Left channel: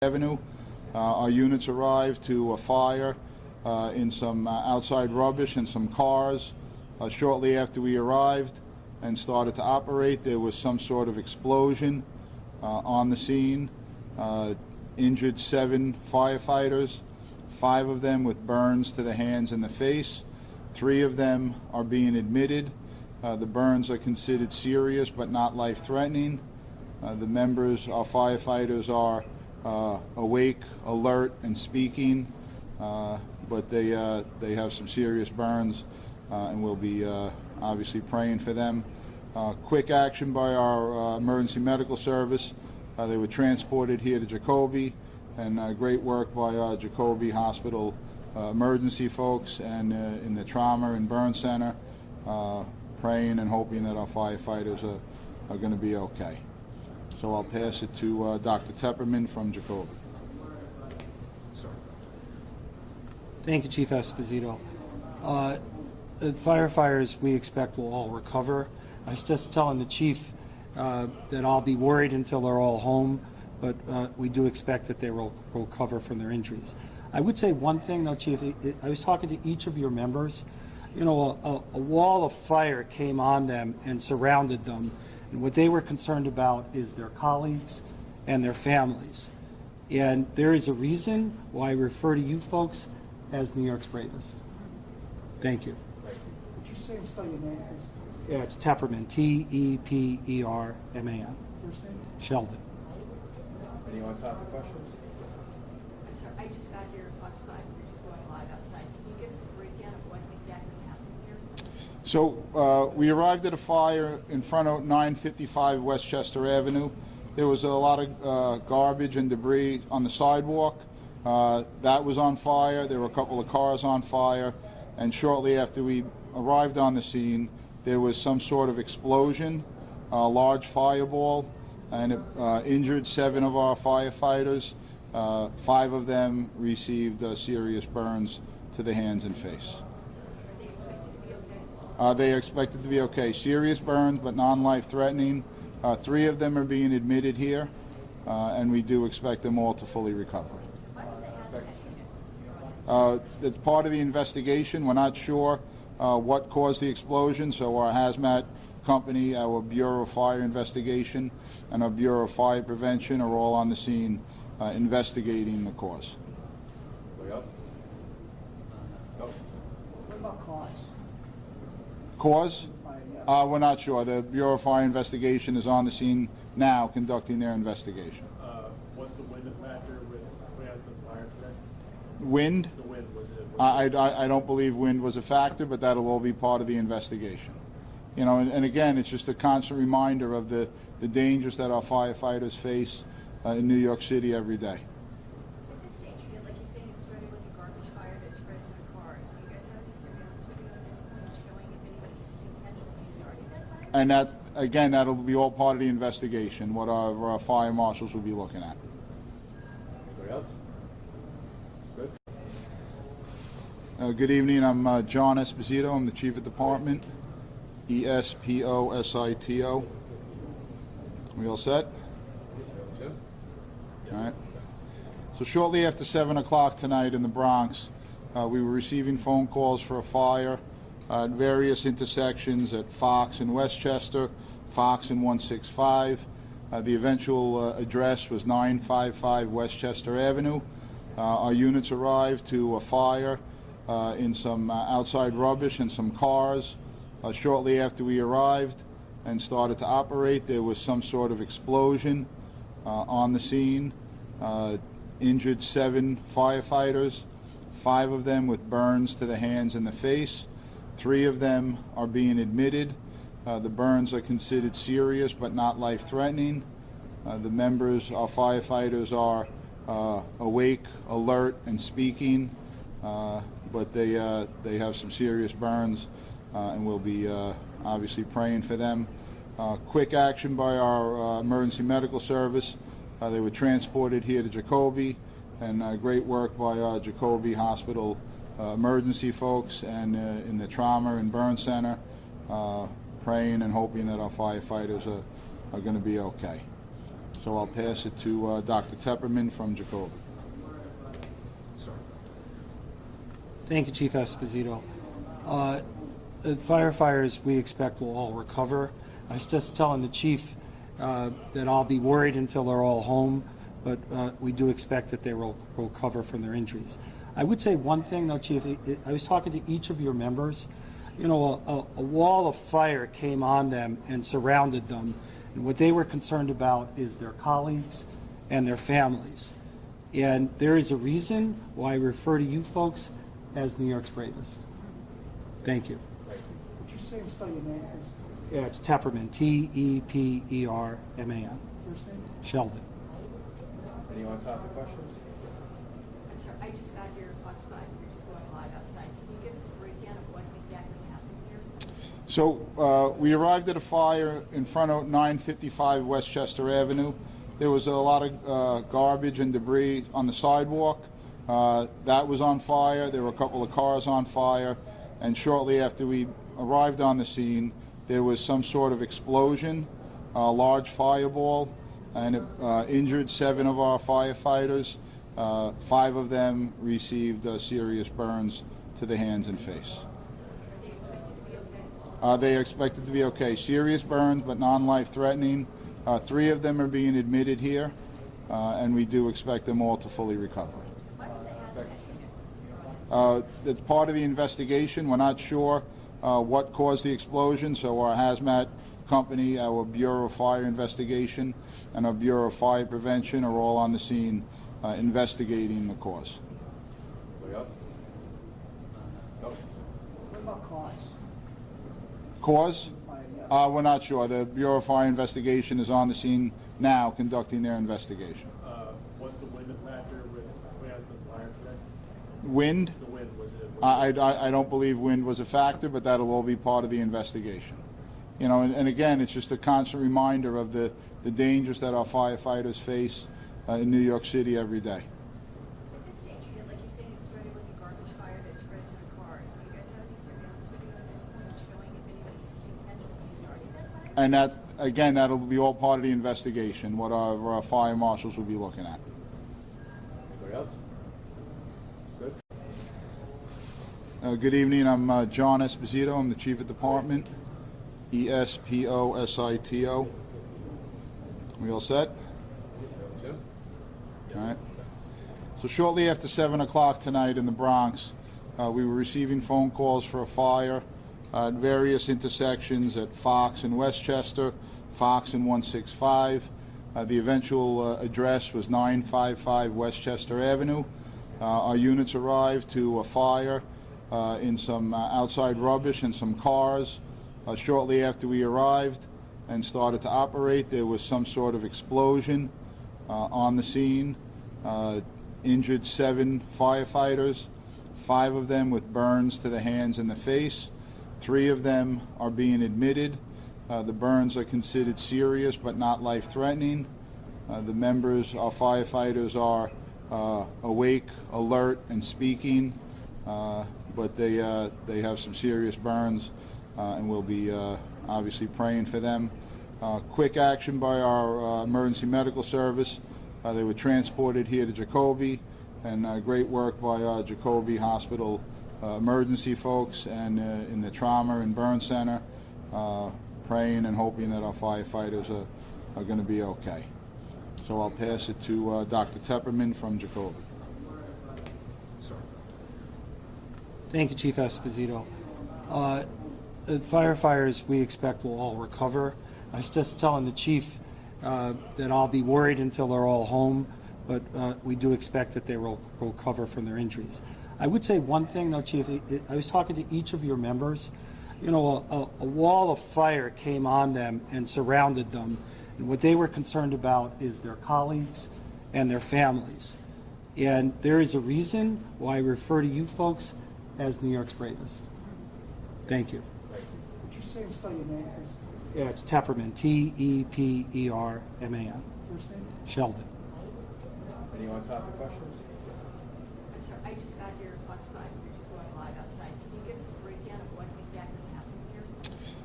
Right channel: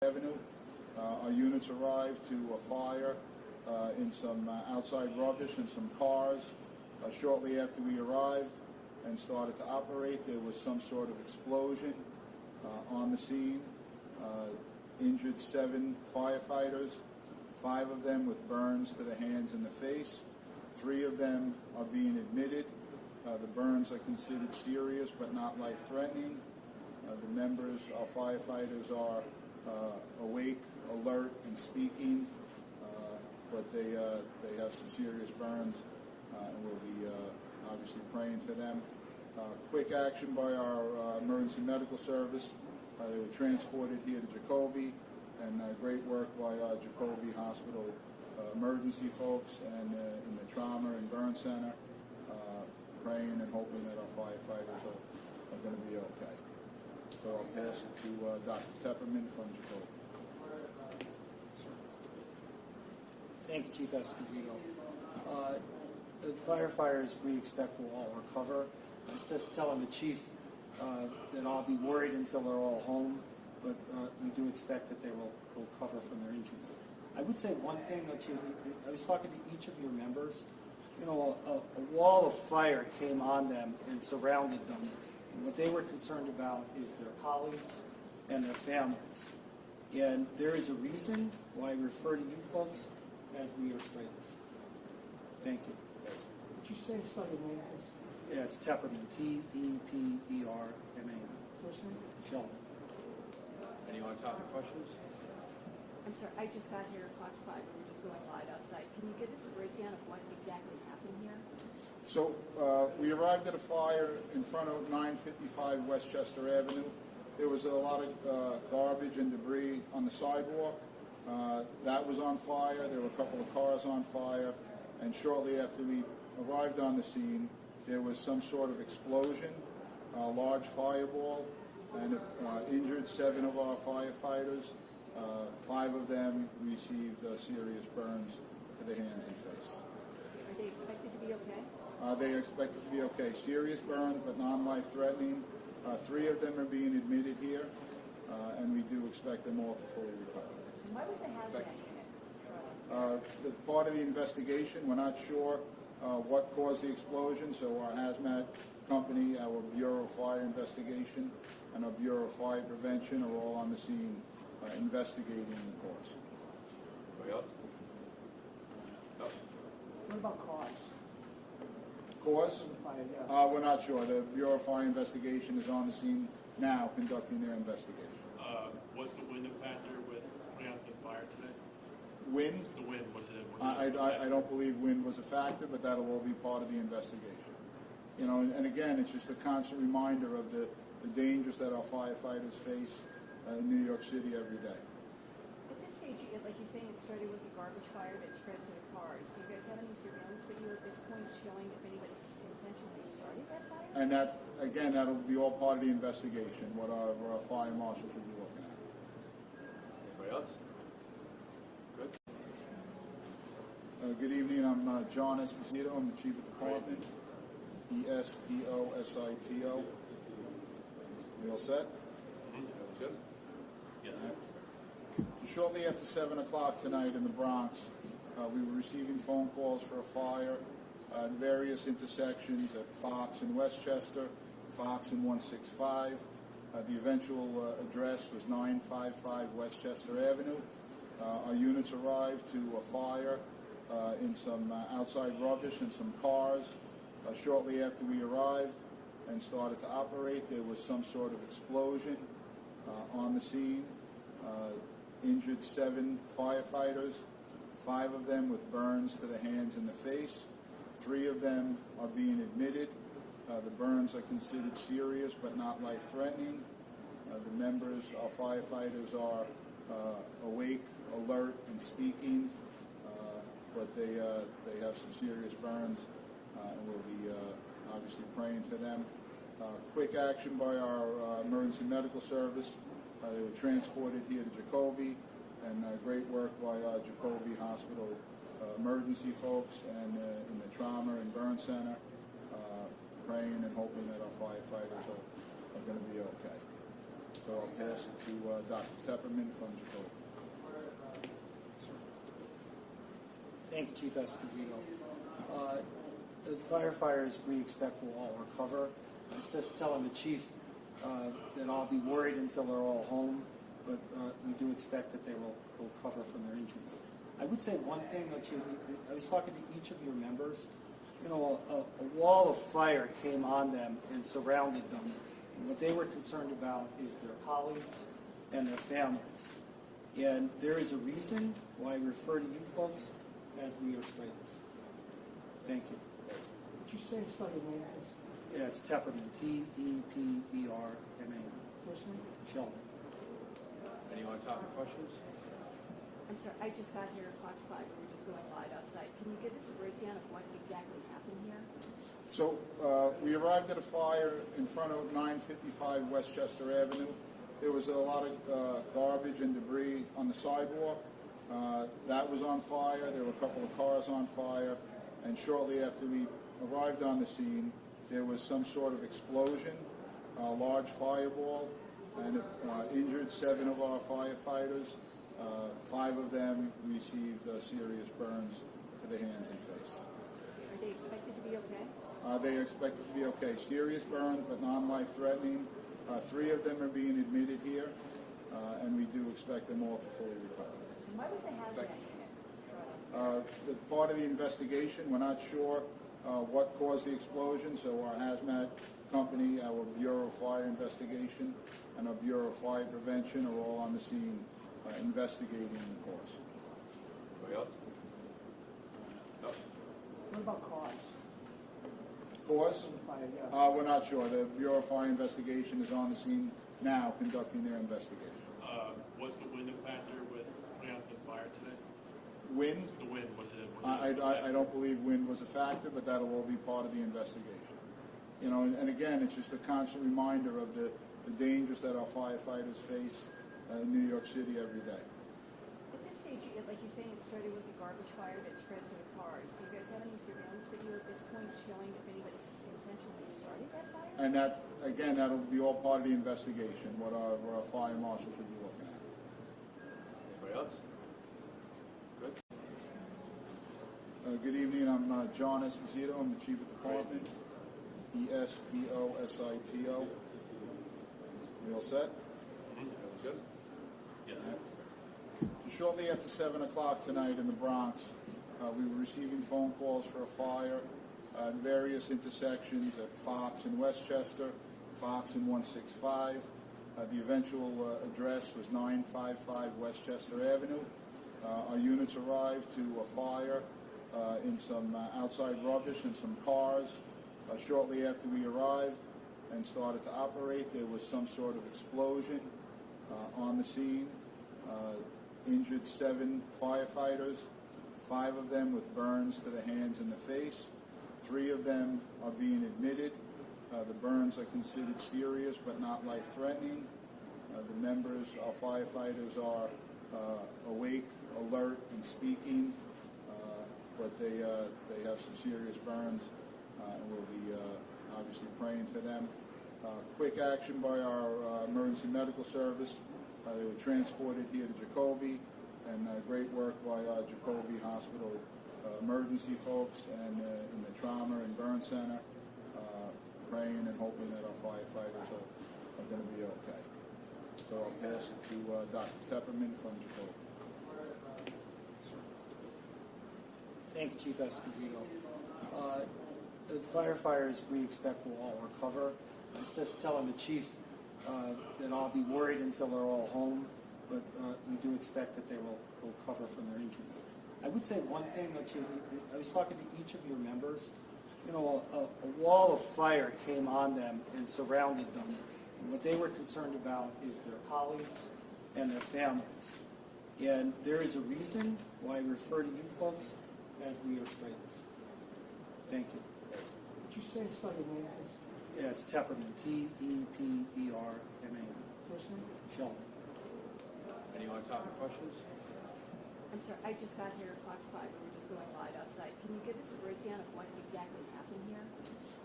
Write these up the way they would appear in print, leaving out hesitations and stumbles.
Avenue. Our units arrived to a fire in some outside rubbish and some cars. Shortly after we arrived and started to operate, there was some sort of explosion on the scene. Injured 7 firefighters, 5 of them with burns to the hands and the face. 3 of them are being admitted. The burns are considered serious but not life-threatening. The members, our firefighters, are awake, alert, and speaking, but they have some serious burns, and we'll be obviously praying for them. Quick action by our emergency medical service. They were transported here to Jacoby, and great work by our Jacoby Hospital emergency folks and in the trauma and burn center, praying and hoping that our firefighters are going to be okay. So I'll pass it to Dr. Tepperman from Jacoby. Thank you, Chief Esposito. The firefighters, we expect, will all recover. I was just telling the chief that I'll be worried until they're all home, but we do expect that they will recover from their injuries. I would say one thing, though, Chief. I was talking to each of your members. You know, a wall of fire came on them and surrounded them. And what they were concerned about is their colleagues and their families. And there is a reason why I refer to you folks as New York's bravest. Thank you. Would you say and spell your name, please? Yeah, it's Tepperman, T-E-P-E-R-M-A-N. First name? Sheldon. Anyone topic questions? I'm sorry, I just got here at Fox 5. We're just going live outside. Can you give us a breakdown of what exactly happened here? So we arrived at a fire in front of 955 Westchester Avenue. There was a lot of garbage and debris on the sidewalk. That was on fire. There were a couple of cars on fire. And shortly after we arrived on the scene, there was some sort of explosion, a large fireball, and it injured 7 of our firefighters. 5 of them received serious burns to the hands and face. They are expected to be okay. Serious burns, but non-life-threatening. 3 of them are being admitted here, and we do expect them all to fully recover. Why was the hazmat? It's part of the investigation. We're not sure what caused the explosion, so our hazmat company, our Bureau of Fire Investigation, and our Bureau of Fire Prevention are all on the scene investigating the cause. Anybody else? No? What about cause? Cause? We're not sure. The Bureau of Fire Investigation is on the scene now conducting their investigation. Was the wind a factor with putting out the fire today? Wind? The wind, was it? I don't believe wind was a factor, but that'll all be part of the investigation. You know, and again, it's just a constant reminder of the dangers that our firefighters face in New York City every day. At this stage, like you're saying, it started with a garbage fire that spread to the cars. Do you guys have any surveillance video at this point showing if anybody intentionally started that fire? And that, again, that'll be all part of the investigation, what our fire marshals will be looking at. Anybody else? Good. Good evening. I'm John Esposito. I'm the Chief of Department. E-S-P-O-S-I-T-O. We all set? All right. So shortly after 7 o'clock tonight in the Bronx, we were receiving phone calls for a fire at various intersections at Fox and Westchester, Fox and 165. The eventual address was 955 Westchester Avenue. Our units arrived to a fire in some outside rubbish and some cars. Shortly after we arrived and started to operate, there was some sort of explosion on the scene. Injured 7 firefighters, 5 of them with burns to the hands and the face. 3 of them are being admitted. The burns are considered serious but not life-threatening. The members, our firefighters, are awake, alert, and speaking, but they have some serious burns, and we'll be obviously praying for them. Quick action by our emergency medical service. They were transported here to Jacoby, and great work by our Jacoby Hospital emergency folks and in the trauma and burn center, praying and hoping that our firefighters are going to be okay. So I'll pass it to Dr. Tepperman from Jacoby. Thank you, Chief Esposito. The firefighters, we expect, will all recover. I was just telling the chief that I'll be worried until they're all home, but we do expect that they will recover from their injuries. I would say one thing, though, Chief. I was talking to each of your members. You know, a wall of fire came on them and surrounded them, and what they were concerned about is their colleagues and their families. And there is a reason why I refer to you folks as New York's bravest. Thank you. Would you say and spell your name, please? Yeah, it's Tepperman, Tepperman. First name? Sheldon. Any on-topic questions? I'm sorry, I just got your Fox 5, you're just going live outside. Can you give us a breakdown of what exactly happened here? So we arrived at a fire in front of 955 Westchester Avenue. There was a lot of garbage and debris on the sidewalk. That was on fire. There were a couple of cars on fire. And shortly after we arrived on the scene, there was some sort of explosion, a large fireball, and it injured 7 of our firefighters. 5 of them received serious burns to the hands and face. Are they expected to be okay? They are expected to be okay. Serious burns, but non-life threatening. 3 of them are being admitted here, and we do expect them all to fully recover. Why was the hazmat here? It's part of the investigation. We're not sure what caused the explosion, so our hazmat company, our Bureau of Fire Investigation, and our Bureau of Fire Prevention are all on the scene investigating the cause. Anybody else? No? What about cause? Cause? Yeah. We're not sure. The Bureau of Fire Investigation is on the scene now conducting their investigation. Was the wind a factor with putting out the fire today? Wind? The wind, was it? I don't believe wind was a factor, but that'll all be part of the investigation. You know, and again, it's just a constant reminder of the dangers that our firefighters face in New York City every day. At this stage, like you're saying, it started with a garbage fire that spread to the cars. Do you guys have any surveillance video at this point showing if anybody intentionally started that fire? And that, again, that'll be all part of the investigation, what our fire marshals will be looking at. Anybody else? Good. Good evening. I'm John Esposito. I'm the Chief of Department. Esposito. We all set? Jim? All right. So shortly after 7 o'clock tonight in the Bronx, we were receiving phone calls for a fire at various intersections at Fox and Westchester, Fox and 165. The eventual address was 955 Westchester Avenue. Our units arrived to a fire in some outside rubbish and some cars. Shortly after we arrived and started to operate, there was some sort of explosion on the scene. Injured 7 firefighters, 5 of them with burns to the hands and the face. 3 of them are being admitted. The burns are considered serious but not life-threatening. The members, our firefighters, are awake, alert, and speaking, but they have some serious burns, and we'll be obviously praying for them. Quick action by our emergency medical service. They were transported here to Jacoby, and great work by our Jacoby Hospital emergency folks and in the trauma and burn center, praying and hoping that our firefighters are going to be okay. So I'll pass it to Dr. Tepperman from Jacoby. Thank you, Chief Esposito. The firefighters, we expect, will all recover. I was just telling the chief that I'll be worried until they're all home, but we do expect that they will recover from their injuries. I would say one thing, though, Chief. I was talking to each of your members. You know, a wall of fire came on them and surrounded them, and what they were concerned about is their colleagues and their families. And there is a reason why I refer to you folks as New York's bravest. Thank you. Would you say and spell your name, please? Yeah, it's Tepperman, Tepperman. First name? Sheldon. Any on-topic questions? I'm sorry, I just got your Fox 5, you're just going live outside. Can you give us a breakdown of what exactly happened here?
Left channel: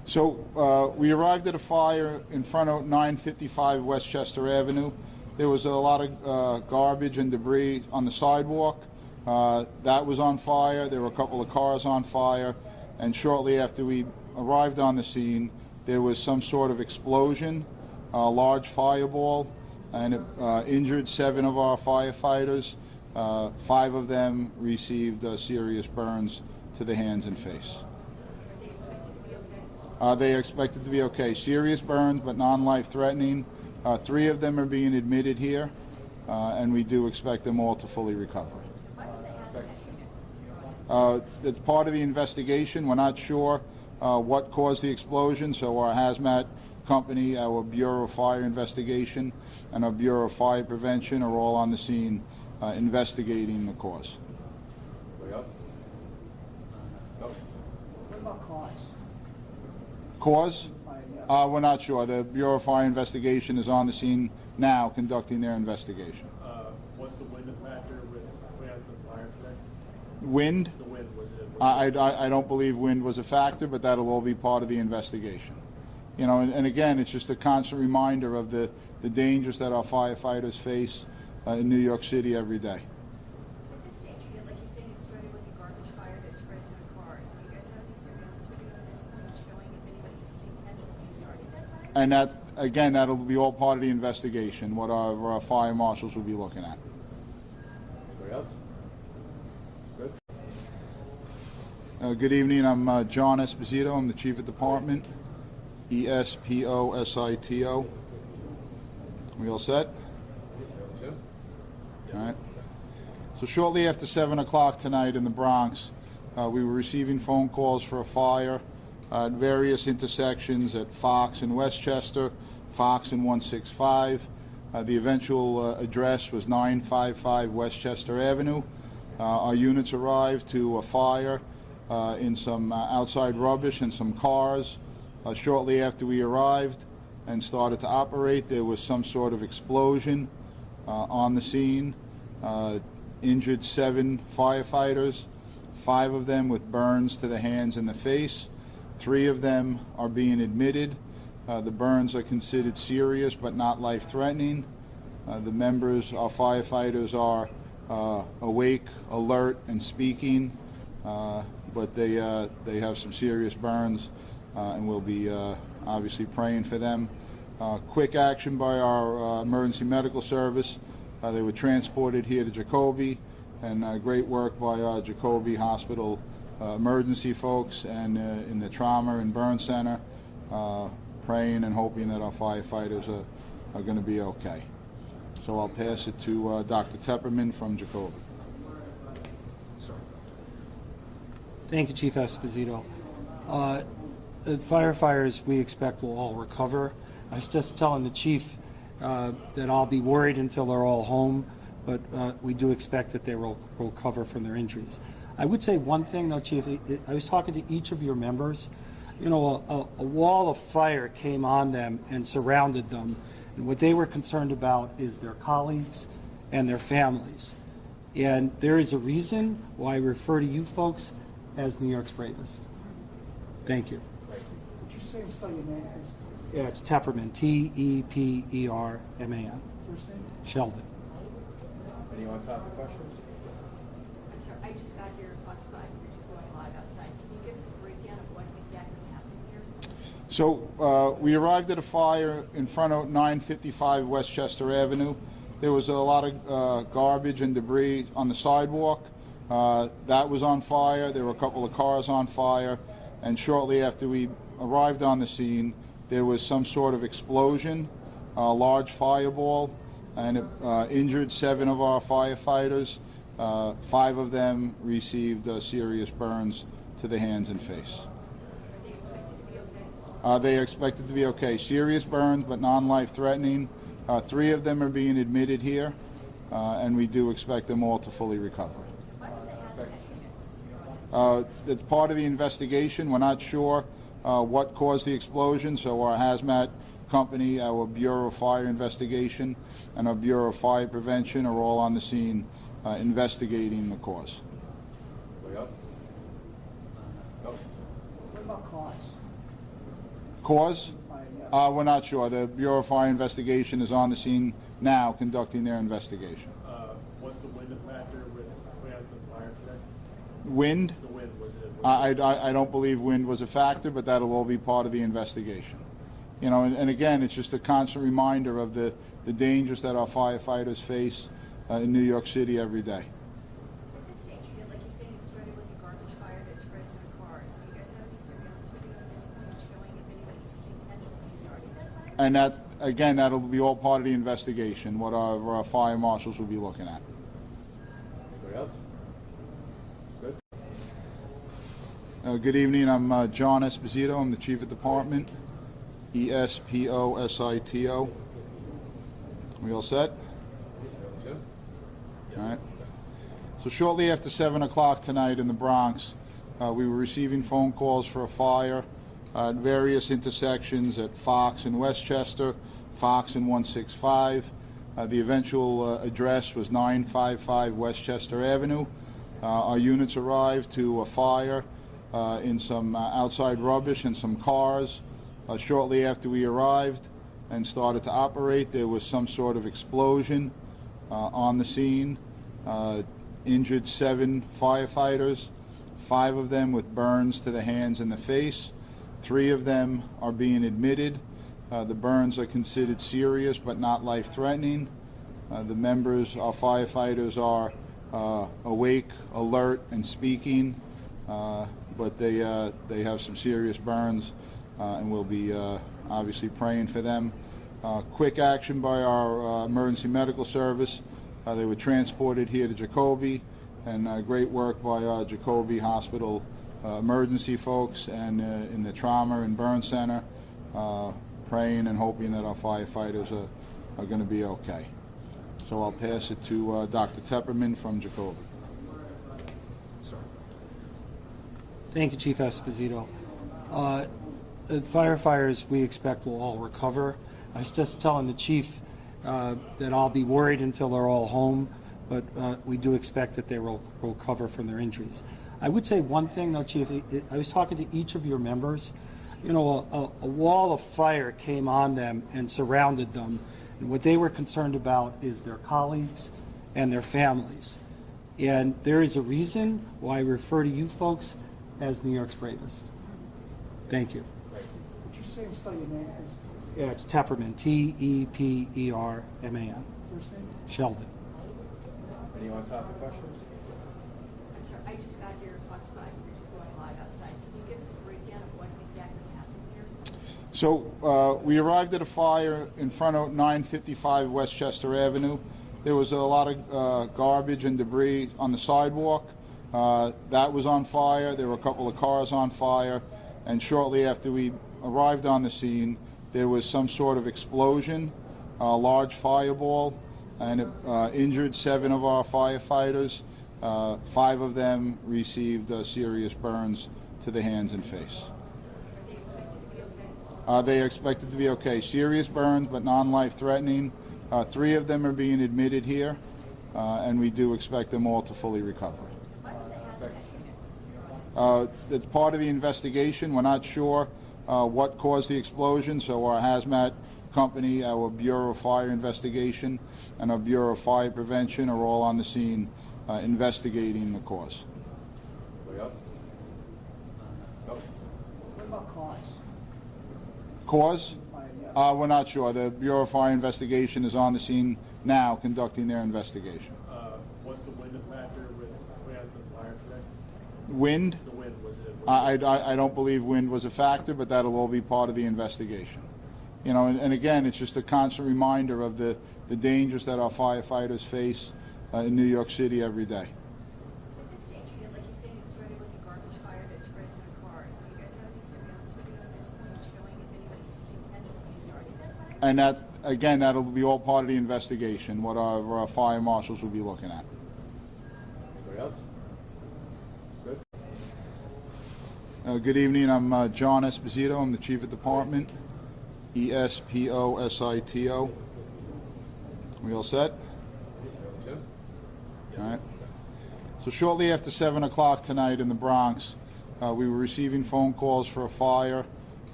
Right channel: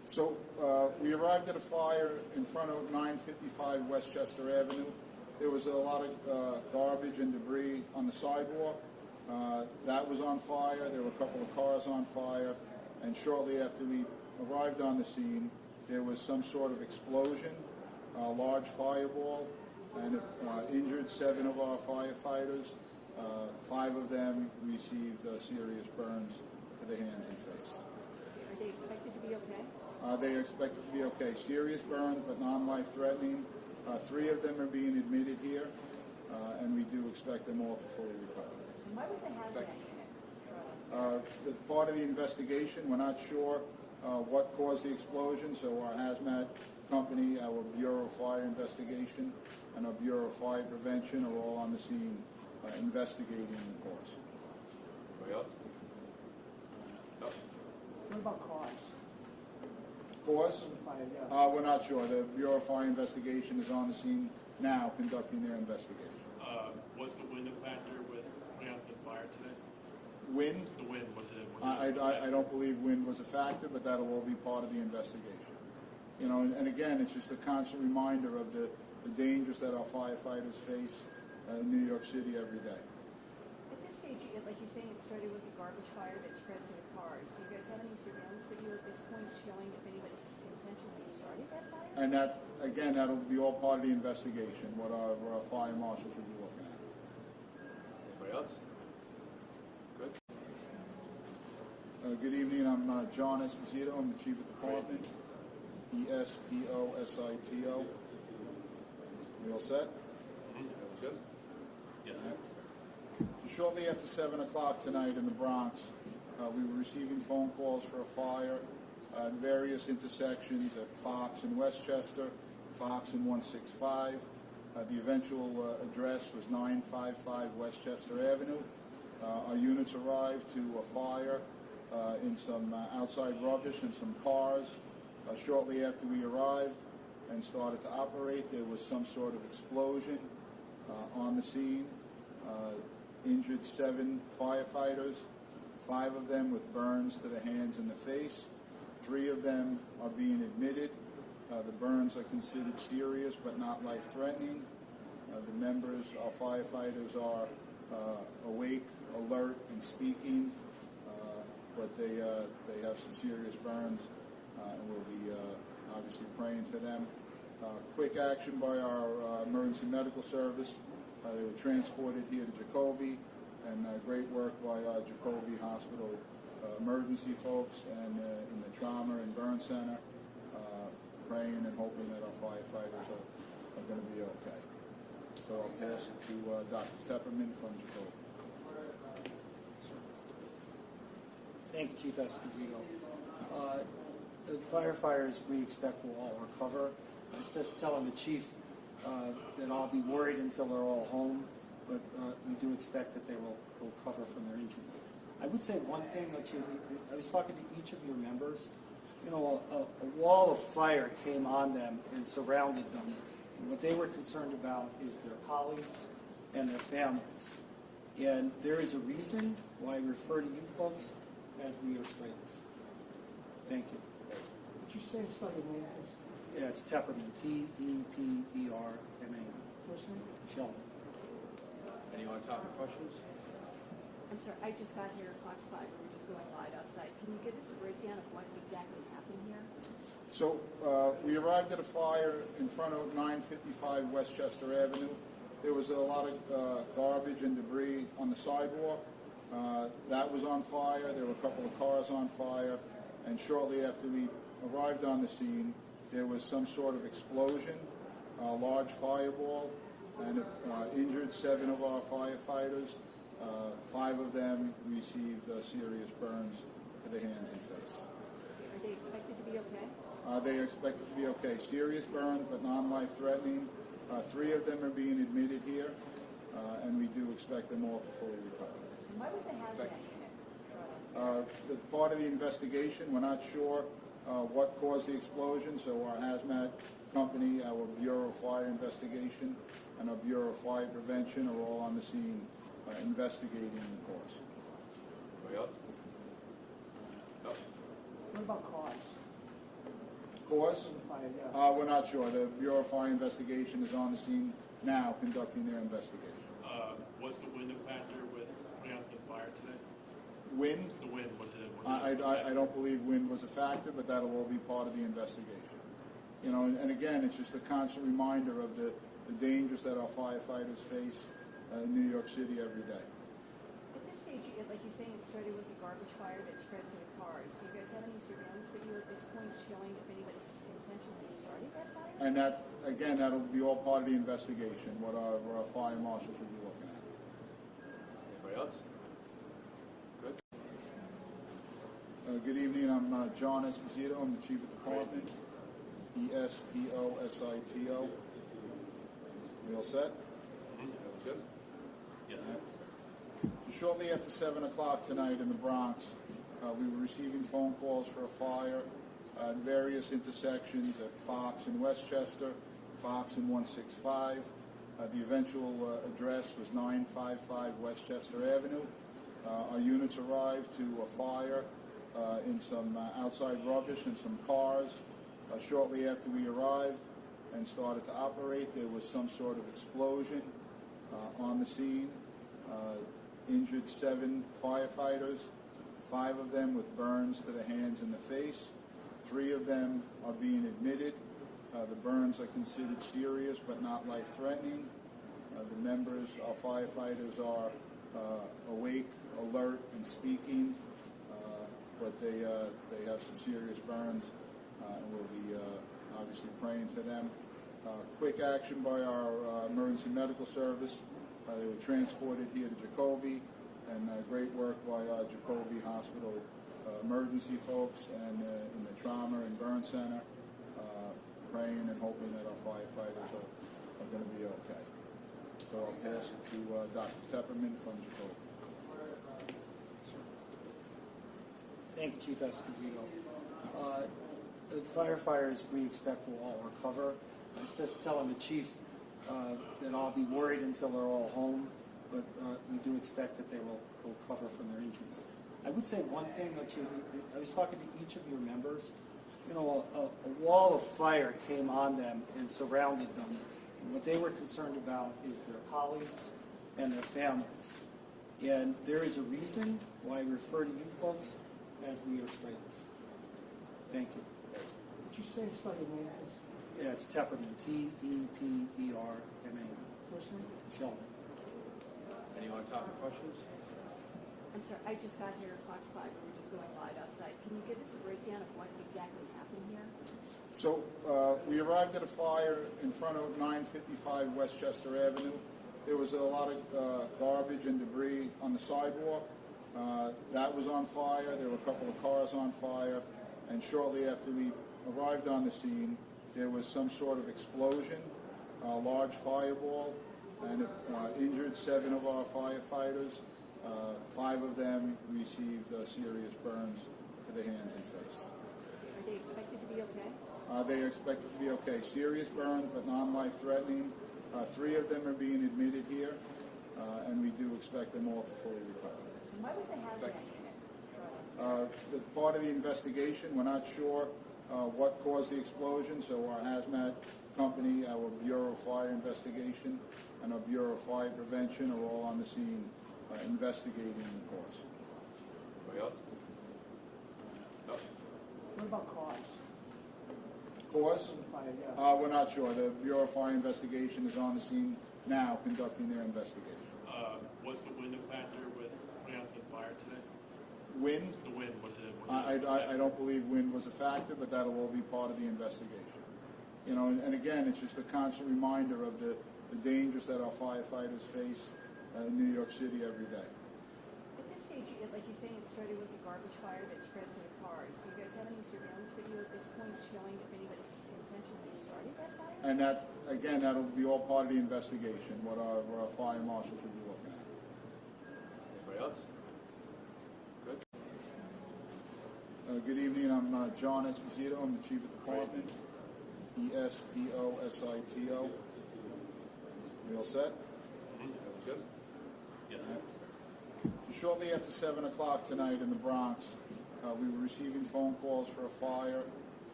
So we arrived at a fire in front of 955 Westchester Avenue. There was a lot of garbage and debris on the sidewalk. That was on fire. There were a couple of cars on fire. And shortly after we arrived on the scene, there was some sort of explosion, a large fireball, and it injured 7 of our firefighters. 5 of them received serious burns to the hands and face. Are they expected to be okay? They are expected to be okay. Serious burns, but non-life threatening. 3 of them are being admitted here, and we do expect them all to fully recover. Why was the hazmat? It's part of the investigation. We're not sure what caused the explosion, so our hazmat company, our Bureau of Fire Investigation, and our Bureau of Fire Prevention are all on the scene investigating the cause. Anybody else? No? What about cause? Cause? We're not sure. The Bureau of Fire Investigation is on the scene now conducting their investigation. Was the wind a factor with putting out the fire today? Wind? The wind, was it? I don't believe wind was a factor, but that'll all be part of the investigation. You know, and again, it's just a constant reminder of the dangers that our firefighters face in New York City every day. At this stage, like you're saying, it started with a garbage fire that spread to the cars. Do you guys have any surveillance video at this point showing if anybody intentionally started that fire? And that, again, that'll be all part of the investigation, what our fire marshals will be looking at. Anybody else? Good. Good evening. I'm John Esposito. I'm the Chief of Department. ESPOSITO. We all set? Jim? All right. So shortly after 7 o'clock tonight in the Bronx, we were receiving phone calls for a fire at various intersections at Fox and Westchester, Fox and 165. The eventual address was 955 Westchester Avenue. Our units arrived to a fire in some outside rubbish and some cars. Shortly after we arrived and started to operate, there was some sort of explosion on the scene. Injured 7 firefighters, 5 of them with burns to the hands and the face. 3 of them are being admitted. The burns are considered serious but not life-threatening. The members, our firefighters, are awake, alert, and speaking, but they have some serious burns, and we'll be obviously praying for them. Quick action by our emergency medical service. They were transported here to Jacoby, and great work by our Jacoby Hospital emergency folks and in the trauma and burn center, praying and hoping that our firefighters are going to be okay. So I'll pass it to Dr. Tepperman from Jacoby. Thank you, Chief Esposito. The firefighters we expect will all recover. I was just telling the chief that I'll be worried until they're all home, but we do expect that they will recover from their injuries. I would say one thing, though, Chief. I was talking to each of your members. You know, a wall of fire came on them and surrounded them, and what they were concerned about is their colleagues and their families. And there is a reason why I refer to you folks as New York's bravest. Thank you. Would you say and spell your name, please? Yeah, it's Tepperman, T-E-P-E-R-M-A-N. First name? Sheldon. Any on-topic questions? I'm sorry, I just got here Fox 5. We're just going live outside. Can you give us a breakdown of what exactly happened here? So we arrived at a fire in front of 955 Westchester Avenue. There was a lot of garbage and debris on the sidewalk. That was on fire. There were a couple of cars on fire. And shortly after we arrived on the scene, there was some sort of explosion, a large fireball, and it injured 7 of our firefighters. 5 of them received serious burns to the hands and face. Are they expected to be okay? They are expected to be okay. Serious burns, but non-life threatening. 3 of them are being admitted here, and we do expect them all to fully recover. Why was the hazmat? It's part of the investigation. We're not sure what caused the explosion, so our hazmat company, our Bureau of Fire Investigation, and our Bureau of Fire Prevention are all on the scene investigating the cause. Anybody else? No? What about cause? Cause? We're not sure. The Bureau of Fire Investigation is on the scene now conducting their investigation. What's the wind factor with putting out the fire today? Wind? The wind, was it? I don't believe wind was a factor, but that'll all be part of the investigation. You know, and again, it's just a constant reminder of the dangers that our firefighters face in New York City every day. At this stage, like you're saying, it started with a garbage fire that spread to the cars. Do you guys have any surveillance video at this point showing if anybody intentionally started that fire? And that, again, that'll be all part of the investigation, what our fire marshals will be looking at. Anybody else? Good. Good evening. I'm John Esposito. I'm the Chief of Department. Esposito. We all set? Jim? All right. So shortly after 7 o'clock tonight in the Bronx, we were receiving phone calls for a fire at various intersections at Fox and Westchester, Fox and 165. The eventual address was 955 Westchester Avenue. Our units arrived to a fire in some outside rubbish and some cars. Shortly after we arrived and started to operate, there was some sort of explosion on the scene. Injured 7 firefighters, 5 of them with burns to the hands and the face. 3 of them are being admitted. The burns are considered serious but not life-threatening. The members, our firefighters, are awake, alert, and speaking, but they have some serious burns, and we'll be obviously praying for them. Quick action by our emergency medical service. They were transported here to Jacoby, and great work by our Jacoby Hospital emergency folks and in the trauma and burn center, praying and hoping that our firefighters are going to be okay. So I'll pass it to Dr. Tepperman from Jacoby. Thank you, Chief Esposito. The firefighters we expect will all recover. I was just telling the chief that I'll be worried until they're all home, but we do expect that they will recover from their injuries. I would say one thing, though, Chief. I was talking to each of your members. You know, a wall of fire came on them and surrounded them, and what they were concerned about is their colleagues and their families. And there is a reason why I refer to you folks as New York's bravest. Thank you. Would you say and spell your name, please? Yeah, it's Tepperman, Tepperman. First name? Sheldon. Any on-topic questions? I'm sorry, I just got here at Fox 5. We're just going live outside. Can you give us a breakdown of what exactly happened here? So we arrived at a fire in front of 955 Westchester Avenue. There was a lot of garbage and debris on the sidewalk. That was on fire. There were a couple of cars on fire. And shortly after we arrived on the scene, there was some sort of explosion, a large fireball, and it injured 7 of our firefighters. 5 of them received serious burns to the hands and face. Are they expected to be okay? They are expected to be okay. Serious burns, but non-life-threatening. 3 of them are being admitted here, and we do expect them all to fully recover. Why was the hazmat unit? It's part of the investigation. We're not sure what caused the explosion, so our hazmat company, our Bureau of Fire Investigation, and our Bureau of Fire Prevention are all on the scene investigating the cause. Anybody else? No? What about cause? Cause? We're not sure. The Bureau of Fire Investigation is on the scene now conducting their investigation. What's the wind factor with putting out the fire today? Wind? The wind, was it? I don't believe wind was a factor, but that'll all be part of the investigation. You know, and again, it's just a constant reminder of the dangers that our firefighters face in New York City every day. At this stage, like you're saying, it started with a garbage fire that spread to the cars. Do you guys have any surveillance video at this point showing if anybody intentionally started that fire? And that, again, that'll be all part of the investigation, what our fire marshals will be looking at. Anybody else? Good. Good evening. I'm John Esposito. I'm the Chief of Department. Esposito. We all set? Jim? All right. So shortly after 7 o'clock tonight in the Bronx, we were receiving phone calls for a fire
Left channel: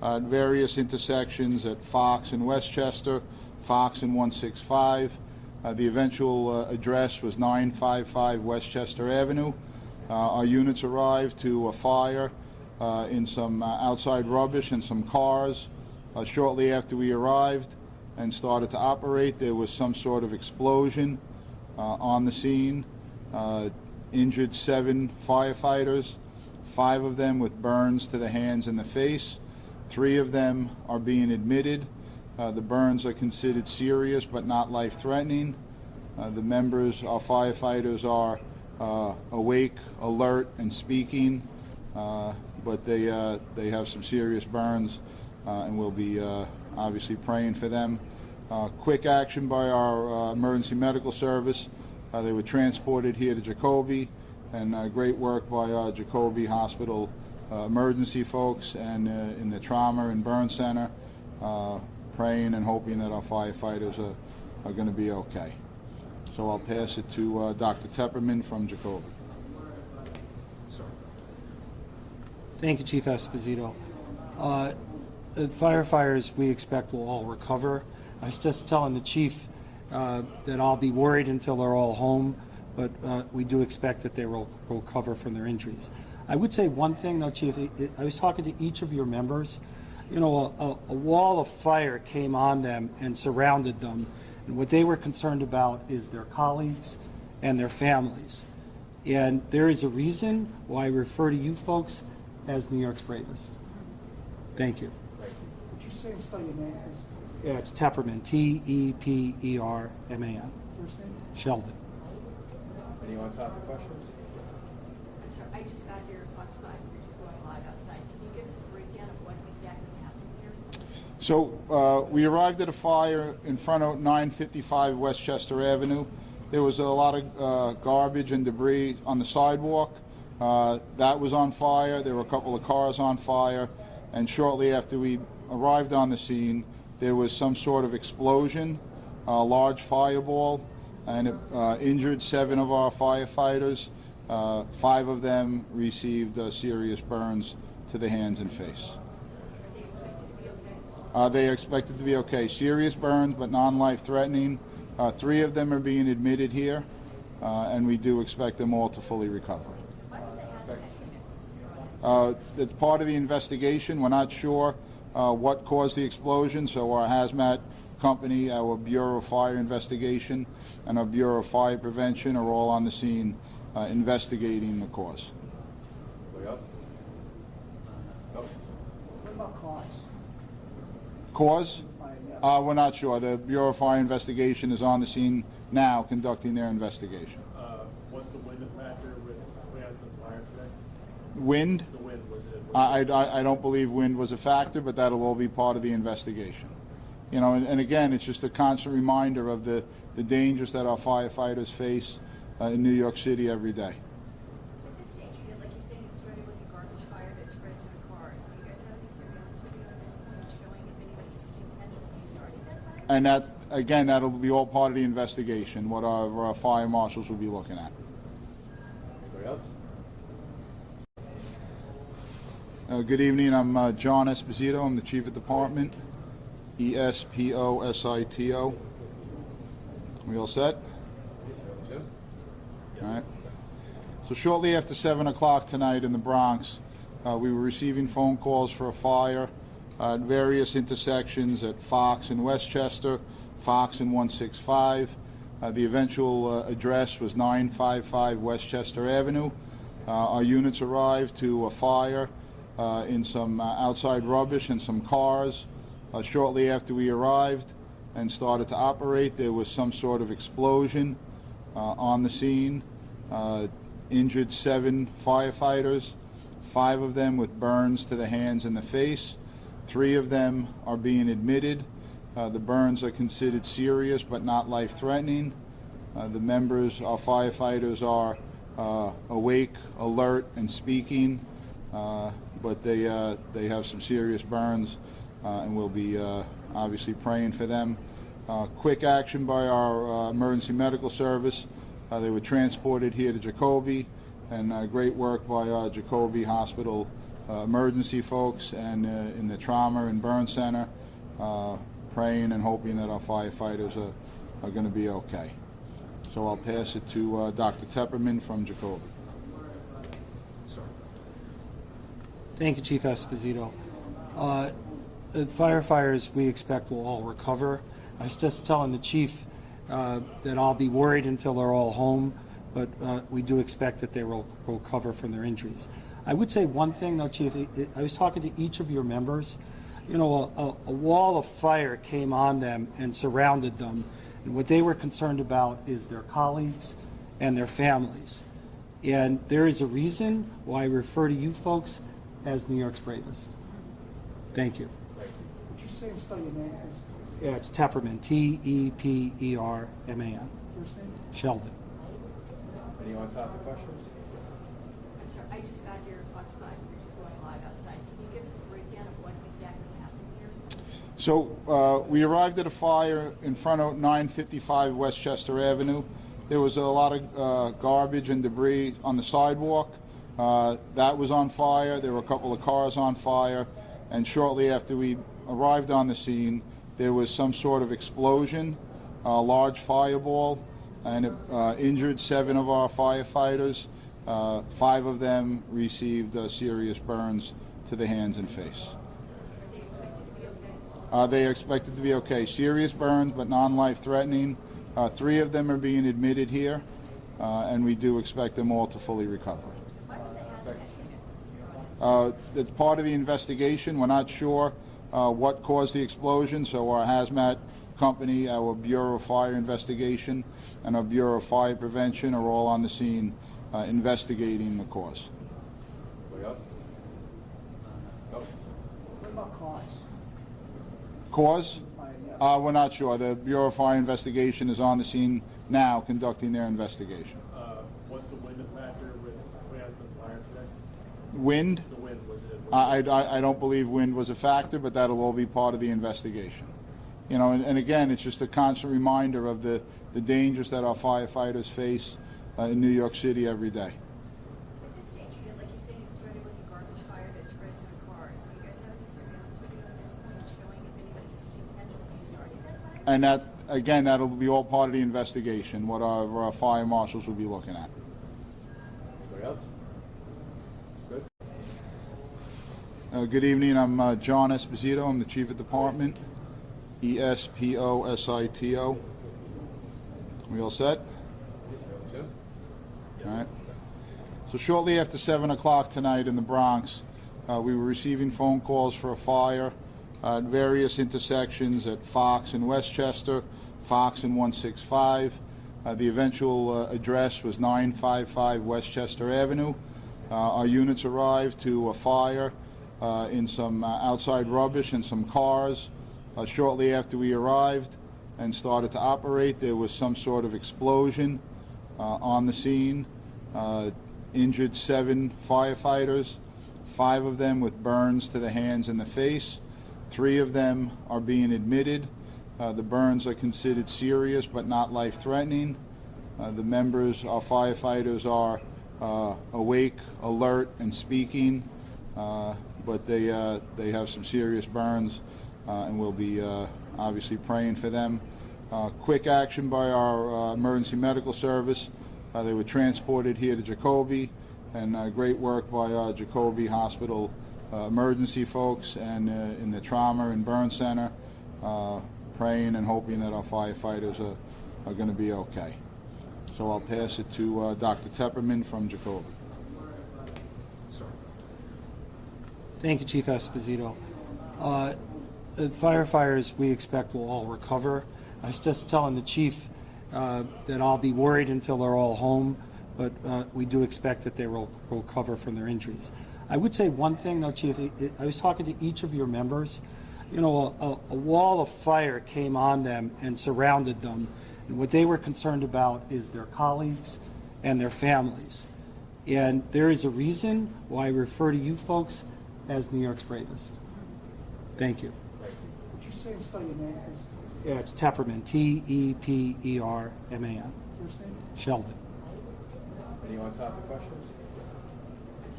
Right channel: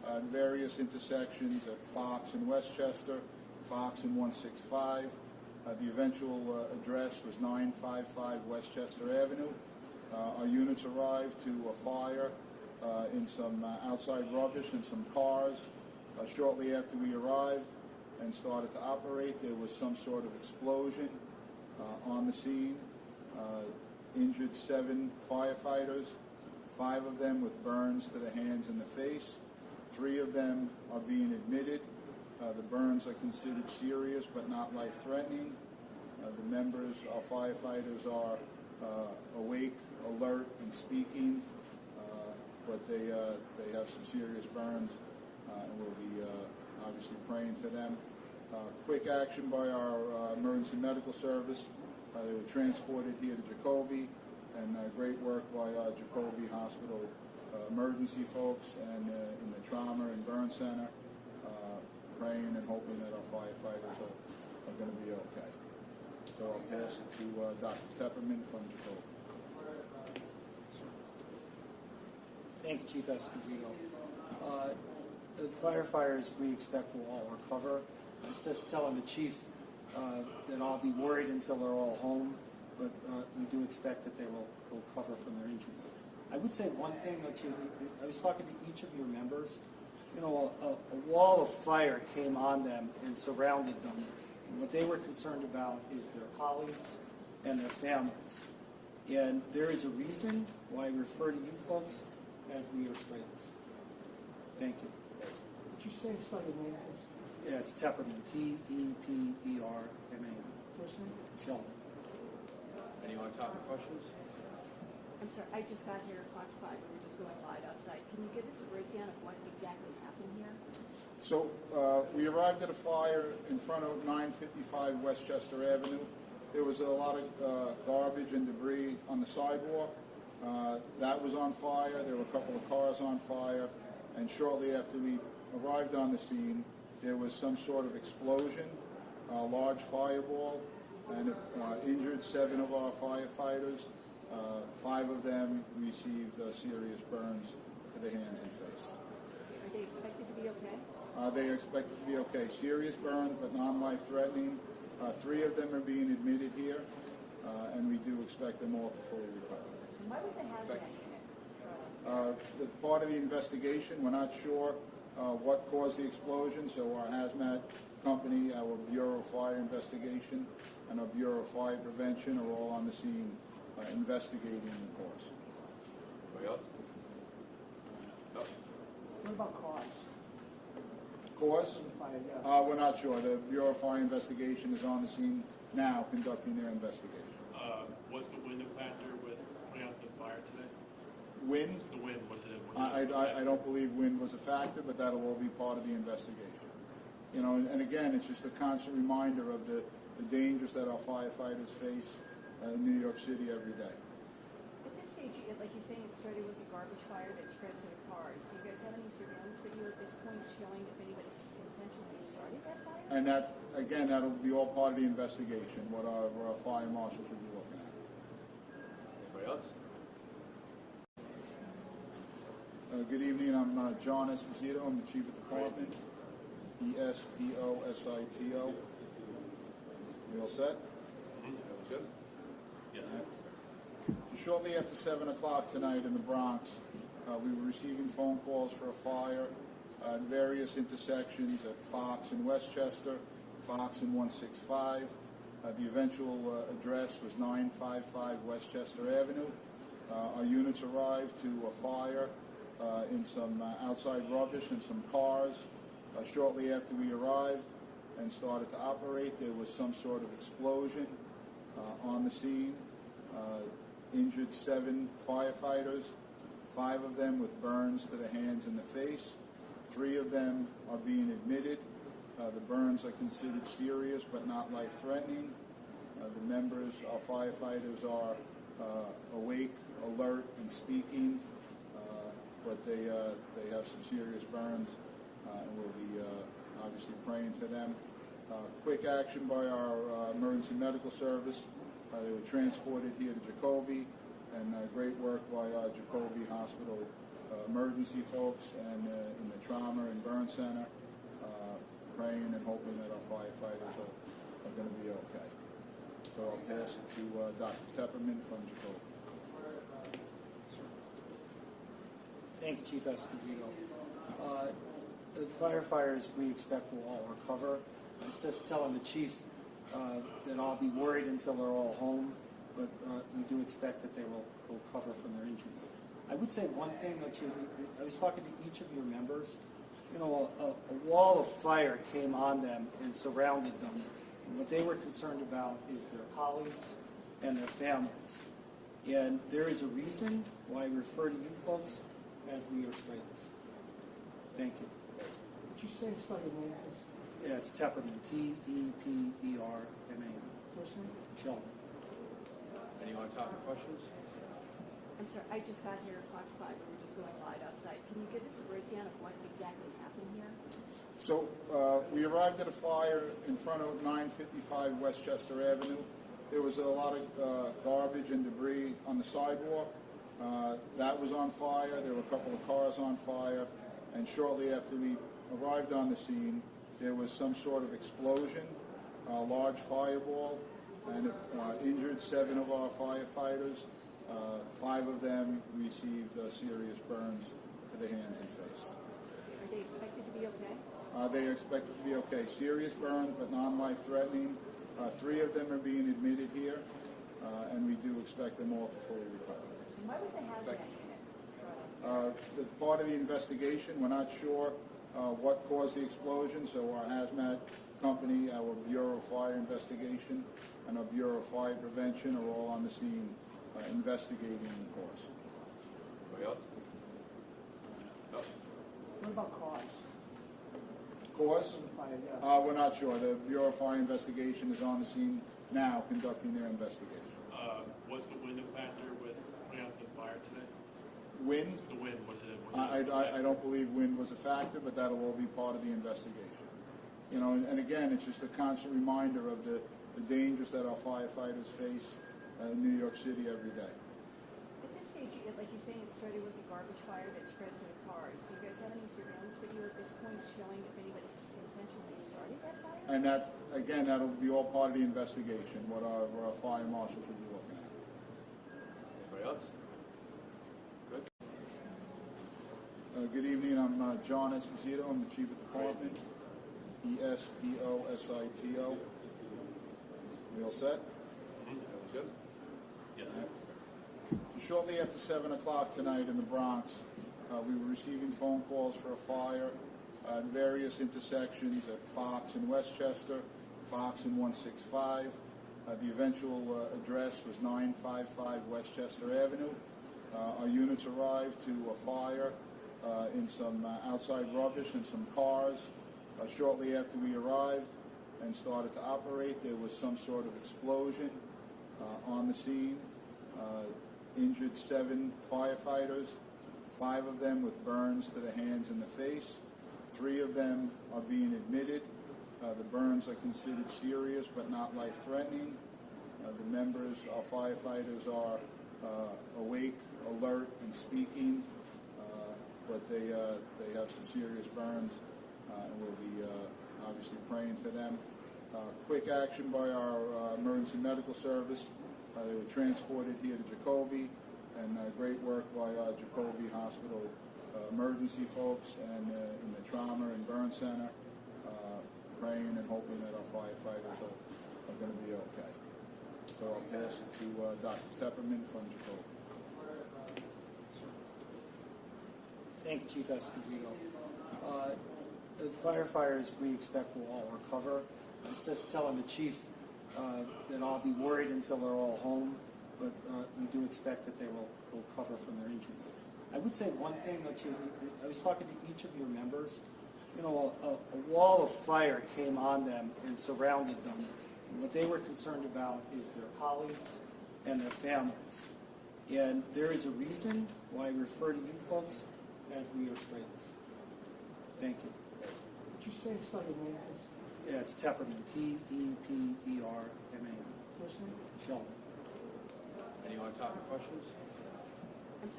at various intersections at Fox and Westchester, Fox and 165. The eventual address was 955 Westchester Avenue. Our units arrived to a fire in some outside rubbish and some cars. Shortly after we arrived and started to operate, there was some sort of explosion on the scene. Injured 7 firefighters, 5 of them with burns to the hands and the face. 3 of them are being admitted. The burns are considered serious but not life-threatening. The members, our firefighters, are awake, alert, and speaking, but they have some serious burns, and we'll be obviously praying for them. Quick action by our emergency medical service. They were transported here to Jacoby, and great work by our Jacoby Hospital emergency folks and in the trauma and burn center, praying and hoping that our firefighters are going to be okay. So I'll pass it to Dr. Tepperman from Jacoby. Thank you, Chief Esposito. The firefighters we expect will all recover. I was just telling the chief that I'll be worried until they're all home, but we do expect that they will recover from their injuries. I would say one thing, though, Chief. I was talking to each of your members. You know, a wall of fire came on them and surrounded them, and what they were concerned about is their colleagues and their families. And there is a reason why I refer to you folks as New York's bravest. Thank you. Would you say and spell your name as Yeah, it's Tepperman, T-E-P-E-R-M-A-N. first name? Sheldon. Any on-topic questions? I'm sorry, I just got here at Fox 5, we're just going live outside. Can you give us a breakdown of what exactly happened here? So we arrived at a fire in front of 955 Westchester Avenue. There was a lot of garbage and debris on the sidewalk. That was on fire. There were a couple of cars on fire. And shortly after we arrived on the scene, there was some sort of explosion, a large fireball, and it injured 7 of our firefighters. 5 of them received serious burns to the hands and face. Are they expected to be okay? They are expected to be okay. Serious burns, but non-life-threatening. 3 of them are being admitted here, and we do expect them all to fully recover. Why was the hazmat unit? It's part of the investigation. We're not sure what caused the explosion, so our hazmat company, our Bureau of Fire Investigation, and our Bureau of Fire Prevention are all on the scene investigating the cause. Anybody else? No? What about cause? Cause? Yeah. We're not sure. The Bureau of Fire Investigation is on the scene now conducting their investigation. Was the wind a factor with putting out the fire today? Wind? The wind, was it? I don't believe wind was a factor, but that'll all be part of the investigation. You know, and again, it's just a constant reminder of the dangers that our firefighters face in New York City every day. At this stage, like you're saying, it started with a garbage fire that spread to the cars. Do you guys have any surveillance video at this point showing if anybody intentionally started that fire? And that, again, that'll be all part of the investigation, what our fire marshals will be looking at. Anybody else? Good evening. I'm John Esposito. I'm the Chief of Department. E-S-P-O-S-I-T-O. We all set? Jim? All right. So shortly after 7 o'clock tonight in the Bronx, we were receiving phone calls for a fire at various intersections at Fox and Westchester, Fox and 165. The eventual address was 955 Westchester Avenue. Our units arrived to a fire in some outside rubbish and some cars. Shortly after we arrived and started to operate, there was some sort of explosion on the scene. Injured 7 firefighters, 5 of them with burns to the hands and the face. 3 of them are being admitted. The burns are considered serious but not life-threatening. The members, our firefighters, are awake, alert, and speaking, but they have some serious burns, and we'll be obviously praying for them. Quick action by our emergency medical service. They were transported here to Jacoby, and great work by our Jacoby Hospital emergency folks and in the trauma and burn center, praying and hoping that our firefighters are going to be okay. So I'll pass it to Dr. Tepperman from Jacoby. Thank you, Chief Esposito. The firefighters, we expect, will all recover. I was just telling the chief that I'll be worried until they're all home, but we do expect that they will recover from their injuries. I would say one thing, though, Chief. I was talking to each of your members. You know, a wall of fire came on them and surrounded them, and what they were concerned about is their colleagues and their families. And there is a reason why I refer to you folks as New York's bravest. Thank you. Would you say and spell your name, please? Yeah, it's Tepperman, T-E-P-E-R-M-A-N. First name? Sheldon. Any on-topic questions? I'm sorry, I just got your Fox 5, we're just going live outside. Can you give us a breakdown of what exactly happened here? So we arrived at a fire in front of 955 Westchester Avenue. There was a lot of garbage and debris on the sidewalk. That was on fire. There were a couple of cars on fire. And shortly after we arrived on the scene, there was some sort of explosion, a large fireball, and it injured 7 of our firefighters. 5 of them received serious burns to the hands and face. Are they expected to be okay? They are expected to be okay. Serious burns, but non-life-threatening. 3 of them are being admitted here, and we do expect them all to fully recover. Why was the hazmat unit? It's part of the investigation. We're not sure what caused the explosion, so our hazmat company, our Bureau of Fire Investigation, and our Bureau of Fire Prevention are all on the scene investigating the cause. Anybody else? No? What about cause? Cause? Yeah. We're not sure. The Bureau of Fire Investigation is on the scene now conducting their investigation. Was the wind a factor with putting out the fire today? Wind? The wind, was it? I don't believe wind was a factor, but that'll all be part of the investigation. You know, and again, it's just a constant reminder of the dangers that our firefighters face in New York City every day. At this stage, like you're saying, it started with the garbage fire that spread to the cars. Do you guys have any surveillance video at this point showing if anybody intentionally started that fire? And that, again, that'll be all part of the investigation, what our fire marshals will be looking at. Anybody else? Good. Good evening. I'm John Esposito. I'm the Chief of Department. E-S-P-O-S-I-T-O. We all set? Jim? All right. So shortly after 7 o'clock tonight in the Bronx, we were receiving phone calls for a fire at various intersections at Fox and Westchester, Fox and 165. The eventual address was 955 Westchester Avenue. Our units arrived to a fire in some outside rubbish and some cars. Shortly after we arrived and started to operate, there was some sort of explosion on the scene. Injured 7 firefighters, 5 of them with burns to the hands and the face. 3 of them are being admitted. The burns are considered serious but not life-threatening. The members, our firefighters, are awake, alert, and speaking, but they have some serious burns, and we'll be obviously praying for them. Quick action by our emergency medical service. They were transported here to Jacoby, and great work by our Jacoby Hospital emergency folks and in the trauma and burn center, praying and hoping that our firefighters are going to be okay. So I'll pass it to Dr. Tepperman from Jacoby. Thank you, Chief Esposito. The firefighters, we expect, will all recover. I was just telling the chief that I'll be worried until they're all home, but we do expect that they will recover from their injuries. I would say one thing, though, Chief. I was talking to each of your members. You know, a wall of fire came on them and surrounded them, and what they were concerned about is their colleagues and their families. And there is a reason why I refer to you folks as New York's bravest. Thank you. Would you say and spell your name, please? Yeah, it's Tepperman, T-E-P-E-R-M-A-N. First name? Sheldon. Any on-topic questions? I'm sorry,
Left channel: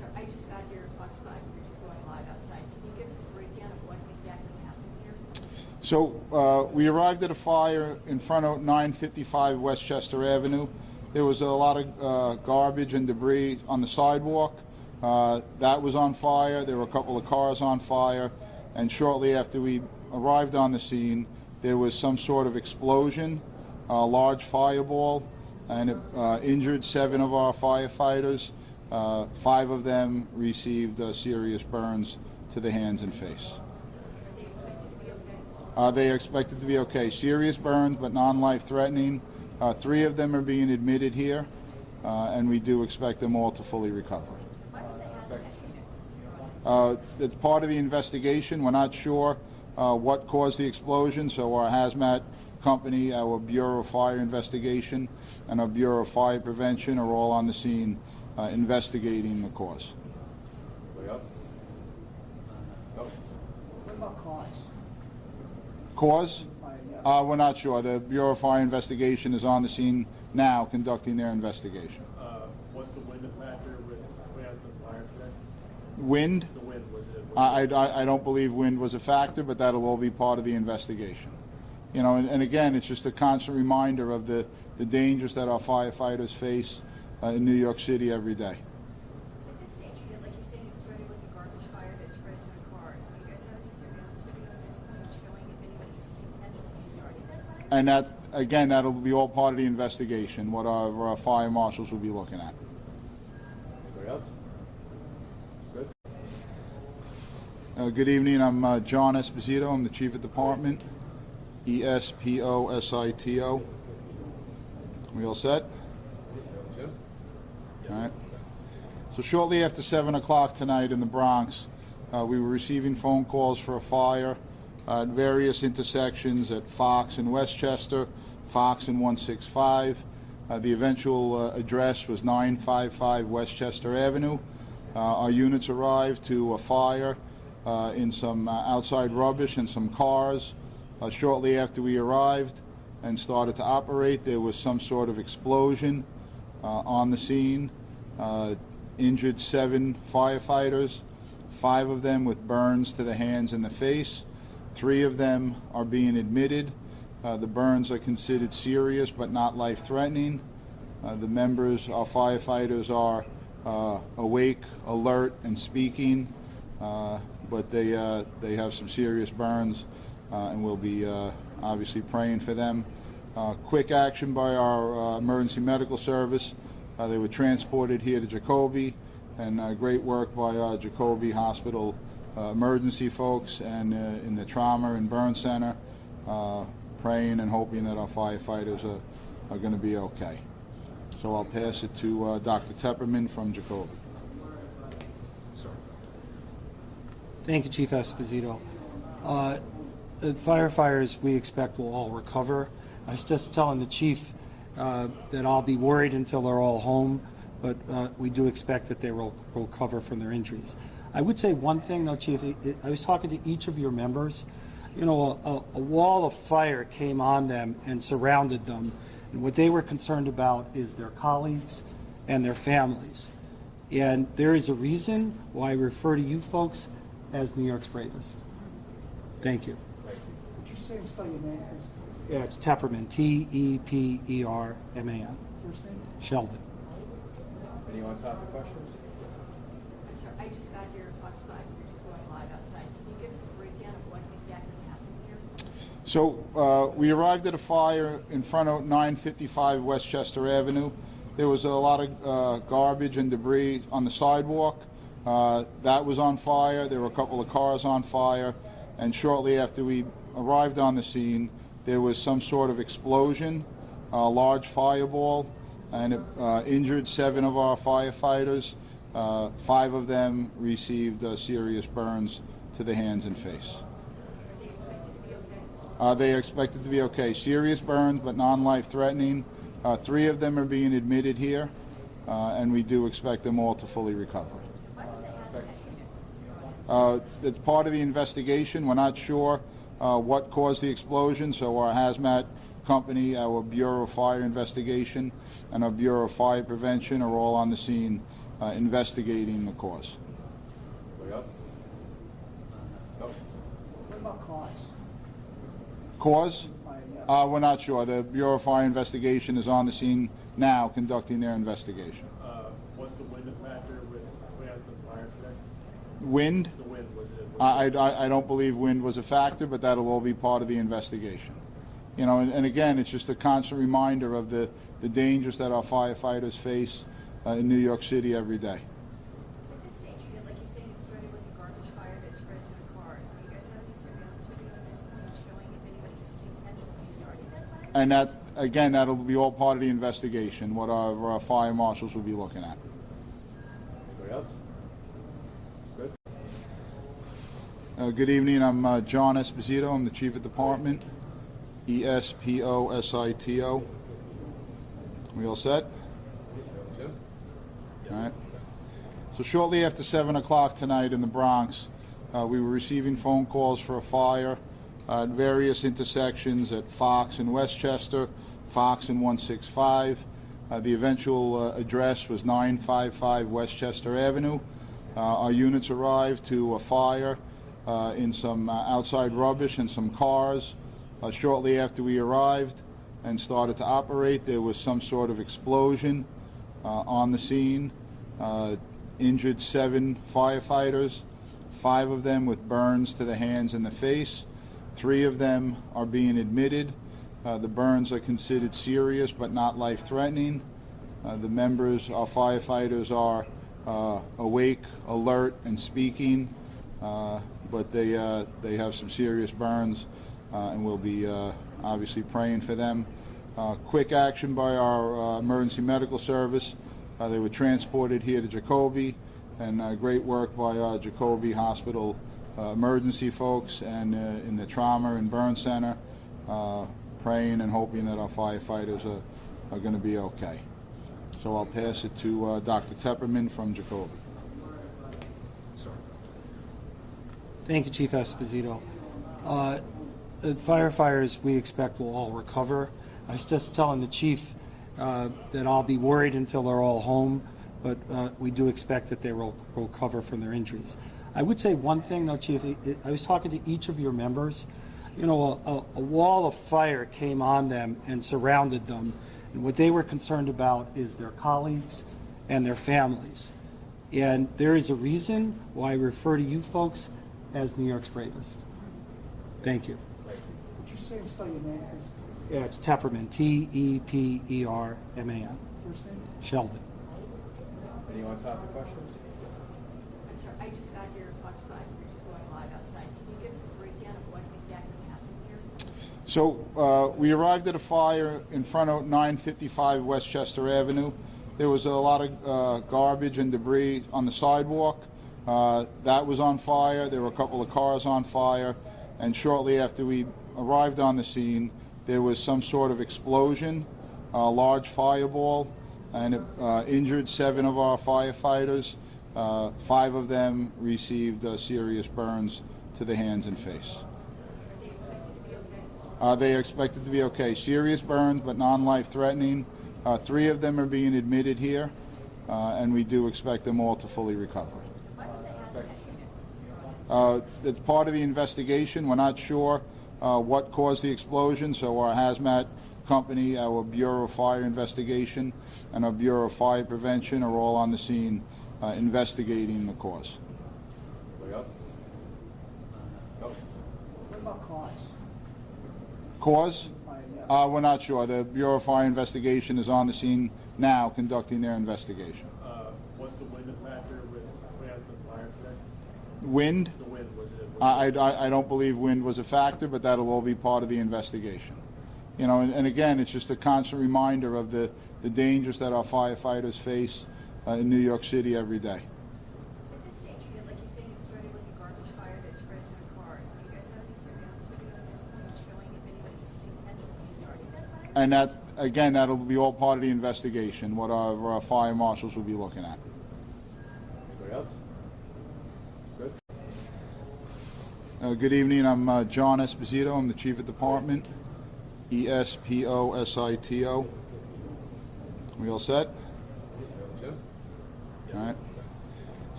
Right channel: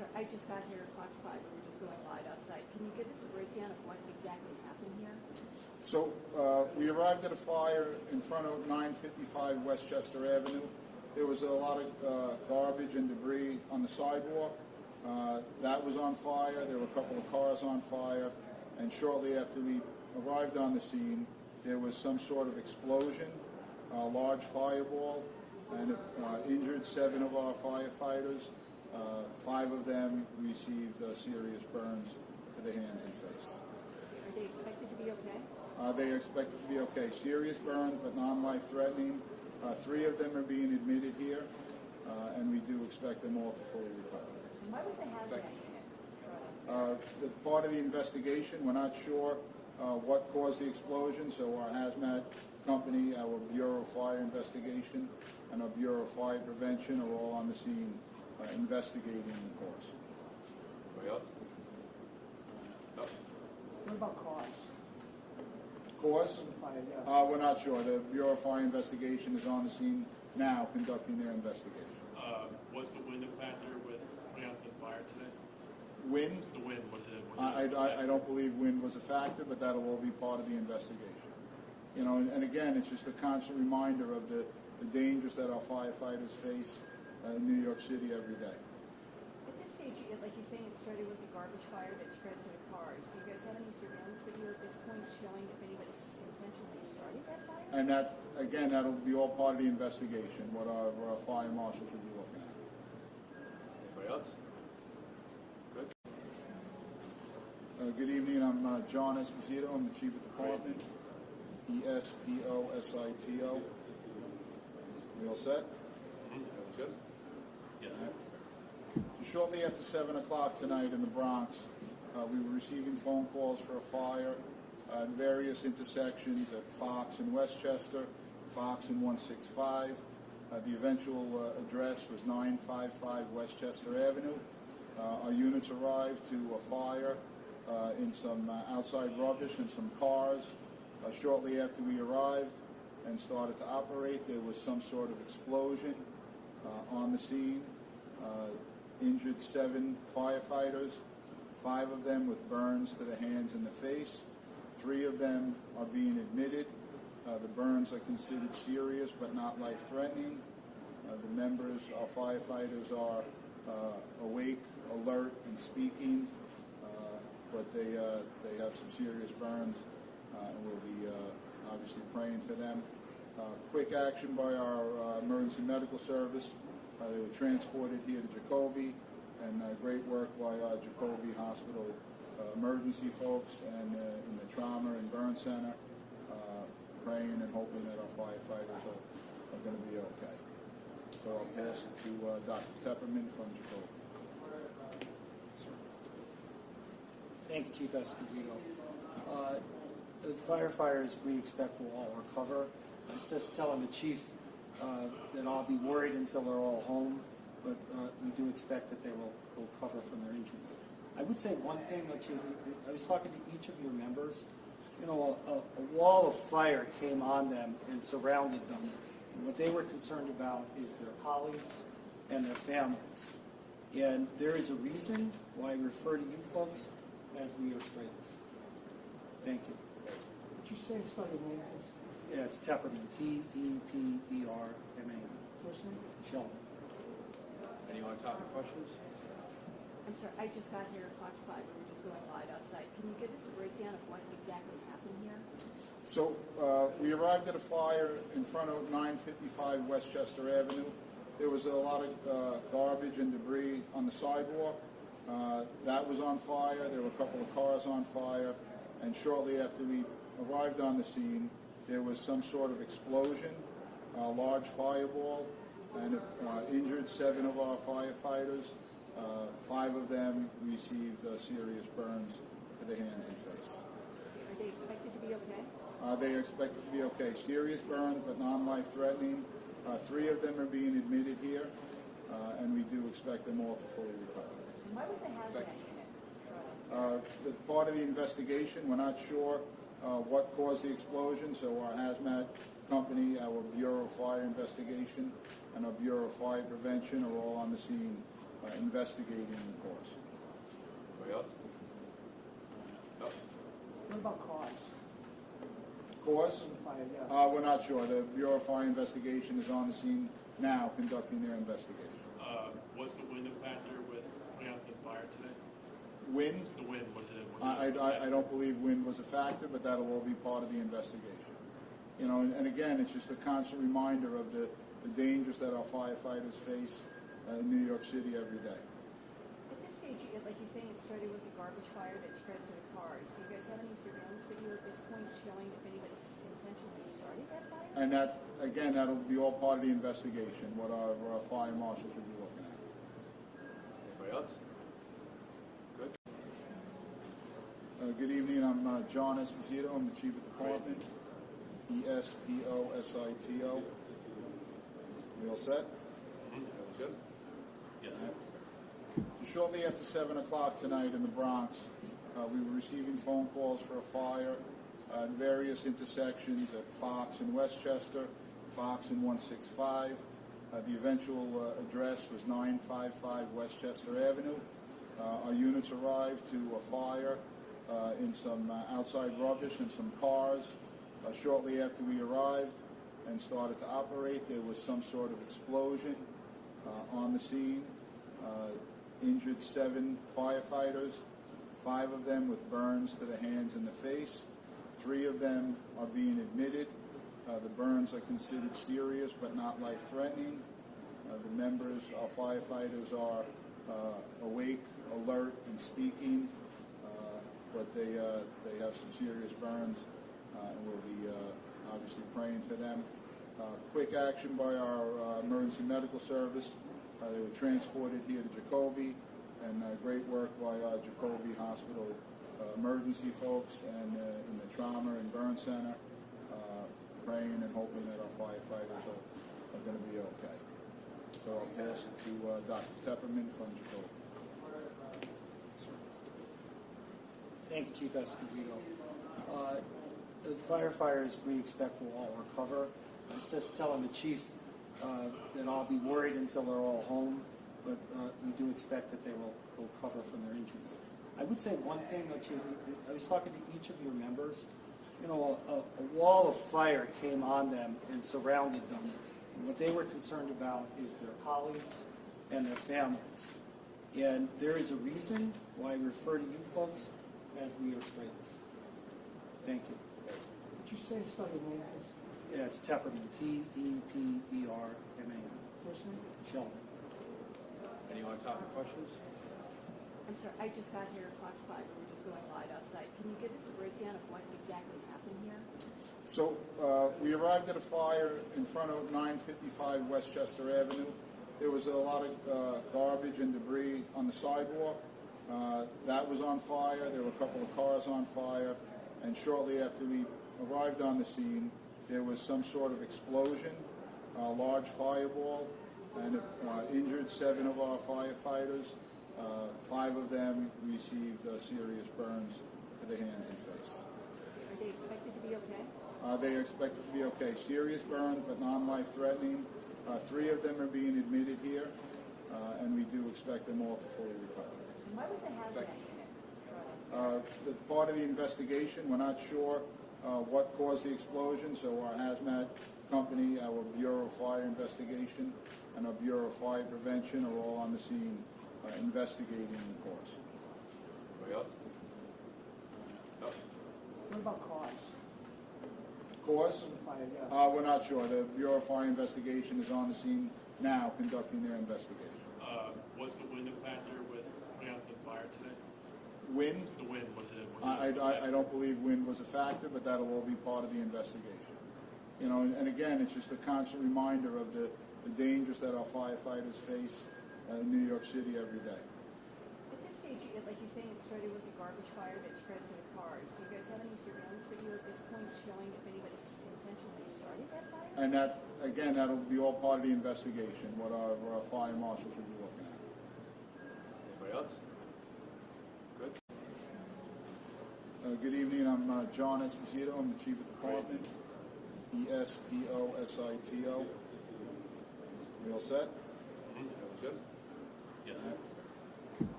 sorry, I just got here at Fox 5. We're just going live outside. Can you give us a breakdown of what exactly happened here? So we arrived at a fire in front of 955 Westchester Avenue. There was a lot of garbage and debris on the sidewalk. That was on fire. There were a couple of cars on fire. And shortly after we arrived on the scene, there was some sort of explosion, a large fireball, and it injured 7 of our firefighters. 5 of them received serious burns to the hands and face. Are they expected to be okay? They are expected to be okay. Serious burns, but non-life threatening. 3 of them are being admitted here, and we do expect them all to fully recover. Why was the hazmat unit? It's part of the investigation. We're not sure what caused the explosion, so our hazmat company, our Bureau of Fire Investigation, and our Bureau of Fire Prevention are all on the scene investigating the cause. Anybody else? No? What about cause? Cause? We're not sure. The Bureau of Fire Investigation is on the scene now conducting their investigation. Was the wind a factor with putting out the fire today? Wind? The wind, was it? I don't believe wind was a factor, but that'll all be part of the investigation. You know, and again, it's just a constant reminder of the dangers that our firefighters face in New York City every day. At this stage, like you're saying, it started with a garbage fire that spread to the cars. Do you guys have any surveillance video at this point showing if anybody intentionally started that fire? And that, again, that'll be all part of the investigation, what our fire marshals will be looking at. Anybody else? Good. Good evening. I'm John Esposito. I'm the Chief of Department. ESPOSITO. We all set? Jim? All right. So shortly after 7 o'clock tonight in the Bronx, we were receiving phone calls for a fire at various intersections at Fox and Westchester, Fox and 165. The eventual address was 955 Westchester Avenue. Our units arrived to a fire in some outside rubbish and some cars. Shortly after we arrived and started to operate, there was some sort of explosion on the scene. Injured 7 firefighters, 5 of them with burns to the hands and the face. 3 of them are being admitted. The burns are considered serious but not life-threatening. The members, our firefighters, are awake, alert, and speaking, but they have some serious burns, and we'll be obviously praying for them. Quick action by our emergency medical service. They were transported here to Jacoby, and great work by our Jacoby Hospital emergency folks and in the trauma and burn center, praying and hoping that our firefighters are going to be okay. So I'll pass it to Dr. Tepperman from Jacoby. Thank you, Chief Esposito. The firefighters we expect will all recover. I was just telling the chief that I'll be worried until they're all home, but we do expect that they will recover from their injuries. I would say one thing, though, Chief. I was talking to each of your members. You know, a wall of fire came on them and surrounded them, and what they were concerned about is their colleagues and their families. And there is a reason why I refer to you folks as New York's bravest. Thank you. Would you say and spell your name, please? Yeah, it's Tepperman, Tepperman. First name? Sheldon. Any on-topic questions? I'm sorry, I just got here at Fox 5. We're just going live outside. Can you give us a breakdown of what exactly happened here? So we arrived at a fire in front of 955 Westchester Avenue. There was a lot of garbage and debris on the sidewalk. That was on fire. There were a couple of cars on fire. And shortly after we arrived on the scene, there was some sort of explosion, a large fireball, and it injured 7 of our firefighters. 5 of them received serious burns to the hands and face. Are they expected to be okay? They are expected to be okay. Serious burns, but non-life threatening. 3 of them are being admitted here, and we do expect them all to fully recover. Why was the hazmat unit? It's part of the investigation. We're not sure what caused the explosion, so our hazmat company, our Bureau of Fire Investigation, and our Bureau of Fire Prevention are all on the scene investigating the cause. Anybody else? No? What about cause? Cause? Yeah. We're not sure. The Bureau of Fire Investigation is on the scene now conducting their investigation. What's the wind factor with putting out the fire today? Wind? The wind, was it? I don't believe wind was a factor, but that'll all be part of the investigation. You know, and again, it's just a constant reminder of the dangers that our firefighters face in New York City every day. At this stage, like you're saying, it started with a garbage fire that spread to the cars. Do you guys have any surveillance video at this point showing if anybody intentionally started that fire? And that, again, that'll be all part of the investigation, what our fire marshals will be looking at. Anybody else? Good. Good evening. I'm John Esposito. I'm the Chief of Department. Esposito. We all set? Jim? All right. So shortly after 7 o'clock tonight in the Bronx, we were receiving phone calls for a fire at various intersections at Fox and Westchester, Fox and 165. The eventual address was 955 Westchester Avenue. Our units arrived to a fire in some outside rubbish and some cars. Shortly after we arrived and started to operate, there was some sort of explosion on the scene. Injured 7 firefighters, 5 of them with burns to the hands and the face. 3 of them are being admitted. The burns are considered serious but not life-threatening. The members, our firefighters, are awake, alert, and speaking, but they have some serious burns, and we'll be obviously praying for them. Quick action by our emergency medical service. They were transported here to Jacoby, and great work by our Jacoby Hospital emergency folks and in the trauma and burn center, praying and hoping that our firefighters are going to be okay. So I'll pass it to Dr. Tepperman from Jacoby. Thank you, Chief Esposito. The firefighters we expect will all recover. I was just telling the chief that I'll be worried until they're all home, but we do expect that they will recover from their injuries. I would say one thing, though, Chief. I was talking to each of your members. You know, a wall of fire came on them and surrounded them, and what they were concerned about is their colleagues and their families. And there is a reason why I refer to you folks as New York's bravest. Thank you. Would you say and spell your name, please? Yeah, it's Tepperman, Tepperman. First name? Sheldon. Anyone topic questions? I'm sorry, I just got here at Fox 5. We're just going live outside. Can you give us a breakdown of what exactly happened here? So we arrived at a fire in front of 955 Westchester Avenue. There was a lot of garbage and debris on the sidewalk. That was on fire. There were a couple of cars on fire. And shortly after we arrived on the scene, there was some sort of explosion, a large fireball, and it injured 7 of our firefighters. 5 of them received serious burns to the hands and face. Are they expected to be okay? They are expected to be okay. Serious burns, but non-life threatening. 3 of them are being admitted here, and we do expect them all to fully recover. Why was the hazmat unit? It's part of the investigation. We're not sure what caused the explosion, so our hazmat company, our Bureau of Fire Investigation, and our Bureau of Fire Prevention are all on the scene investigating the cause. Anybody else? No? What about cause? Cause? Yeah. We're not sure. The Bureau of Fire Investigation is on the scene now conducting their investigation. What's the wind factor with putting out the fire today? Wind? The wind, was it? I don't believe wind was a factor, but that'll all be part of the investigation. You know, and again, it's just a constant reminder of the dangers that our firefighters face in New York City every day. At this stage, like you're saying, it started with a garbage fire that spread to the cars. Do you guys have any surveillance video at this point showing if anybody intentionally started that fire? And that, again, that'll be all part of the investigation, what our fire marshals will be looking at. Anybody else? Good. Good evening. I'm John Esposito. I'm the Chief of Department. Esposito. We all set? Jim? All right.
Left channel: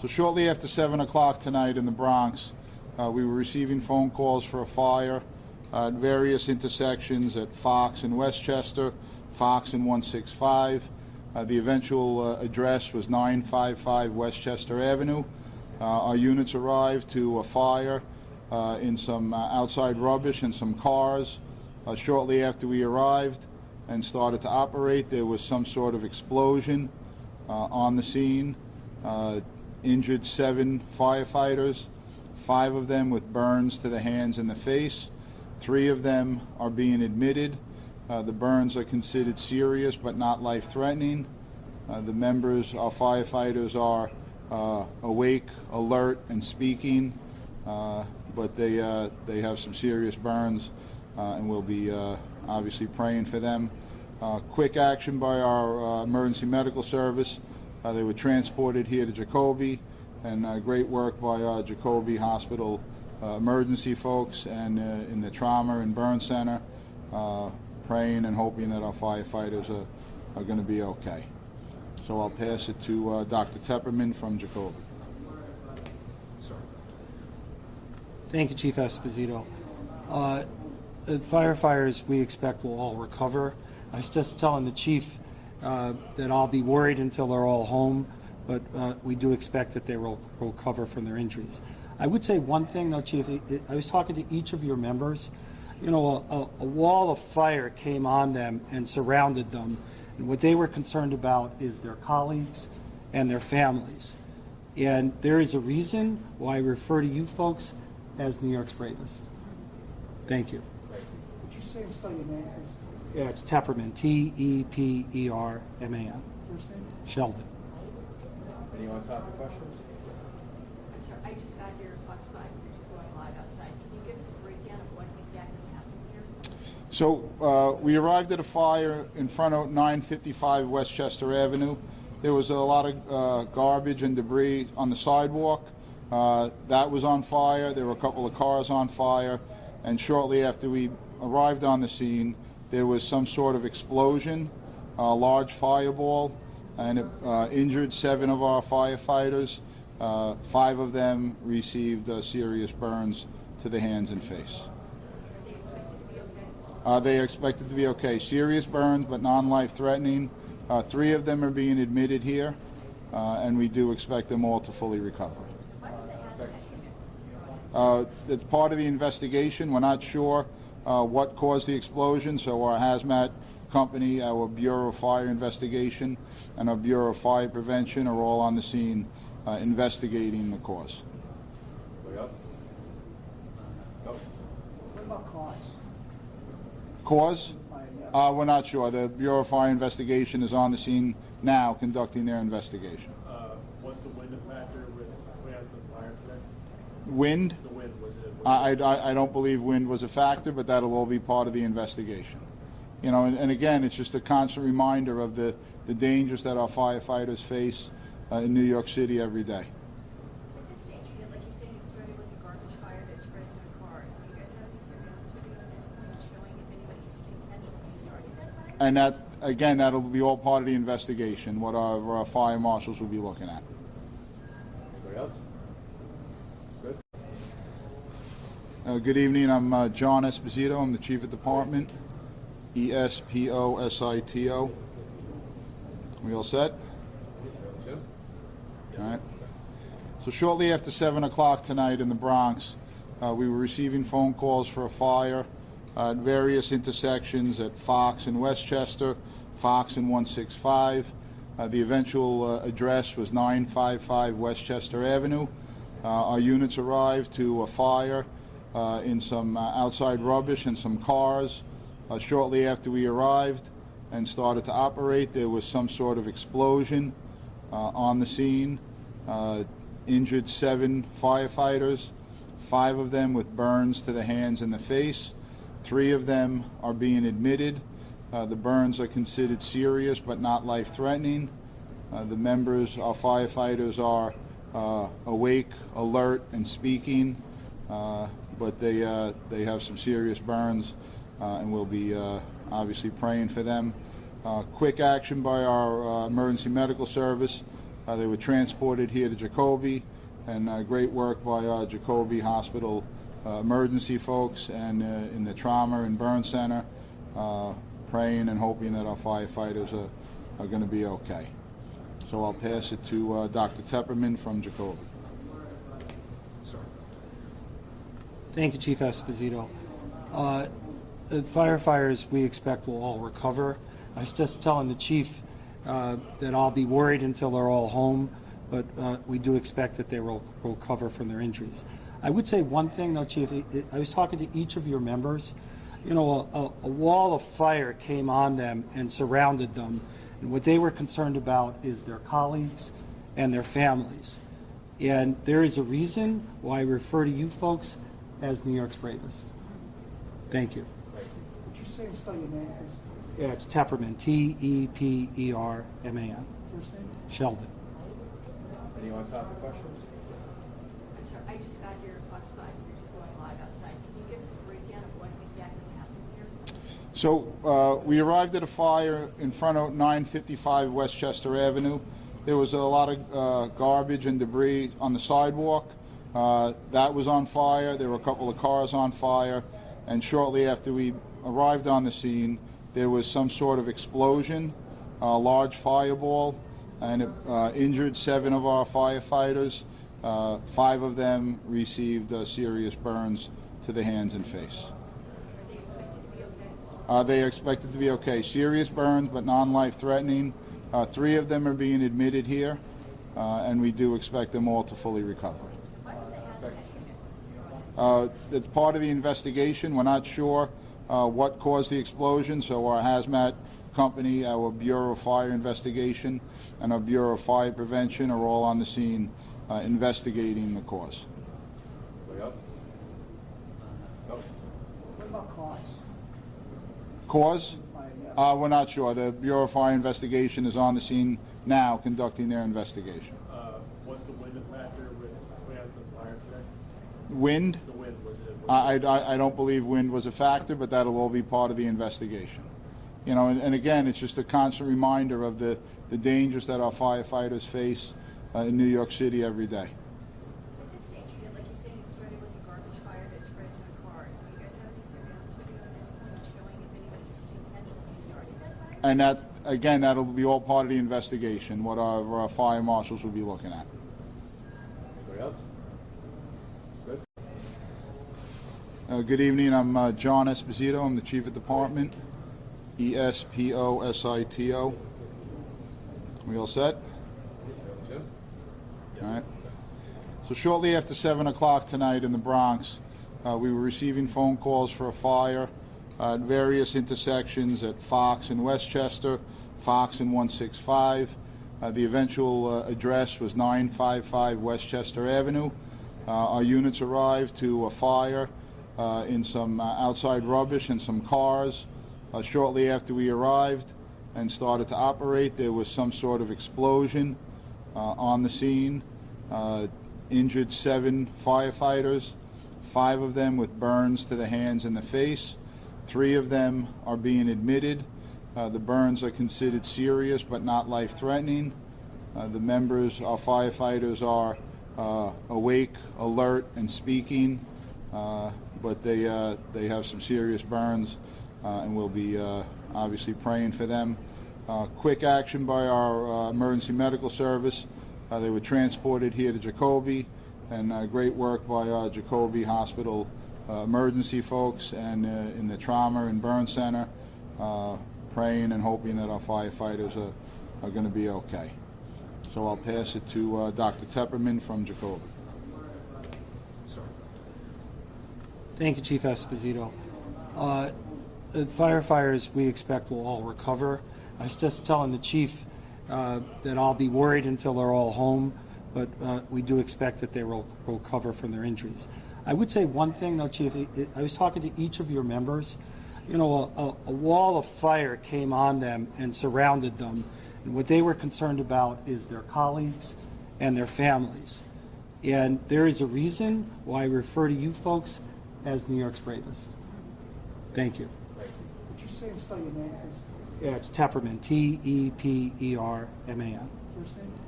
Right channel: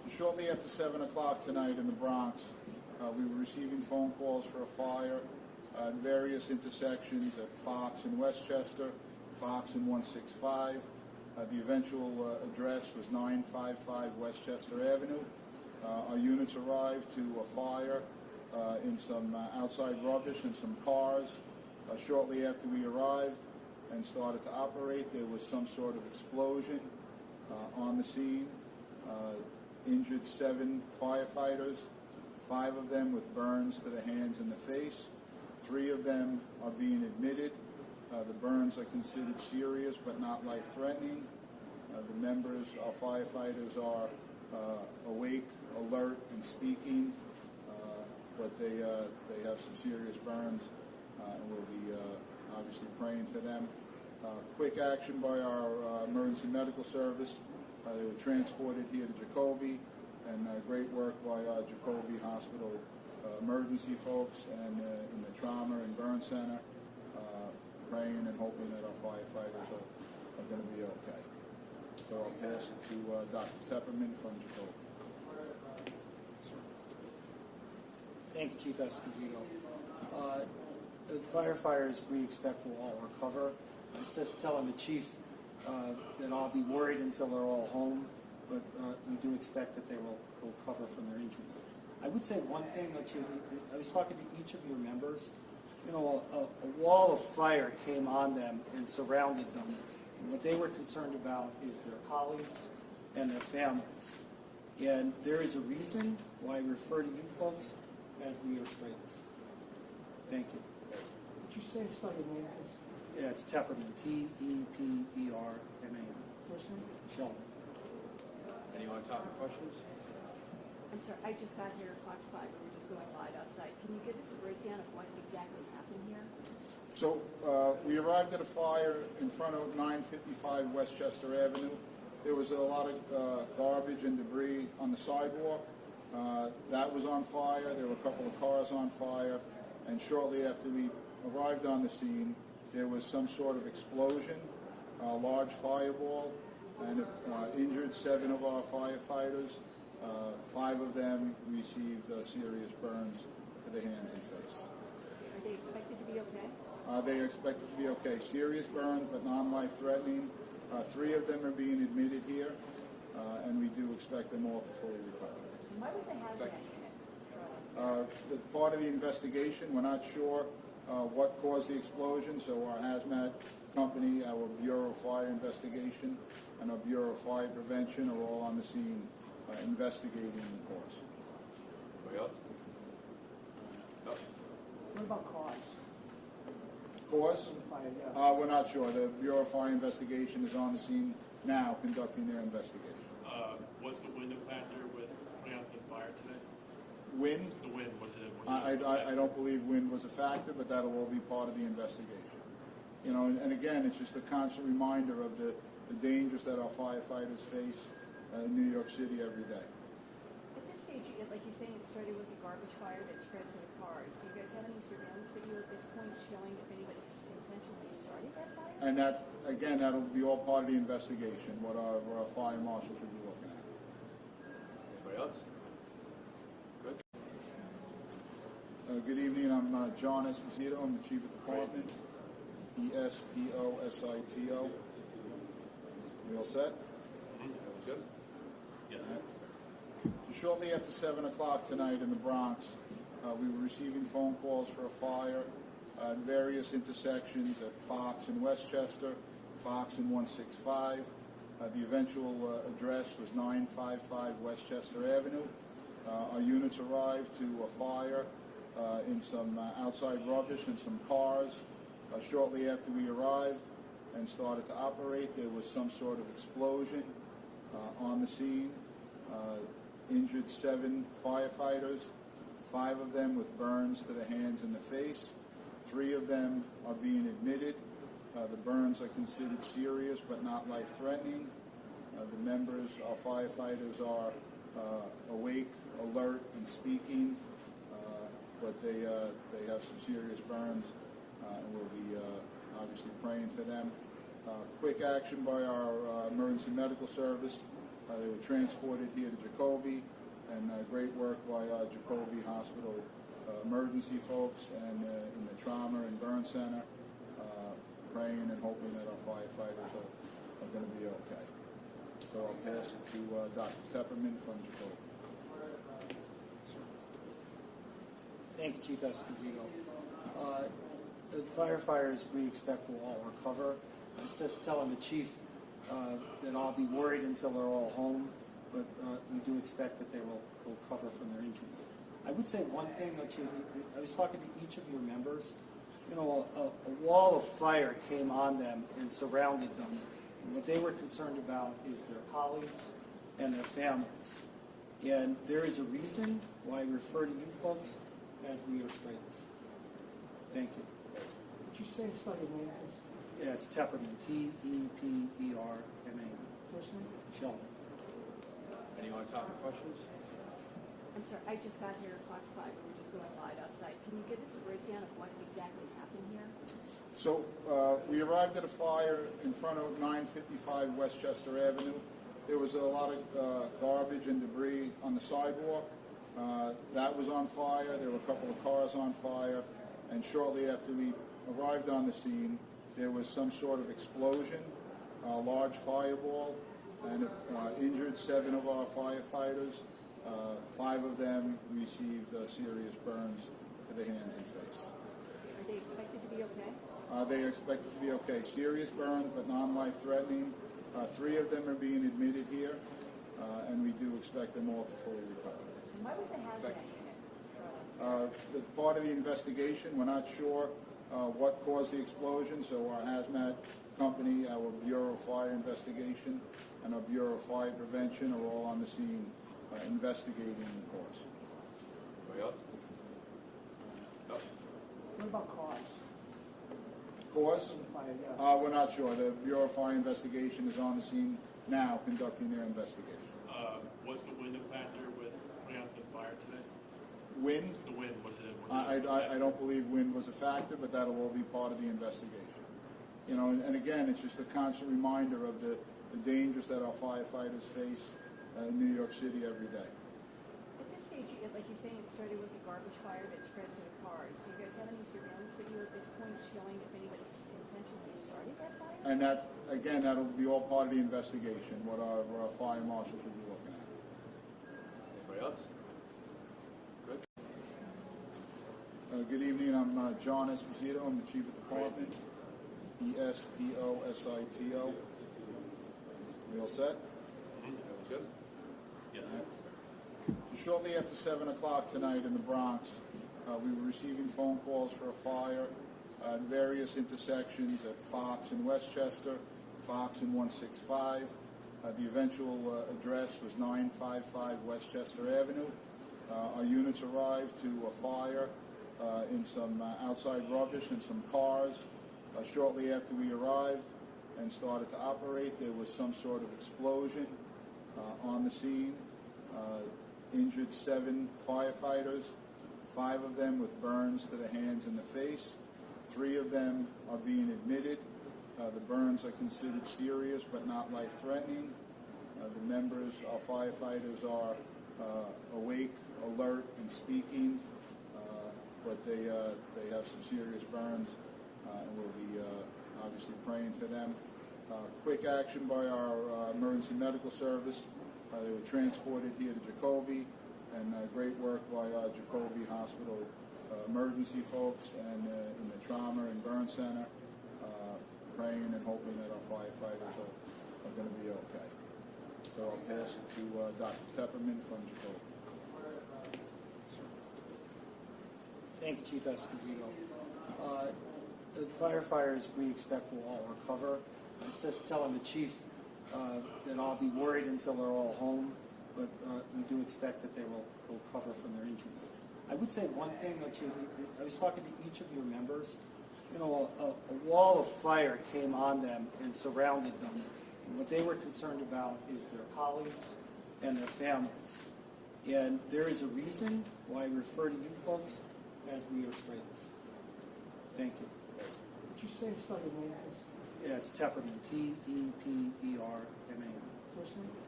So shortly after 7 o'clock tonight in the Bronx, we were receiving phone calls for a fire at various intersections at Fox and Westchester, Fox and 165. The eventual address was 955 Westchester Avenue. Our units arrived to a fire in some outside rubbish and some cars. Shortly after we arrived and started to operate, there was some sort of explosion on the scene. Injured 7 firefighters, 5 of them with burns to the hands and the face. 3 of them are being admitted. The burns are considered serious but not life-threatening. The members, our firefighters, are awake, alert, and speaking, but they have some serious burns, and we'll be obviously praying for them. Quick action by our emergency medical service. They were transported here to Jacoby, and great work by our Jacoby Hospital emergency folks and in the trauma and burn center, praying and hoping that our firefighters are going to be okay. So I'll pass it to Dr. Tepperman from Jacoby. Thank you, Chief Esposito. The firefighters we expect will all recover. I was just telling the chief that I'll be worried until they're all home, but we do expect that they will recover from their injuries. I would say one thing, though, Chief. I was talking to each of your members. You know, a wall of fire came on them and surrounded them, and what they were concerned about is their colleagues and their families. And there is a reason why I refer to you folks as New York's bravest. Thank you. Would you say and spell your name, please? Yeah, it's Tepperman, T-E-P-E-R-M-A-N. First name? Sheldon. Any on-topic questions? I'm sorry, I just got your Fox 5, we're just going live outside. Can you give us a breakdown of what exactly happened here? So we arrived at a fire in front of 955 Westchester Avenue. There was a lot of garbage and debris on the sidewalk. That was on fire. There were a couple of cars on fire. And shortly after we arrived on the scene, there was some sort of explosion, a large fireball, and it injured 7 of our firefighters. 5 of them received serious burns to the hands and face. Are they expected to be okay? They are expected to be okay. Serious burns, but non-life-threatening. 3 of them are being admitted here, and we do expect them all to fully recover. Why was the hazmat unit? It's part of the investigation. We're not sure what caused the explosion, so our hazmat company, our Bureau of Fire Investigation, and our Bureau of Fire Prevention are all on the scene investigating the cause. Anybody else? No? What about cause? Cause? We're not sure. The Bureau of Fire Investigation is on the scene now conducting their investigation. Was the wind a factor with putting out the fire today? Wind? The wind, was it? I don't believe wind was a factor, but that'll all be part of the investigation. You know, and again, it's just a constant reminder of the dangers that our firefighters face in New York City every day. At this stage, like you're saying, it started with a garbage fire that spread to the cars. Do you guys have any surveillance video at this point showing if anybody intentionally started that fire? And that, again, that'll be all part of the investigation, what our fire marshals will be looking at. Anybody else? Good. Good evening. I'm John Esposito. I'm the Chief of Department. E-S-P-O-S-I-T-O. We all set? Jim? All right. So shortly after 7 o'clock tonight in the Bronx, we were receiving phone calls for a fire at various intersections at Fox and Westchester, Fox and 165. The eventual address was 955 Westchester Avenue. Our units arrived to a fire in some outside rubbish and some cars. Shortly after we arrived and started to operate, there was some sort of explosion on the scene. Injured 7 firefighters, 5 of them with burns to the hands and the face. 3 of them are being admitted. The burns are considered serious but not life-threatening. The members, our firefighters, are awake, alert, and speaking, but they have some serious burns, and we'll be obviously praying for them. Quick action by our emergency medical service. They were transported here to Jacoby, and great work by Jacoby Hospital emergency folks and in the trauma and burn center, praying and hoping that our firefighters are going to be okay. So I'll pass it to Dr. Tepperman from Jacoby. Thank you, Chief Esposito. The firefighters we expect will all recover. I was just telling the chief that I'll be worried until they're all home, but we do expect that they will recover from their injuries. I would say one thing, though, Chief. I was talking to each of your members. You know, a wall of fire came on them and surrounded them, and what they were concerned about is their colleagues and their families. And there is a reason why I refer to you folks as New York's bravest. Thank you. Would you say and spell your name, please? Yeah, it's Tepperman, T-E-P-E-R-M-A-N. First name? Sheldon. Any on-topic questions? I'm sorry, I just got here at Fox 5, we're just going live outside. Can you give us a breakdown of what exactly happened here? So we arrived at a fire in front of 955 Westchester Avenue. There was a lot of garbage and debris on the sidewalk. That was on fire. There were a couple of cars on fire. And shortly after we arrived on the scene, there was some sort of explosion, a large fireball, and it injured 7 of our firefighters. 5 of them received serious burns to the hands and face. Are they expected to be okay? They are expected to be okay. Serious burns, but non-life threatening. 3 of them are being admitted here, and we do expect them all to fully recover. Why was that It's part of the investigation. We're not sure what caused the explosion, so our hazmat company, our Bureau of Fire Investigation, and our Bureau of Fire Prevention are all on the scene investigating the cause. Anybody else? No? What about cause? Cause? We're not sure. The Bureau of Fire Investigation is on the scene now conducting their investigation. Was the wind a factor with putting out the fire today? Wind? The wind, was it? I don't believe wind was a factor, but that'll all be part of the investigation. You know, and again, it's just a constant reminder of the dangers that our firefighters face in New York City every day. At this stage, like you're saying, it started with a garbage fire that spread to the cars. Do you guys have any surveillance video at this point showing if anybody intentionally started that fire? And that, again, that'll be all part of the investigation, what our fire marshals will be looking at. Anybody else? Good? Good evening. I'm John Esposito. I'm the Chief of Department, E-S-P-O-S-I-T-O. We all set? Jim? All right. So shortly after 7 o'clock tonight in the Bronx, we were receiving phone calls for a fire at various intersections at Fox and Westchester, Fox and 165. The eventual address was 955 Westchester Avenue. Our units arrived to a fire in some outside rubbish and some cars. Shortly after we arrived and started to operate, there was some sort of explosion on the scene. Injured 7 firefighters, 5 of them with burns to the hands and the face. 3 of them are being admitted. The burns are considered serious but not life-threatening. The members, our firefighters, are awake, alert, and speaking, but they have some serious burns, and we'll be obviously praying for them. Quick action by our emergency medical service. They were transported here to Jacoby, and great work by Jacoby Hospital emergency folks and in the trauma and burn center, praying and hoping that our firefighters are going to be okay. So I'll pass it to Dr. Tepperman from Jacoby. Thank you, Chief Esposito. The firefighters we expect will all recover. I was just telling the chief that I'll be worried until they're all home, but we do expect that they will recover from their injuries. I would say one thing, though, Chief. I was talking to each of your members. You know, a wall of fire came on them and surrounded them, and what they were concerned about is their colleagues and their families. And there is a reason why I refer to you folks as New York's bravest. Thank you. Would you say and spell your name, please? Yeah, it's Tepperman, T-E-P-E-R-M-A-N. First name?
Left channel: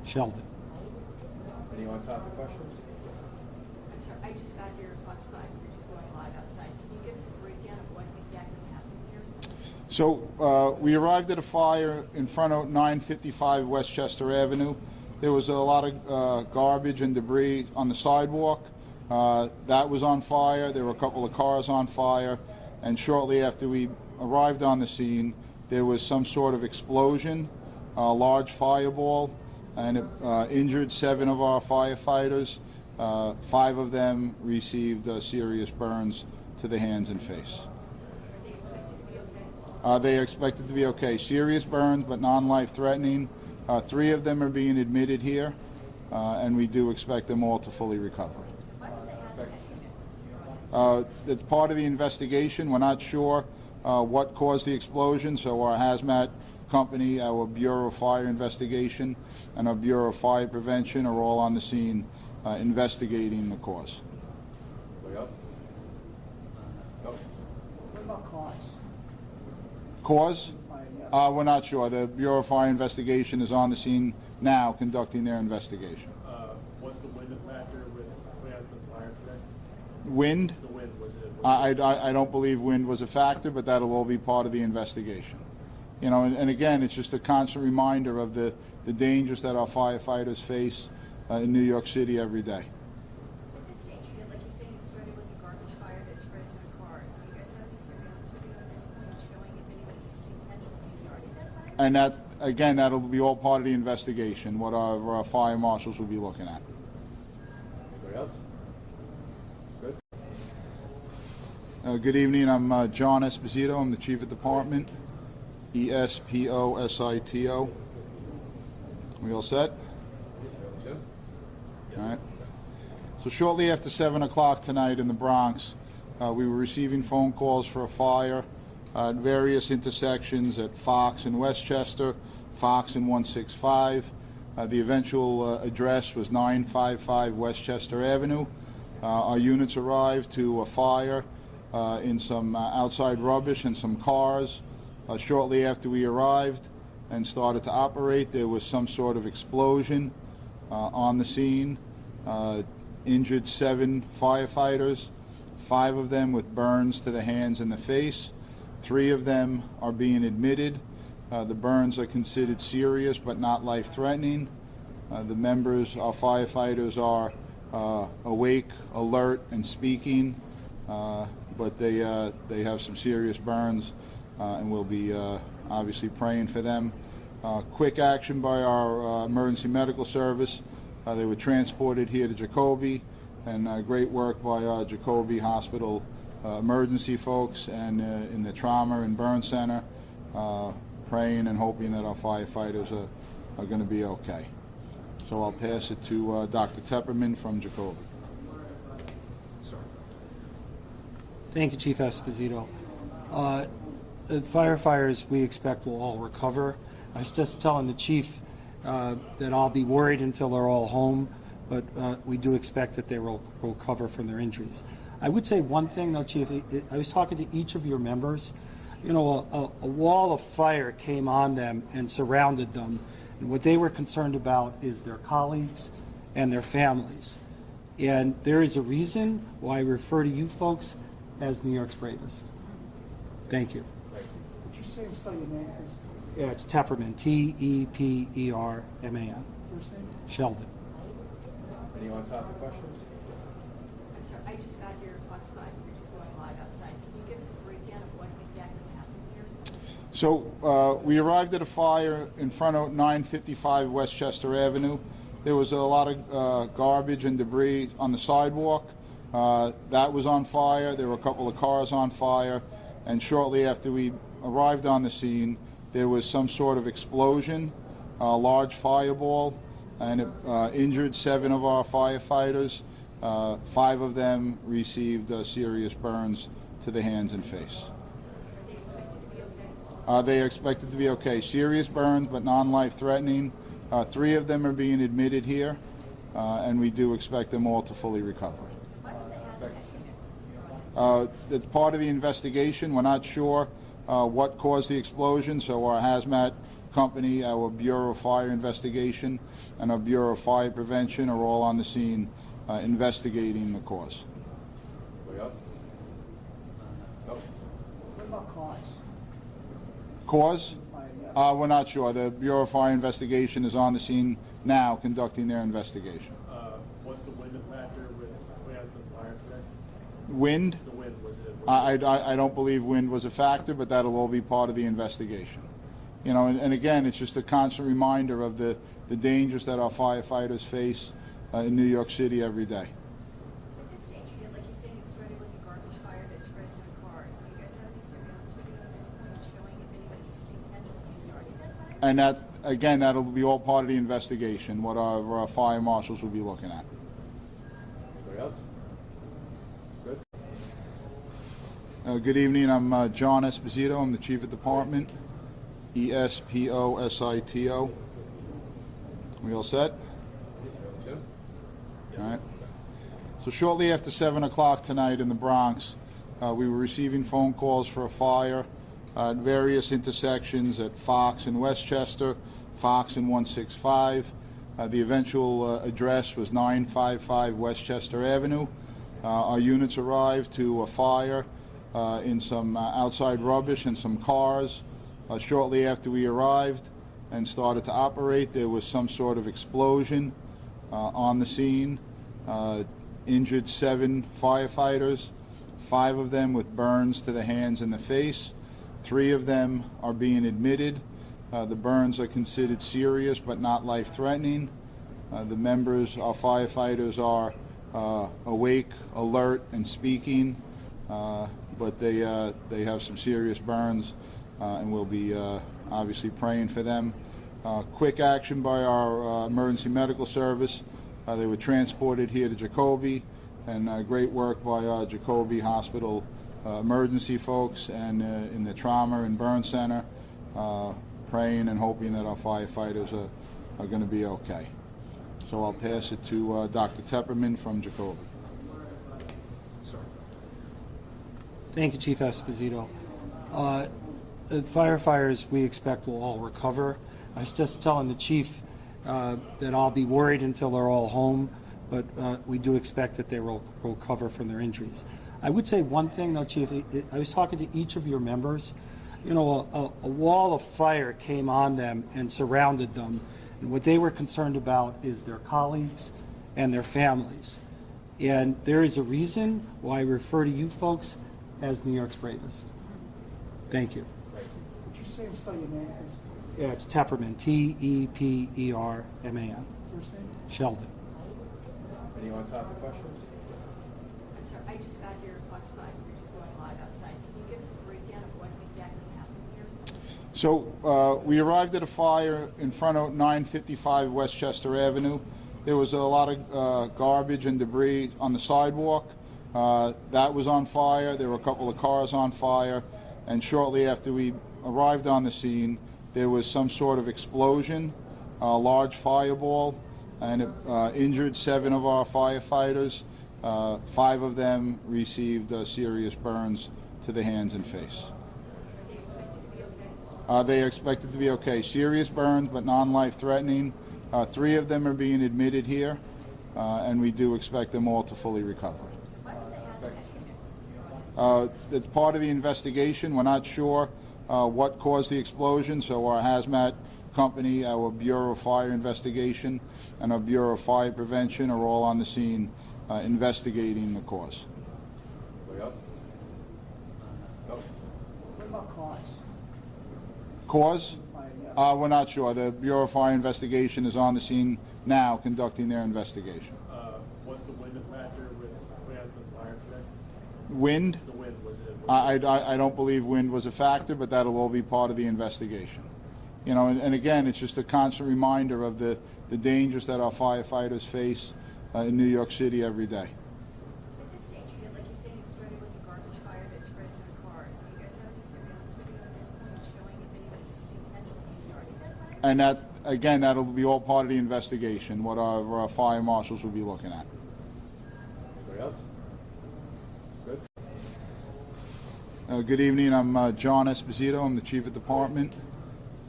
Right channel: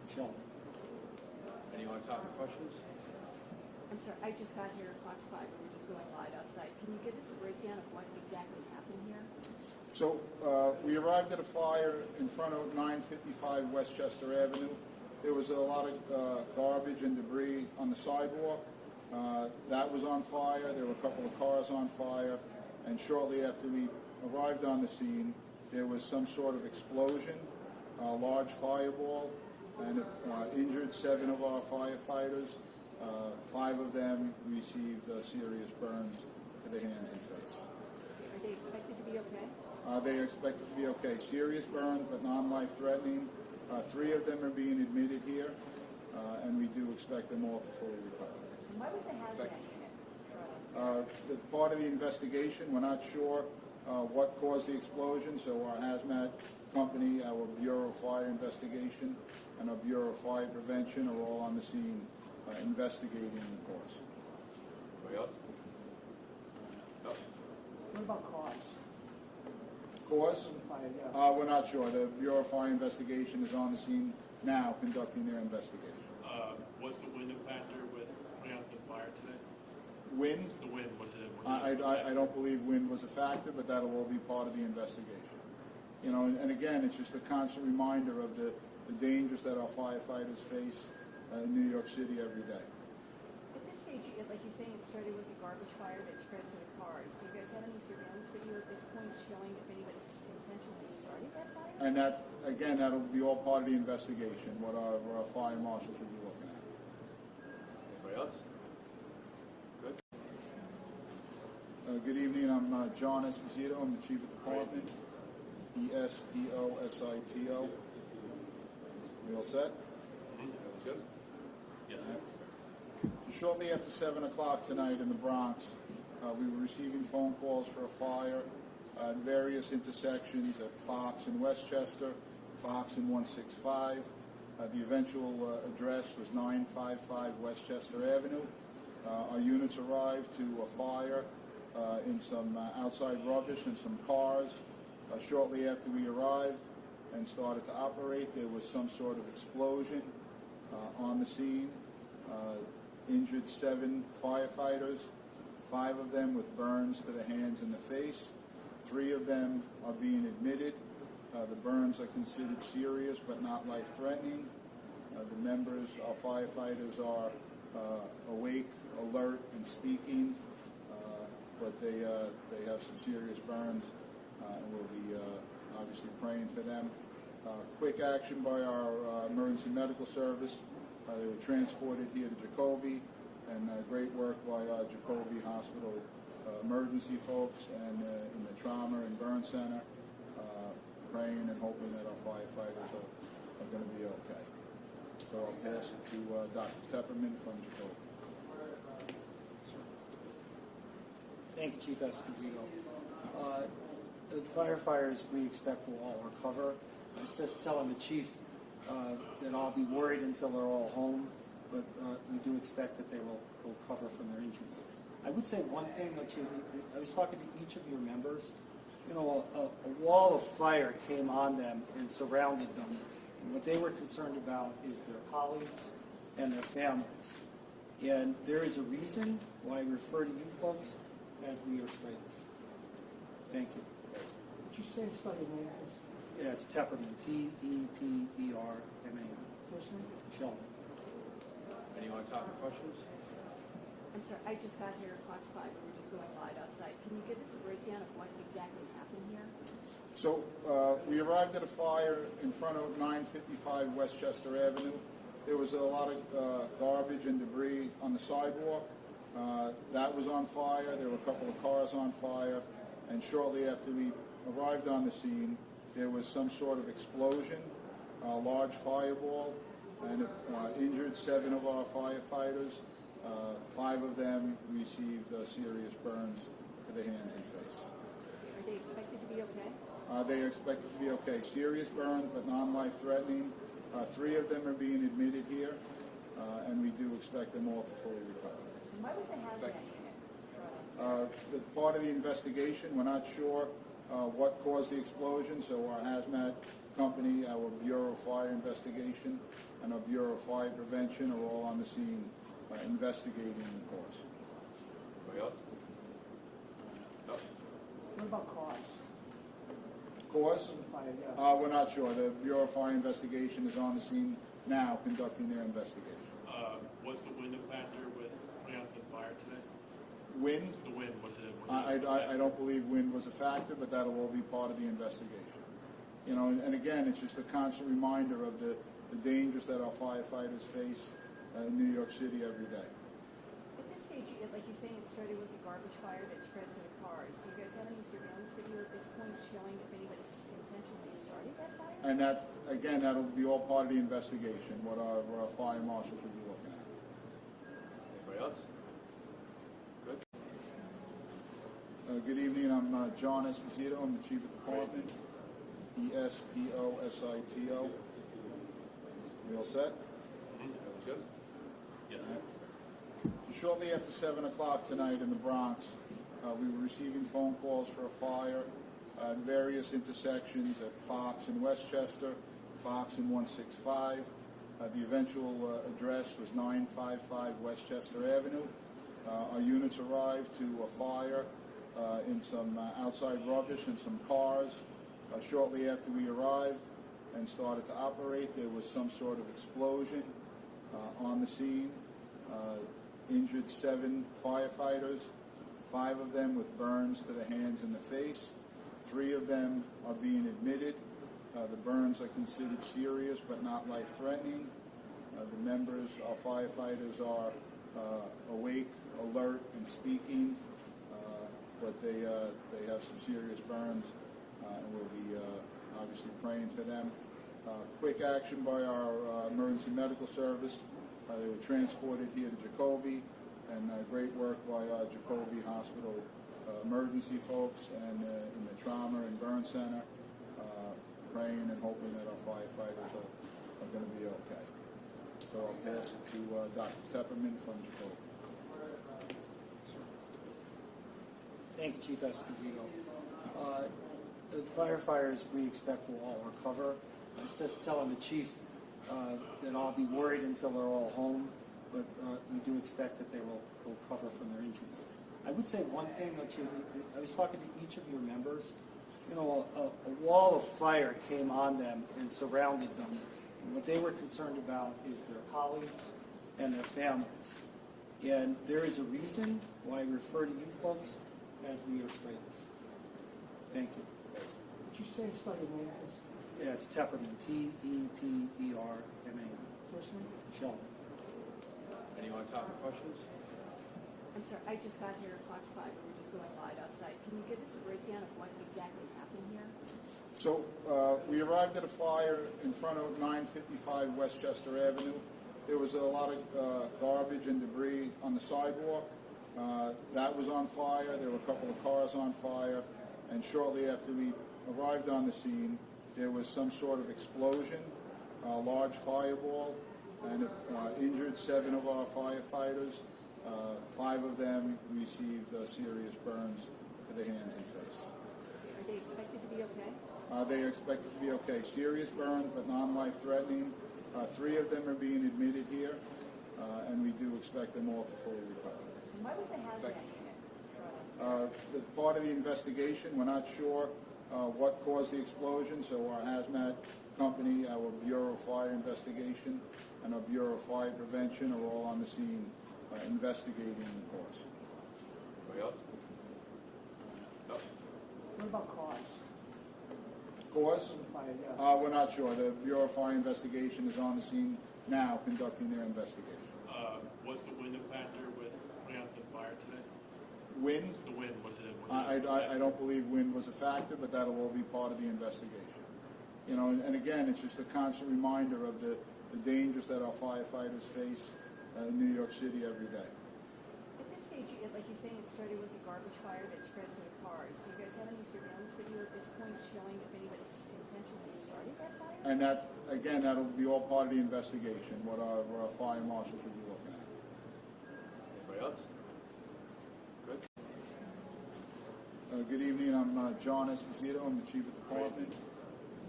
Sheldon. Any on-topic questions? I'm sorry, I just got here at Fox 5, we're just going live outside. Can you give us a breakdown of what exactly happened here? So we arrived at a fire in front of 955 Westchester Avenue. There was a lot of garbage and debris on the sidewalk. That was on fire. There were a couple of cars on fire. And shortly after we arrived on the scene, there was some sort of explosion, a large fireball, and it injured 7 of our firefighters. 5 of them received serious burns to the hands and face. Are they expected to be okay? They are expected to be okay. Serious burns, but non-life threatening. 3 of them are being admitted here, and we do expect them all to fully recover. Why was the hazmat unit? It's part of the investigation. We're not sure what caused the explosion, so our hazmat company, our Bureau of Fire Investigation, and our Bureau of Fire Prevention are all on the scene investigating the cause. Anybody else? No? What about cause? Cause? Yeah. We're not sure. The Bureau of Fire Investigation is on the scene now conducting their investigation. What's the wind factor with putting out the fire today? Wind? The wind, was it? I don't believe wind was a factor, but that'll all be part of the investigation. You know, and again, it's just a constant reminder of the dangers that our firefighters face in New York City every day. At this stage, like you're saying, it started with a garbage fire that spread to the cars. Do you guys have any surveillance video at this point showing if anybody intentionally started that fire? And that, again, that'll be all part of the investigation, what our fire marshals will be looking at. Anybody else? Good? Good evening. I'm John Esposito. I'm the Chief of Department. ESPOSITO. We all set? Jim? All right. So shortly after 7 o'clock tonight in the Bronx, we were receiving phone calls for a fire at various intersections at Fox and Westchester, Fox and 165. The eventual address was 955 Westchester Avenue. Our units arrived to a fire in some outside rubbish and some cars. Shortly after we arrived and started to operate, there was some sort of explosion on the scene. Injured 7 firefighters, 5 of them with burns to the hands and the face. 3 of them are being admitted. The burns are considered serious but not life-threatening. The members, our firefighters, are awake, alert, and speaking, but they have some serious burns, and we'll be obviously praying for them. Quick action by our emergency medical service. They were transported here to Jacoby, and great work by our Jacoby Hospital emergency folks and in the trauma and burn center, praying and hoping that our firefighters are going to be okay. So I'll pass it to Dr. Tepperman from Jacoby. Thank you, Chief Esposito. The firefighters we expect will all recover. I was just telling the chief that I'll be worried until they're all home, but we do expect that they will recover from their injuries. I would say one thing, though, Chief. I was talking to each of your members. You know, a wall of fire came on them and surrounded them, and what they were concerned about is their colleagues and their families. And there is a reason why I refer to you folks as New York's bravest. Thank you. Would you say and spell your name, please? Yeah, it's Tepperman, Tepperman. First name? Sheldon. Any on-topic questions? I'm sorry, I just got here at Fox 5, we're just going live outside. Can you give us a breakdown of what exactly happened here? So we arrived at a fire in front of 955 Westchester Avenue. There was a lot of garbage and debris on the sidewalk. That was on fire. There were a couple of cars on fire. And shortly after we arrived on the scene, there was some sort of explosion, a large fireball, and it injured 7 of our firefighters. 5 of them received serious burns to the hands and face. Are they expected to be okay? They are expected to be okay. Serious burns, but non-life threatening. 3 of them are being admitted here, and we do expect them all to fully recover. Why was the hazmat unit? It's part of the investigation. We're not sure what caused the explosion, so our hazmat company, our Bureau of Fire Investigation, and our Bureau of Fire Prevention are all on the scene investigating the cause. Anybody else? No? What about cause? Cause? Yeah. We're not sure. The Bureau of Fire Investigation is on the scene now conducting their investigation. What's the wind factor with putting out the fire today? Wind? The wind, was it? I don't believe wind was a factor, but that'll all be part of the investigation. You know, and again, it's just a constant reminder of the dangers that our firefighters face in New York City every day. At this stage, like you're saying, it started with a garbage fire that spread to the cars. Do you guys have any surveillance video at this point showing if anybody intentionally started that fire? And that, again, that'll be all part of the investigation, what our fire marshals will be looking at. Anybody else? Good. Good evening. I'm John Esposito. I'm the Chief of Department. Esposito. We all set? Jim? All right. So shortly after 7 o'clock tonight in the Bronx, we were receiving phone calls for a fire at various intersections at Fox and Westchester, Fox and 165. The eventual address was 955 Westchester Avenue. Our units arrived to a fire in some outside rubbish and some cars. Shortly after we arrived and started to operate, there was some sort of explosion on the scene. Injured 7 firefighters, 5 of them with burns to the hands and the face. 3 of them are being admitted. The burns are considered serious but not life-threatening. The members, our firefighters, are awake, alert, and speaking, but they have some serious burns, and we'll be obviously praying for them. Quick action by our emergency medical service. They were transported here to Jacoby, and great work by our Jacoby Hospital emergency folks and in the trauma and burn center, praying and hoping that our firefighters are going to be okay. So I'll pass it to Dr. Tepperman from Jacoby. Thank you, Chief Esposito. The firefighters we expect will all recover. I was just telling the chief that I'll be worried until they're all home, but we do expect that they will recover from their injuries. I would say one thing, though, Chief. I was talking to each of your members. You know, a wall of fire came on them and surrounded them, and what they were concerned about is their colleagues and their families. And there is a reason why I refer to you folks as New York's bravest. Thank you. Would you say and spell your name as Yeah, it's Tepperman, Tepperman. first name? Sheldon. Any on-topic questions? I'm sorry, I just got here at Fox 5. We're just going live outside. Can you give us a breakdown of what exactly happened here? So we arrived at a fire in front of 955 Westchester Avenue. There was a lot of garbage and debris on the sidewalk. That was on fire. There were a couple of cars on fire. And shortly after we arrived on the scene, there was some sort of explosion, a large fireball, and it injured 7 of our firefighters. 5 of them received serious burns to the hands and face. Are they expected to be okay? They are expected to be okay. Serious burns, but non-life-threatening. 3 of them are being admitted here, and we do expect them all to fully recover. Why was the hazmat unit? It's part of the investigation. We're not sure what caused the explosion, so our hazmat company, our Bureau of Fire Investigation, and our Bureau of Fire Prevention are all on the scene investigating the cause. Anybody else? No? What about cause? Cause? Yeah. We're not sure. The Bureau of Fire Investigation is on the scene now conducting their investigation. What's the wind factor with putting out the fire today? Wind? The wind, was it? I don't believe wind was a factor, but that'll all be part of the investigation. You know, and again, it's just a constant reminder of the dangers that our firefighters face in New York City every day. At this stage, like you're saying, it started with a garbage fire that spread to the cars. Do you guys have any surveillance video at this point showing if anybody intentionally started that fire? And that, again, that'll be all part of the investigation, what our fire marshals will be looking at. Anybody else? Good. Good evening. I'm John Esposito. I'm the Chief of Department.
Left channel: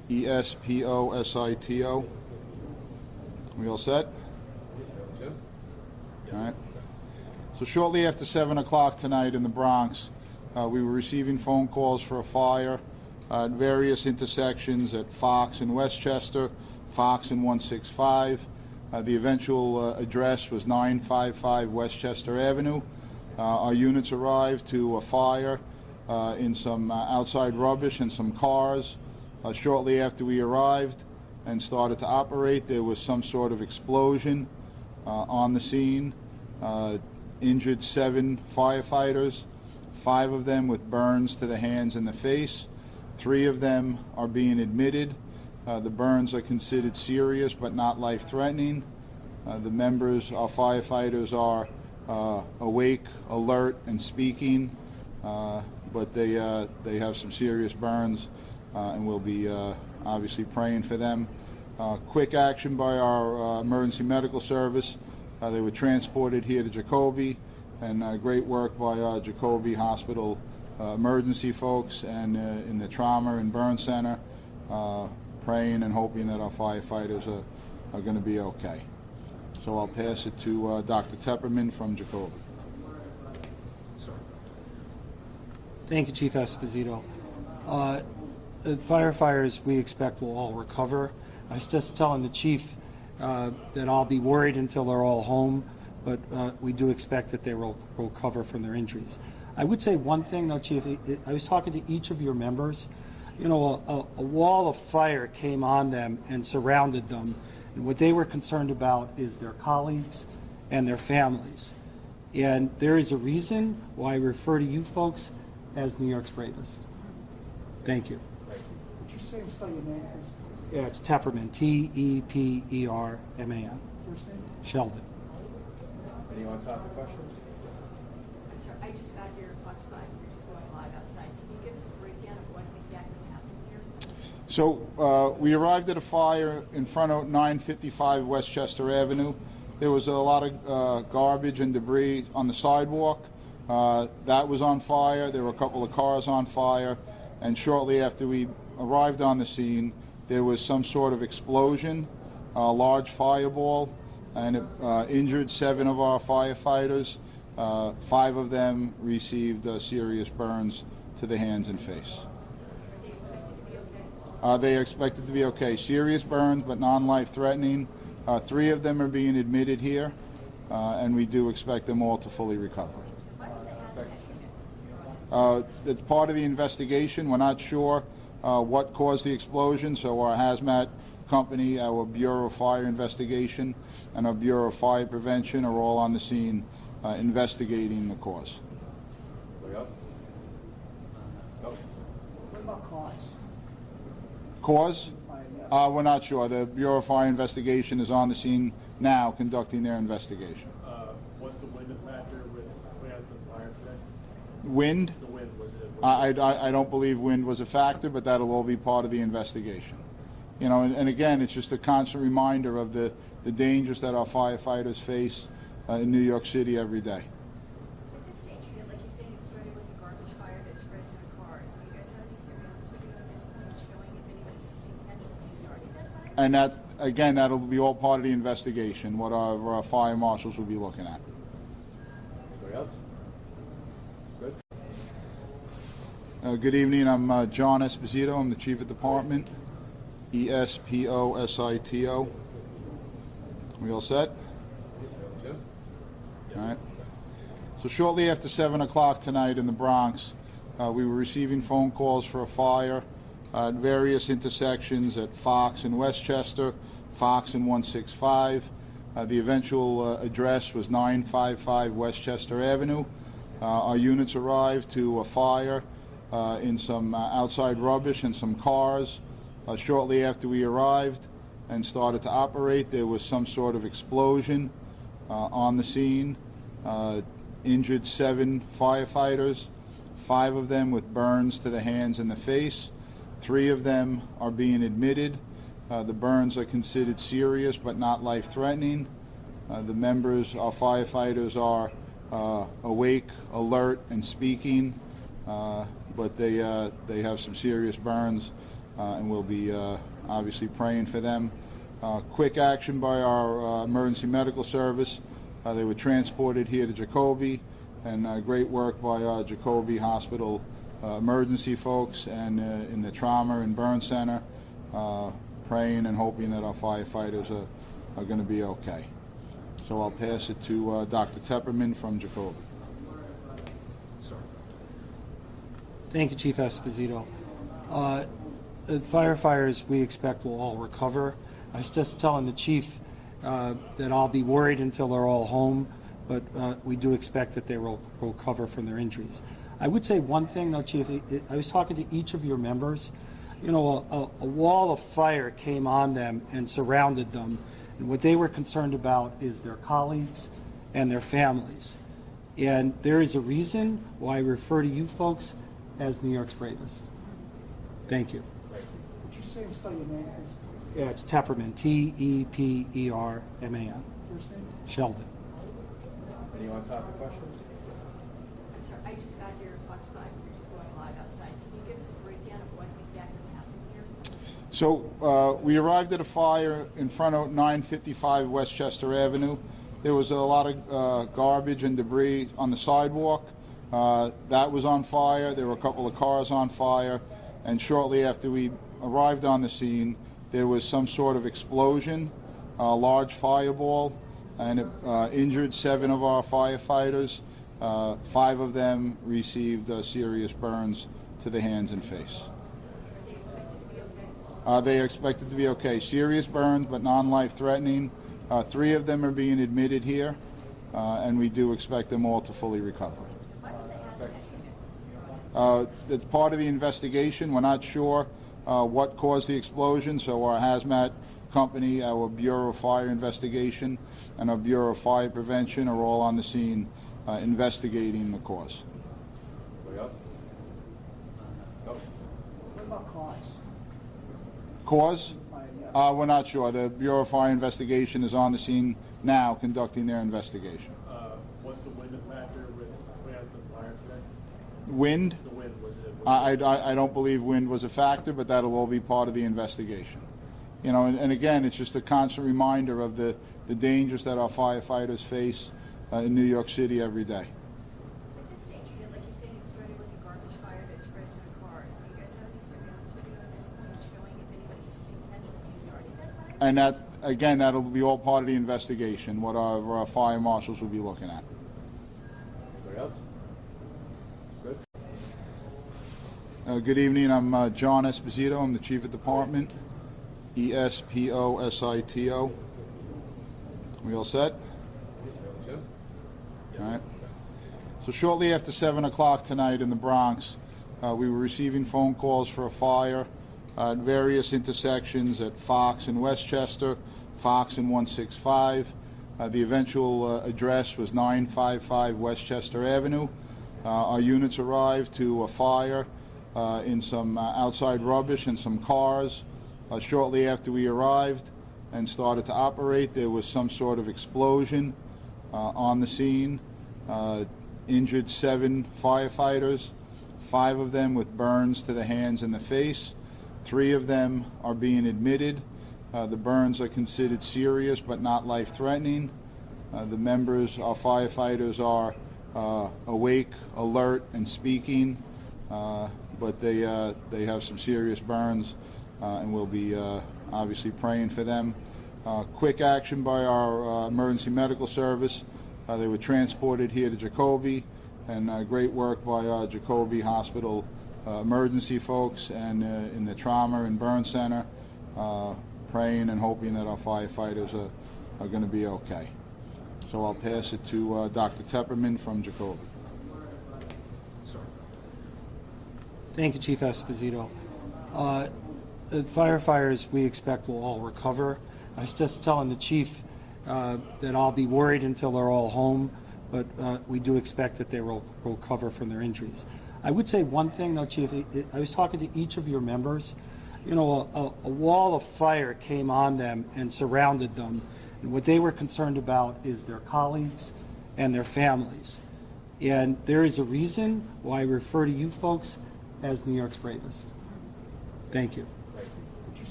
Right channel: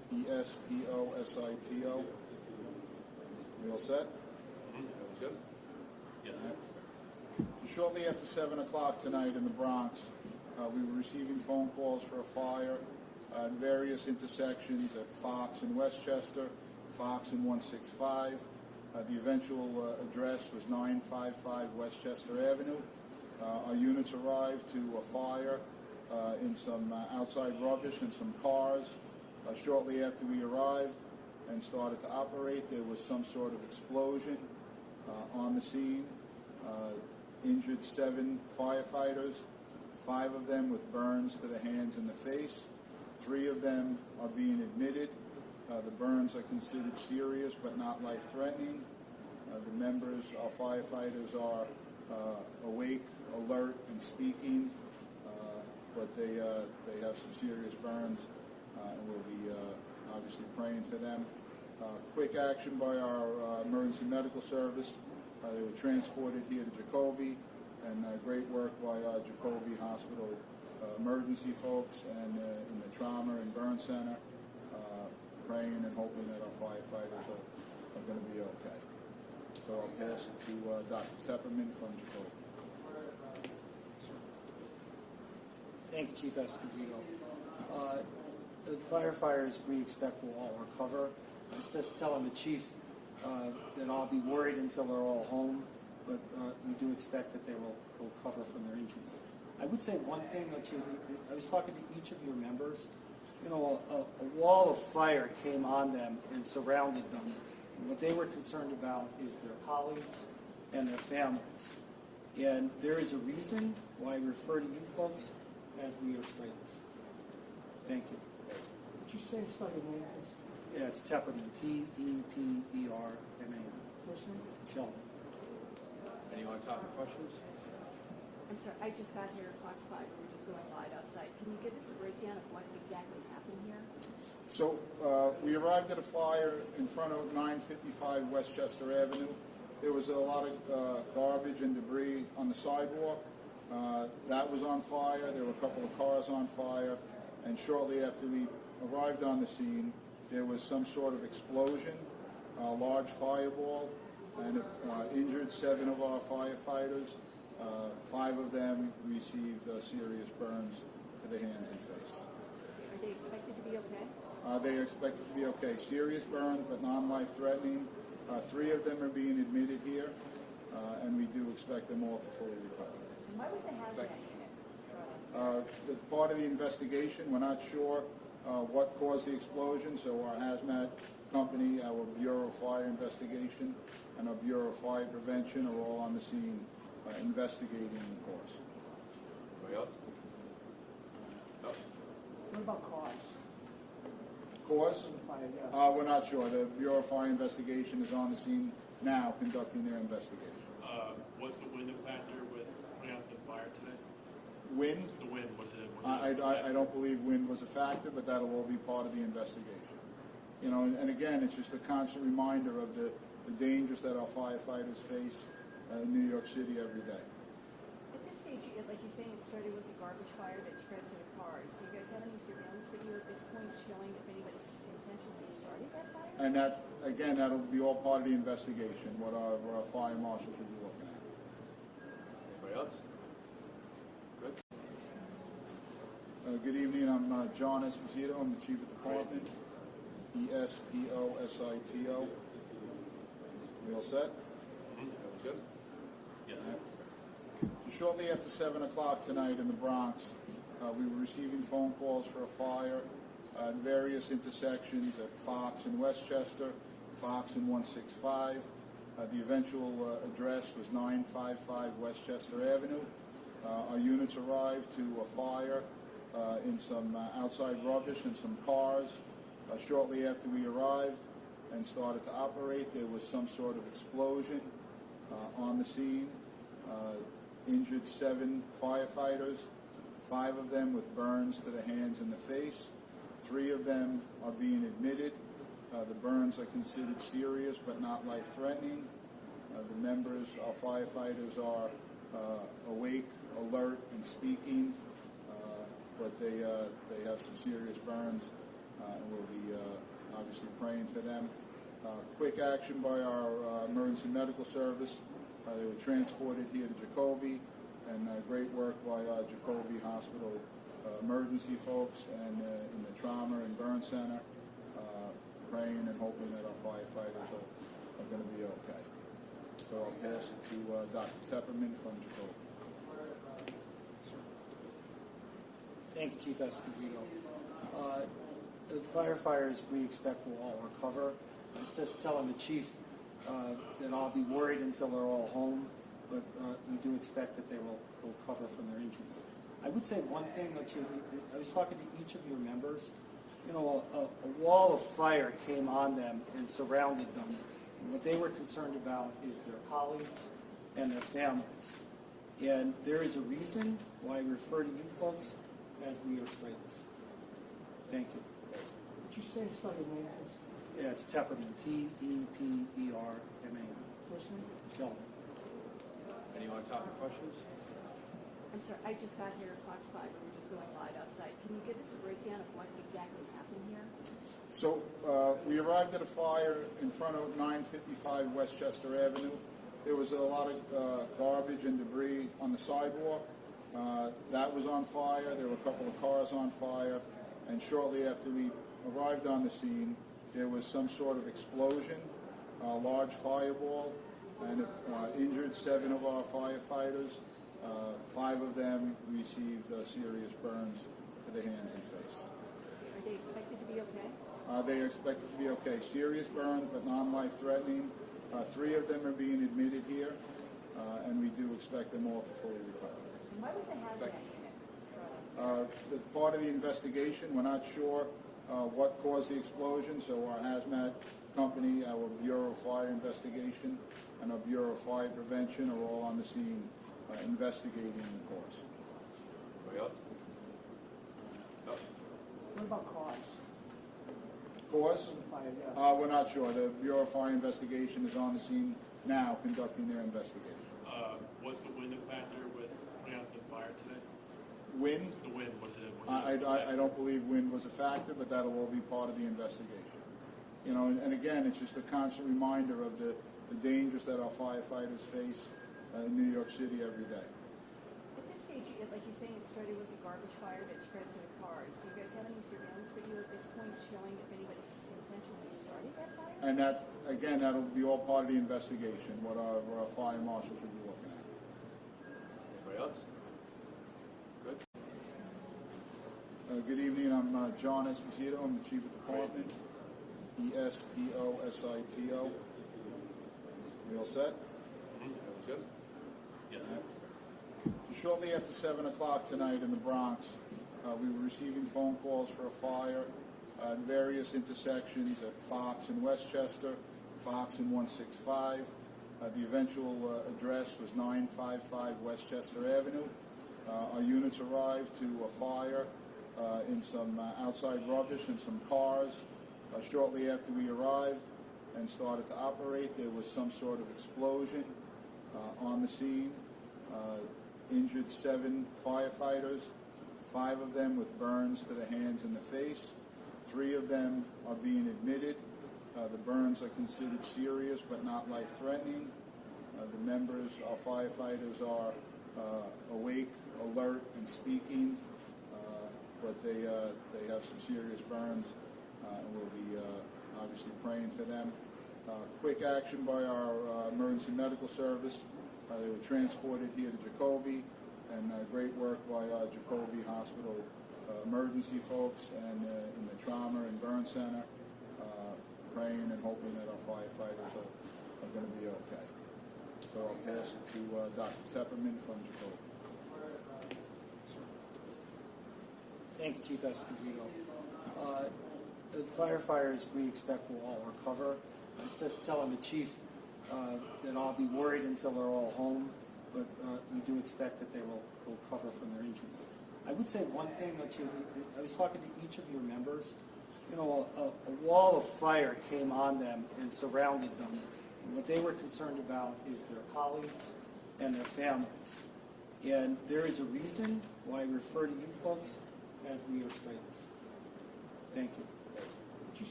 ESPOSITO. We all set? Jim? All right. So shortly after 7 o'clock tonight in the Bronx, we were receiving phone calls for a fire at various intersections at Fox and Westchester, Fox and 165. The eventual address was 955 Westchester Avenue. Our units arrived to a fire in some outside rubbish and some cars. Shortly after we arrived and started to operate, there was some sort of explosion on the scene. Injured 7 firefighters, 5 of them with burns to the hands and the face. 3 of them are being admitted. The burns are considered serious but not life-threatening. The members, our firefighters, are awake, alert, and speaking, but they have some serious burns, and we'll be obviously praying for them. Quick action by our emergency medical service. They were transported here to Jacoby, and great work by our Jacoby Hospital emergency folks and in the trauma and burn center, praying and hoping that our firefighters are going to be okay. So I'll pass it to Dr. Tepperman from Jacoby. Thank you, Chief Esposito. The firefighters we expect will all recover. I was just telling the chief that I'll be worried until they're all home, but we do expect that they will recover from their injuries. I would say one thing, though, Chief. I was talking to each of your members. You know, a wall of fire came on them and surrounded them, and what they were concerned about is their colleagues and their families. And there is a reason why I refer to you folks as New York's bravest. Thank you. Would you say and spell your name as Yeah, it's Tepperman, Tepperman. first name? Sheldon. Anyone top of questions? I'm sorry, I just got here at Fox 5, we're just going live outside. Can you give us a breakdown of what exactly happened here? So we arrived at a fire in front of 955 Westchester Avenue. There was a lot of garbage and debris on the sidewalk. That was on fire. There were a couple of cars on fire. And shortly after we arrived on the scene, there was some sort of explosion, a large fireball, and it injured 7 of our firefighters. 5 of them received serious burns to the hands and face. Are they expected to be okay? They are expected to be okay. Serious burns, but non-life threatening. 3 of them are being admitted here, and we do expect them all to fully recover. Why was the hazmat unit? It's part of the investigation. We're not sure what caused the explosion, so our hazmat company, our Bureau of Fire Investigation, and our Bureau of Fire Prevention are all on the scene investigating the cause. Anybody else? No? What about cause? Cause? We're not sure. The Bureau of Fire Investigation is on the scene now conducting their investigation. Was the wind a factor with putting out the fire today? Wind? The wind, was it? I don't believe wind was a factor, but that'll all be part of the investigation. You know, and again, it's just a constant reminder of the dangers that our firefighters face in New York City every day. At this stage, like you're saying, it started with a garbage fire that spread to the cars. Do you guys have any surveillance video at this point showing if anybody intentionally started that fire? And that, again, that'll be all part of the investigation, what our fire marshals will be looking at. Anybody else? Good? Good evening. I'm John Esposito. I'm the Chief of Department. ESPOSITO. We all set? Jim? All right. So shortly after 7 o'clock tonight in the Bronx, we were receiving phone calls for a fire at various intersections at Fox and Westchester, Fox and 165. The eventual address was 955 Westchester Avenue. Our units arrived to a fire in some outside rubbish and some cars. Shortly after we arrived and started to operate, there was some sort of explosion on the scene. Injured 7 firefighters, 5 of them with burns to the hands and the face. 3 of them are being admitted. The burns are considered serious but not life-threatening. The members, our firefighters, are awake, alert, and speaking, but they have some serious burns, and we'll be obviously praying for them. Quick action by our emergency medical service. They were transported here to Jacoby, and great work by Jacoby Hospital emergency folks and in the trauma and burn center, praying and hoping that our firefighters are going to be okay. So I'll pass it to Dr. Tepperman from Jacoby. Thank you, Chief Esposito. The firefighters we expect will all recover. I was just telling the chief that I'll be worried until they're all home, but we do expect that they will recover from their injuries. I would say one thing, though, Chief. I was talking to each of your members. You know, a wall of fire came on them and surrounded them, and what they were concerned about is their colleagues and their families. And there is a reason why I refer to you folks as New York's bravest. Thank you. Would you say and spell your name, please? Yeah, it's Tepperman, T-E-P-E-R-M-A-N. First name? Sheldon. Any on-topic questions? I'm sorry, I just got here at Fox 5, we're just going live outside. Can you give us a breakdown of what exactly happened here? So we arrived at a fire in front of 955 Westchester Avenue. There was a lot of garbage and debris on the sidewalk. That was on fire. There were a couple of cars on fire. And shortly after we arrived on the scene, there was some sort of explosion, a large fireball, and it injured 7 of our firefighters. 5 of them received serious burns to the hands and face. Are they expected to be okay? They are expected to be okay. Serious burns, but non-life-threatening. 3 of them are being admitted here, and we do expect them all to fully recover. Why was the hazmat unit? It's part of the investigation. We're not sure what caused the explosion, so our hazmat company, our Bureau of Fire Investigation, and our Bureau of Fire Prevention are all on the scene investigating the cause. Anybody else? No? What about cause? Cause? Yeah. We're not sure. The Bureau of Fire Investigation is on the scene now conducting their investigation. What's the wind factor with putting out the fire today? Wind? The wind, was it? I don't believe wind was a factor, but that'll all be part of the investigation. You know, and again, it's just a constant reminder of the dangers that our firefighters face in New York City every day. At this stage, like you're saying, it started with a garbage fire that spread to the cars. Do you guys have any surveillance video at this point showing if anybody intentionally started that fire? And that, again, that'll be all part of the investigation, what our fire marshals will be looking at. Anybody else? Good? Good evening. I'm John Esposito. I'm the Chief of Department. E-S-P-O-S-I-T-O. We all set? Jim? All right. So shortly after 7 o'clock tonight in the Bronx, we were receiving phone calls for a fire at various intersections at Fox and Westchester, Fox and 165. The eventual address was 955 Westchester Avenue. Our units arrived to a fire in some outside rubbish and some cars. Shortly after we arrived and started to operate, there was some sort of explosion on the scene. Injured 7 firefighters, 5 of them with burns to the hands and the face. 3 of them are being admitted. The burns are considered serious but not life-threatening. The members, our firefighters, are awake, alert, and speaking, but they have some serious burns, and we'll be obviously praying for them. Quick action by our emergency medical service. They were transported here to Jacoby, and great work by Jacoby Hospital emergency folks and in the trauma and burn center, praying and hoping that our firefighters are going to be okay. So I'll pass it to Dr. Tepperman from Jacoby. Thank you, Chief Esposito. The firefighters we expect will all recover. I was just telling the chief that I'll be worried until they're all home, but we do expect that they will recover from their injuries. I would say one thing, though, Chief. I was talking to each of your members. You know, a wall of fire came on them and surrounded them, and what they were concerned about is their colleagues and their families. And there is a reason why I refer to you folks as New York's bravest. Thank you.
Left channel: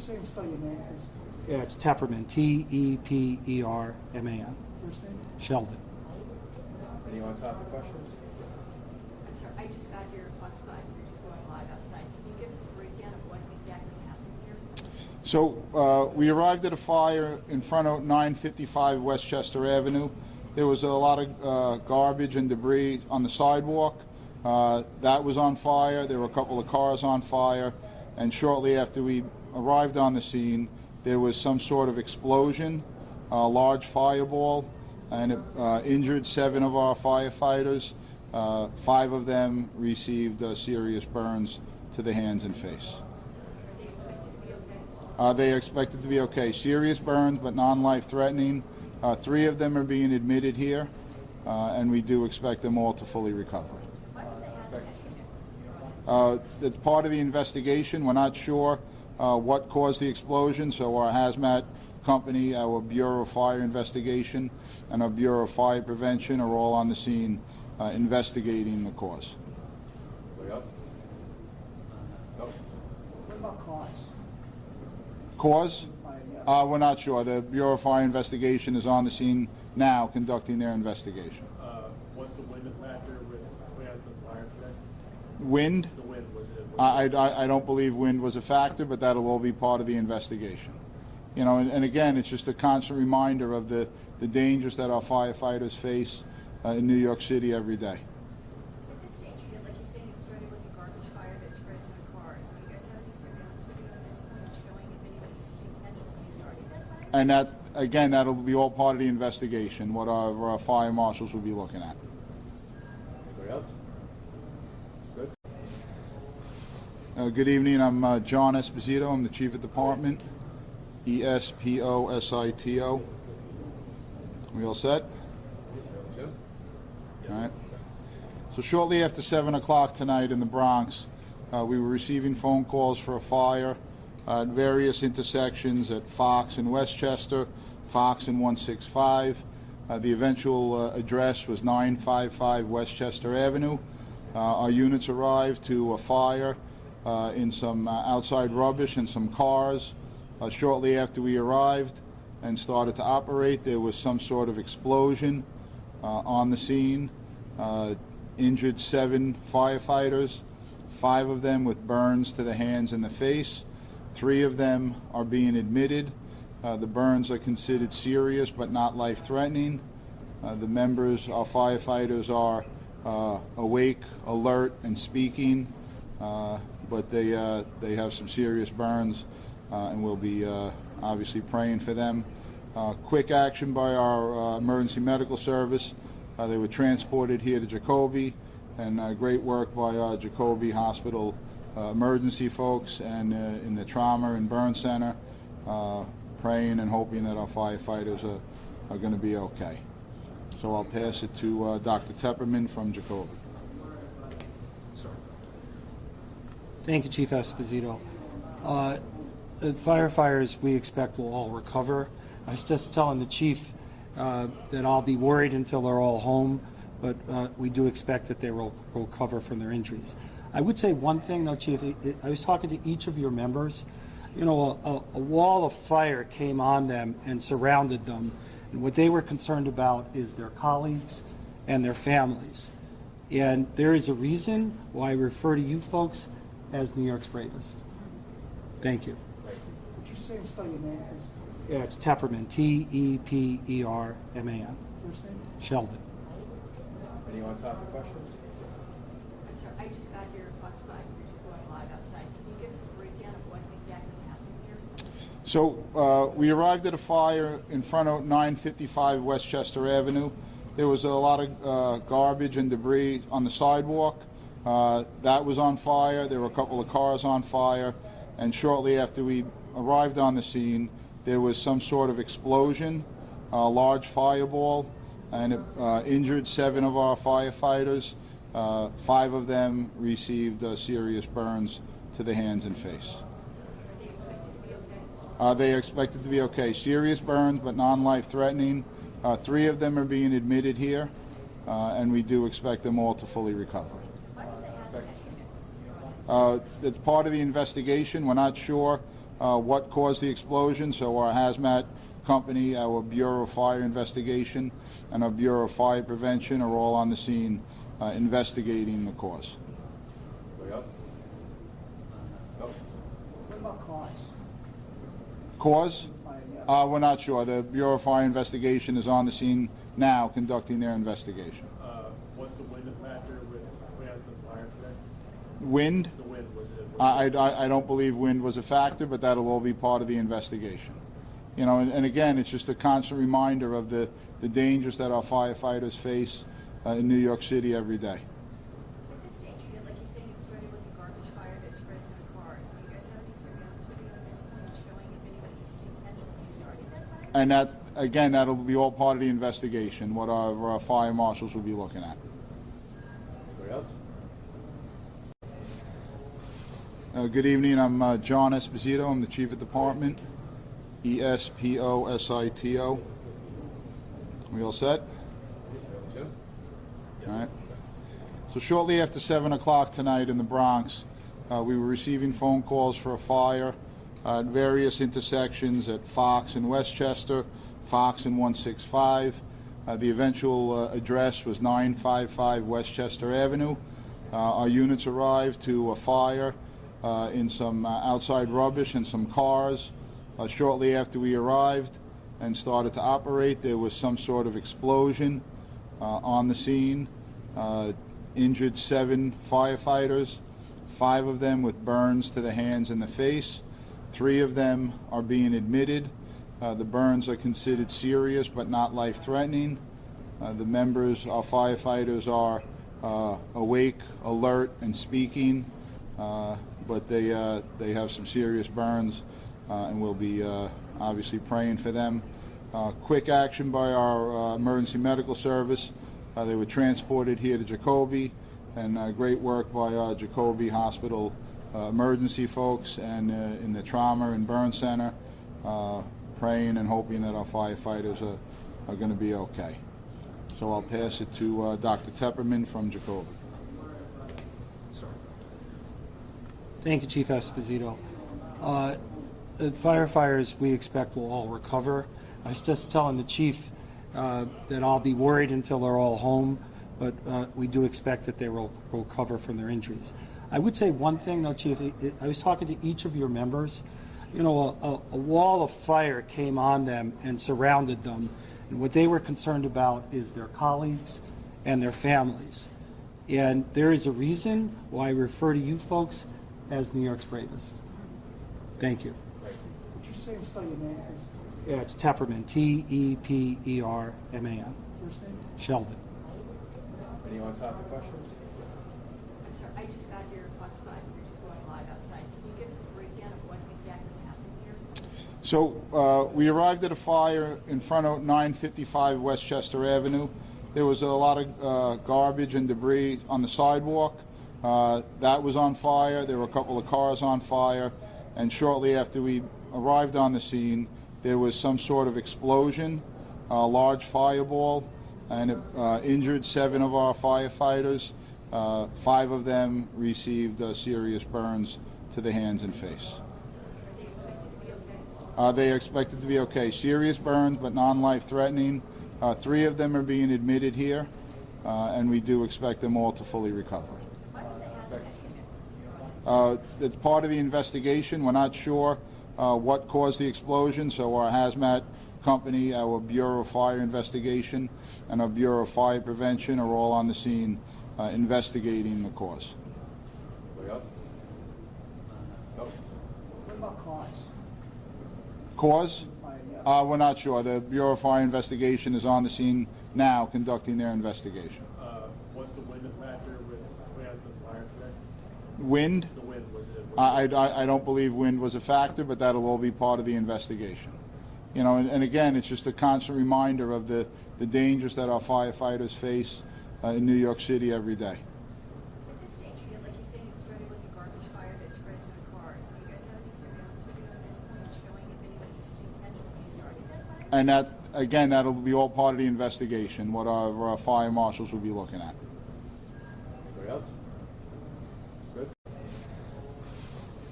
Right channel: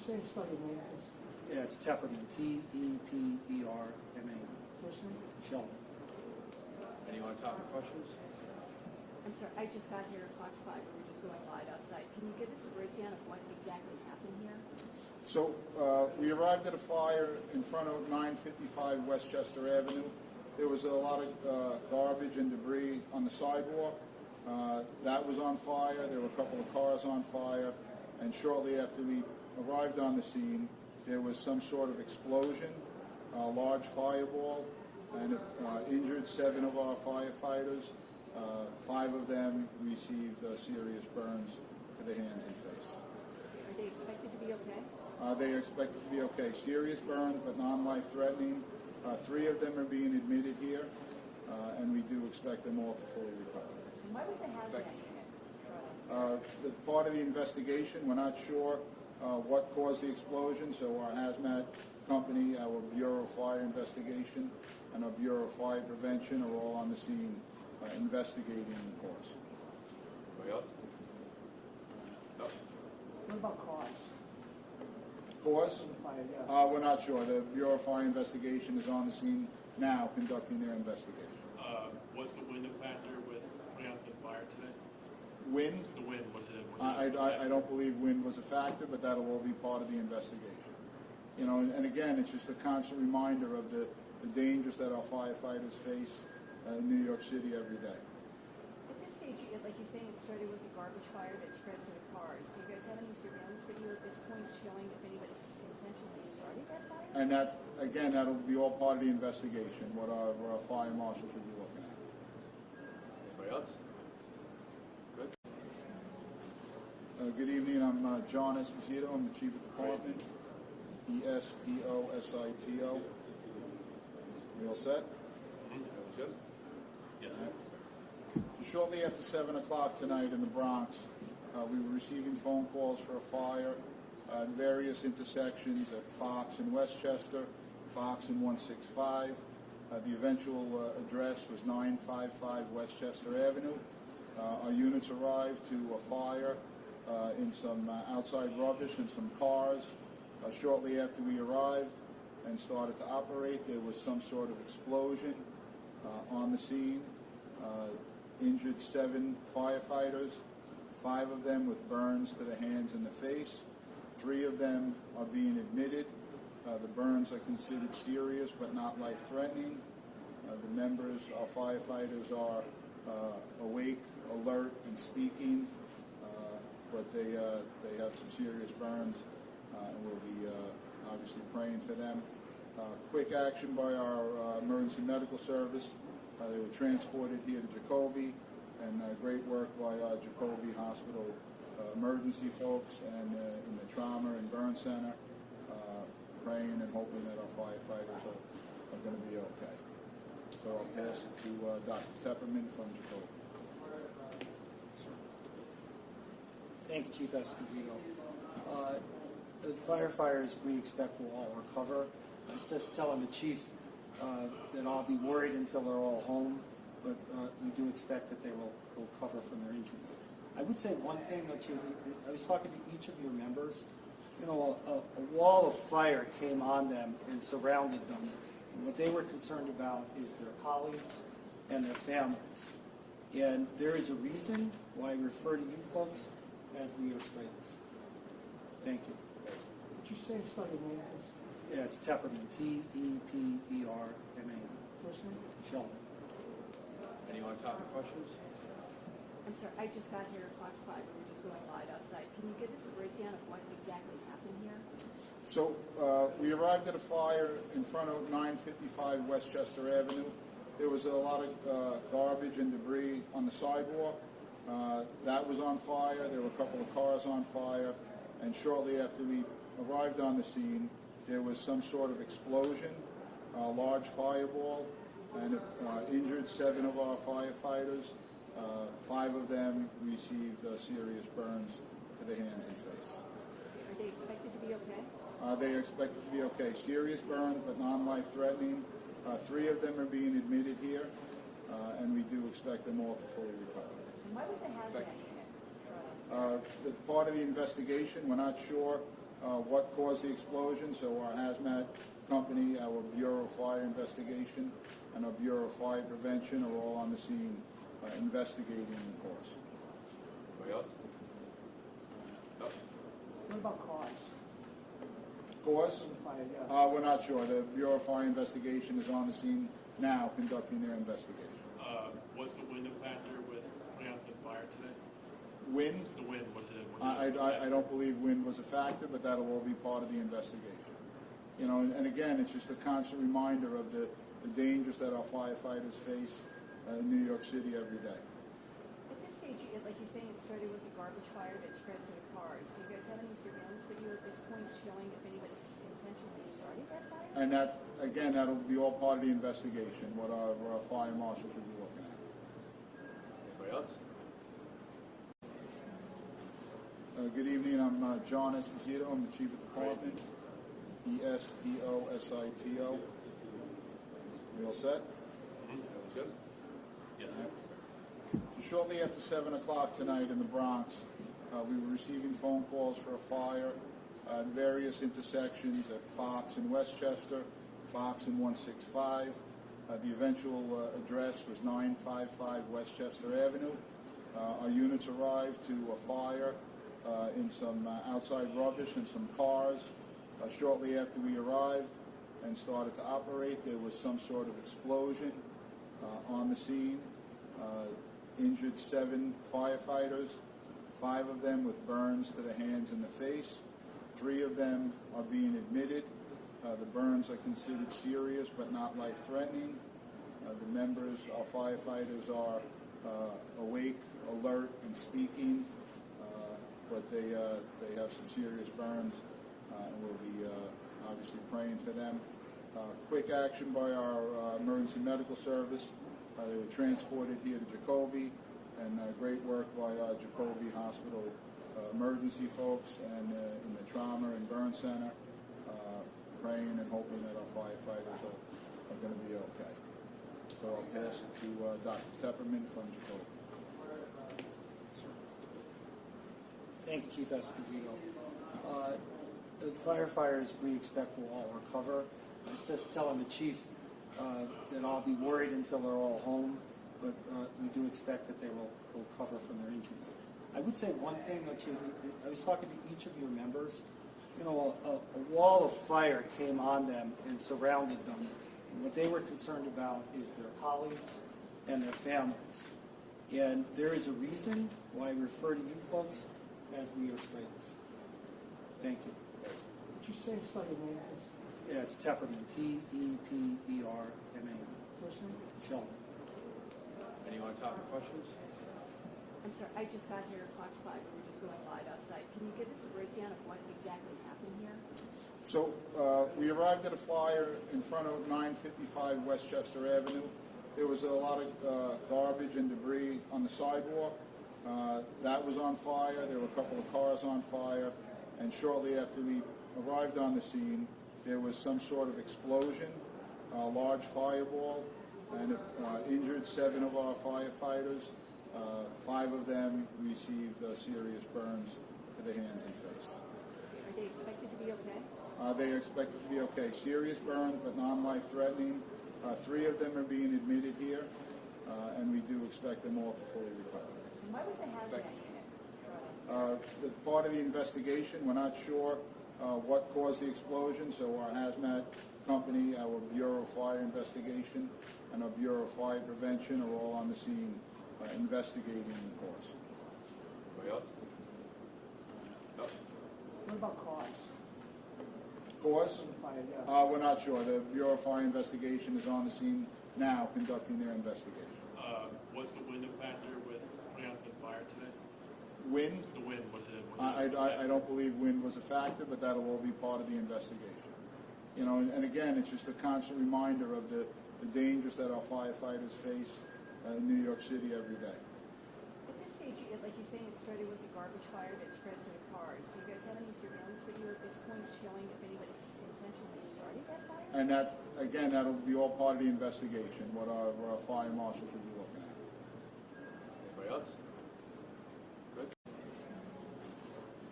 say and spell your name, please? Yeah, it's Tepperman, Tepperman. First name? Sheldon. Anyone on topic questions? I'm sorry, I just got here at Fox 5, we're just going live outside. Can you give us a breakdown of what exactly happened here? So we arrived at a fire in front of 955 Westchester Avenue. There was a lot of garbage and debris on the sidewalk. That was on fire. There were a couple of cars on fire. And shortly after we arrived on the scene, there was some sort of explosion, a large fireball, and it injured 7 of our firefighters. 5 of them received serious burns to the hands and face. Are they expected to be okay? They are expected to be okay. Serious burns, but non-life threatening. 3 of them are being admitted here, and we do expect them all to fully recover. Why was the hazmat? It's part of the investigation. We're not sure what caused the explosion, so our hazmat company, our Bureau of Fire Investigation, and our Bureau of Fire Prevention are all on the scene investigating the cause. Anybody else? No? What about cause? Cause? We're not sure. The Bureau of Fire Investigation is on the scene now conducting their investigation. Was the wind a factor with putting out the fire today? Wind? The wind, was it? I don't believe wind was a factor, but that'll all be part of the investigation. You know, and again, it's just a constant reminder of the dangers that our firefighters face in New York City every day. At this stage, like you're saying, it started with a garbage fire that spread to the cars. Do you guys have any surveillance video at this point showing if anybody intentionally started that fire? And that, again, that'll be all part of the investigation, what our fire marshals will be looking at. Anybody else? Good? Good evening. I'm John Esposito. I'm the Chief of Department. Esposito. We all set? Jim? All right. So shortly after 7 o'clock tonight in the Bronx, we were receiving phone calls for a fire at various intersections at Fox and Westchester, Fox and 165. The eventual address was 955 Westchester Avenue. Our units arrived to a fire in some outside rubbish and some cars. Shortly after we arrived and started to operate, there was some sort of explosion on the scene. Injured 7 firefighters, 5 of them with burns to the hands and the face. 3 of them are being admitted. The burns are considered serious but not life-threatening. The members, our firefighters, are awake, alert, and speaking, but they have some serious burns, and we'll be obviously praying for them. Quick action by our emergency medical service. They were transported here to Jacoby, and great work by our Jacoby Hospital emergency folks and in the trauma and burn center, praying and hoping that our firefighters are going to be okay. So I'll pass it to Dr. Tepperman from Jacoby. Thank you, Chief Esposito. The firefighters we expect will all recover. I was just telling the chief that I'll be worried until they're all home, but we do expect that they will recover from their injuries. I would say one thing, though, Chief. I was talking to each of your members. You know, a wall of fire came on them and surrounded them, and what they were concerned about is their colleagues and their families. And there is a reason why I refer to you folks as New York's bravest. Thank you. Would you say and spell your name, please? Yeah, it's Tepperman, Tepperman. First name? Sheldon. Anyone on topic questions? I'm sorry, I just got here at Fox 5, we're just going live outside. Can you give us a breakdown of what exactly happened here? So we arrived at a fire in front of 955 Westchester Avenue. There was a lot of garbage and debris on the sidewalk. That was on fire. There were a couple of cars on fire. And shortly after we arrived on the scene, there was some sort of explosion, a large fireball, and it injured 7 of our firefighters. 5 of them received serious burns to the hands and face. Are they expected to be okay? They are expected to be okay. Serious burns, but non-life threatening. 3 of them are being admitted here, and we do expect them all to fully recover. Why was the hazmat? It's part of the investigation. We're not sure what caused the explosion, so our hazmat company, our Bureau of Fire Investigation, and our Bureau of Fire Prevention are all on the scene investigating the cause. Anybody else? No? What about cause? Cause? Yeah. We're not sure. The Bureau of Fire Investigation is on the scene now conducting their investigation. What's the wind factor with putting out the fire today? Wind? The wind, was it? I don't believe wind was a factor, but that'll all be part of the investigation. You know, and again, it's just a constant reminder of the dangers that our firefighters face in New York City every day. At this stage, like you're saying, it started with a garbage fire that spread to the cars. Do you guys have any surveillance video at this point showing if anybody intentionally started that fire? And that, again, that'll be all part of the investigation, what our fire marshals will be looking at. Anybody else? Good evening. I'm John Esposito. I'm the Chief of Department. ESPOSITO. We all set? Jim? All right. So shortly after 7 o'clock tonight in the Bronx, we were receiving phone calls for a fire at various intersections at Fox and Westchester, Fox and 165. The eventual address was 955 Westchester Avenue. Our units arrived to a fire in some outside rubbish and some cars. Shortly after we arrived and started to operate, there was some sort of explosion on the scene. Injured 7 firefighters, 5 of them with burns to the hands and the face. 3 of them are being admitted. The burns are considered serious but not life-threatening. The members, our firefighters, are awake, alert, and speaking, but they have some serious burns, and we'll be obviously praying for them. Quick action by our emergency medical service. They were transported here to Jacoby, and great work by our Jacoby Hospital emergency folks and in the trauma and burn center, praying and hoping that our firefighters are going to be okay. So I'll pass it to Dr. Tepperman from Jacoby. Thank you, Chief Esposito. The firefighters we expect will all recover. I was just telling the chief that I'll be worried until they're all home, but we do expect that they will recover from their injuries. I would say one thing, though, Chief. I was talking to each of your members. You know, a wall of fire came on them and surrounded them, and what they were concerned about is their colleagues and their families. And there is a reason why I refer to you folks as New York's bravest. Thank you. Would you say and spell your name, please? Yeah, it's Tepperman, Tepperman. First name? Sheldon. Any on-topic questions? I'm sorry, I just got here outside. We're just going live outside. Can you give us a breakdown of what exactly happened here? So we arrived at a fire in front of 955 Westchester Avenue. There was a lot of garbage and debris on the sidewalk. That was on fire. There were a couple of cars on fire. And shortly after we arrived on the scene, there was some sort of explosion, a large fireball, and it injured 7 of our firefighters. 5 of them received serious burns to the hands and face. Are they expected to be okay? They are expected to be okay. Serious burns, but non-life-threatening. 3 of them are being admitted here, and we do expect them all to fully recover. Why was the hazmat unit? It's part of the investigation. We're not sure what caused the explosion, so our hazmat company, our Bureau of Fire Investigation, and our Bureau of Fire Prevention are all on the scene investigating the cause. Anybody else? No? What about cause? Cause? Fire, yeah. We're not sure. The Bureau of Fire Investigation is on the scene now conducting their investigation. What's the wind factor with putting out the fire today? Wind? The wind, was it? I don't believe wind was a factor, but that'll all be part of the investigation. You know, and again, it's just a constant reminder of the dangers that our firefighters face in New York City every day. At this stage, like you're saying, it started with a garbage fire that spread to the cars. Do you guys have any surveillance video at this point showing if anybody intentionally started that fire? And that, again, that'll be all part of the investigation, what our fire marshals will be looking at. Anybody else? Good.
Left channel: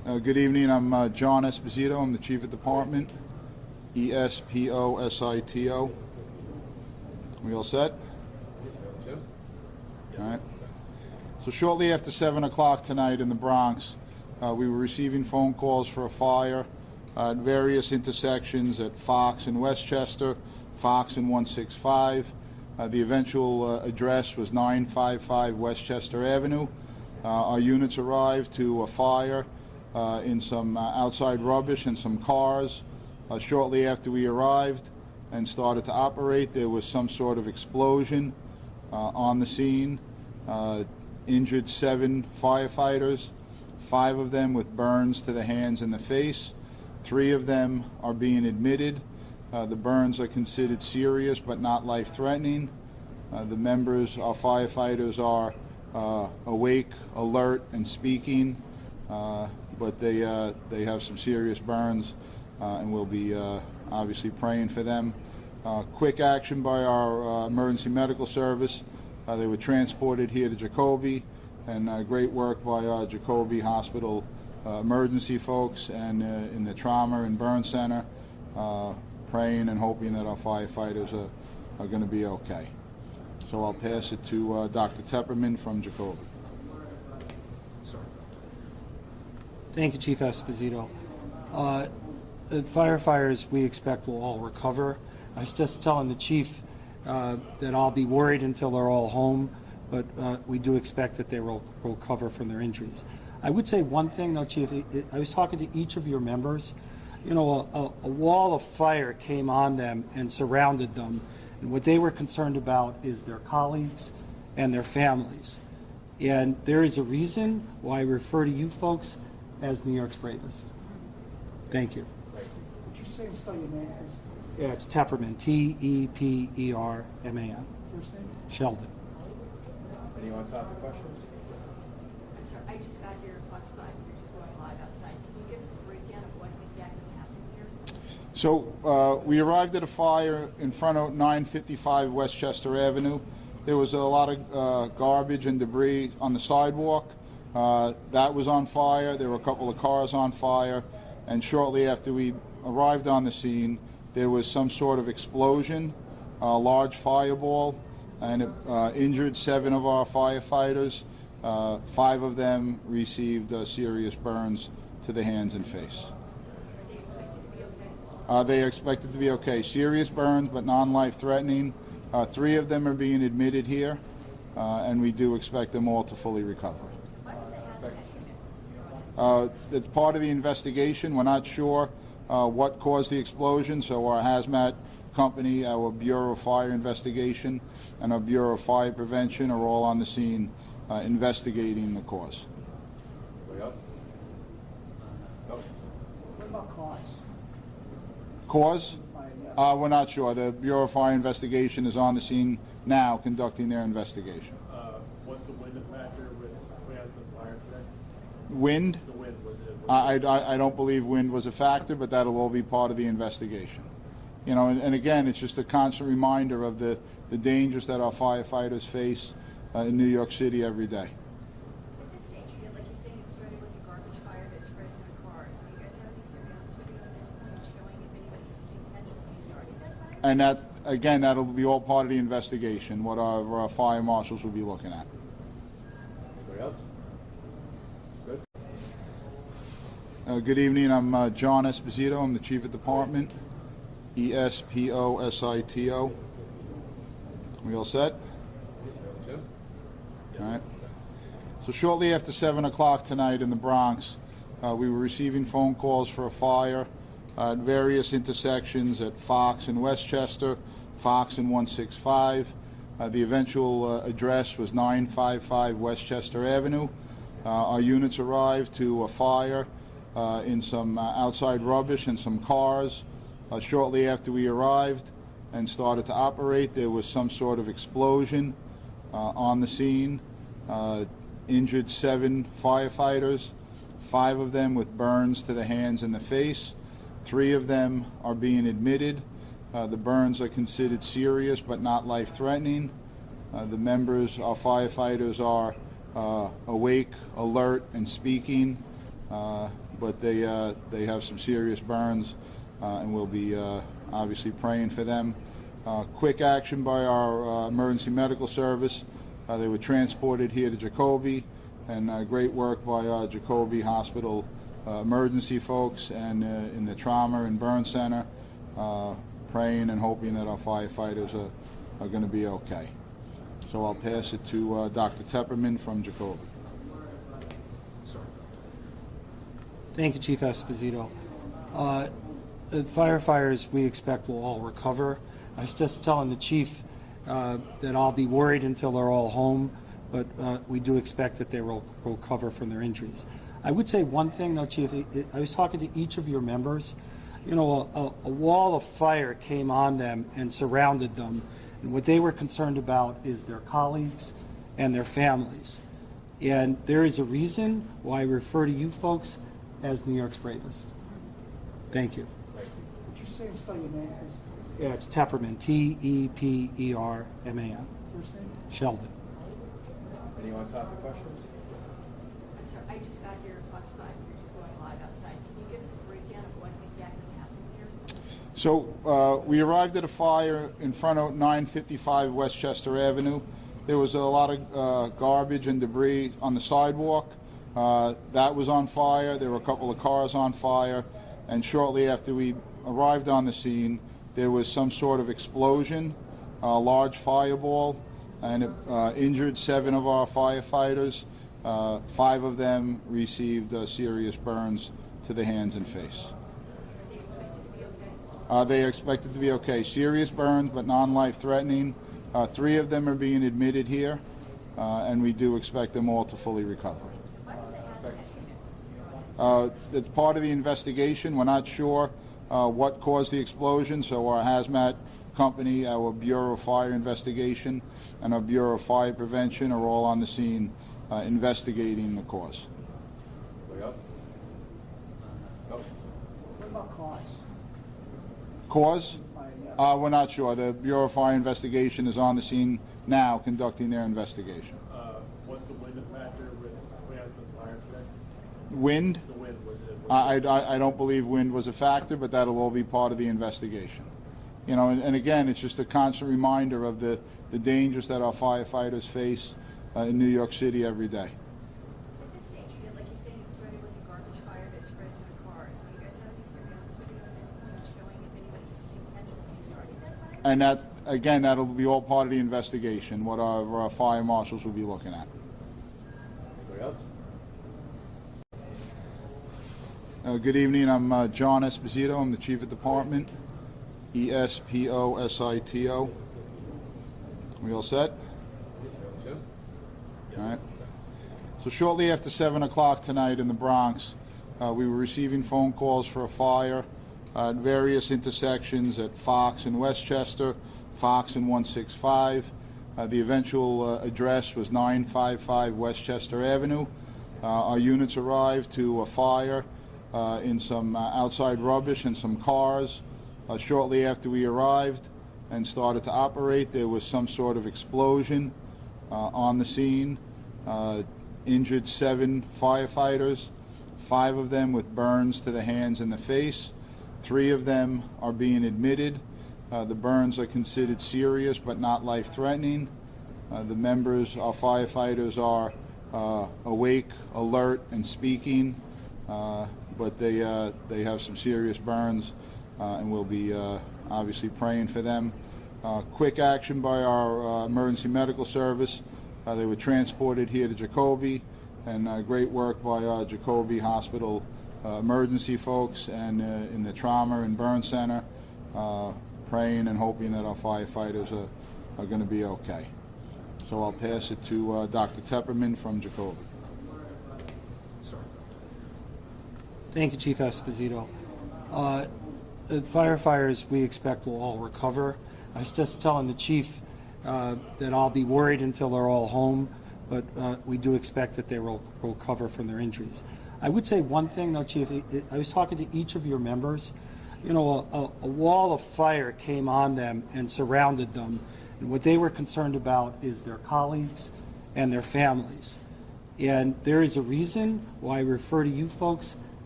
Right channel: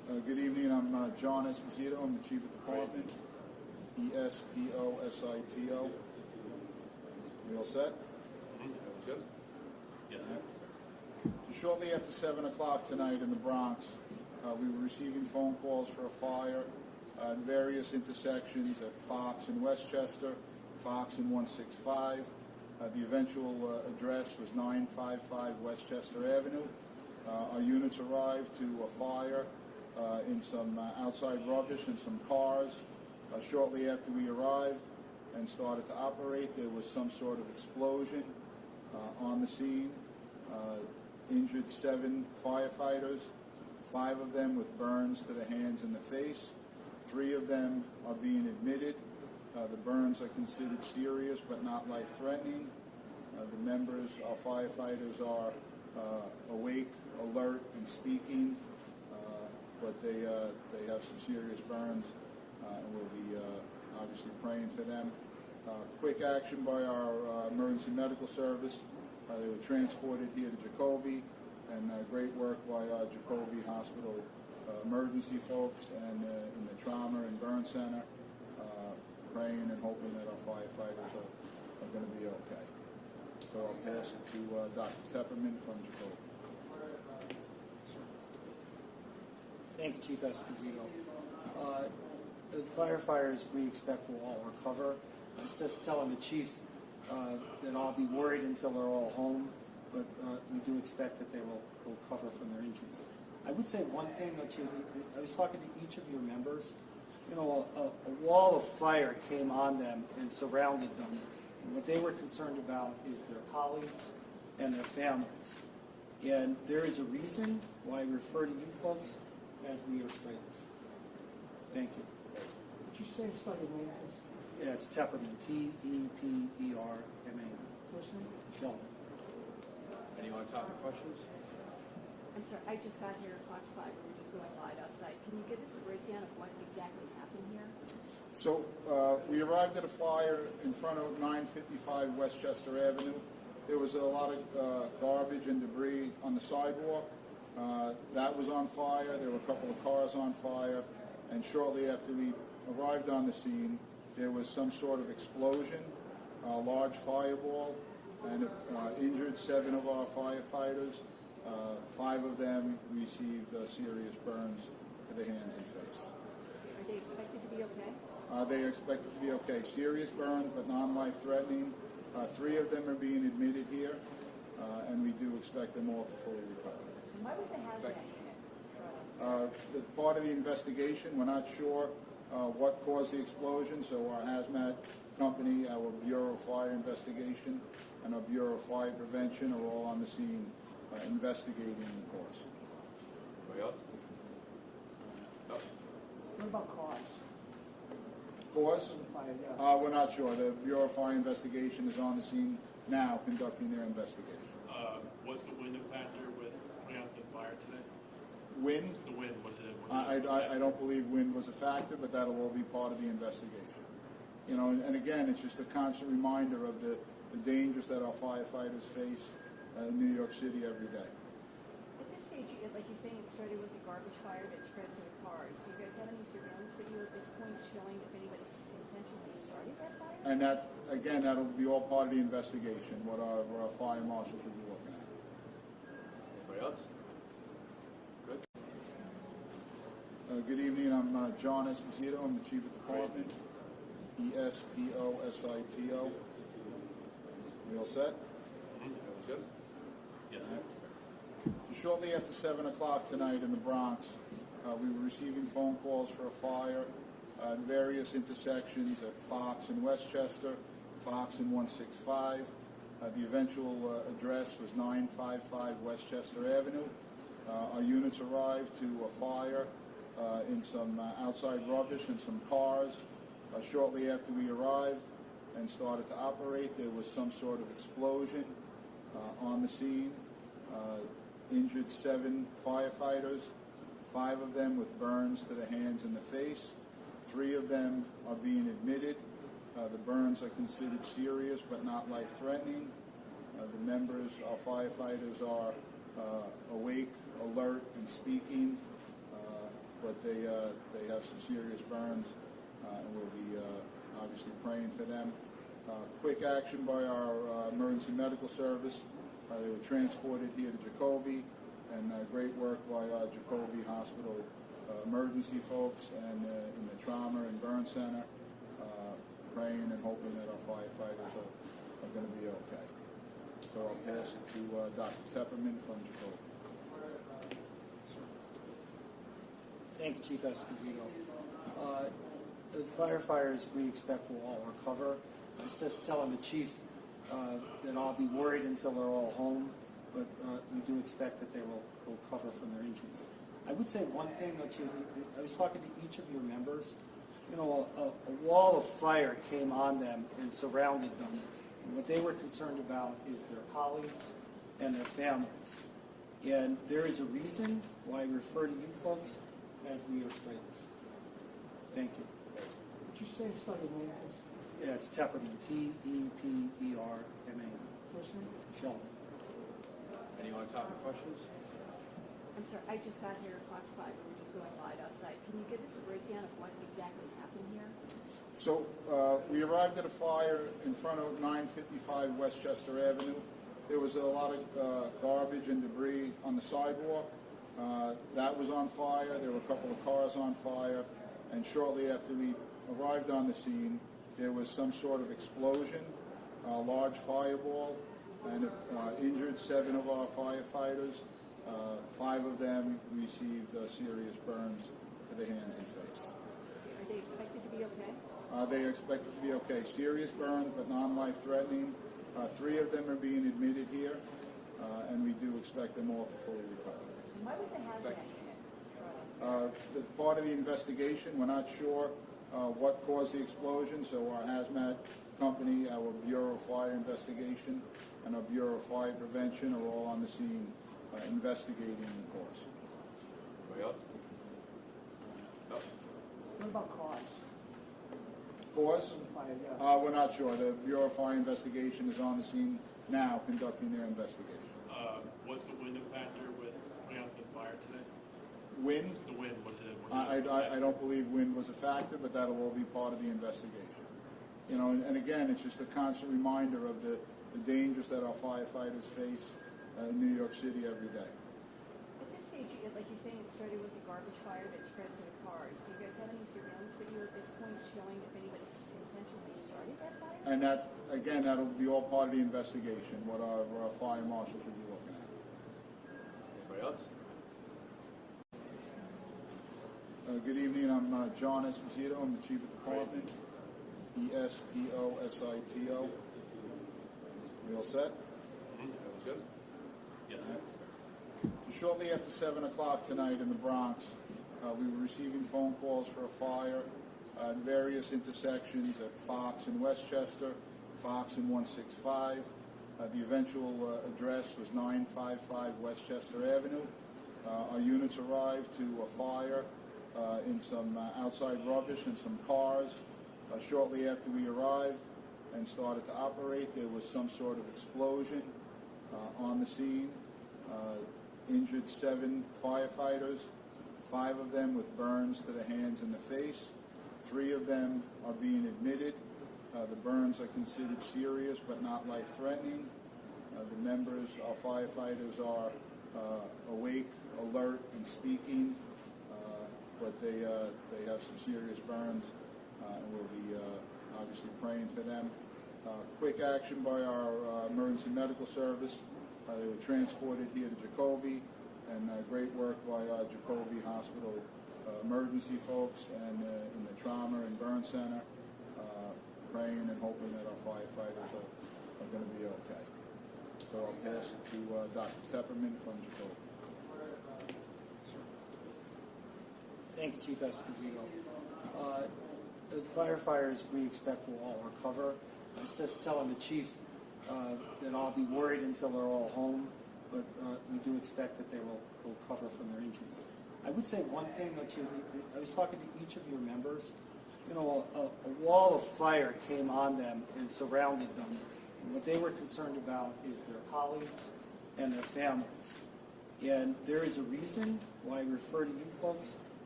Good evening. I'm John Esposito. I'm the Chief of Department. Esposito. We all set? Jim? All right. So shortly after 7 o'clock tonight in the Bronx, we were receiving phone calls for a fire at various intersections at Fox and Westchester, Fox and 165. The eventual address was 955 Westchester Avenue. Our units arrived to a fire in some outside rubbish and some cars. Shortly after we arrived and started to operate, there was some sort of explosion on the scene. Injured 7 firefighters, 5 of them with burns to the hands and the face. 3 of them are being admitted. The burns are considered serious but not life-threatening. The members, our firefighters, are awake, alert, and speaking, but they have some serious burns, and we'll be obviously praying for them. Quick action by our emergency medical service. They were transported here to Jacoby, and great work by our Jacoby Hospital emergency folks and in the trauma and burn center, praying and hoping that our firefighters are going to be okay. So I'll pass it to Dr. Tepperman from Jacoby. Thank you, Chief Esposito. The firefighters we expect will all recover. I was just telling the chief that I'll be worried until they're all home, but we do expect that they will recover from their injuries. I would say one thing, though, Chief. I was talking to each of your members. You know, a wall of fire came on them and surrounded them, and what they were concerned about is their colleagues and their families. And there is a reason why I refer to you folks as New York's bravest. Thank you. Would you say and spell your name, please? Yeah, it's Tepperman, Tepperman. First name? Sheldon. Anyone topic questions? I'm sorry, I just got here at Fox 5, we're just going live outside. Can you give us a breakdown of what exactly happened here? So we arrived at a fire in front of 955 Westchester Avenue. There was a lot of garbage and debris on the sidewalk. That was on fire. There were a couple of cars on fire. And shortly after we arrived on the scene, there was some sort of explosion, a large fireball, and it injured 7 of our firefighters. 5 of them received serious burns to the hands and face. Are they expected to be okay? They are expected to be okay. Serious burns, but non-life threatening. 3 of them are being admitted here, and we do expect them all to fully recover. Why was the hazmat unit? It's part of the investigation. We're not sure what caused the explosion, so our hazmat company, our Bureau of Fire Investigation, and our Bureau of Fire Prevention are all on the scene investigating the cause. Anybody else? No? What about cause? Cause? We're not sure. The Bureau of Fire Investigation is on the scene now conducting their investigation. Was the wind a factor with putting out the fire today? Wind? The wind, was it? I don't believe wind was a factor, but that'll all be part of the investigation. You know, and again, it's just a constant reminder of the dangers that our firefighters face in New York City every day. At this stage, like you're saying, it started with a garbage fire that spread to the cars. Do you guys have any surveillance video at this point showing if anybody intentionally started that fire? And that, again, that'll be all part of the investigation, what our fire marshals will be looking at. Anybody else? Good? Good evening. I'm John Esposito. I'm the Chief of Department. Esposito. We all set? Jim? All right. So shortly after 7 o'clock tonight in the Bronx, we were receiving phone calls for a fire at various intersections at Fox and Westchester, Fox and 165. The eventual address was 955 Westchester Avenue. Our units arrived to a fire in some outside rubbish and some cars. Shortly after we arrived and started to operate, there was some sort of explosion on the scene. Injured 7 firefighters, 5 of them with burns to the hands and the face. 3 of them are being admitted. The burns are considered serious but not life-threatening. The members, our firefighters, are awake, alert, and speaking, but they have some serious burns, and we'll be obviously praying for them. Quick action by our emergency medical service. They were transported here to Jacoby, and great work by Jacoby Hospital emergency folks and in the trauma and burn center, praying and hoping that our firefighters are going to be okay. So I'll pass it to Dr. Tepperman from Jacoby. Thank you, Chief Esposito. The firefighters, we expect, will all recover. I was just telling the chief that I'll be worried until they're all home, but we do expect that they will recover from their injuries. I would say one thing, though, Chief. I was talking to each of your members. You know, a wall of fire came on them and surrounded them, and what they were concerned about is their colleagues and their families. And there is a reason why I refer to you folks as New York's bravest. Thank you. Would you say and spell your name, please? Yeah, it's Tepperman, T-E-P-E-R-M-A-N. First name? Sheldon. Any on-topic questions? I'm sorry, I just got here at Fox 5, we're just going live outside. Can you give us a breakdown of what exactly happened here? So we arrived at a fire in front of 955 Westchester Avenue. There was a lot of garbage and debris on the sidewalk. That was on fire. There were a couple of cars on fire. And shortly after we arrived on the scene, there was some sort of explosion, a large fireball, and it injured 7 of our firefighters. 5 of them received serious burns to the hands and face. Are they expected to be okay? They are expected to be okay. Serious burns, but non-life threatening. 3 of them are being admitted here, and we do expect them all to fully recover. Why was the hazmat unit? It's part of the investigation. We're not sure what caused the explosion, so our hazmat company, our Bureau of Fire Investigation, and our Bureau of Fire Prevention are all on the scene investigating the cause. Anybody else? No? What about cause? Cause? Yeah. We're not sure. The Bureau of Fire Investigation is on the scene now conducting their investigation. Was the wind a factor with putting out the fire today? Wind? The wind, was it? I don't believe wind was a factor, but that'll all be part of the investigation. You know, and again, it's just a constant reminder of the dangers that our firefighters face in New York City every day. At this stage, like you're saying, it started with a garbage fire that spread to the cars. Do you guys have any surveillance video at this point showing if anybody intentionally started that fire? And that, again, that'll be all part of the investigation, what our fire marshals will be looking at. Anybody else? Good evening. I'm John Esposito. I'm the Chief of Department. E-S-P-O-S-I-T-O. We all set? Jim? All right. So shortly after 7 o'clock tonight in the Bronx, we were receiving phone calls for a fire at various intersections at Fox and Westchester, Fox and 165. The eventual address was 955 Westchester Avenue. Our units arrived to a fire in some outside rubbish and some cars. Shortly after we arrived and started to operate, there was some sort of explosion on the scene. Injured 7 firefighters, 5 of them with burns to the hands and the face. 3 of them are being admitted. The burns are considered serious but not life-threatening. The members, our firefighters, are awake, alert, and speaking, but they have some serious burns, and we'll be obviously praying for them. Quick action by our emergency medical service. They were transported here to Jacoby, and great work by Jacoby Hospital emergency folks and in the trauma and burn center, praying and hoping that our firefighters are going to be okay. So I'll pass it to Dr. Tepperman from Jacoby. Thank you, Chief Esposito. The firefighters, we expect, will all recover. I was just telling the chief that I'll be worried until they're all home, but we do expect that they will recover from their injuries. I would say one thing, though, Chief. I was talking to each of your members. You know, a wall of fire came on them and surrounded them, and what they were concerned about is their colleagues and their families. And there is a reason why I refer to you folks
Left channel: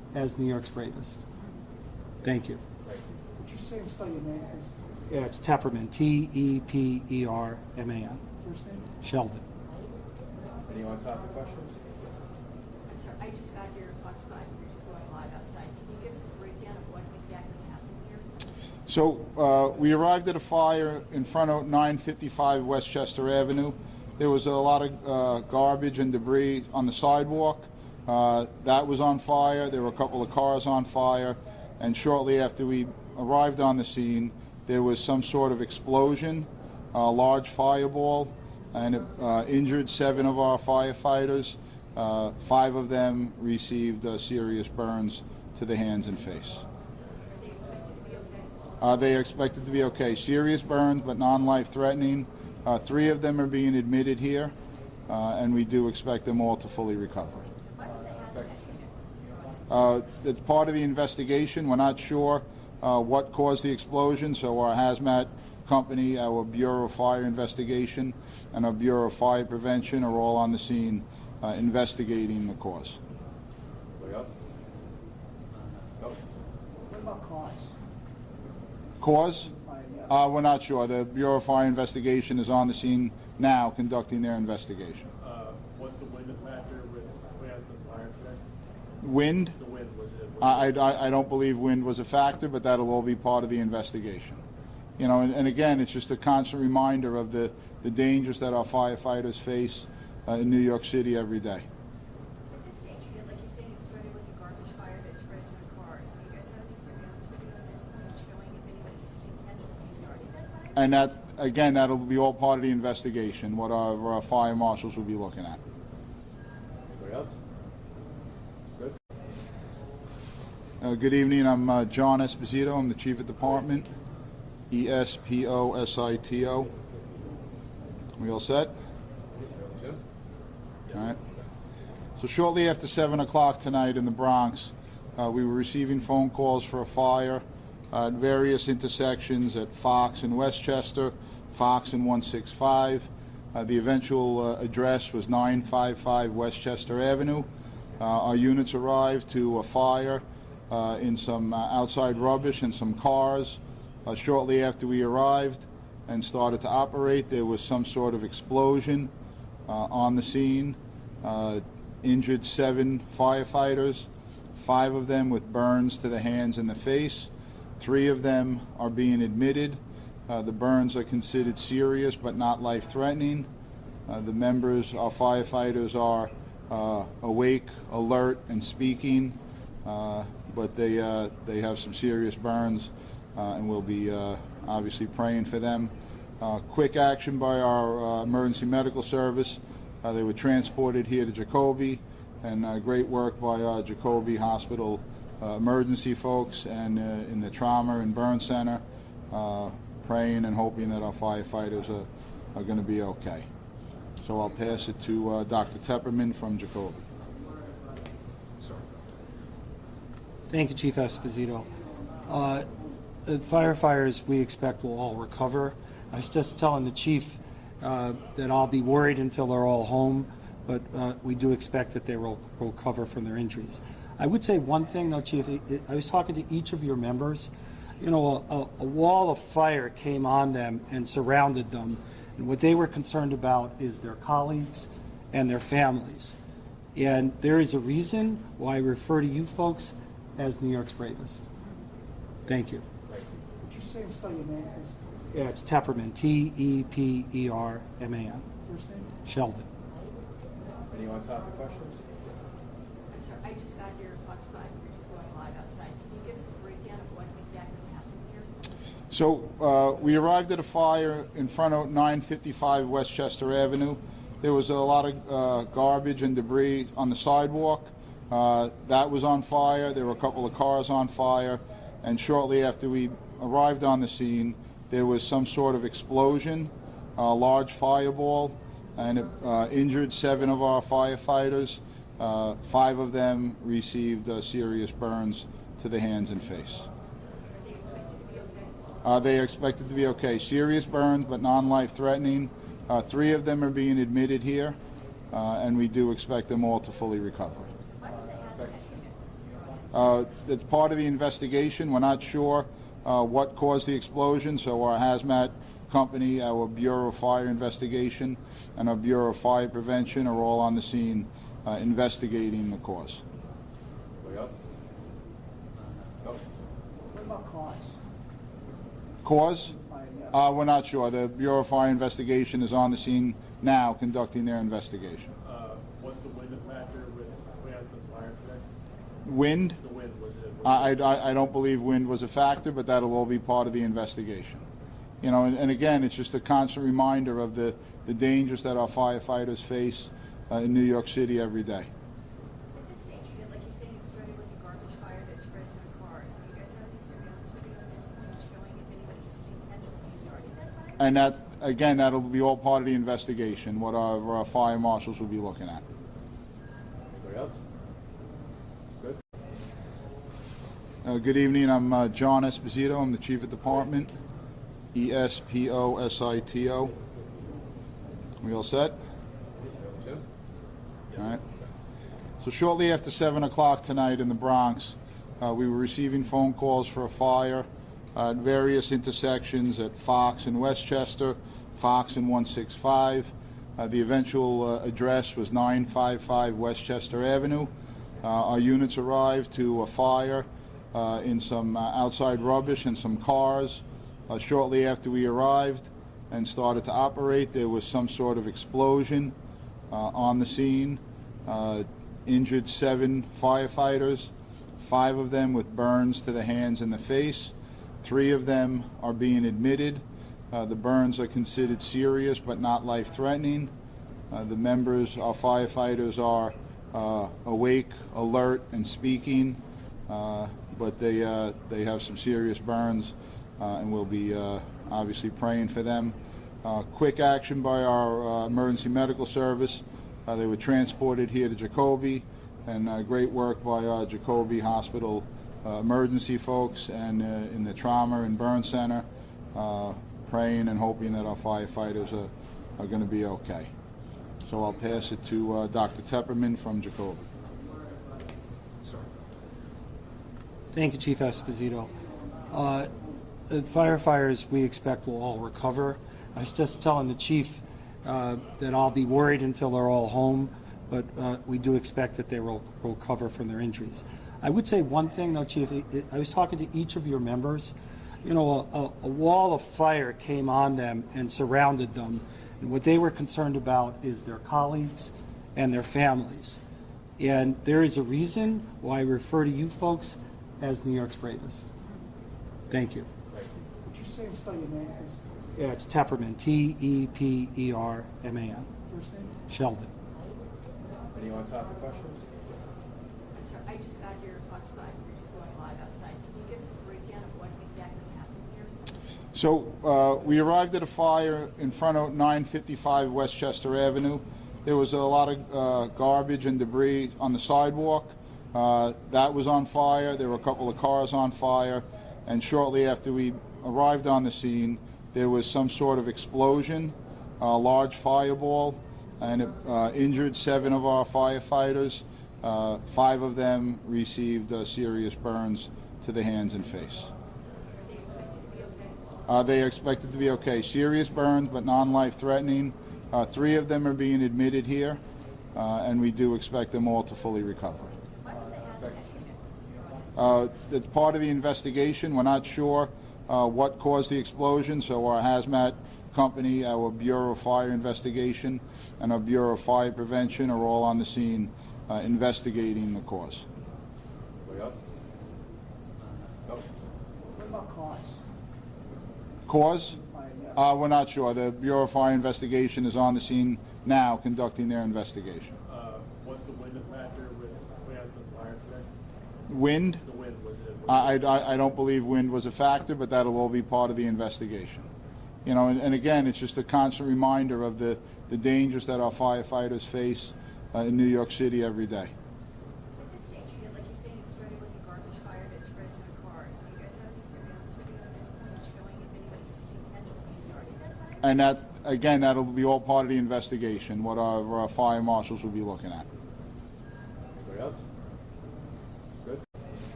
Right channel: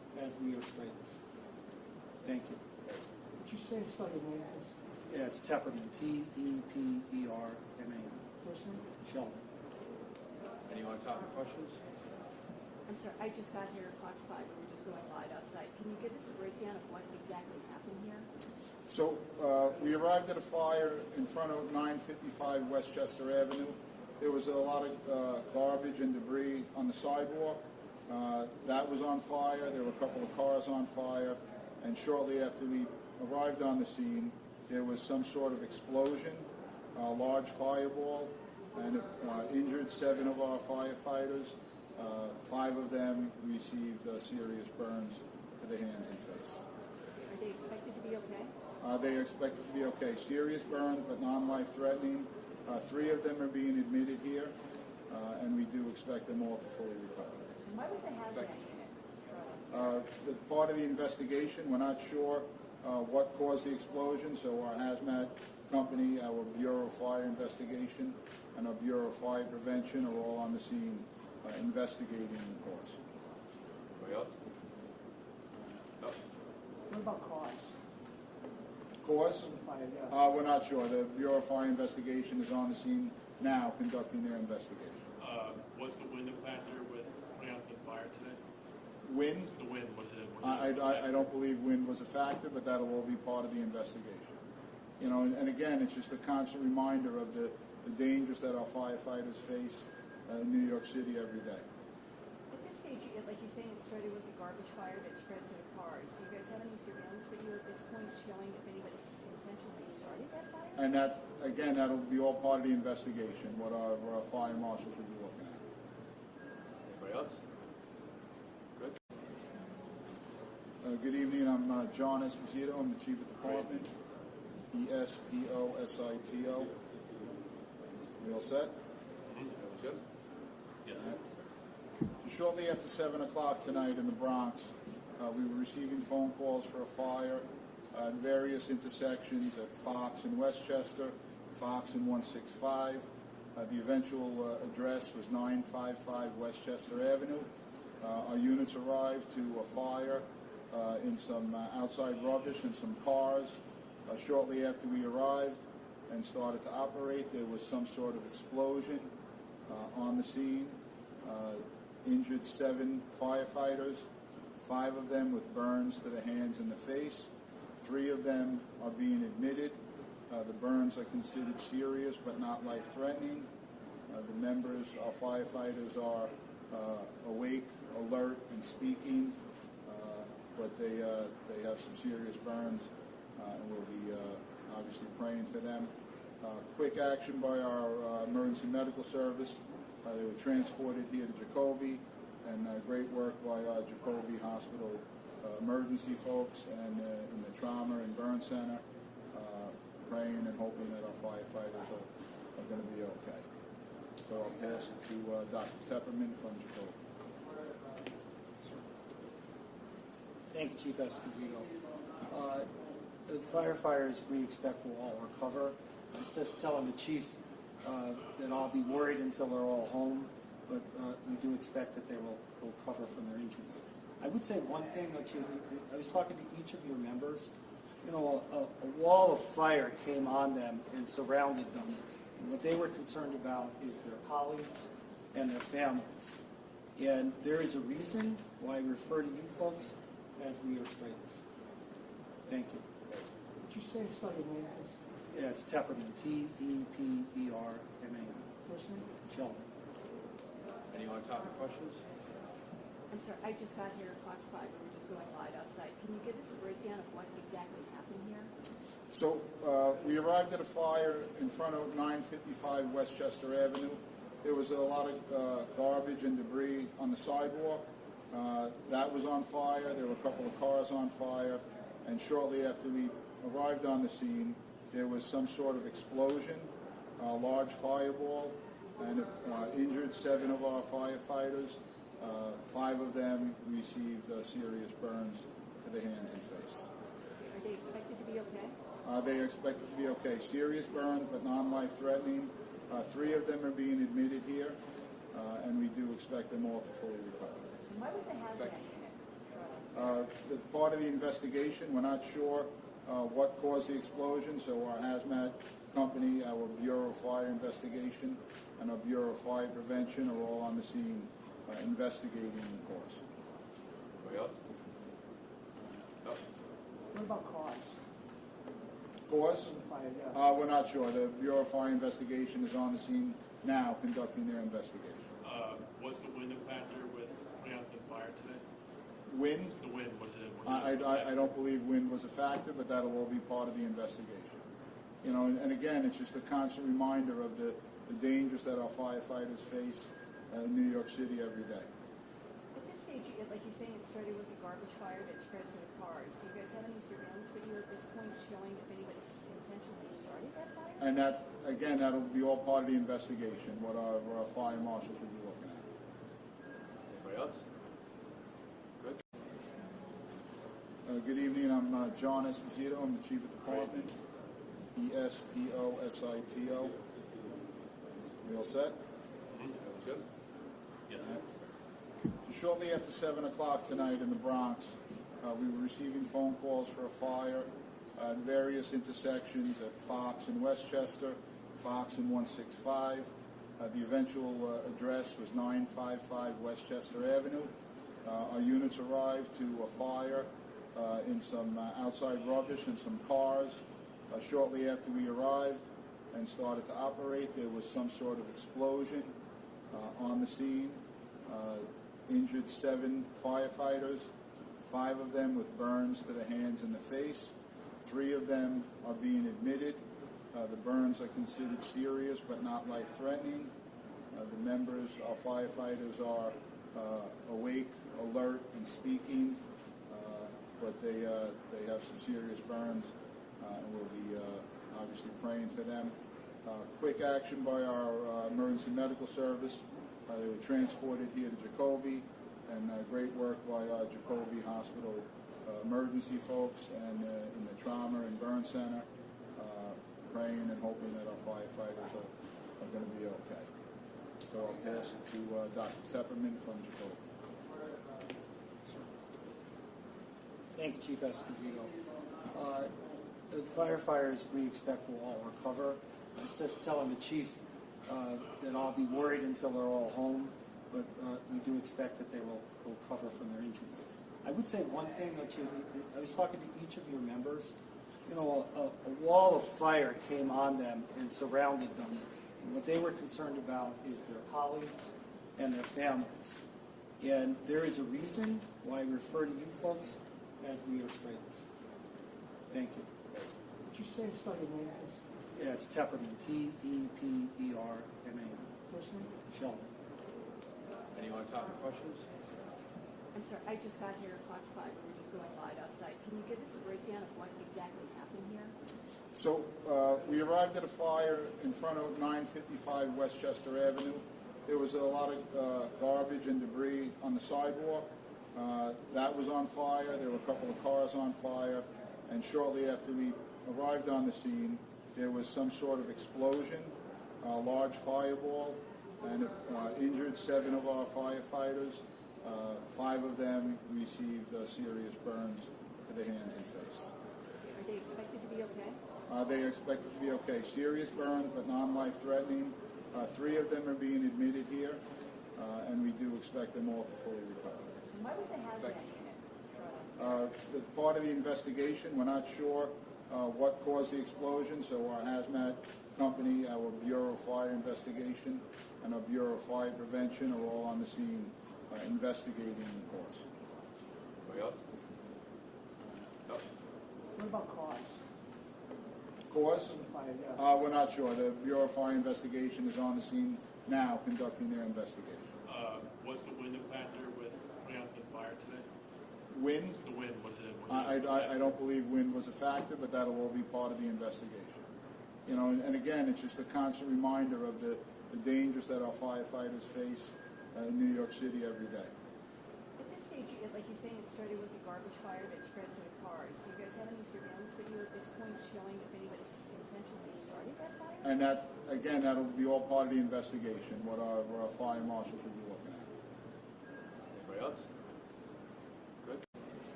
as New York's bravest. Thank you. Would you say and spell your name, please? Yeah, it's Tepperman, Tepperman. First name? Sheldon. Any on-topic questions? I'm sorry, I just got here at Fox 5, we're just going live outside. Can you give us a breakdown of what exactly happened here? So we arrived at a fire in front of 955 Westchester Avenue. There was a lot of garbage and debris on the sidewalk. That was on fire. There were a couple of cars on fire. And shortly after we arrived on the scene, there was some sort of explosion, a large fireball, and it injured 7 of our firefighters. 5 of them received serious burns to the hands and face. Are they expected to be okay? They are expected to be okay. Serious burns, but non-life threatening. 3 of them are being admitted here, and we do expect them all to fully recover. Why was the hazmat unit? It's part of the investigation. We're not sure what caused the explosion, so our hazmat company, our Bureau of Fire Investigation, and our Bureau of Fire Prevention are all on the scene investigating the cause. Anybody else? No? What about cause? Cause? We're not sure. The Bureau of Fire Investigation is on the scene now conducting their investigation. What's the wind factor with putting out the fire today? Wind? The wind, was it? I don't believe wind was a factor, but that'll all be part of the investigation. You know, and again, it's just a constant reminder of the dangers that our firefighters face in New York City every day. At this stage, like you're saying, it started with a garbage fire that spread to the cars. Do you guys have any surveillance video at this point showing if anybody intentionally started that fire? And that, again, that'll be all part of the investigation, what our fire marshals will be looking at. Anybody else? Good. Good evening. I'm John Esposito. I'm the Chief of Department. Esposito. We all set? Jim? All right. So shortly after 7 o'clock tonight in the Bronx, we were receiving phone calls for a fire at various intersections at Fox and Westchester, Fox and 165. The eventual address was 955 Westchester Avenue. Our units arrived to a fire in some outside rubbish and some cars. Shortly after we arrived and started to operate, there was some sort of explosion on the scene. Injured 7 firefighters, 5 of them with burns to the hands and the face. 3 of them are being admitted. The burns are considered serious but not life-threatening. The members, our firefighters, are awake, alert, and speaking, but they have some serious burns, and we'll be obviously praying for them. Quick action by our emergency medical service. They were transported here to Jacoby, and great work by our Jacoby Hospital emergency folks and in the trauma and burn center, praying and hoping that our firefighters are going to be okay. So I'll pass it to Dr. Tepperman from Jacoby. Thank you, Chief Esposito. The firefighters we expect will all recover. I was just telling the chief that I'll be worried until they're all home, but we do expect that they will recover from their injuries. I would say one thing, though, Chief. I was talking to each of your members. You know, a wall of fire came on them and surrounded them, and what they were concerned about is their colleagues and their families. And there is a reason why I refer to you folks as New York's bravest. Thank you. Would you say and spell your name, please? Yeah, it's Tepperman, Tepperman. First name? Sheldon. Any on-topic questions? I'm sorry, I just got here at Fox 5, we're just going live outside. Can you give us a breakdown of what exactly happened here? So we arrived at a fire in front of 955 Westchester Avenue. There was a lot of garbage and debris on the sidewalk. That was on fire. There were a couple of cars on fire. And shortly after we arrived on the scene, there was some sort of explosion, a large fireball, and it injured 7 of our firefighters. 5 of them received serious burns to the hands and face. Are they expected to be okay? They are expected to be okay. Serious burns, but non-life threatening. 3 of them are being admitted here, and we do expect them all to fully recover. Why was the hazmat It's part of the investigation. We're not sure what caused the explosion, so our hazmat company, our Bureau of Fire Investigation, and our Bureau of Fire Prevention are all on the scene investigating the cause. Anybody else? No? What about cause? Cause? Yeah. We're not sure. The Bureau of Fire Investigation is on the scene now conducting their investigation. What's the wind factor with putting out the fire today? Wind? The wind, was it? I don't believe wind was a factor, but that'll all be part of the investigation. You know, and again, it's just a constant reminder of the dangers that our firefighters face in New York City every day. At this stage, like you're saying, it started with a garbage fire that spread to the cars. Do you guys have any surveillance video at this point showing if anybody intentionally started that fire? And that, again, that'll be all part of the investigation, what our fire marshals will be looking at. Anybody else? Good. Good evening. I'm John Esposito. I'm the Chief of Department. Esposito. We all set? Jim? All right. So shortly after 7 o'clock tonight in the Bronx, we were receiving phone calls for a fire at various intersections at Fox and Westchester, Fox and 165. The eventual address was 955 Westchester Avenue. Our units arrived to a fire in some outside rubbish and some cars. Shortly after we arrived and started to operate, there was some sort of explosion on the scene. Injured 7 firefighters, 5 of them with burns to the hands and the face. 3 of them are being admitted. The burns are considered serious but not life-threatening. The members, our firefighters, are awake, alert, and speaking, but they have some serious burns, and we'll be obviously praying for them. Quick action by our emergency medical service. They were transported here to Jacoby, and great work by our Jacoby Hospital emergency folks and in the trauma and burn center, praying and hoping that our firefighters are going to be okay. So I'll pass it to Dr. Tepperman from Jacoby. Thank you, Chief Esposito. The firefighters we expect will all recover. I was just telling the chief that I'll be worried until they're all home, but we do expect that they will recover from their injuries. I would say one thing, though, Chief. I was talking to each of your members. You know, a wall of fire came on them and surrounded them, and what they were concerned about is their colleagues and their families. And there is a reason why I refer to you folks as New York's bravest. Thank you. Would you say and spell your name, please? Yeah, it's Tepperman, Tepperman. First name? Sheldon. Any on-topic questions? I'm sorry, I just got here at Fox 5. We're just going live outside. Can you give us a breakdown of what exactly happened here? So we arrived at a fire in front of 955 Westchester Avenue. There was a lot of garbage and debris on the sidewalk. That was on fire. There were a couple of cars on fire. And shortly after we arrived on the scene, there was some sort of explosion, a large fireball, and it injured 7 of our firefighters. 5 of them received serious burns to the hands and face. Are they expected to be okay? They are expected to be okay. Serious burns, but non-life-threatening. 3 of them are being admitted here, and we do expect them all to fully recover. Why was the hazmat unit? It's part of the investigation. We're not sure what caused the explosion, so our hazmat company, our Bureau of Fire Investigation, and our Bureau of Fire Prevention are all on the scene investigating the cause. Anybody else? No? What about cause? Cause? Yeah. We're not sure. The Bureau of Fire Investigation is on the scene now conducting their investigation. What's the wind factor with putting out the fire today? Wind? The wind, was it? I don't believe wind was a factor, but that'll all be part of the investigation. You know, and again, it's just a constant reminder of the dangers that our firefighters face in New York City every day. At this stage, like you're saying, it started with a garbage fire that spread to the cars. Do you guys have any surveillance video at this point showing if anybody intentionally started that fire? And that, again, that'll be all part of the investigation, what our fire marshals will be looking at. Anybody else? Good.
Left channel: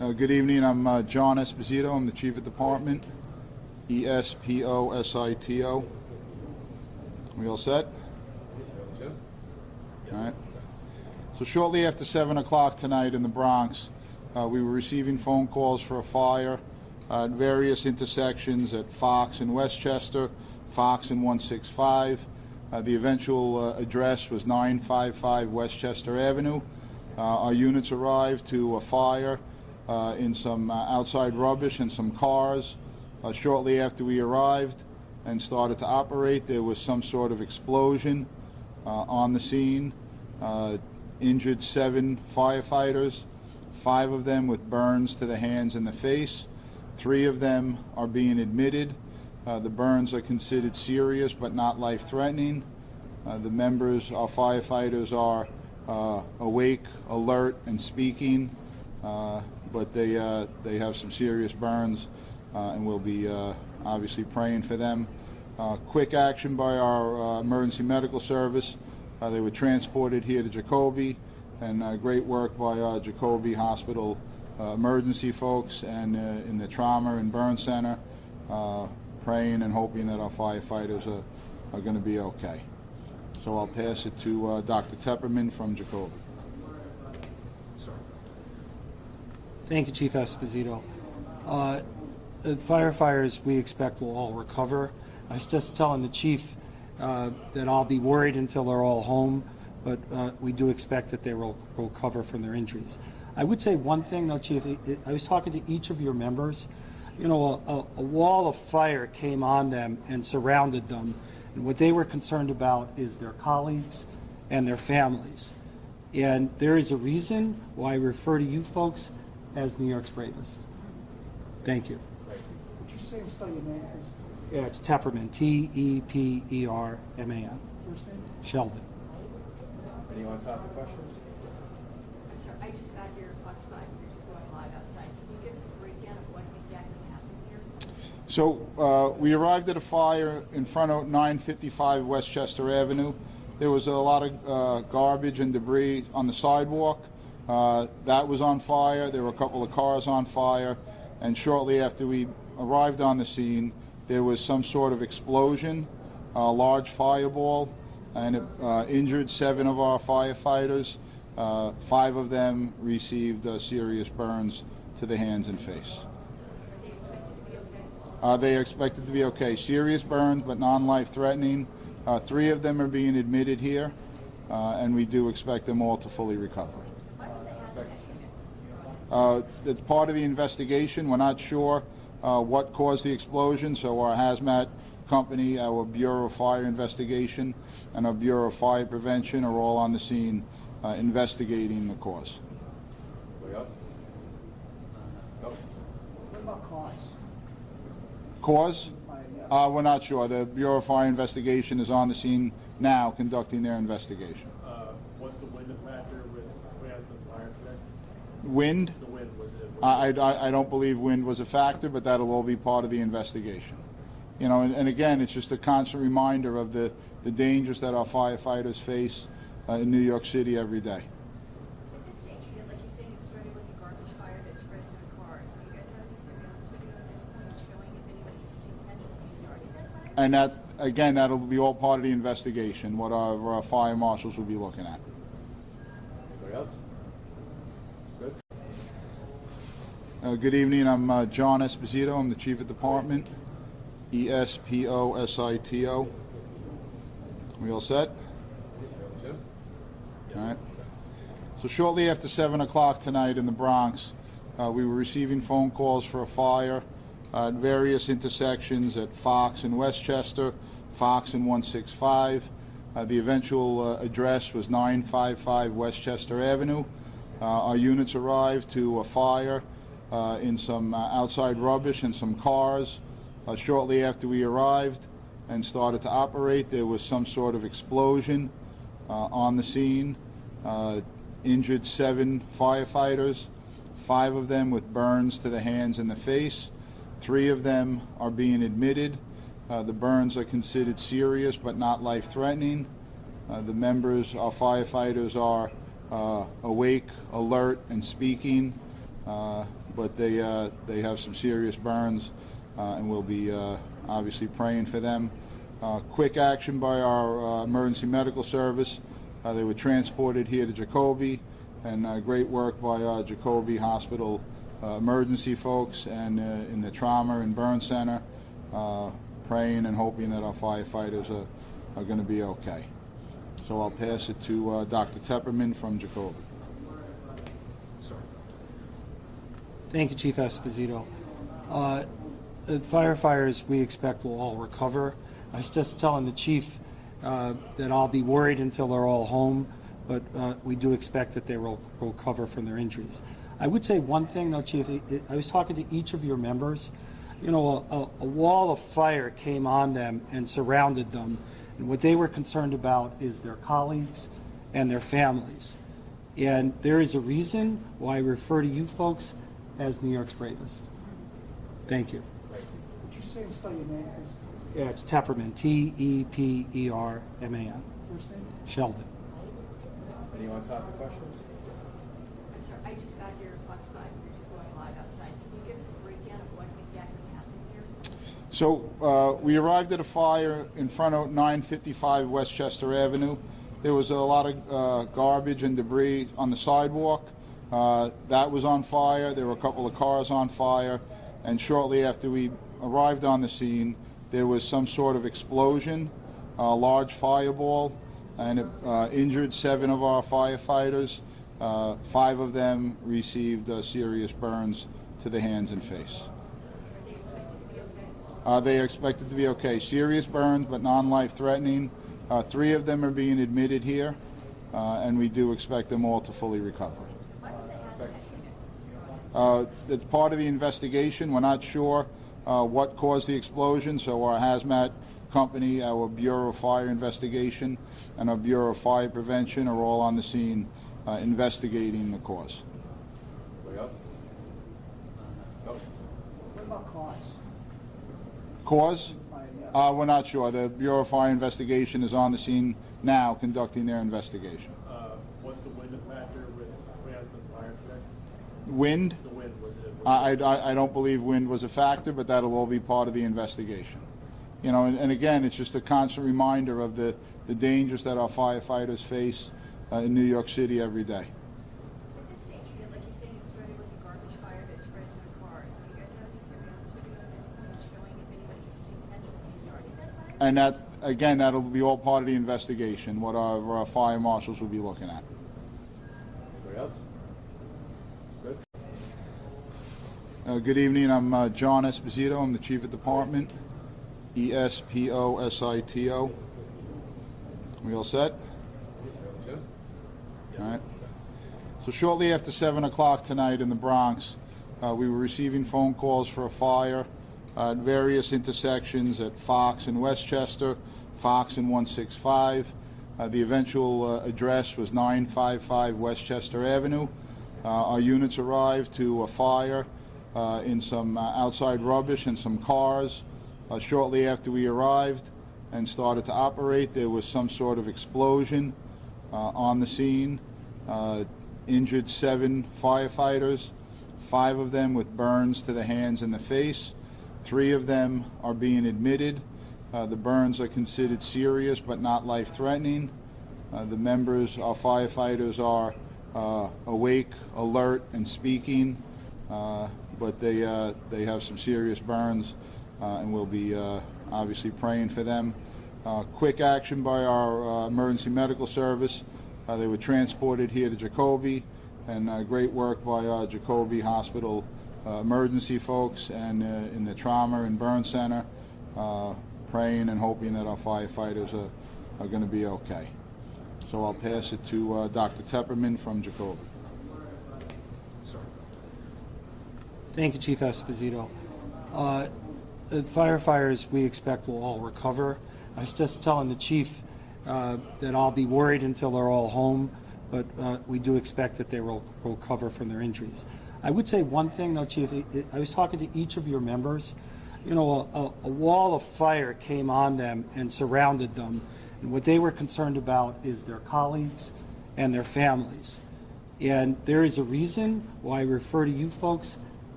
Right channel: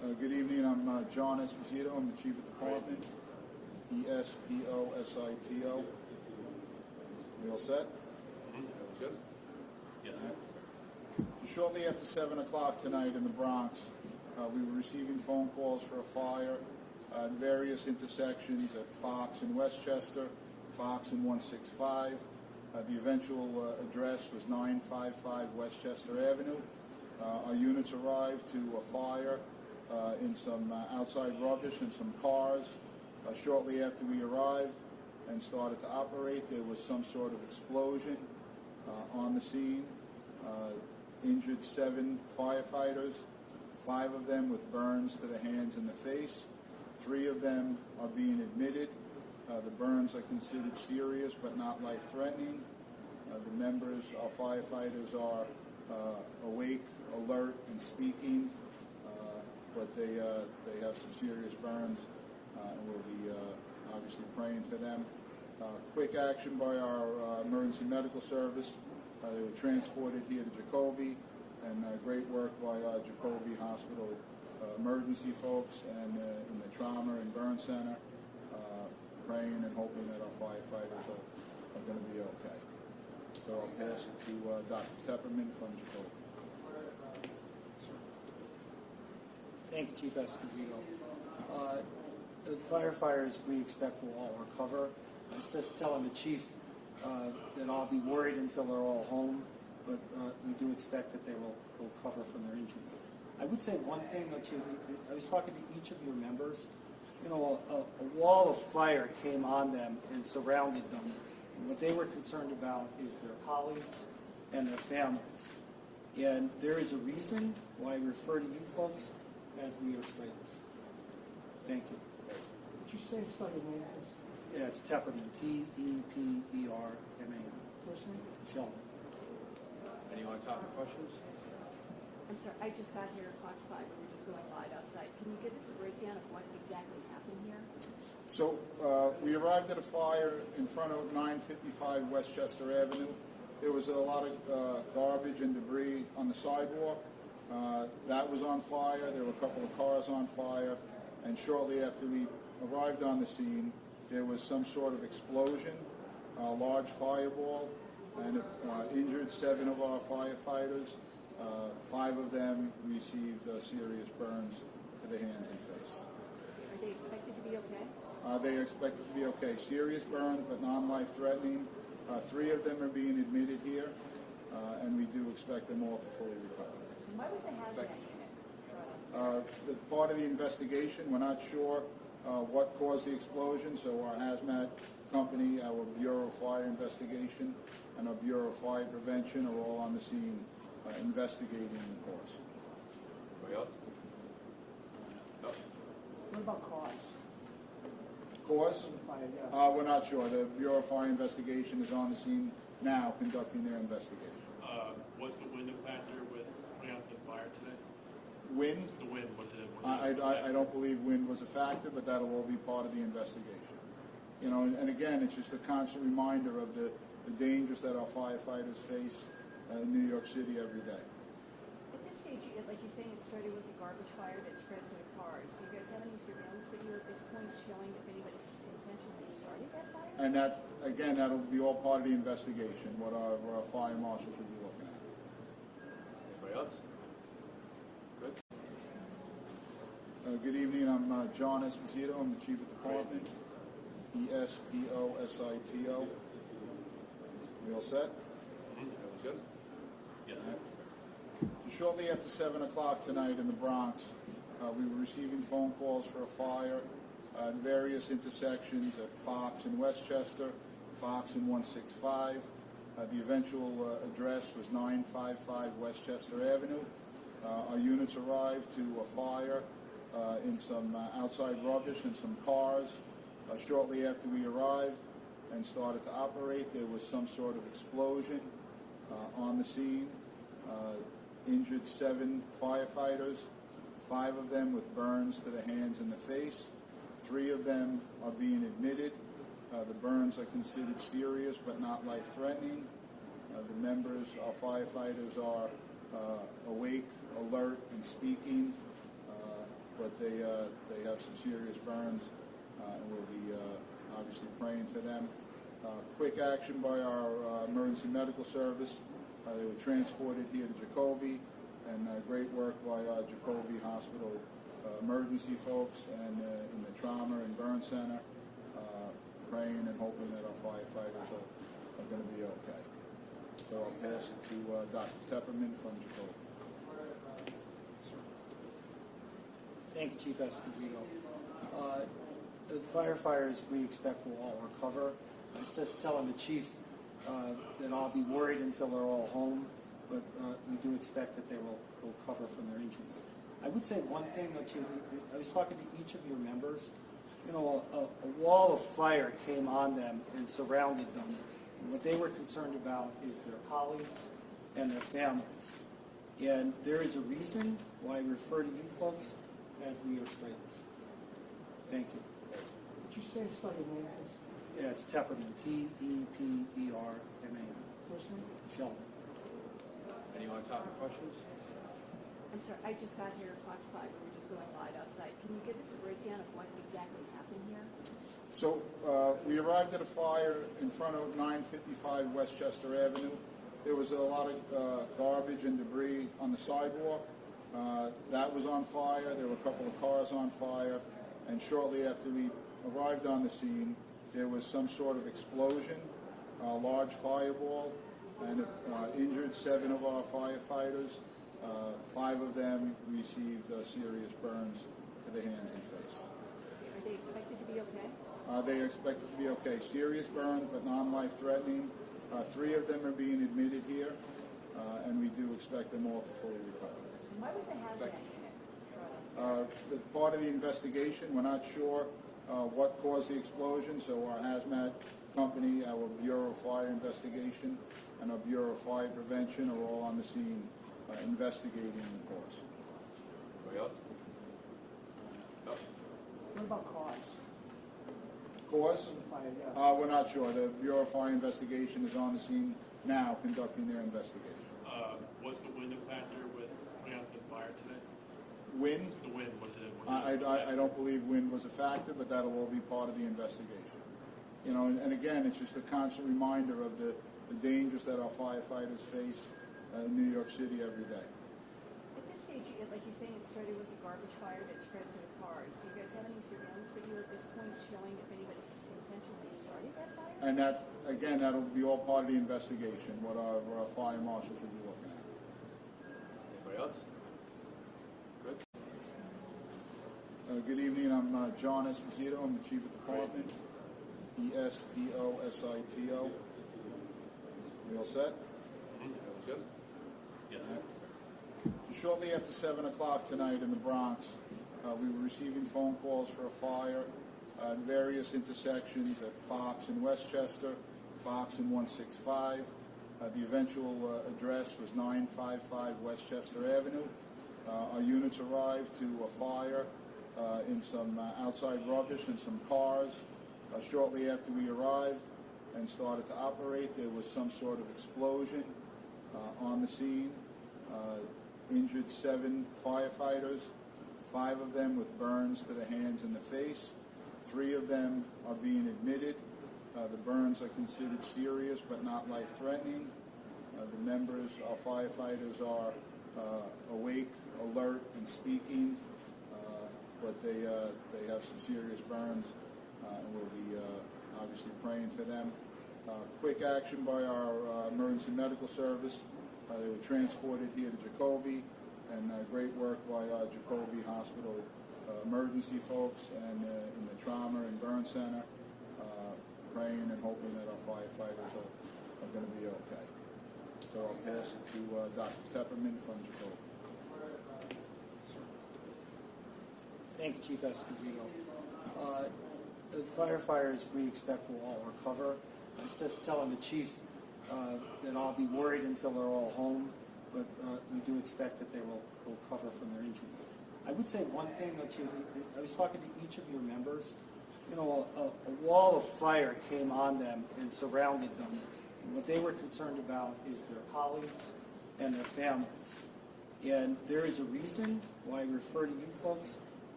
Good evening. I'm John Esposito. I'm the Chief of Department. Esposito. We all set? Jim? All right. So shortly after 7 o'clock tonight in the Bronx, we were receiving phone calls for a fire at various intersections at Fox and Westchester, Fox and 165. The eventual address was 955 Westchester Avenue. Our units arrived to a fire in some outside rubbish and some cars. Shortly after we arrived and started to operate, there was some sort of explosion on the scene. Injured 7 firefighters, 5 of them with burns to the hands and the face. 3 of them are being admitted. The burns are considered serious but not life-threatening. The members, our firefighters, are awake, alert, and speaking, but they have some serious burns, and we'll be obviously praying for them. Quick action by our emergency medical service. They were transported here to Jacoby, and great work by our Jacoby Hospital emergency folks and in the trauma and burn center, praying and hoping that our firefighters are going to be okay. So I'll pass it to Dr. Tepperman from Jacoby. Thank you, Chief Esposito. The firefighters we expect will all recover. I was just telling the chief that I'll be worried until they're all home, but we do expect that they will recover from their injuries. I would say one thing, though, Chief. I was talking to each of your members. You know, a wall of fire came on them and surrounded them, and what they were concerned about is their colleagues and their families. And there is a reason why I refer to you folks as New York's bravest. Thank you. Would you say and spell your name, please? Yeah, it's Tepperman, Tepperman. First name? Sheldon. Any on-topic questions? I'm sorry, I just got here Fox 5. We're just going live outside. Can you give us a breakdown of what exactly happened here? So we arrived at a fire in front of 955 Westchester Avenue. There was a lot of garbage and debris on the sidewalk. That was on fire. There were a couple of cars on fire. And shortly after we arrived on the scene, there was some sort of explosion, a large fireball, and it injured 7 of our firefighters. 5 of them received serious burns to the hands and face. Are they expected to be okay? They are expected to be okay. Serious burns, but non-life-threatening. 3 of them are being admitted here, and we do expect them all to fully recover. Why was the hazmat unit? It's part of the investigation. We're not sure what caused the explosion, so our hazmat company, our Bureau of Fire Investigation, and our Bureau of Fire Prevention are all on the scene investigating the cause. Anybody else? No? What about cause? Cause? We're not sure. The Bureau of Fire Investigation is on the scene now conducting their investigation. Was the wind a factor with putting out the fire today? Wind? The wind, was it? I don't believe wind was a factor, but that'll all be part of the investigation. You know, and again, it's just a constant reminder of the dangers that our firefighters face in New York City every day. At this stage, like you're saying, it started with a garbage fire that spread to the cars. Do you guys have any surveillance video at this point showing if anybody intentionally started that fire? And that, again, that'll be all part of the investigation, what our fire marshals will be looking at. Anybody else? Good. Good evening. I'm John Esposito. I'm the Chief of Department. Esposito. We all set? Jim? All right. So shortly after 7 o'clock tonight in the Bronx, we were receiving phone calls for a fire at various intersections at Fox and Westchester, Fox and 165. The eventual address was 955 Westchester Avenue. Our units arrived to a fire in some outside rubbish and some cars. Shortly after we arrived and started to operate, there was some sort of explosion on the scene. Injured 7 firefighters, 5 of them with burns to the hands and the face. 3 of them are being admitted. The burns are considered serious but not life-threatening. The members, our firefighters, are awake, alert, and speaking, but they have some serious burns, and we'll be obviously praying for them. Quick action by our emergency medical service. They were transported here to Jacoby, and great work by Jacoby Hospital emergency folks and in the trauma and burn center, praying and hoping that our firefighters are going to be okay. So I'll pass it to Dr. Tepperman from Jacoby. Thank you, Chief Esposito. The firefighters we expect will all recover. I was just telling the chief that I'll be worried until they're all home, but we do expect that they will recover from their injuries. I would say one thing, though, Chief. I was talking to each of your members. You know, a wall of fire came on them and surrounded them, and what they were concerned about is their colleagues and their families. And there is a reason why I refer to you folks as New York's bravest. Thank you. Would you say and spell your name, please? Yeah, it's Tepperman, Tepperman. First name? Sheldon. Anyone top of questions? I'm sorry, I just got here, Fox 5, we're just going live outside. Can you give us a breakdown of what exactly happened here? So we arrived at a fire in front of 955 Westchester Avenue. There was a lot of garbage and debris on the sidewalk. That was on fire. There were a couple of cars on fire. And shortly after we arrived on the scene, there was some sort of explosion, a large fireball, and it injured 7 of our firefighters. 5 of them received serious burns to the hands and face. Are they expected to be okay? They are expected to be okay. Serious burns, but non-life threatening. 3 of them are being admitted here, and we do expect them all to fully recover. Why was the hazmat unit? It's part of the investigation. We're not sure what caused the explosion, so our hazmat company, our Bureau of Fire Investigation, and our Bureau of Fire Prevention are all on the scene investigating the cause. Anybody else? No? What about cause? Cause? We're not sure. The Bureau of Fire Investigation is on the scene now conducting their investigation. Was the wind a factor with putting out the fire today? Wind? The wind, was it? I don't believe wind was a factor, but that'll all be part of the investigation. You know, and again, it's just a constant reminder of the dangers that our firefighters face in New York City every day. At this stage, like you're saying, it started with a garbage fire that spread to the cars. Do you guys have any surveillance video at this point showing if anybody intentionally started that fire? And that, again, that'll be all part of the investigation, what our fire marshals will be looking at. Anybody else? Good? Good evening. I'm John Esposito. I'm the Chief of Department. ESPOSITO. We all set? Jim? All right. So shortly after 7 o'clock tonight in the Bronx, we were receiving phone calls for a fire at various intersections at Fox and Westchester, Fox and 165. The eventual address was 955 Westchester Avenue. Our units arrived to a fire in some outside rubbish and some cars. Shortly after we arrived and started to operate, there was some sort of explosion on the scene. Injured 7 firefighters, 5 of them with burns to the hands and the face. 3 of them are being admitted. The burns are considered serious but not life-threatening. The members, our firefighters, are awake, alert, and speaking, but they have some serious burns, and we'll be obviously praying for them. Quick action by our emergency medical service. They were transported here to Jacoby, and great work by Jacoby Hospital emergency folks and in the trauma and burn center, praying and hoping that our firefighters are going to be okay. So I'll pass it to Dr. Tepperman from Jacoby. Thank you, Chief Esposito. The firefighters we expect will all recover. I was just telling the chief that I'll be worried until they're all home, but we do expect that they will recover from their injuries. I would say one thing, though, Chief. I was talking to each of your members. You know, a wall of fire came on them and surrounded them, and what they were concerned about is their colleagues and their families. And there is a reason why I refer to you folks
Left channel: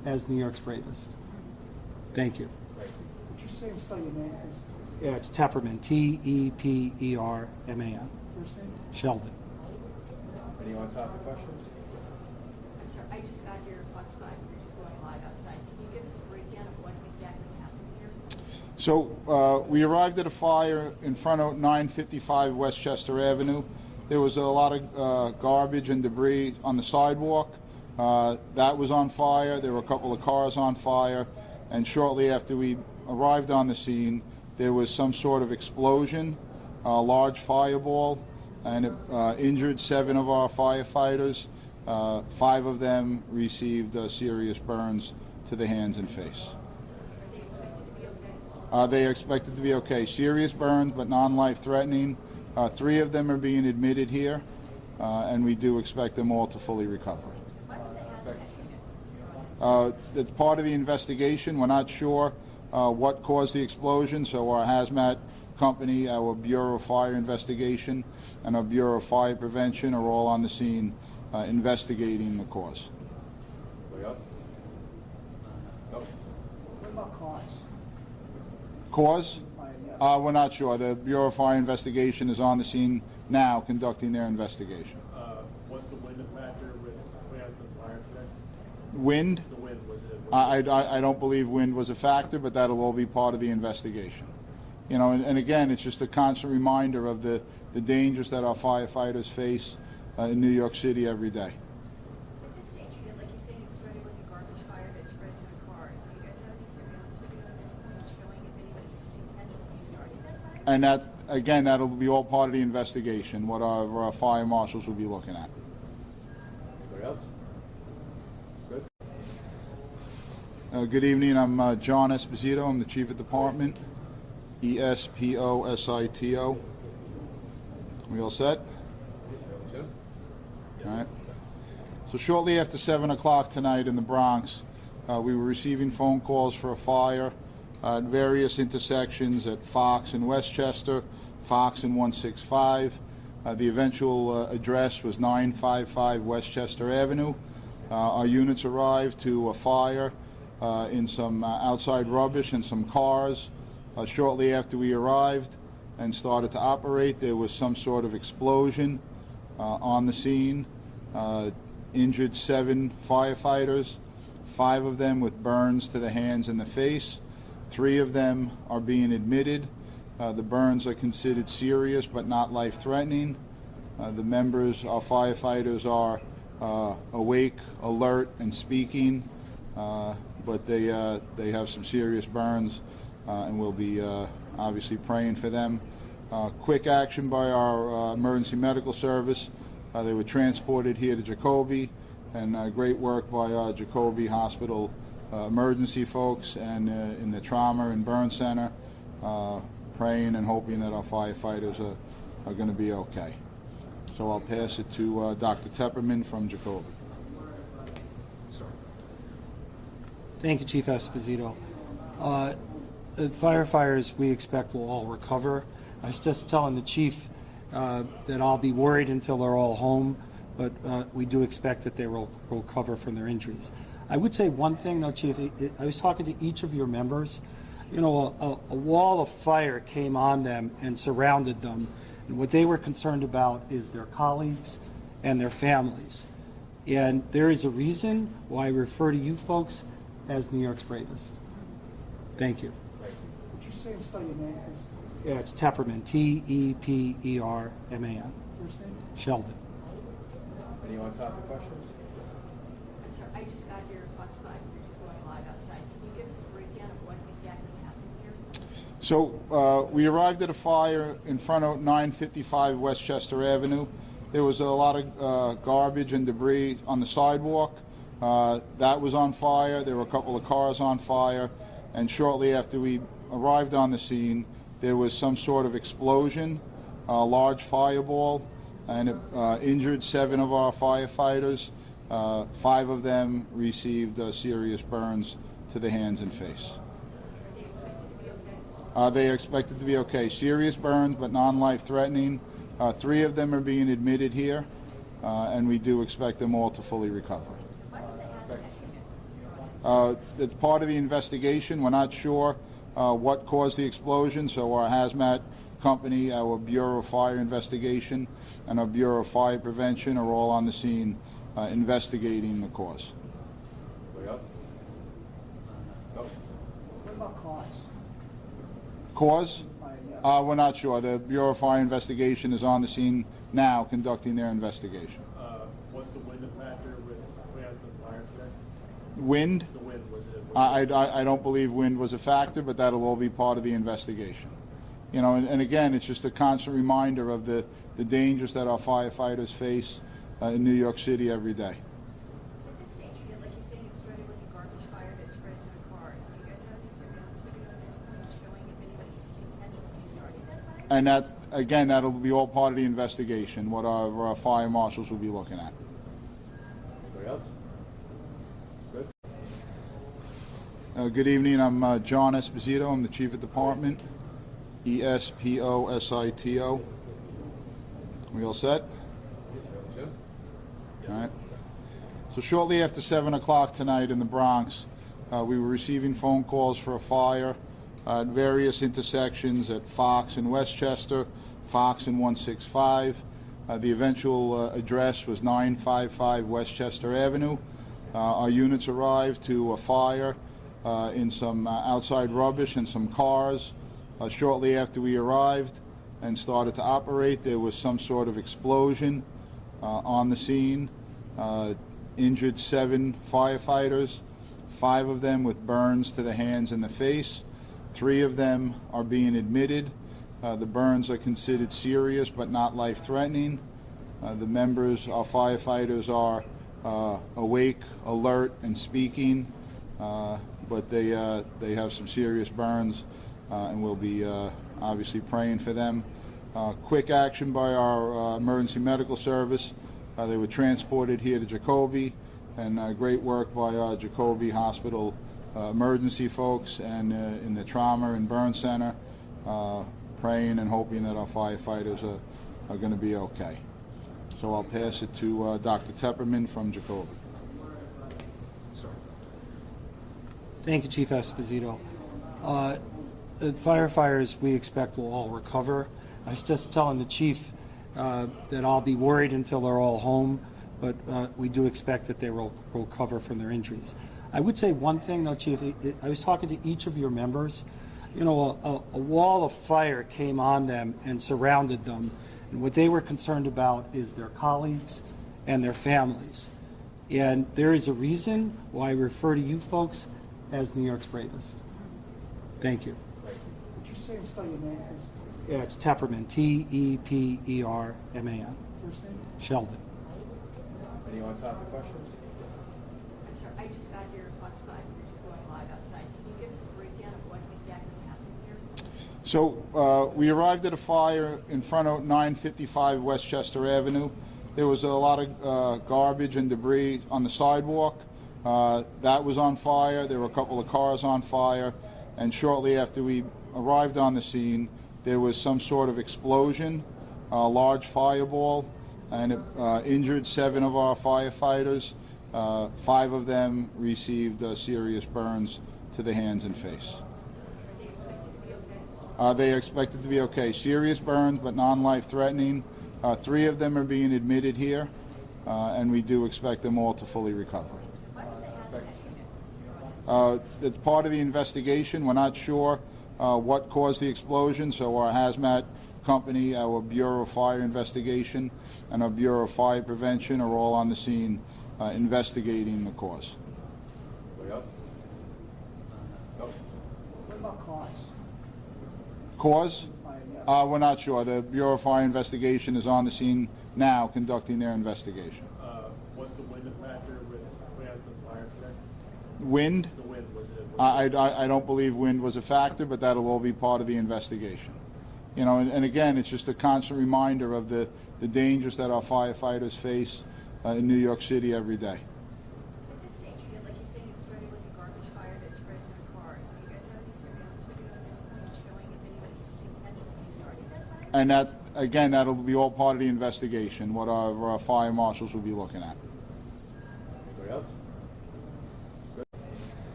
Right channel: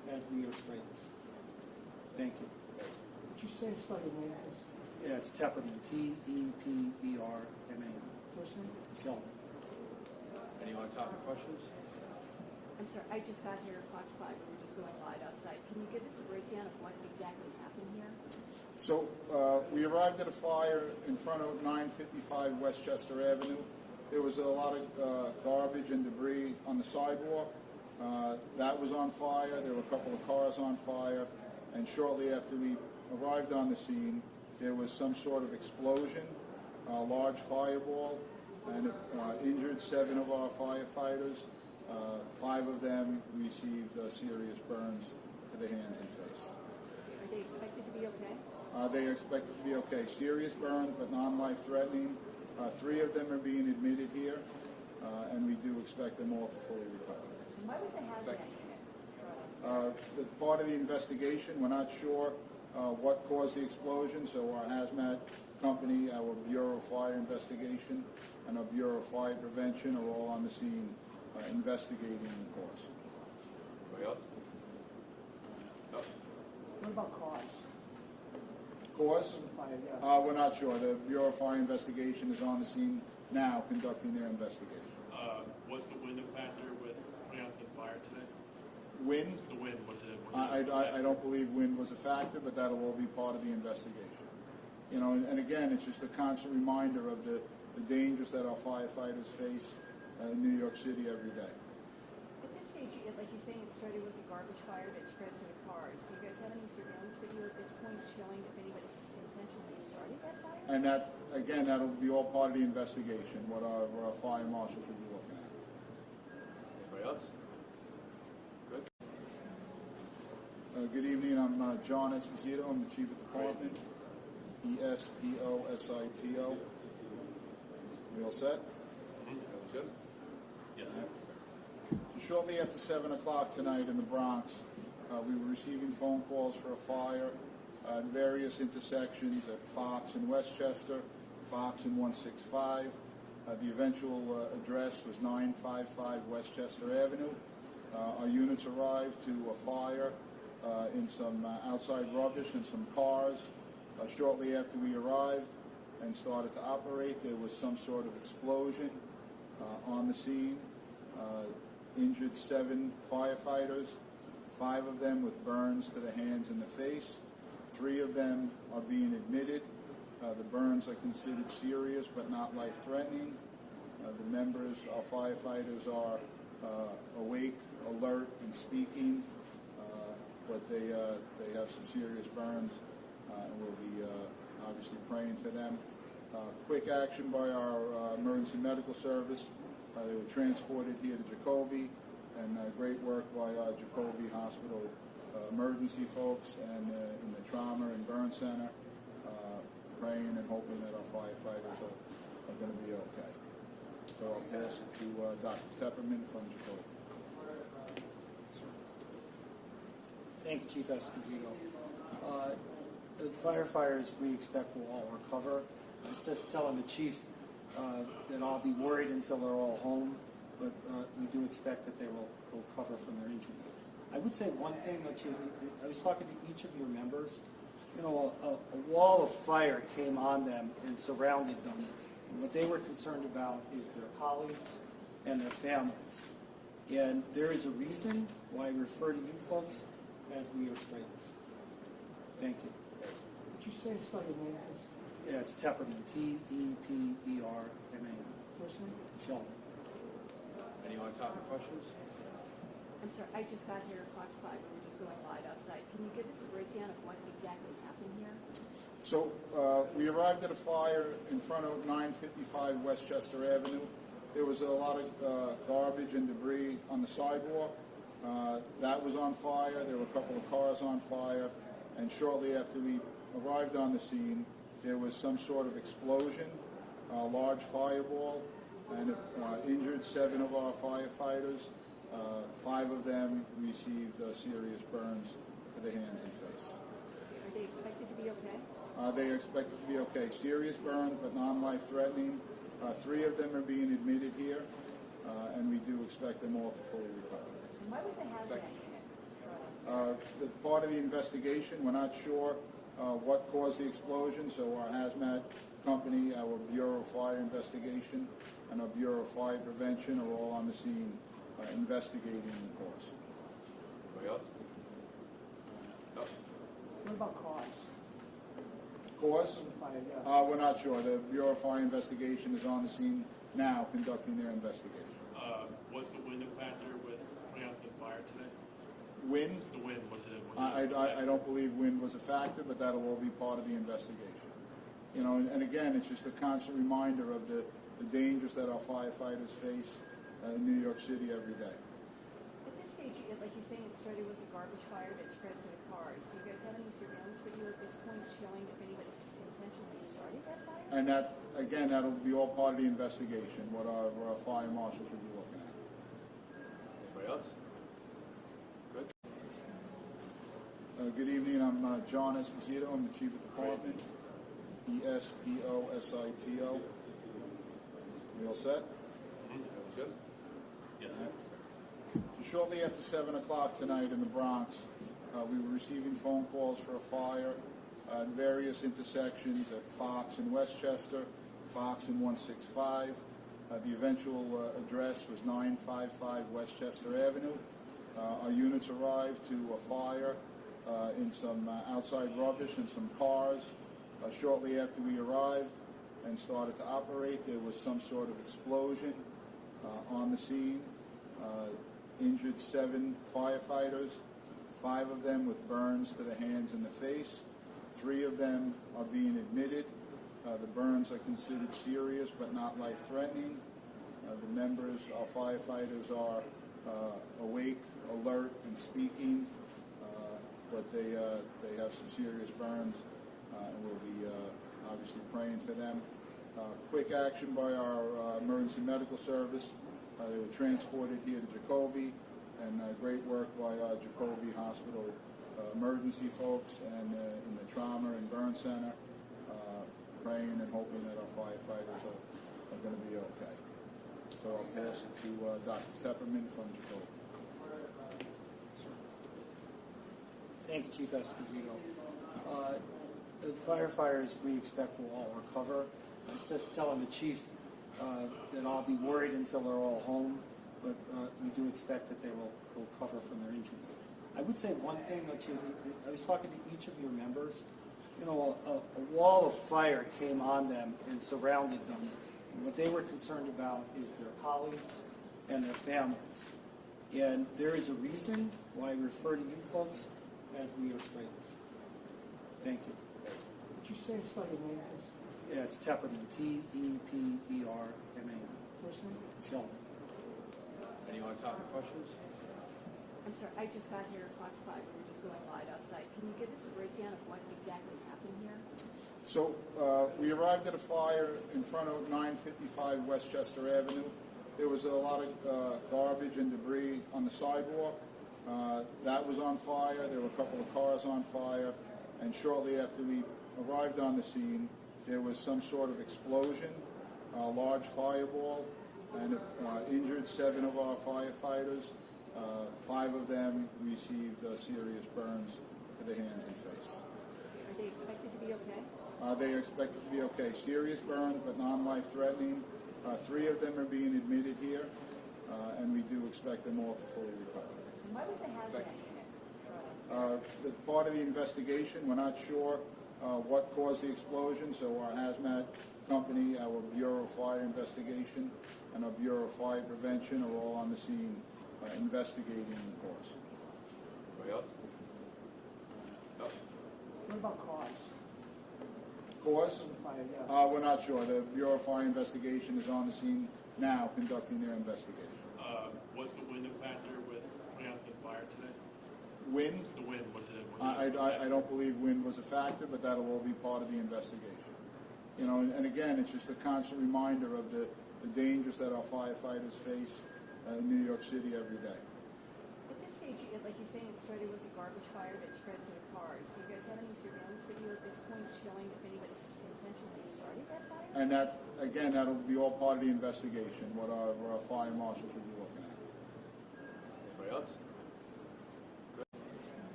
as New York's bravest. Thank you. Thank you. Would you say and spell your name, please? Yeah, it's Tepperman, T-E-P-E-R-M-A-N. First name? Sheldon. Any on-topic questions? I'm sorry, I just got here at Fox 5, we're just going live outside. Can you give us a breakdown of what exactly happened here? So we arrived at a fire in front of 955 Westchester Avenue. There was a lot of garbage and debris on the sidewalk. That was on fire. There were a couple of cars on fire. And shortly after we arrived on the scene, there was some sort of explosion, a large fireball, and it injured 7 of our firefighters. 5 of them received serious burns to the hands and face. Are they expected to be okay? They are expected to be okay. Serious burns, but non-life threatening. 3 of them are being admitted here, and we do expect them all to fully recover. Why was the hazmat unit? It's part of the investigation. We're not sure what caused the explosion, so our hazmat company, our Bureau of Fire Investigation, and our Bureau of Fire Prevention are all on the scene investigating the cause. Anybody else? No? What about cause? Cause? We're not sure. The Bureau of Fire Investigation is on the scene now conducting their investigation. What's the wind factor with putting out the fire today? Wind? The wind, was it? I don't believe wind was a factor, but that'll all be part of the investigation. You know, and again, it's just a constant reminder of the dangers that our firefighters face in New York City every day. With this stage, like you're saying, it started with a garbage fire that spread to the cars. Do you guys have any surveillance video at this point showing if anybody intentionally started that fire? And that, again, that'll be all part of the investigation, what our fire marshals will be looking at. Anybody else? Good. Good evening. I'm John Esposito. I'm the Chief of Department. E-S-P-O-S-I-T-O. We all set? Jim? All right. So shortly after 7 o'clock tonight in the Bronx, we were receiving phone calls for a fire at various intersections at Fox and Westchester, Fox and 165. The eventual address was 955 Westchester Avenue. Our units arrived to a fire in some outside rubbish and some cars. Shortly after we arrived and started to operate, there was some sort of explosion on the scene. Injured 7 firefighters, 5 of them with burns to the hands and the face. 3 of them are being admitted. The burns are considered serious but not life-threatening. The members, our firefighters, are awake, alert, and speaking, but they have some serious burns, and we'll be obviously praying for them. Quick action by our emergency medical service. They were transported here to Jacoby, and great work by our Jacoby Hospital emergency folks and in the trauma and burn center, praying and hoping that our firefighters are going to be okay. So I'll pass it to Dr. Tepperman from Jacoby. Thank you, Chief Esposito. The firefighters we expect will all recover. I was just telling the chief that I'll be worried until they're all home, but we do expect that they will recover from their injuries. I would say one thing, though, Chief. I was talking to each of your members. You know, a wall of fire came on them and surrounded them, and what they were concerned about is their colleagues and their families. And there is a reason why I refer to you folks as New York's bravest. Thank you. Would you say and spell your name, please? Yeah, it's Tepperman, T-E-P-E-R-M-A-N. First name? Sheldon. Any on-topic questions? I'm sorry, I just got here at Fox 5, we're just going live outside. Can you give us a breakdown of what exactly happened here? So we arrived at a fire in front of 955 Westchester Avenue. There was a lot of garbage and debris on the sidewalk. That was on fire. There were a couple of cars on fire. And shortly after we arrived on the scene, there was some sort of explosion, a large fireball, and it injured 7 of our firefighters. 5 of them received serious burns to the hands and face. Are they expected to be okay? They are expected to be okay. Serious burns, but non-life threatening. 3 of them are being admitted here, and we do expect them all to fully recover. Why was the hazmat unit? It's part of the investigation. We're not sure what caused the explosion, so our hazmat company, our Bureau of Fire Investigation, and our Bureau of Fire Prevention are all on the scene investigating the cause. Anybody else? No? What about cause? Cause? Yeah. We're not sure. The Bureau of Fire Investigation is on the scene now conducting their investigation. Was the wind a factor with putting out the fire today? Wind? The wind, was it? I don't believe wind was a factor, but that'll all be part of the investigation. You know, and again, it's just a constant reminder of the dangers that our firefighters face in New York City every day. At this stage, like you're saying, it started with a garbage fire that spread to the cars. Do you guys have any surveillance video at this point showing if anybody intentionally started that fire? And that, again, that'll be all part of the investigation, what our fire marshals will be looking at. Anybody else? Good. Good evening. I'm John Esposito. I'm the Chief of Department. Esposito. We all set? Jim? All right. So shortly after 7 o'clock tonight in the Bronx, we were receiving phone calls for a fire at various intersections at Fox and Westchester, Fox and 165. The eventual address was 955 Westchester Avenue. Our units arrived to a fire in some outside rubbish and some cars. Shortly after we arrived and started to operate, there was some sort of explosion on the scene. Injured 7 firefighters, 5 of them with burns to the hands and the face. 3 of them are being admitted. The burns are considered serious but not life-threatening. The members, our firefighters, are awake, alert, and speaking, but they have some serious burns, and we'll be obviously praying for them. Quick action by our emergency medical service. They were transported here to Jacoby, and great work by our Jacoby Hospital emergency folks and in the trauma and burn center, praying and hoping that our firefighters are going to be okay. So I'll pass it to Dr. Tepperman from Jacoby. Thank you, Chief Esposito. The firefighters we expect will all recover. I was just telling the chief that I'll be worried until they're all home, but we do expect that they will recover from their injuries. I would say one thing, though, Chief. I was talking to each of your members. You know, a wall of fire came on them and surrounded them, and what they were concerned about is their colleagues and their families. And there is a reason why I refer to you folks as New York's bravest. Thank you. Would you say and spell your name, please? Yeah, it's Tepperman, Tepperman. First name? Sheldon. Anyone topic questions? I'm sorry, I just got here at Fox 5. We're just going live outside. Can you give us a breakdown of what exactly happened here? So we arrived at a fire in front of 955 Westchester Avenue. There was a lot of garbage and debris on the sidewalk. That was on fire. There were a couple of cars on fire. And shortly after we arrived on the scene, there was some sort of explosion, a large fireball, and it injured 7 of our firefighters. 5 of them received serious burns to the hands and face. Are they expected to be okay? They are expected to be okay. Serious burns, but non-life threatening. 3 of them are being admitted here, and we do expect them all to fully recover. Why was the hazmat unit? It's part of the investigation. We're not sure what caused the explosion, so our hazmat company, our Bureau of Fire Investigation, and our Bureau of Fire Prevention are all on the scene investigating the cause. Anybody else? No? What about cause? Cause? Yeah. We're not sure. The Bureau of Fire Investigation is on the scene now conducting their investigation. Was the wind a factor with putting out the fire today? Wind? The wind, was it? I don't believe wind was a factor, but that'll all be part of the investigation. You know, and again, it's just a constant reminder of the dangers that our firefighters face in New York City every day. At this stage, like you're saying, it started with a garbage fire that spread to the cars. Do you guys have any surveillance video at this point showing if anybody intentionally started that fire? And that, again, that'll be all part of the investigation, what our fire marshals will be looking at. Anybody else? Good.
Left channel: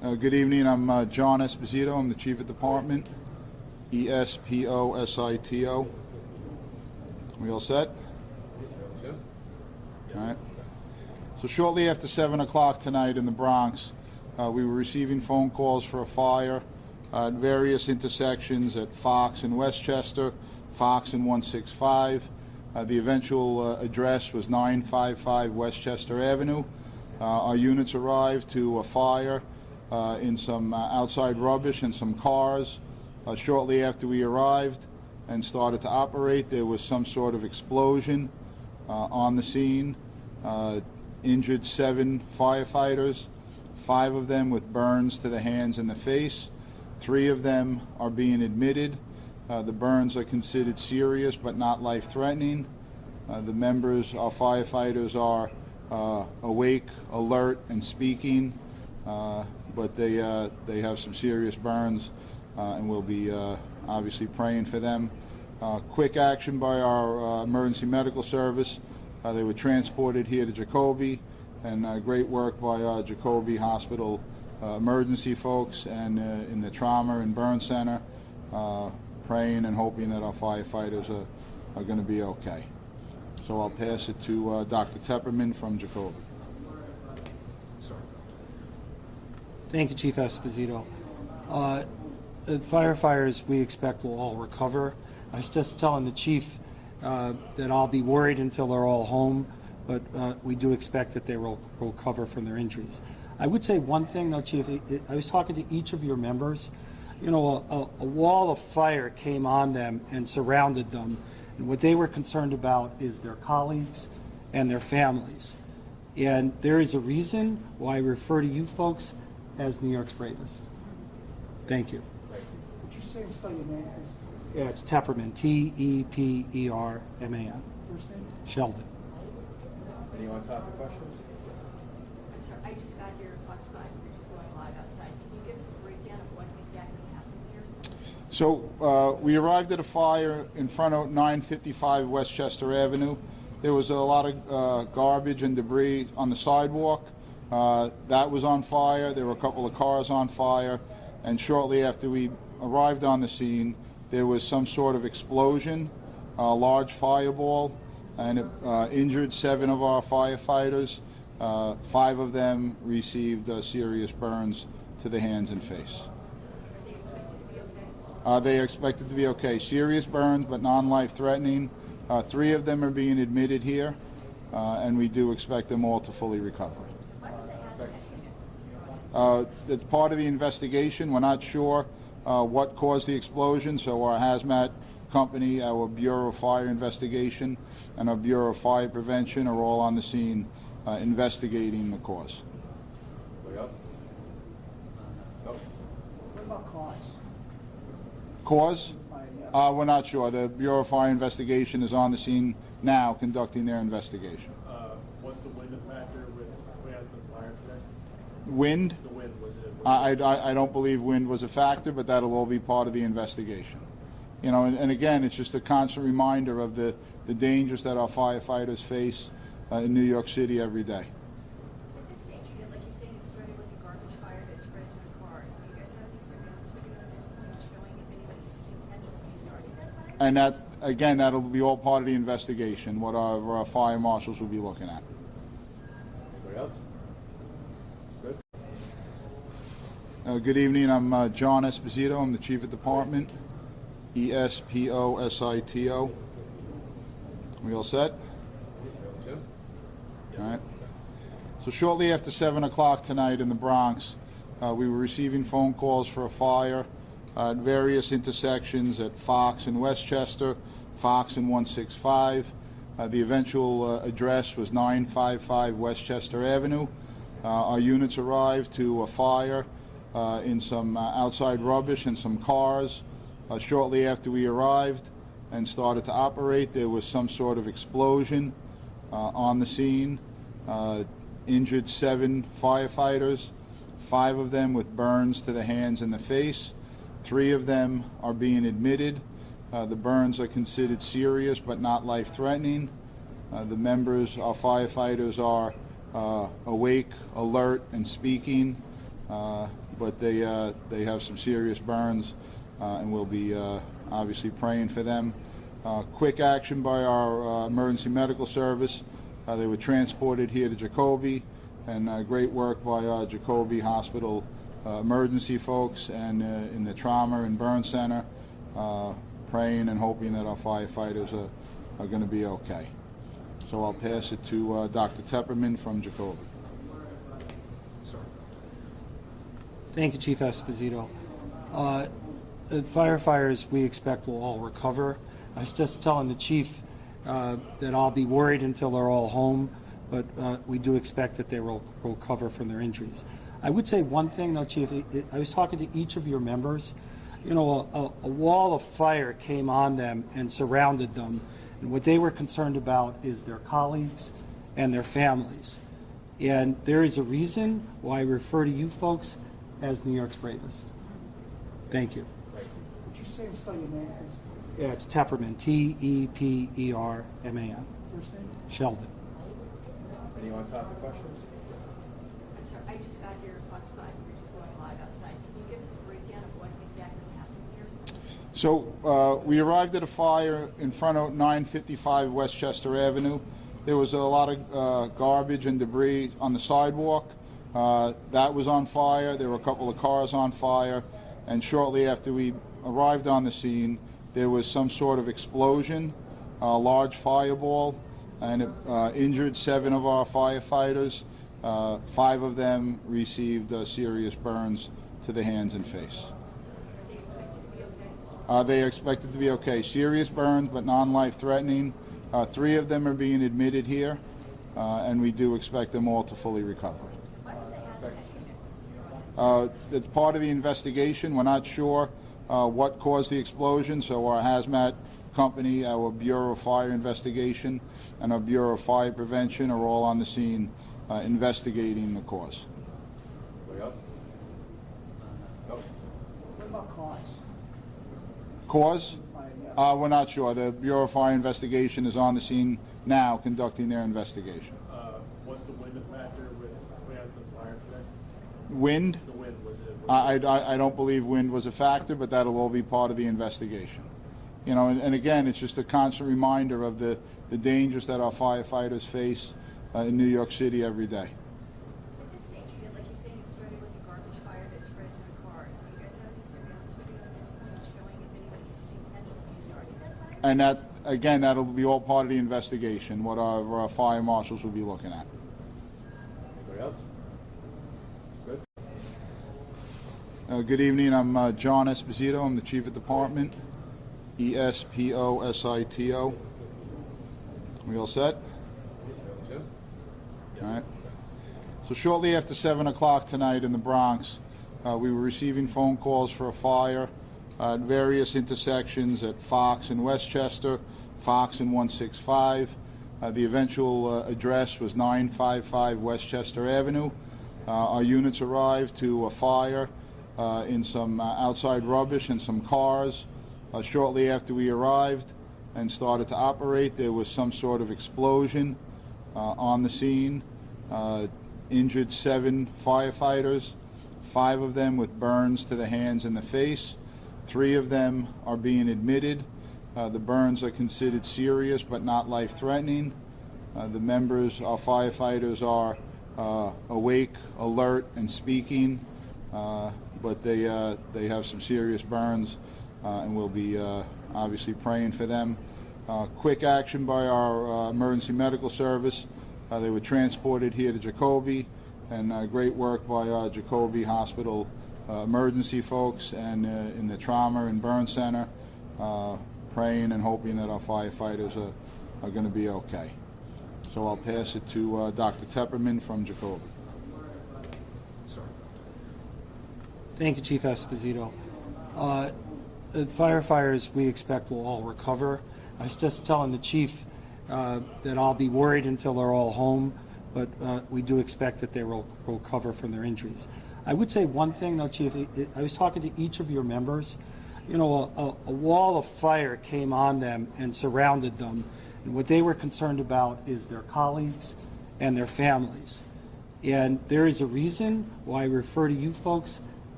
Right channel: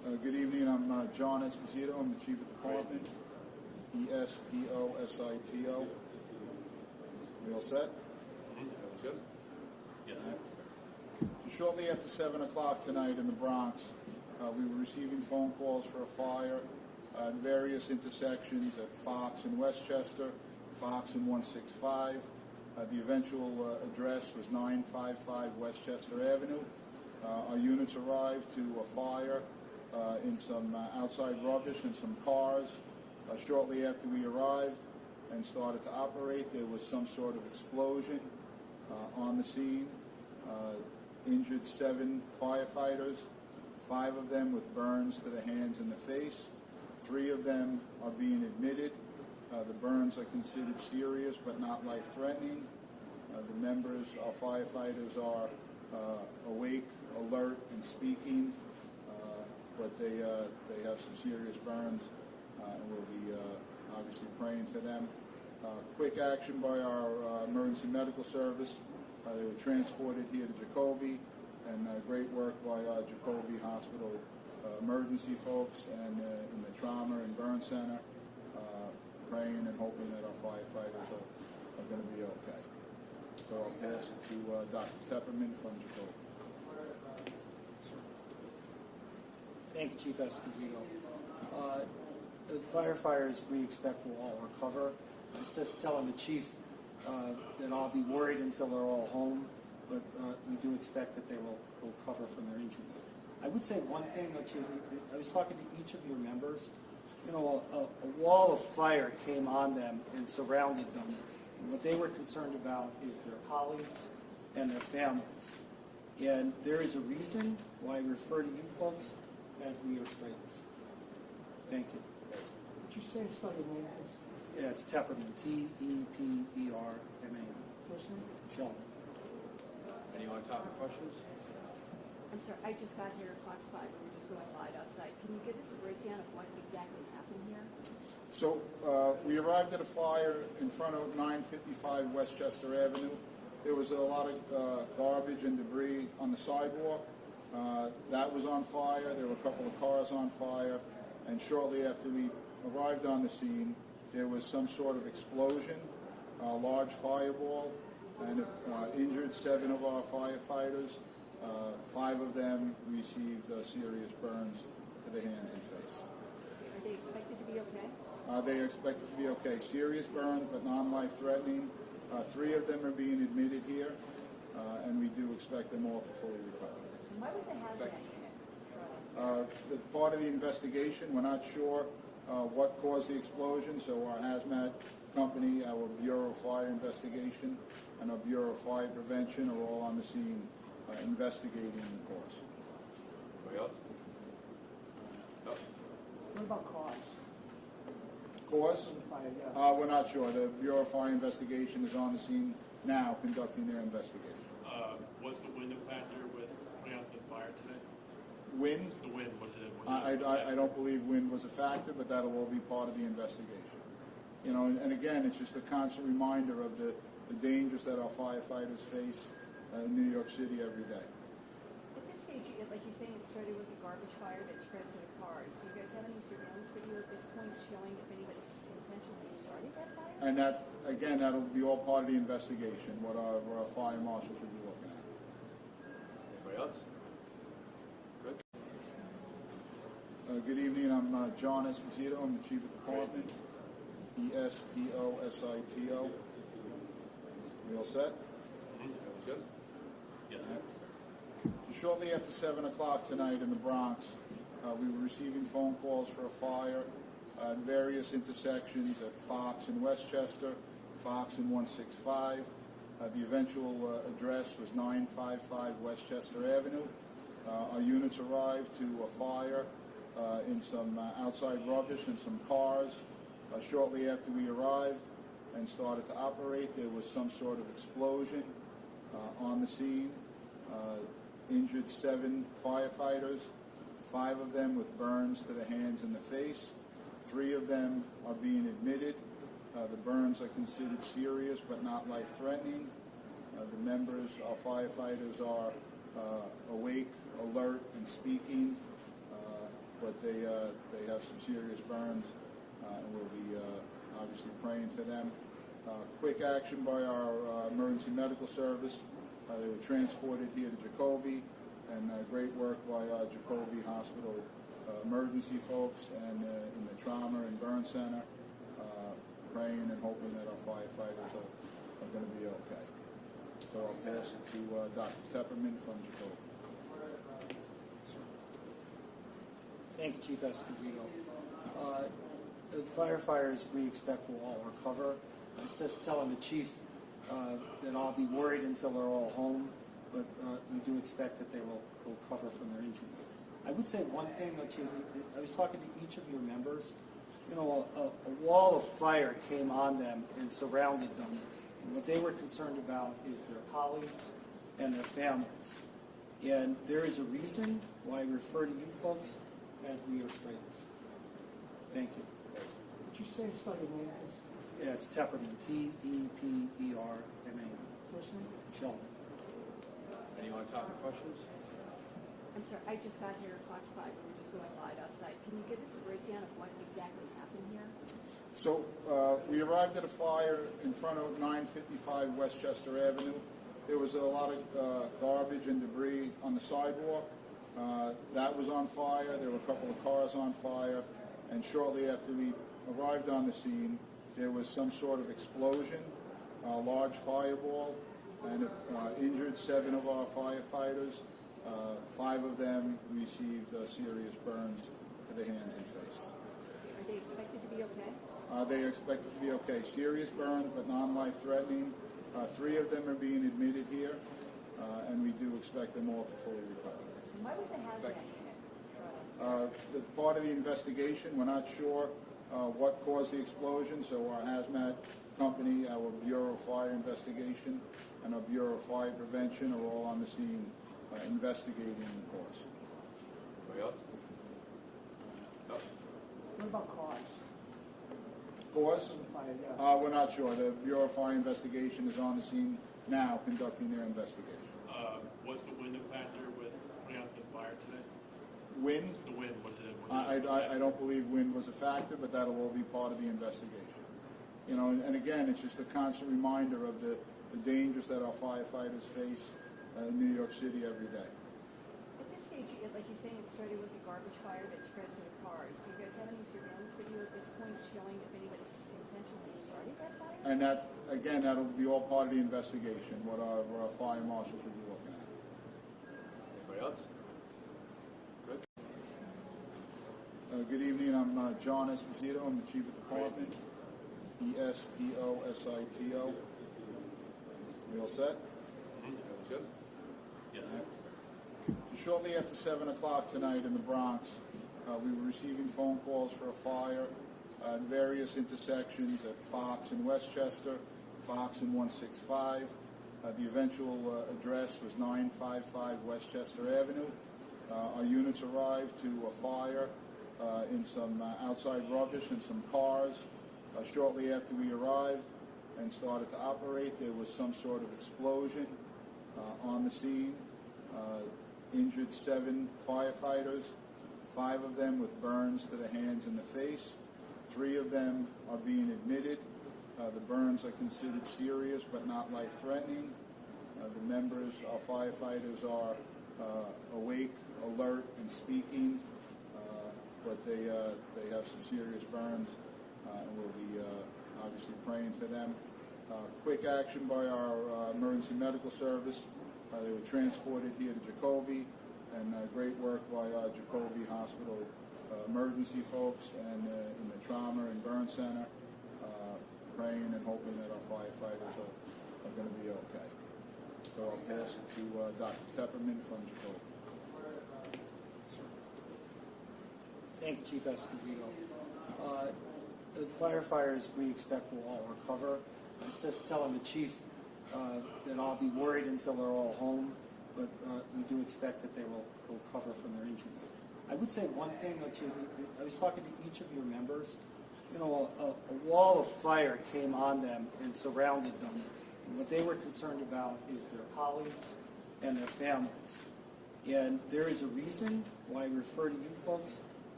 Good evening. I'm John Esposito. I'm the Chief of Department. Esposito. We all set? Jim? All right. So shortly after 7 o'clock tonight in the Bronx, we were receiving phone calls for a fire at various intersections at Fox and Westchester, Fox and 165. The eventual address was 955 Westchester Avenue. Our units arrived to a fire in some outside rubbish and some cars. Shortly after we arrived and started to operate, there was some sort of explosion on the scene. Injured 7 firefighters, 5 of them with burns to the hands and the face. 3 of them are being admitted. The burns are considered serious but not life-threatening. The members, our firefighters, are awake, alert, and speaking, but they have some serious burns, and we'll be obviously praying for them. Quick action by our emergency medical service. They were transported here to Jacoby, and great work by our Jacoby Hospital emergency folks and in the trauma and burn center, praying and hoping that our firefighters are going to be okay. So I'll pass it to Dr. Tepperman from Jacoby. Thank you, Chief Esposito. The firefighters we expect will all recover. I was just telling the chief that I'll be worried until they're all home, but we do expect that they will recover from their injuries. I would say one thing, though, Chief. I was talking to each of your members. You know, a wall of fire came on them and surrounded them, and what they were concerned about is their colleagues and their families. And there is a reason why I refer to you folks as New York's bravest. Thank you. Would you say and spell your name, please? Yeah, it's Tepperman, Tepperman. First name? Sheldon. Anyone topic questions? I'm sorry, I just got here at Fox 5. We're just going live outside. Can you give us a breakdown of what exactly happened here? So we arrived at a fire in front of 955 Westchester Avenue. There was a lot of garbage and debris on the sidewalk. That was on fire. There were a couple of cars on fire. And shortly after we arrived on the scene, there was some sort of explosion, a large fireball, and it injured 7 of our firefighters. 5 of them received serious burns to the hands and face. Are they expected to be okay? They are expected to be okay. Serious burns, but non-life threatening. 3 of them are being admitted here, and we do expect them all to fully recover. Why was the hazmat unit? It's part of the investigation. We're not sure what caused the explosion, so our hazmat company, our Bureau of Fire Investigation, and our Bureau of Fire Prevention are all on the scene investigating the cause. Way up? No? What about cause? Cause? Yeah. We're not sure. The Bureau of Fire Investigation is on the scene now conducting their investigation. Was the wind a factor with putting out the fire today? Wind? The wind, was it? I don't believe wind was a factor, but that'll all be part of the investigation. You know, and again, it's just a constant reminder of the dangers that our firefighters face in New York City every day. At this stage, like you're saying, it started with a garbage fire that spread to the cars. Do you guys have any surveillance video at this point showing if anybody intentionally started that fire? And that, again, that'll be all part of the investigation, what our fire marshals will be looking at. Anybody else? Good? Good evening. I'm John Esposito. I'm the Chief of Department. Esposito. We all set? Jim? All right. So shortly after 7 o'clock tonight in the Bronx, we were receiving phone calls for a fire at various intersections at Fox and Westchester, Fox and 165. The eventual address was 955 Westchester Avenue. Our units arrived to a fire in some outside rubbish and some cars. Shortly after we arrived and started to operate, there was some sort of explosion on the scene. Injured 7 firefighters, 5 of them with burns to the hands and the face. 3 of them are being admitted. The burns are considered serious but not life-threatening. The members, our firefighters, are awake, alert, and speaking, but they have some serious burns, and we'll be obviously praying for them. Quick action by our emergency medical service. They were transported here to Jacoby, and great work by Jacoby Hospital emergency folks and in the trauma and burn center, praying and hoping that our firefighters are going to be okay. So I'll pass it to Dr. Tepperman from Jacoby. Thank you, Chief Esposito. The firefighters we expect will all recover. I was just telling the chief that I'll be worried until they're all home, but we do expect that they will recover from their injuries. I would say one thing, though, Chief. I was talking to each of your members. You know, a wall of fire came on them and surrounded them, and what they were concerned about is their colleagues and their families. And there is a reason why I refer to you folks as New York's bravest. Thank you. Would you say and spell your name, please? Yeah, it's Tepperman, T-E-P-E-R-M-A-N. First name? Sheldon. Any on-topic questions? I'm sorry, I just got here at Fox 5, we're just going live outside. Can you give us a breakdown of what exactly happened here? So we arrived at a fire in front of 955 Westchester Avenue. There was a lot of garbage and debris on the sidewalk. That was on fire. There were a couple of cars on fire. And shortly after we arrived on the scene, there was some sort of explosion, a large fireball, and it injured 7 of our firefighters. 5 of them received serious burns to the hands and face. Are they expected to be okay? They are expected to be okay. Serious burns, but non-life threatening. 3 of them are being admitted here, and we do expect them all to fully recover. Why was the hazmat unit? It's part of the investigation. We're not sure what caused the explosion, so our hazmat company, our Bureau of Fire Investigation, and our Bureau of Fire Prevention are all on the scene investigating the cause. Anybody else? No? What about cause? Cause? Yeah. We're not sure. The Bureau of Fire Investigation is on the scene now conducting their investigation. Was the wind a factor with putting out the fire today? Wind? The wind, was it? I don't believe wind was a factor, but that'll all be part of the investigation. You know, and again, it's just a constant reminder of the dangers that our firefighters face in New York City every day. At this stage, like you're saying, it started with a garbage fire that spread to the cars. Do you guys have any surveillance video at this point showing if anybody intentionally started that fire? And that, again, that'll be all part of the investigation, what our fire marshals will be looking at. Anybody else? Good. Good evening. I'm John Esposito. I'm the Chief of Department. E-S-P-O-S-I-T-O. We all set? Jim? All right. So shortly after 7 o'clock tonight in the Bronx, we were receiving phone calls for a fire at various intersections at Fox and Westchester, Fox and 165. The eventual address was 955 Westchester Avenue. Our units arrived to a fire in some outside rubbish and some cars. Shortly after we arrived and started to operate, there was some sort of explosion on the scene. Injured 7 firefighters, 5 of them with burns to the hands and the face. 3 of them are being admitted. The burns are considered serious but not life-threatening. The members, our firefighters, are awake, alert, and speaking, but they have some serious burns, and we'll be obviously praying for them. Quick action by our emergency medical service. They were transported here to Jacoby, and great work by Jacoby Hospital emergency folks and in the trauma and burn center, praying and hoping that our firefighters are going to be okay. So I'll pass it to Dr. Tepperman from Jacoby. Thank you, Chief Esposito. The firefighters we expect will all recover. I was just telling the chief that I'll be worried until they're all home, but we do expect that they will recover from their injuries. I would say one thing, though, Chief. I was talking to each of your members. You know, a wall of fire came on them and surrounded them, and what they were concerned about is their colleagues and their families. And there is a reason why I refer to you folks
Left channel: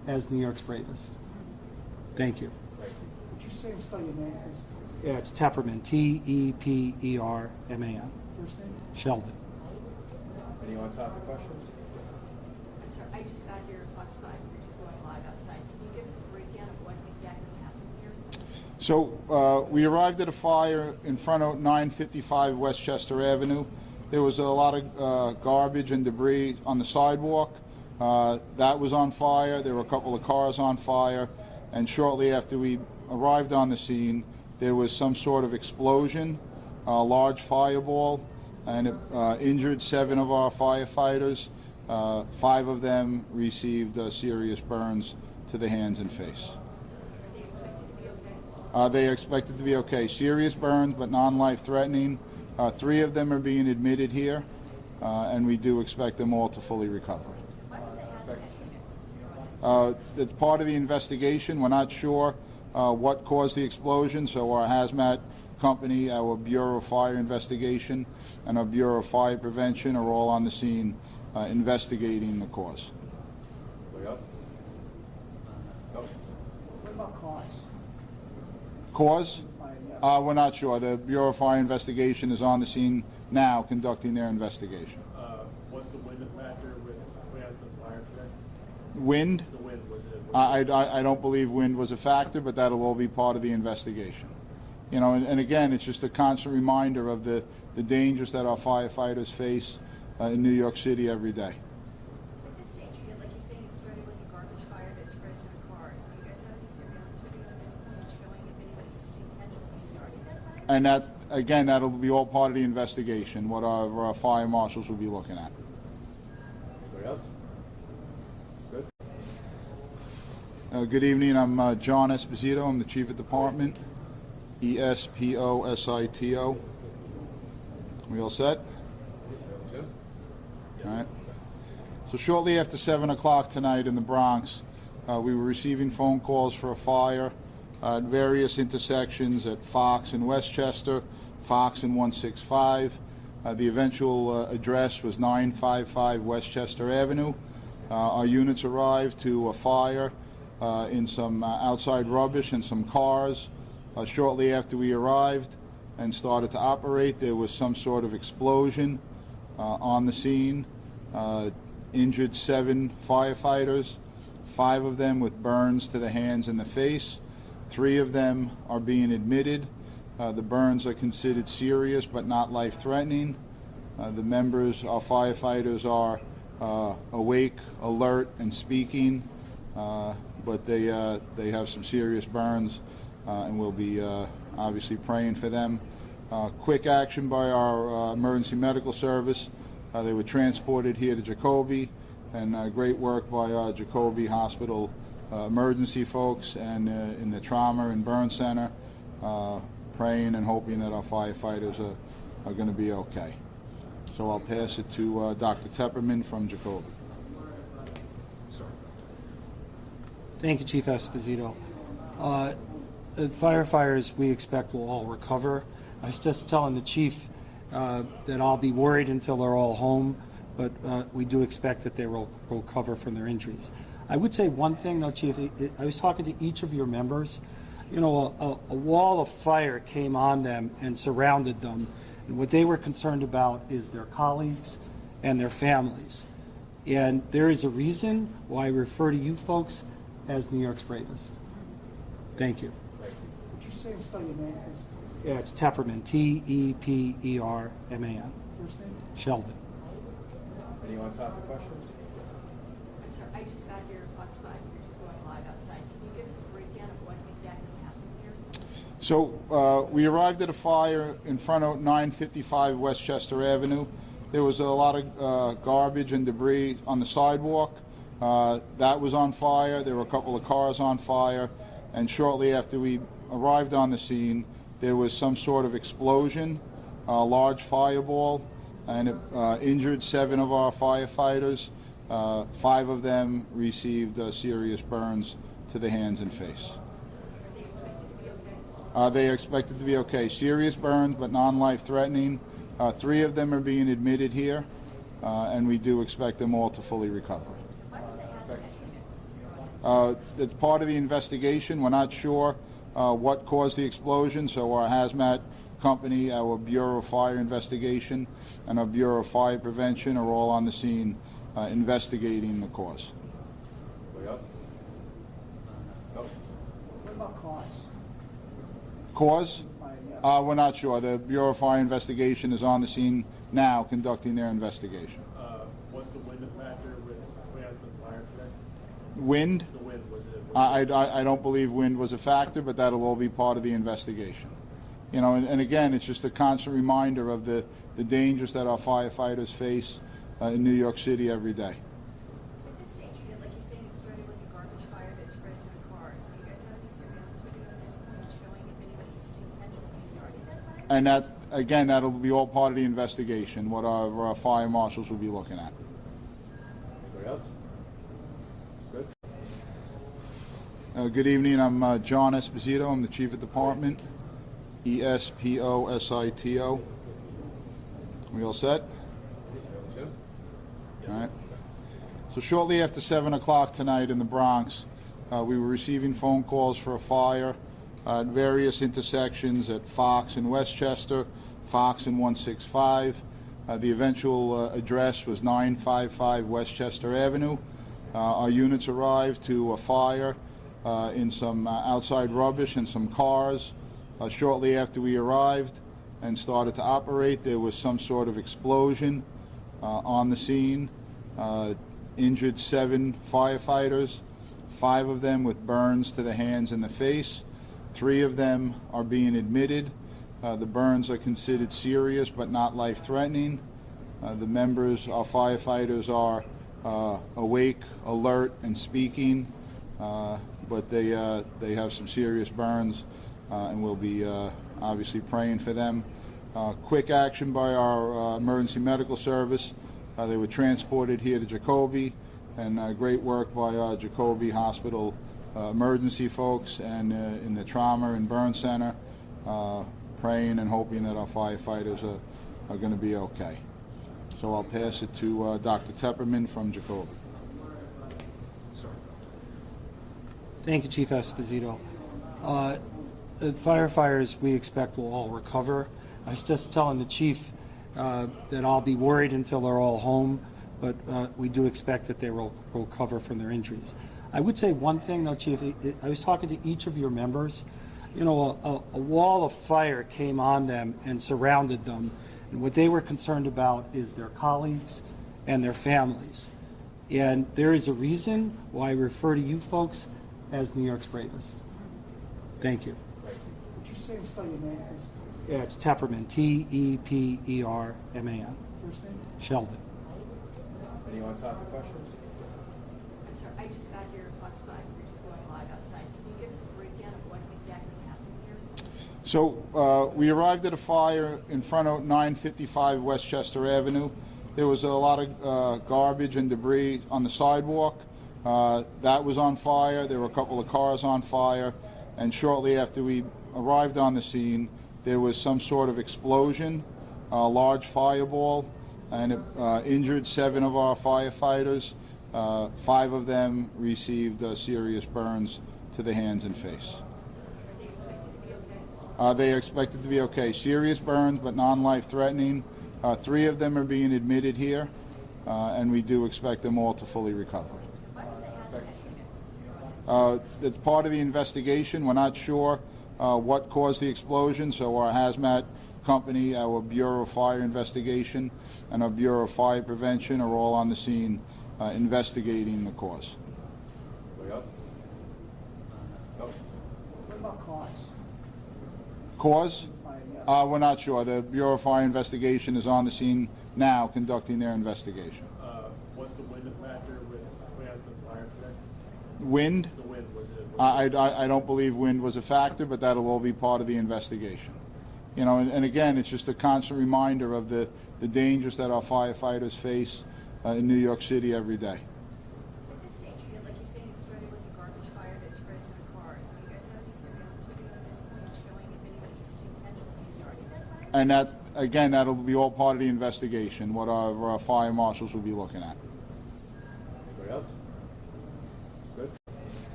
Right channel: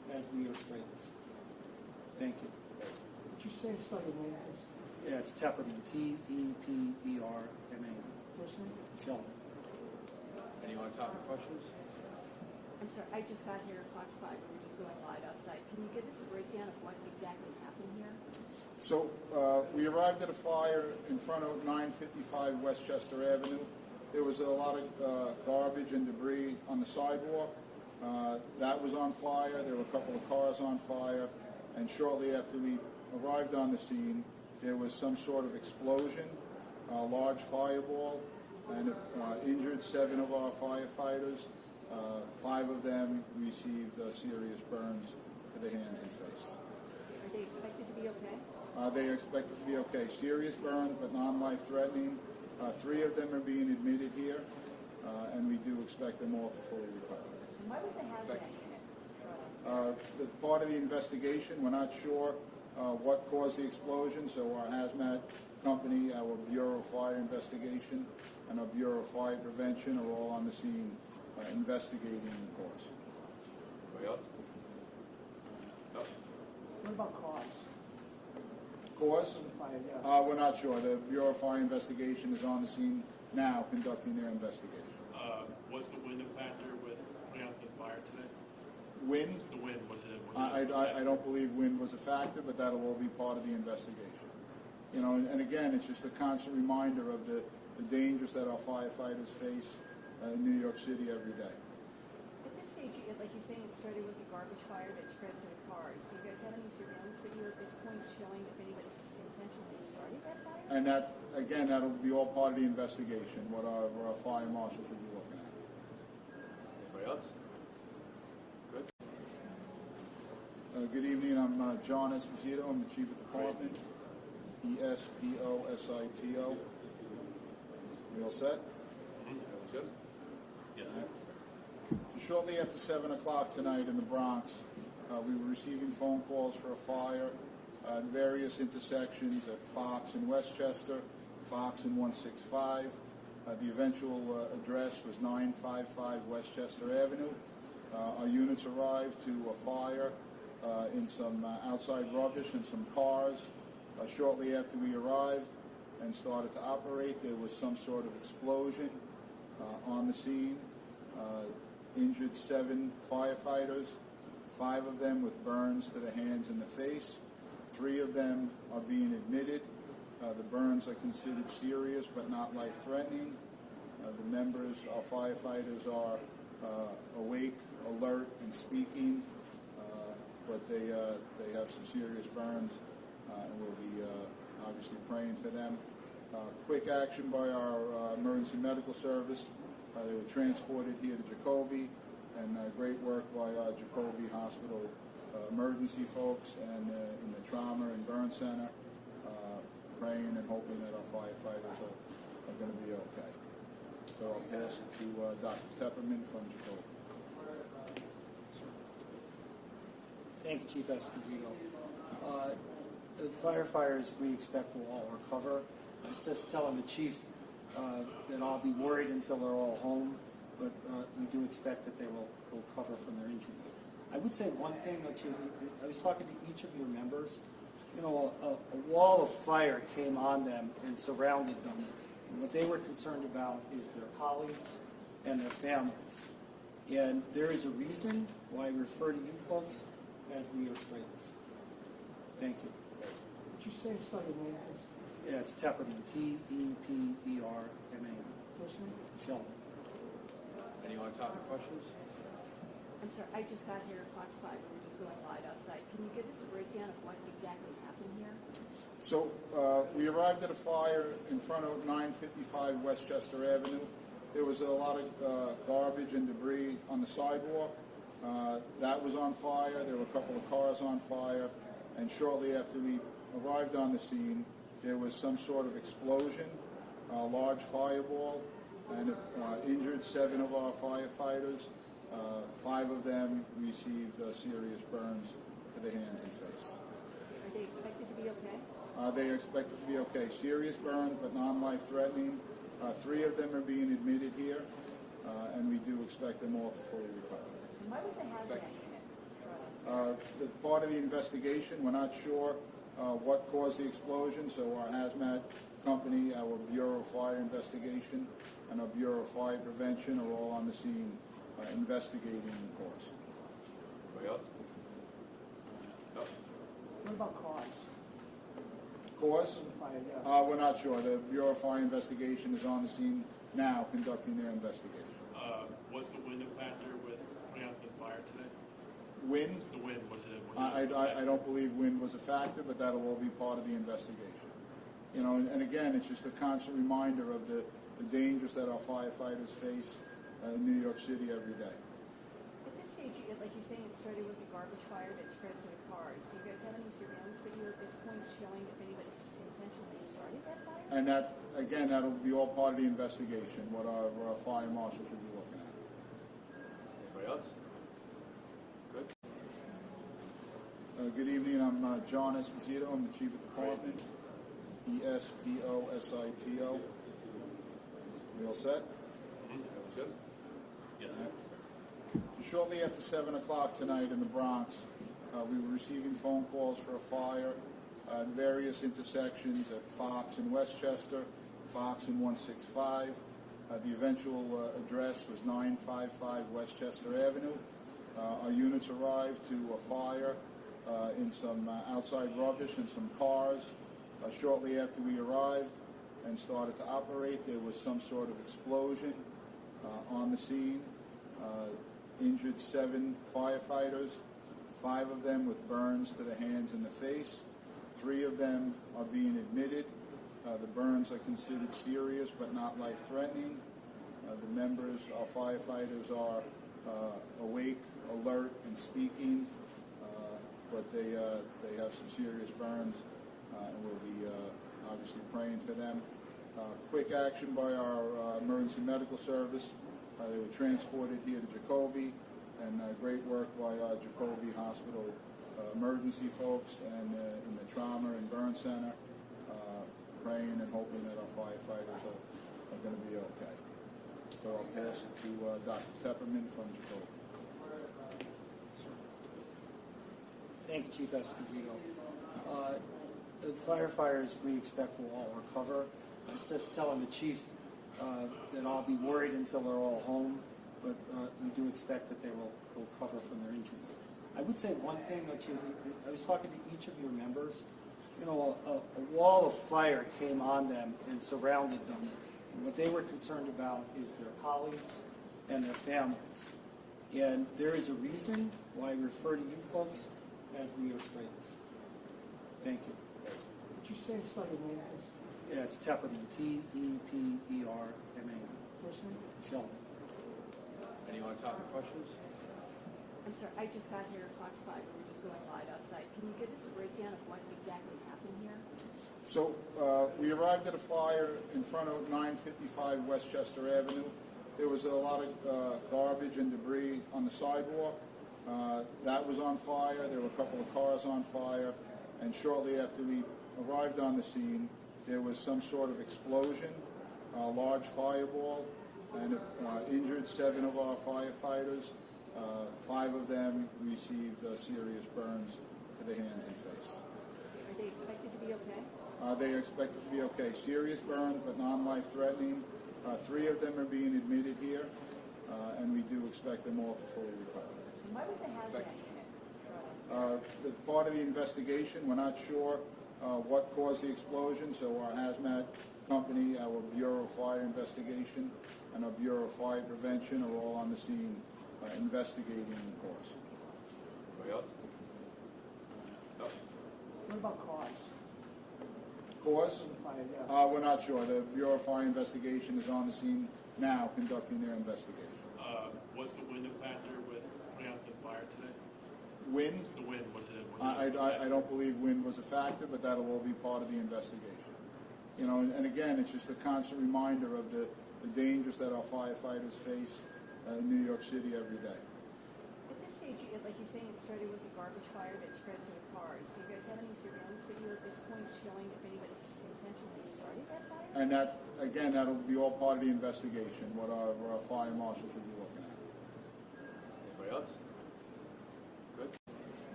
as New York's bravest. Thank you. Would you say and spell your name, please? Yeah, it's Tepperman, Tepperman. First name? Sheldon. Any on-topic questions? I'm sorry, I just got your Fox 5, we're just going live outside. Can you give us a breakdown of what exactly happened here? So we arrived at a fire in front of 955 Westchester Avenue. There was a lot of garbage and debris on the sidewalk. That was on fire. There were a couple of cars on fire. And shortly after we arrived on the scene, there was some sort of explosion, a large fireball, and it injured 7 of our firefighters. 5 of them received serious burns to the hands and face. Are they expected to be okay? They are expected to be okay. Serious burns, but non-life threatening. 3 of them are being admitted here, and we do expect them all to fully recover. Why was the hazmat unit? It's part of the investigation. We're not sure what caused the explosion, so our hazmat company, our Bureau of Fire Investigation, and our Bureau of Fire Prevention are all on the scene investigating the cause. Anybody else? No? What about cause? Cause? Yeah. We're not sure. The Bureau of Fire Investigation is on the scene now conducting their investigation. Was the wind a factor with putting out the fire today? Wind? The wind, was it? I don't believe wind was a factor, but that'll all be part of the investigation. You know, and again, it's just a constant reminder of the dangers that our firefighters face in New York City every day. At this stage, like you're saying, it started with a garbage fire that spread to the cars. Do you guys have any surveillance video at this point showing if anybody intentionally started that fire? And that, again, that'll be all part of the investigation, what our fire marshals will be looking at. Anybody else? Good. Good evening. I'm John Esposito. I'm the Chief of Department. Esposito. We all set? Jim? All right. So shortly after 7 o'clock tonight in the Bronx, we were receiving phone calls for a fire at various intersections at Fox and Westchester, Fox and 165. The eventual address was 955 Westchester Avenue. Our units arrived to a fire in some outside rubbish and some cars. Shortly after we arrived and started to operate, there was some sort of explosion on the scene. Injured 7 firefighters, 5 of them with burns to the hands and the face. 3 of them are being admitted. The burns are considered serious but not life-threatening. The members, our firefighters, are awake, alert, and speaking, but they have some serious burns, and we'll be obviously praying for them. Quick action by our emergency medical service. They were transported here to Jacoby, and great work by our Jacoby Hospital emergency folks and in the trauma and burn center, praying and hoping that our firefighters are going to be okay. So I'll pass it to Dr. Tepperman from Jacoby. Thank you, Chief Esposito. The firefighters we expect will all recover. I was just telling the chief that I'll be worried until they're all home, but we do expect that they will recover from their injuries. I would say one thing, though, Chief. I was talking to each of your members. You know, a wall of fire came on them and surrounded them, and what they were concerned about is their colleagues and their families. And there is a reason why I refer to you folks as New York's bravest. Thank you. Would you say and spell your name, please? Yeah, it's Tepperman, Tepperman. First name? Sheldon. Any on-topic questions? I'm sorry, I just got your Fox 5, we're just going live outside. Can you give us a breakdown of what exactly happened here? So we arrived at a fire in front of 955 Westchester Avenue. There was a lot of garbage and debris on the sidewalk. That was on fire. There were a couple of cars on fire. And shortly after we arrived on the scene, there was some sort of explosion, a large fireball, and it injured 7 of our firefighters. 5 of them received serious burns to the hands and face. Are they expected to be okay? They are expected to be okay. Serious burns, but non-life threatening. 3 of them are being admitted here, and we do expect them all to fully recover. Why was the hazmat unit? It's part of the investigation. We're not sure what caused the explosion, so our hazmat company, our Bureau of Fire Investigation, and our Bureau of Fire Prevention are all on the scene investigating the cause. Anybody else? No? What about cause? Cause? Yeah. We're not sure. The Bureau of Fire Investigation is on the scene now conducting their investigation. Was the wind a factor with putting out the fire today? Wind? The wind, was it? I don't believe wind was a factor, but that'll all be part of the investigation. You know, and again, it's just a constant reminder of the dangers that our firefighters face in New York City every day. With this stage, like you're saying, it started with a garbage fire that spread to the cars. Do you guys have any surveillance video at this point showing if anybody intentionally started that fire? And that, again, that'll be all part of the investigation, what our fire marshals will be looking at. Anybody else? Good. Good evening. I'm John Esposito. I'm the Chief of Department. Esposito. We all set? Jim? All right. So shortly after 7 o'clock tonight in the Bronx, we were receiving phone calls for a fire at various intersections at Fox and Westchester, Fox and 165. The eventual address was 955 Westchester Avenue. Our units arrived to a fire in some outside rubbish and some cars. Shortly after we arrived and started to operate, there was some sort of explosion on the scene. Injured 7 firefighters, 5 of them with burns to the hands and the face. 3 of them are being admitted. The burns are considered serious but not life-threatening. The members, our firefighters, are awake, alert, and speaking, but they have some serious burns, and we'll be obviously praying for them. Quick action by our emergency medical service. They were transported here to Jacoby, and great work by our Jacoby Hospital emergency folks and in the trauma and burn center, praying and hoping that our firefighters are going to be okay. So I'll pass it to Dr. Tepperman from Jacoby. Thank you, Chief Esposito. The firefighters we expect will all recover. I was just telling the chief that I'll be worried until they're all home, but we do expect that they will recover from their injuries. I would say one thing, though, Chief. I was talking to each of your members. You know, a wall of fire came on them and surrounded them, and what they were concerned about is their colleagues and their families. And there is a reason why I refer to you folks as New York's bravest. Thank you. Would you say and spell your name, please? Yeah, it's Tepperman, Tepperman. First name? Sheldon. Anyone talk to questions? I'm sorry, I just got here at Fox 5. We're just going live outside. Can you give us a breakdown of what exactly happened here? So we arrived at a fire in front of 955 Westchester Avenue. There was a lot of garbage and debris on the sidewalk. That was on fire. There were a couple of cars on fire. And shortly after we arrived on the scene, there was some sort of explosion, a large fireball, and it injured 7 of our firefighters. 5 of them received serious burns to the hands and face. Are they expected to be okay? They are expected to be okay. Serious burns, but non-life-threatening. 3 of them are being admitted here, and we do expect them all to fully recover. Why was the hazmat unit? It's part of the investigation. We're not sure what caused the explosion, so our hazmat company, our Bureau of Fire Investigation, and our Bureau of Fire Prevention are all on the scene investigating the cause. Anybody else? No? What about cause? Cause? Yeah. We're not sure. The Bureau of Fire Investigation is on the scene now conducting their investigation. Was the wind a factor with putting out the fire today? Wind? The wind, was it? I don't believe wind was a factor, but that'll all be part of the investigation. You know, and again, it's just a constant reminder of the dangers that our firefighters face in New York City every day. At this stage, like you're saying, it started with a garbage fire that spread to the cars. Do you guys have any surveillance video at this point showing if anybody intentionally started that fire? And that, again, that'll be all part of the investigation, what our fire marshals will be looking at. Anybody else? Good.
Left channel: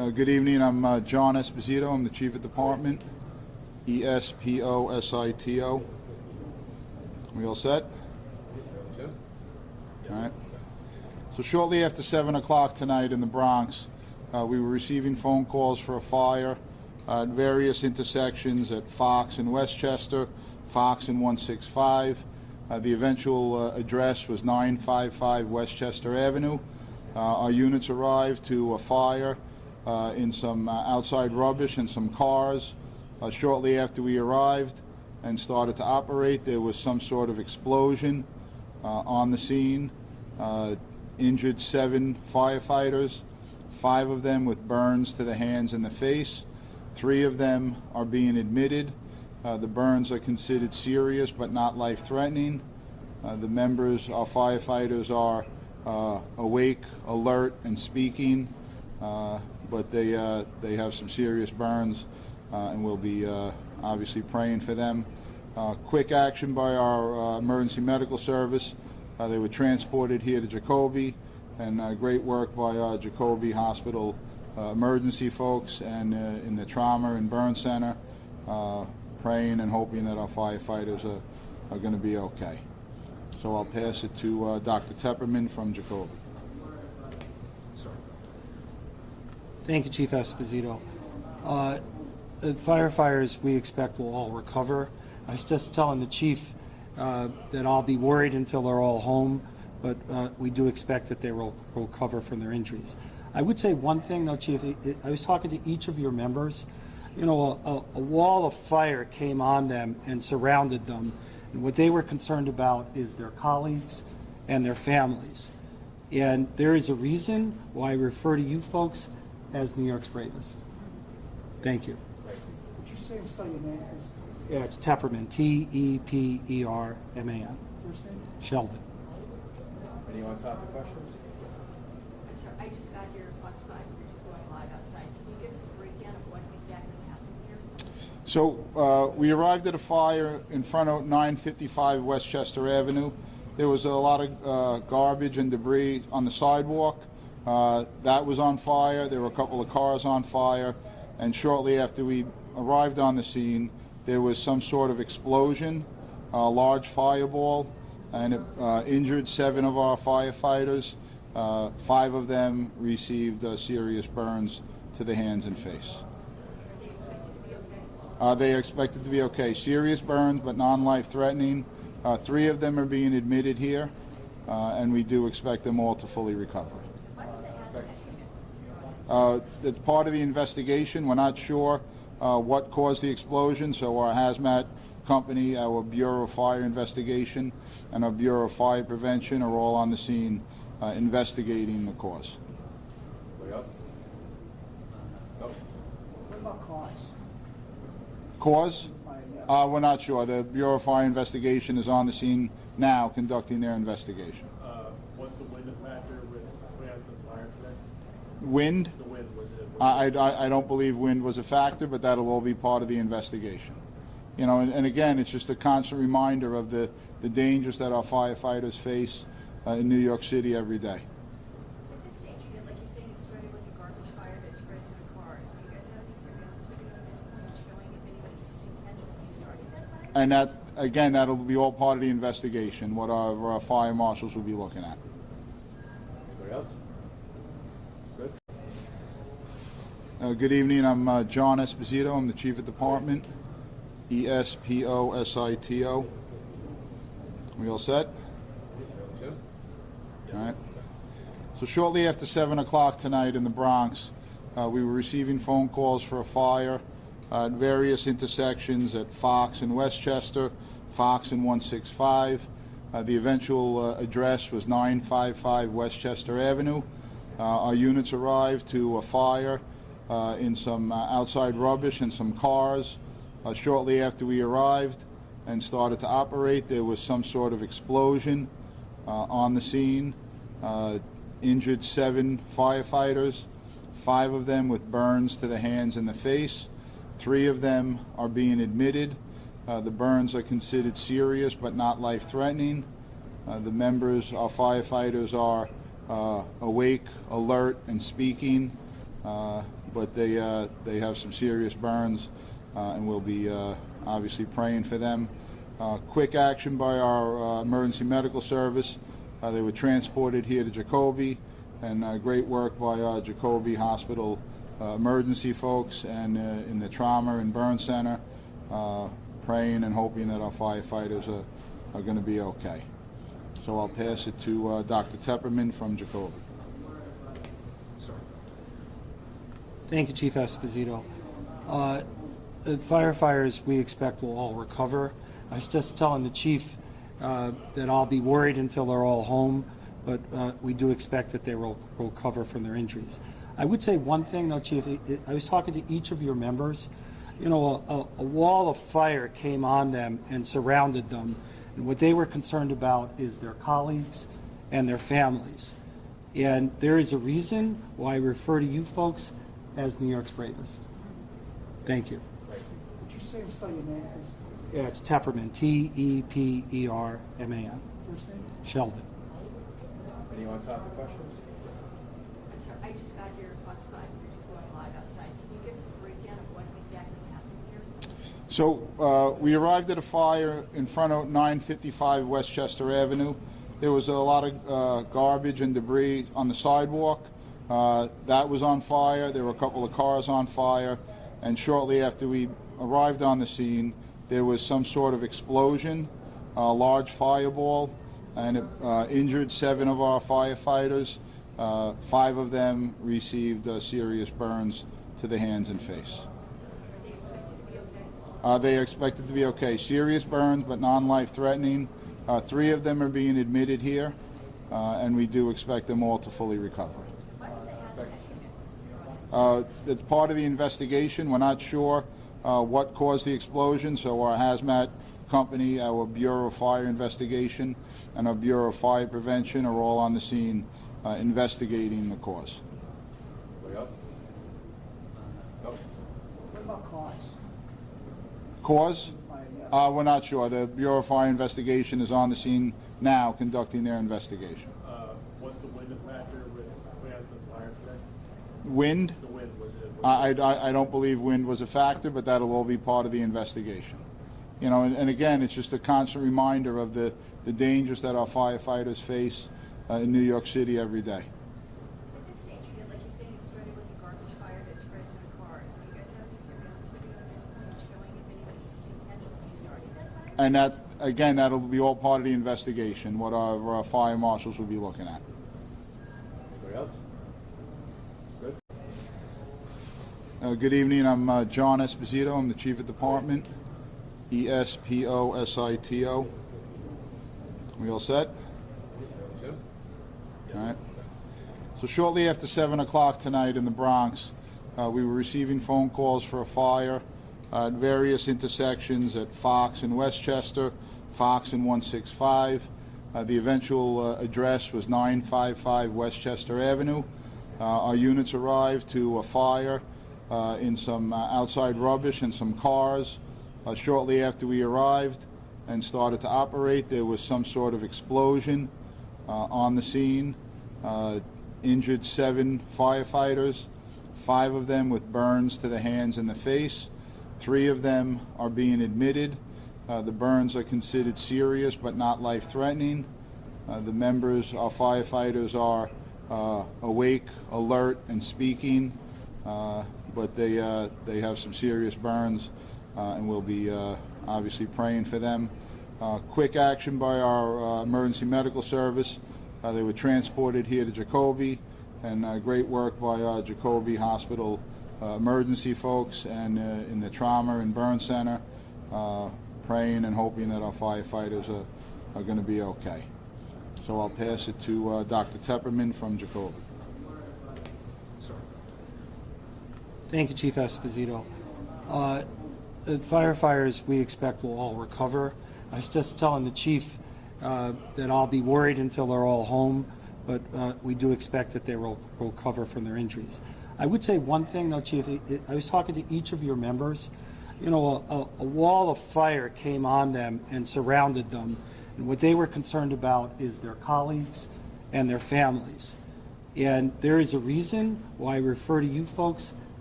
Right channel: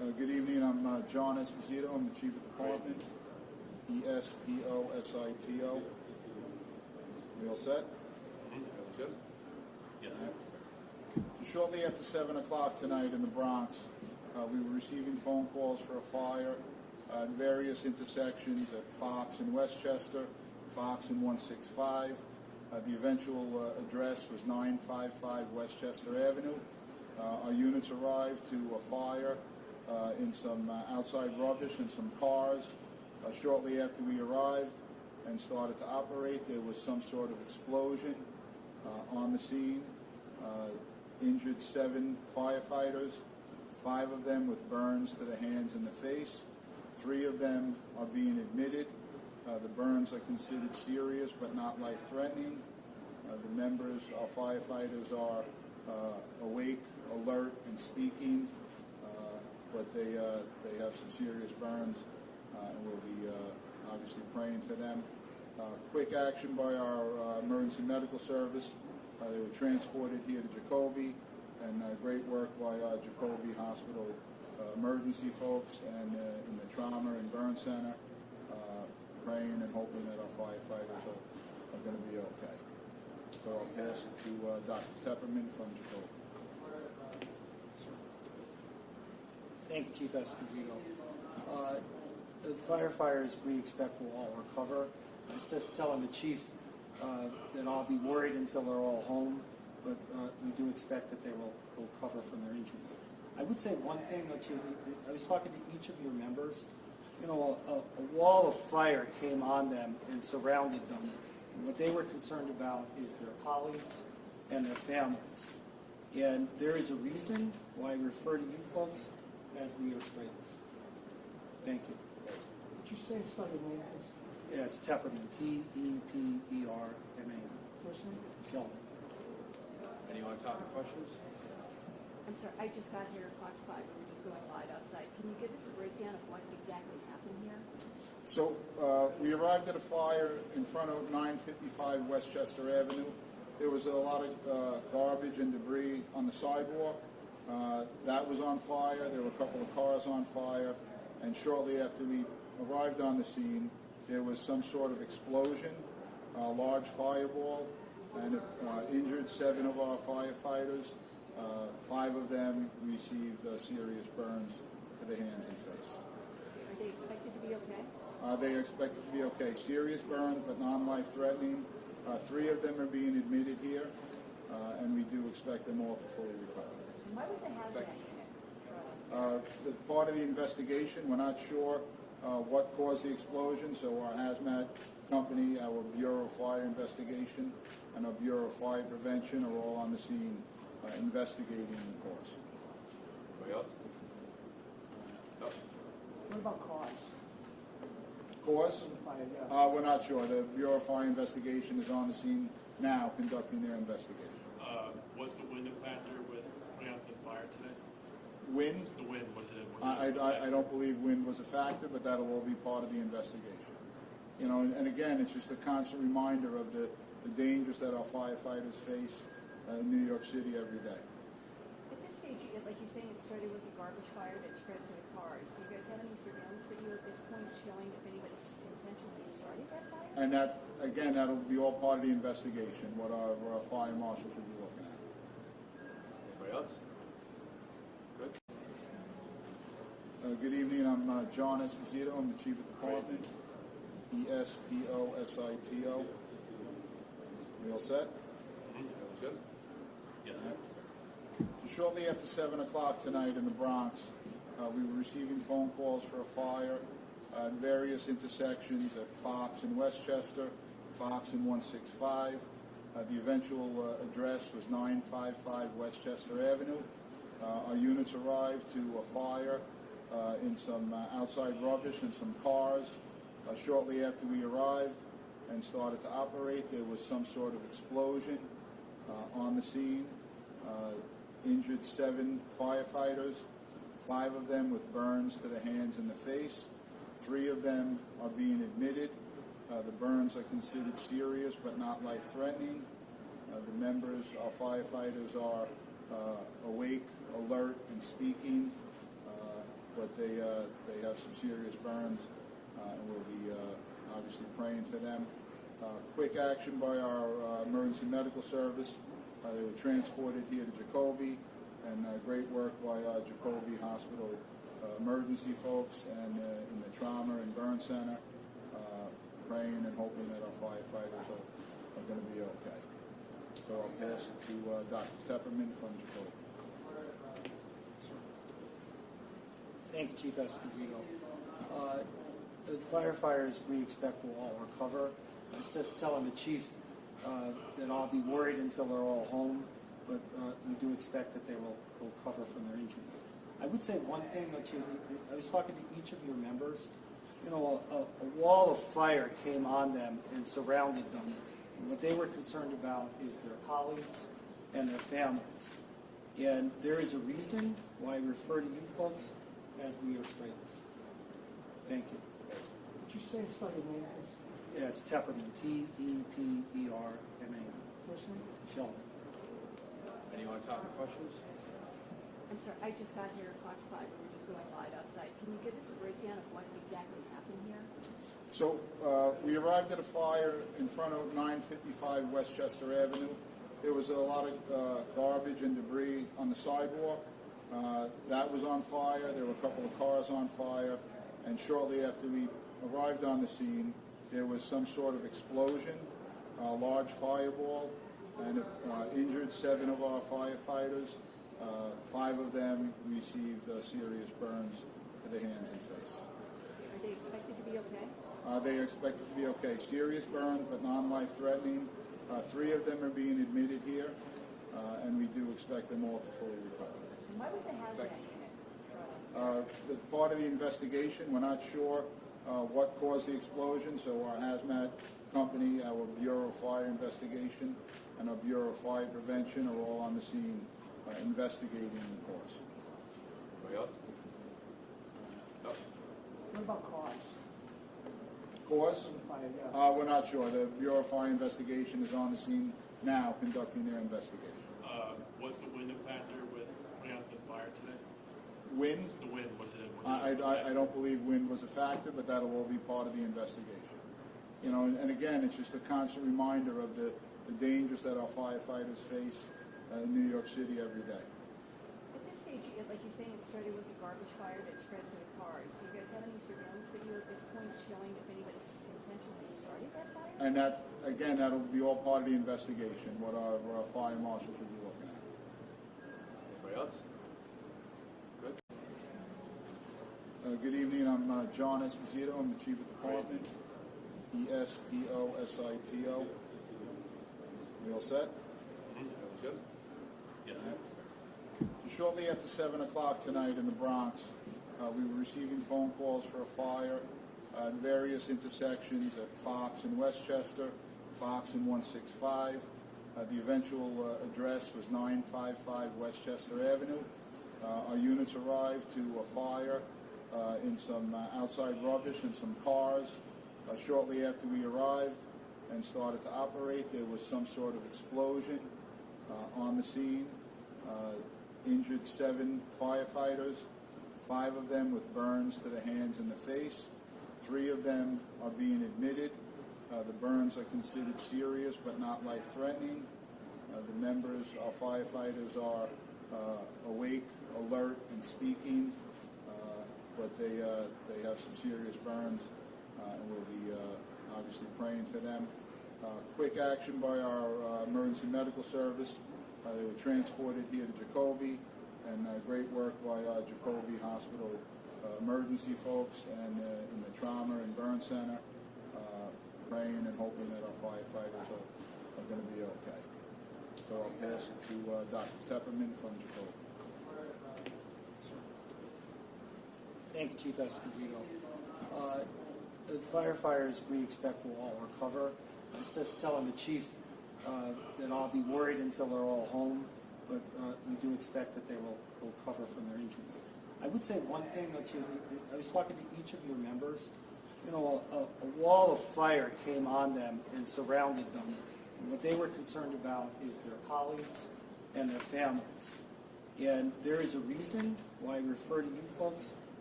Good evening. I'm John Esposito. I'm the Chief of Department. Esposito. We all set? Jim? All right. So shortly after 7 o'clock tonight in the Bronx, we were receiving phone calls for a fire at various intersections at Fox and Westchester, Fox and 165. The eventual address was 955 Westchester Avenue. Our units arrived to a fire in some outside rubbish and some cars. Shortly after we arrived and started to operate, there was some sort of explosion on the scene. Injured 7 firefighters, 5 of them with burns to the hands and the face. 3 of them are being admitted. The burns are considered serious but not life-threatening. The members, our firefighters, are awake, alert, and speaking, but they have some serious burns, and we'll be obviously praying for them. Quick action by our emergency medical service. They were transported here to Jacoby, and great work by our Jacoby Hospital emergency folks and in the trauma and burn center, praying and hoping that our firefighters are going to be okay. So I'll pass it to Dr. Tepperman from Jacoby. Thank you, Chief Esposito. The firefighters we expect will all recover. I was just telling the chief that I'll be worried until they're all home, but we do expect that they will recover from their injuries. I would say one thing, though, Chief. I was talking to each of your members. You know, a wall of fire came on them and surrounded them, and what they were concerned about is their colleagues and their families. And there is a reason why I refer to you folks as New York's bravest. Thank you. Would you say and spell your name, please? Yeah, it's Tepperman, Tepperman. First name? Sheldon. Any on-topic questions? I'm sorry, I just got here Fox 5, we're just going live outside. Can you give us a breakdown of what exactly happened here? So we arrived at a fire in front of 955 Westchester Avenue. There was a lot of garbage and debris on the sidewalk. That was on fire. There were a couple of cars on fire. And shortly after we arrived on the scene, there was some sort of explosion, a large fireball, and it injured 7 of our firefighters. 5 of them received serious burns to the hands and face. Are they expected to be okay? They are expected to be okay. Serious burns, but non-life-threatening. 3 of them are being admitted here, and we do expect them all to fully recover. Why was the hazmat unit? It's part of the investigation. We're not sure what caused the explosion, so our hazmat company, our Bureau of Fire Investigation, and our Bureau of Fire Prevention are all on the scene investigating the cause. Anybody else? No? What about cause? Cause? We're not sure. The Bureau of Fire Investigation is on the scene now conducting their investigation. Was the wind a factor with putting out the fire today? Wind? The wind, was it? I don't believe wind was a factor, but that'll all be part of the investigation. You know, and again, it's just a constant reminder of the dangers that our firefighters face in New York City every day. At this stage, like you're saying, it started with a garbage fire that spread to the cars. Do you guys have any surveillance video at this point showing if anybody intentionally started that fire? And that, again, that'll be all part of the investigation, what our fire marshals will be looking at. Anybody else? Good? Good evening. I'm John Esposito. I'm the Chief of Department. Esposito. We all set? Jim? All right. So shortly after 7 o'clock tonight in the Bronx, we were receiving phone calls for a fire at various intersections at Fox and Westchester, Fox and 165. The eventual address was 955 Westchester Avenue. Our units arrived to a fire in some outside rubbish and some cars. Shortly after we arrived and started to operate, there was some sort of explosion on the scene. Injured 7 firefighters, 5 of them with burns to the hands and the face. 3 of them are being admitted. The burns are considered serious but not life-threatening. The members, our firefighters, are awake, alert, and speaking, but they have some serious burns, and we'll be obviously praying for them. Quick action by our emergency medical service. They were transported here to Jacoby, and great work by our Jacoby Hospital emergency folks and in the trauma and burn center, praying and hoping that our firefighters are going to be okay. So I'll pass it to Dr. Tepperman from Jacoby. Thank you, Chief Esposito. The firefighters we expect will all recover. I was just telling the chief that I'll be worried until they're all home, but we do expect that they will recover from their injuries. I would say one thing, though, Chief. I was talking to each of your members. You know, a wall of fire came on them and surrounded them, and what they were concerned about is their colleagues and their families. And there is a reason why I refer to you folks as New York's bravest. Thank you. Would you say and spell your name, please? Yeah, it's Tepperman, T-E-P-E-R-M-A-N. First name? Sheldon. Anyone topic questions? I'm sorry, I just got here at Fox 5, we're just going live outside. Can you give us a breakdown of what exactly happened here? So we arrived at a fire in front of 955 Westchester Avenue. There was a lot of garbage and debris on the sidewalk. That was on fire. There were a couple of cars on fire. And shortly after we arrived on the scene, there was some sort of explosion, a large fireball, and it injured 7 of our firefighters. 5 of them received serious burns to the hands and face. Are they expected to be okay? They are expected to be okay. Serious burns, but non-life threatening. 3 of them are being admitted here, and we do expect them all to fully recover. Why was the hazmat unit? It's part of the investigation. We're not sure what caused the explosion, so our hazmat company, our Bureau of Fire Investigation, and our Bureau of Fire Prevention are all on the scene investigating the cause. Anybody else? No? What about cause? Cause? We're not sure. The Bureau of Fire Investigation is on the scene now conducting their investigation. Was the wind a factor with putting out the fire today? Wind? The wind, was it? I don't believe wind was a factor, but that'll all be part of the investigation. You know, and again, it's just a constant reminder of the dangers that our firefighters face in New York City every day. At this stage, like you're saying, it started with a garbage fire that spread to the cars. Do you guys have any surveillance video at this point showing if anybody intentionally started that fire? And that, again, that'll be all part of the investigation, what our fire marshals will be looking at. Anybody else? Good? Good evening. I'm John Esposito. I'm the Chief of Department. E-S-P-O-S-I-T-O. We all set? Jim? All right. So shortly after 7 o'clock tonight in the Bronx, we were receiving phone calls for a fire at various intersections at Fox and Westchester, Fox and 165. The eventual address was 955 Westchester Avenue. Our units arrived to a fire in some outside rubbish and some cars. Shortly after we arrived and started to operate, there was some sort of explosion on the scene. Injured 7 firefighters, 5 of them with burns to the hands and the face. 3 of them are being admitted. The burns are considered serious but not life-threatening. The members, our firefighters, are awake, alert, and speaking, but they have some serious burns, and we'll be obviously praying for them. Quick action by our emergency medical service. They were transported here to Jacoby, and great work by our Jacoby Hospital emergency folks and in the trauma and burn center, praying and hoping that our firefighters are going to be okay. So I'll pass it to Dr. Tepperman from Jacoby. Thank you, Chief Esposito. The firefighters we expect will all recover. I was just telling the chief that I'll be worried until they're all home, but we do expect that they will recover from their injuries. I would say one thing, though, Chief. I was talking to each of your members. You know, a wall of fire came on them and surrounded them, and what they were concerned about is their colleagues and their families. And there is a reason why I refer to you folks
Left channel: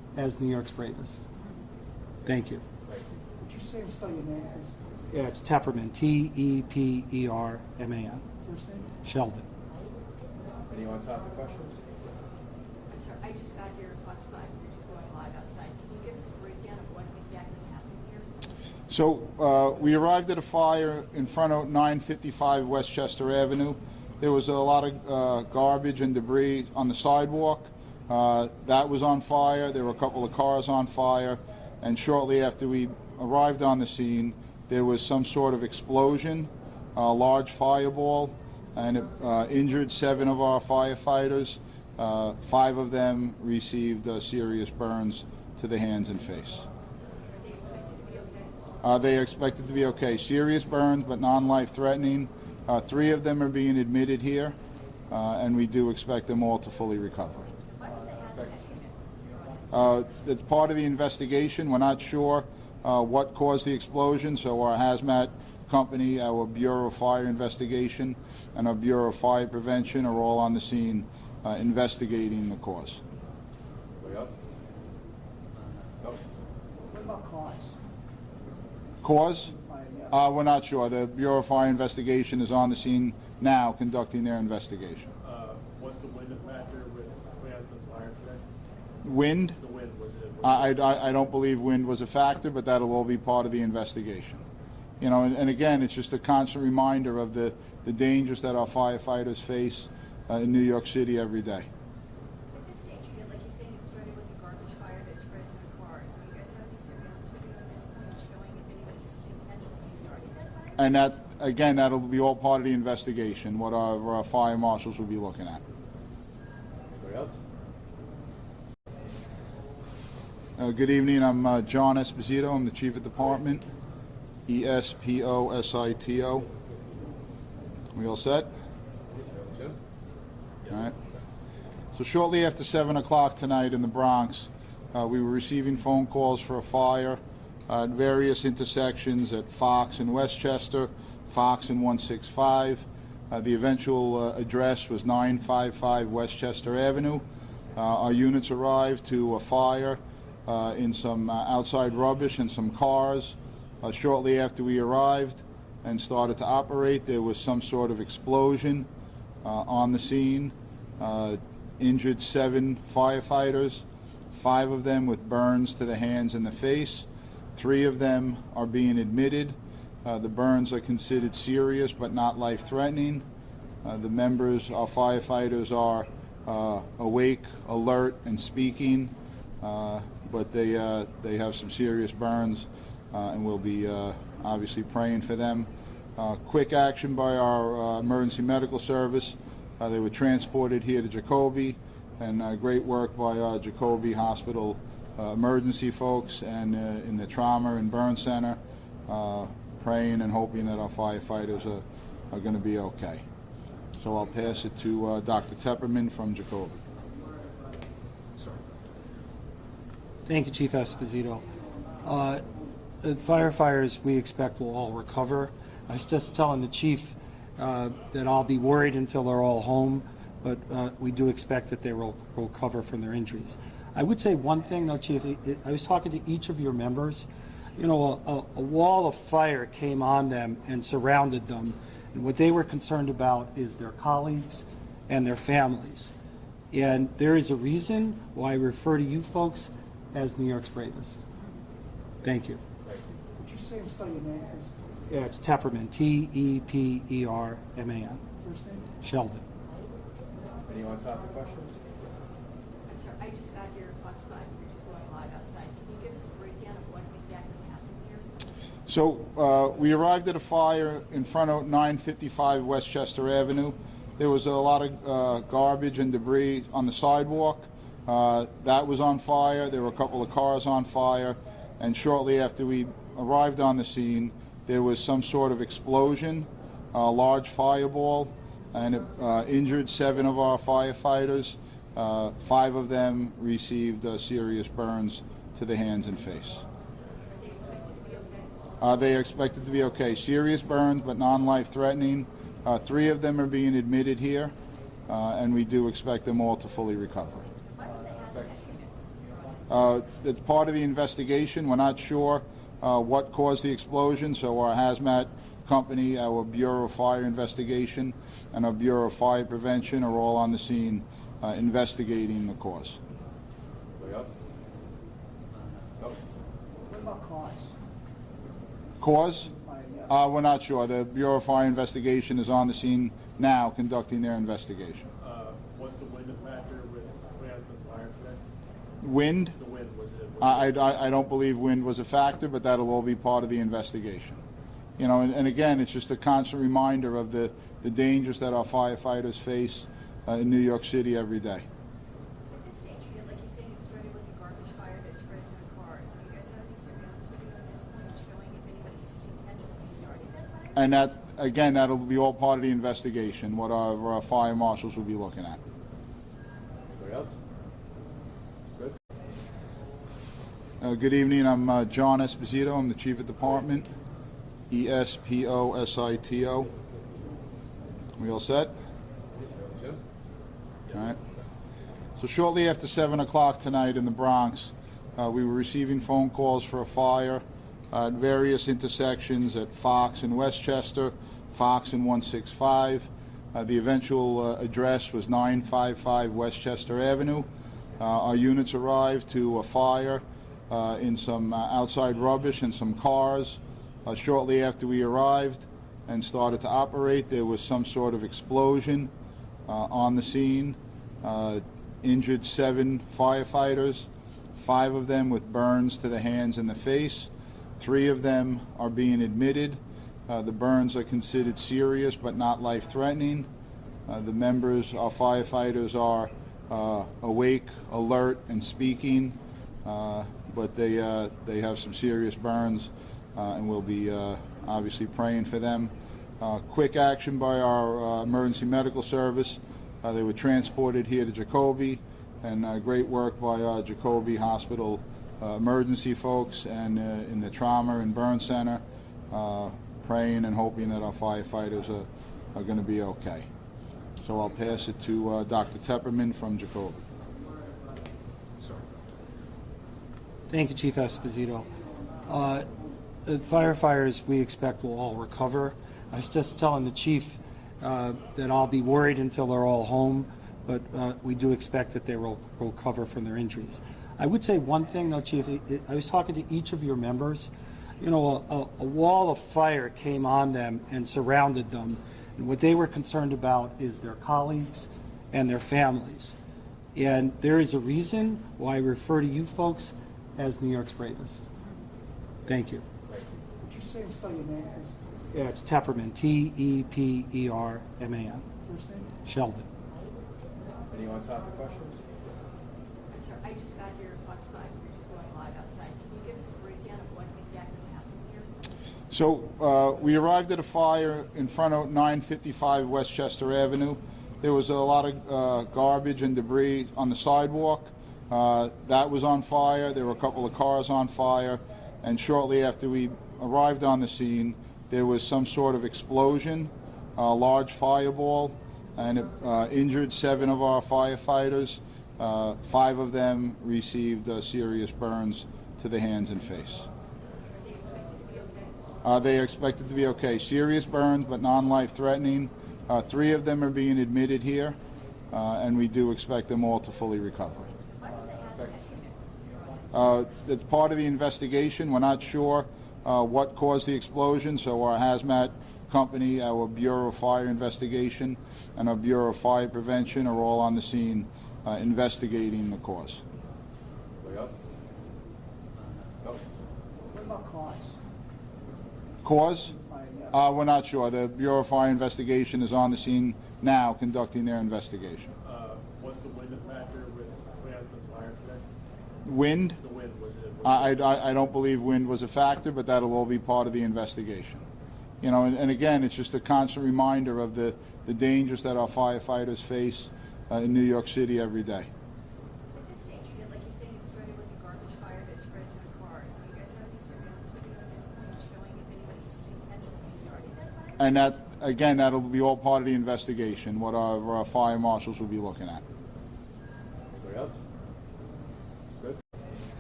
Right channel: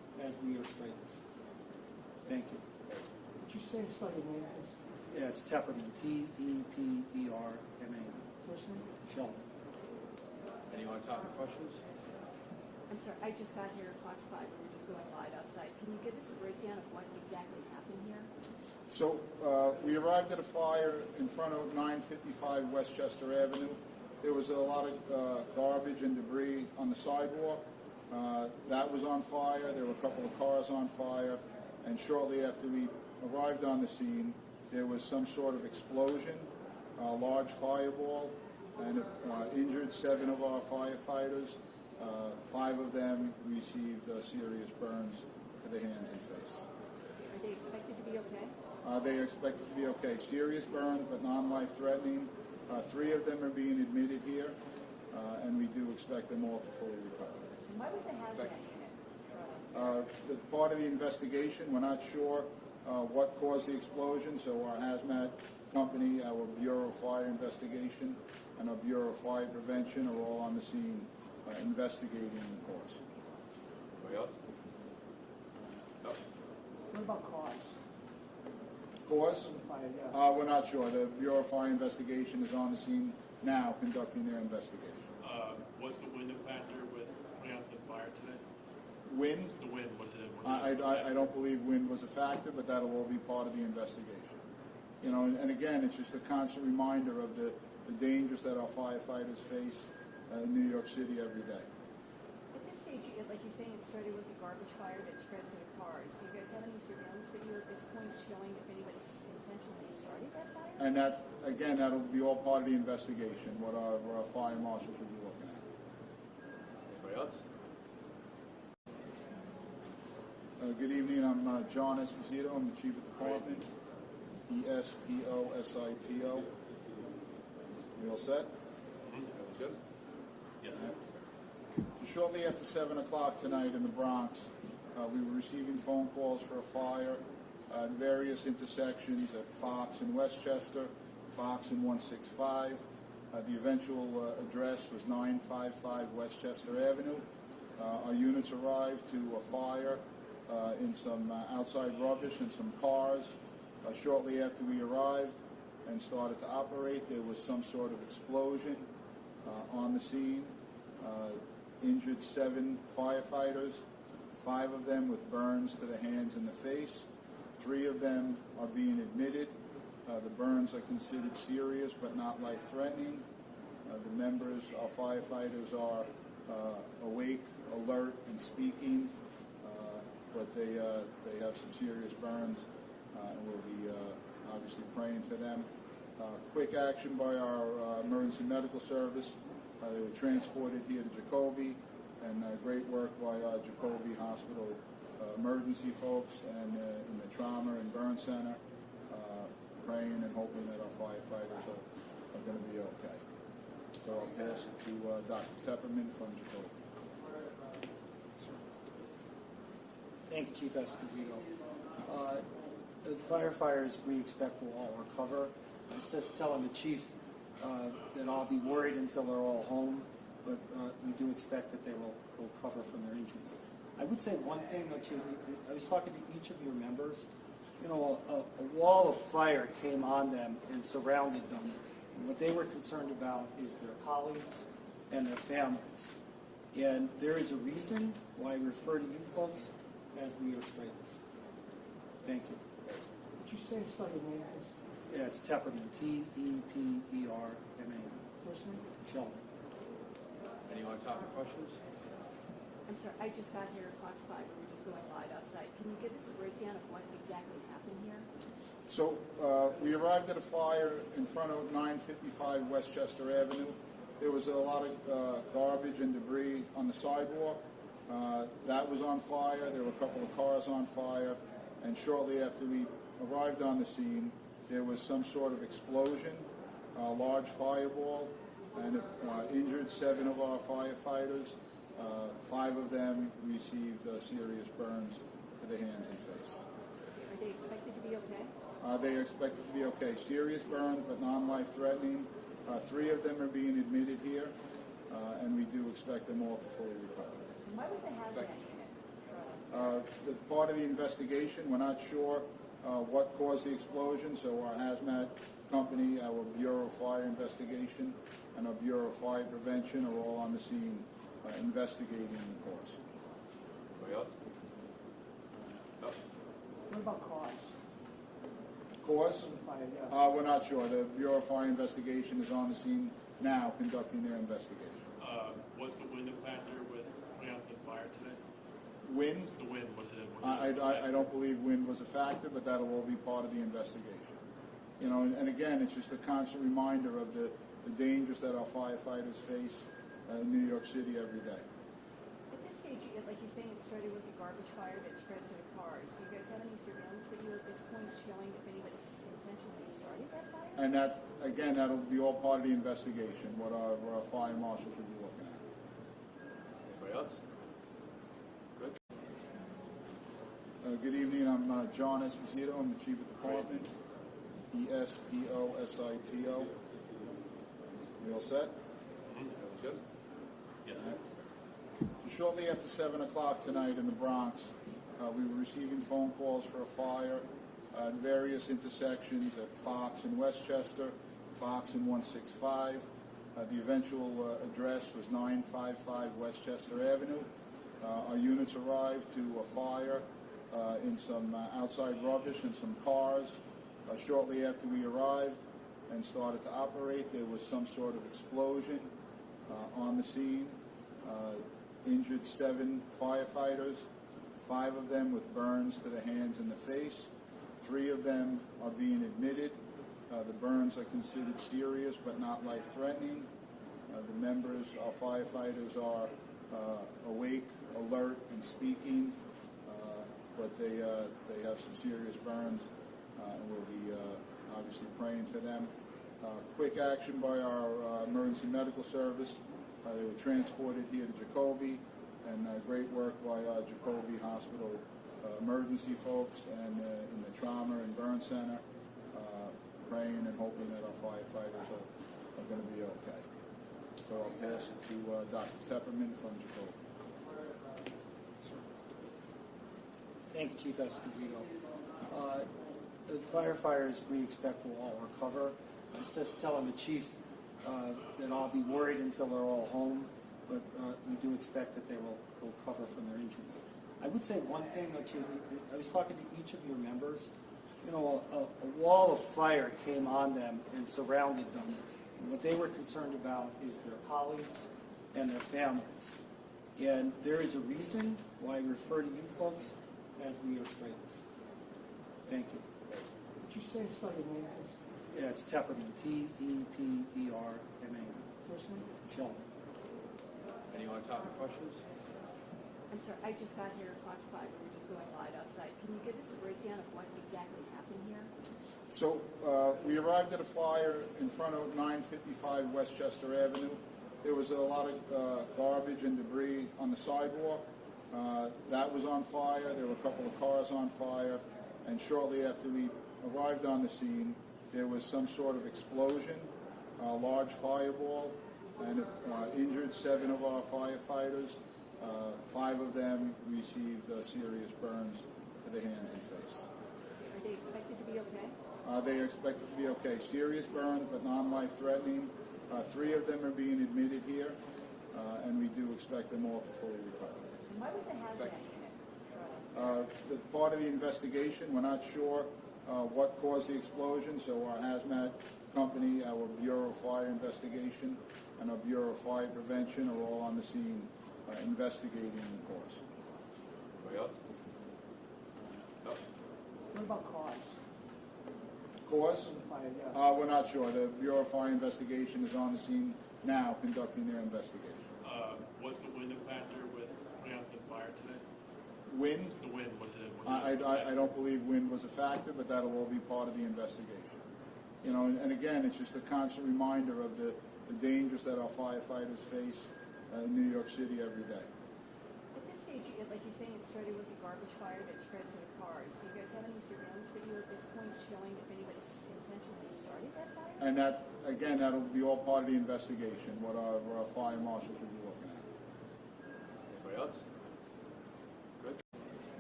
as New York's bravest. Thank you. Would you say and spell your name, please? Yeah, it's Tepperman, T-E-P-E-R-M-A-N. First name? Sheldon. Any on-topic questions? I'm sorry, I just got here, clock's 5, we're just going live outside. Can you give us a breakdown of what exactly happened here? So we arrived at a fire in front of 955 Westchester Avenue. There was a lot of garbage and debris on the sidewalk. That was on fire. There were a couple of cars on fire. And shortly after we arrived on the scene, there was some sort of explosion, a large fireball, and it injured 7 of our firefighters. 5 of them received serious burns to the hands and face. Are they expected to be okay? They are expected to be okay. Serious burns, but non-life threatening. 3 of them are being admitted here, and we do expect them all to fully recover. Why was the hazmat unit? It's part of the investigation. We're not sure what caused the explosion, so our hazmat company, our Bureau of Fire Investigation, and our Bureau of Fire Prevention are all on the scene investigating the cause. Anybody else? No? What about cause? Cause? We're not sure. The Bureau of Fire Investigation is on the scene now conducting their investigation. Was the wind a factor with putting out the fire today? Wind? The wind, was it? I don't believe wind was a factor, but that'll all be part of the investigation. You know, and again, it's just a constant reminder of the dangers that our firefighters face in New York City every day. At this stage, like you're saying, it started with a garbage fire that spread to the cars. Do you guys have any surveillance video at this point showing if anybody intentionally started that fire? And that, again, that'll be all part of the investigation, what our fire marshals will be looking at. Anybody else? Good evening. I'm John Esposito. I'm the Chief of Department. E-S-P-O-S-I-T-O. We all set? Jim? All right. So shortly after 7 o'clock tonight in the Bronx, we were receiving phone calls for a fire at various intersections at Fox and Westchester, Fox and 165. The eventual address was 955 Westchester Avenue. Our units arrived to a fire in some outside rubbish and some cars. Shortly after we arrived and started to operate, there was some sort of explosion on the scene. Injured 7 firefighters, 5 of them with burns to the hands and the face. 3 of them are being admitted. The burns are considered serious but not life-threatening. The members, our firefighters, are awake, alert, and speaking, but they have some serious burns, and we'll be obviously praying for them. Quick action by our emergency medical service. They were transported here to Jacoby, and great work by our Jacoby Hospital emergency folks and in the trauma and burn center, praying and hoping that our firefighters are going to be okay. So I'll pass it to Dr. Tepperman from Jacoby. Thank you, Chief Esposito. The firefighters we expect will all recover. I was just telling the chief that I'll be worried until they're all home, but we do expect that they will recover from their injuries. I would say one thing, though, Chief. I was talking to each of your members. You know, a wall of fire came on them and surrounded them, and what they were concerned about is their colleagues and their families. And there is a reason why I refer to you folks as New York's bravest. Thank you. Would you say and spell your name, please? Yeah, it's Tepperman, T-E-P-E-R-M-A-N. First name? Sheldon. Any on-topic questions? I'm sorry, I just got here, clock's 5, we're just going live outside. Can you give us a breakdown of what exactly happened here? So we arrived at a fire in front of 955 Westchester Avenue. There was a lot of garbage and debris on the sidewalk. That was on fire. There were a couple of cars on fire. And shortly after we arrived on the scene, there was some sort of explosion, a large fireball, and it injured 7 of our firefighters. 5 of them received serious burns to the hands and face. Are they expected to be okay? They are expected to be okay. Serious burns, but non-life threatening. 3 of them are being admitted here, and we do expect them all to fully recover. Why was the hazmat unit? It's part of the investigation. We're not sure what caused the explosion, so our hazmat company, our Bureau of Fire Investigation, and our Bureau of Fire Prevention are all on the scene investigating the cause. Anybody else? No? What about cause? Cause? Yeah. We're not sure. The Bureau of Fire Investigation is on the scene now conducting their investigation. Was the wind a factor with putting out the fire today? Wind? The wind, was it? I don't believe wind was a factor, but that'll all be part of the investigation. You know, and again, it's just a constant reminder of the dangers that our firefighters face in New York City every day. At this stage, like you're saying, it started with a garbage fire that spread to the cars. Do you guys have any surveillance video at this point showing if anybody intentionally started that fire? And that, again, that'll be all part of the investigation, what our fire marshals will be looking at. Anybody else? Good. Good evening. I'm John Esposito. I'm the Chief of Department. Esposito. We all set? Jim? All right. So shortly after 7 o'clock tonight in the Bronx, we were receiving phone calls for a fire at various intersections at Fox and Westchester, Fox and 165. The eventual address was 955 Westchester Avenue. Our units arrived to a fire in some outside rubbish and some cars. Shortly after we arrived and started to operate, there was some sort of explosion on the scene. Injured 7 firefighters, 5 of them with burns to the hands and the face. 3 of them are being admitted. The burns are considered serious but not life-threatening. The members, our firefighters, are awake, alert, and speaking, but they have some serious burns, and we'll be obviously praying for them. Quick action by our emergency medical service. They were transported here to Jacoby, and great work by our Jacoby Hospital emergency folks and in the trauma and burn center, praying and hoping that our firefighters are going to be okay. So I'll pass it to Dr. Tepperman from Jacoby. Thank you, Chief Esposito. The firefighters we expect will all recover. I was just telling the chief that I'll be worried until they're all home, but we do expect that they will recover from their injuries. I would say one thing, though, Chief. I was talking to each of your members. You know, a wall of fire came on them and surrounded them, and what they were concerned about is their colleagues and their families. And there is a reason why I refer to you folks as New York's bravest. Thank you. Would you say and spell your name, please? Yeah, it's Tepperman, Tepperman. First name? Sheldon. Anyone topic questions? I'm sorry, I just got here at Fox 5. We're just going live outside. Can you give us a breakdown of what exactly happened here? So we arrived at a fire in front of 955 Westchester Avenue. There was a lot of garbage and debris on the sidewalk. That was on fire. There were a couple of cars on fire. And shortly after we arrived on the scene, there was some sort of explosion, a large fireball, and it injured 7 of our firefighters. 5 of them received serious burns to the hands and face. Are they expected to be okay? They are expected to be okay. Serious burns, but non-life threatening. 3 of them are being admitted here, and we do expect them all to fully recover. Why was the hazmat unit? It's part of the investigation. We're not sure what caused the explosion, so our hazmat company, our Bureau of Fire Investigation, and our Bureau of Fire Prevention are all on the scene investigating the cause. Anybody else? No? What about cause? Cause? Yeah. We're not sure. The Bureau of Fire Investigation is on the scene now conducting their investigation. Was the wind a factor with putting out the fire today? Wind? The wind, was it? I don't believe wind was a factor, but that'll all be part of the investigation. You know, and again, it's just a constant reminder of the dangers that our firefighters face in New York City every day. At this stage, like you're saying, it started with a garbage fire that spread to the cars. Do you guys have any surveillance video at this point showing if anybody intentionally started that fire? And that, again, that'll be all part of the investigation, what our fire marshals will be looking at. Anybody else? Good.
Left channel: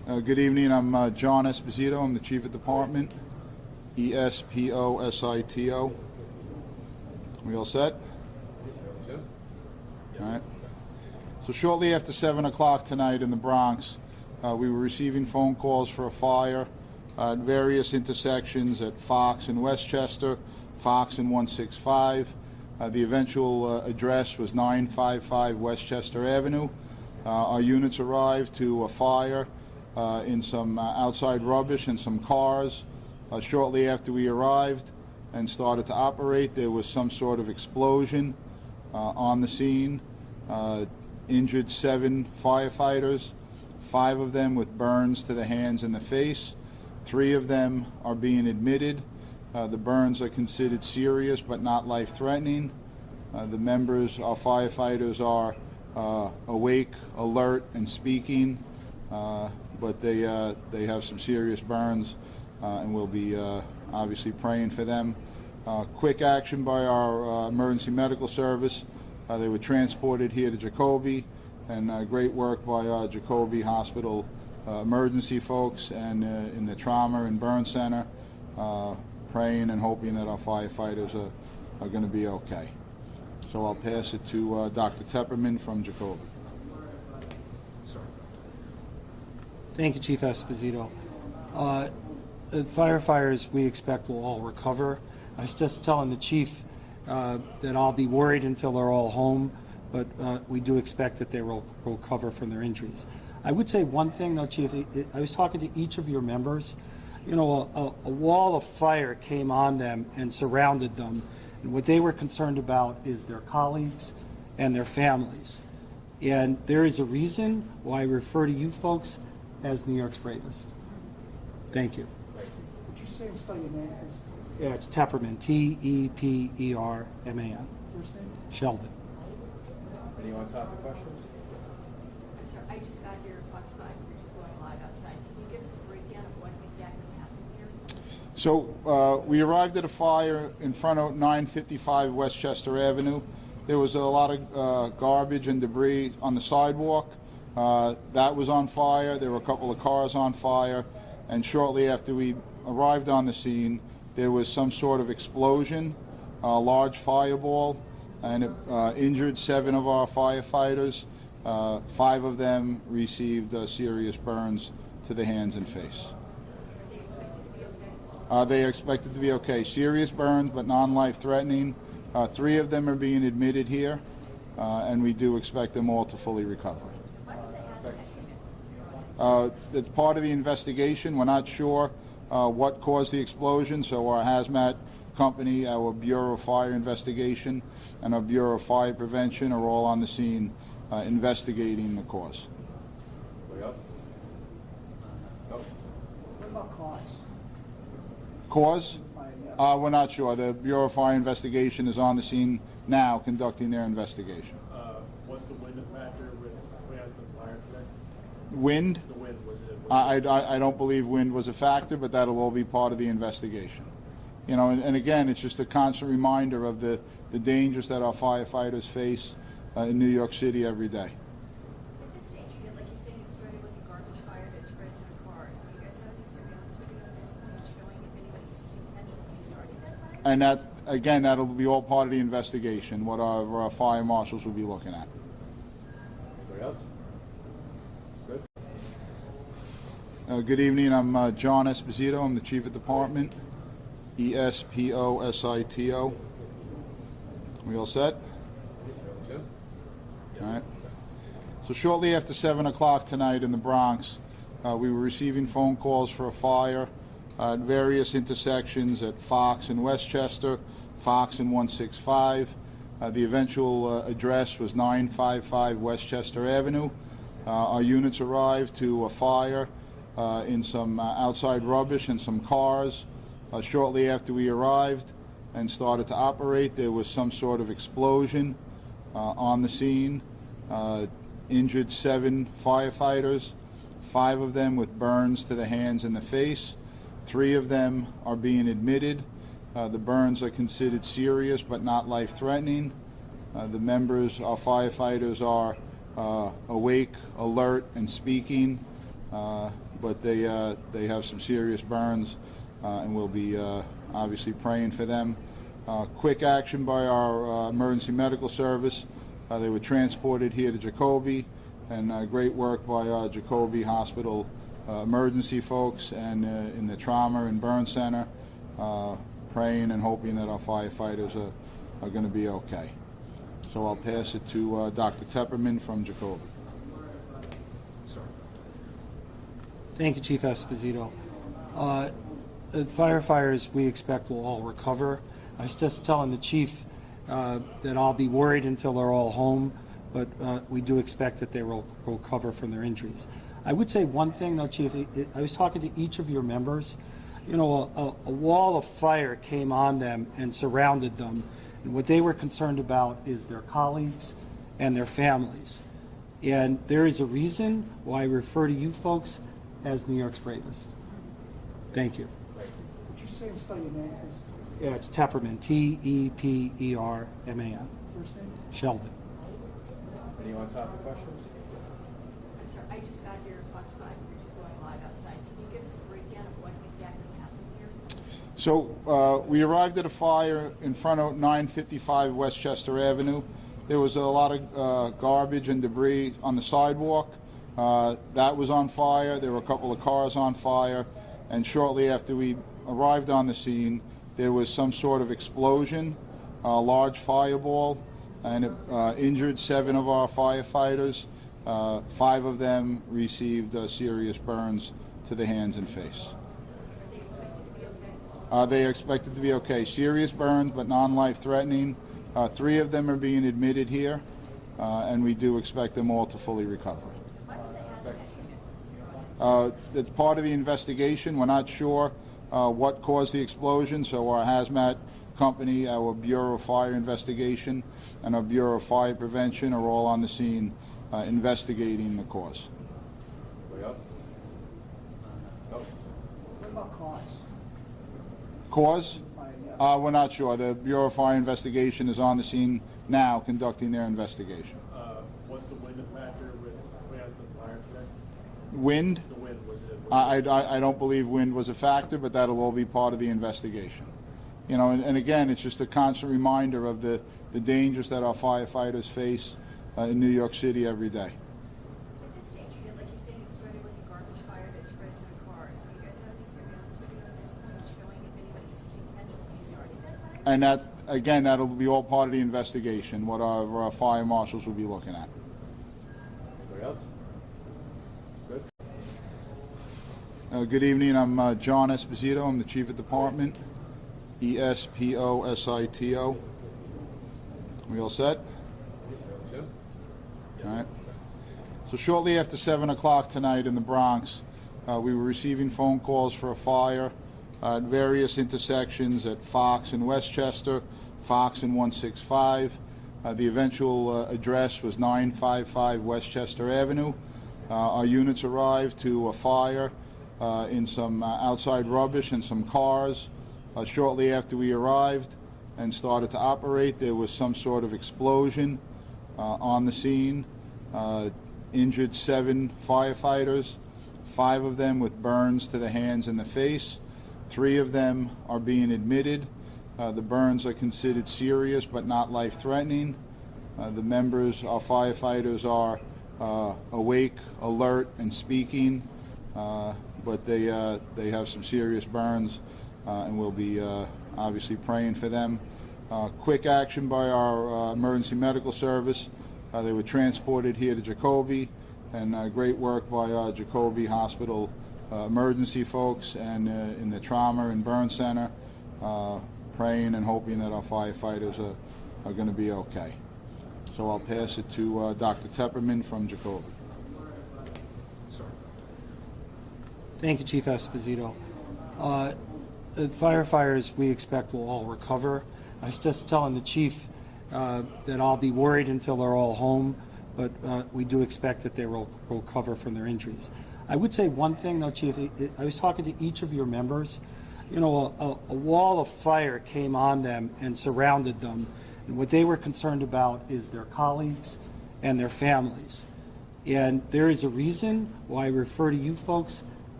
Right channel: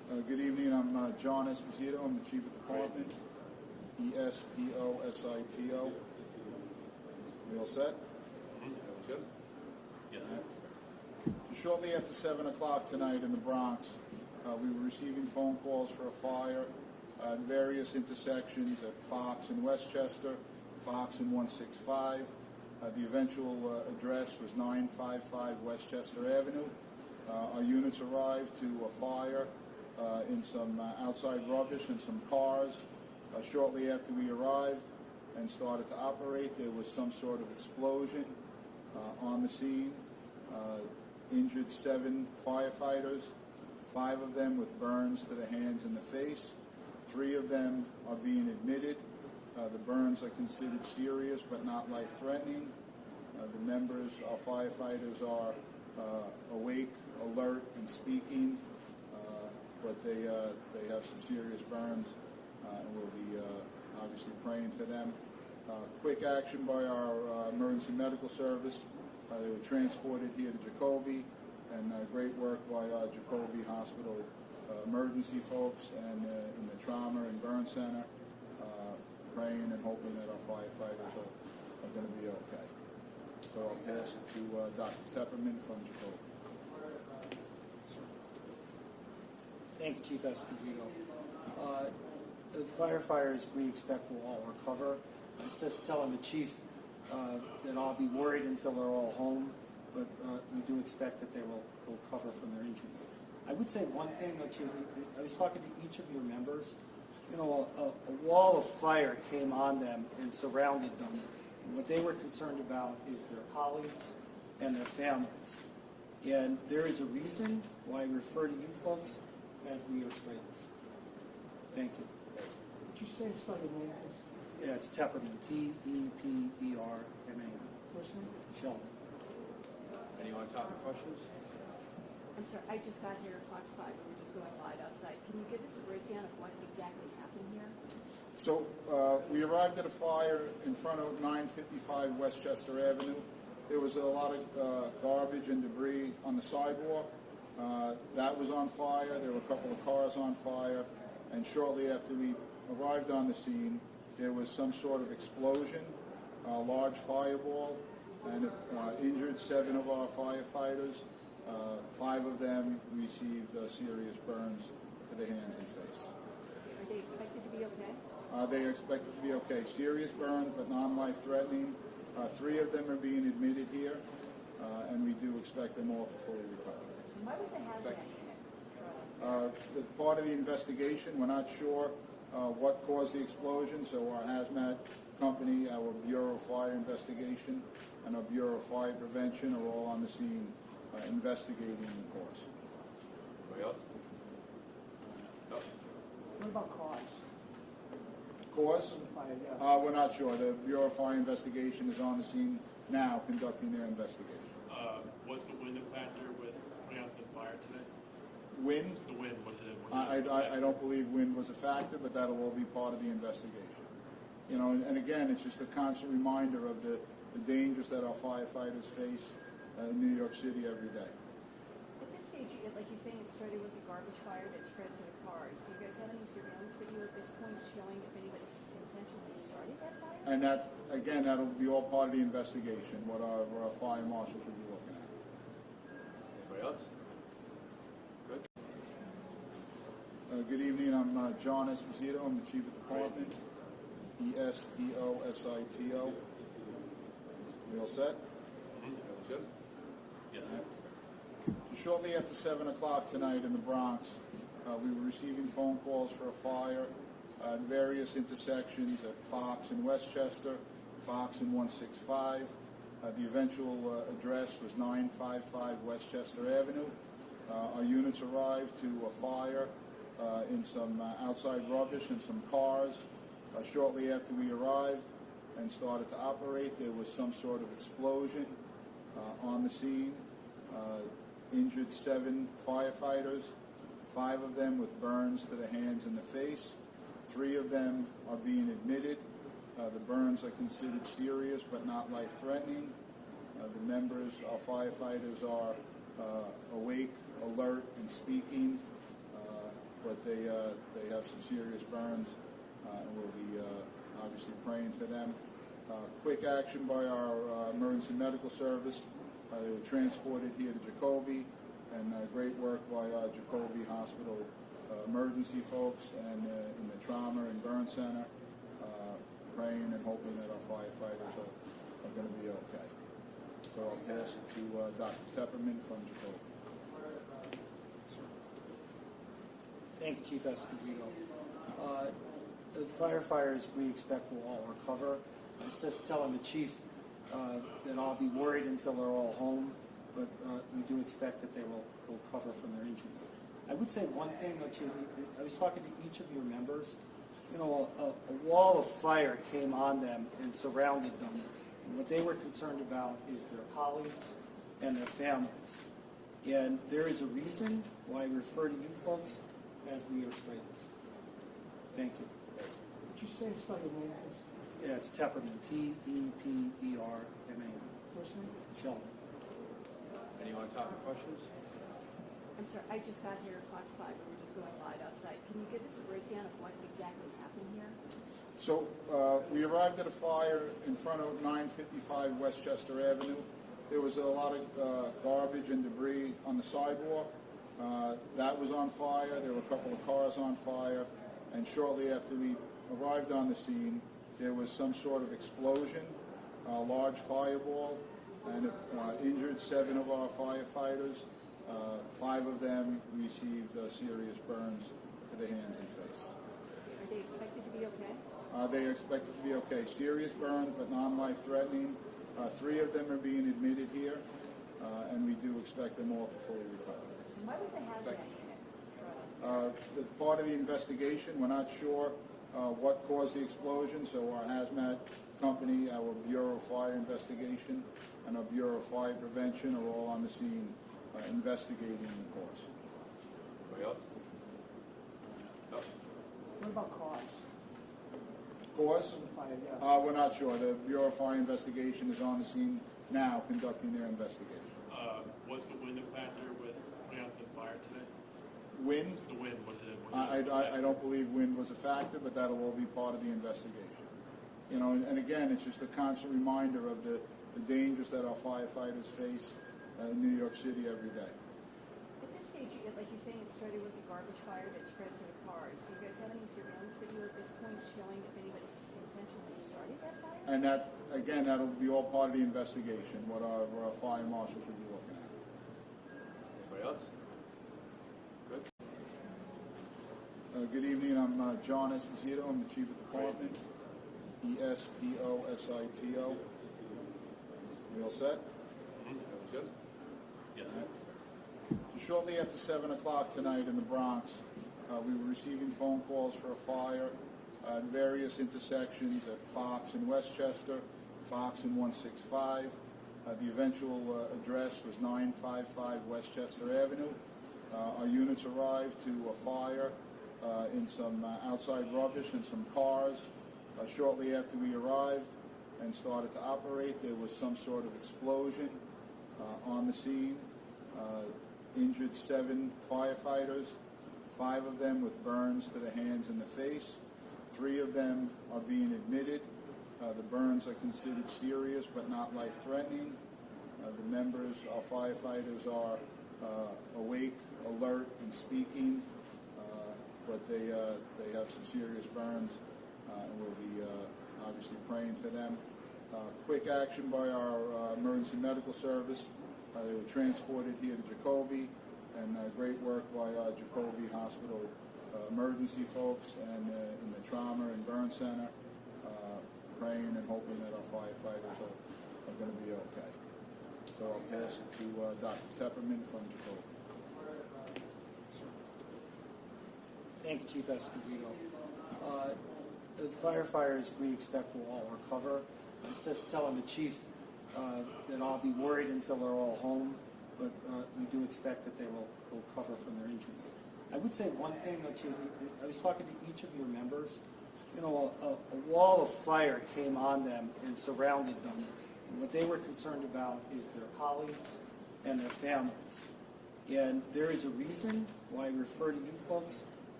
Good evening. I'm John Esposito. I'm the Chief of Department. Esposito. We all set? Jim? All right. So shortly after 7 o'clock tonight in the Bronx, we were receiving phone calls for a fire at various intersections at Fox and Westchester, Fox and 165. The eventual address was 955 Westchester Avenue. Our units arrived to a fire in some outside rubbish and some cars. Shortly after we arrived and started to operate, there was some sort of explosion on the scene. Injured 7 firefighters, 5 of them with burns to the hands and the face. 3 of them are being admitted. The burns are considered serious but not life-threatening. The members, our firefighters, are awake, alert, and speaking, but they have some serious burns, and we'll be obviously praying for them. Quick action by our emergency medical service. They were transported here to Jacoby, and great work by our Jacoby Hospital emergency folks and in the trauma and burn center, praying and hoping that our firefighters are going to be okay. So I'll pass it to Dr. Tepperman from Jacoby. Thank you, Chief Esposito. The firefighters we expect will all recover. I was just telling the chief that I'll be worried until they're all home, but we do expect that they will recover from their injuries. I would say one thing, though, Chief. I was talking to each of your members. You know, a wall of fire came on them and surrounded them, and what they were concerned about is their colleagues and their families. And there is a reason why I refer to you folks as New York's bravest. Thank you. Would you say and spell your name, please? Yeah, it's Tepperman, T-E-P-E-R-M-A-N. First name? Sheldon. Any on-topic questions? I'm sorry, I just got here at Fox 5. We're just going live outside. Can you give us a breakdown of what exactly happened here? So we arrived at a fire in front of 955 Westchester Avenue. There was a lot of garbage and debris on the sidewalk. That was on fire. There were a couple of cars on fire. And shortly after we arrived on the scene, there was some sort of explosion, a large fireball, and it injured 7 of our firefighters. 5 of them received serious burns to the hands and face. Are they expected to be okay? They are expected to be okay. Serious burns, but non-life-threatening. 3 of them are being admitted here, and we do expect them all to fully recover. Why was the hazmat unit? It's part of the investigation. We're not sure what caused the explosion, so our hazmat company, our Bureau of Fire Investigation, and our Bureau of Fire Prevention are all on the scene investigating the cause. Anybody else? No? What about cause? Cause? Yeah. We're not sure. The Bureau of Fire Investigation is on the scene now conducting their investigation. What's the wind factor with putting out the fire today? Wind? The wind, was it? I don't believe wind was a factor, but that'll all be part of the investigation. You know, and again, it's just a constant reminder of the dangers that our firefighters face in New York City every day. At this stage, like you're saying, it started with a garbage fire that spread to the cars. Do you guys have any surveillance video at this point showing if anybody intentionally started that fire? And that, again, that'll be all part of the investigation, what our fire marshals will be looking at. Anybody else? Good. Good evening. I'm John Esposito. I'm the Chief of Department. Esposito. We all set? Jim? All right. So shortly after 7 o'clock tonight in the Bronx, we were receiving phone calls for a fire at various intersections at Fox and Westchester, Fox and 165. The eventual address was 955 Westchester Avenue. Our units arrived to a fire in some outside rubbish and some cars. Shortly after we arrived and started to operate, there was some sort of explosion on the scene. Injured 7 firefighters, 5 of them with burns to the hands and the face. 3 of them are being admitted. The burns are considered serious but not life-threatening. The members, our firefighters, are awake, alert, and speaking, but they have some serious burns, and we'll be obviously praying for them. Quick action by our emergency medical service. They were transported here to Jacoby, and great work by Jacoby Hospital emergency folks and in the trauma and burn center, praying and hoping that our firefighters are going to be okay. So I'll pass it to Dr. Tepperman from Jacoby. Thank you, Chief Esposito. The firefighters, we expect, will all recover. I was just telling the chief that I'll be worried until they're all home, but we do expect that they will recover from their injuries. I would say one thing, though, Chief. I was talking to each of your members. You know, a wall of fire came on them and surrounded them, and what they were concerned about is their colleagues and their families. And there is a reason why I refer to you folks as New York's bravest. Thank you. Would you say and spell your name, please? Yeah, it's Tepperman, Tepperman. First name? Sheldon. Anyone topic questions? I'm sorry, I just got here outside, we're just going live outside. Can you give us a breakdown of what exactly happened here? So we arrived at a fire in front of 955 Westchester Avenue. There was a lot of garbage and debris on the sidewalk. That was on fire. There were a couple of cars on fire. And shortly after we arrived on the scene, there was some sort of explosion, a large fireball, and it injured 7 of our firefighters. 5 of them received serious burns to the hands and face. Are they expected to be okay? They are expected to be okay. Serious burns, but non-life-threatening. 3 of them are being admitted here, and we do expect them all to fully recover. Why was the hazmat unit? It's part of the investigation. We're not sure what caused the explosion, so our hazmat company, our Bureau of Fire Investigation, and our Bureau of Fire Prevention are all on the scene investigating the cause. Anybody else? No? What about cause? Cause? Yeah. We're not sure. The Bureau of Fire Investigation is on the scene now conducting their investigation. What's the wind factor with putting out the fire today? Wind? The wind, was it? I don't believe wind was a factor, but that'll all be part of the investigation. You know, and again, it's just a constant reminder of the dangers that our firefighters face in New York City every day. At this stage, like you're saying, it started with a garbage fire that spread to the cars. Do you guys have any surveillance video at this point showing if anybody intentionally started that fire? And that, again, that'll be all part of the investigation, what our fire marshals will be looking at. Anybody else? Good. Good evening. I'm John Esposito. I'm the Chief of Department. Esposito. We all set? Jim? All right. So shortly after 7 o'clock tonight in the Bronx, we were receiving phone calls for a fire at various intersections at Fox and Westchester, Fox and 165. The eventual address was 955 Westchester Avenue. Our units arrived to a fire in some outside rubbish and some cars. Shortly after we arrived and started to operate, there was some sort of explosion on the scene. Injured 7 firefighters, 5 of them with burns to the hands and the face. 3 of them are being admitted. The burns are considered serious but not life-threatening. The members, our firefighters, are awake, alert, and speaking, but they have some serious burns, and we'll be obviously praying for them. Quick action by our emergency medical service. They were transported here to Jacoby, and great work by Jacoby Hospital emergency folks and in the trauma and burn center, praying and hoping that our firefighters are going to be okay. So I'll pass it to Dr. Tepperman from Jacoby. Thank you, Chief Esposito. The firefighters, we expect, will all recover. I was just telling the chief that I'll be worried until they're all home, but we do expect that they will recover from their injuries. I would say one thing, though, Chief. I was talking to each of your members. You know, a wall of fire came on them and surrounded them, and what they were concerned about is their colleagues and their families. And there is a reason why I refer to you folks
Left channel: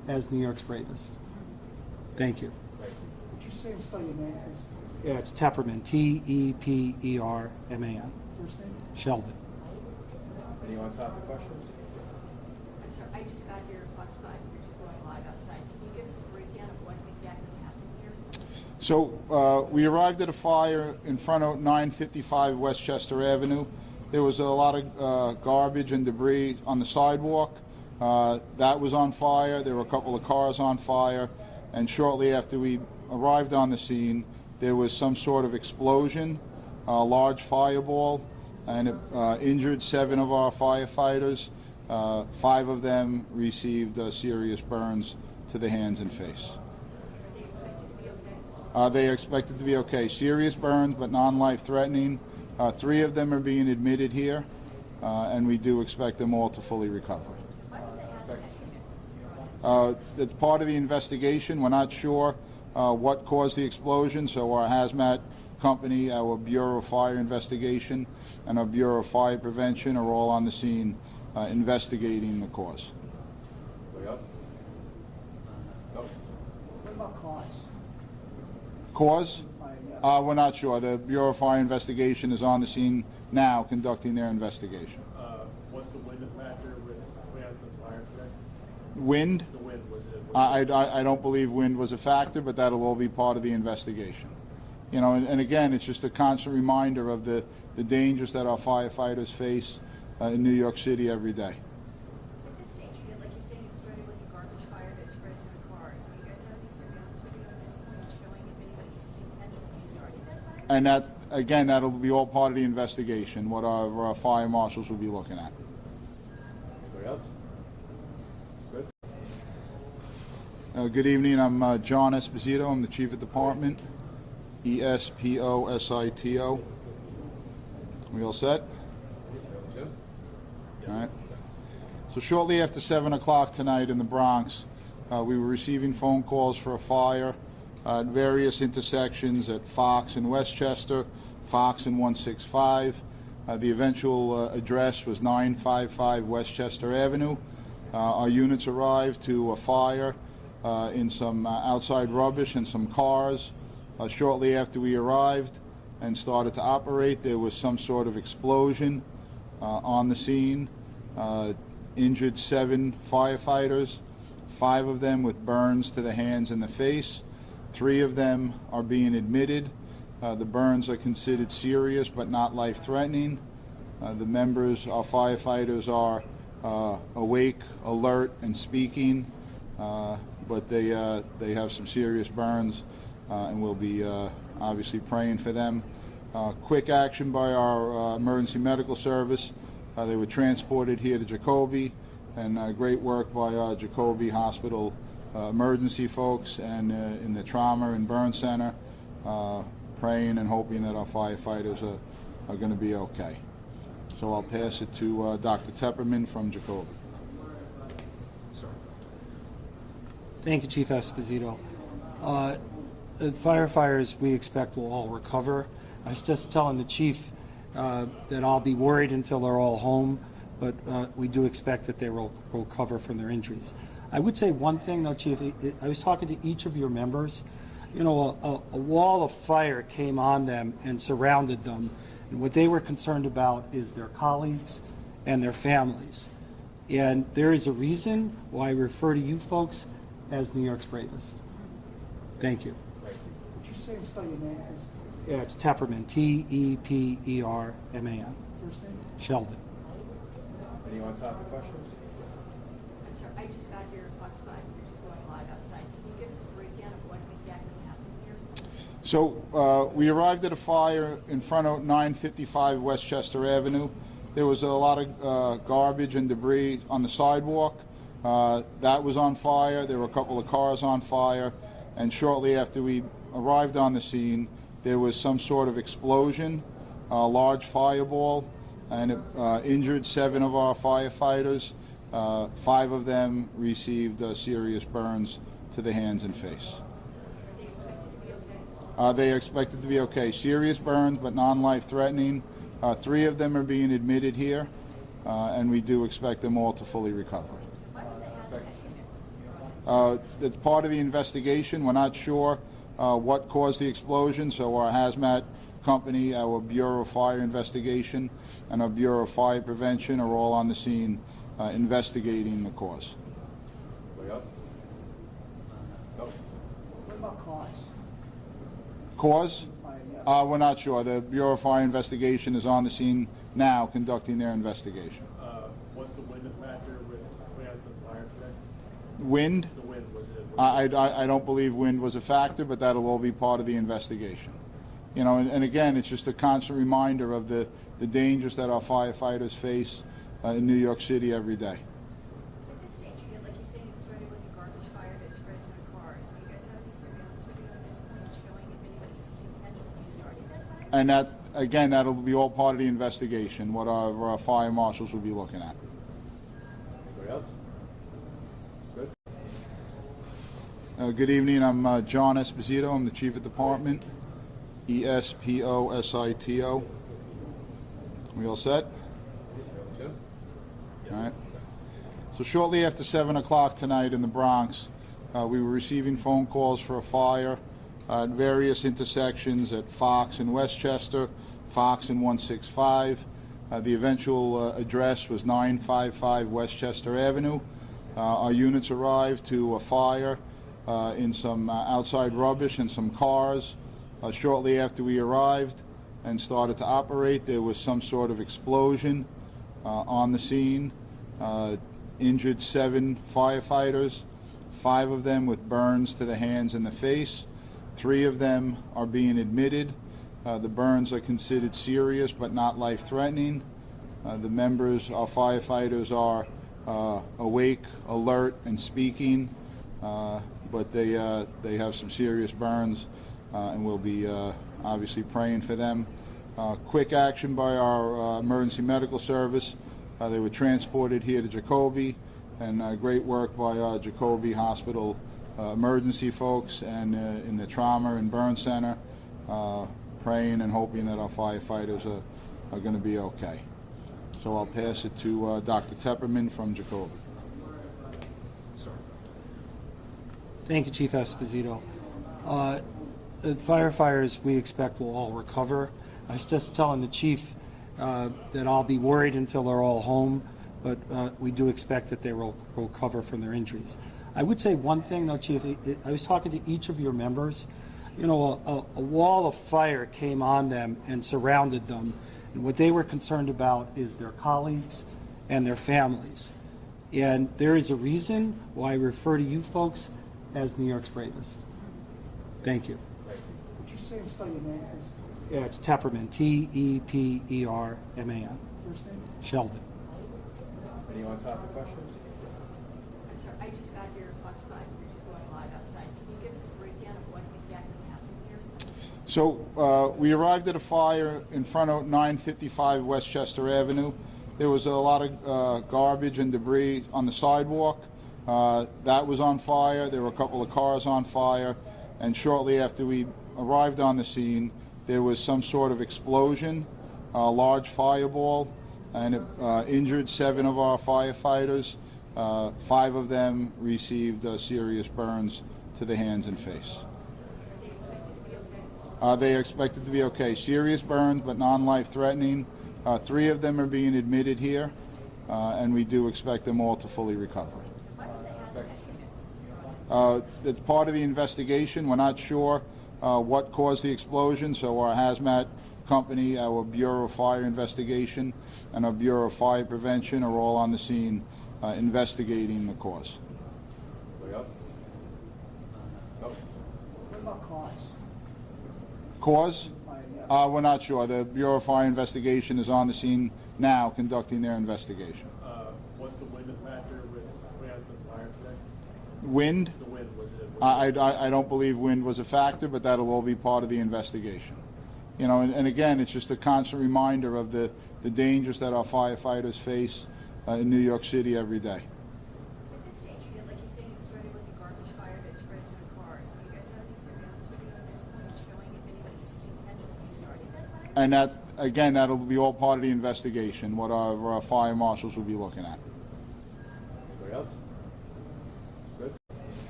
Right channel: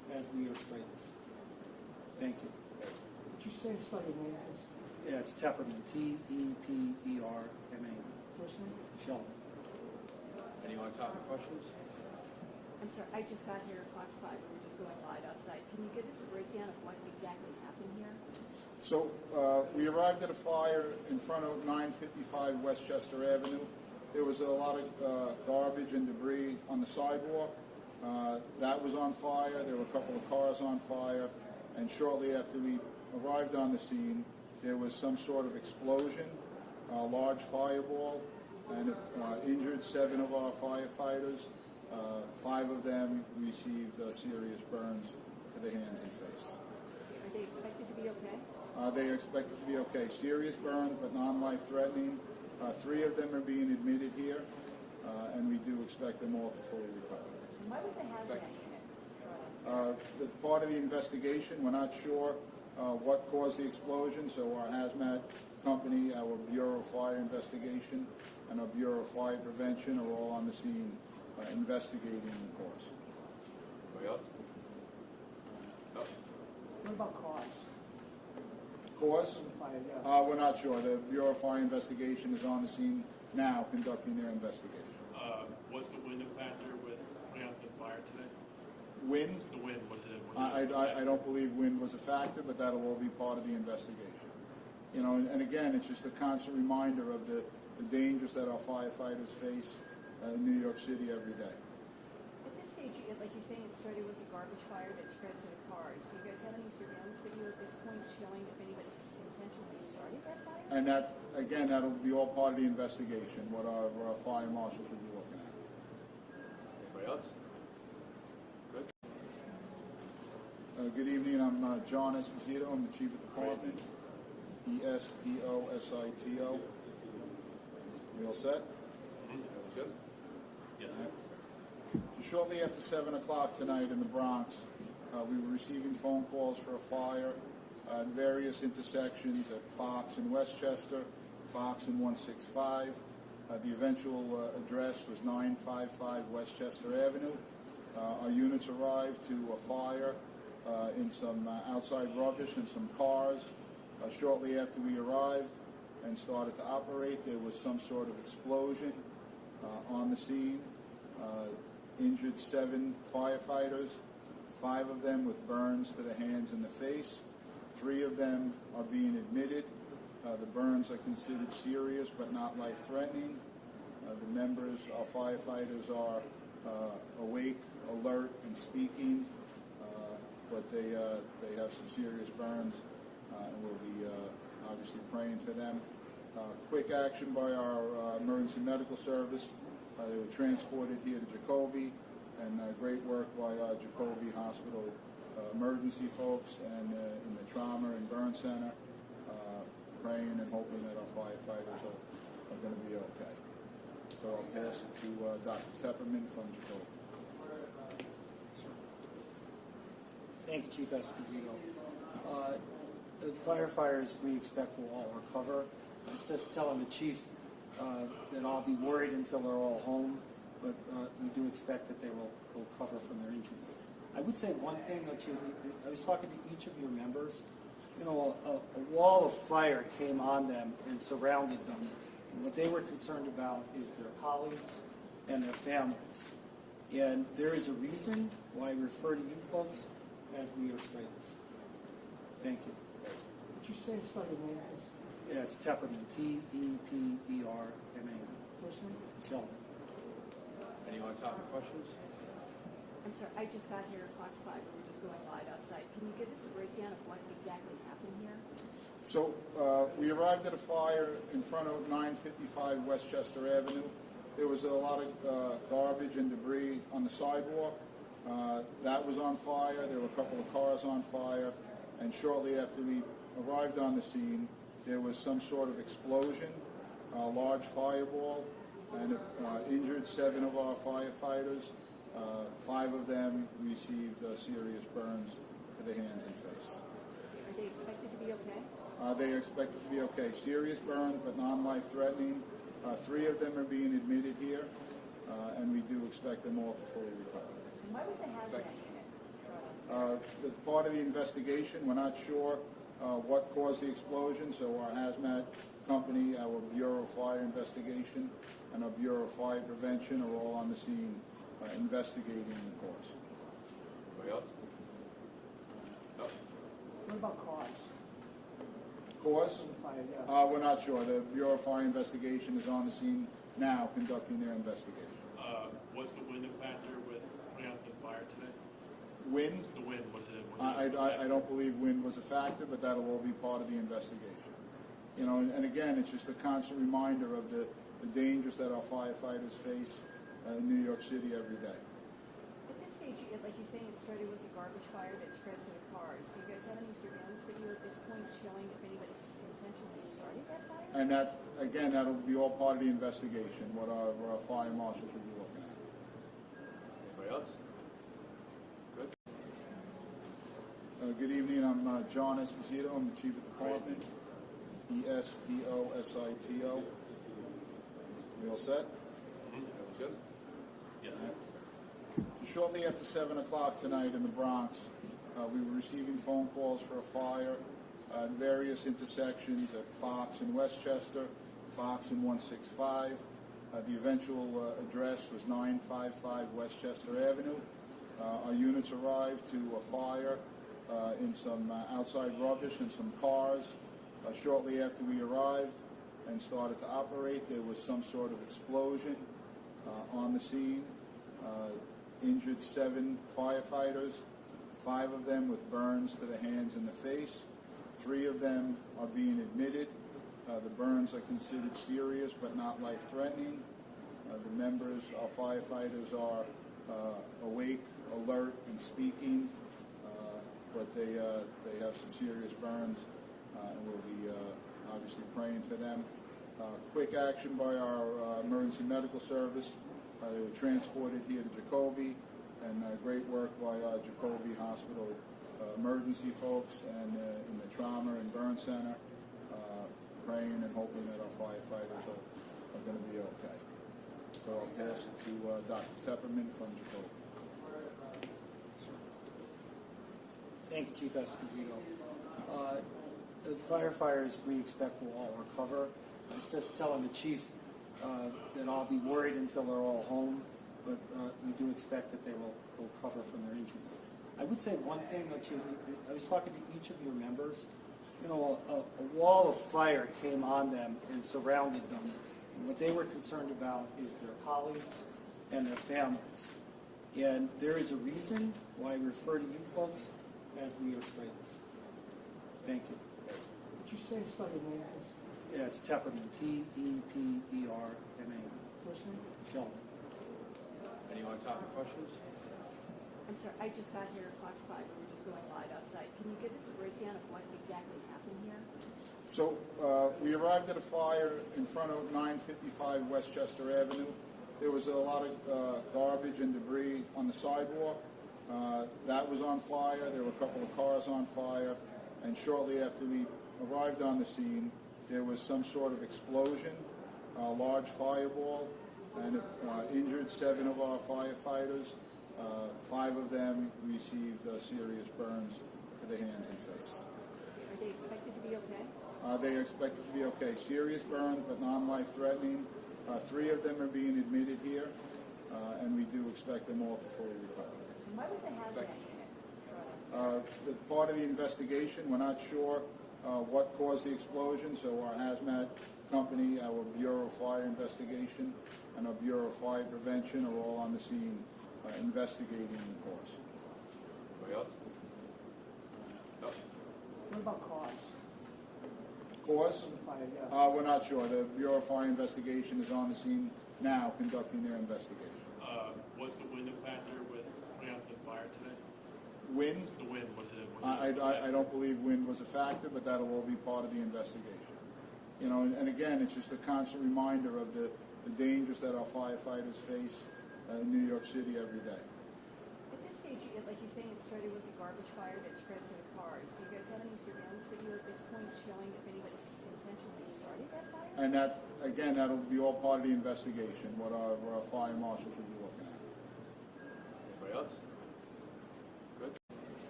as New York's bravest. Thank you. Would you say and spell your name, please? Yeah, it's Tepperman, Tepperman. First name? Sheldon. Any on-topic questions? I'm sorry, I just got here at Fox 5, we're just going live outside. Can you give us a breakdown of what exactly happened here? So we arrived at a fire in front of 955 Westchester Avenue. There was a lot of garbage and debris on the sidewalk. That was on fire. There were a couple of cars on fire. And shortly after we arrived on the scene, there was some sort of explosion, a large fireball, and it injured 7 of our firefighters. 5 of them received serious burns to the hands and face. Are they expected to be okay? They are expected to be okay. Serious burns, but non-life threatening. 3 of them are being admitted here, and we do expect them all to fully recover. Why was the hazmat unit? It's part of the investigation. We're not sure what caused the explosion, so our hazmat company, our Bureau of Fire Investigation, and our Bureau of Fire Prevention are all on the scene investigating the cause. Anybody else? No? What about cause? Cause? We're not sure. The Bureau of Fire Investigation is on the scene now conducting their investigation. Was the wind a factor with putting out the fire today? Wind? The wind, was it? I don't believe wind was a factor, but that'll all be part of the investigation. You know, and again, it's just a constant reminder of the dangers that our firefighters face in New York City every day. At this stage, like you're saying, it started with a garbage fire that spread to the cars. Do you guys have any surveillance video at this point showing if anybody intentionally started that fire? And that, again, that'll be all part of the investigation, what our fire marshals will be looking at. Anybody else? Good? Good evening. I'm John Esposito. I'm the Chief of Department. Esposito. We all set? Jim? All right. So shortly after 7 o'clock tonight in the Bronx, we were receiving phone calls for a fire at various intersections at Fox and Westchester, Fox and 165. The eventual address was 955 Westchester Avenue. Our units arrived to a fire in some outside rubbish and some cars. Shortly after we arrived and started to operate, there was some sort of explosion on the scene. Injured 7 firefighters, 5 of them with burns to the hands and the face. 3 of them are being admitted. The burns are considered serious but not life-threatening. The members, our firefighters, are awake, alert, and speaking, but they have some serious burns, and we'll be obviously praying for them. Quick action by our emergency medical service. They were transported here to Jacoby, and great work by our Jacoby Hospital emergency folks and in the trauma and burn center, praying and hoping that our firefighters are going to be okay. So I'll pass it to Dr. Tepperman from Jacoby. Thank you, Chief Esposito. The firefighters we expect will all recover. I was just telling the chief that I'll be worried until they're all home, but we do expect that they will recover from their injuries. I would say one thing, though, Chief. I was talking to each of your members. You know, a wall of fire came on them and surrounded them, and what they were concerned about is their colleagues and their families. And there is a reason why I refer to you folks as New York's bravest. Thank you. Would you say and spell your name, please? Yeah, it's Tepperman, Tepperman. First name? Sheldon. Any on-topic questions? I'm sorry, I just got here at Fox 5, we're just going live outside. Can you give us a breakdown of what exactly happened here? So we arrived at a fire in front of 955 Westchester Avenue. There was a lot of garbage and debris on the sidewalk. That was on fire. There were a couple of cars on fire. And shortly after we arrived on the scene, there was some sort of explosion, a large fireball, and it injured 7 of our firefighters. 5 of them received serious burns to the hands and face. Are they expected to be okay? They are expected to be okay. Serious burns, but non-life threatening. 3 of them are being admitted here, and we do expect them all to fully recover. Why was the hazmat unit? It's part of the investigation. We're not sure what caused the explosion, so our hazmat company, our Bureau of Fire Investigation, and our Bureau of Fire Prevention are all on the scene investigating the cause. Anybody else? No? What about cause? Cause? Yeah. We're not sure. The Bureau of Fire Investigation is on the scene now conducting their investigation. What's the wind factor with putting out the fire today? Wind? The wind, was it? I don't believe wind was a factor, but that'll all be part of the investigation. You know, and again, it's just a constant reminder of the dangers that our firefighters face in New York City every day. At this stage, like you're saying, it started with a garbage fire that spread to the cars. Do you guys have any surveillance video at this point showing if anybody intentionally started that fire? And that, again, that'll be all part of the investigation, what our fire marshals will be looking at. Anybody else? Good? Good evening. I'm John Esposito. I'm the Chief of Department. ESPOSITO. We all set? Jim? All right. So shortly after 7 o'clock tonight in the Bronx, we were receiving phone calls for a fire at various intersections at Fox and Westchester, Fox and 165. The eventual address was 955 Westchester Avenue. Our units arrived to a fire in some outside rubbish and some cars. Shortly after we arrived and started to operate, there was some sort of explosion on the scene. Injured 7 firefighters, 5 of them with burns to the hands and the face. 3 of them are being admitted. The burns are considered serious but not life-threatening. The members, our firefighters, are awake, alert, and speaking, but they have some serious burns, and we'll be obviously praying for them. Quick action by our emergency medical service. They were transported here to Jacoby, and great work by our Jacoby Hospital emergency folks and in the trauma and burn center, praying and hoping that our firefighters are going to be okay. So I'll pass it to Dr. Tepperman from Jacoby. Thank you, Chief Esposito. The firefighters we expect will all recover. I was just telling the chief that I'll be worried until they're all home, but we do expect that they will recover from their injuries. I would say one thing, though, Chief. I was talking to each of your members. You know, a wall of fire came on them and surrounded them, and what they were concerned about is their colleagues and their families. And there is a reason why I refer to you folks as New York's bravest. Thank you. Would you say and spell your name, please? Yeah, it's Tepperman, T-E-P-E-R-M-A-N. First name? Sheldon. Any on-topic questions? I'm sorry, I just got here at Fox 5. We're just going live outside. Can you give us a breakdown of what exactly happened here? So we arrived at a fire in front of 955 Westchester Avenue. There was a lot of garbage and debris on the sidewalk. That was on fire. There were a couple of cars on fire. And shortly after we arrived on the scene, there was some sort of explosion, a large fireball, and it injured 7 of our firefighters. 5 of them received serious burns to the hands and face. Are they expected to be okay? They are expected to be okay. Serious burns, but non-life-threatening. 3 of them are being admitted here, and we do expect them all to fully recover. Why was the hazmat unit? It's part of the investigation. We're not sure what caused the explosion, so our hazmat company, our Bureau of Fire Investigation, and our Bureau of Fire Prevention are all on the scene investigating the cause. Anybody else? No? What about cause? Cause? Yeah. We're not sure. The Bureau of Fire Investigation is on the scene now conducting their investigation. What's the wind factor with putting out the fire today? Wind? The wind, was it? I don't believe wind was a factor, but that'll all be part of the investigation. You know, and again, it's just a constant reminder of the dangers that our firefighters face in New York City every day. At this stage, like you're saying, it started with a garbage fire that spread to the cars. Do you guys have any surveillance video at this point showing if anybody intentionally started that fire? And that, again, that'll be all part of the investigation, what our fire marshals will be looking at. Anybody else? Good?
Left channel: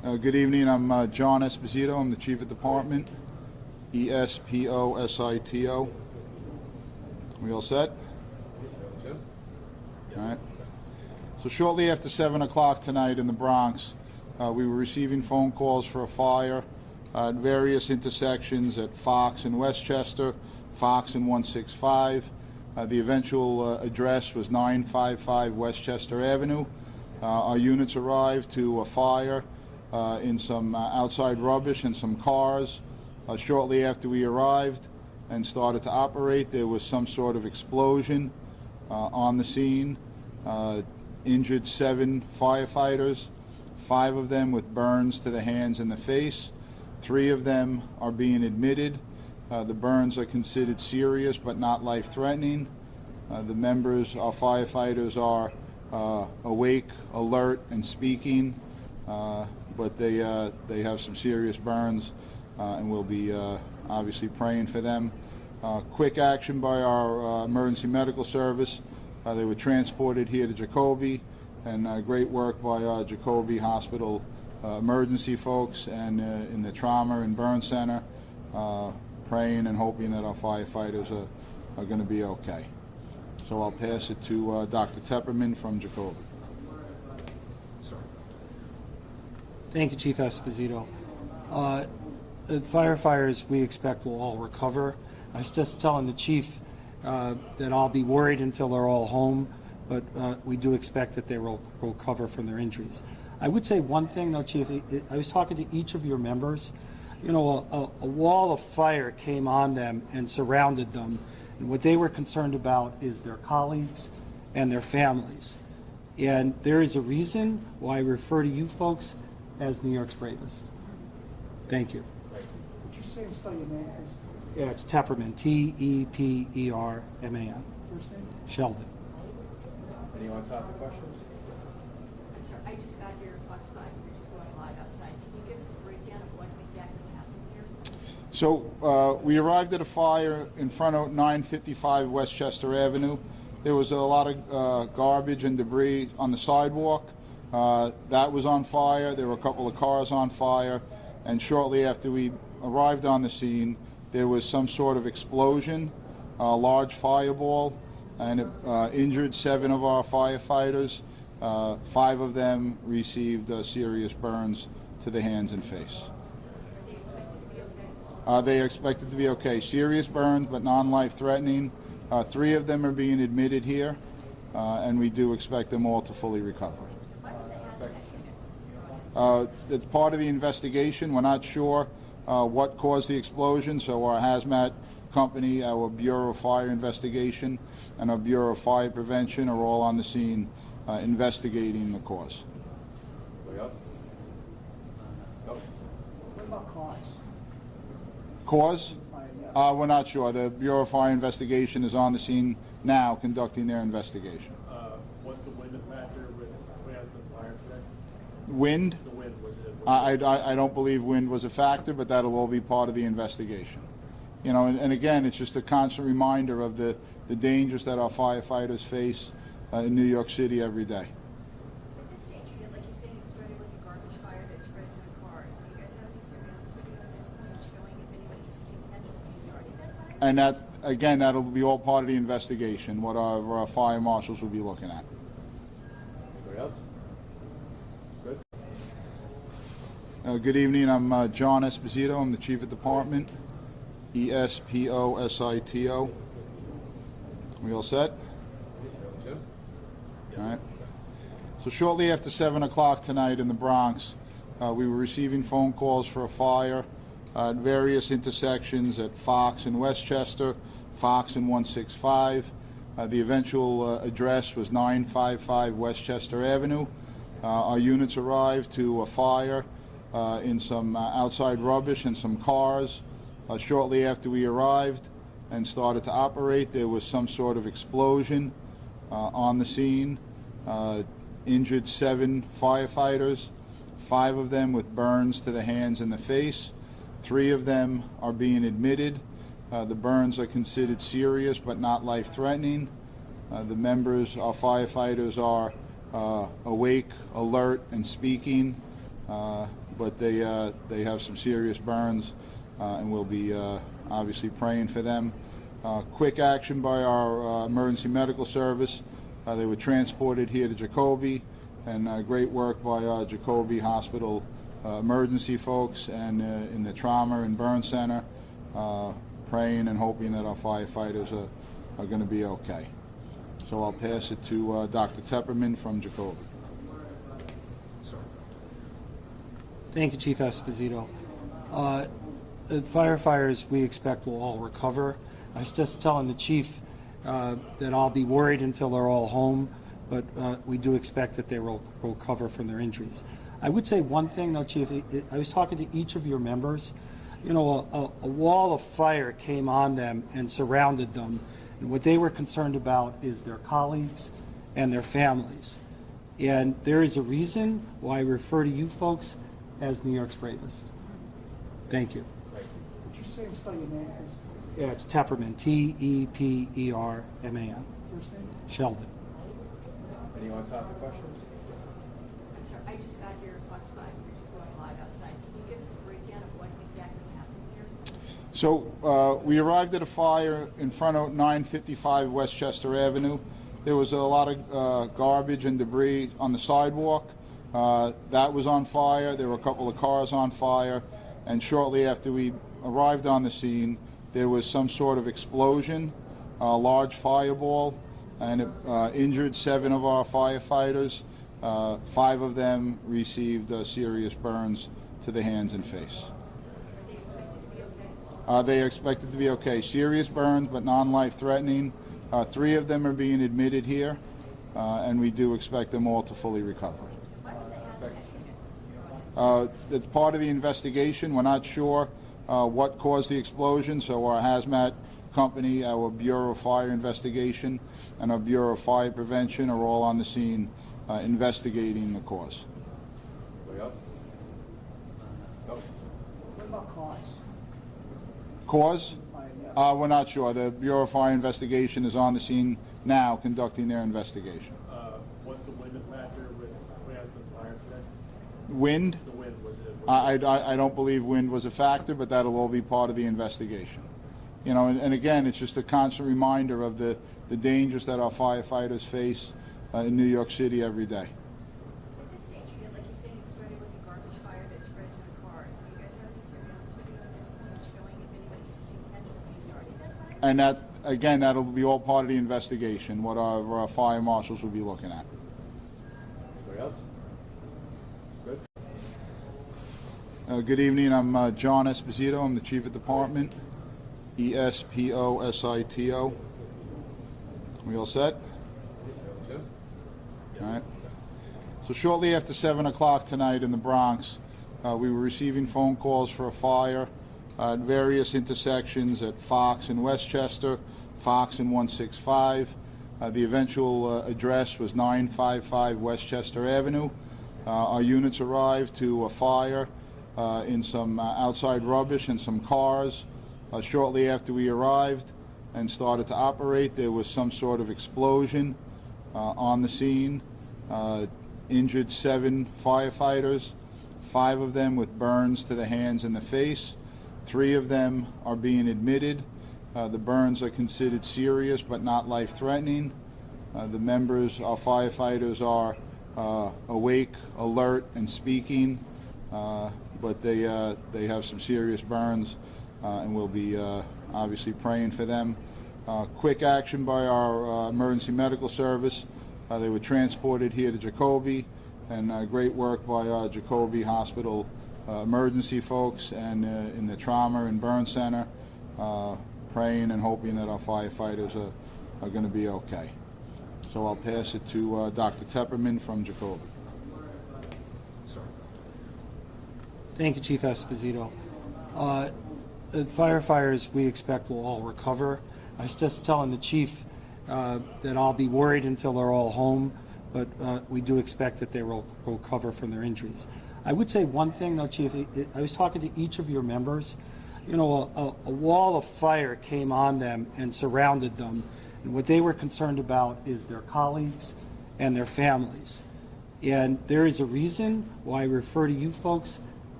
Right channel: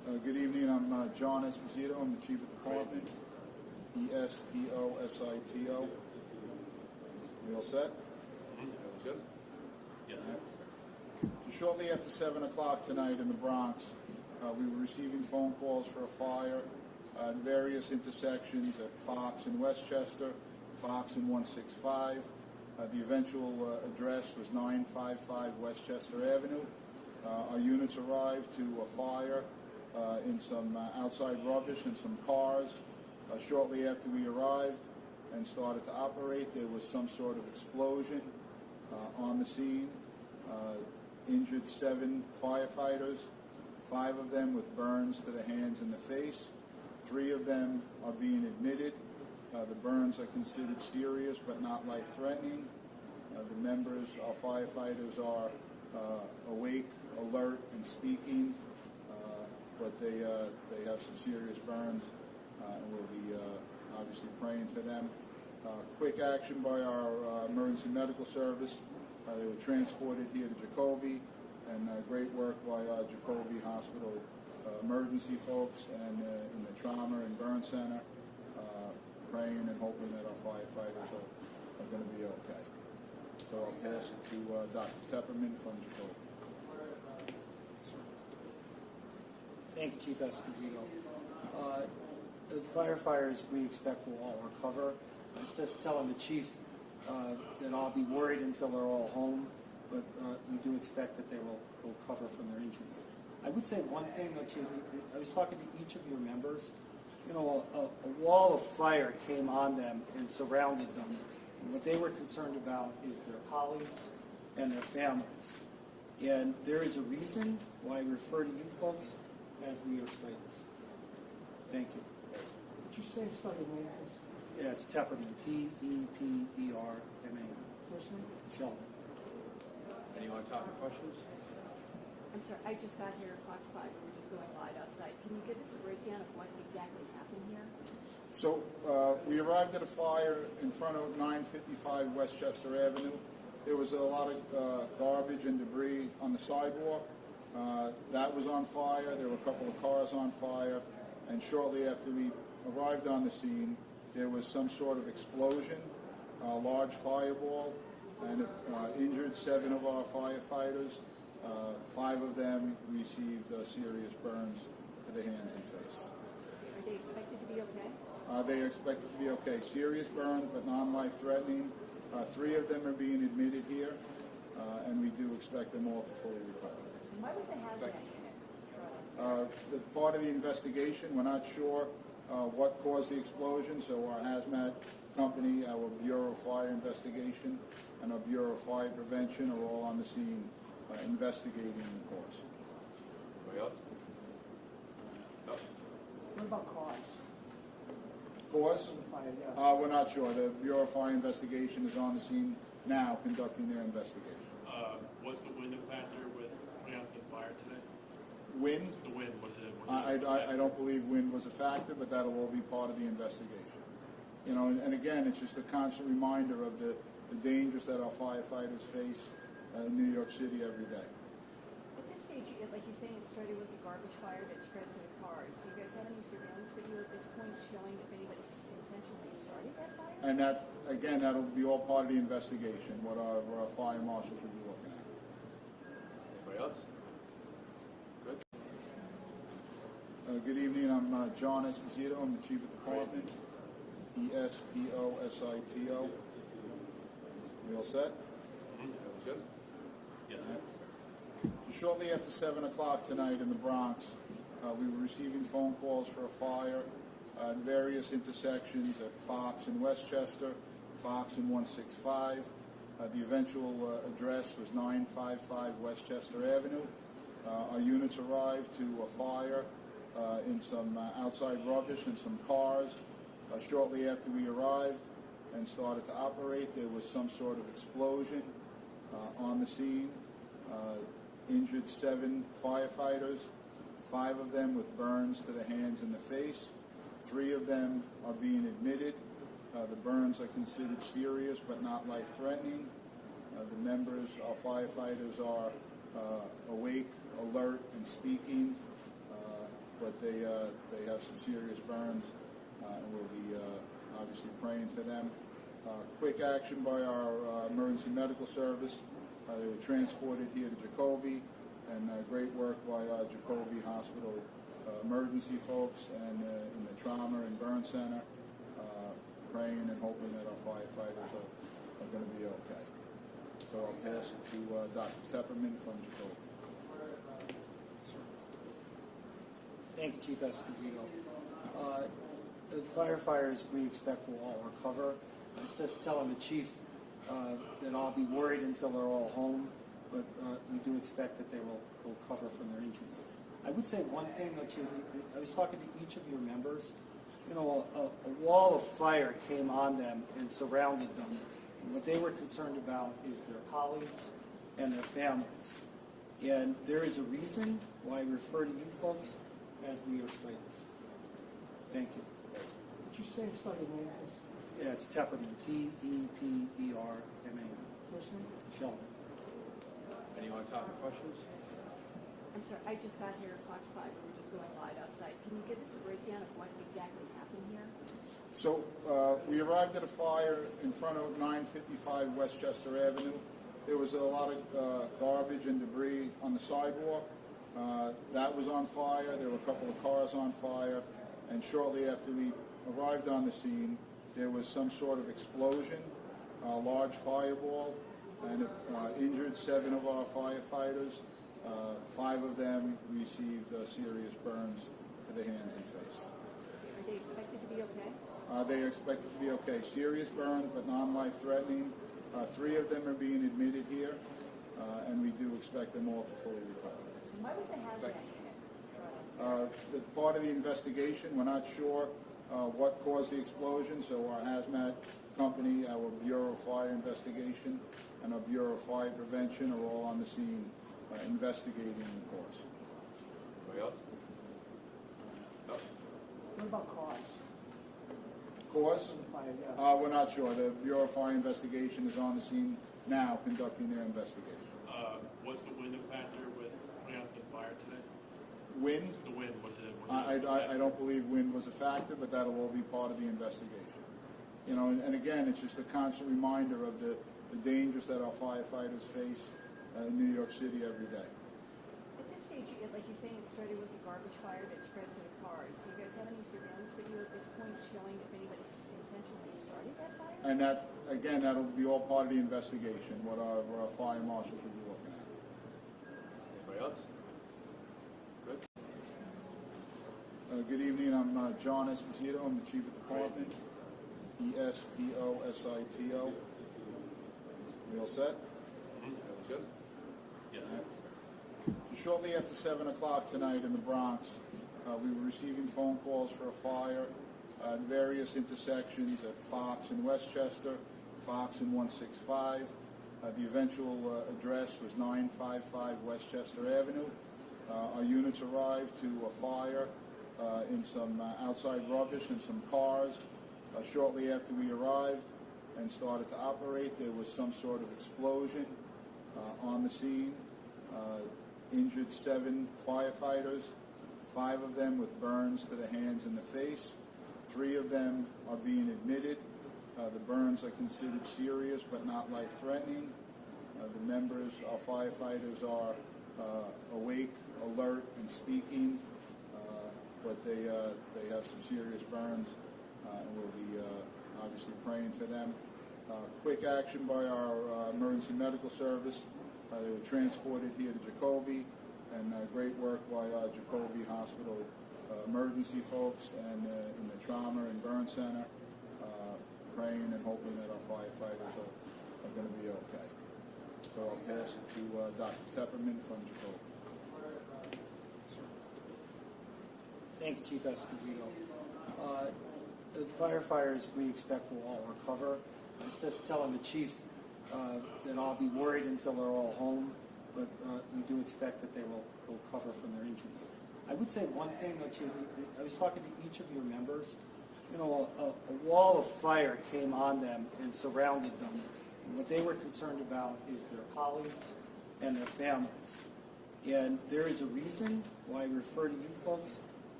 Good evening. I'm John Esposito. I'm the Chief of Department. Esposito. We all set? Jim? All right. So shortly after 7 o'clock tonight in the Bronx, we were receiving phone calls for a fire at various intersections at Fox and Westchester, Fox and 165. The eventual address was 955 Westchester Avenue. Our units arrived to a fire in some outside rubbish and some cars. Shortly after we arrived and started to operate, there was some sort of explosion on the scene. Injured 7 firefighters, 5 of them with burns to the hands and the face. 3 of them are being admitted. The burns are considered serious but not life-threatening. The members, our firefighters, are awake, alert, and speaking, but they have some serious burns, and we'll be obviously praying for them. Quick action by our emergency medical service. They were transported here to Jacoby, and great work by our Jacoby Hospital emergency folks and in the trauma and burn center, praying and hoping that our firefighters are going to be okay. So I'll pass it to Dr. Tepperman from Jacoby. Thank you, Chief Esposito. The firefighters we expect will all recover. I was just telling the chief that I'll be worried until they're all home, but we do expect that they will recover from their injuries. I would say one thing, though, Chief. I was talking to each of your members. You know, a wall of fire came on them and surrounded them, and what they were concerned about is their colleagues and their families. And there is a reason why I refer to you folks as New York's bravest. Thank you. Would you say and spell your name, please? Yeah, it's Tepperman, T-E-P-E-R-M-A-N. First name? Sheldon. Anyone talk to questions? I'm sorry, I just got your Fox 5, we're just going live outside. Can you give us a breakdown of what exactly happened here? So we arrived at a fire in front of 955 Westchester Avenue. There was a lot of garbage and debris on the sidewalk. That was on fire. There were a couple of cars on fire. And shortly after we arrived on the scene, there was some sort of explosion, a large fireball, and it injured 7 of our firefighters. 5 of them received serious burns to the hands and face. Are they expected to be okay? They are expected to be okay. Serious burns, but non-life-threatening. 3 of them are being admitted here, and we do expect them all to fully recover. Why was the hazmat unit? It's part of the investigation. We're not sure what caused the explosion, so our hazmat company, our Bureau of Fire Investigation, and our Bureau of Fire Prevention are all on the scene investigating the cause. Anybody else? No? What about cause? Cause? We're not sure. The Bureau of Fire Investigation is on the scene now conducting their investigation. Was the wind a factor with putting out the fire today? Wind? The wind, was it? I don't believe wind was a factor, but that'll all be part of the investigation. You know, and again, it's just a constant reminder of the dangers that our firefighters face in New York City every day. At this stage, like you're saying, it started with a garbage fire that spread to the cars. Do you guys have any surveillance video at this point showing if anybody intentionally started that fire? And that, again, that'll be all part of the investigation, what our fire marshals will be looking at. Anybody else? Good? Good evening. I'm John Esposito. I'm the Chief of Department. Esposito. We all set? Jim? All right. So shortly after 7 o'clock tonight in the Bronx, we were receiving phone calls for a fire at various intersections at Fox and Westchester, Fox and 165. The eventual address was 955 Westchester Avenue. Our units arrived to a fire in some outside rubbish and some cars. Shortly after we arrived and started to operate, there was some sort of explosion on the scene. Injured 7 firefighters, 5 of them with burns to the hands and the face. 3 of them are being admitted. The burns are considered serious but not life-threatening. The members, our firefighters, are awake, alert, and speaking, but they have some serious burns, and we'll be obviously praying for them. Quick action by our emergency medical service. They were transported here to Jacoby, and great work by our Jacoby Hospital emergency folks and in the trauma and burn center, praying and hoping that our firefighters are going to be okay. So I'll pass it to Dr. Tepperman from Jacoby. Thank you, Chief Esposito. The firefighters we expect will all recover. I was just telling the chief that I'll be worried until they're all home, but we do expect that they will recover from their injuries. I would say one thing, though, Chief. I was talking to each of your members. You know, a wall of fire came on them and surrounded them, and what they were concerned about is their colleagues and their families. And there is a reason why I refer to you folks as New York's bravest. Thank you. Would you say and spell your name, please? Yeah, it's Tepperman, T-E-P-E-R-M-A-N. First name? Sheldon. Any on-topic questions? I'm sorry, I just got here at Fox 5, we're just going live outside. Can you give us a breakdown of what exactly happened here? So we arrived at a fire in front of 955 Westchester Avenue. There was a lot of garbage and debris on the sidewalk. That was on fire. There were a couple of cars on fire. And shortly after we arrived on the scene, there was some sort of explosion, a large fireball, and it injured 7 of our firefighters. 5 of them received serious burns to the hands and face. Are they expected to be okay? They are expected to be okay. Serious burns, but non-life threatening. 3 of them are being admitted here, and we do expect them all to fully recover. Why was the hazmat unit? It's part of the investigation. We're not sure what caused the explosion, so our hazmat company, our Bureau of Fire Investigation, and our Bureau of Fire Prevention are all on the scene investigating the cause. Anybody else? No? What about cause? Cause? Yeah. We're not sure. The Bureau of Fire Investigation is on the scene now conducting their investigation. What's the wind factor with putting out the fire today? Wind? The wind, was it? I don't believe wind was a factor, but that'll all be part of the investigation. You know, and again, it's just a constant reminder of the dangers that our firefighters face in New York City every day. At this stage, like you're saying, it started with a garbage fire that spread to the cars. Do you guys have any surveillance video at this point showing if anybody intentionally started that fire? And that, again, that'll be all part of the investigation, what our fire marshals will be looking at. Anybody else? Good? Good evening. I'm John Esposito. I'm the Chief of Department. E-S-P-O-S-I-T-O. We all set? Jim? All right. So shortly after 7 o'clock tonight in the Bronx, we were receiving phone calls for a fire at various intersections at Fox and Westchester, Fox and 165. The eventual address was 955 Westchester Avenue. Our units arrived to a fire in some outside rubbish and some cars. Shortly after we arrived and started to operate, there was some sort of explosion on the scene. Injured 7 firefighters, 5 of them with burns to the hands and the face. 3 of them are being admitted. The burns are considered serious but not life-threatening. The members, our firefighters, are awake, alert, and speaking, but they have some serious burns, and we'll be obviously praying for them. Quick action by our emergency medical service. They were transported here to Jacoby, and great work by our Jacoby Hospital emergency folks and in the trauma and burn center, praying and hoping that our firefighters are going to be okay. So I'll pass it to Dr. Tepperman from Jacoby. Thank you, Chief Esposito. The firefighters we expect will all recover. I was just telling the chief that I'll be worried until they're all home, but we do expect that they will recover from their injuries. I would say one thing, though, Chief. I was talking to each of your members. You know, a wall of fire came on them and surrounded them, and what they were concerned about is their colleagues and their families. And there is a reason why I refer to you folks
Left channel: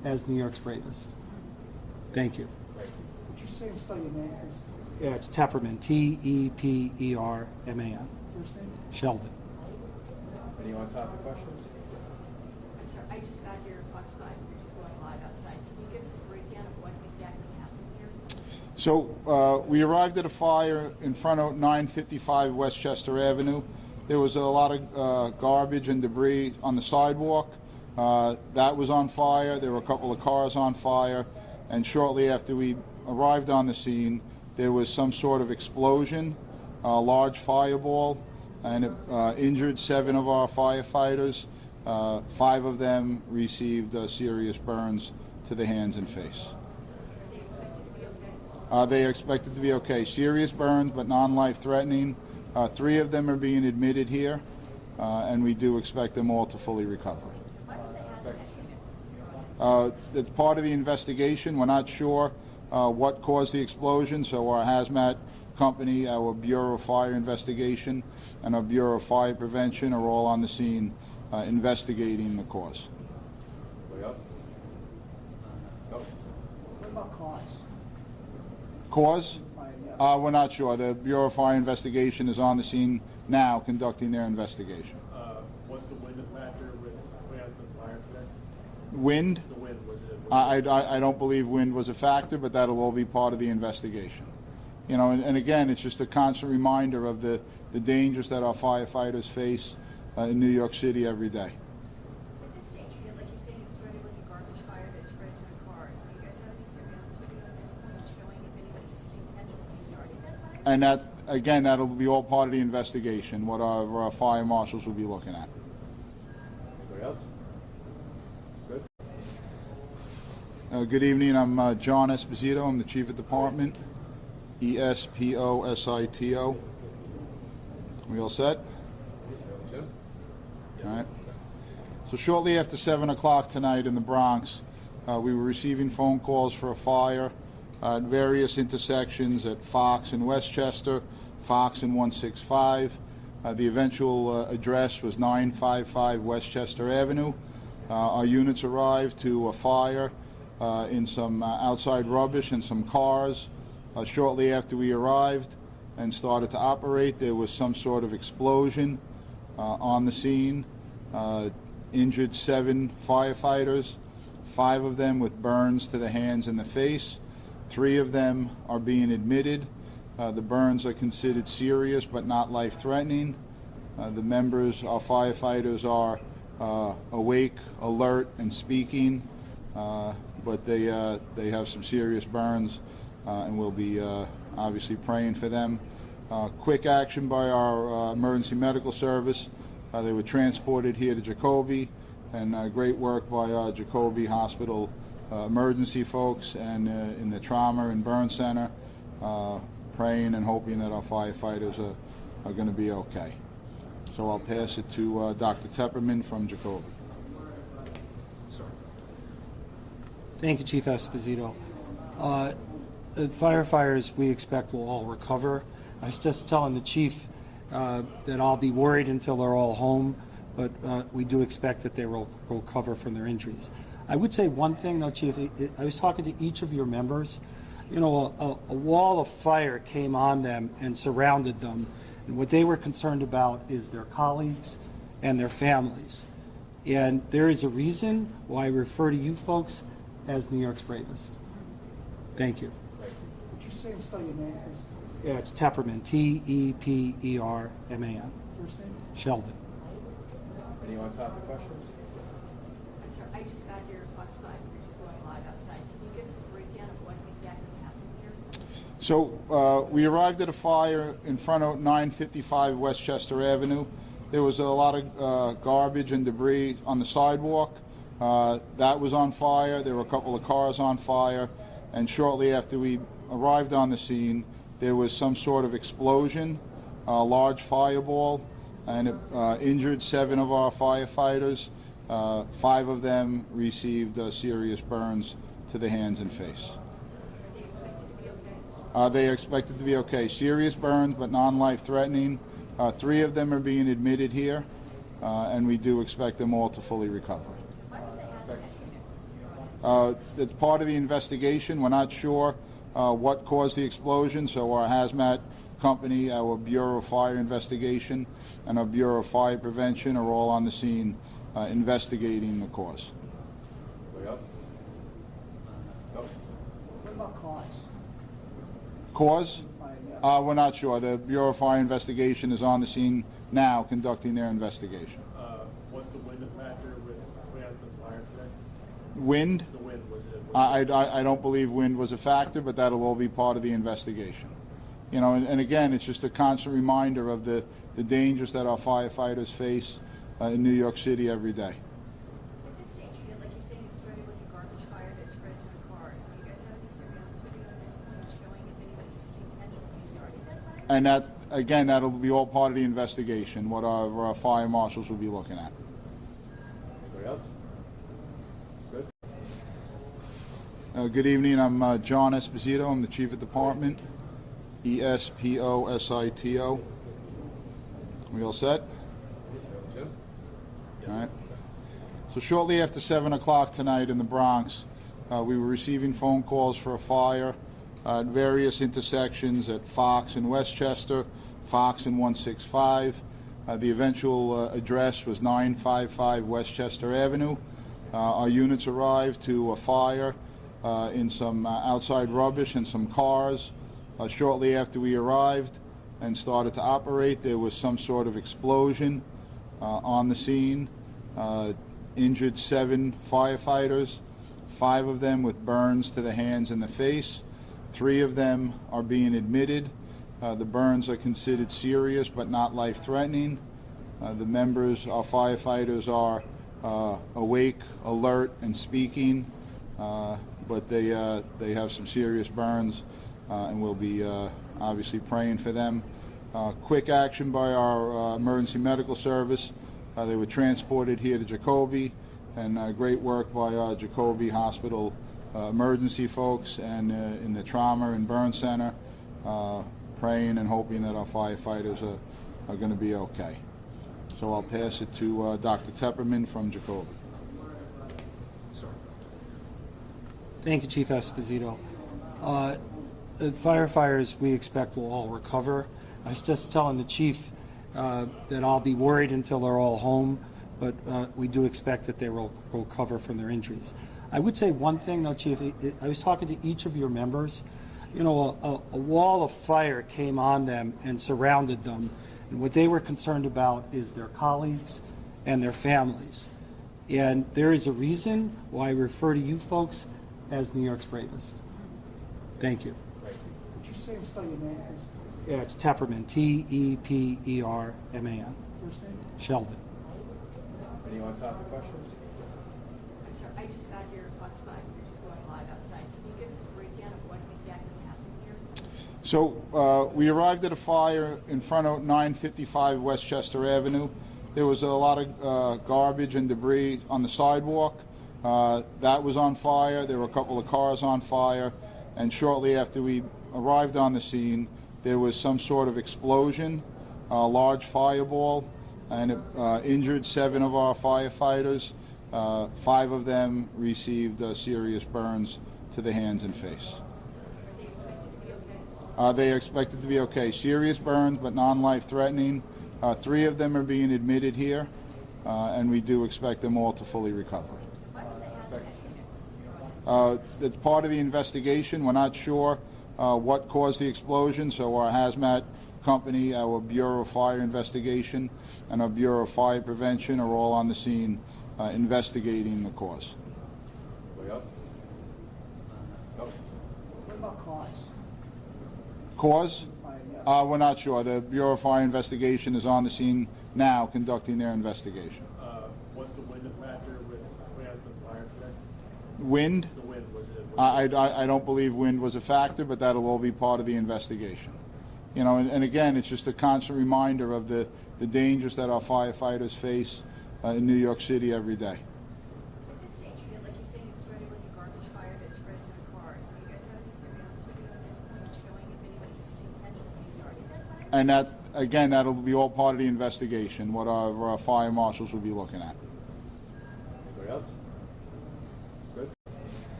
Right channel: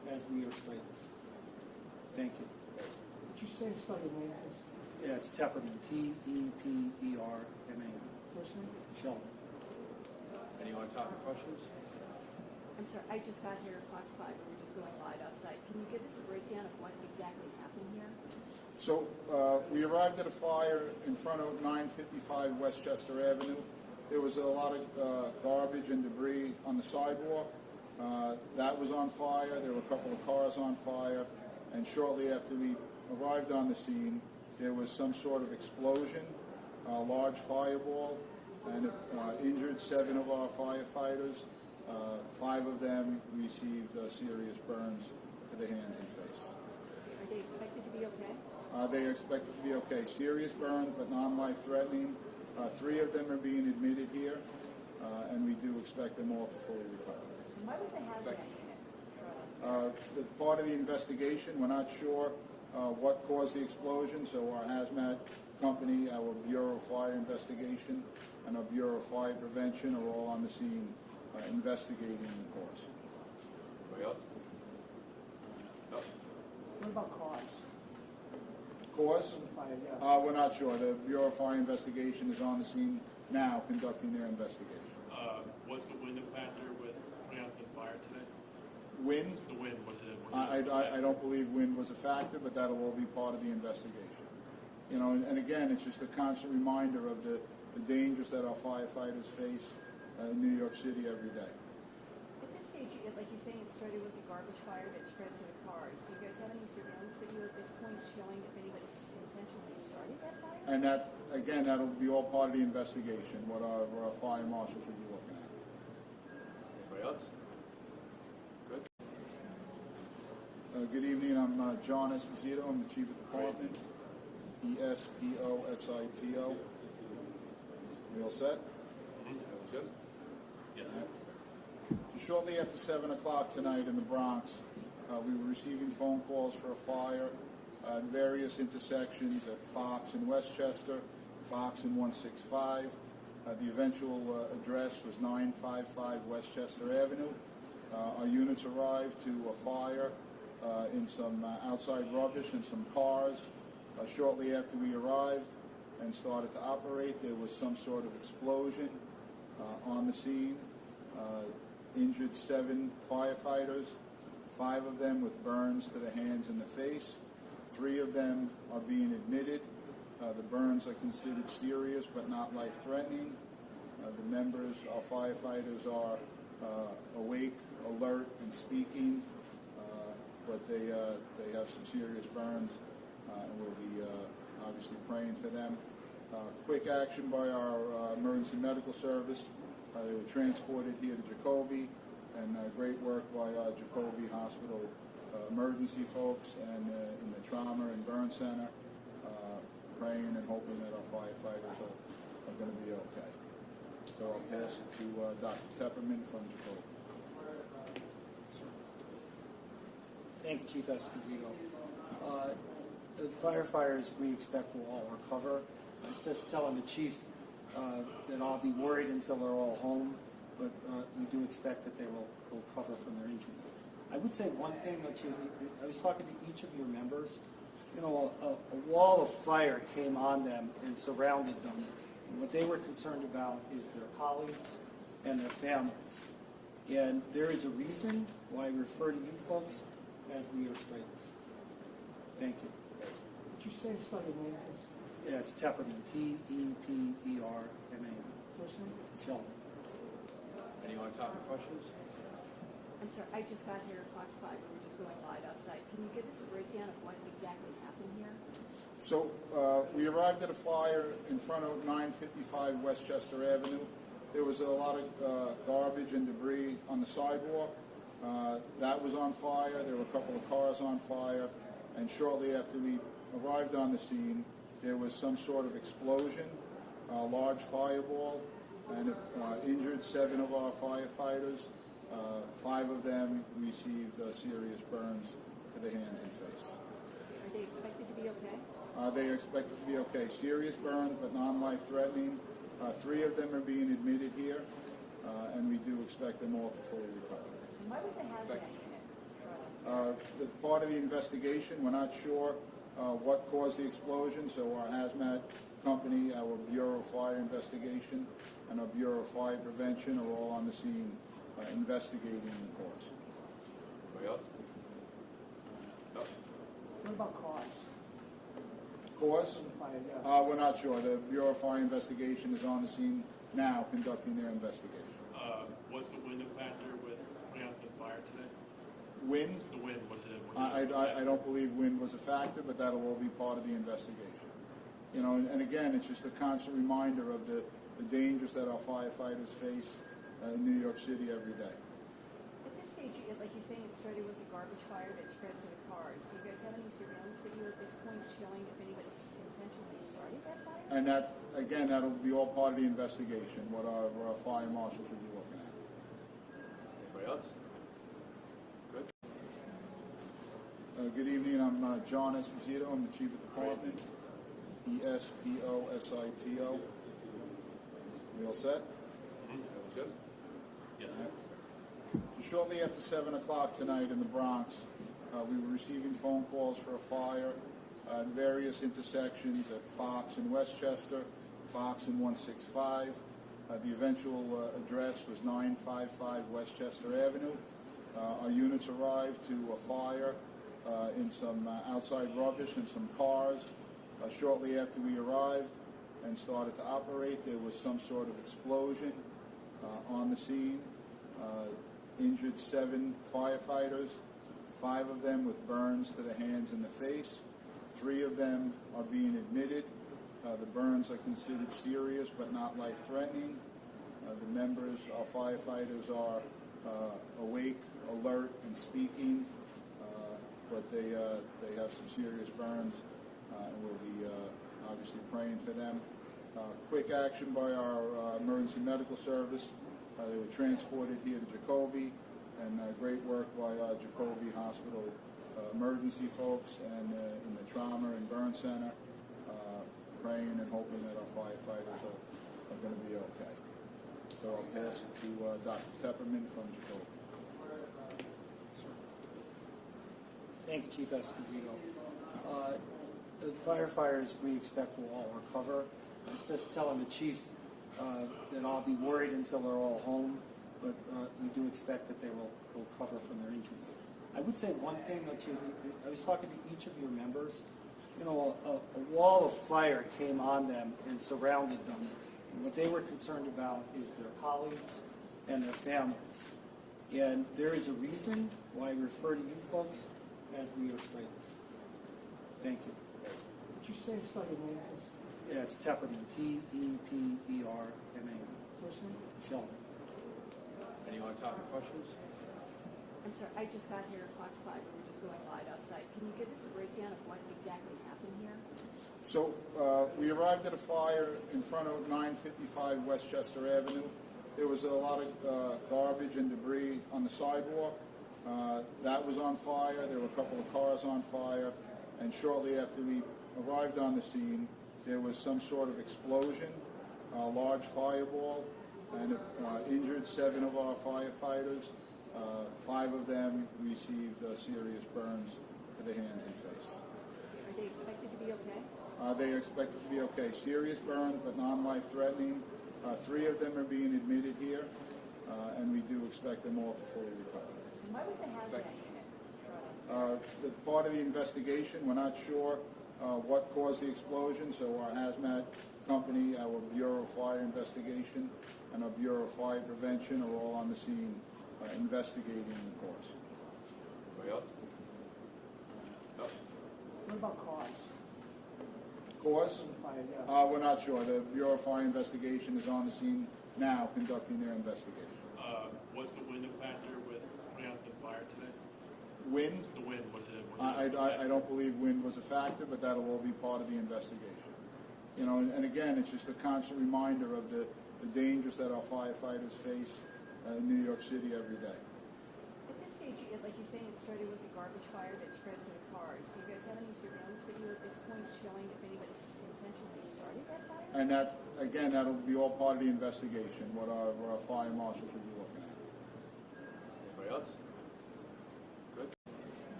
as New York's bravest. Thank you. Would you say and spell your name, please? Yeah, it's Tepperman, Tepperman. First name? Sheldon. Any on-topic questions? I'm sorry, I just got here at Fox 5, we're just going live outside. Can you give us a breakdown of what exactly happened here? So we arrived at a fire in front of 955 Westchester Avenue. There was a lot of garbage and debris on the sidewalk. That was on fire. There were a couple of cars on fire. And shortly after we arrived on the scene, there was some sort of explosion, a large fireball, and it injured 7 of our firefighters. 5 of them received serious burns to the hands and face. Are they expected to be okay? They are expected to be okay. Serious burns, but non-life threatening. 3 of them are being admitted here, and we do expect them all to fully recover. Why was the hazmat unit? It's part of the investigation. We're not sure what caused the explosion, so our hazmat company, our Bureau of Fire Investigation, and our Bureau of Fire Prevention are all on the scene investigating the cause. Anybody else? No? What about cause? Cause? Yeah. We're not sure. The Bureau of Fire Investigation is on the scene now conducting their investigation. What's the wind factor with putting out the fire today? Wind? The wind, was it? I don't believe wind was a factor, but that'll all be part of the investigation. You know, and again, it's just a constant reminder of the dangers that our firefighters face in New York City every day. At this stage, like you're saying, it started with a garbage fire that spread to the cars. Do you guys have any surveillance video at this point showing if anybody intentionally started that fire? And that, again, that'll be all part of the investigation, what our fire marshals will be looking at. Anybody else? Good. Good evening. I'm John Esposito. I'm the Chief of Department. Esposito. We all set? Jim? All right. So shortly after 7 o'clock tonight in the Bronx, we were receiving phone calls for a fire at various intersections at Fox and Westchester, Fox and 165. The eventual address was 955 Westchester Avenue. Our units arrived to a fire in some outside rubbish and some cars. Shortly after we arrived and started to operate, there was some sort of explosion on the scene. Injured 7 firefighters, 5 of them with burns to the hands and the face. 3 of them are being admitted. The burns are considered serious but not life-threatening. The members, our firefighters, are awake, alert, and speaking, but they have some serious burns, and we'll be obviously praying for them. Quick action by our emergency medical service. They were transported here to Jacoby, and great work by our Jacoby Hospital emergency folks and in the trauma and burn center, praying and hoping that our firefighters are going to be okay. So I'll pass it to Dr. Tepperman from Jacoby. Thank you, Chief Esposito. The firefighters we expect will all recover. I was just telling the chief that I'll be worried until they're all home, but we do expect that they will recover from their injuries. I would say one thing, though, Chief. I was talking to each of your members. You know, a wall of fire came on them and surrounded them, and what they were concerned about is their colleagues and their families. And there is a reason why I refer to you folks as New York's bravest. Thank you. Would you say and spell your name, please? Yeah, it's Tepperman, Tepperman. First name? Sheldon. Any on-topic questions? I'm sorry, I just got here at Fox 5, we're just going live outside. Can you give us a breakdown of what exactly happened here? So we arrived at a fire in front of 955 Westchester Avenue. There was a lot of garbage and debris on the sidewalk. That was on fire. There were a couple of cars on fire. And shortly after we arrived on the scene, there was some sort of explosion, a large fireball, and it injured 7 of our firefighters. 5 of them received serious burns to the hands and face. Are they expected to be okay? They are expected to be okay. Serious burns, but non-life threatening. 3 of them are being admitted here, and we do expect them all to fully recover. Why was the hazmat It's part of the investigation. We're not sure what caused the explosion, so our hazmat company, our Bureau of Fire Investigation, and our Bureau of Fire Prevention are all on the scene investigating the cause. Anybody else? No? What about cause? Cause? Yeah. We're not sure. The Bureau of Fire Investigation is on the scene now conducting their investigation. What's the wind factor with putting out the fire today? Wind? The wind, was it? I don't believe wind was a factor, but that'll all be part of the investigation. You know, and again, it's just a constant reminder of the dangers that our firefighters face in New York City every day. At this stage, like you're saying, it started with a garbage fire that spread to the cars. Do you guys have any surveillance video at this point showing if anybody intentionally started that fire? And that, again, that'll be all part of the investigation, what our fire marshals will be looking at. Anybody else? Good. Good evening. I'm John Esposito. I'm the Chief of Department. Esposito. We all set? Jim? All right. So shortly after 7 o'clock tonight in the Bronx, we were receiving phone calls for a fire at various intersections at Fox and Westchester, Fox and 165. The eventual address was 955 Westchester Avenue. Our units arrived to a fire in some outside rubbish and some cars. Shortly after we arrived and started to operate, there was some sort of explosion on the scene. Injured 7 firefighters, 5 of them with burns to the hands and the face. 3 of them are being admitted. The burns are considered serious but not life-threatening. The members, our firefighters, are awake, alert, and speaking, but they have some serious burns, and we'll be obviously praying for them. Quick action by our emergency medical service. They were transported here to Jacoby, and great work by our Jacoby Hospital emergency folks and in the trauma and burn center, praying and hoping that our firefighters are going to be okay. So I'll pass it to Dr. Tepperman from Jacoby. Thank you, Chief Esposito. The firefighters we expect will all recover. I was just telling the chief that I'll be worried until they're all home, but we do expect that they will recover from their injuries. I would say one thing, though, Chief. I was talking to each of your members. You know, a wall of fire came on them and surrounded them, and what they were concerned about is their colleagues and their families. And there is a reason why I refer to you folks as New York's bravest. Thank you. Would you say and spell your name, please? Yeah, it's Tepperman, Tepperman. First name? Sheldon. Anyone talk to questions? I'm sorry, I just got here Fox 5. We're just going live outside. Can you give us a breakdown of what exactly happened here? So we arrived at a fire in front of 955 Westchester Avenue. There was a lot of garbage and debris on the sidewalk. That was on fire. There were a couple of cars on fire. And shortly after we arrived on the scene, there was some sort of explosion, a large fireball, and it injured 7 of our firefighters. 5 of them received serious burns to the hands and face. Are they expected to be okay? They are expected to be okay. Serious burns, but non-life-threatening. 3 of them are being admitted here, and we do expect them all to fully recover. Why was the hazmat unit? It's part of the investigation. We're not sure what caused the explosion, so our hazmat company, our Bureau of Fire Investigation, and our Bureau of Fire Prevention are all on the scene investigating the cause. Anybody else? No? What about cause? Cause? Yeah. We're not sure. The Bureau of Fire Investigation is on the scene now conducting their investigation. What's the wind factor with putting out the fire today? Wind? The wind, was it? I don't believe wind was a factor, but that'll all be part of the investigation. You know, and again, it's just a constant reminder of the dangers that our firefighters face in New York City every day. At this stage, like you're saying, it started with a garbage fire that spread to the cars. Do you guys have any surveillance video at this point showing if anybody intentionally started that fire? And that, again, that'll be all part of the investigation, what our fire marshals will be looking at. Anybody else? Good.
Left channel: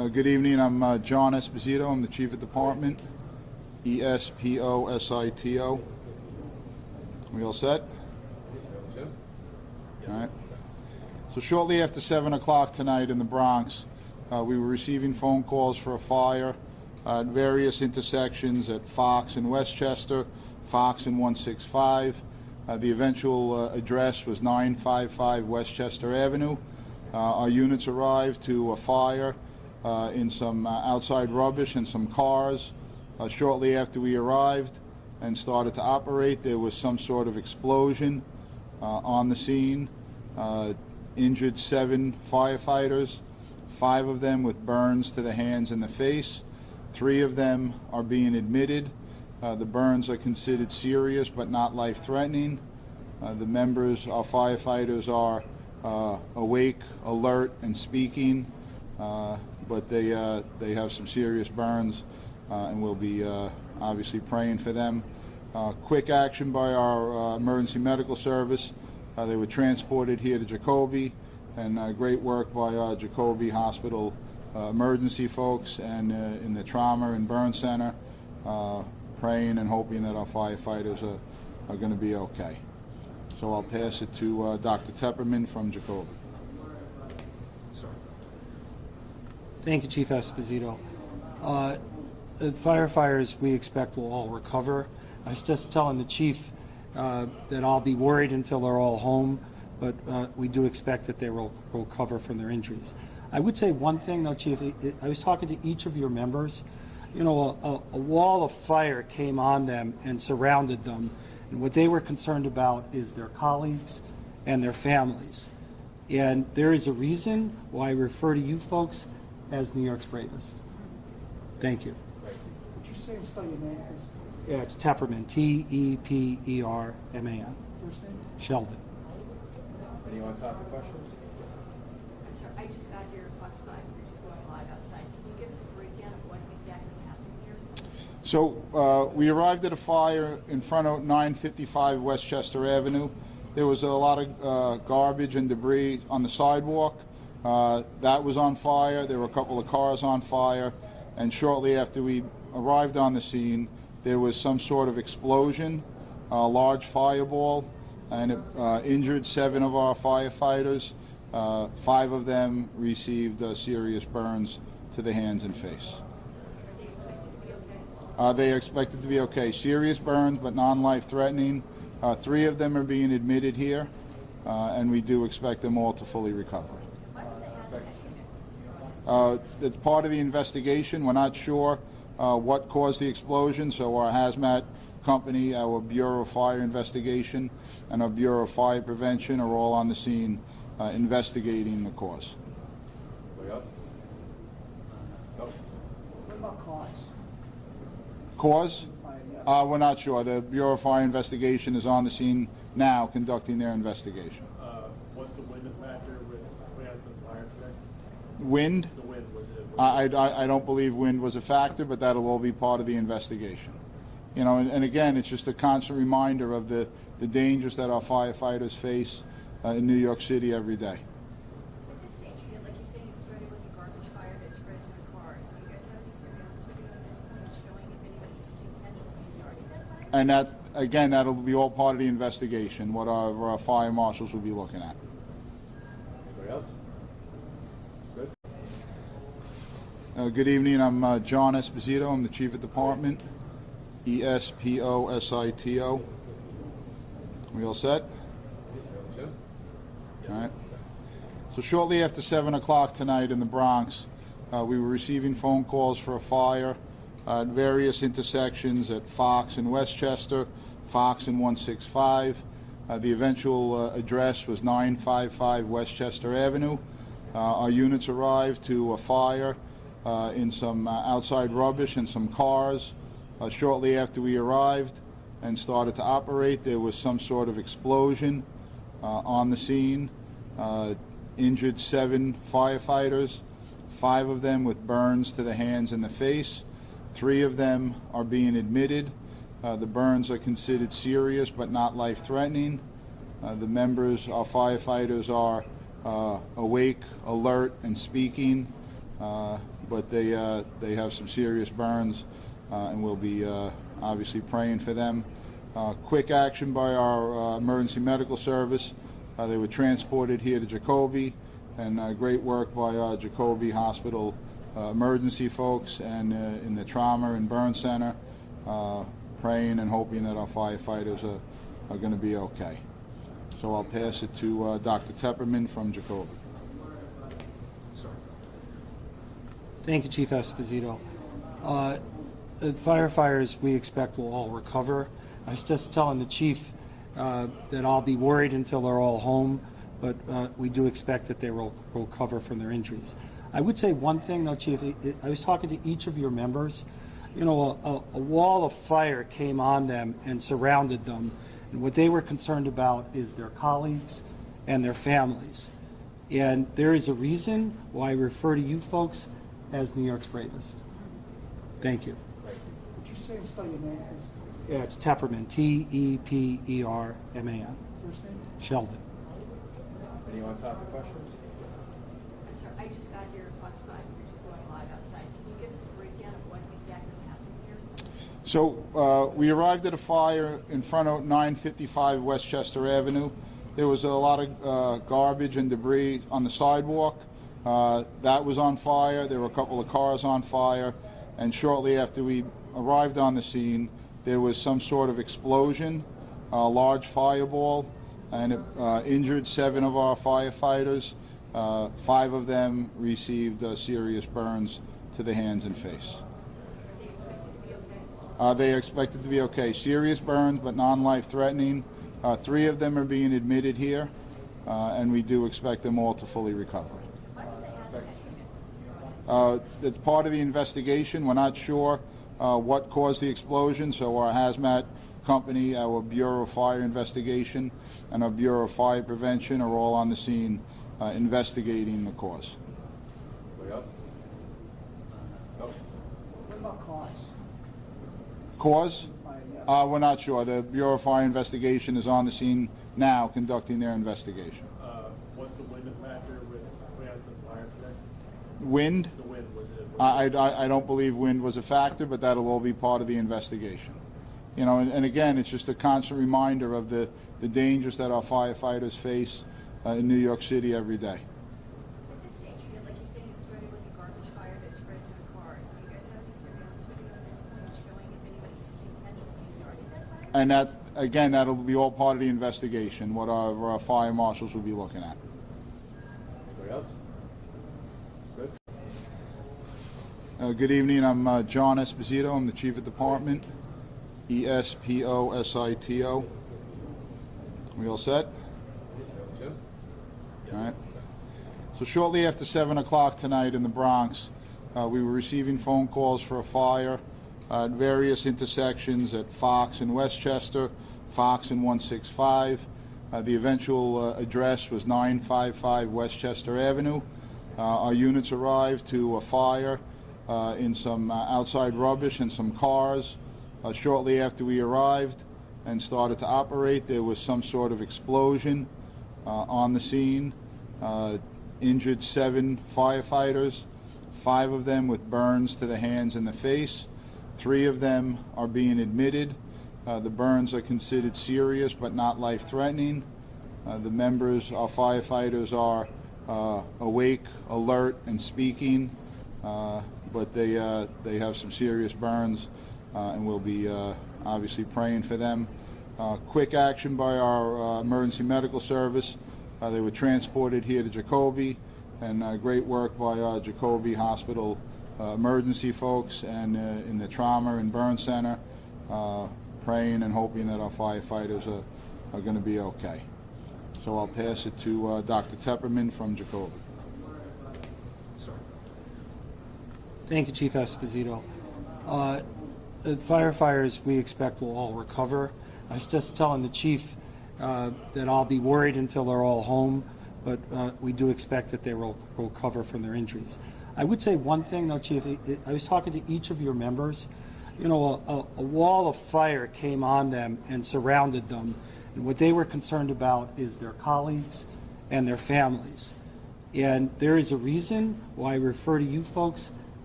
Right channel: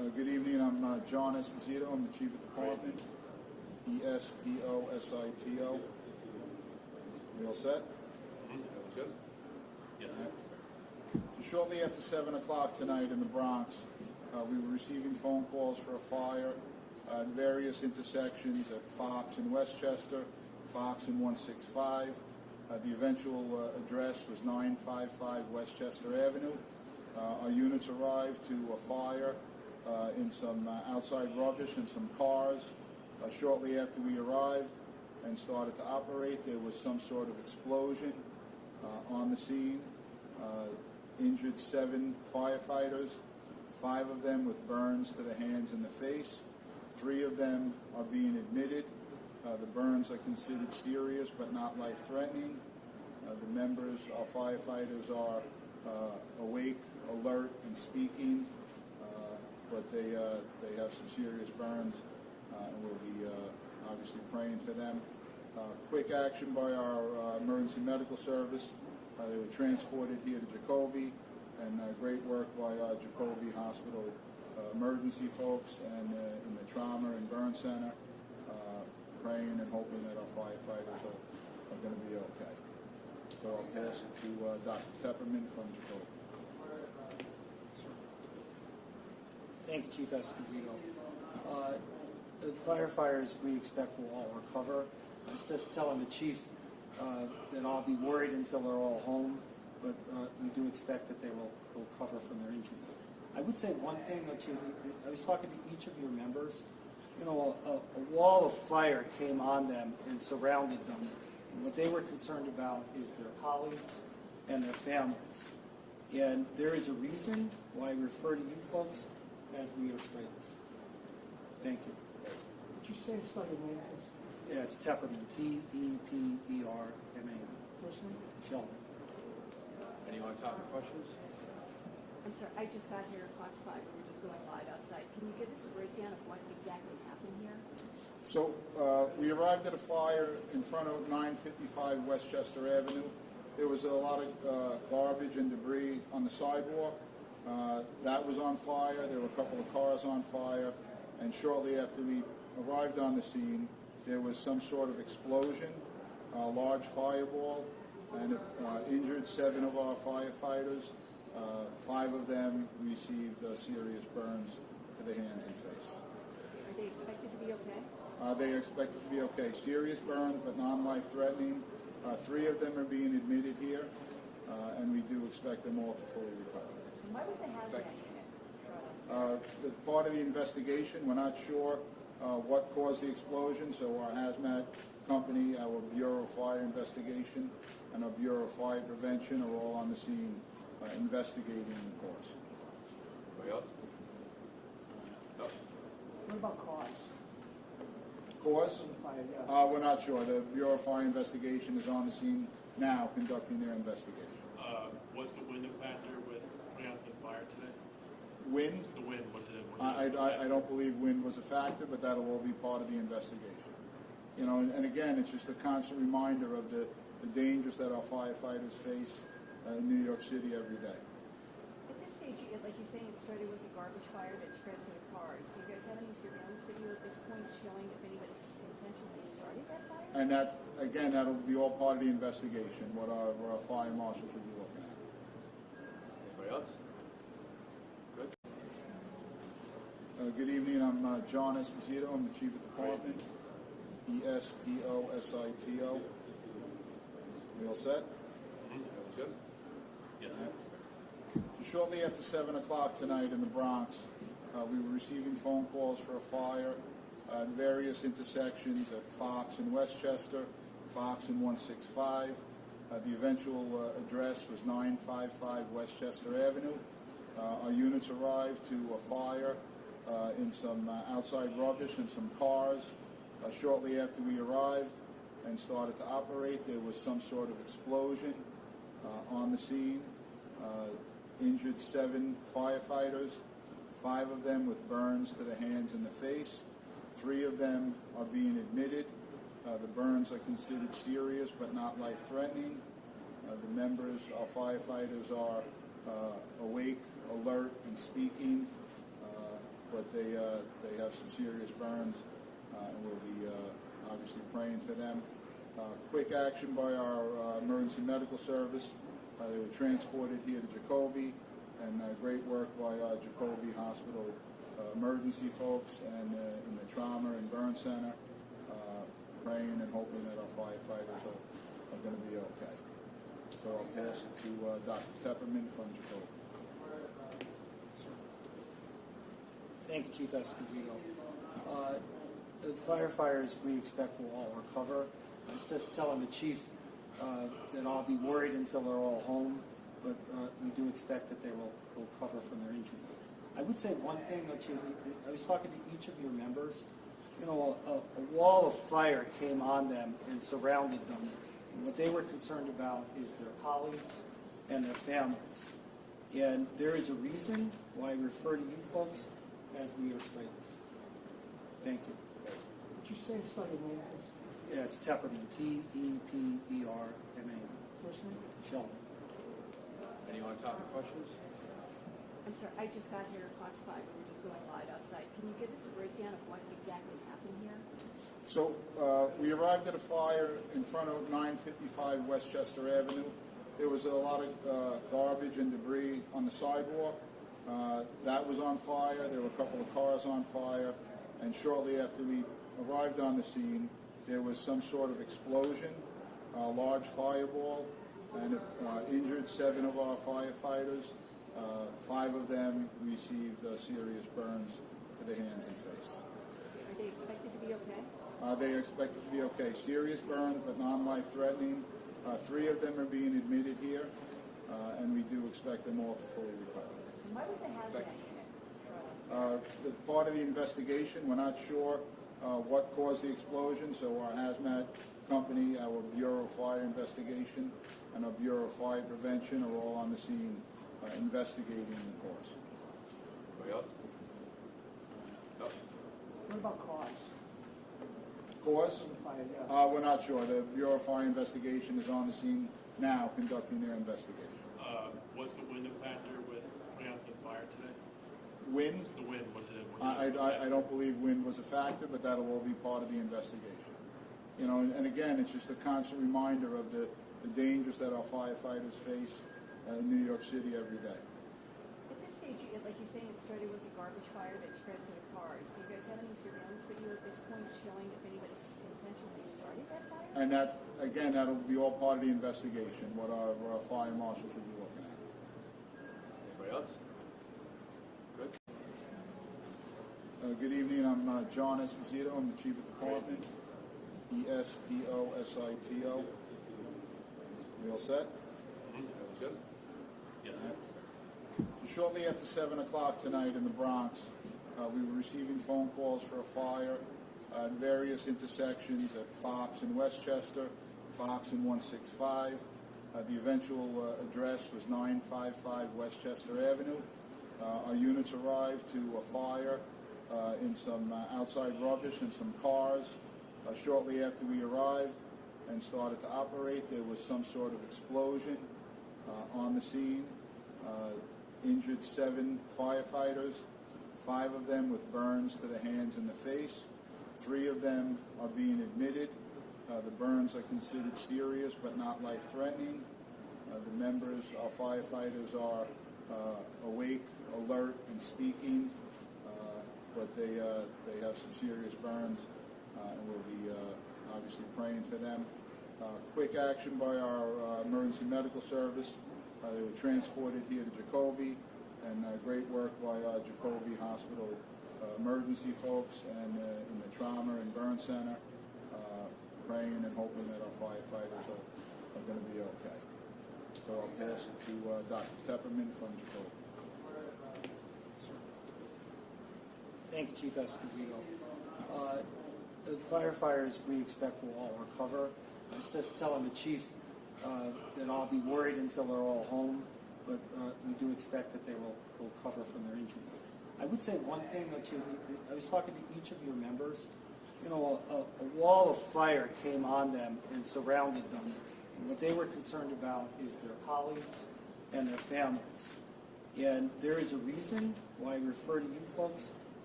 Good evening. I'm John Esposito. I'm the Chief of Department. Esposito. We all set? Jim? All right. So shortly after 7 o'clock tonight in the Bronx, we were receiving phone calls for a fire at various intersections at Fox and Westchester, Fox and 165. The eventual address was 955 Westchester Avenue. Our units arrived to a fire in some outside rubbish and some cars. Shortly after we arrived and started to operate, there was some sort of explosion on the scene. Injured 7 firefighters, 5 of them with burns to the hands and the face. 3 of them are being admitted. The burns are considered serious but not life-threatening. The members, our firefighters, are awake, alert, and speaking, but they have some serious burns, and we'll be obviously praying for them. Quick action by our emergency medical service. They were transported here to Jacoby, and great work by our Jacoby Hospital emergency folks and in the trauma and burn center, praying and hoping that our firefighters are going to be okay. So I'll pass it to Dr. Tepperman from Jacoby. Thank you, Chief Esposito. The firefighters we expect will all recover. I was just telling the chief that I'll be worried until they're all home, but we do expect that they will recover from their injuries. I would say one thing, though, Chief. I was talking to each of your members. You know, a wall of fire came on them and surrounded them, and what they were concerned about is their colleagues and their families. And there is a reason why I refer to you folks as New York's bravest. Thank you. Would you say and spell your name, please? Yeah, it's Tepperman, Tepperman. First name? Sheldon. Any on-topic questions? I'm sorry, I just got here at Fox 5, we're just going live outside. Can you give us a breakdown of what exactly happened here? So we arrived at a fire in front of 955 Westchester Avenue. There was a lot of garbage and debris on the sidewalk. That was on fire. There were a couple of cars on fire. And shortly after we arrived on the scene, there was some sort of explosion, a large fireball, and it injured 7 of our firefighters. 5 of them received serious burns to the hands and face. Are they expected to be okay? They are expected to be okay. Serious burns, but non-life-threatening. 3 of them are being admitted here, and we do expect them all to fully recover. Why was the hazmat unit? It's part of the investigation. We're not sure what caused the explosion, so our hazmat company, our Bureau of Fire Investigation, and our Bureau of Fire Prevention are all on the scene investigating the cause. Anybody else? No? What about cause? Cause? Yeah. We're not sure. The Bureau of Fire Investigation is on the scene now conducting their investigation. What's the wind factor with putting out the fire today? Wind? The wind, was it? I don't believe wind was a factor, but that'll all be part of the investigation. You know, and again, it's just a constant reminder of the dangers that our firefighters face in New York City every day. At this stage, like you're saying, it started with a garbage fire that spread to the cars. Do you guys have any surveillance video at this point showing if anybody intentionally started that fire? And that, again, that'll be all part of the investigation, what our fire marshals will be looking at. Anybody else? Good. Good evening. I'm John Esposito. I'm the Chief of Department. Esposito. We all set? Jim? All right. So shortly after 7 o'clock tonight in the Bronx, we were receiving phone calls for a fire at various intersections at Fox and Westchester, Fox and 165. The eventual address was 955 Westchester Avenue. Our units arrived to a fire in some outside rubbish and some cars. Shortly after we arrived and started to operate, there was some sort of explosion on the scene. Injured 7 firefighters, 5 of them with burns to the hands and the face. 3 of them are being admitted. The burns are considered serious but not life-threatening. The members, our firefighters, are awake, alert, and speaking, but they have some serious burns, and we'll be obviously praying for them. Quick action by our emergency medical service. They were transported here to Jacoby, and great work by Jacoby Hospital emergency folks and in the trauma and burn center, praying and hoping that our firefighters are going to be okay. So I'll pass it to Dr. Tepperman from Jacoby. Thank you, Chief Esposito. The firefighters we expect will all recover. I was just telling the chief that I'll be worried until they're all home, but we do expect that they will recover from their injuries. I would say one thing, though, Chief. I was talking to each of your members. You know, a wall of fire came on them and surrounded them, and what they were concerned about is their colleagues and their families. And there is a reason why I refer to you folks as New York's bravest. Thank you. Would you say and spell your name, please? Yeah, it's Tepperman, T-E-P-E-R-M-A-N. First name? Sheldon. Any on-topic questions? I'm sorry, I just got here at Fox 5, we're just going live outside. Can you give us a breakdown of what exactly happened here? So we arrived at a fire in front of 955 Westchester Avenue. There was a lot of garbage and debris on the sidewalk. That was on fire. There were a couple of cars on fire. And shortly after we arrived on the scene, there was some sort of explosion, a large fireball, and it injured 7 of our firefighters. 5 of them received serious burns to the hands and face. Are they expected to be okay? They are expected to be okay. Serious burns, but non-life threatening. 3 of them are being admitted here, and we do expect them all to fully recover. Why was the hazmat unit? It's part of the investigation. We're not sure what caused the explosion, so our hazmat company, our Bureau of Fire Investigation, and our Bureau of Fire Prevention are all on the scene investigating the cause. Anybody else? No? What about cause? Cause? Yeah. We're not sure. The Bureau of Fire Investigation is on the scene now conducting their investigation. What's the wind factor with putting out the fire today? Wind? The wind, was it? I don't believe wind was a factor, but that'll all be part of the investigation. You know, and again, it's just a constant reminder of the dangers that our firefighters face in New York City every day. At this stage, like you're saying, it started with a garbage fire that spread to the cars. Do you guys have any surveillance video at this point showing if anybody intentionally started that fire? And that, again, that'll be all part of the investigation, what our fire marshals will be looking at. Anybody else? Good. Good evening. I'm John Esposito. I'm the Chief of Department. E-S-P-O-S-I-T-O. We all set? Jim? All right. So shortly after 7 o'clock tonight in the Bronx, we were receiving phone calls for a fire at various intersections at Fox and Westchester, Fox and 165. The eventual address was 955 Westchester Avenue. Our units arrived to a fire in some outside rubbish and some cars. Shortly after we arrived and started to operate, there was some sort of explosion on the scene. Injured 7 firefighters, 5 of them with burns to the hands and the face. 3 of them are being admitted. The burns are considered serious but not life-threatening. The members, our firefighters, are awake, alert, and speaking, but they have some serious burns, and we'll be obviously praying for them. Quick action by our emergency medical service. They were transported here to Jacoby, and great work by Jacoby Hospital emergency folks and in the trauma and burn center, praying and hoping that our firefighters are going to be okay. So I'll pass it to Dr. Tepperman from Jacoby. Thank you, Chief Esposito. The firefighters we expect will all recover. I was just telling the chief that I'll be worried until they're all home, but we do expect that they will recover from their injuries. I would say one thing, though, Chief. I was talking to each of your members. You know, a wall of fire came on them and surrounded them, and what they were concerned about is their colleagues and their families. And there is a reason why I refer to you folks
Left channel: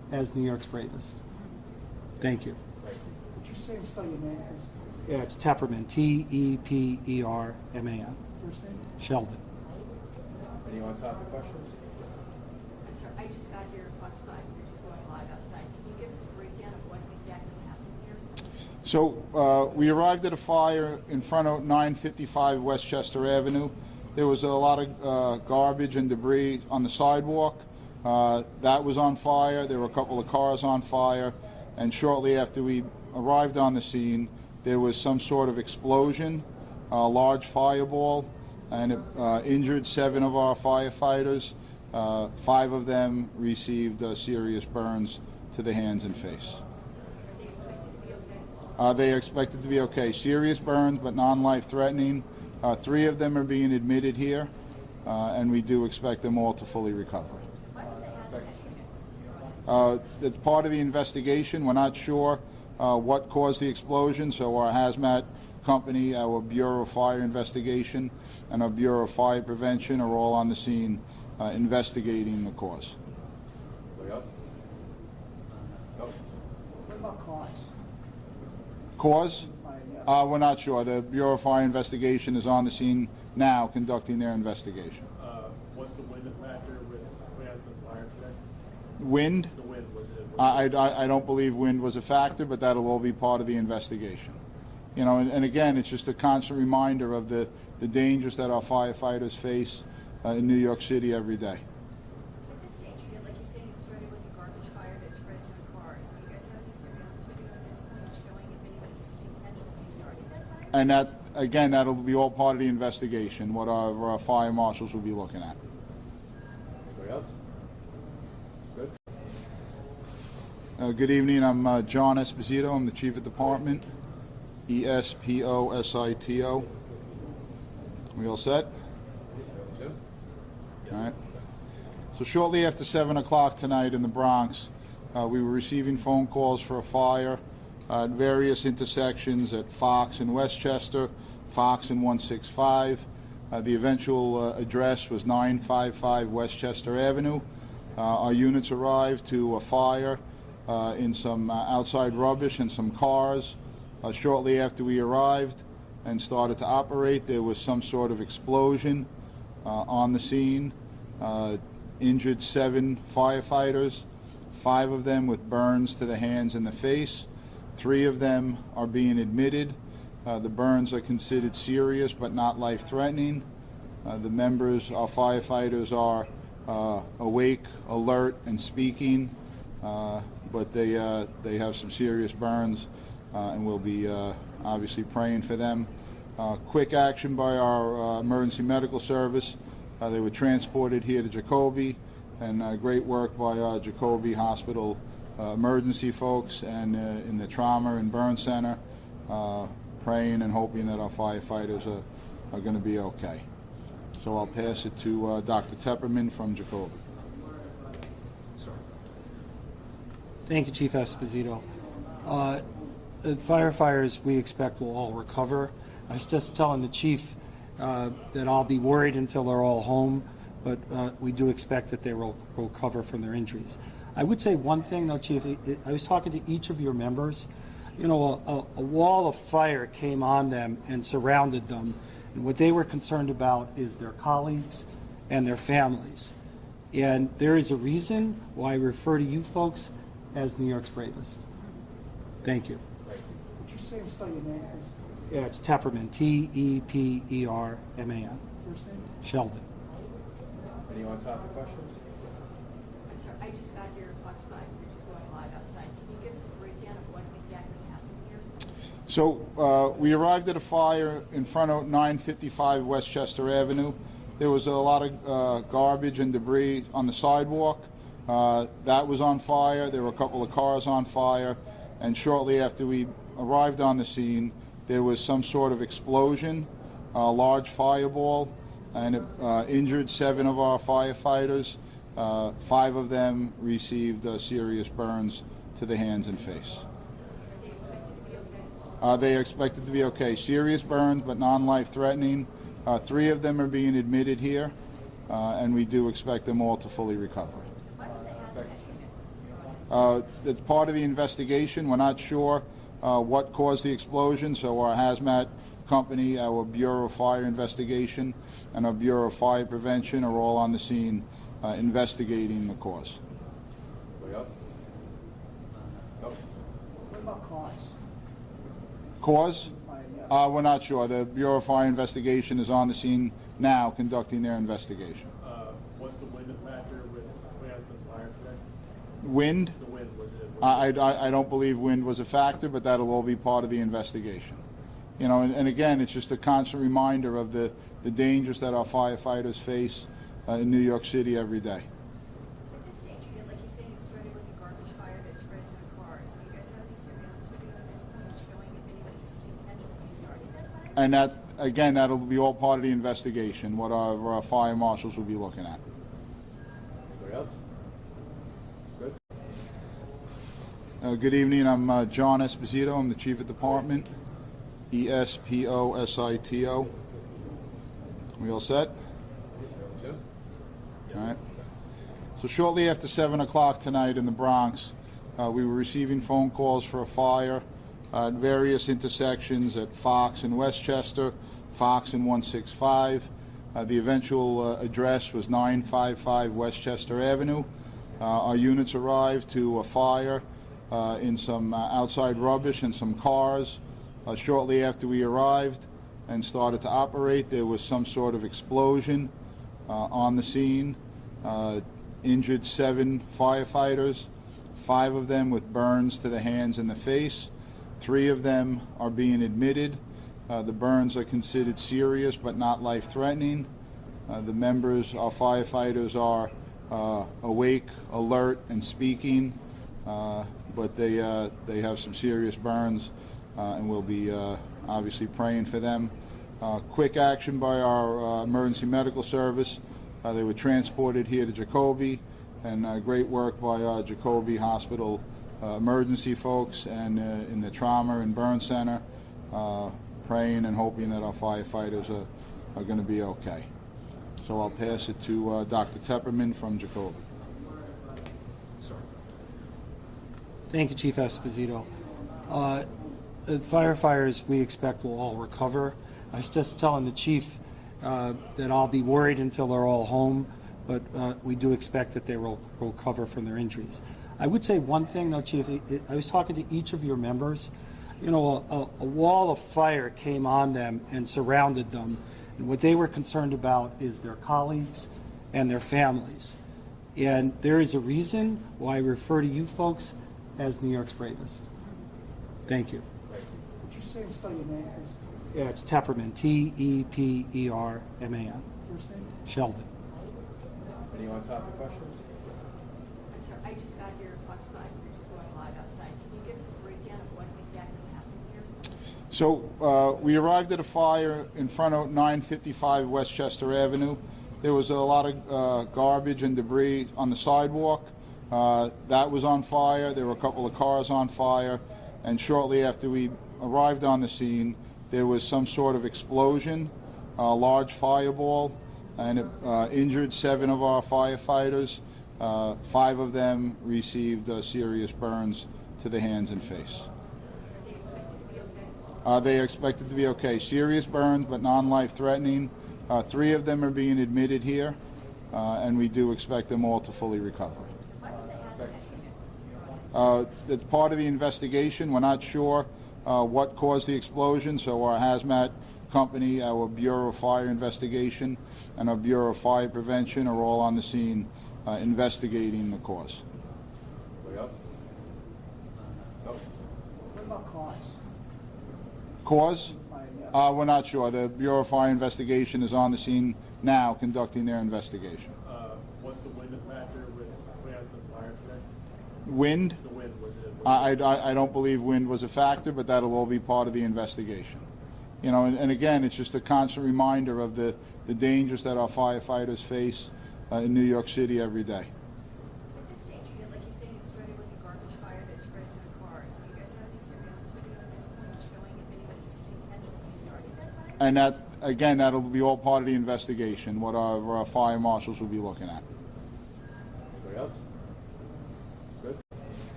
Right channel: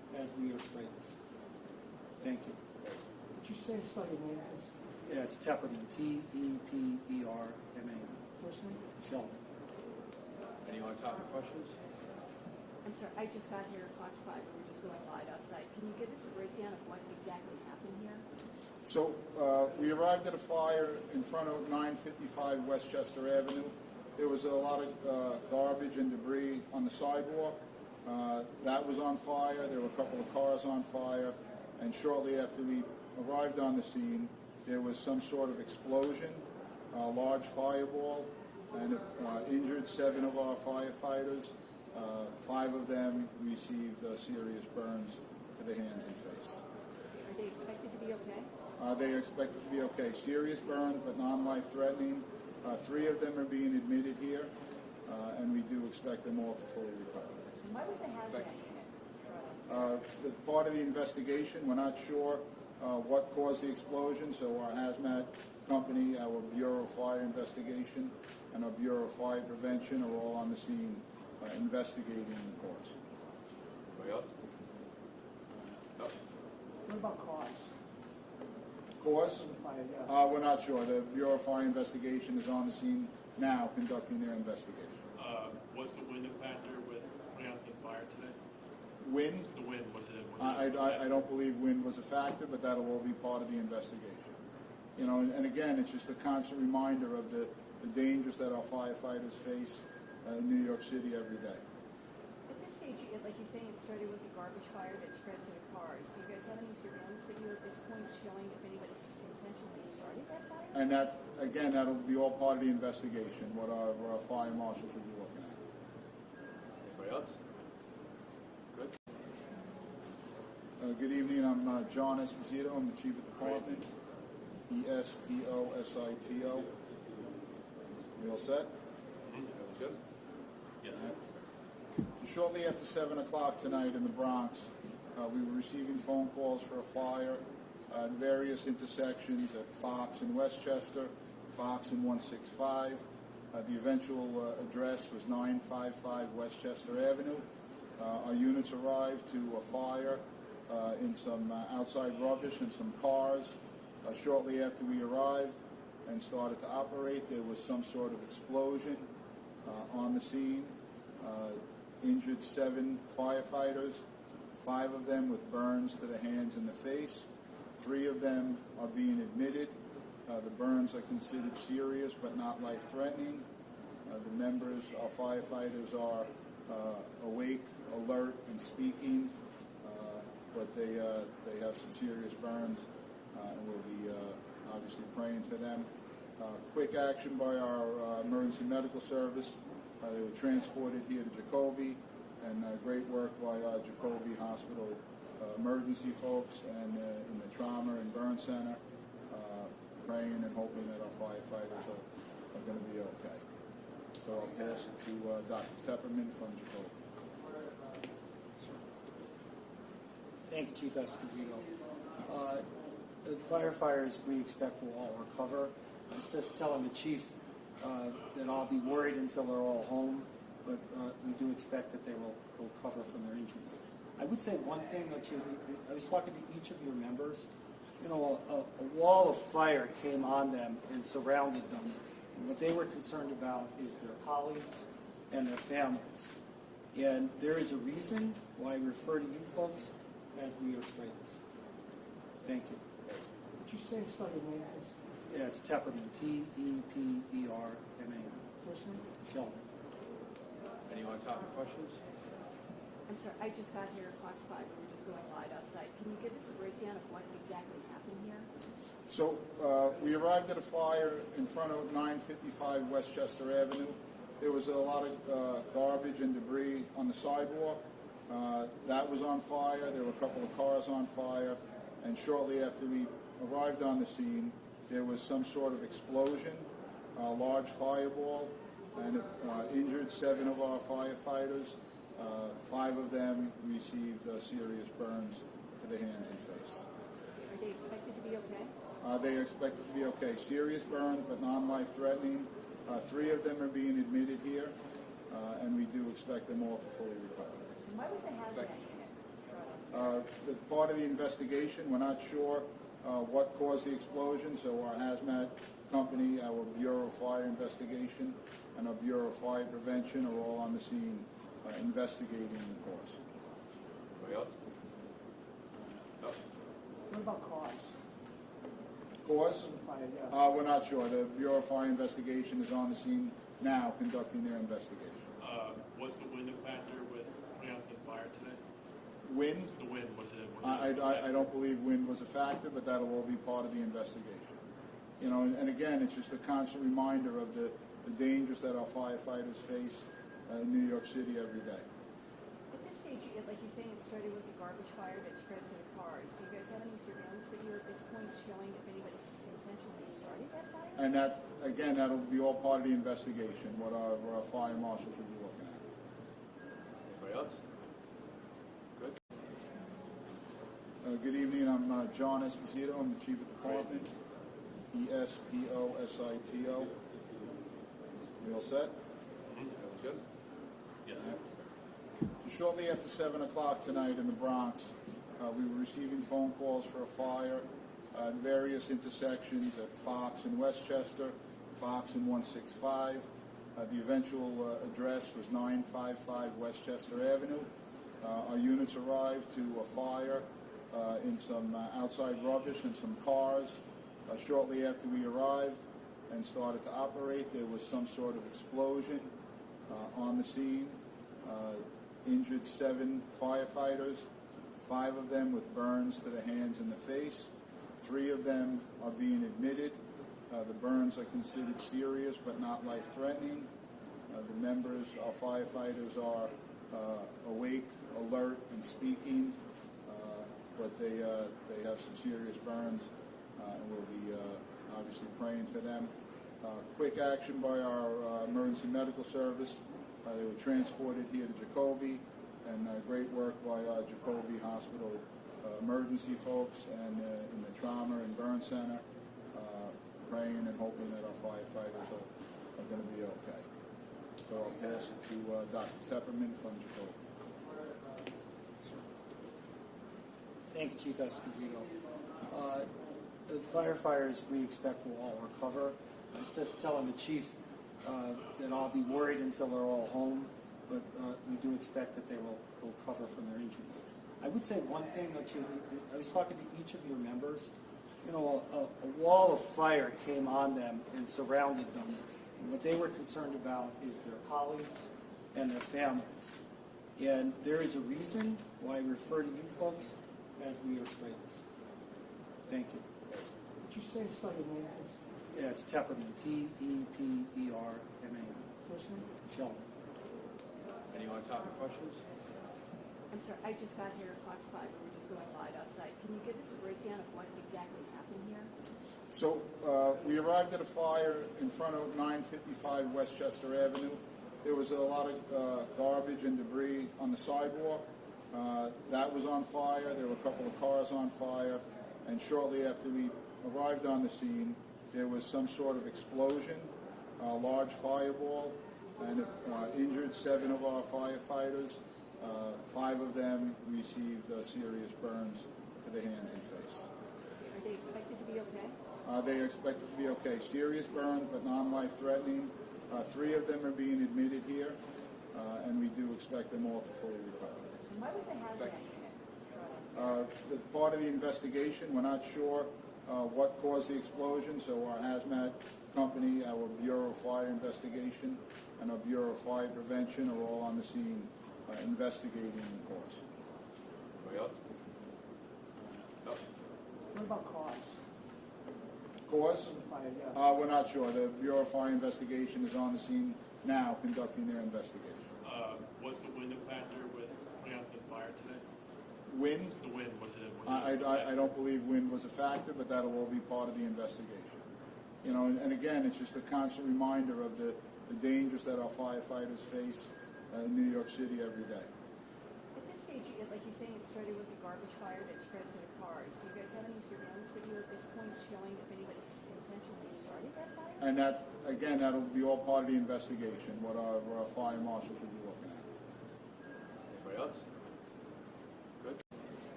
as New York's bravest. Thank you. Would you say and spell your name, please? Yeah, it's Tepperman, Tepperman. First name? Sheldon. Any on-topic questions? I'm sorry, I just got here at Fox 5. We're just going live outside. Can you give us a breakdown of what exactly happened here? So we arrived at a fire in front of 955 Westchester Avenue. There was a lot of garbage and debris on the sidewalk. That was on fire. There were a couple of cars on fire. And shortly after we arrived on the scene, there was some sort of explosion, a large fireball, and it injured 7 of our firefighters. 5 of them received serious burns to the hands and face. Are they expected to be okay? They are expected to be okay. Serious burns, but non-life threatening. 3 of them are being admitted here, and we do expect them all to fully recover. Why was the hazmat unit? It's part of the investigation. We're not sure what caused the explosion, so our hazmat company, our Bureau of Fire Investigation, and our Bureau of Fire Prevention are all on the scene investigating the cause. Anybody else? No? What about cause? Cause? We're not sure. The Bureau of Fire Investigation is on the scene now conducting their investigation. Was the wind a factor with putting out the fire today? Wind? The wind, was it? I don't believe wind was a factor, but that'll all be part of the investigation. You know, and again, it's just a constant reminder of the dangers that our firefighters face in New York City every day. At this stage, like you're saying, it started with a garbage fire that spread to the cars. Do you guys have any surveillance video at this point showing if anybody intentionally started that fire? And that, again, that'll be all part of the investigation, what our fire marshals will be looking at. Anybody else? Good? Good evening. I'm John Esposito. I'm the Chief of Department. Esposito. We all set? Jim? All right. So shortly after 7 o'clock tonight in the Bronx, we were receiving phone calls for a fire at various intersections at Fox and Westchester, Fox and 165. The eventual address was 955 Westchester Avenue. Our units arrived to a fire in some outside rubbish and some cars. Shortly after we arrived and started to operate, there was some sort of explosion on the scene. Injured 7 firefighters, 5 of them with burns to the hands and the face. 3 of them are being admitted. The burns are considered serious but not life-threatening. The members, our firefighters, are awake, alert, and speaking, but they have some serious burns, and we'll be obviously praying for them. Quick action by our emergency medical service. They were transported here to Jacoby, and great work by our Jacoby Hospital emergency folks and in the trauma and burn center, praying and hoping that our firefighters are going to be okay. So I'll pass it to Dr. Tepperman from Jacoby. Thank you, Chief Esposito. The firefighters we expect will all recover. I was just telling the chief that I'll be worried until they're all home, but we do expect that they will recover from their injuries. I would say one thing, though, Chief. I was talking to each of your members. You know, a wall of fire came on them and surrounded them, and what they were concerned about is their colleagues and their families. And there is a reason why I refer to you folks as New York's bravest. Thank you. Would you say and spell your name, please? Yeah, it's Tepperman, Tepperman. First name? Sheldon. Any on-topic questions? I'm sorry, I just got here at Fox 5. We're just going live outside. Can you give us a breakdown of what exactly happened here? So we arrived at a fire in front of 955 Westchester Avenue. There was a lot of garbage and debris on the sidewalk. That was on fire. There were a couple of cars on fire. And shortly after we arrived on the scene, there was some sort of explosion, a large fireball, and it injured 7 of our firefighters. 5 of them received serious burns to the hands and face. Are they expected to be okay? They are expected to be okay. Serious burns, but non-life threatening. 3 of them are being admitted here, and we do expect them all to fully recover. Why was the hazmat It's part of the investigation. We're not sure what caused the explosion, so our hazmat company, our Bureau of Fire Investigation, and our Bureau of Fire Prevention are all on the scene investigating the cause. Anybody else? No? What about cause? Cause? We're not sure. The Bureau of Fire Investigation is on the scene now conducting their investigation. Was the wind a factor with putting out the fire today? Wind? The wind, was it? I don't believe wind was a factor, but that'll all be part of the investigation. You know, and again, it's just a constant reminder of the dangers that our firefighters face in New York City every day. At this stage, like you're saying, it started with a garbage fire that spread to the cars. Do you guys have any surveillance video at this point showing if anybody intentionally started that fire? And that, again, that'll be all part of the investigation, what our fire marshals will be looking at. Anybody else? Good. Good evening. I'm John Esposito. I'm the Chief of Department. Esposito. We all set? Jim? All right. So shortly after 7 o'clock tonight in the Bronx, we were receiving phone calls for a fire at various intersections at Fox and Westchester, Fox and 165. The eventual address was 955 Westchester Avenue. Our units arrived to a fire in some outside rubbish and some cars. Shortly after we arrived and started to operate, there was some sort of explosion on the scene. Injured 7 firefighters, 5 of them with burns to the hands and the face. 3 of them are being admitted. The burns are considered serious but not life-threatening. The members, our firefighters, are awake, alert, and speaking, but they have some serious burns. And we'll be obviously praying for them. Quick action by our emergency medical service. They were transported here to Jacoby, and great work by our Jacoby Hospital emergency folks and in the trauma and burn center, praying and hoping that our firefighters are going to be okay. So I'll pass it to Dr. Tepperman from Jacoby. Thank you, Chief Esposito. The firefighters we expect will all recover. I was just telling the chief that I'll be worried until they're all home, but we do expect that they will recover from their injuries. I would say one thing though, Chief, I was talking to each of your members. You know, a wall of fire came on them and surrounded them, and what they were concerned about is their colleagues and their families. And there is a reason why I refer to you folks as New York's bravest. Thank you. Would you say and spell your name, please? Yeah, it's Tepperman, T-E-P-E-R-M-A-N. First name? Sheldon. Any on-topic questions? I'm sorry, I just got here at Fox 5. We're just going live outside. Can you give us a breakdown of what exactly happened here? So we arrived at a fire in front of 955 Westchester Avenue. There was a lot of garbage and debris on the sidewalk. That was on fire. There were a couple of cars on fire. And shortly after we arrived on the scene, there was some sort of explosion, a large fireball, and it injured 7 of our firefighters. 5 of them received serious burns to the hands and face. Are they expected to be okay? They are expected to be okay. Serious burns, but non-life-threatening. 3 of them are being admitted here, and we do expect them all to fully recover. Why was the hazmat It's part of the investigation. We're not sure what caused the explosion, so our hazmat company, our Bureau of Fire Investigation, and our Bureau of Fire Prevention are all on the scene investigating the cause. Anybody else? No? What about cause? Cause? Fire, We're not sure. The Bureau of Fire Investigation is on the scene now conducting their investigation. Was the wind a factor with putting out the fire today? Wind? The wind, was it? I don't believe wind was a factor, but that'll all be part of the investigation. You know, and again, it's just a constant reminder of the dangers that our firefighters face in New York City every day. At this stage, like you're saying, it started with a garbage fire that spread to the cars. Do you guys have any surveillance video at this point showing if anybody intentionally started that fire? And that, again, that'll be all part of the investigation, what our fire marshals will be looking at. Anybody else? Good.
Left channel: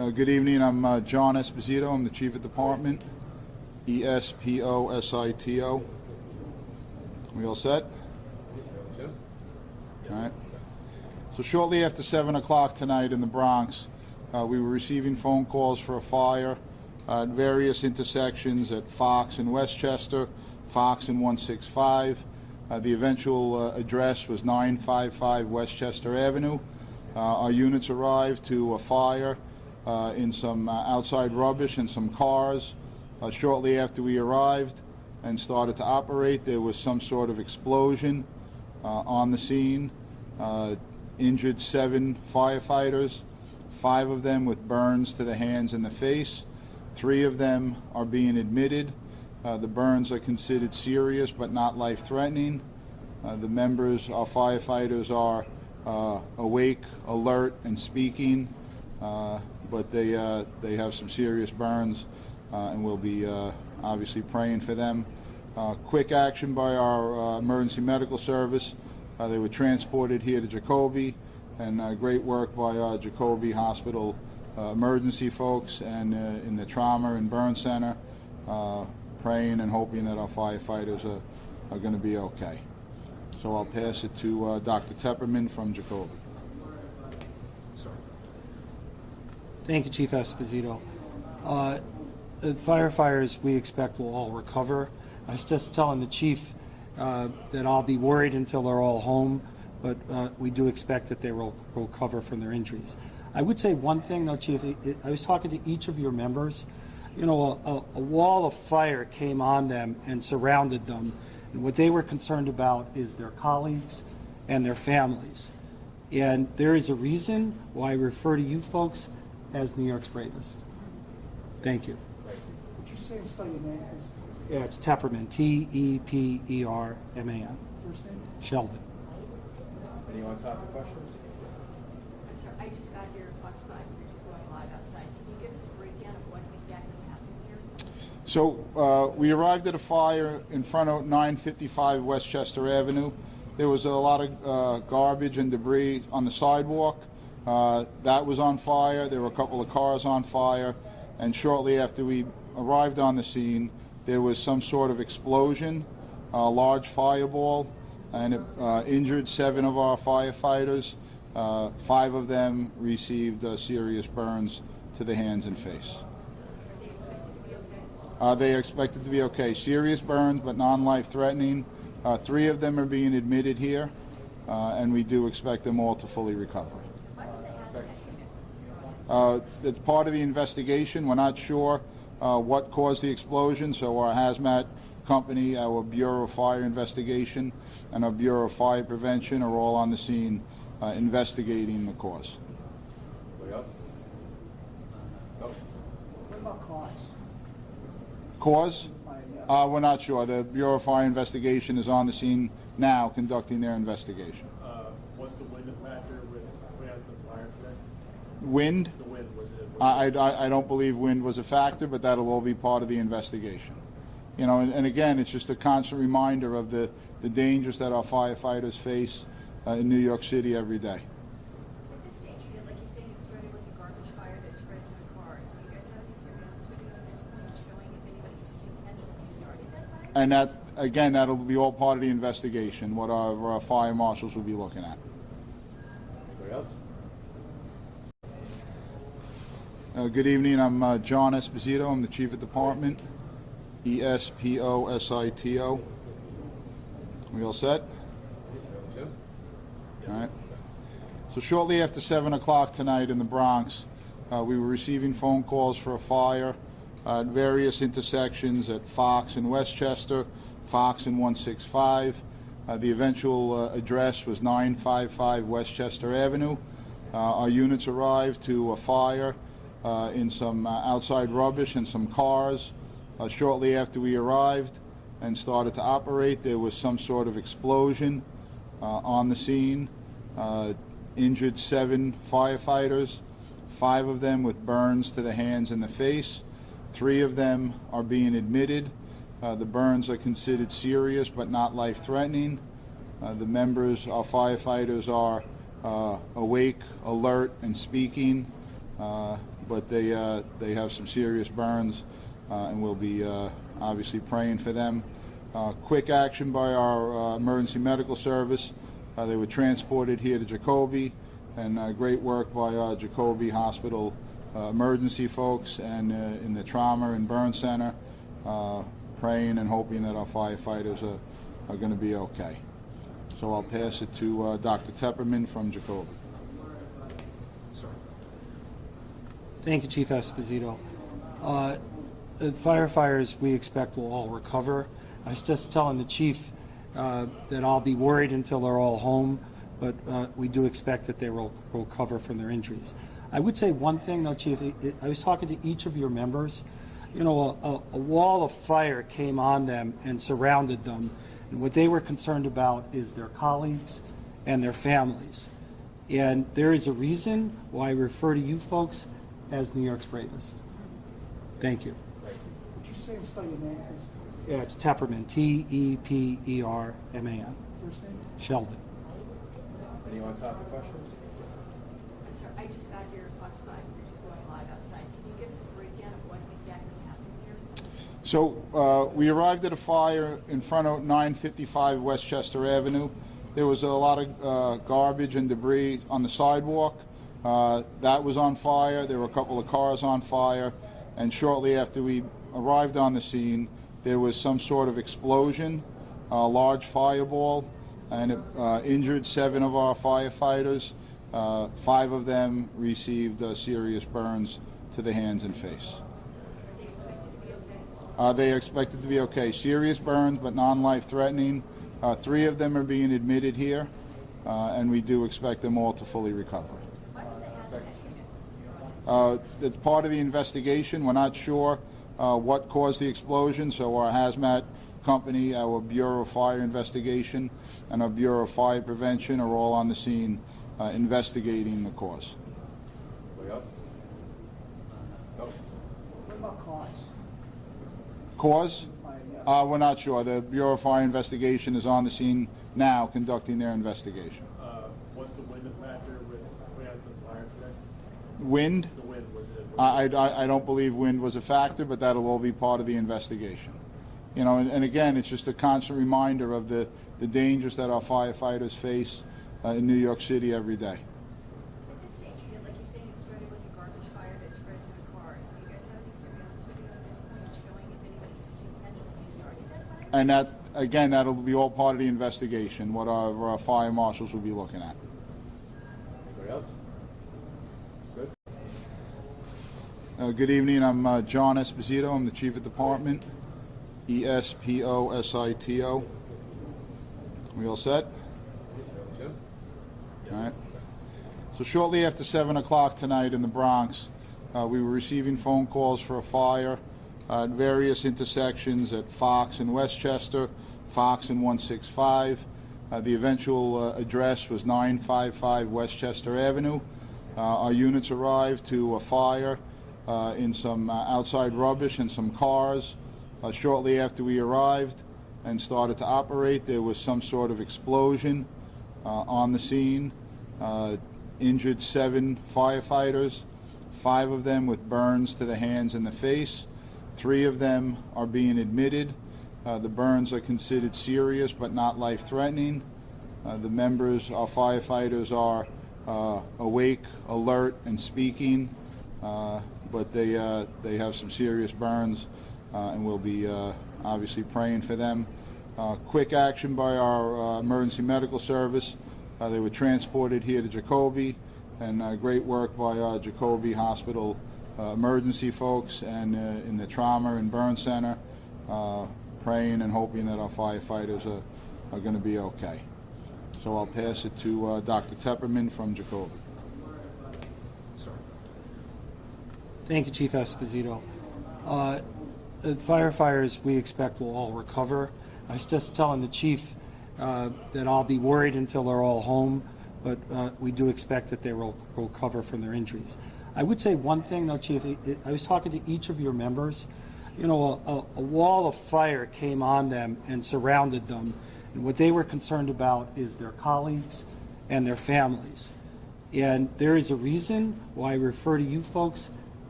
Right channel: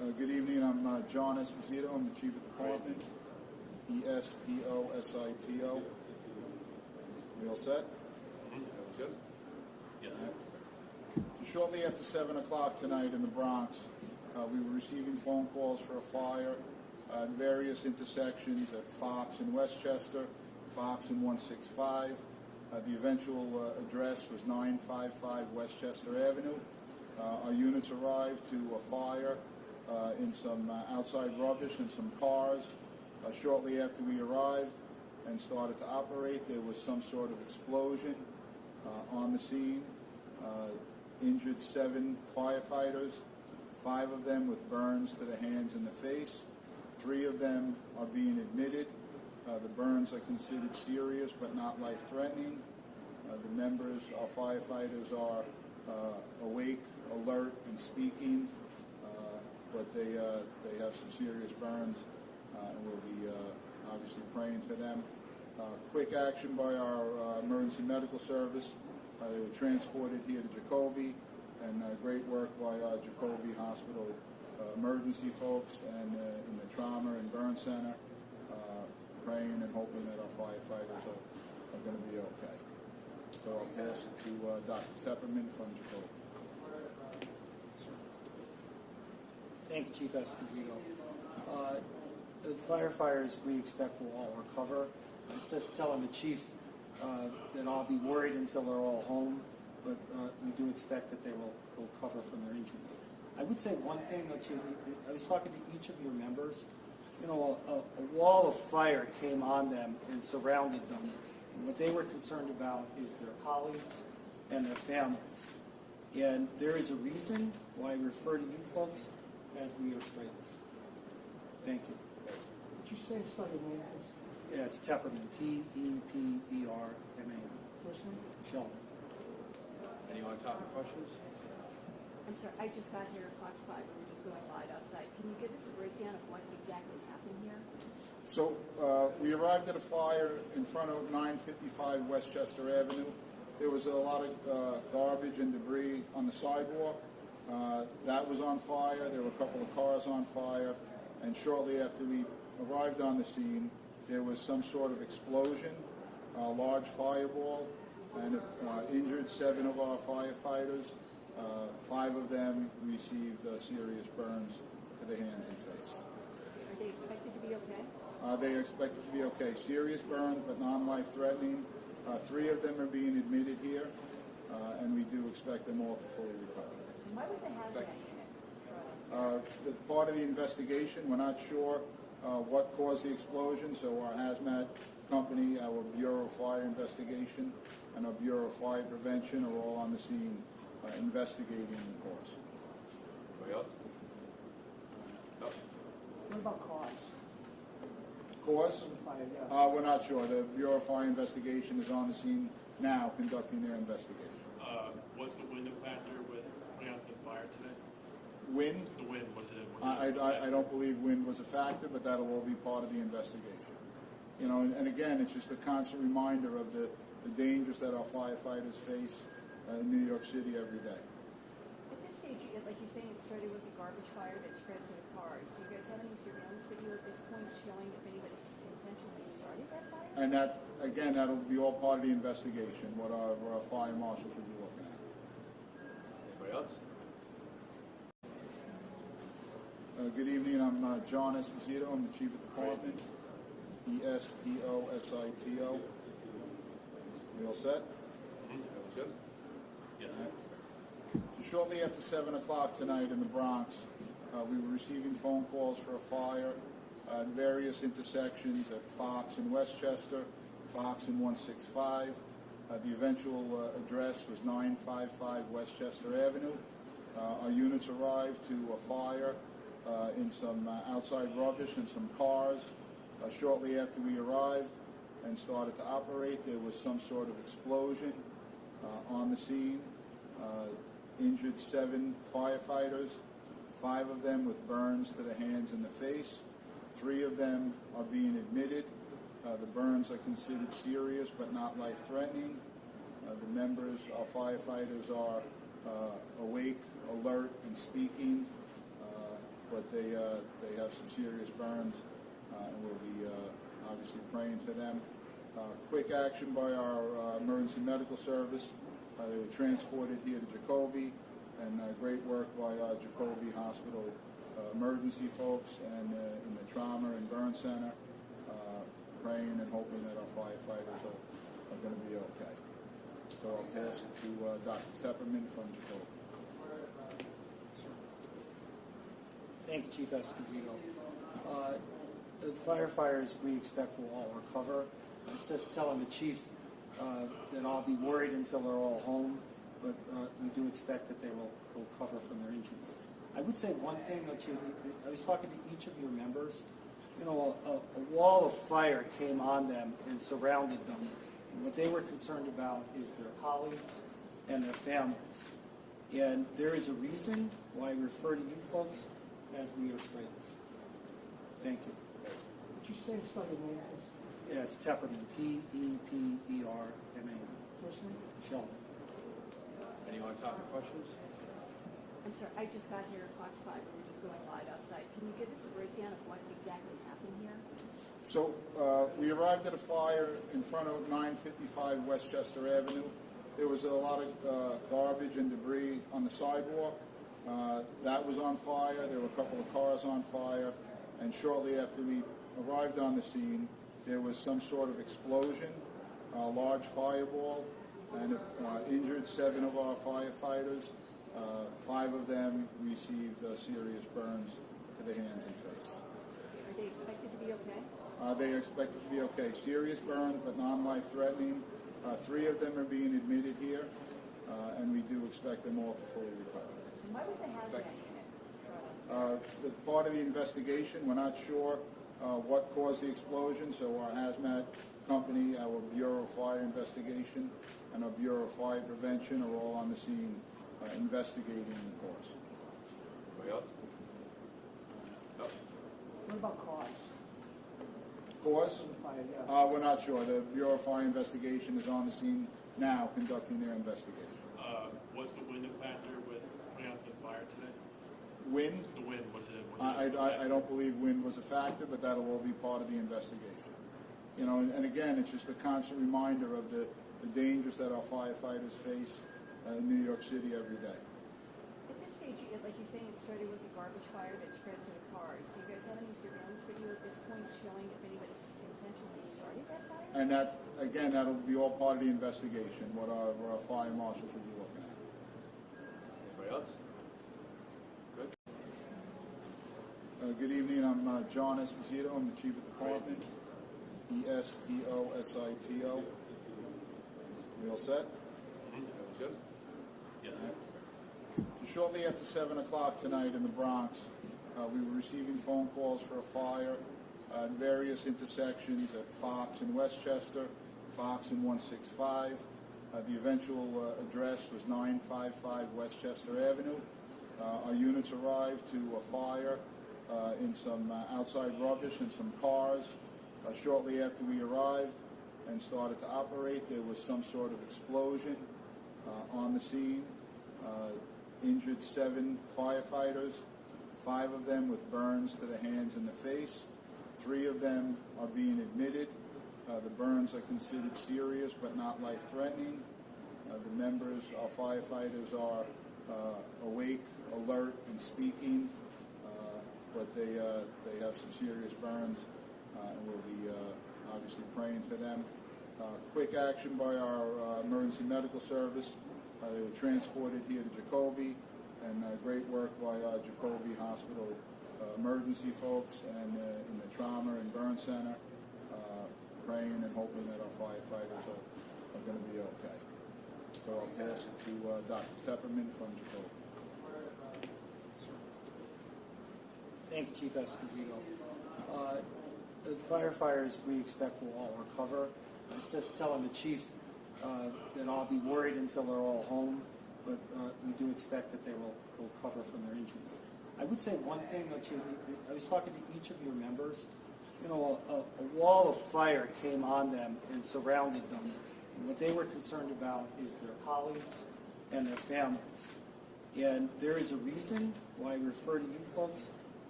Good evening. I'm John Esposito. I'm the Chief of Department. Esposito. We all set? Jim? All right. So shortly after 7 o'clock tonight in the Bronx, we were receiving phone calls for a fire at various intersections at Fox and Westchester, Fox and 165. The eventual address was 955 Westchester Avenue. Our units arrived to a fire in some outside rubbish and some cars. Shortly after we arrived and started to operate, there was some sort of explosion on the scene. Injured 7 firefighters, 5 of them with burns to the hands and the face. 3 of them are being admitted. The burns are considered serious but not life-threatening. The members, our firefighters, are awake, alert, and speaking, but they have some serious burns, and we'll be obviously praying for them. Quick action by our emergency medical service. They were transported here to Jacoby, and great work by our Jacoby Hospital emergency folks and in the trauma and burn center, praying and hoping that our firefighters are going to be okay. So I'll pass it to Dr. Tepperman from Jacoby. Thank you, Chief Esposito. The firefighters we expect will all recover. I was just telling the chief that I'll be worried until they're all home, but we do expect that they will recover from their injuries. I would say one thing, though, Chief. I was talking to each of your members. You know, a wall of fire came on them and surrounded them, and what they were concerned about is their colleagues and their families. And there is a reason why I refer to you folks as New York's bravest. Thank you. Would you say and spell your name, please? Yeah, it's Tepperman, T-E-P-E-R-M-A-N. First name? Sheldon. Any on-topic questions? I'm sorry, I just got here, Fox 5, we're just going live outside. Can you give us a breakdown of what exactly happened here? So we arrived at a fire in front of 955 Westchester Avenue. There was a lot of garbage and debris on the sidewalk. That was on fire. There were a couple of cars on fire. And shortly after we arrived on the scene, there was some sort of explosion, a large fireball, and it injured 7 of our firefighters. 5 of them received serious burns to the hands and face. Are they expected to be okay? They are expected to be okay. Serious burns, but non-life-threatening. 3 of them are being admitted here, and we do expect them all to fully recover. Why was the hazmat unit? It's part of the investigation. We're not sure what caused the explosion, so our hazmat company, our Bureau of Fire Investigation, and our Bureau of Fire Prevention are all on the scene investigating the cause. Anybody else? No? What about cause? Cause? Fire, yeah. We're not sure. The Bureau of Fire Investigation is on the scene now conducting their investigation. Was the wind a factor with putting out the fire today? Wind? The wind, was it? I don't believe wind was a factor, but that'll all be part of the investigation. You know, and again, it's just a constant reminder of the dangers that our firefighters face in New York City every day. At this stage, like you're saying, it started with the garbage fire that spread to the cars. Do you guys have any surveillance video at this point showing if anybody intentionally started that fire? And that, again, that'll be all part of the investigation, what our fire marshals will be looking at. Anybody else? Good evening. I'm John Esposito. I'm the Chief of Department. Esposito. We all set? Jim? All right. So shortly after 7 o'clock tonight in the Bronx, we were receiving phone calls for a fire at various intersections at Fox and Westchester, Fox and 165. The eventual address was 955 Westchester Avenue. Our units arrived to a fire in some outside rubbish and some cars. Shortly after we arrived and started to operate, there was some sort of explosion on the scene. Injured 7 firefighters, 5 of them with burns to the hands and the face. 3 of them are being admitted. The burns are considered serious but not life-threatening. The members, our firefighters, are awake, alert, and speaking, but they have some serious burns, and we'll be obviously praying for them. Quick action by our emergency medical service. They were transported here to Jacoby, and great work by Jacoby Hospital emergency folks and in the trauma and burn center, praying and hoping that our firefighters are going to be okay. So I'll pass it to Dr. Tepperman from Jacoby. Thank you, Chief Esposito. The firefighters we expect will all recover. I was just telling the chief that I'll be worried until they're all home, but we do expect that they will recover from their injuries. I would say one thing, though, Chief. I was talking to each of your members. You know, a wall of fire came on them and surrounded them, and what they were concerned about is their colleagues and their families. And there is a reason why I refer to you folks as New York's bravest. Thank you. Would you say and spell your name, please? Yeah, it's Tepperman, T-E-P-E-R-M-A-N. First name? Sheldon. Anyone topic questions? I'm sorry, I just got here, Fox 5, we're just going live outside. Can you give us a breakdown of what exactly happened here? So we arrived at a fire in front of 955 Westchester Avenue. There was a lot of garbage and debris on the sidewalk. That was on fire. There were a couple of cars on fire. And shortly after we arrived on the scene, there was some sort of explosion, a large fireball, and it injured 7 of our firefighters. 5 of them received serious burns to the hands and face. Are they expected to be okay? They are expected to be okay. Serious burns, but non-life threatening. 3 of them are being admitted here, and we do expect them all to fully recover. Why was the hazmat unit? It's part of the investigation. We're not sure what caused the explosion, so our hazmat company, our Bureau of Fire Investigation, and our Bureau of Fire Prevention are all on the scene investigating the cause. Anybody else? No? What about cause? Cause? We're not sure. The Bureau of Fire Investigation is on the scene now conducting their investigation. Was the wind a factor with putting out the fire today? Wind? The wind, was it? I don't believe wind was a factor, but that'll all be part of the investigation. You know, and again, it's just a constant reminder of the dangers that our firefighters face in New York City every day. At this stage, like you're saying, it started with a garbage fire that spread to the cars. Do you guys have any surveillance video at this point showing if anybody intentionally started that fire? And that, again, that'll be all part of the investigation, what our fire marshals will be looking at. Anybody else? Good. Good evening. I'm John Esposito. I'm the Chief of Department. E-S-P-O-S-I-T-O. We all set? Jim? All right. So shortly after 7 o'clock tonight in the Bronx, we were receiving phone calls for a fire at various intersections at Fox and Westchester, Fox and 165. The eventual address was 955 Westchester Avenue. Our units arrived to a fire in some outside rubbish and some cars. Shortly after we arrived and started to operate, there was some sort of explosion on the scene. Injured 7 firefighters, 5 of them with burns to the hands and the face. 3 of them are being admitted. The burns are considered serious but not life-threatening. The members, our firefighters, are awake, alert, and speaking, but they have some serious burns, and we'll be obviously praying for them. Quick action by our emergency medical service. They were transported here to Jacoby, and great work by Jacoby Hospital emergency folks and in the trauma and burn center, praying and hoping that our firefighters are going to be okay. So I'll pass it to Dr. Tepperman from Jacoby. Thank you, Chief Esposito. The firefighters we expect will all recover. I was just telling the chief that I'll be worried until they're all home, but we do expect that they will recover from their injuries. I would say one thing, though, Chief. I was talking to each of your members. You know, a wall of fire came on them and surrounded them, and what they were concerned about is their colleagues and their families. And there is a reason why I refer to you folks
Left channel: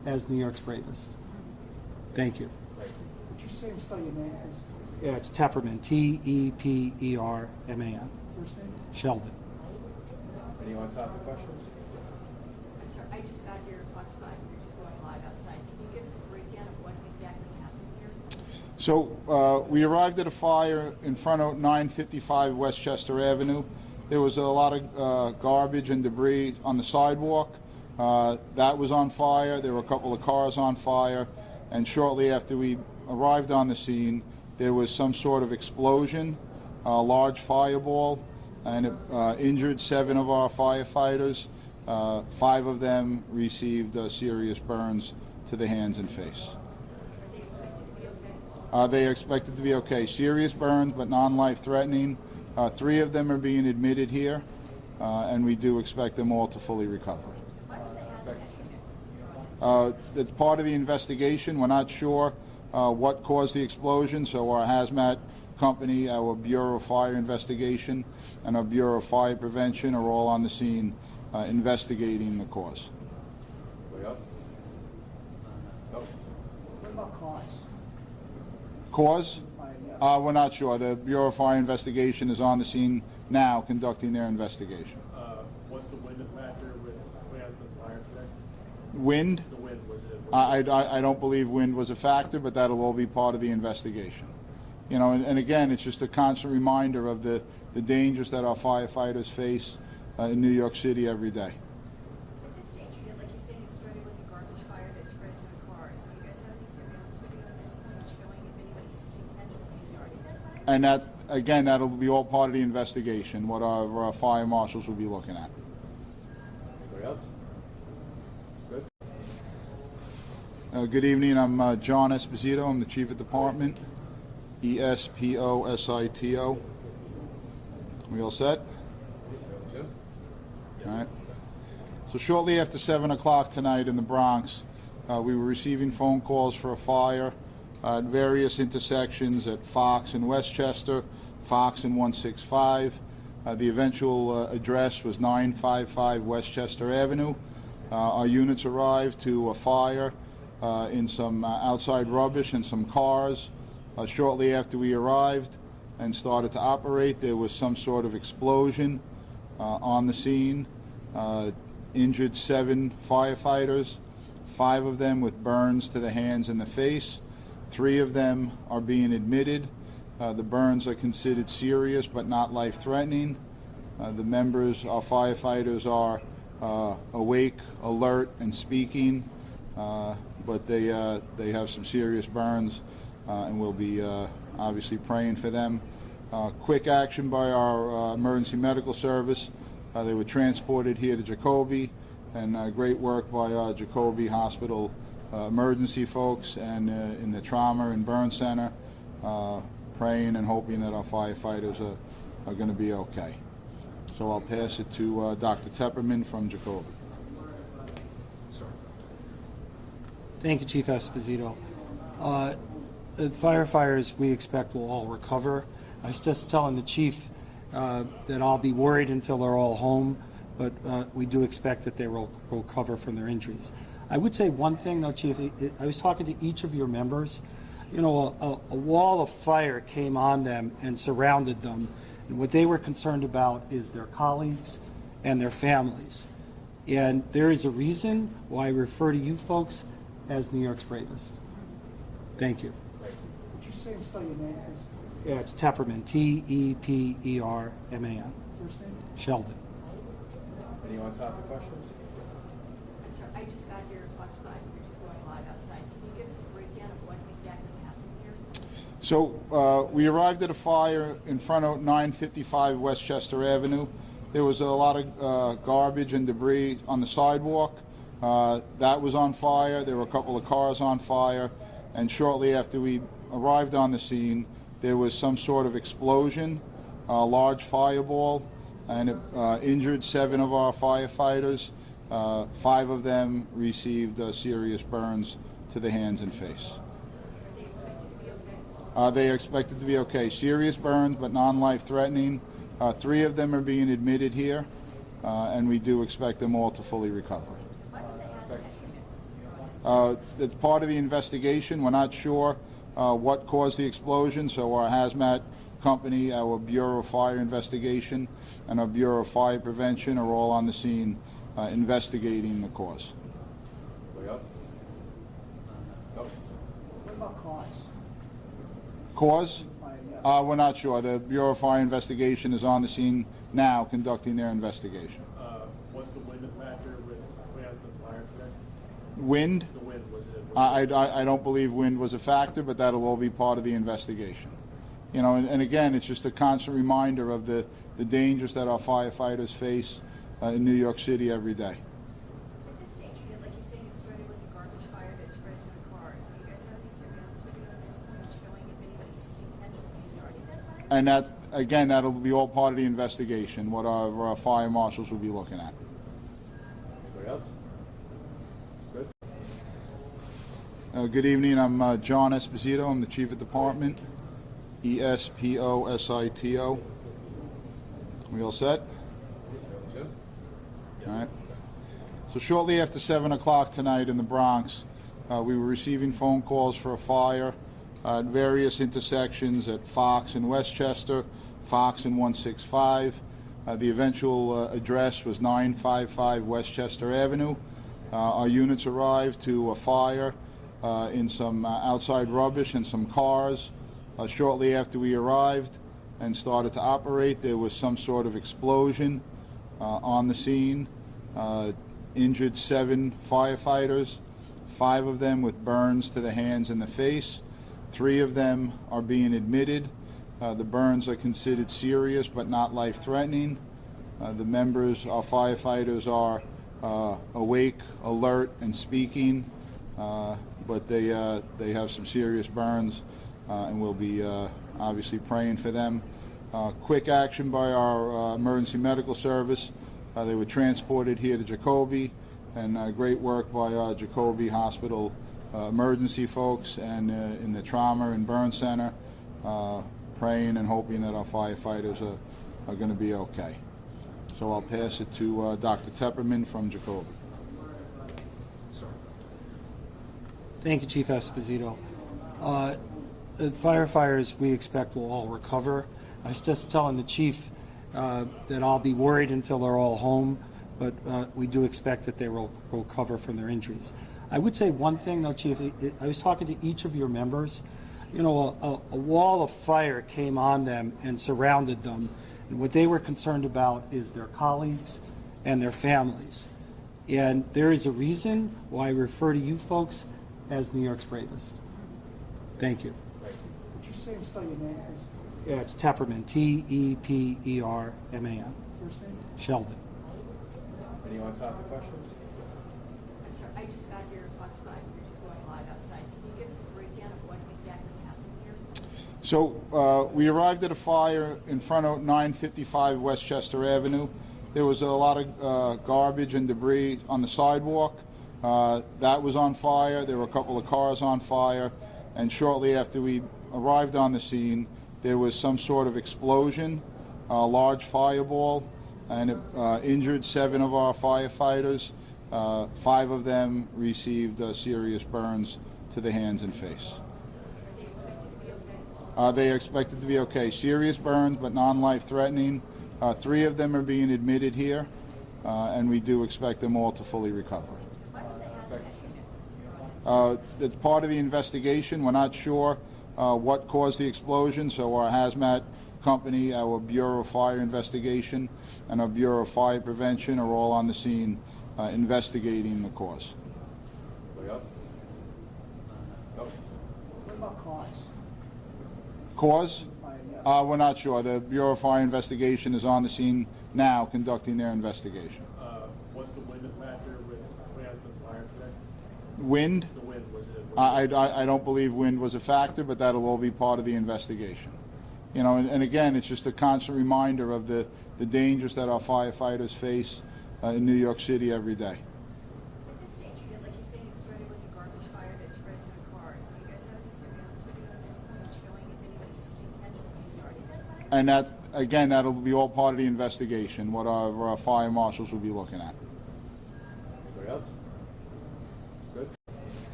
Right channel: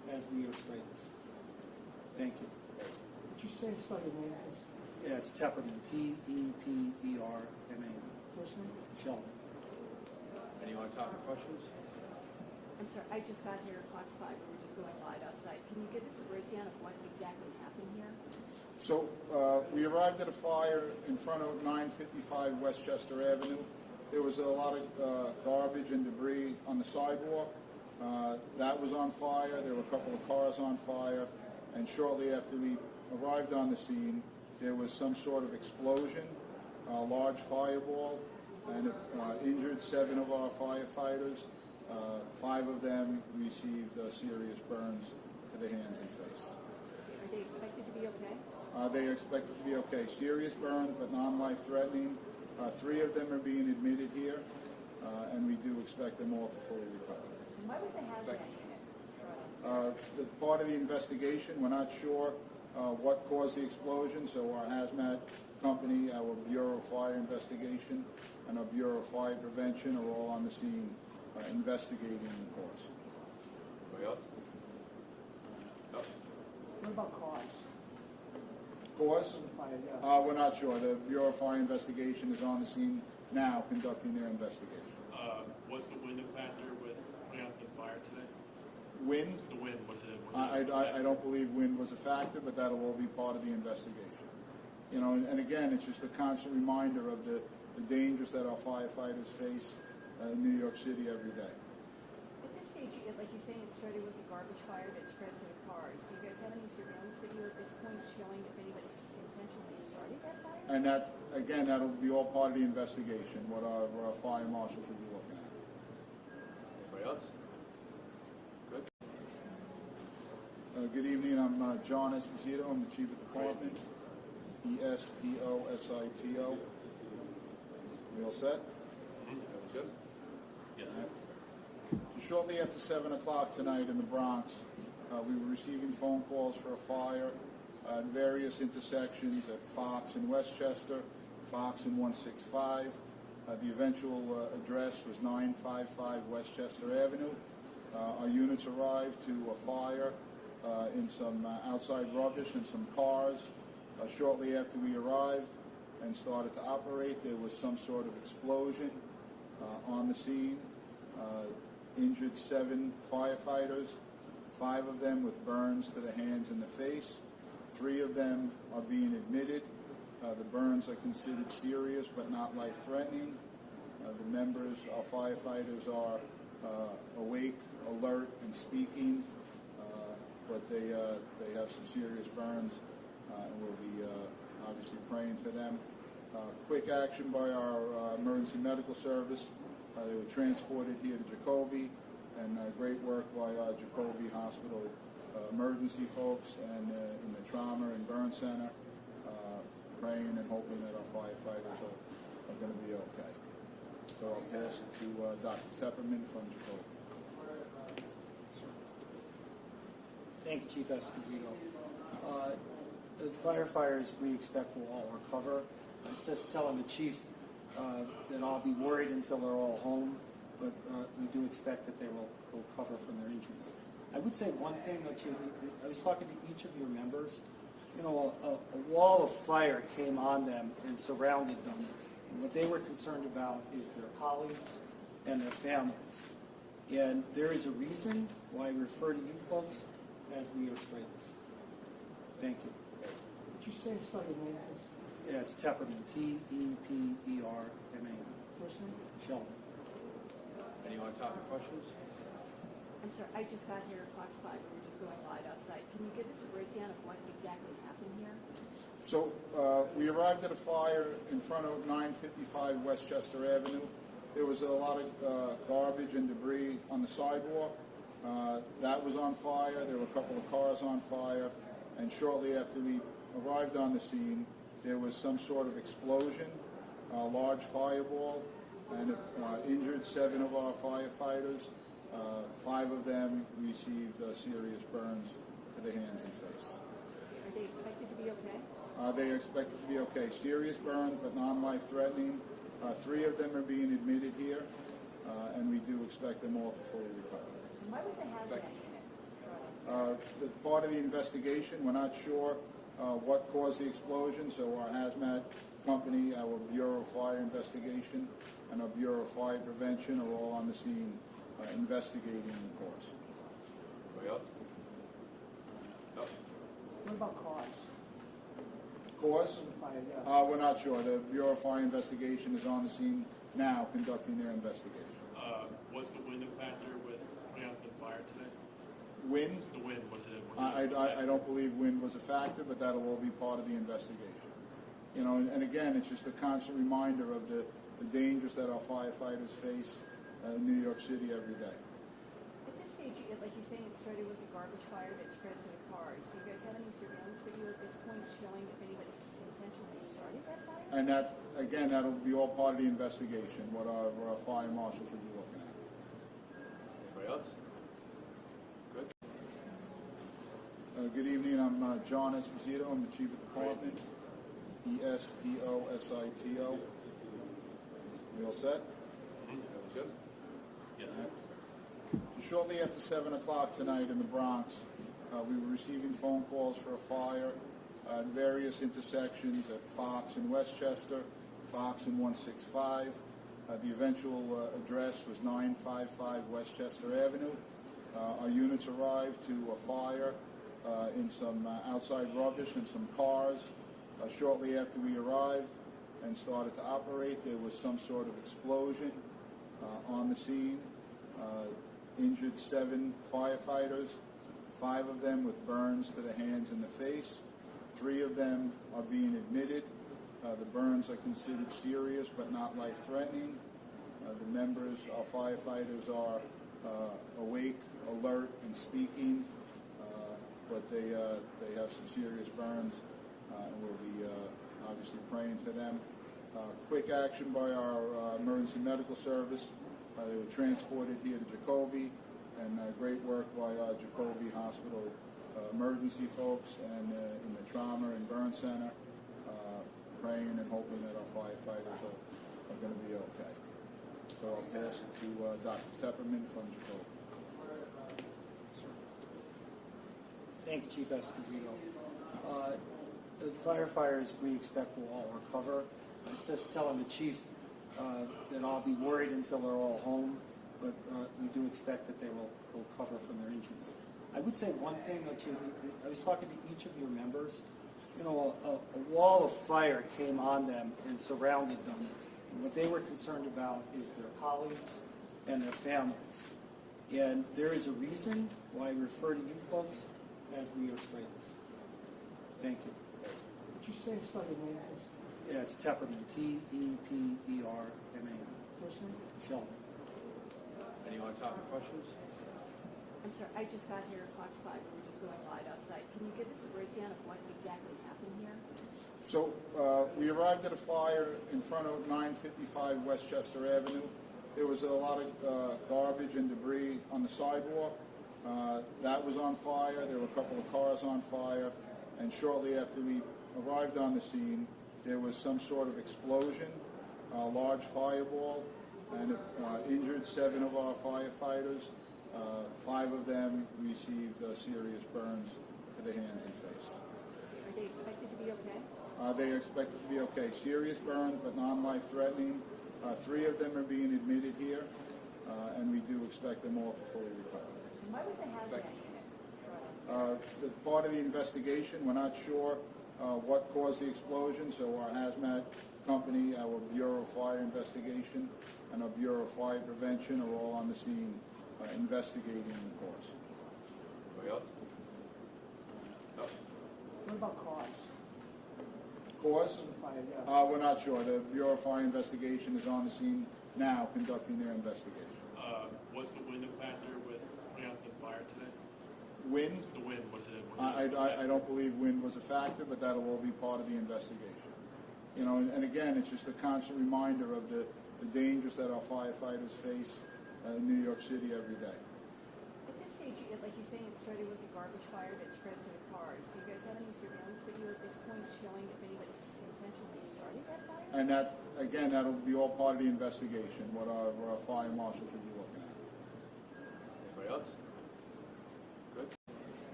as New York's bravest. Thank you. Would you say and spell your name, please? Yeah, it's Tepperman, Tepperman. First name? Sheldon. Any on-topic questions? I'm sorry, I just got here, clock's 5, we're just going live outside. Can you give us a breakdown of what exactly happened here? So we arrived at a fire in front of 955 Westchester Avenue. There was a lot of garbage and debris on the sidewalk. That was on fire. There were a couple of cars on fire. And shortly after we arrived on the scene, there was some sort of explosion, a large fireball, and it injured 7 of our firefighters. 5 of them received serious burns to the hands and face. Are they expected to be okay? They are expected to be okay. Serious burns, but non-life threatening. 3 of them are being admitted here, and we do expect them all to fully recover. Why was the hazmat unit? It's part of the investigation. We're not sure what caused the explosion, so our hazmat company, our Bureau of Fire Investigation, and our Bureau of Fire Prevention are all on the scene investigating the cause. Anybody else? No? What about cause? Cause? Yeah. We're not sure. The Bureau of Fire Investigation is on the scene now conducting their investigation. What's the wind factor with putting out the fire today? Wind? The wind, was it? I don't believe wind was a factor, but that'll all be part of the investigation. You know, and again, it's just a constant reminder of the dangers that our firefighters face in New York City every day. At this stage, like you're saying, it started with a garbage fire that spread to the cars. Do you guys have any surveillance video at this point showing if anybody intentionally started that fire? And that, again, that'll be all part of the investigation, what our fire marshals will be looking at. Anybody else? Good. Good evening. I'm John Esposito. I'm the Chief of Department. Esposito. We all set? Jim? All right. So shortly after 7 o'clock tonight in the Bronx, we were receiving phone calls for a fire at various intersections at Fox and Westchester, Fox and 165. The eventual address was 955 Westchester Avenue. Our units arrived to a fire in some outside rubbish and some cars. Shortly after we arrived and started to operate, there was some sort of explosion on the scene. Injured 7 firefighters, 5 of them with burns to the hands and the face. 3 of them are being admitted. The burns are considered serious but not life-threatening. The members, our firefighters, are awake, alert, and speaking, but they have some serious burns, and we'll be obviously praying for them. Quick action by our emergency medical service. They were transported here to Jacoby, and great work by our Jacoby Hospital emergency folks and in the trauma and burn center, praying and hoping that our firefighters are going to be okay. So I'll pass it to Dr. Tepperman from Jacoby. Thank you, Chief Esposito. The firefighters we expect will all recover. I was just telling the chief that I'll be worried until they're all home, but we do expect that they will recover from their injuries. I would say one thing, though, Chief. I was talking to each of your members. You know, a wall of fire came on them and surrounded them, and what they were concerned about is their colleagues and their families. And there is a reason why I refer to you folks as New York's bravest. Thank you. Would you say and spell your name, please? Yeah, it's Tepperman, Tepperman. First name? Sheldon. Any on-topic questions? I'm sorry, I just got here, clock's 5, we're just going live outside. Can you give us a breakdown of what exactly happened here? So we arrived at a fire in front of 955 Westchester Avenue. There was a lot of garbage and debris on the sidewalk. That was on fire. There were a couple of cars on fire. And shortly after we arrived on the scene, there was some sort of explosion, a large fireball, and it injured 7 of our firefighters. 5 of them received serious burns to the hands and face. Are they expected to be okay? They are expected to be okay. Serious burns, but non-life threatening. 3 of them are being admitted here, and we do expect them all to fully recover. Why was the hazmat unit? It's part of the investigation. We're not sure what caused the explosion, so our hazmat company, our Bureau of Fire Investigation, and our Bureau of Fire Prevention are all on the scene investigating the cause. Anybody else? No? What about cause? Cause? Yeah. We're not sure. The Bureau of Fire Investigation is on the scene now conducting their investigation. What's the wind factor with putting out the fire today? Wind? The wind, was it? I don't believe wind was a factor, but that'll all be part of the investigation. You know, and again, it's just a constant reminder of the dangers that our firefighters face in New York City every day. At this stage, like you're saying, it started with a garbage fire that spread to the cars. Do you guys have any surveillance video at this point showing if anybody intentionally started that fire? And that, again, that'll be all part of the investigation, what our fire marshals will be looking at. Anybody else? Good. Good evening. I'm John Esposito. I'm the Chief of Department. Esposito. We all set? Jim? All right. So shortly after 7 o'clock tonight in the Bronx, we were receiving phone calls for a fire at various intersections at Fox and Westchester, Fox and 165. The eventual address was 955 Westchester Avenue. Our units arrived to a fire in some outside rubbish and some cars. Shortly after we arrived and started to operate, there was some sort of explosion on the scene. Injured 7 firefighters, 5 of them with burns to the hands and the face. 3 of them are being admitted. The burns are considered serious but not life-threatening. The members, our firefighters, are awake, alert, and speaking, but they have some serious burns, and we'll be obviously praying for them. Quick action by our emergency medical service. They were transported here to Jacoby, and great work by our Jacoby Hospital emergency folks and in the trauma and burn center, praying and hoping that our firefighters are going to be okay. So I'll pass it to Dr. Tepperman from Jacoby. Thank you, Chief Esposito. The firefighters we expect will all recover. I was just telling the chief that I'll be worried until they're all home, but we do expect that they will recover from their injuries. I would say one thing, though, Chief. I was talking to each of your members. You know, a wall of fire came on them and surrounded them, and what they were concerned about is their colleagues and their families. And there is a reason why I refer to you folks as New York's bravest. Thank you. Would you say and spell your name, please? Yeah, it's Tepperman, Tepperman. First name? Sheldon. Anyone talk to questions? I'm sorry, I just got here at Fox 5. We're just going live outside. Can you give us a breakdown of what exactly happened here? So we arrived at a fire in front of 955 Westchester Avenue. There was a lot of garbage and debris on the sidewalk. That was on fire. There were a couple of cars on fire. And shortly after we arrived on the scene, there was some sort of explosion, a large fireball, and it injured 7 of our firefighters. 5 of them received serious burns to the hands and face. Are they expected to be okay? They are expected to be okay. Serious burns, but non-life threatening. 3 of them are being admitted here, and we do expect them all to fully recover. Why was the hazmat unit? It's part of the investigation. We're not sure what caused the explosion, so our hazmat company, our Bureau of Fire Investigation, and our Bureau of Fire Prevention are all on the scene investigating the cause. Anybody else? No? What about cause? Cause? Yeah. We're not sure. The Bureau of Fire Investigation is on the scene now conducting their investigation. What's the wind factor with putting out the fire today? Wind? The wind, was it? I don't believe wind was a factor, but that'll all be part of the investigation. You know, and again, it's just a constant reminder of the dangers that our firefighters face in New York City every day. At this stage, like you're saying, it started with a garbage fire that spread to the cars. Do you guys have any surveillance video at this point showing if anybody intentionally started that fire? And that, again, that'll be all part of the investigation, what our fire marshals will be looking at. Anybody else? Good.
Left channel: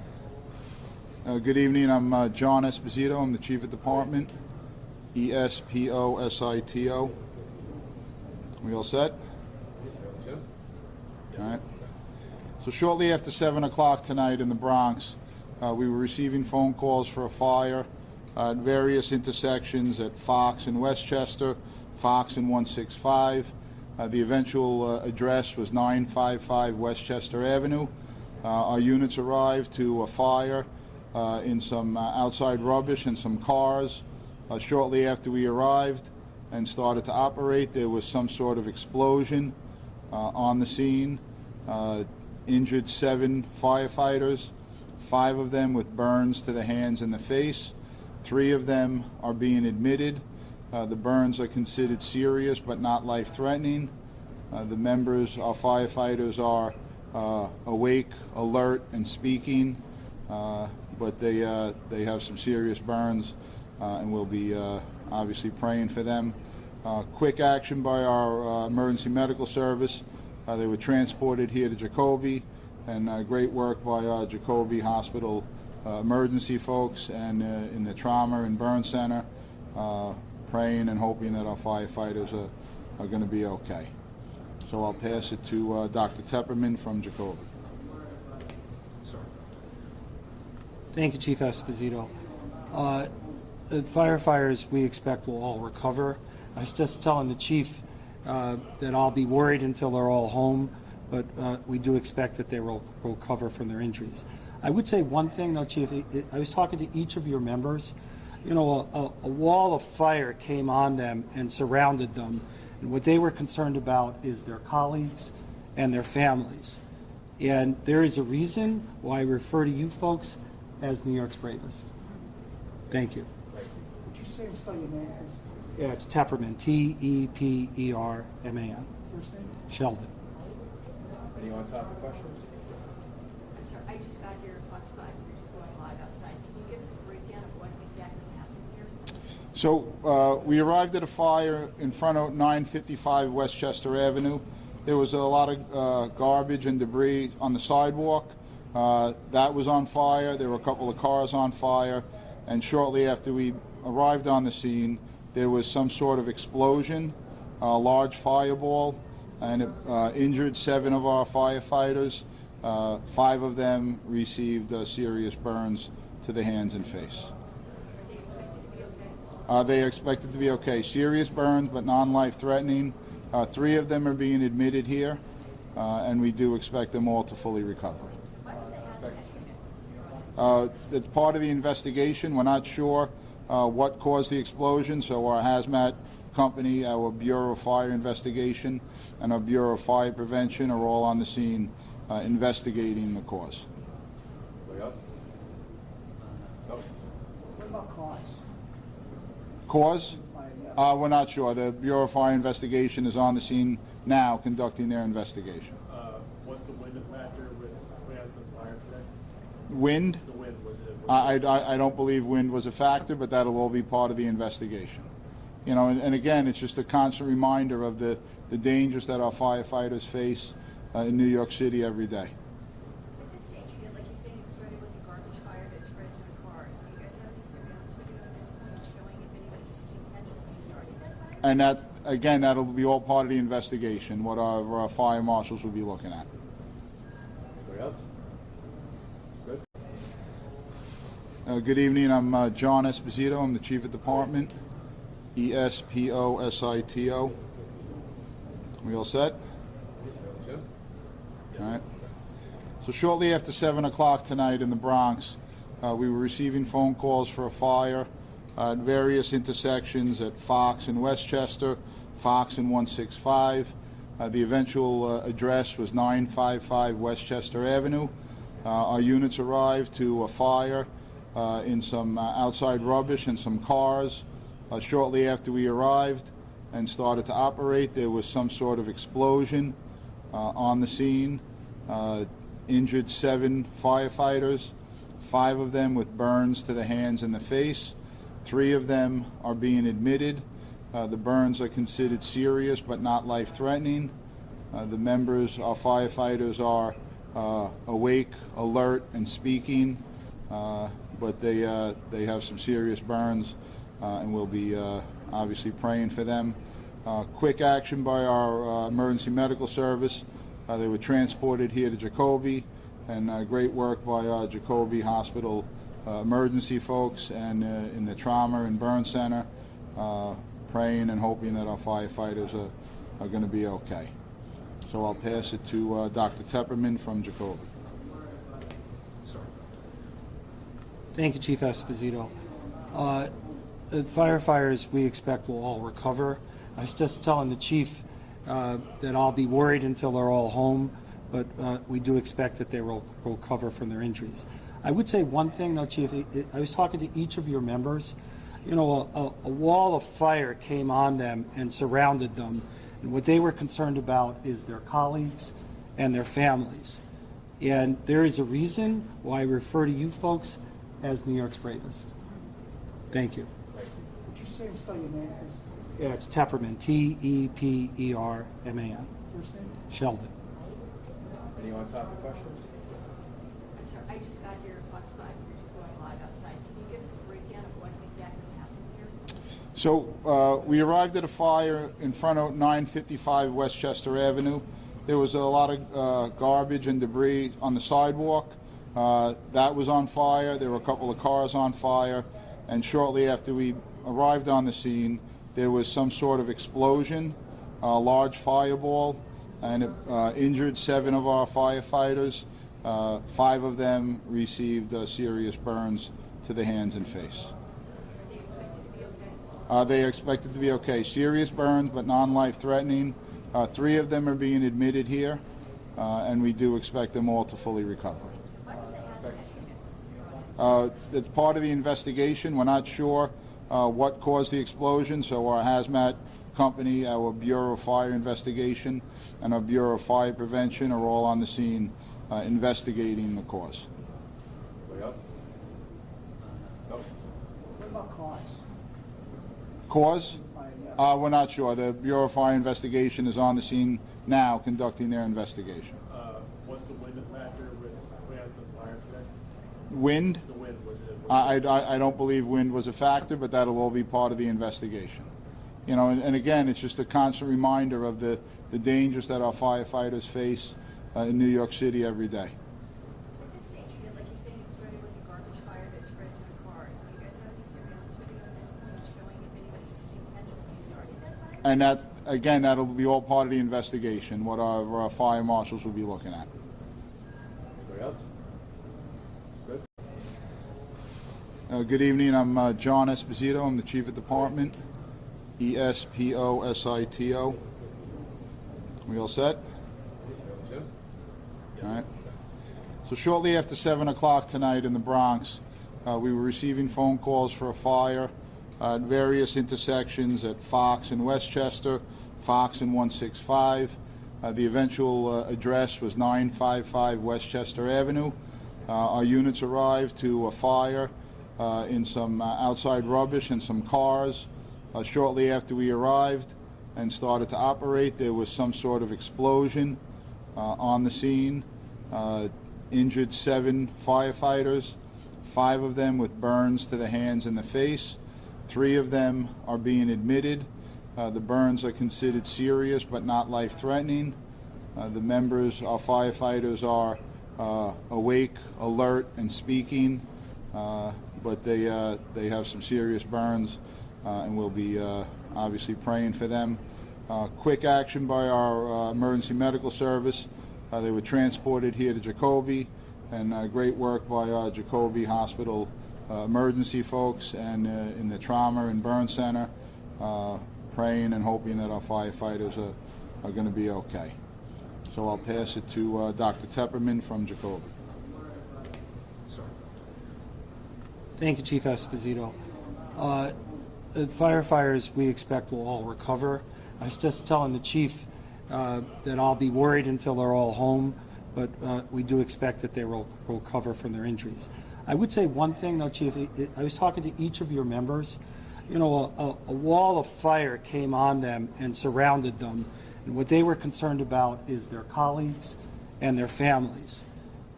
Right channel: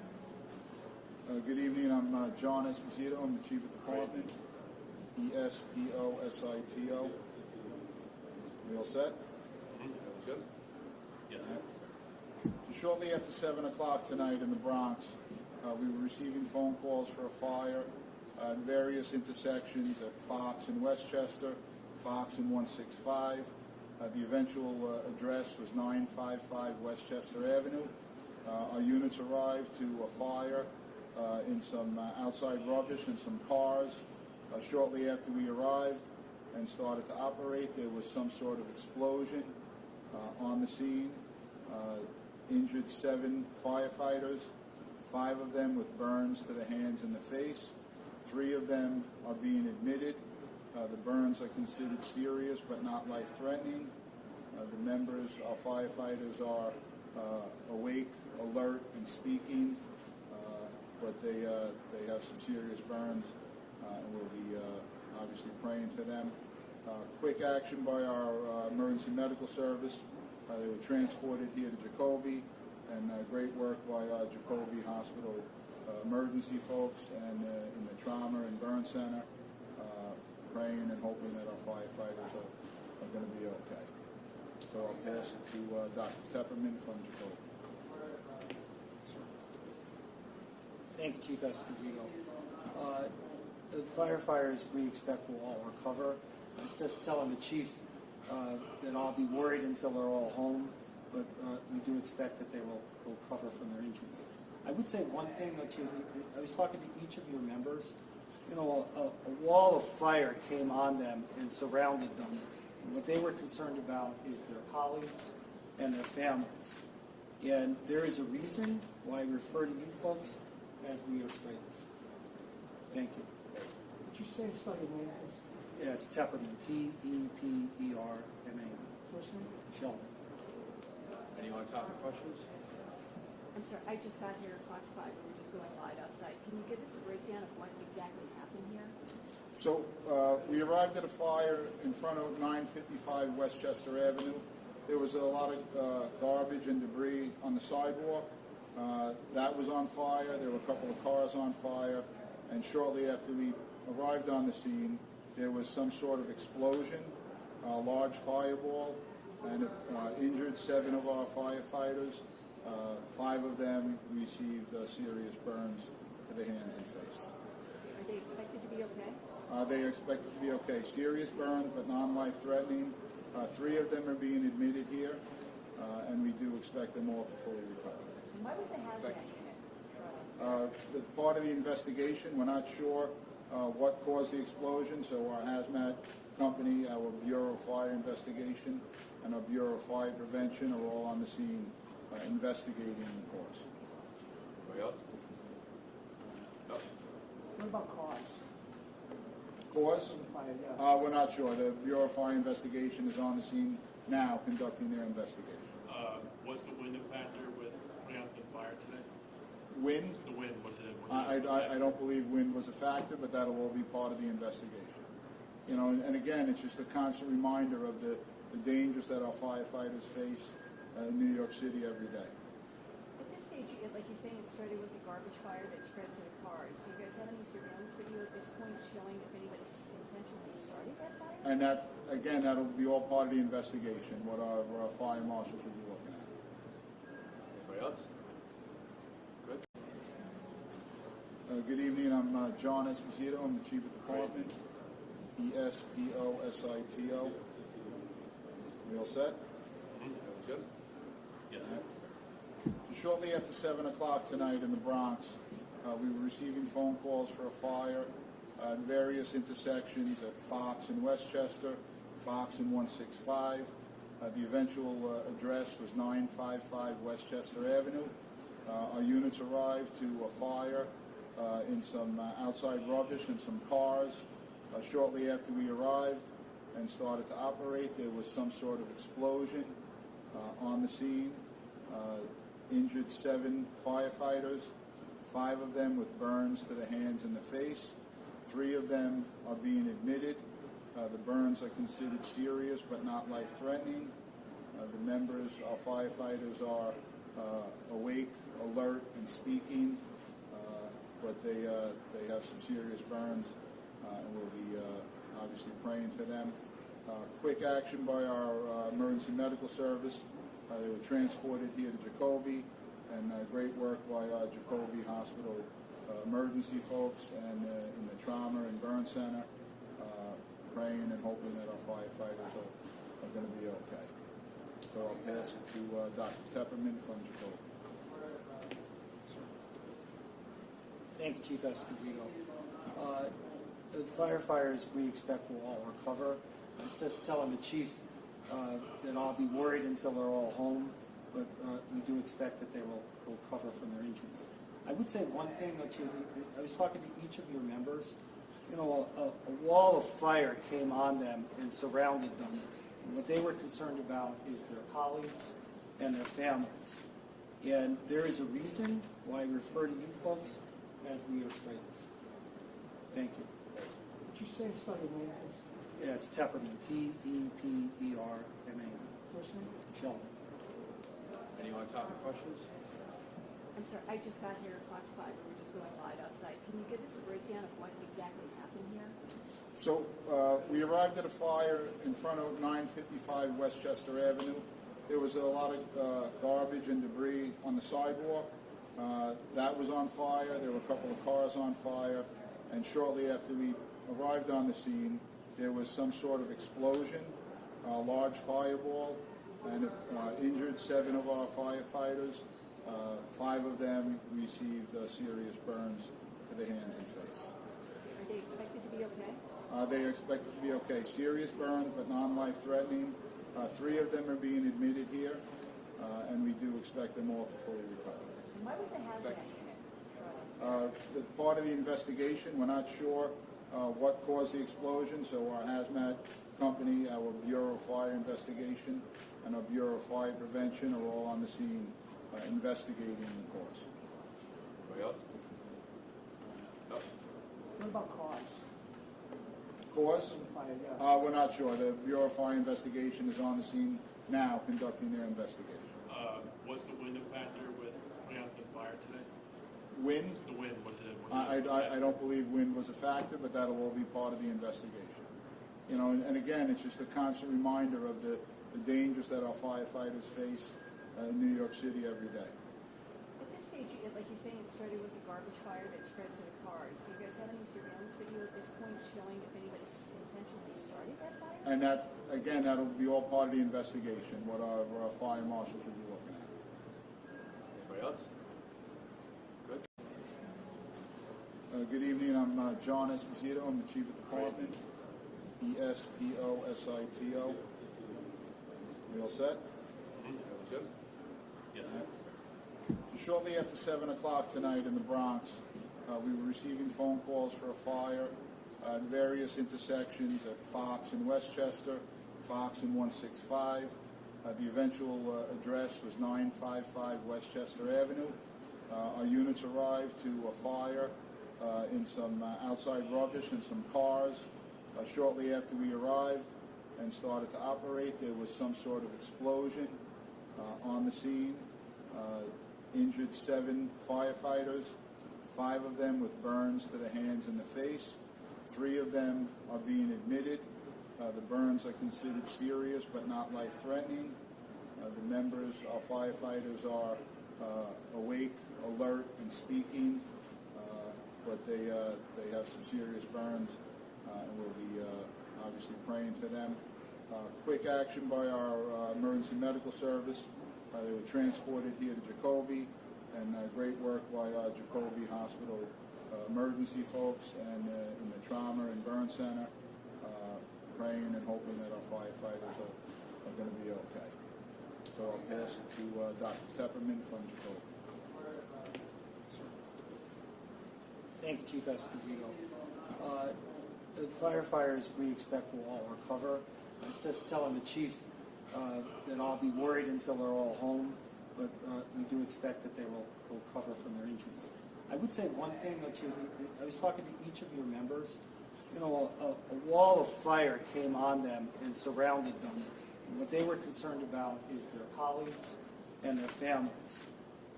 Good evening. I'm John Esposito. I'm the Chief of Department. Esposito. We all set? Jim? All right. So shortly after 7 o'clock tonight in the Bronx, we were receiving phone calls for a fire at various intersections at Fox and Westchester, Fox and 165. The eventual address was 955 Westchester Avenue. Our units arrived to a fire in some outside rubbish and some cars. Shortly after we arrived and started to operate, there was some sort of explosion on the scene. Injured 7 firefighters, 5 of them with burns to the hands and the face. 3 of them are being admitted. The burns are considered serious but not life-threatening. The members, our firefighters, are awake, alert, and speaking, but they have some serious burns, and we'll be obviously praying for them. Quick action by our emergency medical service. They were transported here to Jacoby, and great work by our Jacoby Hospital emergency folks and in the trauma and burn center, praying and hoping that our firefighters are going to be okay. So I'll pass it to Dr. Tepperman from Jacoby. Thank you, Chief Esposito. The firefighters we expect will all recover. I was just telling the chief that I'll be worried until they're all home, but we do expect that they will recover from their injuries. I would say one thing, though, Chief. I was talking to each of your members. You know, a wall of fire came on them and surrounded them, and what they were concerned about is their colleagues and their families. And there is a reason why I refer to you folks as New York's bravest. Thank you. Would you say and spell your name, please? Yeah, it's Tepperman, Tepperman. First name? Sheldon. Any on-topic questions? I'm sorry, I just got your Fox 5. We're just going live outside. Can you give us a breakdown of what exactly happened here? So we arrived at a fire in front of 955 Westchester Avenue. There was a lot of garbage and debris on the sidewalk. That was on fire. There were a couple of cars on fire. And shortly after we arrived on the scene, there was some sort of explosion, a large fireball, and it injured 7 of our firefighters. 5 of them received serious burns to the hands and face. Are they expected to be okay? They are expected to be okay. Serious burns, but non-life-threatening. 3 of them are being admitted here, and we do expect them all to fully recover. Why was the hazmat unit? It's part of the investigation. We're not sure what caused the explosion, so our hazmat company, our Bureau of Fire Investigation, and our Bureau of Fire Prevention are all on the scene investigating the cause. Anybody else? No? What about cause? Cause? We're not sure. The Bureau of Fire Investigation is on the scene now conducting their investigation. Was the wind a factor with putting out the fire today? Wind? The wind, was it? I don't believe wind was a factor, but that'll all be part of the investigation. You know, and again, it's just a constant reminder of the dangers that our firefighters face in New York City every day. At this stage, like you're saying, it started with the garbage fire that spread to the cars. Do you guys have any surveillance video at this point showing if anybody intentionally started that fire? And that, again, that'll be all part of the investigation, what our fire marshals will be looking at. Anybody else? Good? Good evening. I'm John Esposito. I'm the Chief of Department. Esposito. We all set? Jim? All right. So shortly after 7 o'clock tonight in the Bronx, we were receiving phone calls for a fire at various intersections at Fox and Westchester, Fox and 165. The eventual address was 955 Westchester Avenue. Our units arrived to a fire in some outside rubbish and some cars. Shortly after we arrived and started to operate, there was some sort of explosion on the scene. Injured 7 firefighters, 5 of them with burns to the hands and the face. 3 of them are being admitted. The burns are considered serious but not life-threatening. The members, our firefighters, are awake, alert, and speaking, but they have some serious burns, and we'll be obviously praying for them. Quick action by our emergency medical service. They were transported here to Jacoby, and great work by Jacoby Hospital emergency folks and in the trauma and burn center, praying and hoping that our firefighters are going to be okay. So I'll pass it to Dr. Tepperman from Jacoby. Thank you, Chief Esposito. The firefighters we expect will all recover. I was just telling the chief that I'll be worried until they're all home, but we do expect that they will recover from their injuries. I would say one thing, though, Chief. I was talking to each of your members. You know, a wall of fire came on them and surrounded them, and what they were concerned about is their colleagues and their families. And there is a reason why I refer to you folks as New York's bravest. Thank you. Would you say and spell your name as Yeah, it's Tepperman, T-E-P-E-R-M-A-N. first name? Sheldon. Any on-topic questions? I'm sorry, I just got here at Fox 5. We're just going live outside. Can you give us a breakdown of what exactly happened here? So we arrived at a fire in front of 955 Westchester Avenue. There was a lot of garbage and debris on the sidewalk. That was on fire. There were a couple of cars on fire. And shortly after we arrived on the scene, there was some sort of explosion, a large fireball, and it injured 7 of our firefighters. 5 of them received serious burns to the hands and face. Are they expected to be okay? They are expected to be okay. Serious burns, but non-life-threatening. 3 of them are being admitted here, and we do expect them all to fully recover. Why was the hazmat unit? It's part of the investigation. We're not sure what caused the explosion, so our hazmat company, our Bureau of Fire Investigation, and our Bureau of Fire Prevention are all on the scene investigating the cause. Anybody else? No? What about cause? Cause? We're not sure. The Bureau of Fire Investigation is on the scene now conducting their investigation. Was the wind a factor with putting out the fire today? Wind? The wind, was it? I don't believe wind was a factor, but that'll all be part of the investigation. You know, and again, it's just a constant reminder of the dangers that our firefighters face in New York City every day. At this stage, like you're saying, it started with a garbage fire that spread to the cars. Do you guys have any surveillance video at this point showing if anybody intentionally started that fire? And that, again, that'll be all part of the investigation, what our fire marshals will be looking at. Anybody else? Good. Good evening. I'm John Esposito. I'm the Chief of Department. E-S-P-O-S-I-T-O. We all set? Jim? All right. So shortly after 7 o'clock tonight in the Bronx, we were receiving phone calls for a fire at various intersections at Fox and Westchester, Fox and 165. The eventual address was 955 Westchester Avenue. Our units arrived to a fire in some outside rubbish and some cars. Shortly after we arrived and started to operate, there was some sort of explosion on the scene. Injured 7 firefighters, 5 of them with burns to the hands and the face. 3 of them are being admitted. The burns are considered serious but not life-threatening. The members, our firefighters, are awake, alert, and speaking, but they have some serious burns, and we'll be obviously praying for them. Quick action by our emergency medical service. They were transported here to Jacoby, and great work by our Jacoby Hospital emergency folks and in the trauma and burn center, praying and hoping that our firefighters are going to be okay. So I'll pass it to Dr. Tepperman from Jacoby. Thank you, Chief Esposito. The firefighters we expect will all recover. I was just telling the chief that I'll be worried until they're all home, but we do expect that they will recover from their injuries. I would say one thing, though, Chief. I was talking to each of your members. You know, a wall of fire came on them and surrounded them, and what they were concerned about is their colleagues and their families.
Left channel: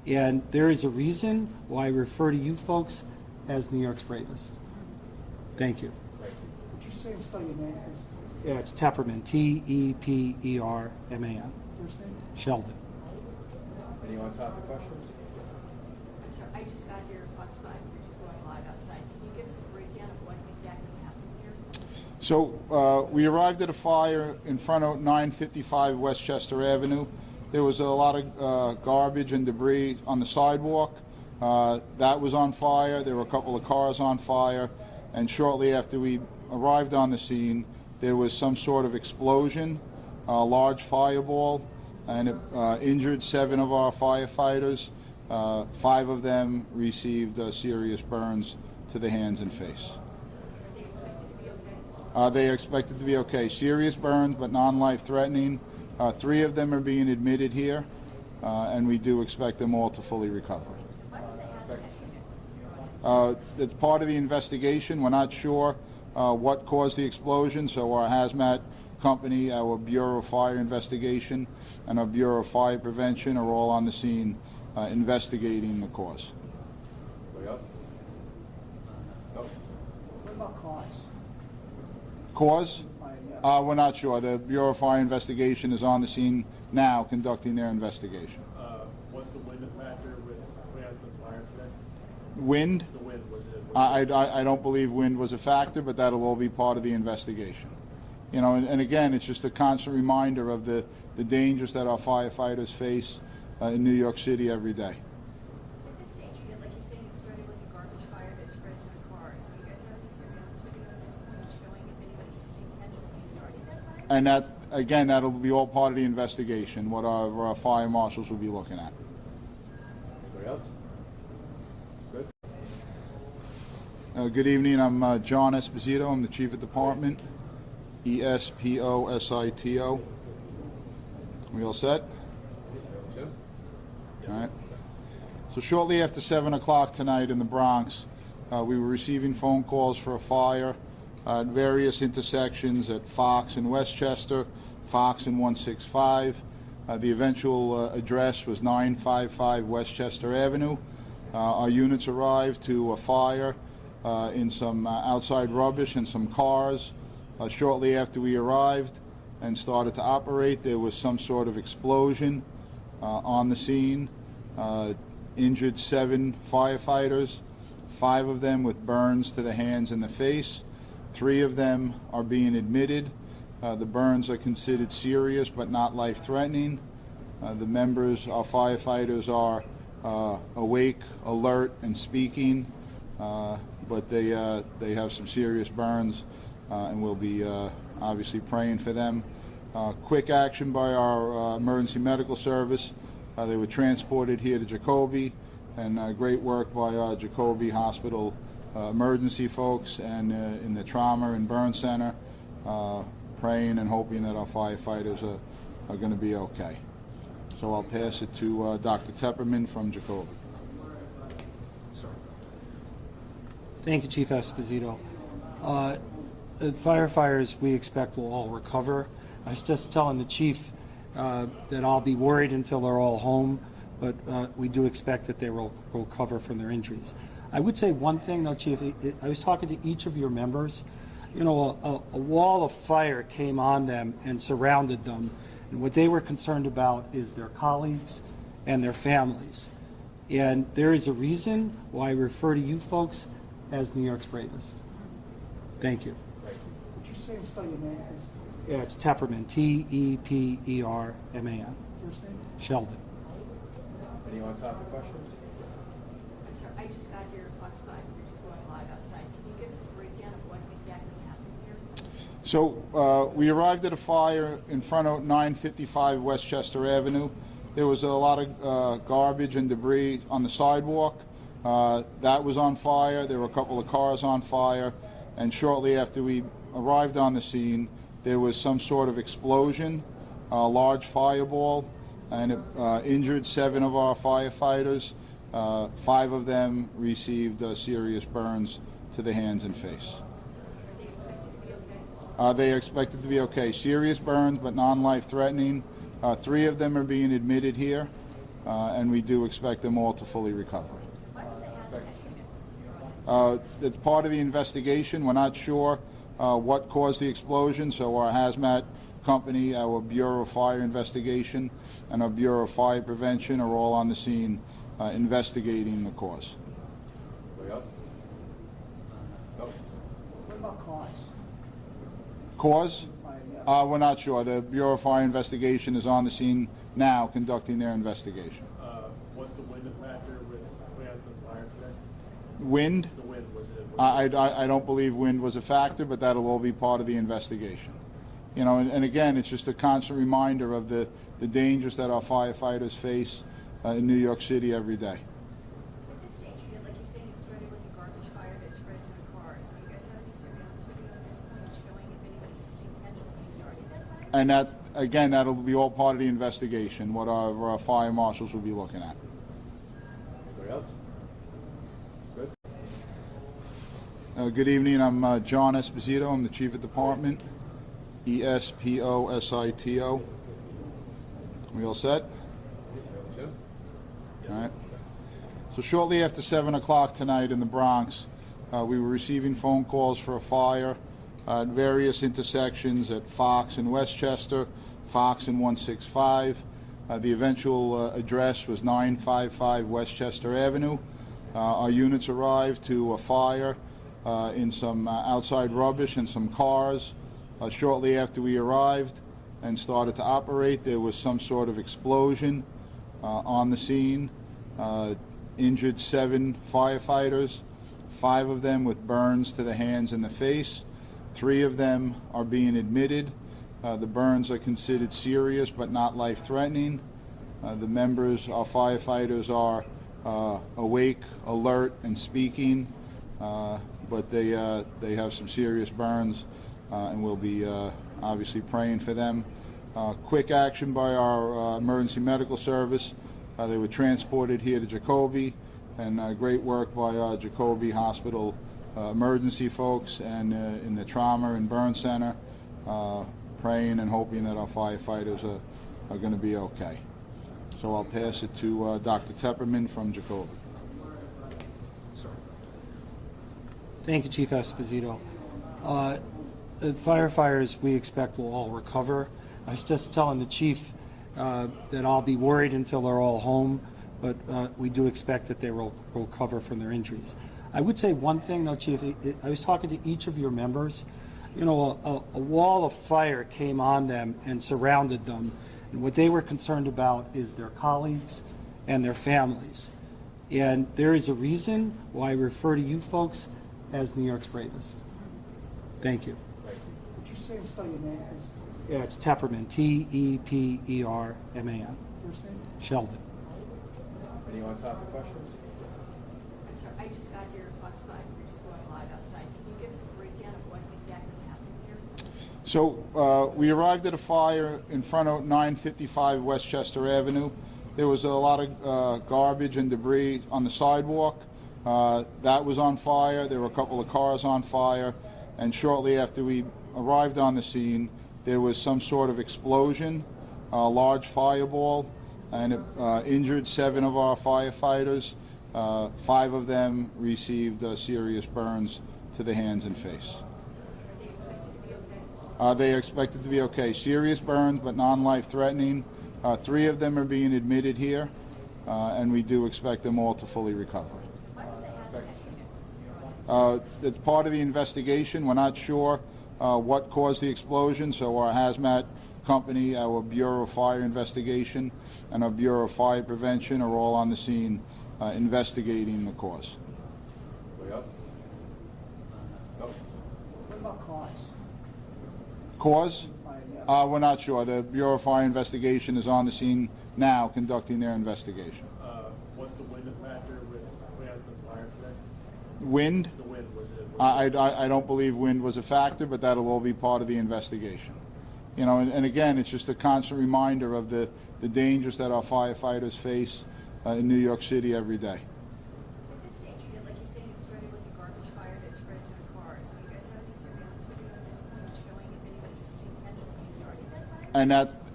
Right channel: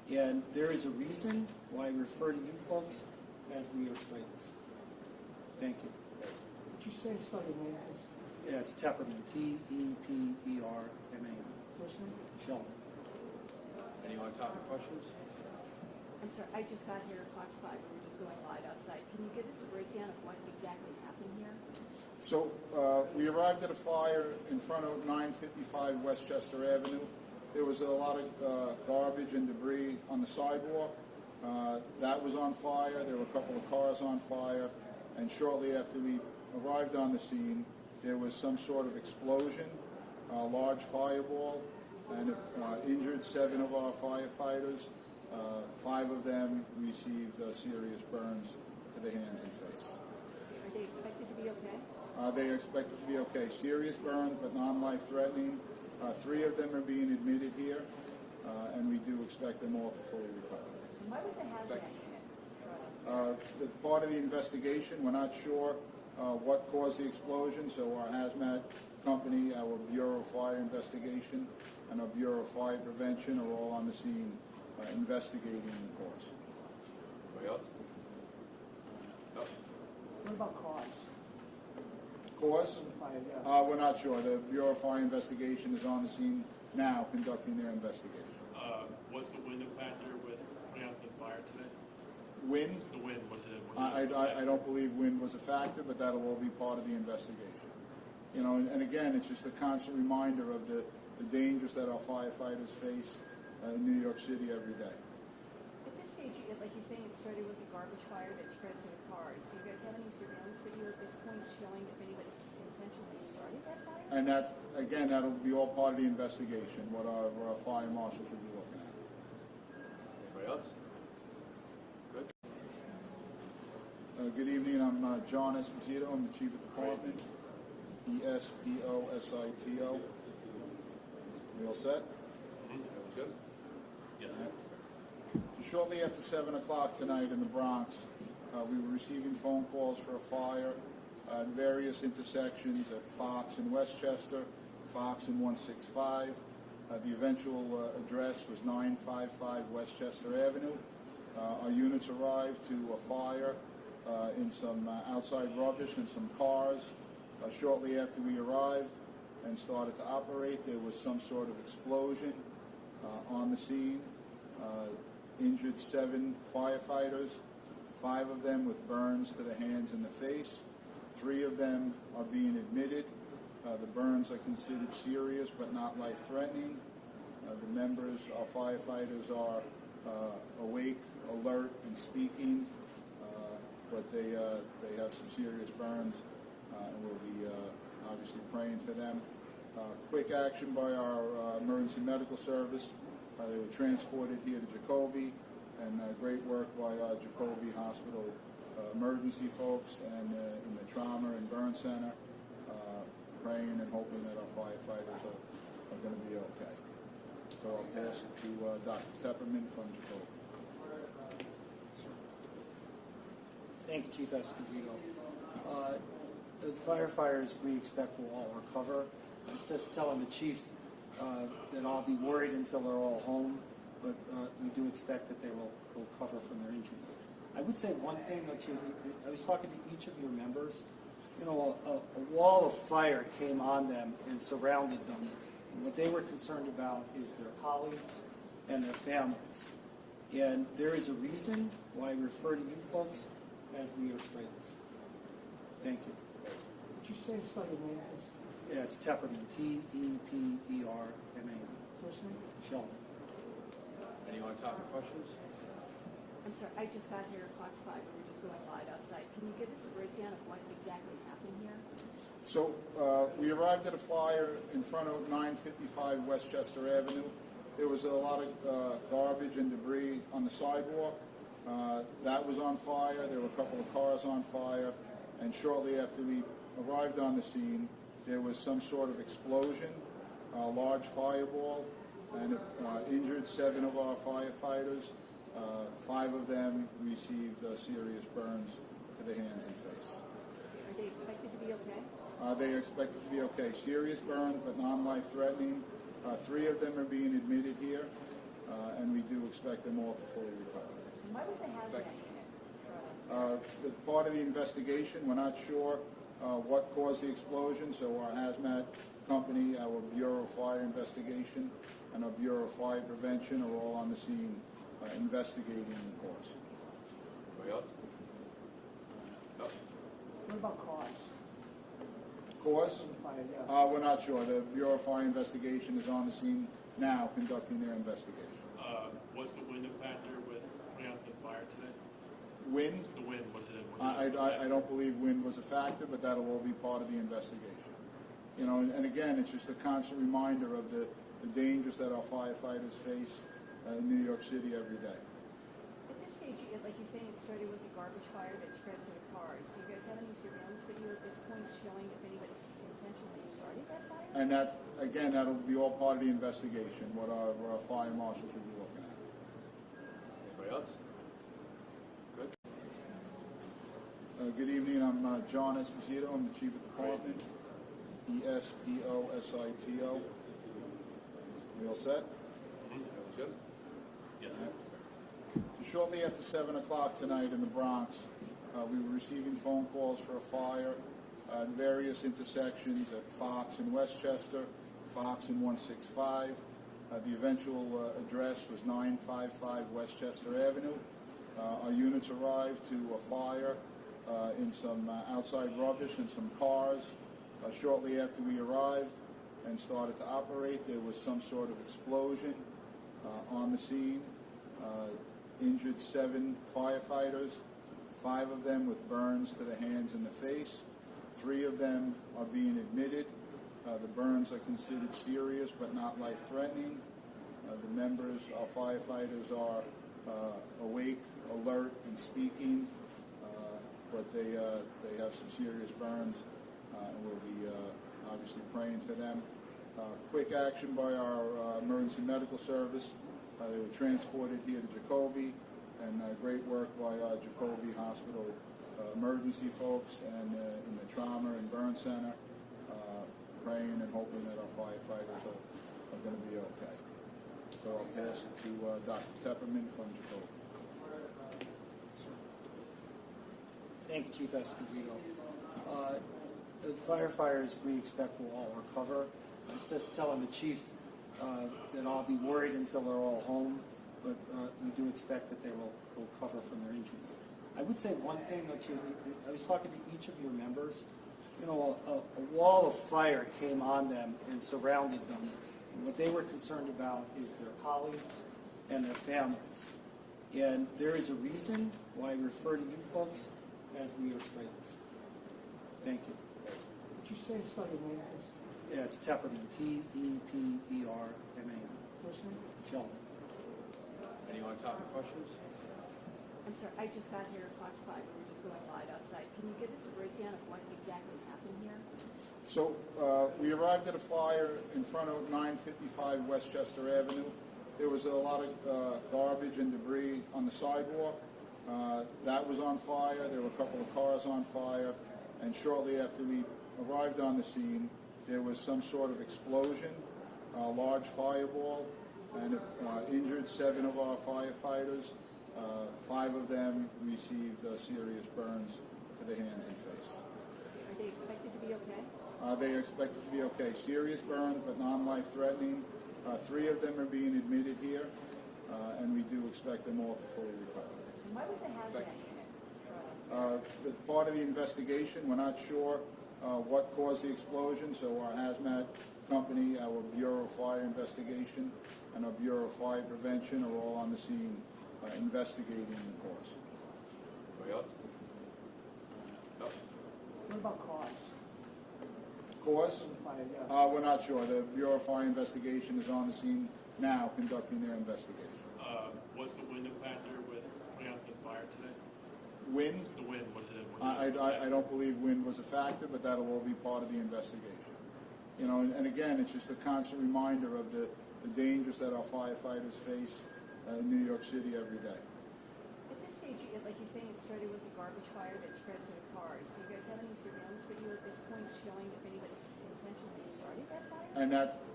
And there is a reason why I refer to you folks as New York's bravest. Thank you. Would you say and spell your name, please? Yeah, it's Tepperman, T-E-P-E-R-M-A-N. First name? Sheldon. Any on-topic questions? I'm sorry, I just got here, Fox 5, we're just going live outside. Can you give us a breakdown of what exactly happened here? So we arrived at a fire in front of 955 Westchester Avenue. There was a lot of garbage and debris on the sidewalk. That was on fire. There were a couple of cars on fire. And shortly after we arrived on the scene, there was some sort of explosion, a large fireball, and it injured 7 of our firefighters. 5 of them received serious burns to the hands and face. Are they expected to be okay? They are expected to be okay. Serious burns, but non-life threatening. 3 of them are being admitted here, and we do expect them all to fully recover. Why was the hazmat unit? It's part of the investigation. We're not sure what caused the explosion, so our hazmat company, our Bureau of Fire Investigation, and our Bureau of Fire Prevention are all on the scene investigating the cause. Anybody else? No? What about cause? Cause? We're not sure. The Bureau of Fire Investigation is on the scene now conducting their investigation. Was the wind a factor with putting out the fire today? Wind? The wind, was it? I don't believe wind was a factor, but that'll all be part of the investigation. You know, and again, it's just a constant reminder of the dangers that our firefighters face in New York City every day. At this stage, like you're saying, it started with a garbage fire that spread to the cars. Do you guys have any surveillance video at this point showing if anybody intentionally started that fire? And that, again, that'll be all part of the investigation, what our fire marshals will be looking at. Anybody else? Good? Good evening. I'm John Esposito. I'm the Chief of Department, E-S-P-O-S-I-T-O. We all set? Jim? All right. So shortly after 7 o'clock tonight in the Bronx, we were receiving phone calls for a fire at various intersections at Fox and Westchester, Fox and 165. The eventual address was 955 Westchester Avenue. Our units arrived to a fire in some outside rubbish and some cars. Shortly after we arrived and started to operate, there was some sort of explosion on the scene. Injured 7 firefighters, 5 of them with burns to the hands and the face. 3 of them are being admitted. The burns are considered serious but not life-threatening. The members, our firefighters, are awake, alert, and speaking, but they have some serious burns, and we'll be obviously praying for them. Quick action by our emergency medical service. They were transported here to Jacoby, and great work by our Jacoby Hospital emergency folks and in the trauma and burn center, praying and hoping that our firefighters are going to be okay. So I'll pass it to Dr. Tepperman from Jacoby. Thank you, Chief Esposito. The firefighters we expect will all recover. I was just telling the chief that I'll be worried until they're all home, but we do expect that they will recover from their injuries. I would say one thing, though, Chief. I was talking to each of your members. You know, a wall of fire came on them and surrounded them, and what they were concerned about is their colleagues and their families. And there is a reason why I refer to you folks as New York's bravest. Thank you. Would you say and spell your name, please? Yeah, it's Tepperman, T-E-P-E-R-M-A-N. First name? Sheldon. Any on-topic questions? I'm sorry, I just got here, Fox 5, we're just going live outside. Can you give us a breakdown of what exactly happened here? So we arrived at a fire in front of 955 Westchester Avenue. There was a lot of garbage and debris on the sidewalk. That was on fire. There were a couple of cars on fire. And shortly after we arrived on the scene, there was some sort of explosion, a large fireball, and it injured 7 of our firefighters. 5 of them received serious burns to the hands and face. Are they expected to be okay? They are expected to be okay. Serious burns, but non-life threatening. 3 of them are being admitted here, and we do expect them all to fully recover. Why was the hazmat? It's part of the investigation. We're not sure what caused the explosion, so our hazmat company, our Bureau of Fire Investigation, and our Bureau of Fire Prevention are all on the scene investigating the cause. Anybody else? No? What about cause? Cause? Yeah. We're not sure. The Bureau of Fire Investigation is on the scene now conducting their investigation. What's the wind factor with putting out the fire today? Wind? The wind, was it? I don't believe wind was a factor, but that'll all be part of the investigation. You know, and again, it's just a constant reminder of the dangers that our firefighters face in New York City every day. At this stage, like you're saying, it started with a garbage fire that spread to the cars. Do you guys have any surveillance video at this point showing if anybody intentionally started that fire? And that, again, that'll be all part of the investigation, what our fire marshals will be looking at. Anybody else? Good? Good evening. I'm John Esposito. I'm the Chief of Department. Esposito. We all set? Jim? All right. So shortly after 7 o'clock tonight in the Bronx, we were receiving phone calls for a fire at various intersections at Fox and Westchester, Fox and 165. The eventual address was 955 Westchester Avenue. Our units arrived to a fire in some outside rubbish and some cars. Shortly after we arrived and started to operate, there was some sort of explosion on the scene. Injured 7 firefighters, 5 of them with burns to the hands and the face. 3 of them are being admitted. The burns are considered serious but not life-threatening. The members, our firefighters, are awake, alert, and speaking, but they have some serious burns, and we'll be obviously praying for them. Quick action by our emergency medical service. They were transported here to Jacoby, and great work by our Jacoby Hospital emergency folks and in the trauma and burn center, praying and hoping that our firefighters are going to be okay. So I'll pass it to Dr. Tepperman from Jacoby. Thank you, Chief Esposito. The firefighters we expect will all recover. I was just telling the chief that I'll be worried until they're all home, but we do expect that they will recover from their injuries. I would say one thing, though, Chief. I was talking to each of your members. You know, a wall of fire came on them and surrounded them, and what they were concerned about is their colleagues and their families. And there is a reason why I refer to you folks as New York's bravest. Thank you. Would you say and spell your name, please? Yeah, it's Tepperman, T-E-P-E-R-M-A-N. First name? Sheldon. Any on-topic questions? I'm sorry, I just got here at Fox 5. We're just going live outside. Can you give us a breakdown of what exactly happened here? So we arrived at a fire in front of 955 Westchester Avenue. There was a lot of garbage and debris on the sidewalk. That was on fire. There were a couple of cars on fire. And shortly after we arrived on the scene, there was some sort of explosion, a large fireball, and it injured 7 of our firefighters. 5 of them received serious burns to the hands and face. Are they expected to be okay? They are expected to be okay. Serious burns, but non-life-threatening. 3 of them are being admitted here, and we do expect them all to fully recover. Why was the hazmat? It's part of the investigation. We're not sure what caused the explosion, so our hazmat company, our Bureau of Fire Investigation, and our Bureau of Fire Prevention are all on the scene investigating the cause. Anybody else? No? What about cause? Cause? Yeah. We're not sure. The Bureau of Fire Investigation is on the scene now conducting their investigation. What's the wind factor with putting out the fire today? Wind? The wind, was it? I don't believe wind was a factor, but that'll all be part of the investigation. You know, and again, it's just a constant reminder of the dangers that our firefighters face in New York City every day. At this stage, like you're saying, it started with a garbage fire that spread to the cars. Do you guys have any surveillance video at this point showing if anybody intentionally started that fire? And that,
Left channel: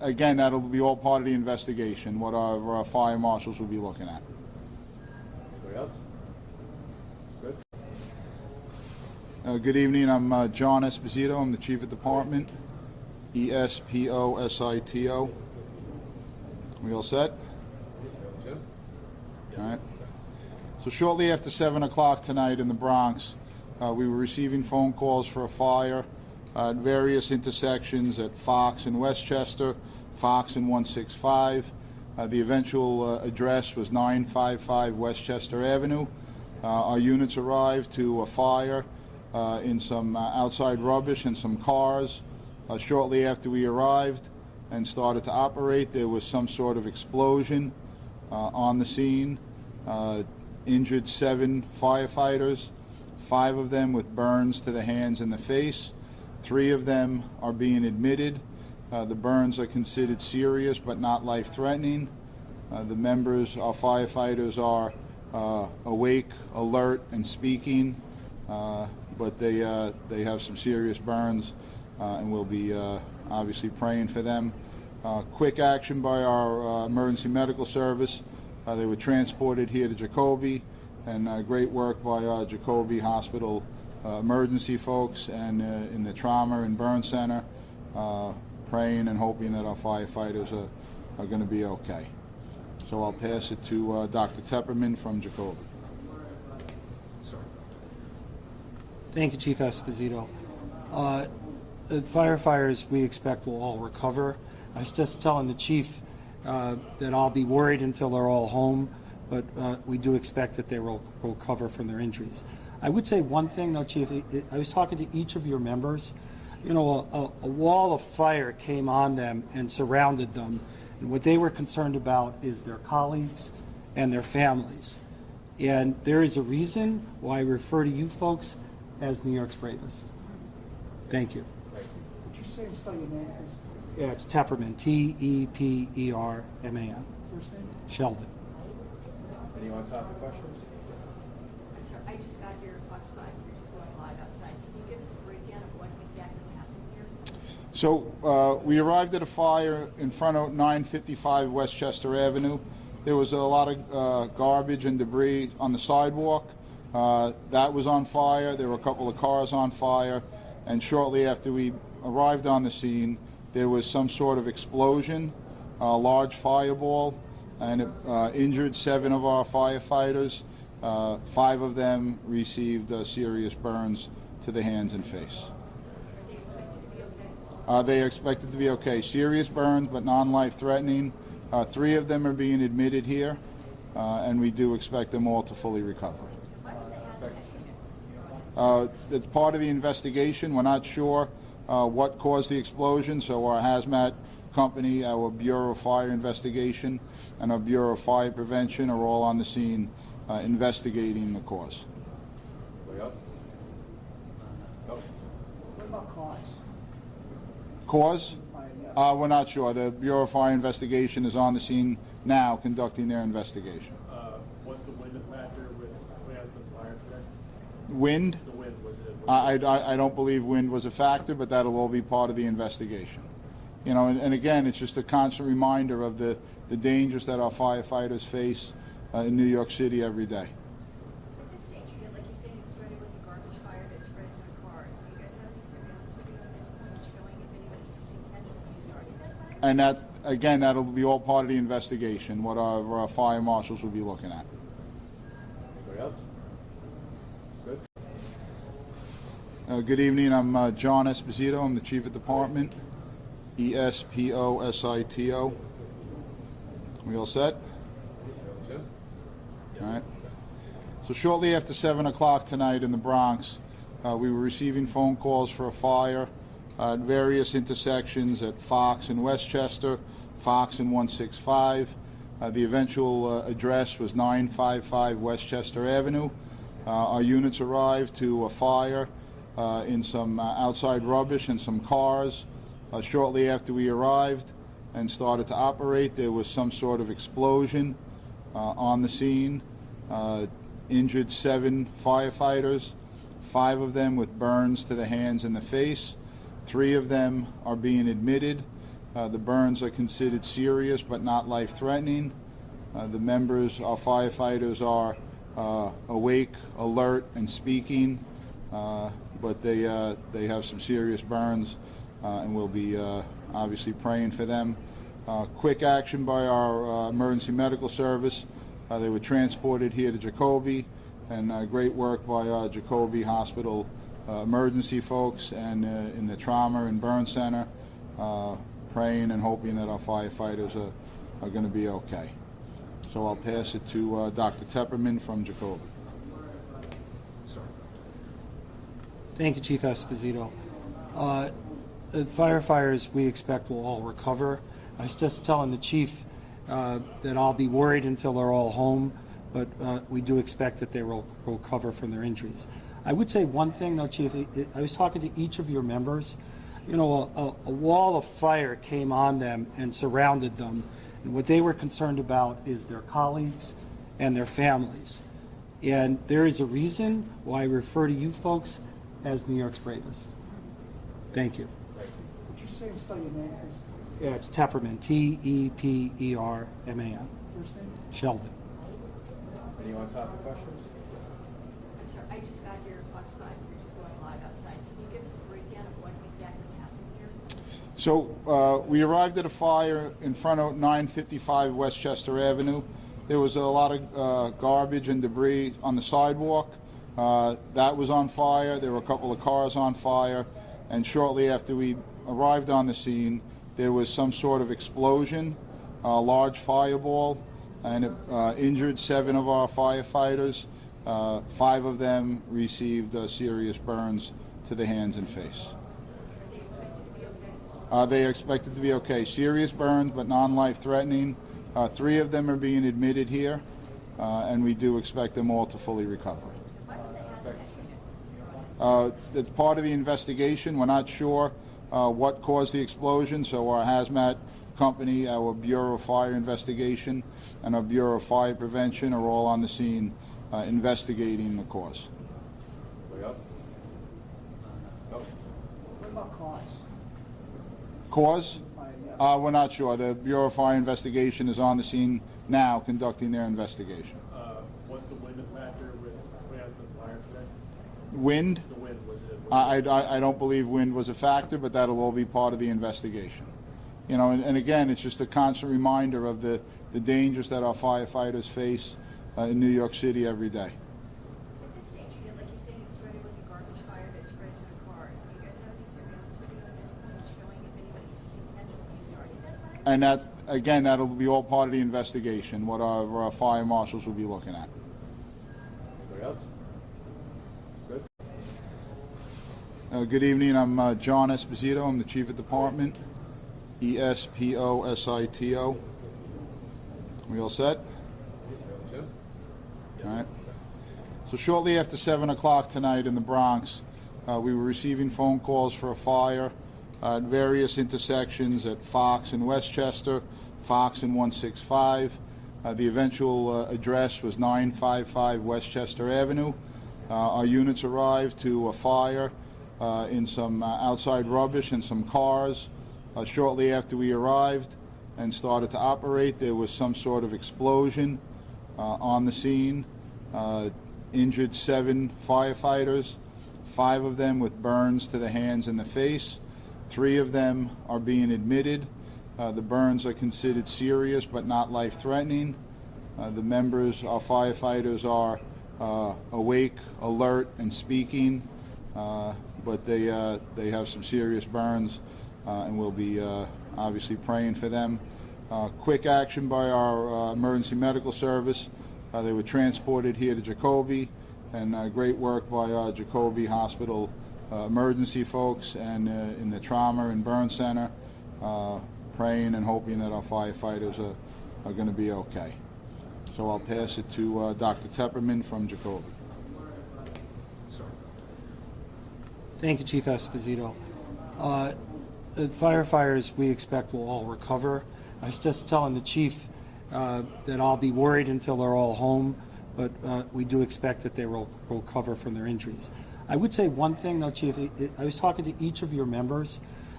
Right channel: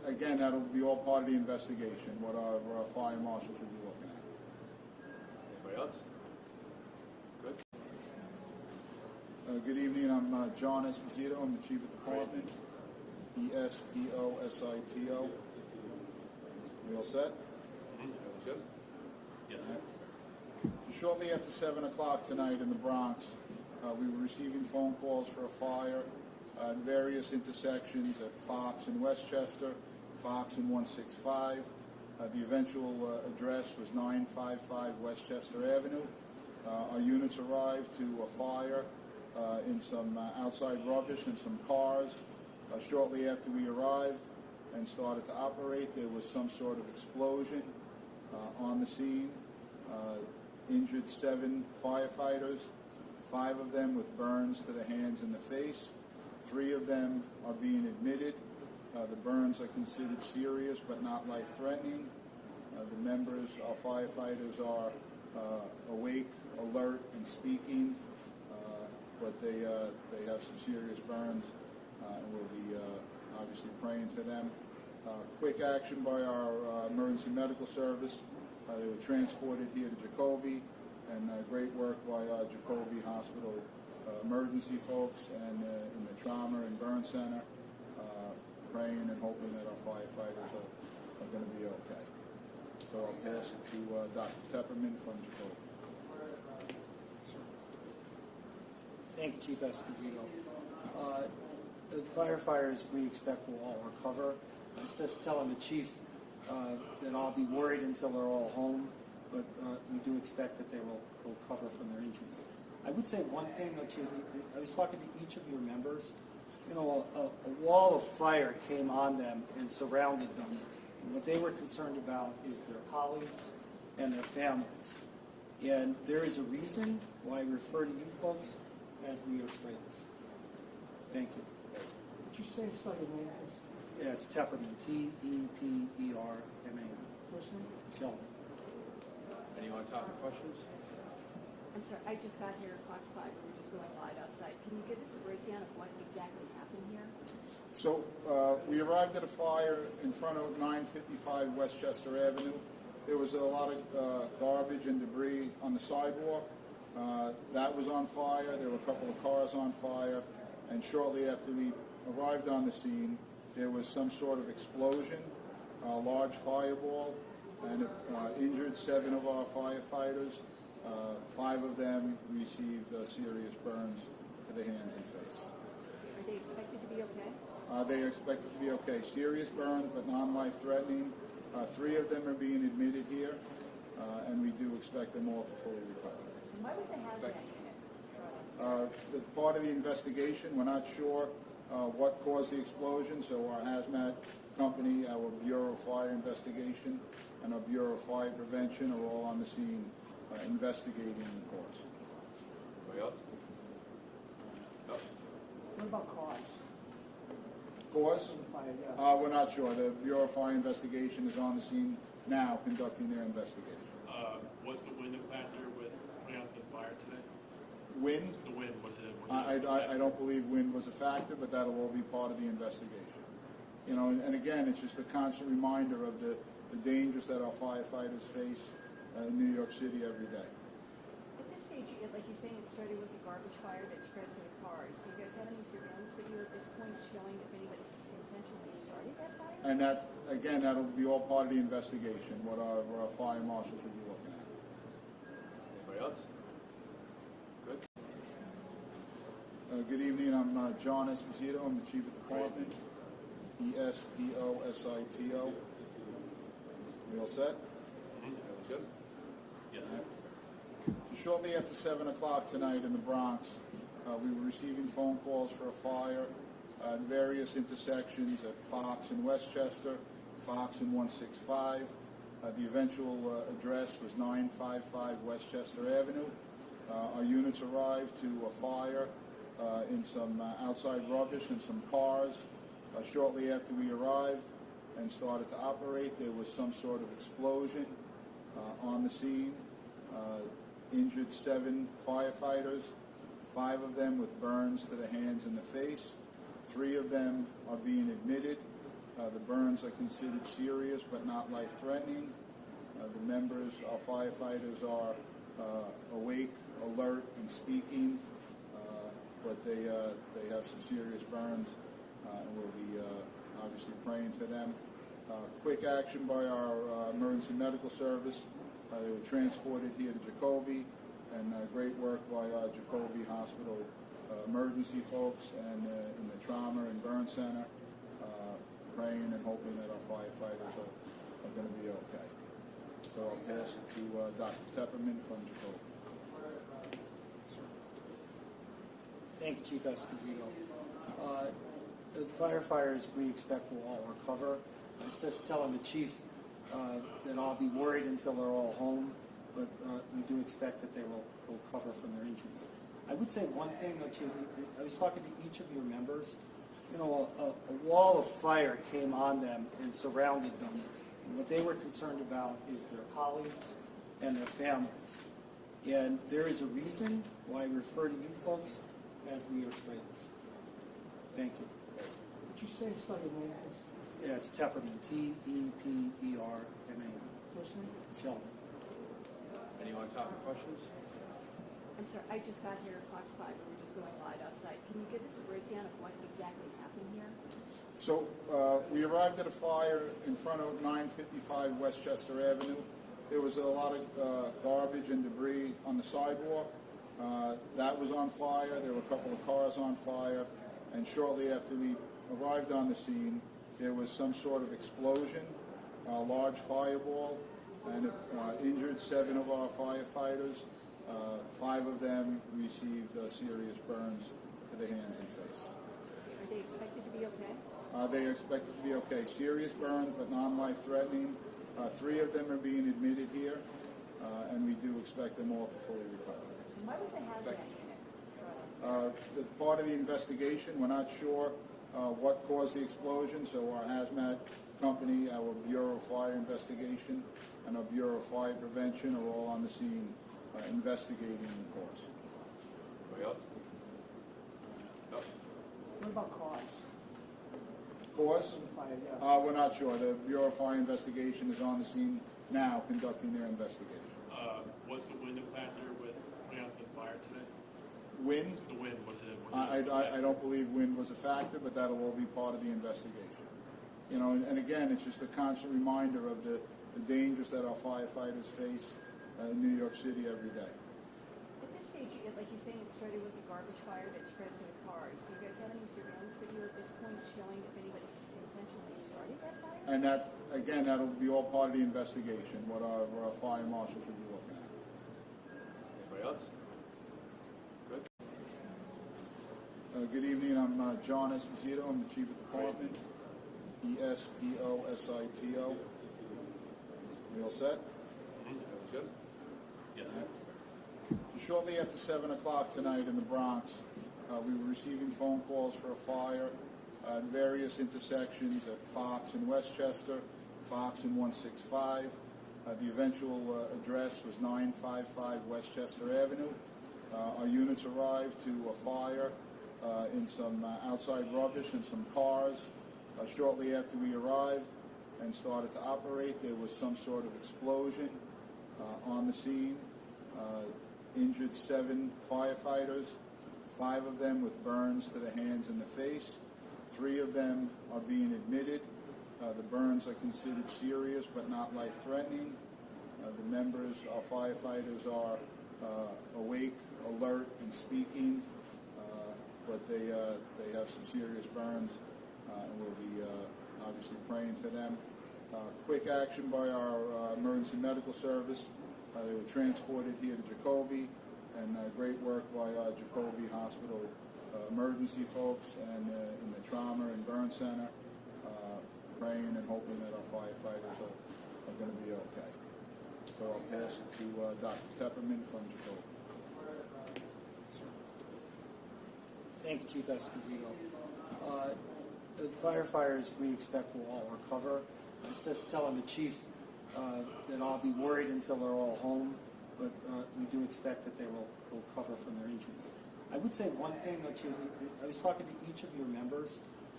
again, that'll be all part of the investigation, what our fire marshals will be looking at. Anybody else? Good. Good evening, I'm John Esposito, I'm the Chief of Department, ESPOSITO. We all set? Jim? All right. So shortly after 7 o'clock tonight in the Bronx, we were receiving phone calls for a fire at various intersections at Fox and Westchester, Fox and 165. The eventual address was 955 Westchester Avenue. Our units arrived to a fire in some outside rubbish and some cars. Shortly after we arrived and started to operate, there was some sort of explosion on the scene. Injured 7 firefighters, 5 of them with burns to the hands and the face. 3 of them are being admitted. The burns are considered serious but not life-threatening. The members, our firefighters, are awake, alert, and speaking, but they have some serious burns, and we'll be obviously praying for them. Quick action by our emergency medical service. They were transported here to Jacoby, and great work by our Jacoby Hospital emergency folks and in the trauma and burn center, praying and hoping that our firefighters are going to be okay. So I'll pass it to Dr. Tepperman from Jacoby. Thank you, Chief Esposito. The firefighters we expect will all recover. I was just telling the chief that I'll be worried until they're all home, but we do expect that they will recover from their injuries. I would say one thing, though, Chief. I was talking to each of your members. You know, a wall of fire came on them and surrounded them, and what they were concerned about is their colleagues and their families. And there is a reason why I refer to you folks as New York's bravest. Thank you. Would you say and spell your name, please? Yeah, it's Tepperman, T-E-P-E-R-M-A-N. First name? Sheldon. Anyone on top of questions? I'm sorry, I just got here Fox 5, we're just going live outside. Can you give us a breakdown of what exactly happened here? So we arrived at a fire in front of 955 Westchester Avenue. There was a lot of garbage and debris on the sidewalk. That was on fire. There were a couple of cars on fire. And shortly after we arrived on the scene, there was some sort of explosion, a large fireball, and it injured 7 of our firefighters. 5 of them received serious burns to the hands and face. Are they expected to be okay? They are expected to be okay. Serious burns, but non-life-threatening. 3 of them are being admitted here, and we do expect them all to fully recover. Why was the hazmat shooting? It's part of the investigation. We're not sure what caused the explosion, so our hazmat company, our Bureau of Fire Investigation, and our Bureau of Fire Prevention are all on the scene investigating the cause. Anybody else? No? What about cause? Cause? We're not sure. The Bureau of Fire Investigation is on the scene now conducting their investigation. Was the wind a factor with putting out the fire today? Wind? The wind, was it? I don't believe wind was a factor, but that'll all be part of the investigation. You know, and again, it's just a constant reminder of the dangers that our firefighters face in New York City every day. At this stage, like you're saying, it started with a garbage fire that spread to the cars. Do you guys have any surveillance video at this point showing if anybody intentionally started that fire? And that, again, that'll be all part of the investigation, what our fire marshals will be looking at. Anybody else? Good. Good evening, I'm John Esposito, I'm the Chief of Department, ESPOSITO. We all set? Jim? All right. So shortly after 7 o'clock tonight in the Bronx, we were receiving phone calls for a fire at various intersections at Fox and Westchester, Fox and 165. The eventual address was 955 Westchester Avenue. Our units arrived to a fire in some outside rubbish and some cars. Shortly after we arrived and started to operate, there was some sort of explosion on the scene. Injured 7 firefighters, 5 of them with burns to the hands and the face. 3 of them are being admitted. The burns are considered serious but not life-threatening. The members, our firefighters, are awake, alert, and speaking, but they have some serious burns, and we'll be obviously praying for them. Quick action by our emergency medical service. They were transported here to Jacoby, and great work by our Jacoby Hospital emergency folks and in the trauma and burn center, praying and hoping that our firefighters are going to be okay. So I'll pass it to Dr. Tepperman from Jacoby. Thank you, Chief Esposito. The firefighters we expect will all recover. I was just telling the chief that I'll be worried until they're all home, but we do expect that they will recover from their injuries. I would say one thing, though, Chief. I was talking to each of your members. You know, a wall of fire came on them and surrounded them, and what they were concerned about is their colleagues and their families. And there is a reason why I refer to you folks as New York's bravest. Thank you. Would you say and spell your name, please? Yeah, it's Tepperman, Tepperman. First name? Sheldon. Anyone talk to questions? I'm sorry, I just got here at Fox 5, we're just going live outside. Can you give us a breakdown of what exactly happened here? So we arrived at a fire in front of 955 Westchester Avenue. There was a lot of garbage and debris on the sidewalk. That was on fire. There were a couple of cars on fire. And shortly after we arrived on the scene, there was some sort of explosion, a large fireball, and it injured 7 of our firefighters. 5 of them received serious burns to the hands and face. Are they expected to be okay? They are expected to be okay. Serious burns, but non-life threatening. 3 of them are being admitted here, and we do expect them all to fully recover. Why was they hazmat? It's part of the investigation. We're not sure what caused the explosion, so our hazmat company, our Bureau of Fire Investigation, and our Bureau of Fire Prevention are all on the scene investigating the cause. Anybody else? No? What about cause? Cause? Yeah. We're not sure. The Bureau of Fire Investigation is on the scene now conducting their investigation. What's the wind factor with putting out the fire today? Wind? The wind, was it? I don't believe wind was a factor, but that'll all be part of the investigation. You know, and again, it's just a constant reminder of the dangers that our firefighters face in New York City every day. At this stage, like you're saying, it started with a garbage fire that spread to the cars. Do you guys have any surveillance video at this point showing if anybody intentionally started that fire? And that, again, that'll be all part of the investigation, what our fire marshals will be looking at. Anybody else? Good? Good evening. I'm John Esposito. I'm the Chief of Department. Esposito. We all set? Jim? All right. So shortly after 7 o'clock tonight in the Bronx, we were receiving phone calls for a fire at various intersections at Fox and Westchester, Fox and 165. The eventual address was 955 Westchester Avenue. Our units arrived to a fire in some outside rubbish and some cars. Shortly after we arrived and started to operate, there was some sort of explosion on the scene. Injured 7 firefighters, 5 of them with burns to the hands and the face. 3 of them are being admitted. The burns are considered serious but not life-threatening. The members, our firefighters, are awake, alert, and speaking, but they have some serious burns, and we'll be obviously praying for them. Quick action by our emergency medical service. They were transported here to Jacoby, and great work by our Jacoby Hospital emergency folks and in the trauma and burn center, praying and hoping that our firefighters are going to be okay. So I'll pass it to Dr. Tepperman from Jacoby. Thank you, Chief Esposito. The firefighters we expect will all recover. I was just telling the chief that I'll be worried until they're all home, but we do expect that they will recover from their injuries. I would say one thing, though, Chief. I was talking to each of your members.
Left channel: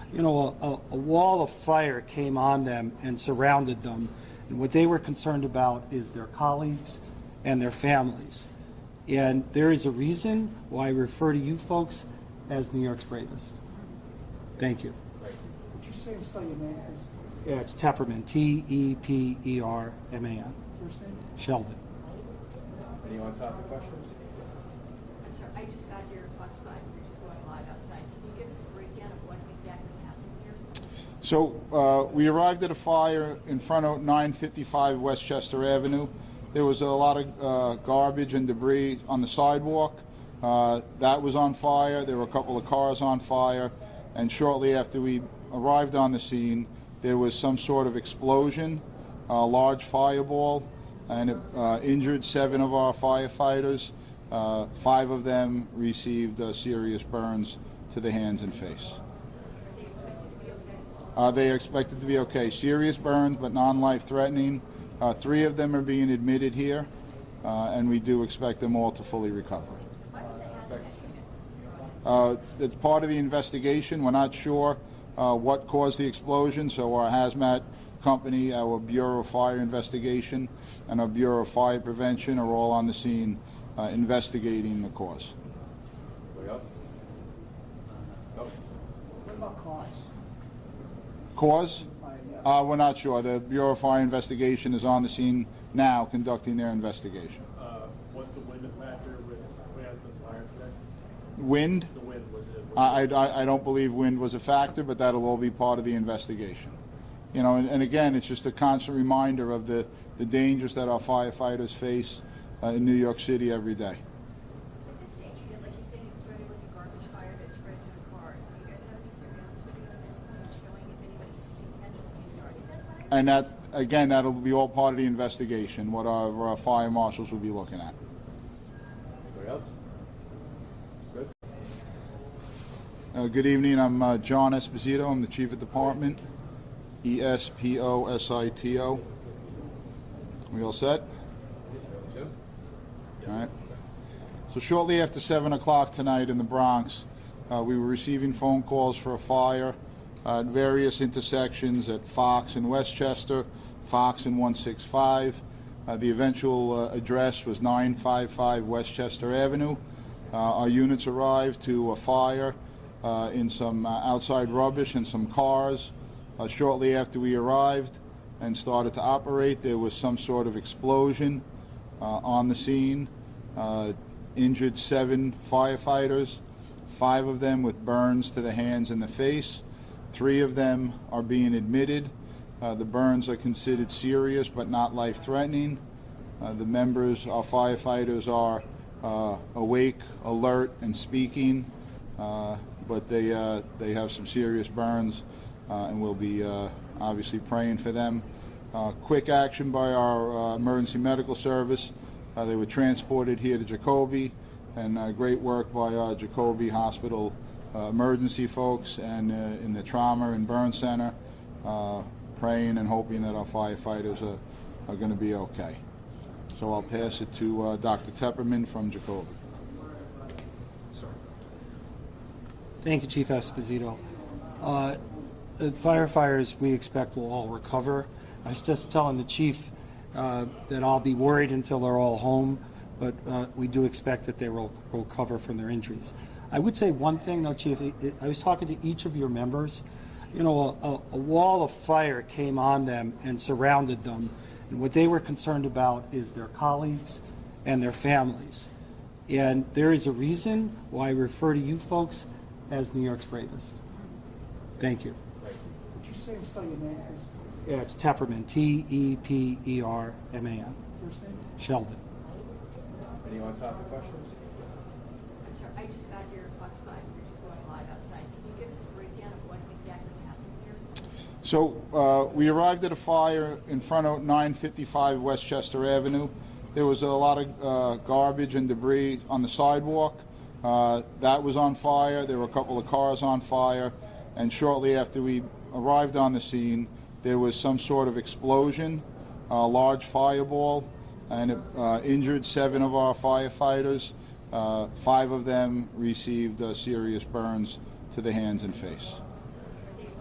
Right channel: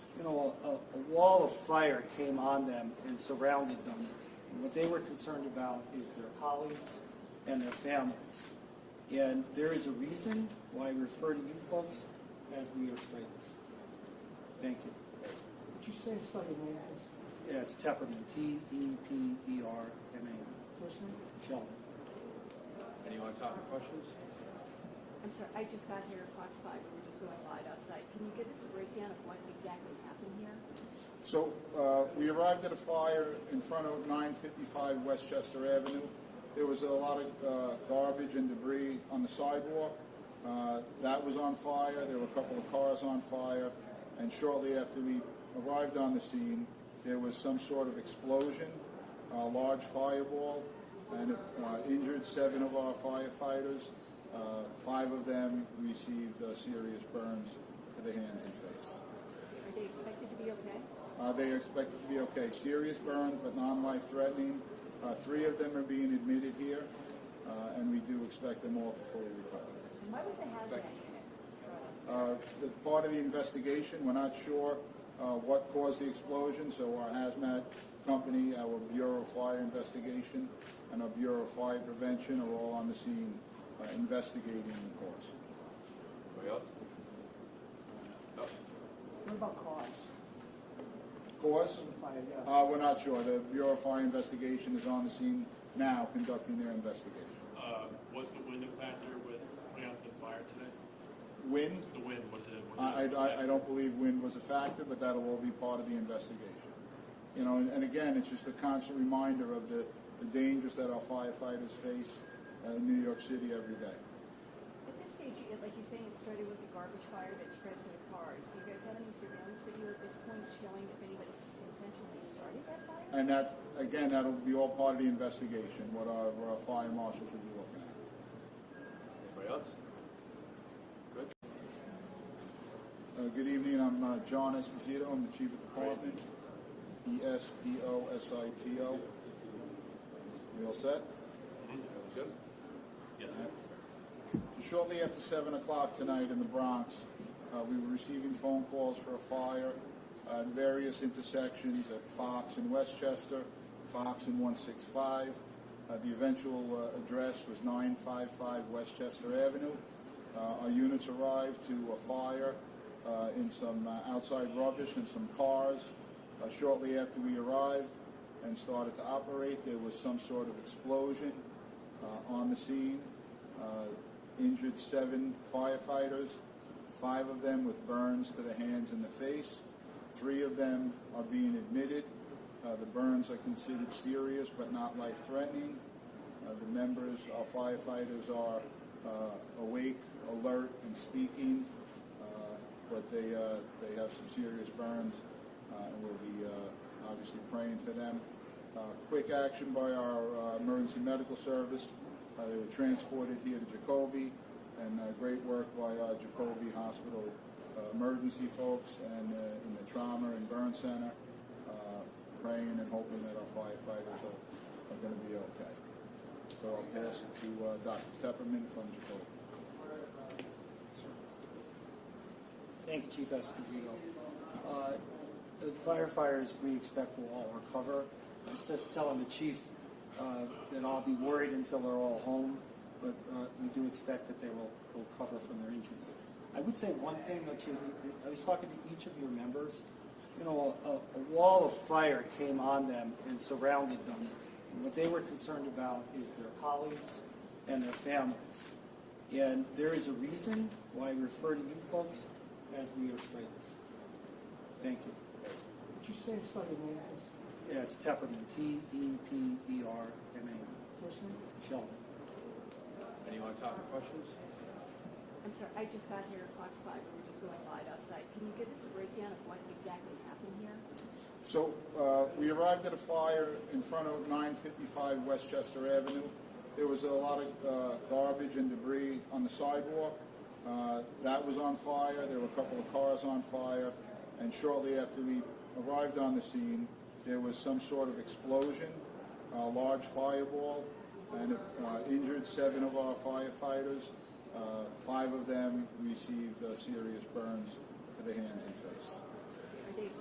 a wall of fire came on them and surrounded them. And what they were concerned about is their colleagues and their families. And there is a reason why I refer to you folks as New York's bravest. Thank you. Would you say and spell your name, please? Yeah, it's Tepperman, T-E-P-E-R-M-A-N. First name? Sheldon. Any on-topic questions? I'm sorry, I just got here at Fox 5, we're just going live outside. Can you give us a breakdown of what exactly happened here? So we arrived at a fire in front of 955 Westchester Avenue. There was a lot of garbage and debris on the sidewalk. That was on fire. There were a couple of cars on fire. And shortly after we arrived on the scene, there was some sort of explosion, a large fireball, and it injured 7 of our firefighters. 5 of them received serious burns to the hands and face. Are they expected to be okay? They are expected to be okay. Serious burns, but non-life-threatening. 3 of them are being admitted here, and we do expect them all to fully recover. Why was the hazmat unit? It's part of the investigation. We're not sure what caused the explosion, so our hazmat company, our Bureau of Fire Investigation, and our Bureau of Fire Prevention are all on the scene investigating the cause. Anybody else? No? What about cause? Cause? We're not sure. The Bureau of Fire Investigation is on the scene now conducting their investigation. What's the wind factor with putting out the fire today? Wind? The wind, was it? I don't believe wind was a factor, but that'll all be part of the investigation. You know, and again, it's just a constant reminder of the dangers that our firefighters face in New York City every day. At this stage, like you're saying, it started with a garbage fire that spread to the cars. Do you guys have any surveillance video at this point showing if anybody intentionally started that fire? And that, again, that'll be all part of the investigation, what our fire marshals will be looking at. Anybody else? Good. Good evening. I'm John Esposito. I'm the Chief of Department. E-S-P-O-S-I-T-O. We all set? Jim? All right. So shortly after 7 o'clock tonight in the Bronx, we were receiving phone calls for a fire at various intersections at Fox and Westchester, Fox and 165. The eventual address was 955 Westchester Avenue. Our units arrived to a fire in some outside rubbish and some cars. Shortly after we arrived and started to operate, there was some sort of explosion on the scene. Injured 7 firefighters, 5 of them with burns to the hands and the face. 3 of them are being admitted. The burns are considered serious but not life-threatening. The members, our firefighters, are awake, alert, and speaking, but they have some serious burns, and we'll be obviously praying for them. Quick action by our emergency medical service. They were transported here to Jacoby, and great work by our Jacoby Hospital emergency folks and in the trauma and burn center, praying and hoping that our firefighters are going to be okay. So I'll pass it to Dr. Tepperman from Jacoby. Thank you, Chief Esposito. The firefighters we expect will all recover. I was just telling the chief that I'll be worried until they're all home, but we do expect that they will recover from their injuries. I would say one thing, though, Chief. I was talking to each of your members. You know, a wall of fire came on them and surrounded them, and what they were concerned about is their colleagues and their families. And there is a reason why I refer to you folks as New York's bravest. Thank you. Would you say and spell your name, please? Yeah, it's Tepperman, T-E-P-E-R-M-A-N. First name? Sheldon. Any on-topic questions? I'm sorry, I just got here at Fox 5, we're just going live outside. Can you give us a breakdown of what exactly happened here? So we arrived at a fire in front of 955 Westchester Avenue. There was a lot of garbage and debris on the sidewalk. That was on fire. There were a couple of cars on fire. And shortly after we arrived on the scene, there was some sort of explosion, a large fireball, and it injured 7 of our firefighters. 5 of them received serious burns to the hands and face. Are they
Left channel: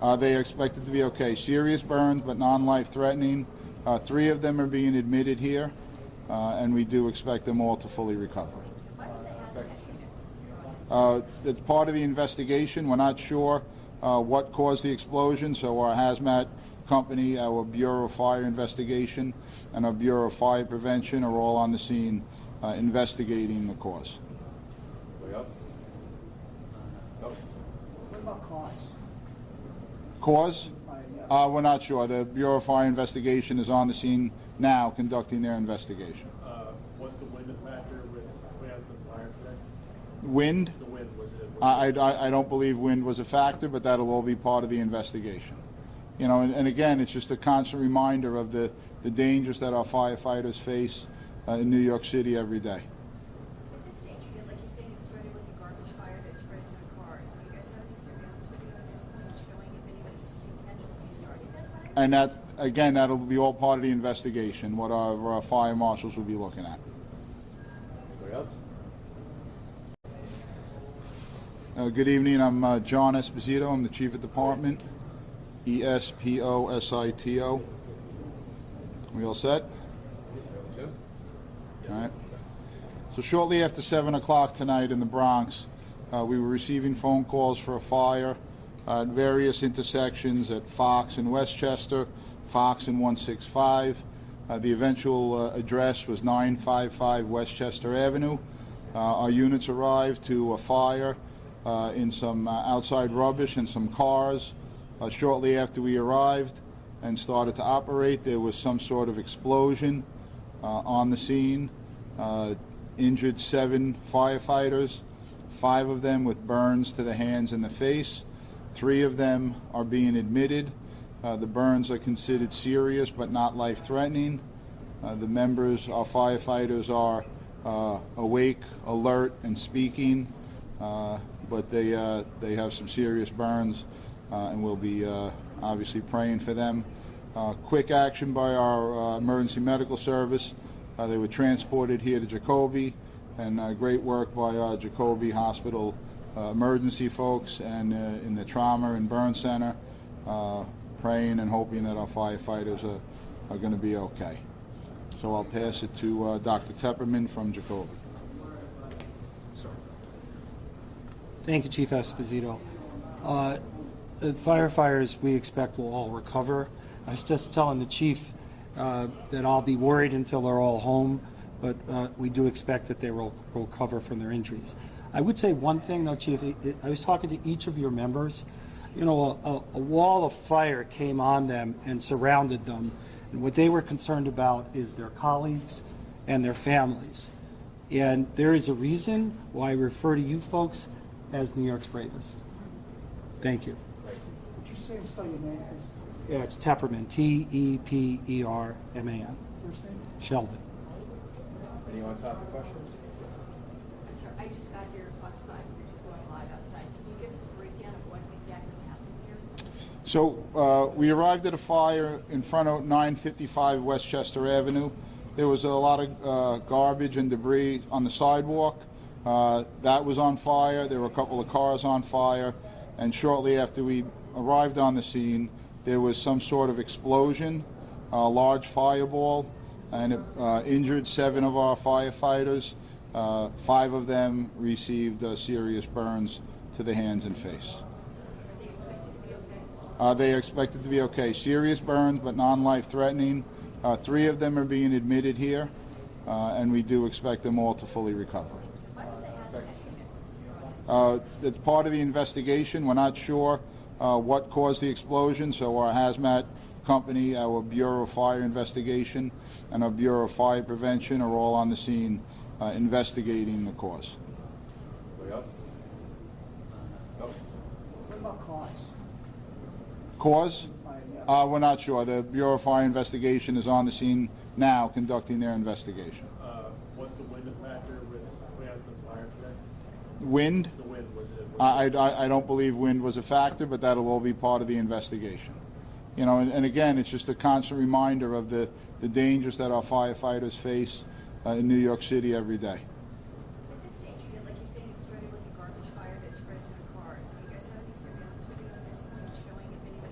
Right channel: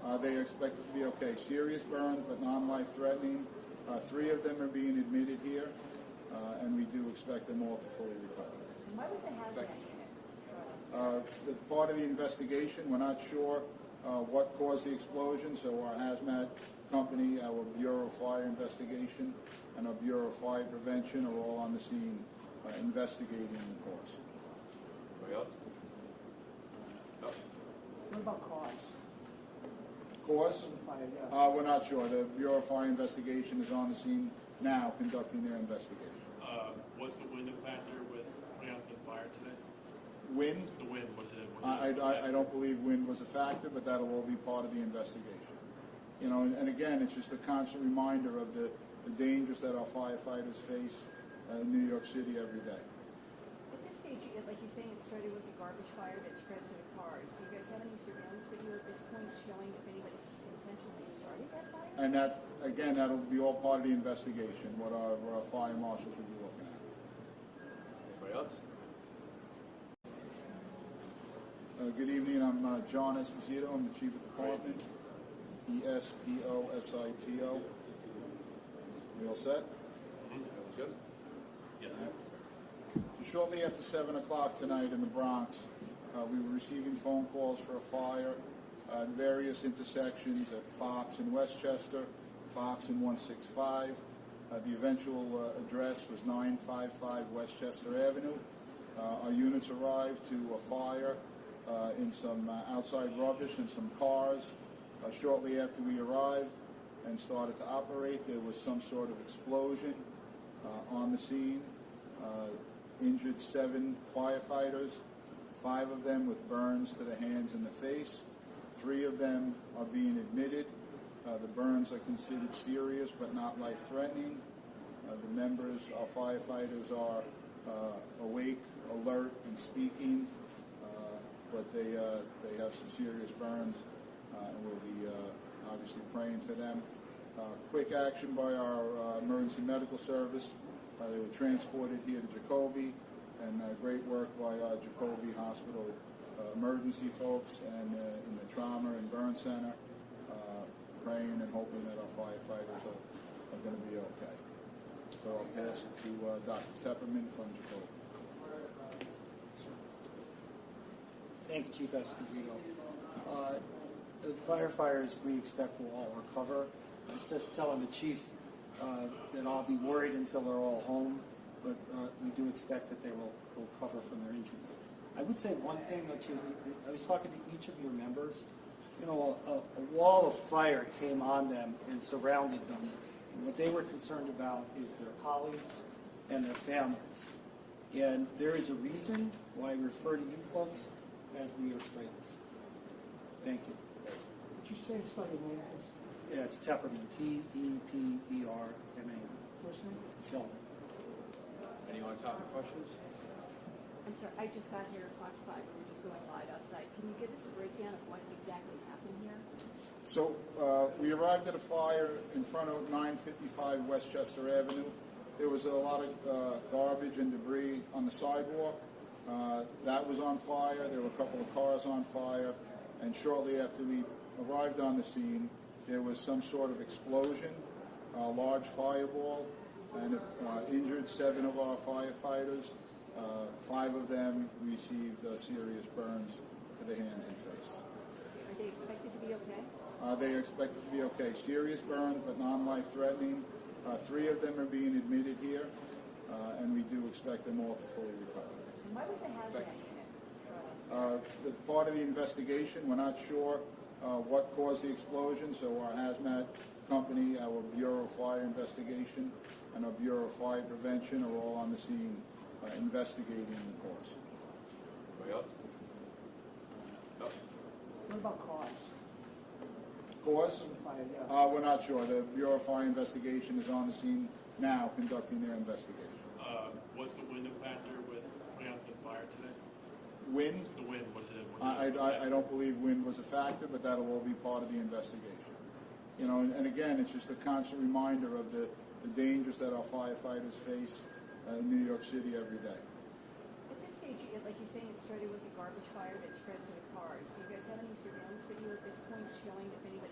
They are expected to be okay. Serious burns, but non-life threatening. 3 of them are being admitted here, and we do expect them all to fully recover. Why was the hazmat unit? It's part of the investigation. We're not sure what caused the explosion, so our hazmat company, our Bureau of Fire Investigation, and our Bureau of Fire Prevention are all on the scene investigating the cause. Anybody else? No? What about cause? Cause? Yeah. We're not sure. The Bureau of Fire Investigation is on the scene now conducting their investigation. What's the wind factor with putting out the fire today? Wind? The wind, was it? I don't believe wind was a factor, but that'll all be part of the investigation. You know, and again, it's just a constant reminder of the dangers that our firefighters face in New York City every day. At this stage, like you're saying, it started with a garbage fire that spread to the cars. Do you guys have any surveillance video at this point showing if anybody intentionally started that fire? And that, again, that'll be all part of the investigation, what our fire marshals will be looking at. Anybody else? Good evening. I'm John Esposito. I'm the Chief of Department. ESPOSITO. We all set? Jim? All right. So shortly after 7 o'clock tonight in the Bronx, we were receiving phone calls for a fire at various intersections at Fox and Westchester, Fox and 165. The eventual address was 955 Westchester Avenue. Our units arrived to a fire in some outside rubbish and some cars. Shortly after we arrived and started to operate, there was some sort of explosion on the scene. Injured 7 firefighters, 5 of them with burns to the hands and the face. 3 of them are being admitted. The burns are considered serious but not life-threatening. The members, our firefighters, are awake, alert, and speaking, but they have some serious burns. And we'll be obviously praying for them. Quick action by our emergency medical service. They were transported here to Jacoby, and great work by our Jacoby Hospital emergency folks and in the trauma and burn center, praying and hoping that our firefighters are going to be okay. So I'll pass it to Dr. Tepperman from Jacoby. Thank you, Chief Esposito. The firefighters we expect will all recover. I was just telling the chief that I'll be worried until they're all home, but we do expect that they will recover from their injuries. I would say one thing though, Chief, I was talking to each of your members. You know, a wall of fire came on them and surrounded them, and what they were concerned about is their colleagues and their families. And there is a reason why I refer to you folks as New York's bravest. Thank you. Would you say and spell your name, please? Yeah, it's Tepperman, T-E-P-E-R-M-A-N. First name? Sheldon. Any on-topic questions? I'm sorry, I just got here at Fox 5. We're just going live outside. Can you give us a breakdown of what exactly happened here? So we arrived at a fire in front of 955 Westchester Avenue. There was a lot of garbage and debris on the sidewalk. That was on fire. There were a couple of cars on fire. And shortly after we arrived on the scene, there was some sort of explosion, a large fireball, and it injured 7 of our firefighters. 5 of them received serious burns to the hands and face. Are they expected to be okay? They are expected to be okay. Serious burns, but non-life threatening. 3 of them are being admitted here, and we do expect them all to fully recover. Why was the hazmat unit? It's part of the investigation. We're not sure what caused the explosion, so our hazmat company, our Bureau of Fire Investigation, and our Bureau of Fire Prevention are all on the scene investigating the cause. Anybody else? No? What about cause? Cause? Yeah. We're not sure. The Bureau of Fire Investigation is on the scene now conducting their investigation. What's the wind factor with putting out the fire today? Wind? The wind, was it? I don't believe wind was a factor, but that'll all be part of the investigation. You know, and again, it's just a constant reminder of the dangers that our firefighters face in New York City every day. At this stage, like you're saying, it started with a garbage fire that spread to the cars. Do you guys have any surveillance video at this point showing if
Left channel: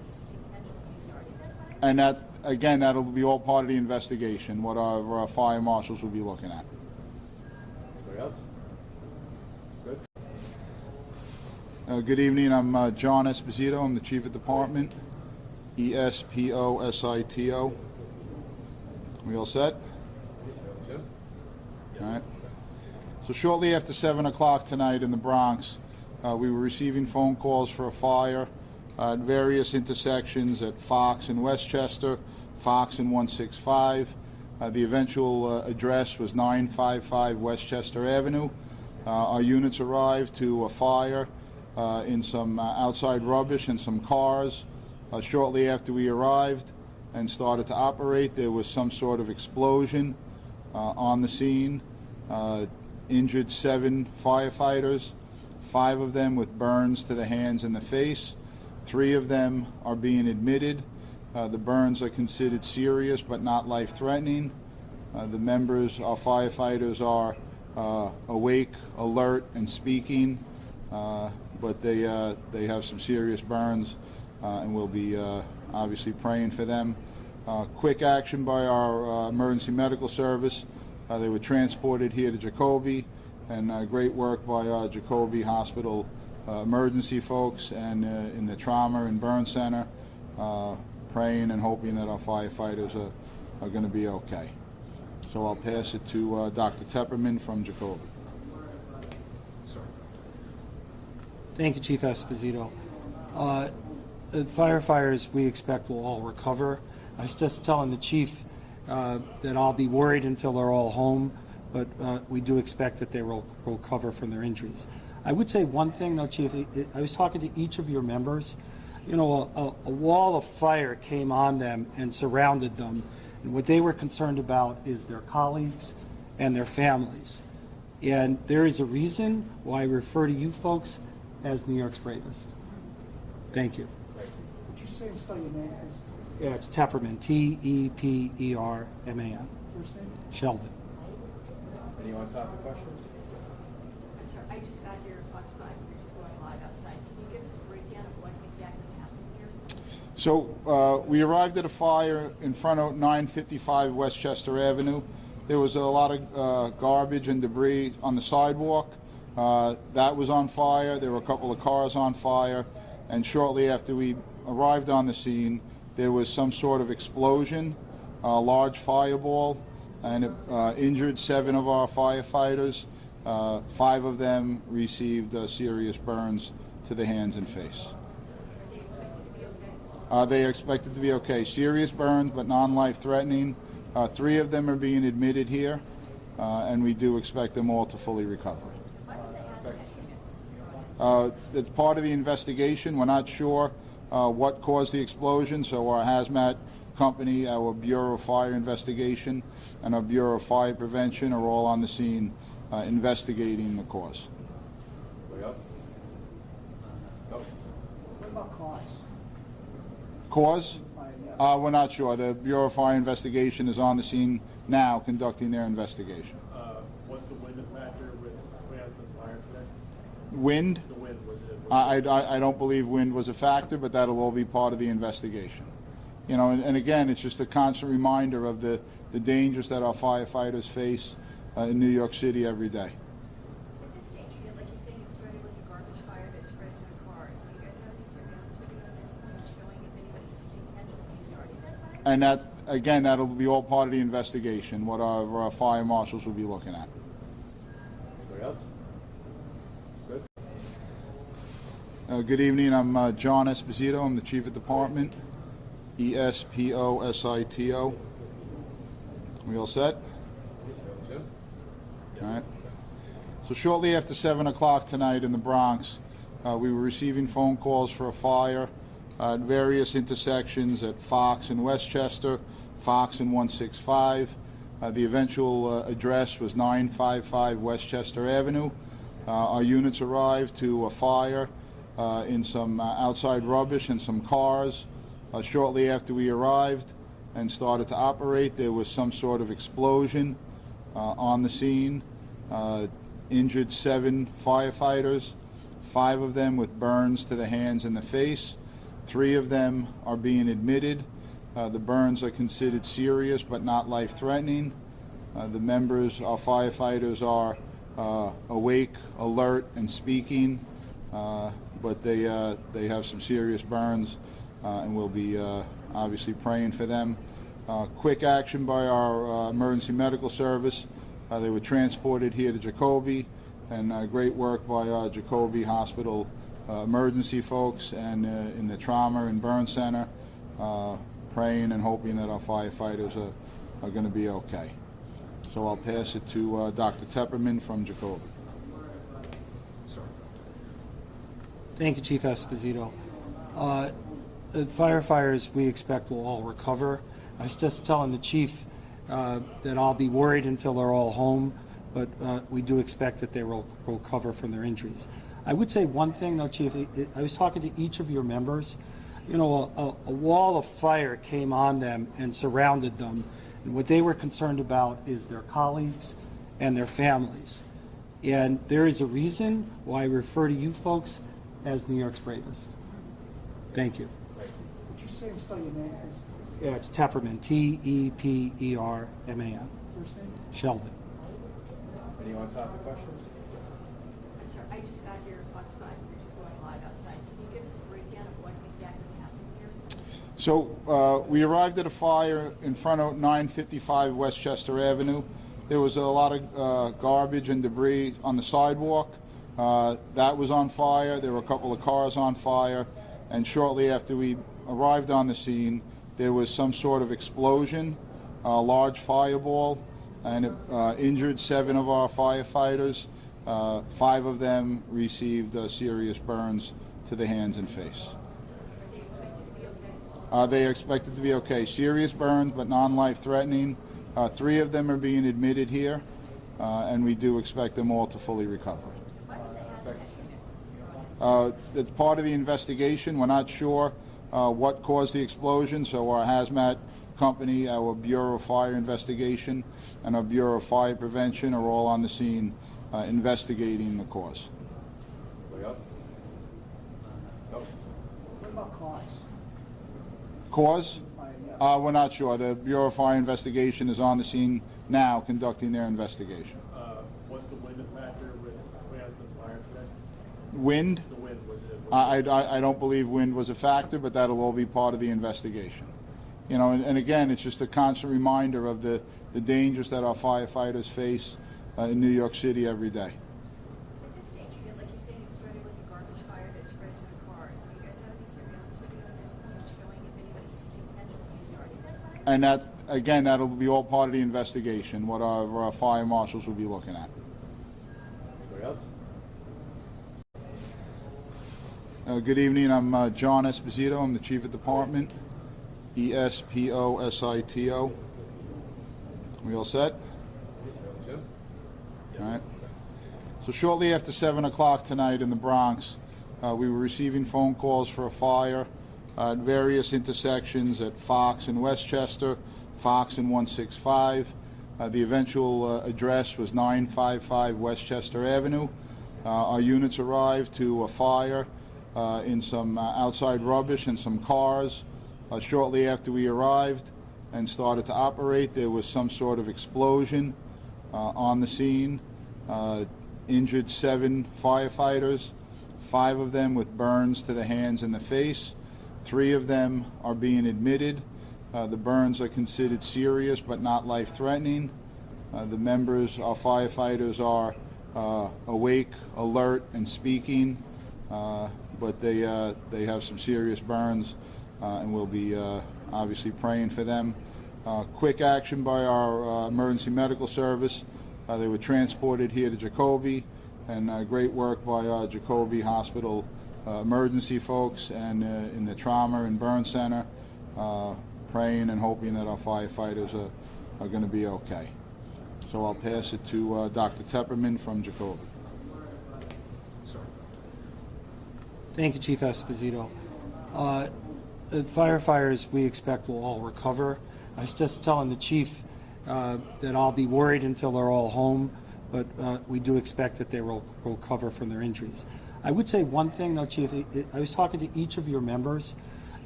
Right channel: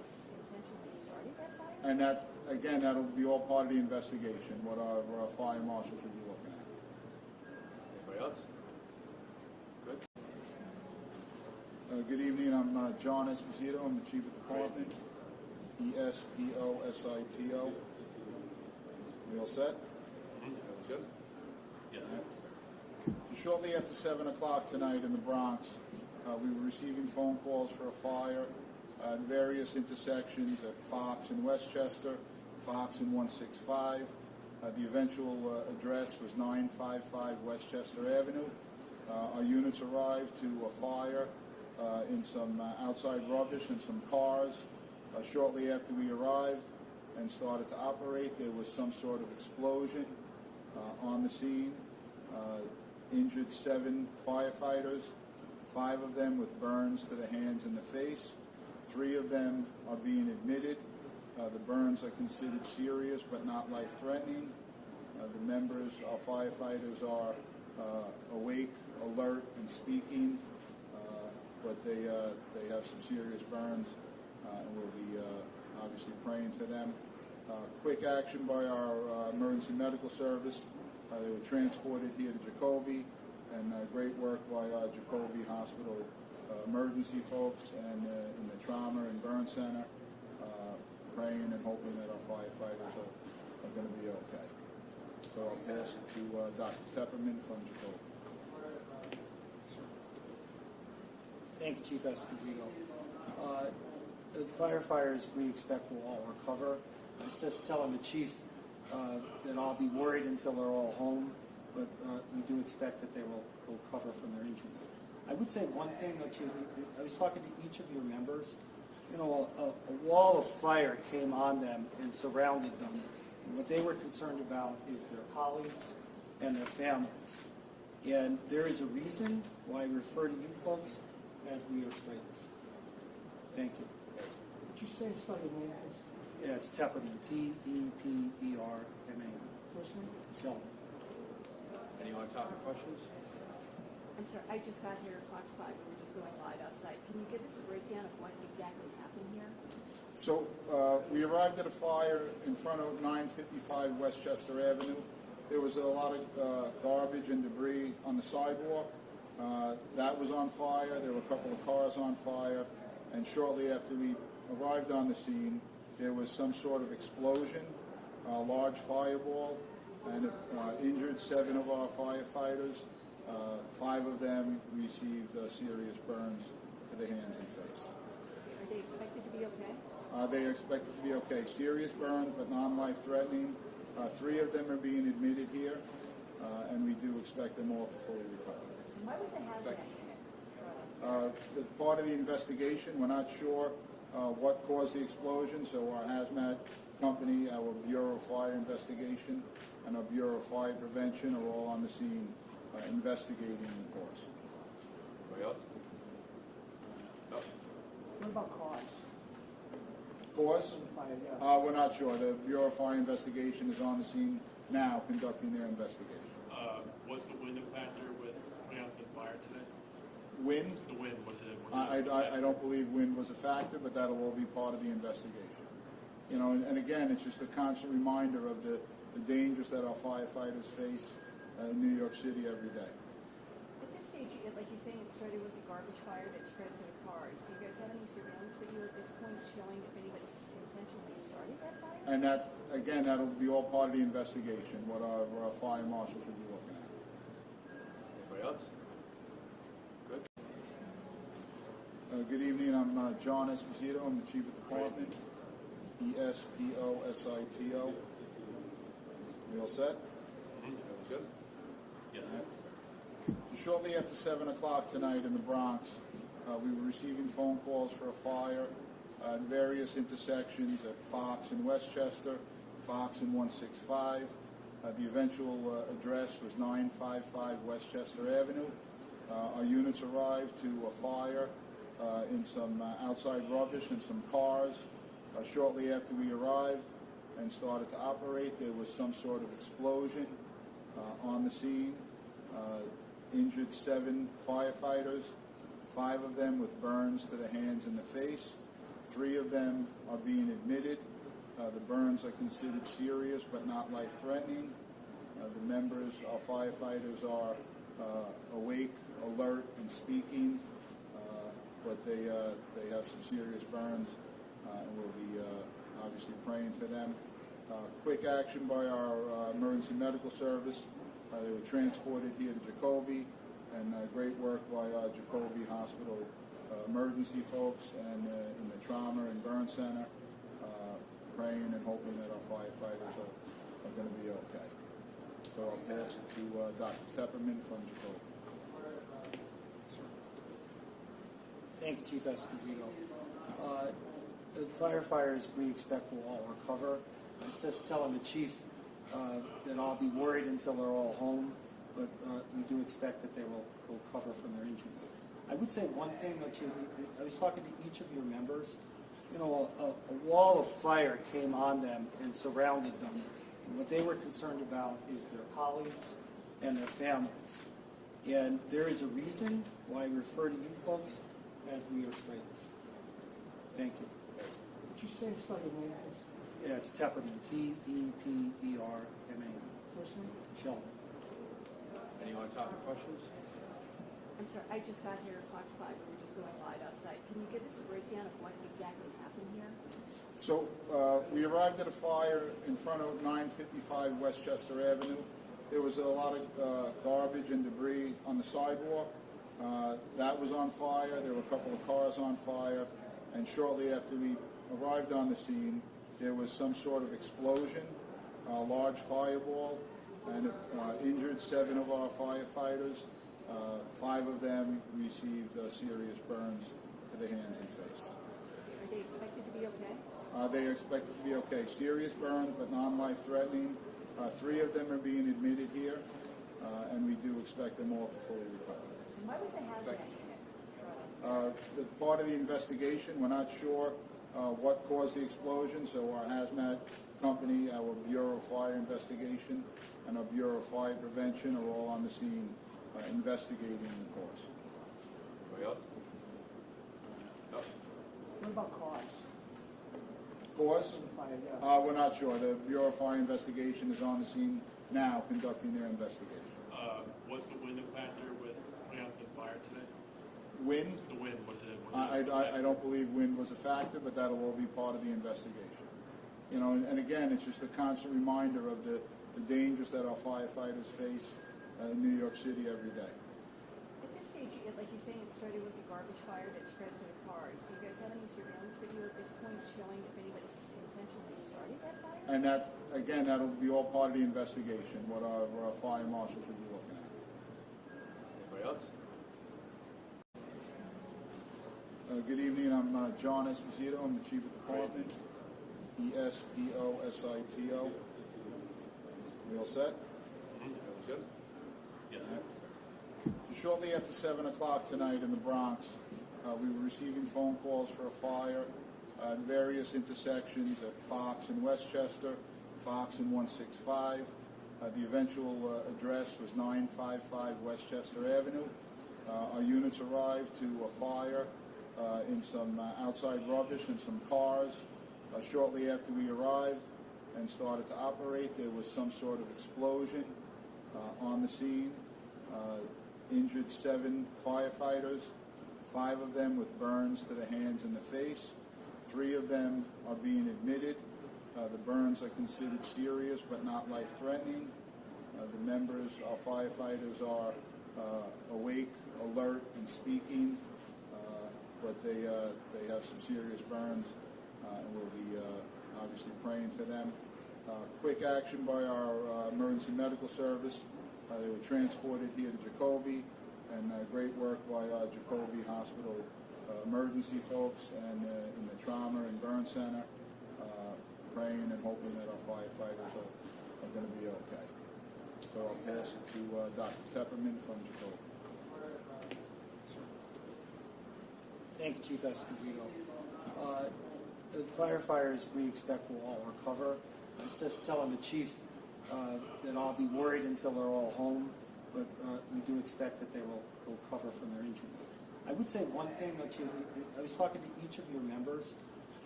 And that, again, that'll be all part of the investigation, what our fire marshals will be looking at. Anybody else? Good. Good evening, I'm John Esposito, I'm the Chief of Department, ESPOSITO. We all set? Jim? All right. So shortly after 7 o'clock tonight in the Bronx, we were receiving phone calls for a fire at various intersections at Fox and Westchester, Fox and 165. The eventual address was 955 Westchester Avenue. Our units arrived to a fire in some outside rubbish and some cars. Shortly after we arrived and started to operate, there was some sort of explosion on the scene. Injured 7 firefighters, 5 of them with burns to the hands and the face. 3 of them are being admitted. The burns are considered serious but not life-threatening. The members, our firefighters, are awake, alert, and speaking, but they have some serious burns, and we'll be obviously praying for them. Quick action by our emergency medical service. They were transported here to Jacoby, and great work by our Jacoby Hospital emergency folks and in the trauma and burn center, praying and hoping that our firefighters are going to be okay. So I'll pass it to Dr. Tepperman from Jacoby. Thank you, Chief Esposito. The firefighters we expect will all recover. I was just telling the chief that I'll be worried until they're all home, but we do expect that they will recover from their injuries. I would say one thing, though, Chief. I was talking to each of your members. You know, a wall of fire came on them and surrounded them, and what they were concerned about is their colleagues and their families. And there is a reason why I refer to you folks as New York's bravest. Thank you. Would you say and spell your name, please? Yeah, it's Tepperman, Tepperman. First name? Sheldon. Anyone on topic questions? I'm sorry, I just got here at Fox 5, we're just going live outside. Can you give us a breakdown of what exactly happened here? So we arrived at a fire in front of 955 Westchester Avenue. There was a lot of garbage and debris on the sidewalk. That was on fire. There were a couple of cars on fire. And shortly after we arrived on the scene, there was some sort of explosion, a large fireball, and it injured 7 of our firefighters. 5 of them received serious burns to the hands and face. Are they expected to be okay? They are expected to be okay. Serious burns, but non-life-threatening. 3 of them are being admitted here, and we do expect them all to fully recover. Why was the hazmat unit? It's part of the investigation. We're not sure what caused the explosion, so our hazmat company, our Bureau of Fire Investigation, and our Bureau of Fire Prevention are all on the scene investigating the cause. Anybody else? No? What about cause? Cause? We're not sure. The Bureau of Fire Investigation is on the scene now conducting their investigation. Was the wind a factor with putting out the fire today? Wind? The wind, was it? I don't believe wind was a factor, but that'll all be part of the investigation. You know, and again, it's just a constant reminder of the dangers that our firefighters face in New York City every day. At this stage, like you're saying, it started with a garbage fire that spread to the cars. Do you guys have any surveillance video at this point showing if anybody intentionally started that fire? And that, again, that'll be all part of the investigation, what our fire marshals will be looking at. Anybody else? Good. Good evening, I'm John Esposito, I'm the Chief of Department, ESPOSITO. We all set? Jim? All right. So shortly after 7 o'clock tonight in the Bronx, we were receiving phone calls for a fire at various intersections at Fox and Westchester, Fox and 165. The eventual address was 955 Westchester Avenue. Our units arrived to a fire in some outside rubbish and some cars. Shortly after we arrived and started to operate, there was some sort of explosion on the scene. Injured 7 firefighters, 5 of them with burns to the hands and the face. 3 of them are being admitted. The burns are considered serious but not life-threatening. The members, our firefighters, are awake, alert, and speaking, but they have some serious burns, and we'll be obviously praying for them. Quick action by our emergency medical service. They were transported here to Jacoby, and great work by our Jacoby Hospital emergency folks and in the trauma and burn center, praying and hoping that our firefighters are going to be okay. So I'll pass it to Dr. Tepperman from Jacoby. Thank you, Chief Esposito. The firefighters, we expect, will all recover. I was just telling the chief that I'll be worried until they're all home, but we do expect that they will recover from their injuries. I would say one thing, though, Chief. I was talking to each of your members. You know, a wall of fire came on them and surrounded them, and what they were concerned about is their colleagues and their families. And there is a reason why I refer to you folks as New York's bravest. Thank you. Would you say and spell your name, please? Yeah, it's Tepperman, T-E-P-E-R-M-A-N. First name? Sheldon. Any on-topic questions? I'm sorry, I just got here at Fox 5, we're just going live outside. Can you give us a breakdown of what exactly happened here? So we arrived at a fire in front of 955 Westchester Avenue. There was a lot of garbage and debris on the sidewalk. That was on fire. There were a couple of cars on fire. And shortly after we arrived on the scene, there was some sort of explosion, a large fireball, and it injured 7 of our firefighters. 5 of them received serious burns to the hands and face. Are they expected to be okay? They are expected to be okay. Serious burns, but non-life-threatening. 3 of them are being admitted here, and we do expect them all to fully recover. Why was the hazmat unit? It's part of the investigation. We're not sure what caused the explosion, so our hazmat company, our Bureau of Fire Investigation, and our Bureau of Fire Prevention are all on the scene investigating the cause. Anybody else? No? What about cause? Cause? We're not sure. The Bureau of Fire Investigation is on the scene now conducting their investigation. Was the wind a factor with putting out the fire today? Wind? The wind, was it? I don't believe wind was a factor, but that'll all be part of the investigation. You know, and again, it's just a constant reminder of the dangers that our firefighters face in New York City every day. At this stage, like you're saying, it started with a garbage fire that spread to the cars. Do you guys have any surveillance video at this point showing if anybody intentionally started that fire? And that, again, that'll be all part of the investigation, what our fire marshals will be looking at. Anybody else? Good evening. I'm John Esposito. I'm the Chief of Department. E-S-P-O-S-I-T-O. We all set? Jim? All right. So shortly after 7 o'clock tonight in the Bronx, we were receiving phone calls for a fire at various intersections at Fox and Westchester, Fox and 165. The eventual address was 955 Westchester Avenue. Our units arrived to a fire in some outside rubbish and some cars. Shortly after we arrived and started to operate, there was some sort of explosion on the scene. Injured 7 firefighters, 5 of them with burns to the hands and the face. 3 of them are being admitted. The burns are considered serious but not life-threatening. The members, our firefighters, are awake, alert, and speaking, but they have some serious burns, and we'll be obviously praying for them. Quick action by our emergency medical service. They were transported here to Jacoby, and great work by our Jacoby Hospital emergency folks and in the trauma and burn center, praying and hoping that our firefighters are going to be okay. So I'll pass it to Dr. Tepperman from Jacoby. Thank you, Chief Esposito. The firefighters, we expect, will all recover. I was just telling the chief that I'll be worried until they're all home, but we do expect that they will recover from their injuries. I would say one thing, though, Chief. I was talking to each of your members.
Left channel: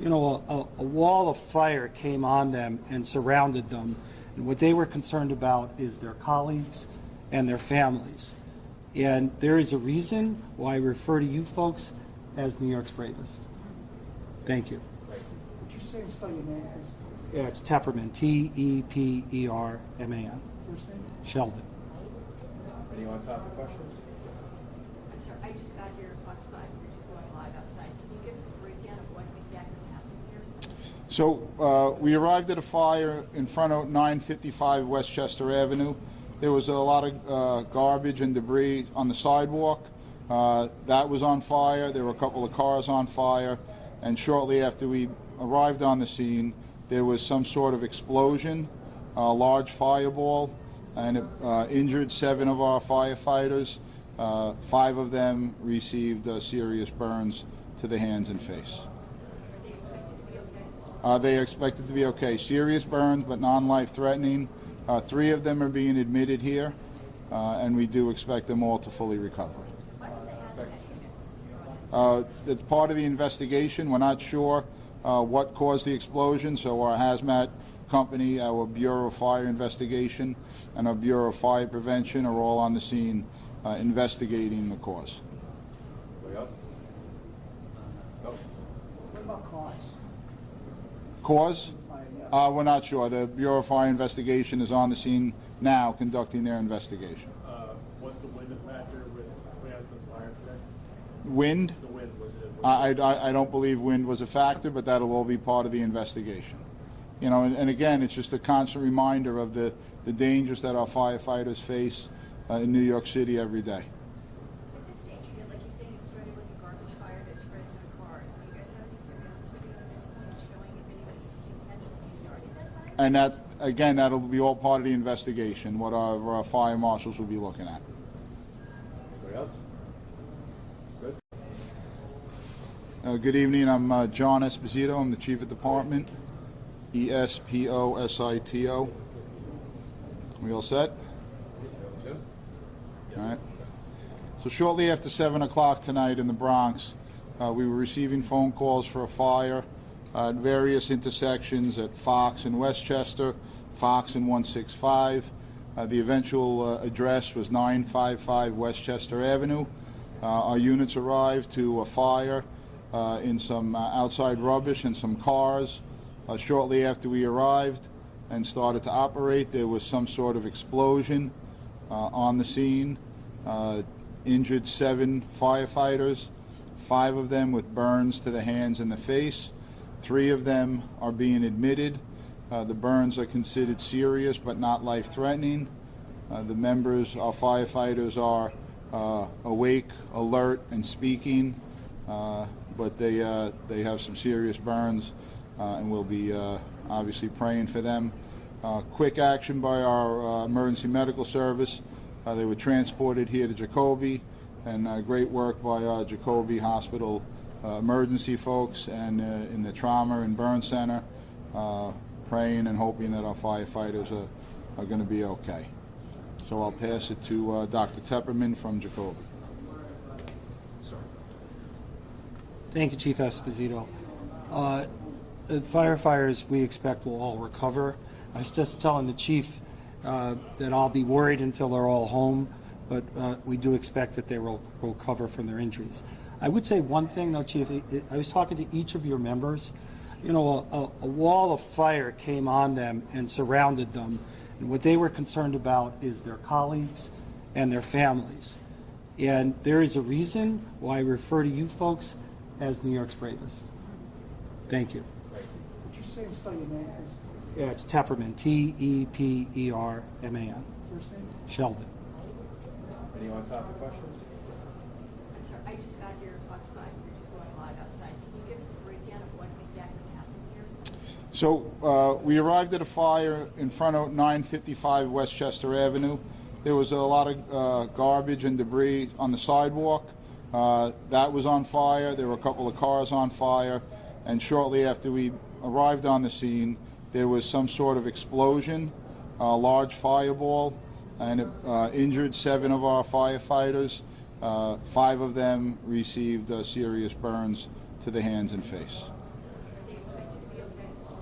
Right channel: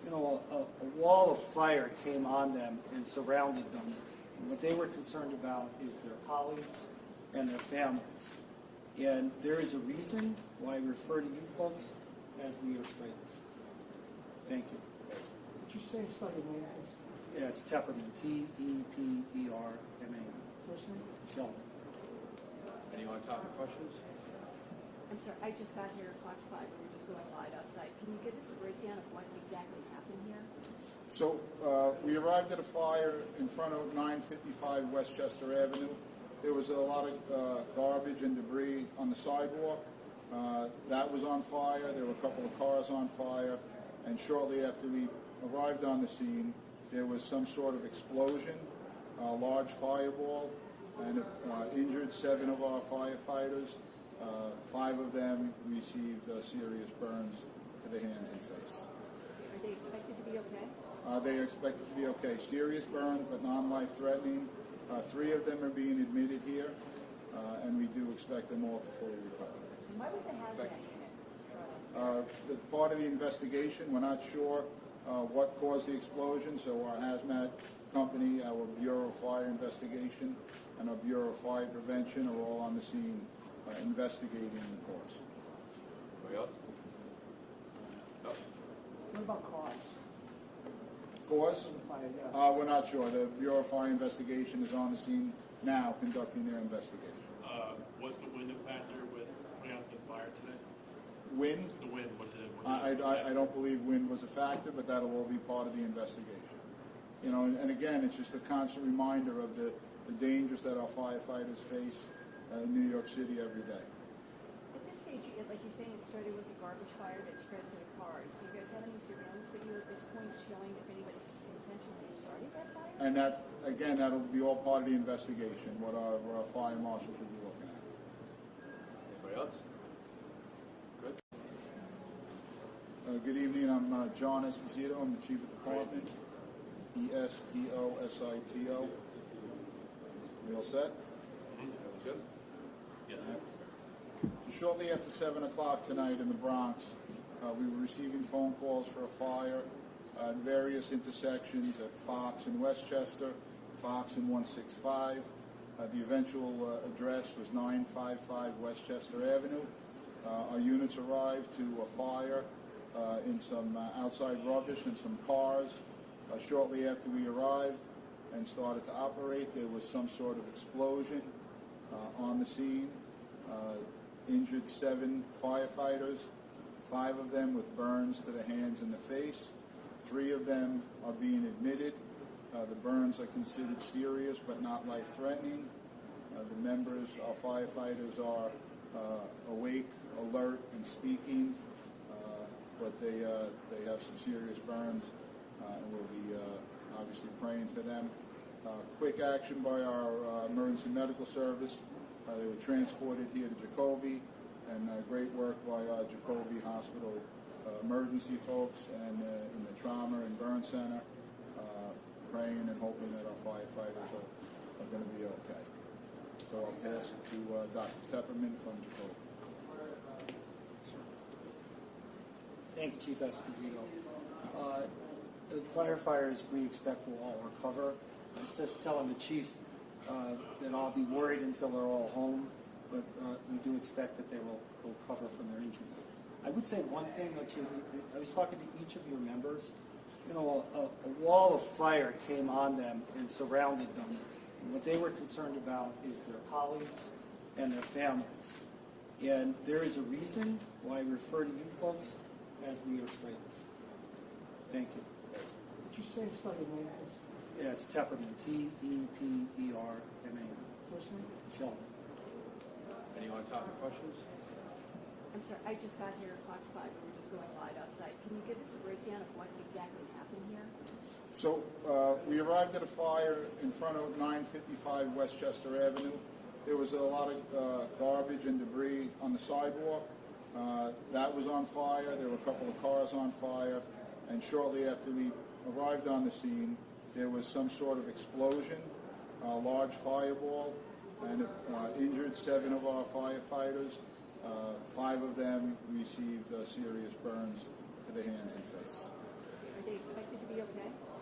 a wall of fire came on them and surrounded them. And what they were concerned about is their colleagues and their families. And there is a reason why I refer to you folks as New York's bravest. Thank you. Would you say and spell your name, please? Yeah, it's Tepperman, T-E-P-E-R-M-A-N. First name? Sheldon. Any on-topic questions? I'm sorry, I just got here at Fox 5, we're just going live outside. Can you give us a breakdown of what exactly happened here? So we arrived at a fire in front of 955 Westchester Avenue. There was a lot of garbage and debris on the sidewalk. That was on fire. There were a couple of cars on fire. And shortly after we arrived on the scene, there was some sort of explosion, a large fireball, and it injured 7 of our firefighters. 5 of them received serious burns to the hands and face. Are they expected to be okay? They are expected to be okay. Serious burns, but non-life-threatening. 3 of them are being admitted here, and we do expect them all to fully recover. Why was the hazmat? It's part of the investigation. We're not sure what caused the explosion, so our hazmat company, our Bureau of Fire Investigation, and our Bureau of Fire Prevention are all on the scene investigating the cause. Anybody else? No? What about cause? Cause? Yeah. We're not sure. The Bureau of Fire Investigation is on the scene now conducting their investigation. Was the wind a factor with putting out the fire today? Wind? The wind, was it? I don't believe wind was a factor, but that'll all be part of the investigation. You know, and again, it's just a constant reminder of the dangers that our firefighters face in New York City every day. At this stage, like you're saying, it started with a garbage fire that spread to the cars. Do you guys have any surveillance video at this point showing if anybody intentionally started that fire? And that, again, that'll be all part of the investigation, what our fire marshals will be looking at. Anybody else? Good. Good evening. I'm John Esposito. I'm the Chief of Department. E-S-P-O-S-I-T-O. We all set? Jim? All right. So shortly after 7 o'clock tonight in the Bronx, we were receiving phone calls for a fire at various intersections at Fox and Westchester, Fox and 165. The eventual address was 955 Westchester Avenue. Our units arrived to a fire in some outside rubbish and some cars. Shortly after we arrived and started to operate, there was some sort of explosion on the scene. Injured 7 firefighters, 5 of them with burns to the hands and the face. 3 of them are being admitted. The burns are considered serious but not life-threatening. The members, our firefighters, are awake, alert, and speaking, but they have some serious burns, and we'll be obviously praying for them. Quick action by our emergency medical service. They were transported here to Jacoby, and great work by our Jacoby Hospital emergency folks and in the trauma and burn center, praying and hoping that our firefighters are going to be okay. So I'll pass it to Dr. Tepperman from Jacoby. Thank you, Chief Esposito. The firefighters we expect will all recover. I was just telling the chief that I'll be worried until they're all home, but we do expect that they will recover from their injuries. I would say one thing, though, Chief. I was talking to each of your members. You know, a wall of fire came on them and surrounded them, and what they were concerned about is their colleagues and their families. And there is a reason why I refer to you folks as New York's bravest. Thank you. Would you say and spell your name, please? Yeah, it's Tepperman, T-E-P-E-R-M-A-N. First name? Sheldon. Any on-topic questions? I'm sorry, I just got here at Fox 5, we're just going live outside. Can you give us a breakdown of what exactly happened here? So we arrived at a fire in front of 955 Westchester Avenue. There was a lot of garbage and debris on the sidewalk. That was on fire. There were a couple of cars on fire. And shortly after we arrived on the scene, there was some sort of explosion, a large fireball, and it injured 7 of our firefighters. 5 of them received serious burns to the hands and face. Are they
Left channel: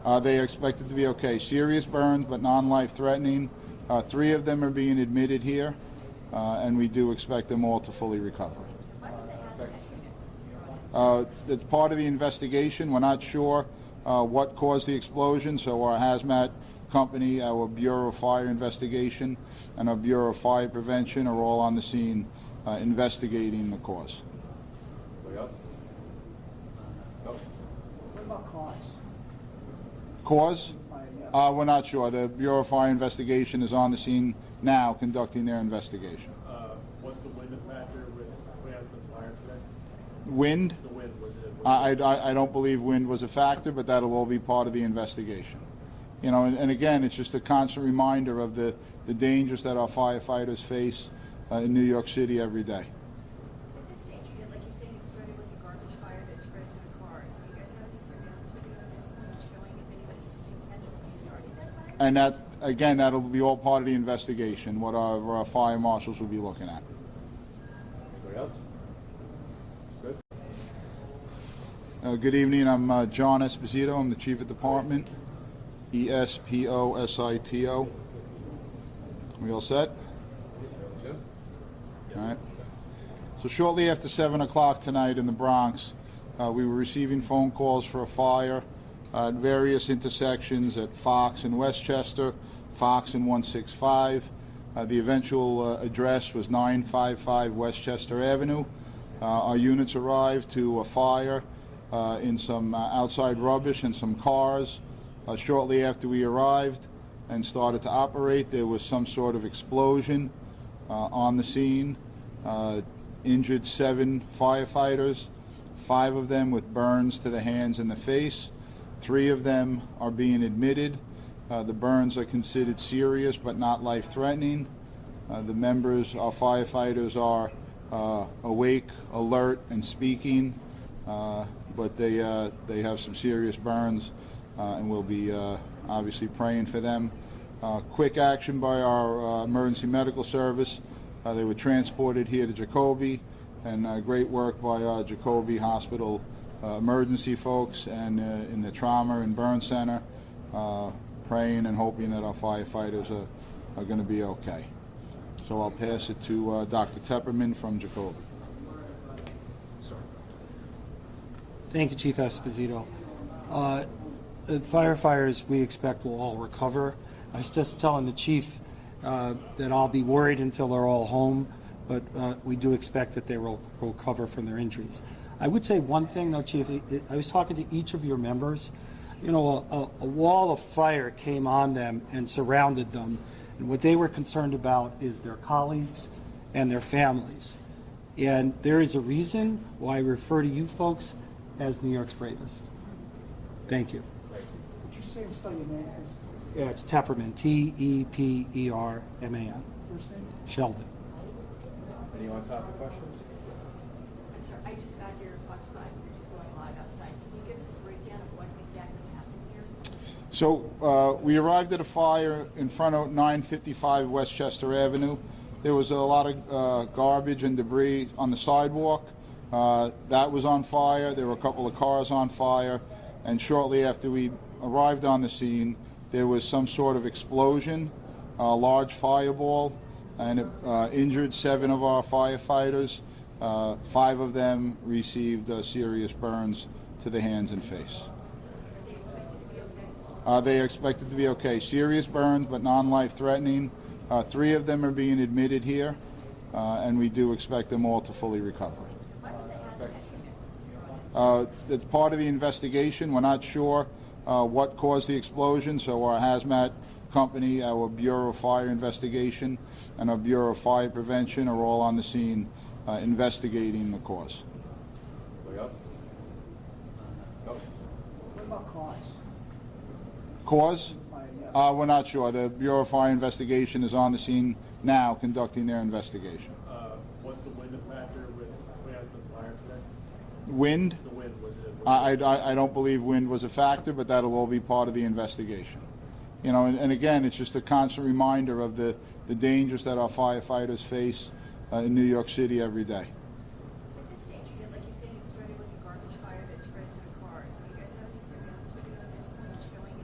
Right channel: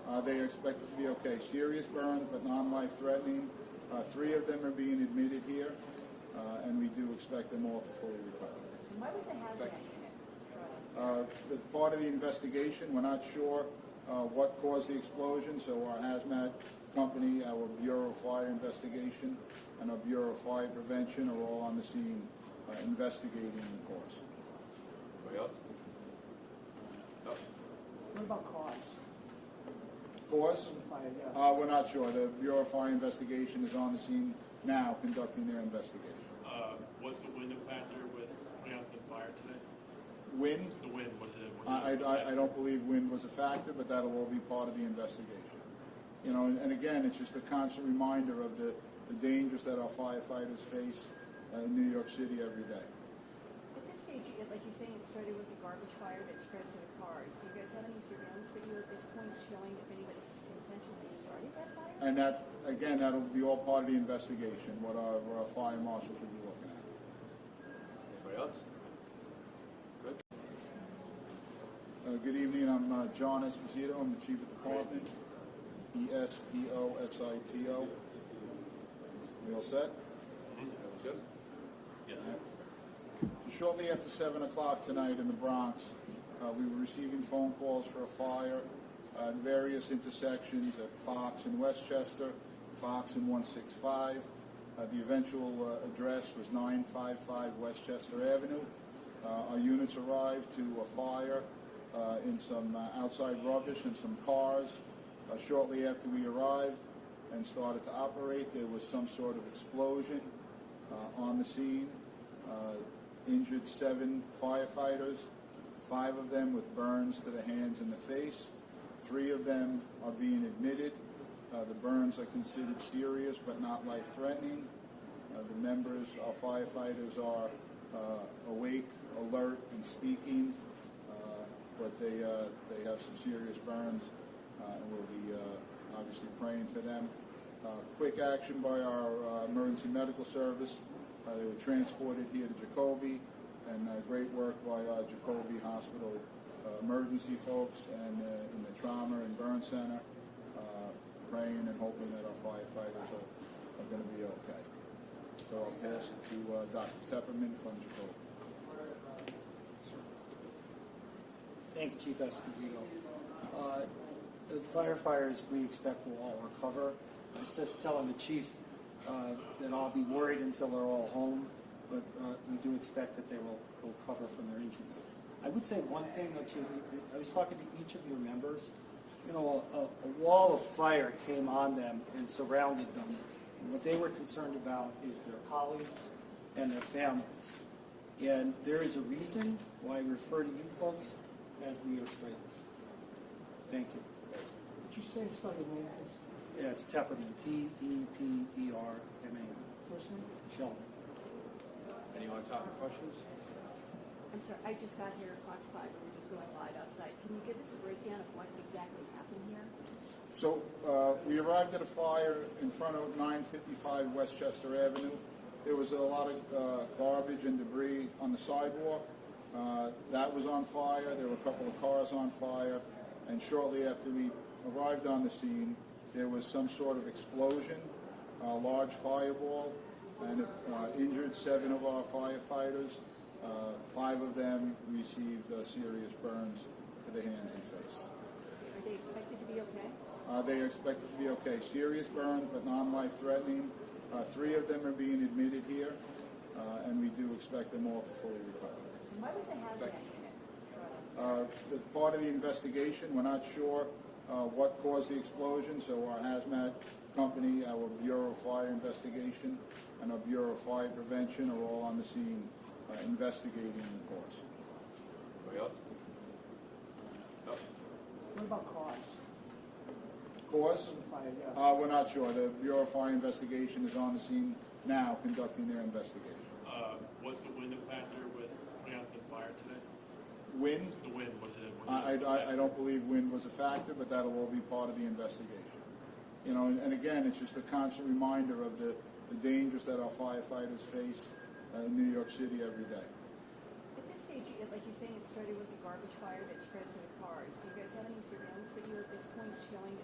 They are expected to be okay. Serious burns, but non-life threatening. 3 of them are being admitted here, and we do expect them all to fully recover. It's part of the investigation. We're not sure what caused the explosion, so our hazmat company, our Bureau of Fire Investigation, and our Bureau of Fire Prevention are all on the scene investigating the cause. Anybody else? No? What about cause? Cause? Yeah. We're not sure. The Bureau of Fire Investigation is on the scene now conducting their investigation. What's the wind factor with putting out the fire today? Wind? The wind, was it? I don't believe wind was a factor, but that'll all be part of the investigation. You know, and again, it's just a constant reminder of the dangers that our firefighters face in New York City every day. At this stage, like you're saying, it started with a garbage fire that spread to the cars. Do you guys have any surveillance video at this point showing if anybody intentionally started that fire? And that, again, that'll be all part of the investigation, what our fire marshals will be looking at. Anybody else? Good. Good evening. I'm John Esposito. I'm the Chief of Department. ESPOSITO. We all set? Jim? All right. So shortly after 7 o'clock tonight in the Bronx, we were receiving phone calls for a fire at various intersections at Fox and Westchester, Fox and 165. The eventual address was 955 Westchester Avenue. Our units arrived to a fire in some outside rubbish and some cars. Shortly after we arrived and started to operate, there was some sort of explosion on the scene. Injured 7 firefighters, 5 of them with burns to the hands and the face. 3 of them are being admitted. The burns are considered serious but not life-threatening. The members, our firefighters, are awake, alert, and speaking, but they have some serious burns, and we'll be obviously praying for them. Quick action by our emergency medical service. They were transported here to Jacoby, and great work by our Jacoby Hospital emergency folks and in the trauma and burn center, praying and hoping that our firefighters are going to be okay. So I'll pass it to Dr. Tepperman from Jacoby. Thank you, Chief Esposito. The firefighters we expect will all recover. I was just telling the chief that I'll be worried until they're all home, but we do expect that they will recover from their injuries. I would say one thing, though, Chief. I was talking to each of your members. You know, a wall of fire came on them and surrounded them, and what they were concerned about is their colleagues and their families. And there is a reason why I refer to you folks as New York's bravest. Thank you. Would you say and spell your name, please? Yeah, it's Tepperman, Tepperman. First name? Sheldon. Any on-topic questions? I'm sorry, I just got here Fox 5. We're just going live outside. Can you give us a breakdown of what exactly happened here? So we arrived at a fire in front of 955 Westchester Avenue. There was a lot of garbage and debris on the sidewalk. That was on fire. There were a couple of cars on fire. And shortly after we arrived on the scene, there was some sort of explosion, a large fireball, and it injured 7 of our firefighters. 5 of them received serious burns to the hands and face. Are they expected to be okay? They are expected to be okay. Serious burns, but non-life threatening. 3 of them are being admitted here, and we do expect them all to fully recover. Why was that hazmat? It's part of the investigation. We're not sure what caused the explosion, so our hazmat company, our Bureau of Fire Investigation, and our Bureau of Fire Prevention are all on the scene investigating the cause. Anybody else? No? What about cause? Cause? Yeah. We're not sure. The Bureau of Fire Investigation is on the scene now conducting their investigation. What's the wind factor with putting out the fire today? Wind? The wind, was it? I don't believe wind was a factor, but that'll all be part of the investigation. You know, and again, it's just a constant reminder of the dangers that our firefighters face in New York City every day. At this stage, like you're saying, it started with a garbage fire that spread to the cars. Do you guys have any surveillance video at this point showing if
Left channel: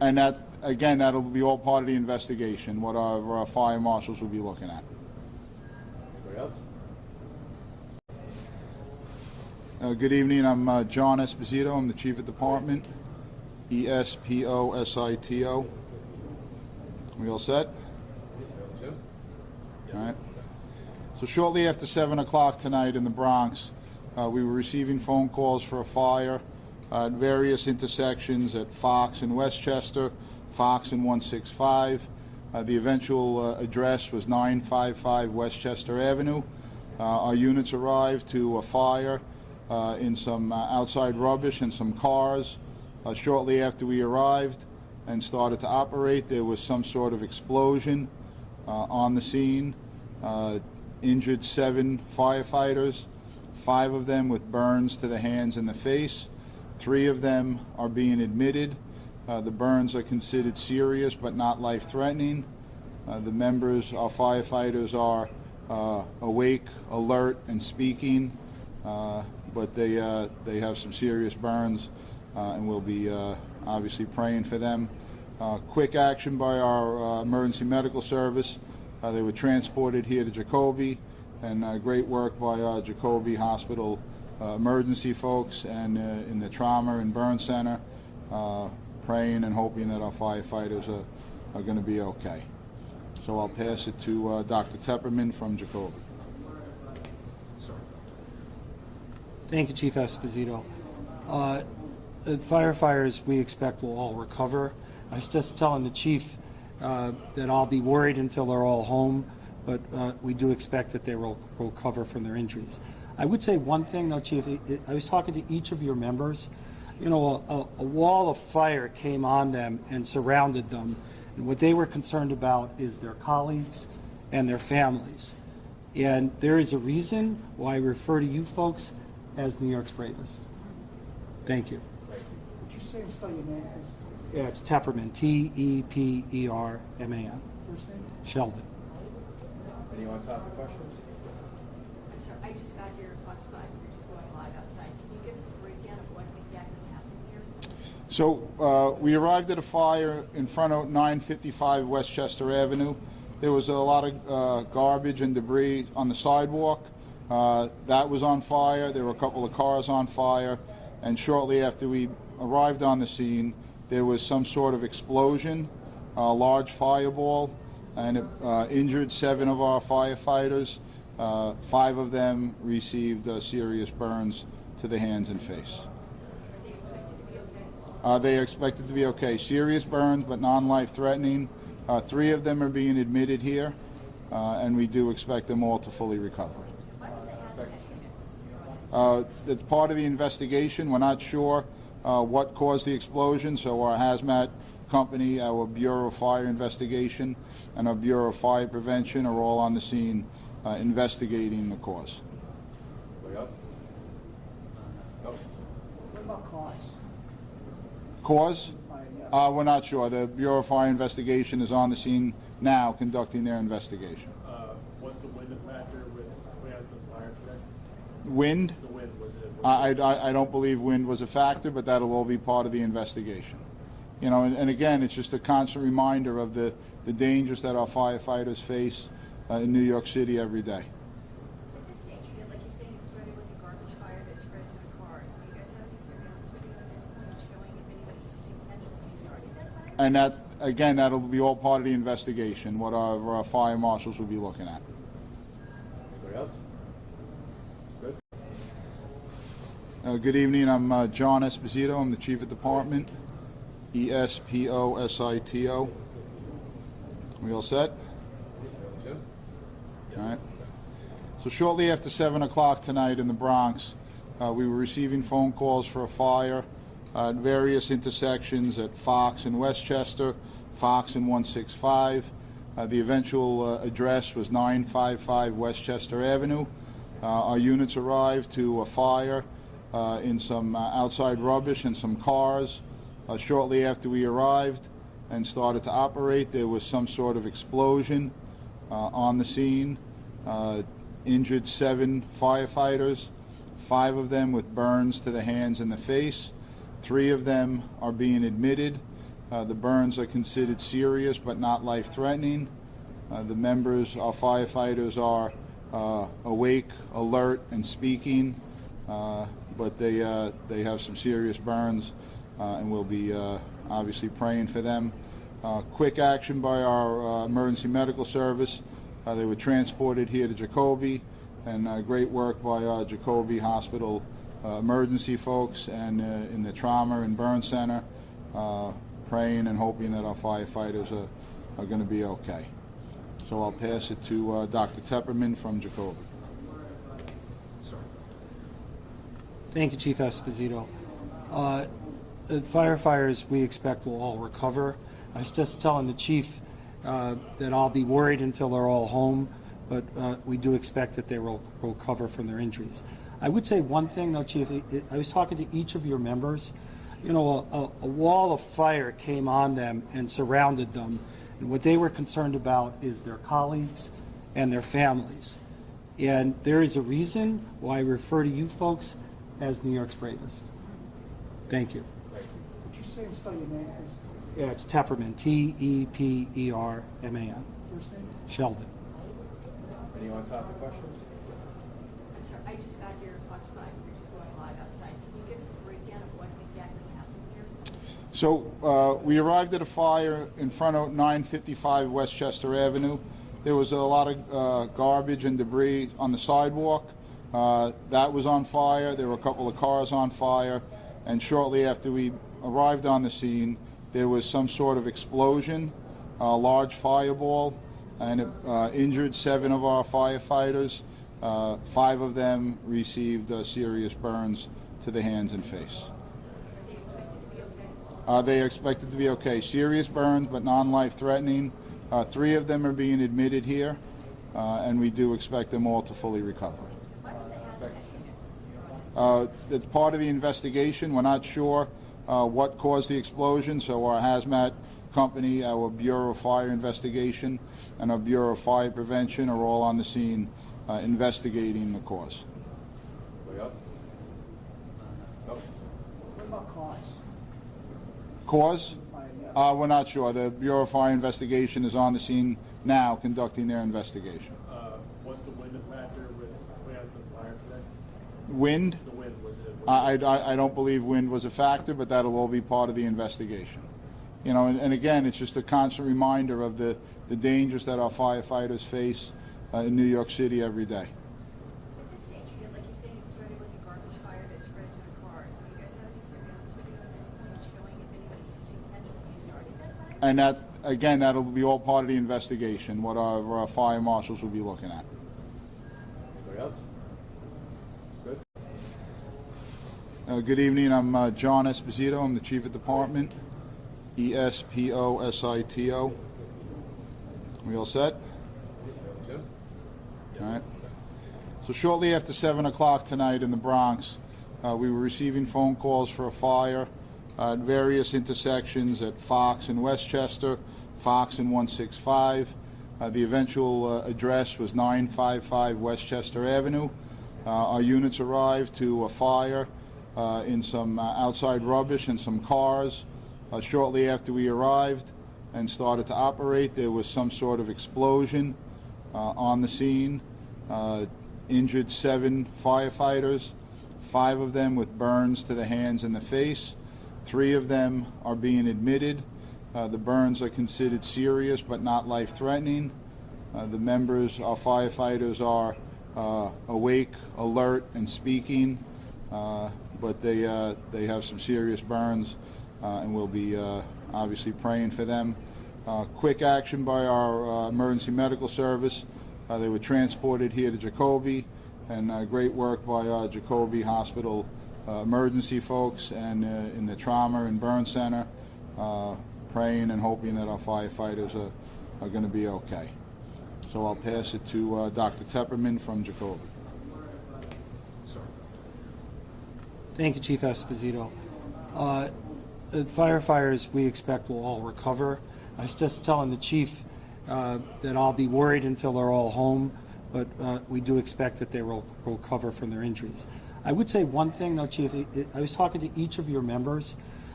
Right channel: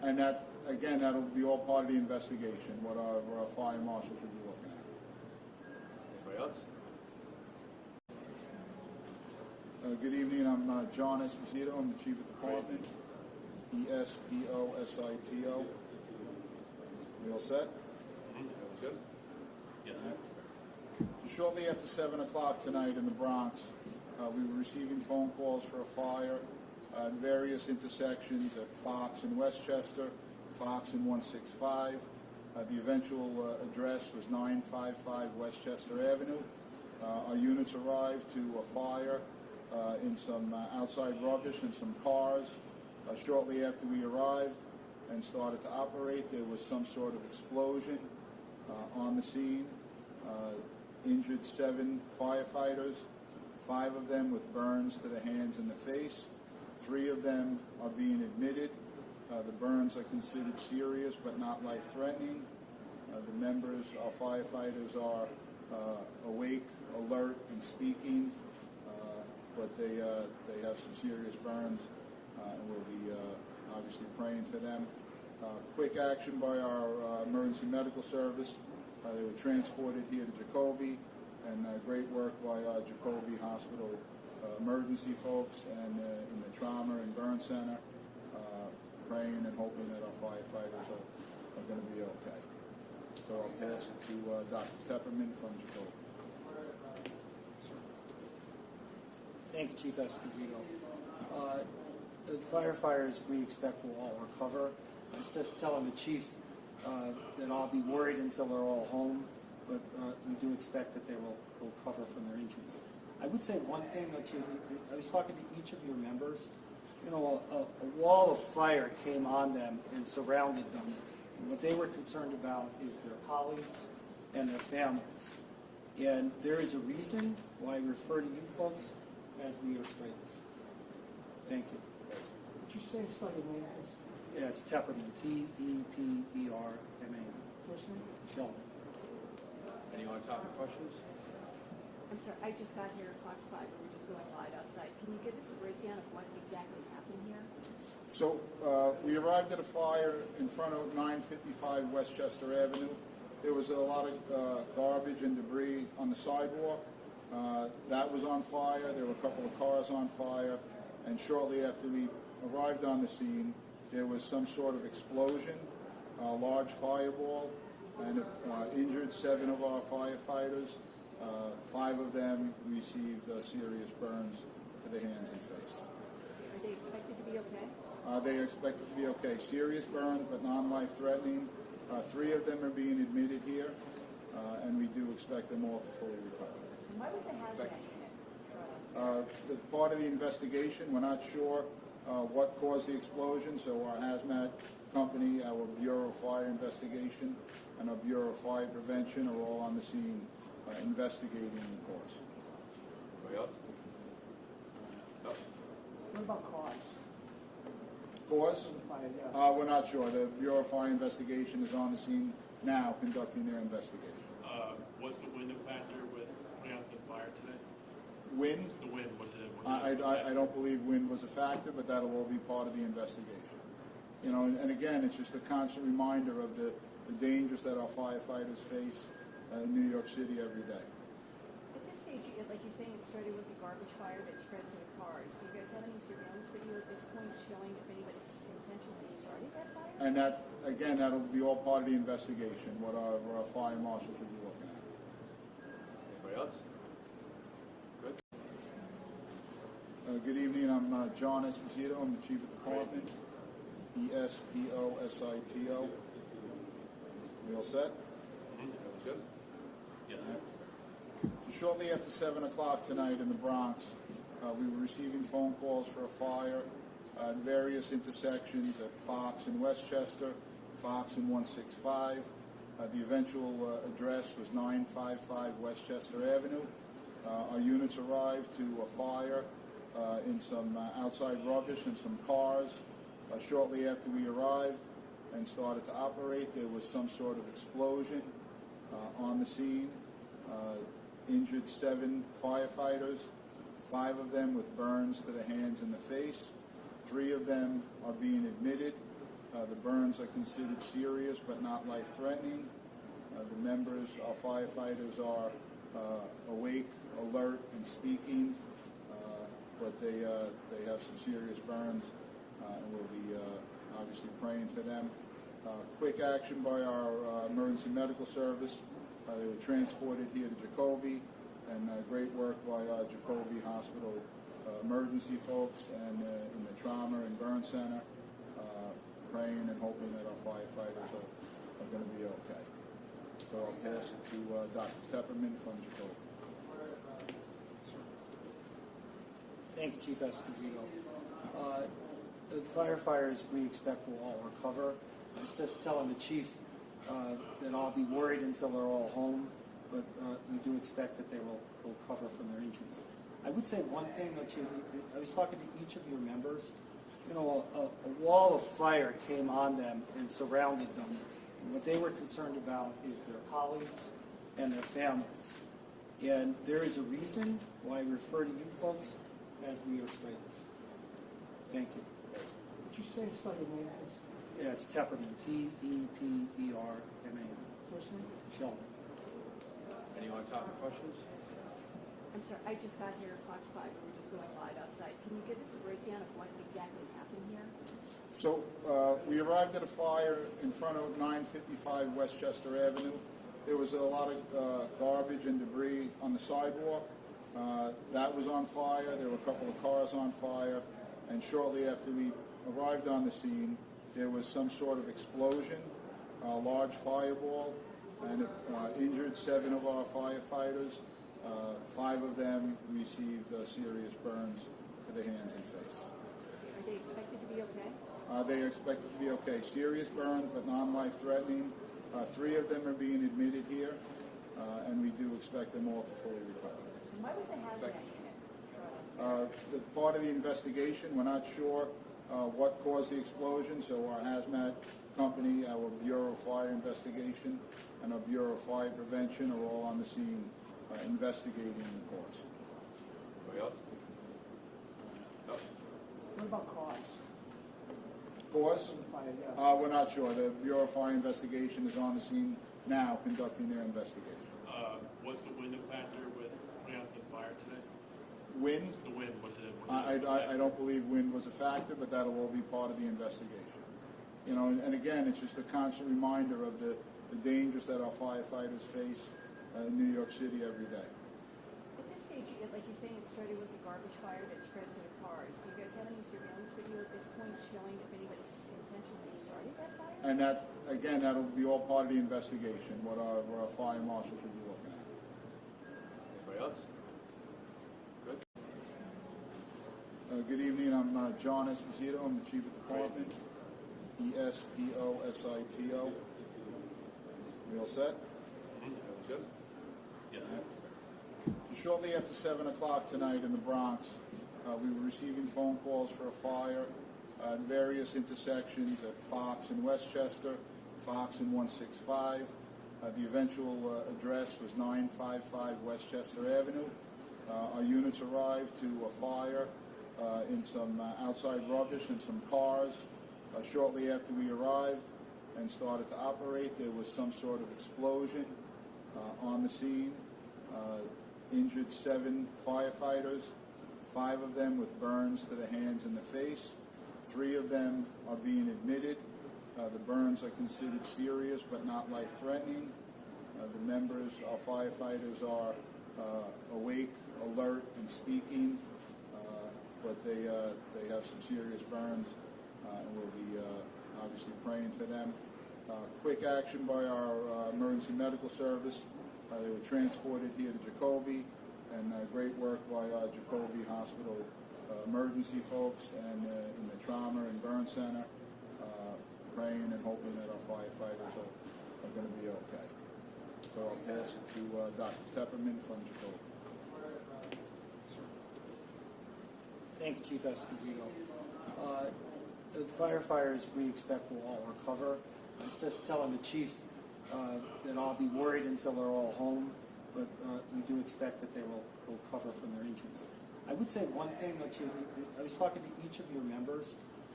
And that, again, that'll be all part of the investigation, what our fire marshals will be looking at. Anybody else? Good evening, I'm John Esposito, I'm the Chief of Department, ESPOSITO. We all set? Jim? All right. So shortly after 7 o'clock tonight in the Bronx, we were receiving phone calls for a fire at various intersections at Fox and Westchester, Fox and 165. The eventual address was 955 Westchester Avenue. Our units arrived to a fire in some outside rubbish and some cars. Shortly after we arrived and started to operate, there was some sort of explosion on the scene. Injured 7 firefighters, 5 of them with burns to the hands and the face. 3 of them are being admitted. The burns are considered serious but not life-threatening. The members, our firefighters, are awake, alert, and speaking, but they have some serious burns, and we'll be obviously praying for them. Quick action by our emergency medical service. They were transported here to Jacoby, and great work by our Jacoby Hospital emergency folks and in the trauma and burn center, praying and hoping that our firefighters are going to be okay. So I'll pass it to Dr. Tepperman from Jacoby. Thank you, Chief Esposito. The firefighters we expect will all recover. I was just telling the chief that I'll be worried until they're all home, but we do expect that they will recover from their injuries. I would say one thing, though, Chief. I was talking to each of your members. You know, a wall of fire came on them and surrounded them, and what they were concerned about is their colleagues and their families. And there is a reason why I refer to you folks as New York's bravest. Thank you. Would you say and spell your name, please? Yeah, it's Tepperman, T-E-P-E-R-M-A-N. First name? Sheldon. Any on-topic questions? I'm sorry, I just got here at Fox 5, we're just going live outside. Can you give us a breakdown of what exactly happened here? So we arrived at a fire in front of 955 Westchester Avenue. There was a lot of garbage and debris on the sidewalk. That was on fire. There were a couple of cars on fire. And shortly after we arrived on the scene, there was some sort of explosion, a large fireball, and it injured 7 of our firefighters. 5 of them received serious burns to the hands and face. Are they expected to be okay? They are expected to be okay. Serious burns, but non-life-threatening. 3 of them are being admitted here, and we do expect them all to fully recover. Why was the hazmat? It's part of the investigation. We're not sure what caused the explosion, so our hazmat company, our Bureau of Fire Investigation, and our Bureau of Fire Prevention are all on the scene investigating the cause. Anybody else? No? What about cause? Cause? We're not sure. The Bureau of Fire Investigation is on the scene now conducting their investigation. Was the wind a factor with putting out the fire today? Wind? The wind, was it? I don't believe wind was a factor, but that'll all be part of the investigation. You know, and again, it's just a constant reminder of the dangers that our firefighters face in New York City every day. At this stage, like you're saying, it started with a garbage fire that spread to the cars. Do you guys have any surveillance video at this point showing if anybody intentionally started that fire? And that, again, that'll be all part of the investigation, what our fire marshals will be looking at. Anybody else? Good? Good evening, I'm John Esposito, I'm the Chief of Department, ESPOSITO. We all set? Jim? All right. So shortly after 7 o'clock tonight in the Bronx, we were receiving phone calls for a fire at various intersections at Fox and Westchester, Fox and 165. The eventual address was 955 Westchester Avenue. Our units arrived to a fire in some outside rubbish and some cars. Shortly after we arrived and started to operate, there was some sort of explosion on the scene. Injured 7 firefighters, 5 of them with burns to the hands and the face. 3 of them are being admitted. The burns are considered serious but not life-threatening. The members, our firefighters, are awake, alert, and speaking, but they have some serious burns, and we'll be obviously praying for them. Quick action by our emergency medical service. They were transported here to Jacoby, and great work by our Jacoby Hospital emergency folks and in the trauma and burn center, praying and hoping that our firefighters are going to be okay. So I'll pass it to Dr. Tepperman from Jacoby. Thank you, Chief Esposito. The firefighters we expect will all recover. I was just telling the chief that I'll be worried until they're all home, but we do expect that they will recover from their injuries. I would say one thing, though, Chief. I was talking to each of your members. You know, a wall of fire came on them and surrounded them, and what they were concerned about is their colleagues and their families. And there is a reason why I refer to you folks as New York's bravest. Thank you. Would you say and spell your name, please? Yeah, it's Tepperman, T-E-P-E-R-M-A-N. First name? Sheldon. Any on-topic questions? I'm sorry, I just got here at Fox 5, we're just going live outside. Can you give us a breakdown of what exactly happened here? So we arrived at a fire in front of 955 Westchester Avenue. There was a lot of garbage and debris on the sidewalk. That was on fire. There were a couple of cars on fire. And shortly after we arrived on the scene, there was some sort of explosion, a large fireball, and it injured 7 of our firefighters. 5 of them received serious burns to the hands and face. Are they expected to be okay? They are expected to be okay. Serious burns, but non-life threatening. 3 of them are being admitted here, and we do expect them all to fully recover. Why was the hazmat unit? It's part of the investigation. We're not sure what caused the explosion, so our hazmat company, our Bureau of Fire Investigation, and our Bureau of Fire Prevention are all on the scene investigating the cause. Anybody else? No? What about cause? Cause? We're not sure. The Bureau of Fire Investigation is on the scene now conducting their investigation. Was the wind a factor with putting out the fire today? Wind? The wind, was it? I don't believe wind was a factor, but that'll all be part of the investigation. You know, and again, it's just a constant reminder of the dangers that our firefighters face in New York City every day. At this stage, like you're saying, it started with a garbage fire that spread to the cars. Do you guys have any surveillance video at this point showing if anybody intentionally started that fire? And that, again, that'll be all part of the investigation, what our fire marshals will be looking at. Anybody else? Good. Good evening. I'm John Esposito. I'm the Chief of Department. E-S-P-O-S-I-T-O. We all set? Jim? All right. So shortly after 7 o'clock tonight in the Bronx, we were receiving phone calls for a fire at various intersections at Fox and Westchester, Fox and 165. The eventual address was 955 Westchester Avenue. Our units arrived to a fire in some outside rubbish and some cars. Shortly after we arrived and started to operate, there was some sort of explosion on the scene. Injured 7 firefighters, 5 of them with burns to the hands and the face. 3 of them are being admitted. The burns are considered serious but not life-threatening. The members, our firefighters, are awake, alert, and speaking, but they have some serious burns, and we'll be obviously praying for them. Quick action by our emergency medical service. They were transported here to Jacoby, and great work by our Jacoby Hospital emergency folks and in the trauma and burn center, praying and hoping that our firefighters are going to be okay. So I'll pass it to Dr. Tepperman from Jacoby. Thank you, Chief Esposito. The firefighters we expect will all recover. I was just telling the chief that I'll be worried until they're all home, but we do expect that they will recover from their injuries. I would say one thing, though, Chief. I was talking to each of your members.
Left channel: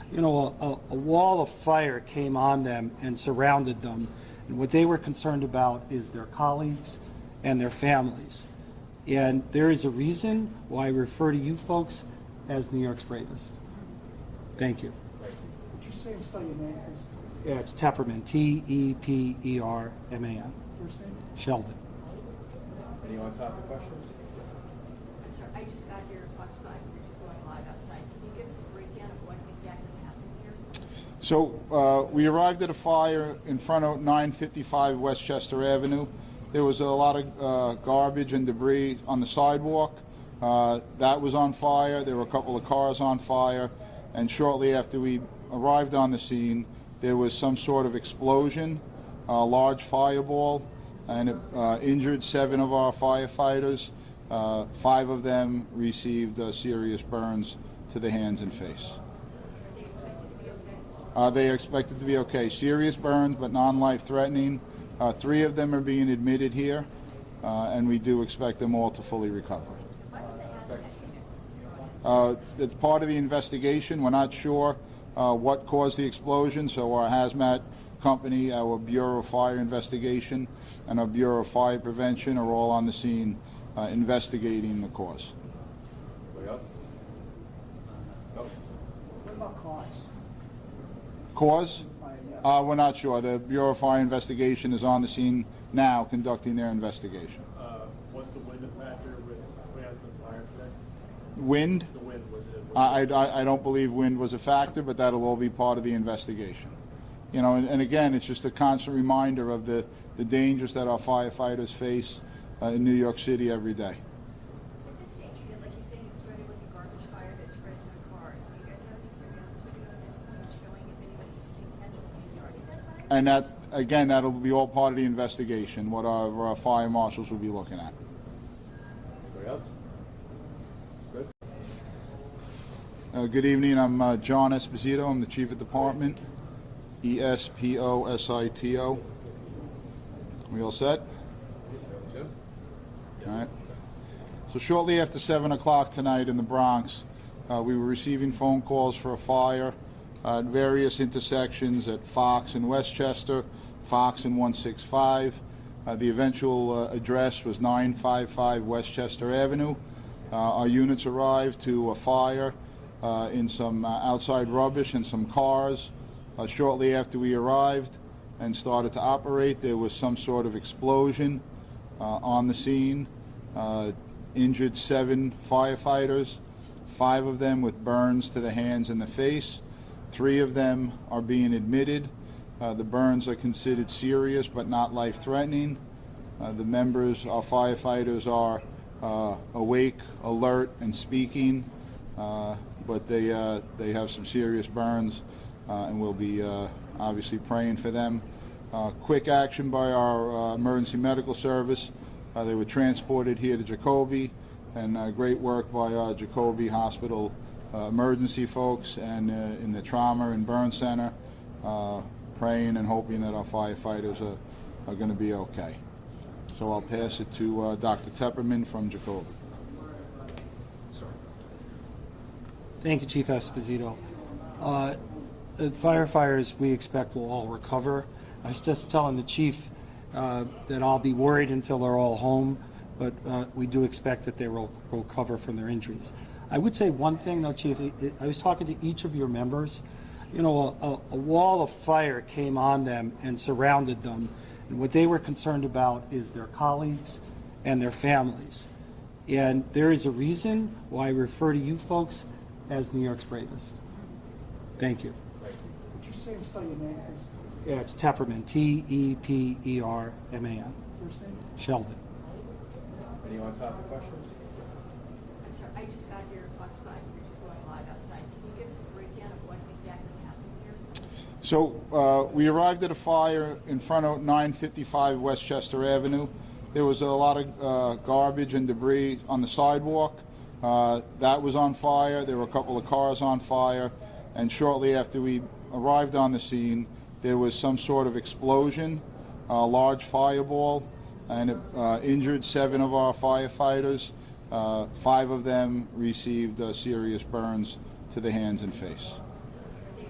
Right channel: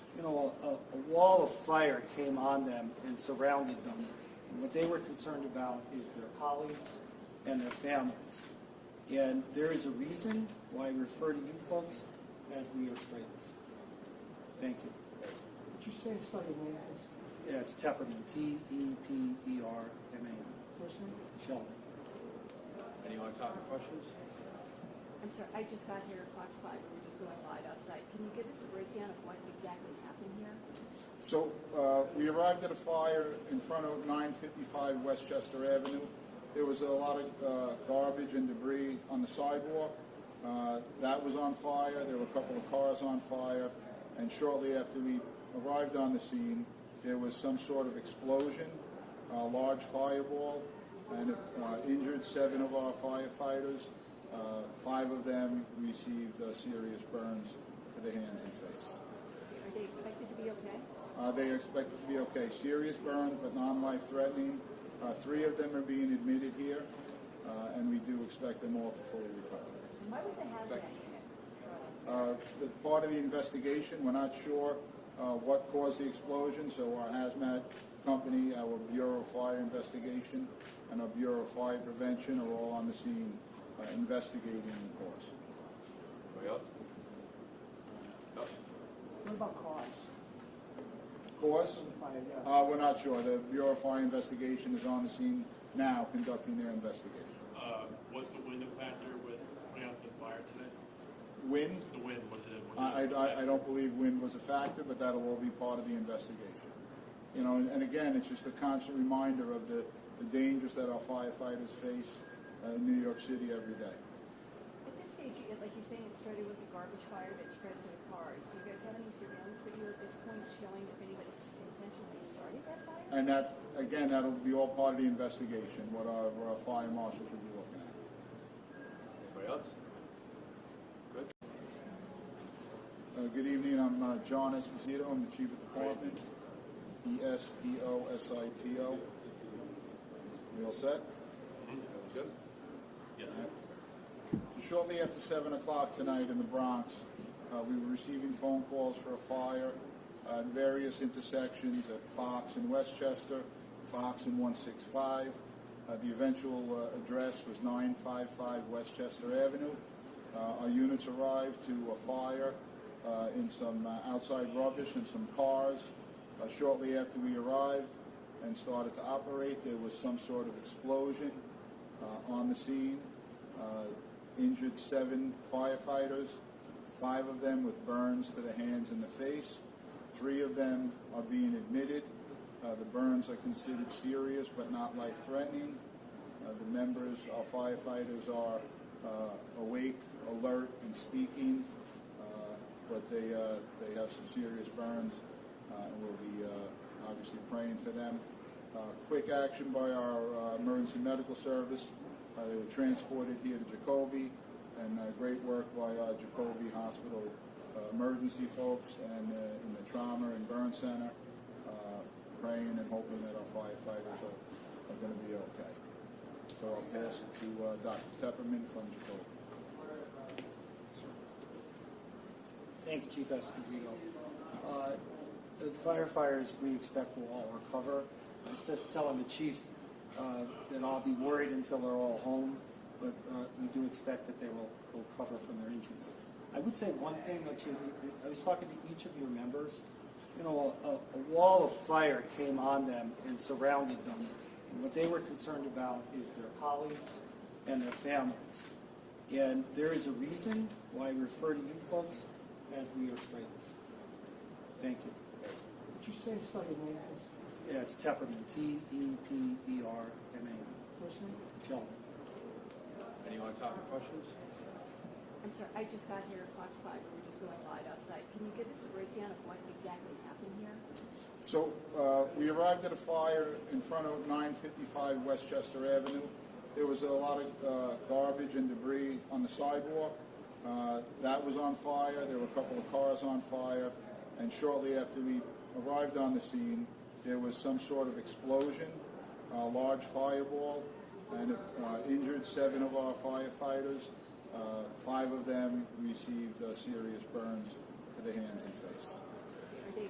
a wall of fire came on them and surrounded them. And what they were concerned about is their colleagues and their families. And there is a reason why I refer to you folks as New York's bravest. Thank you. Would you say and spell your name, please? Yeah, it's Tepperman, T-E-P-E-R-M-A-N. First name? Sheldon. Any on-topic questions? I'm sorry, I just got here at Fox 5, we're just going live outside. Can you give us a breakdown of what exactly happened here? So we arrived at a fire in front of 955 Westchester Avenue. There was a lot of garbage and debris on the sidewalk. That was on fire. There were a couple of cars on fire. And shortly after we arrived on the scene, there was some sort of explosion, a large fireball, and it injured 7 of our firefighters. 5 of them received serious burns to the hands and face. Are they expected to be okay? They are expected to be okay. Serious burns, but non-life-threatening. 3 of them are being admitted here, and we do expect them all to fully recover. Why was the hazmat unit? It's part of the investigation. We're not sure what caused the explosion, so our hazmat company, our Bureau of Fire Investigation, and our Bureau of Fire Prevention are all on the scene investigating the cause. Anybody else? No? What about cause? Cause? Yeah. We're not sure. The Bureau of Fire Investigation is on the scene now conducting their investigation. What's the wind factor with putting out the fire today? Wind? The wind, was it? I don't believe wind was a factor, but that'll all be part of the investigation. You know, and again, it's just a constant reminder of the dangers that our firefighters face in New York City every day. At this stage, like you're saying, it started with a garbage fire that spread to the cars. Do you guys have any surveillance video at this point showing if anybody intentionally started that fire? And that, again, that'll be all part of the investigation, what our fire marshals will be looking at. Anybody else? Good. Good evening. I'm John Esposito. I'm the Chief of Department. E-S-P-O-S-I-T-O. We all set? Jim? All right. So shortly after 7 o'clock tonight in the Bronx, we were receiving phone calls for a fire at various intersections at Fox and Westchester, Fox and 165. The eventual address was 955 Westchester Avenue. Our units arrived to a fire in some outside rubbish and some cars. Shortly after we arrived and started to operate, there was some sort of explosion on the scene. Injured 7 firefighters, 5 of them with burns to the hands and the face. 3 of them are being admitted. The burns are considered serious but not life-threatening. The members, our firefighters, are awake, alert, and speaking, but they have some serious burns, and we'll be obviously praying for them. Quick action by our emergency medical service. They were transported here to Jacoby, and great work by our Jacoby Hospital emergency folks and in the trauma and burn center, praying and hoping that our firefighters are going to be okay. So I'll pass it to Dr. Tepperman from Jacoby. Thank you, Chief Esposito. The firefighters we expect will all recover. I was just telling the chief that I'll be worried until they're all home, but we do expect that they will recover from their injuries. I would say one thing, though, Chief. I was talking to each of your members. You know, a wall of fire came on them and surrounded them, and what they were concerned about is their colleagues and their families. And there is a reason why I refer to you folks as New York's bravest. Thank you. Would you say and spell your name, please? Yeah, it's Tepperman, T-E-P-E-R-M-A-N. First name? Sheldon. Any on-topic questions? I'm sorry, I just got here at Fox 5, we're just going live outside. Can you give us a breakdown of what exactly happened here? So we arrived at a fire in front of 955 Westchester Avenue. There was a lot of garbage and debris on the sidewalk. That was on fire. There were a couple of cars on fire. And shortly after we arrived on the scene, there was some sort of explosion, a large fireball, and it injured 7 of our firefighters. 5 of them received serious burns to the hands and face. Are they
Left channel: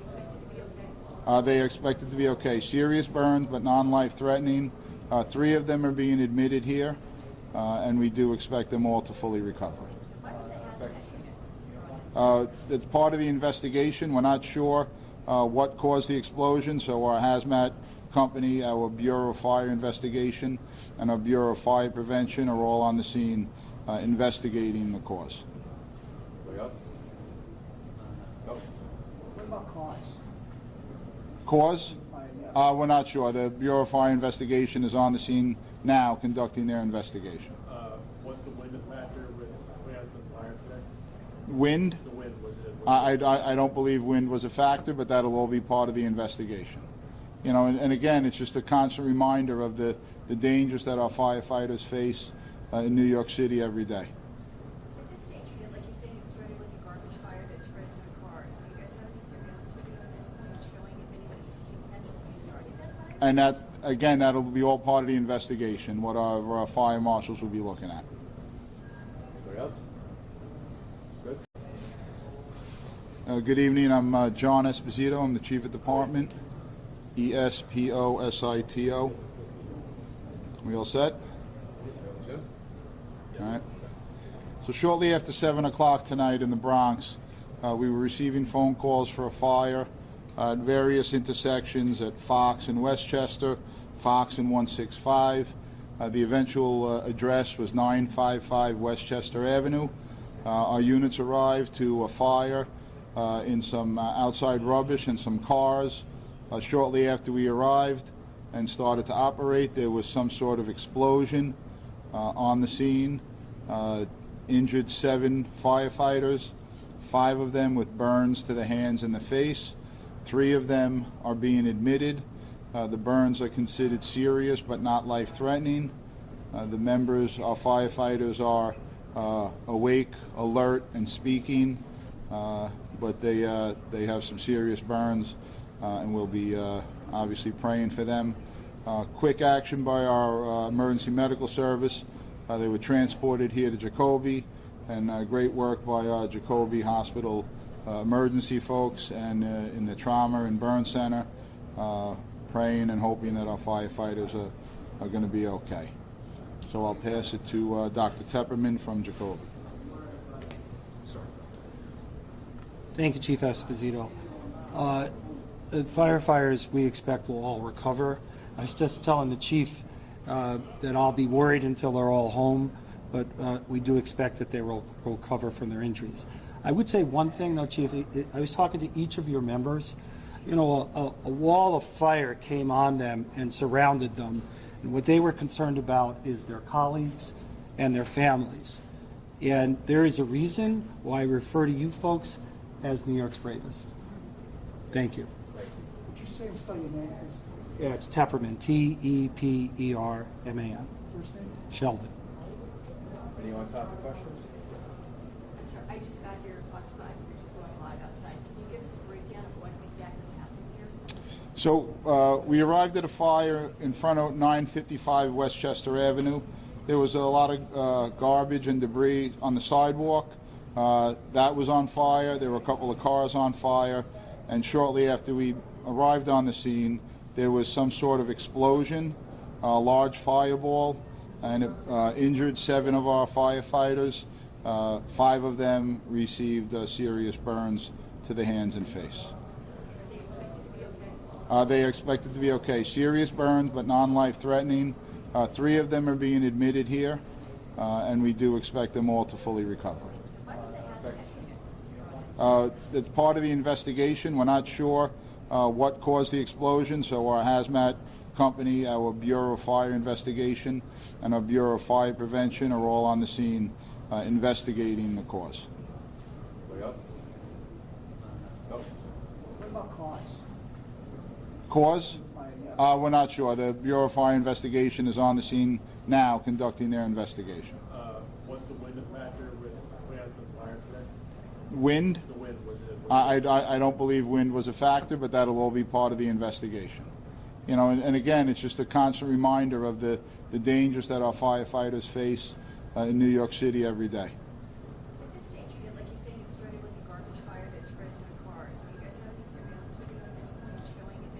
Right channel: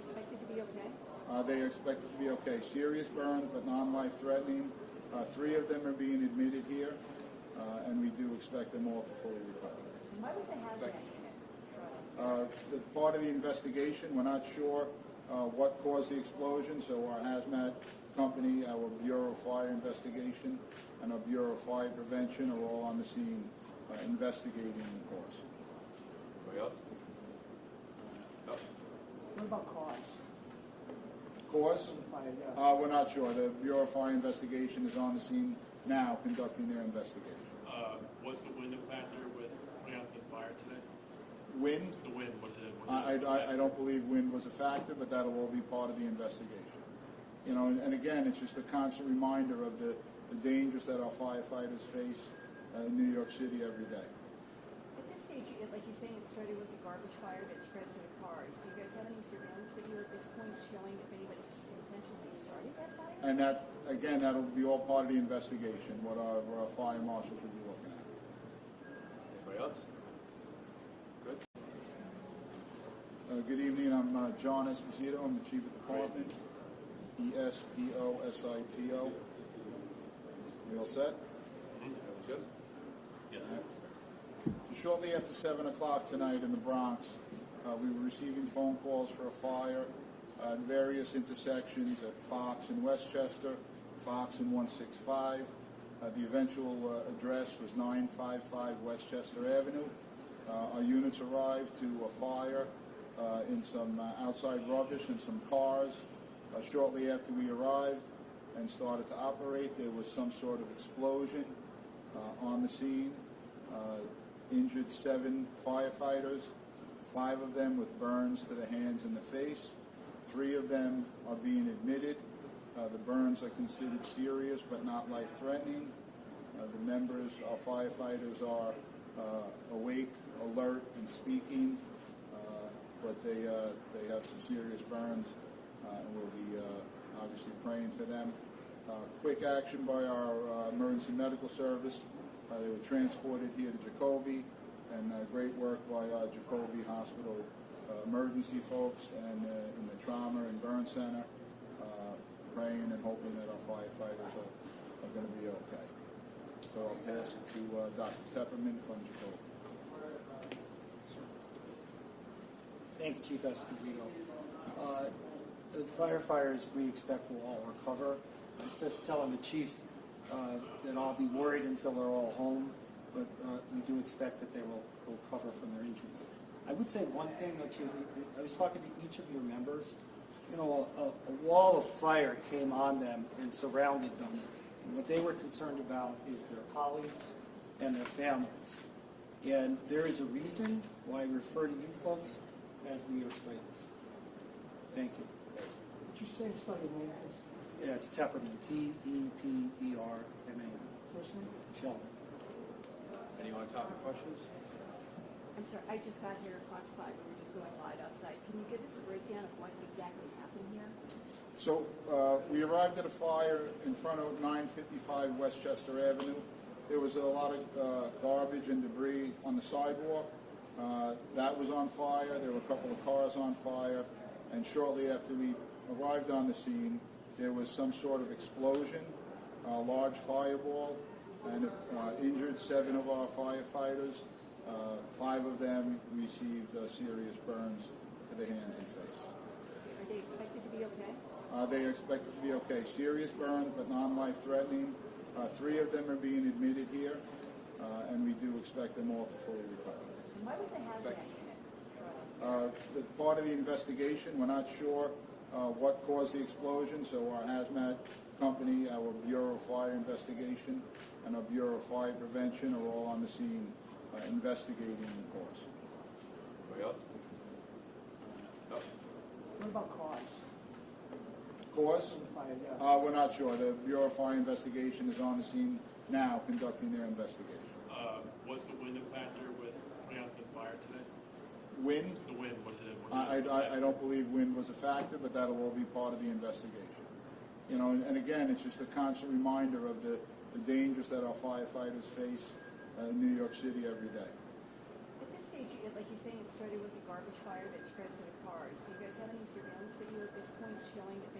They are expected to be okay. Serious burns, but non-life threatening. 3 of them are being admitted here, and we do expect them all to fully recover. It's part of the investigation. We're not sure what caused the explosion, so our hazmat company, our Bureau of Fire Investigation, and our Bureau of Fire Prevention are all on the scene investigating the cause. Anybody else? No? What about cause? Cause? We're not sure. The Bureau of Fire Investigation is on the scene now conducting their investigation. What's the wind factor with putting out the fire today? Wind? The wind, was it? I don't believe wind was a factor, but that'll all be part of the investigation. You know, and again, it's just a constant reminder of the dangers that our firefighters face in New York City every day. At this stage, like you're saying, it started with a garbage fire that spread to the cars. Do you guys have any surveillance video at this point showing if anybody intentionally started that fire? And that, again, that'll be all part of the investigation, what our fire marshals will be looking at. Anybody else? Good. Good evening. I'm John Esposito. I'm the Chief of Department. ESPOSITO. We all set? Jim? All right. So shortly after 7 o'clock tonight in the Bronx, we were receiving phone calls for a fire at various intersections at Fox and Westchester, Fox and 165. The eventual address was 955 Westchester Avenue. Our units arrived to a fire in some outside rubbish and some cars. Shortly after we arrived and started to operate, there was some sort of explosion on the scene. Injured 7 firefighters, 5 of them with burns to the hands and the face. 3 of them are being admitted. The burns are considered serious but not life-threatening. The members, our firefighters, are awake, alert, and speaking, but they have some serious burns, and we'll be obviously praying for them. Quick action by our emergency medical service. They were transported here to Jacoby, and great work by our Jacoby Hospital emergency folks and in the trauma and burn center, praying and hoping that our firefighters are going to be okay. So I'll pass it to Dr. Tepperman from Jacoby. Thank you, Chief Esposito. The firefighters we expect will all recover. I was just telling the chief that I'll be worried until they're all home, but we do expect that they will recover from their injuries. I would say one thing, though, Chief. I was talking to each of your members. You know, a wall of fire came on them and surrounded them, and what they were concerned about is their colleagues and their families. And there is a reason why I refer to you folks as New York's bravest. Thank you. Would you say and spell your name, please? Yeah, it's Tepperman, T-E-P-E-R-M-A-N. First name? Sheldon. Any on-topic questions? I'm sorry, I just got here outside. We're just going live outside. Can you give us a breakdown of what exactly happened here? So we arrived at a fire in front of 955 Westchester Avenue. There was a lot of garbage and debris on the sidewalk. That was on fire. There were a couple of cars on fire. And shortly after we arrived on the scene, there was some sort of explosion, a large fireball, and it injured 7 of our firefighters. 5 of them received serious burns to the hands and face. Are they expected to be okay? They are expected to be okay. Serious burns, but non-life threatening. 3 of them are being admitted here, and we do expect them all to fully recover. Why was that happening? It's part of the investigation. We're not sure what caused the explosion, so our hazmat company, our Bureau of Fire Investigation, and our Bureau of Fire Prevention are all on the scene investigating the cause. Anybody else? No? What about cause? Cause? We're not sure. The Bureau of Fire Investigation is on the scene now conducting their investigation. What's the wind factor with putting out the fire today? Wind? The wind, was it? I don't believe wind was a factor, but that'll all be part of the investigation. You know, and again, it's just a constant reminder of the dangers that our firefighters face in New York City every day. At this stage, like you're saying, it started with a garbage fire that spread to the cars. Do you guys have any surveillance video at this point showing if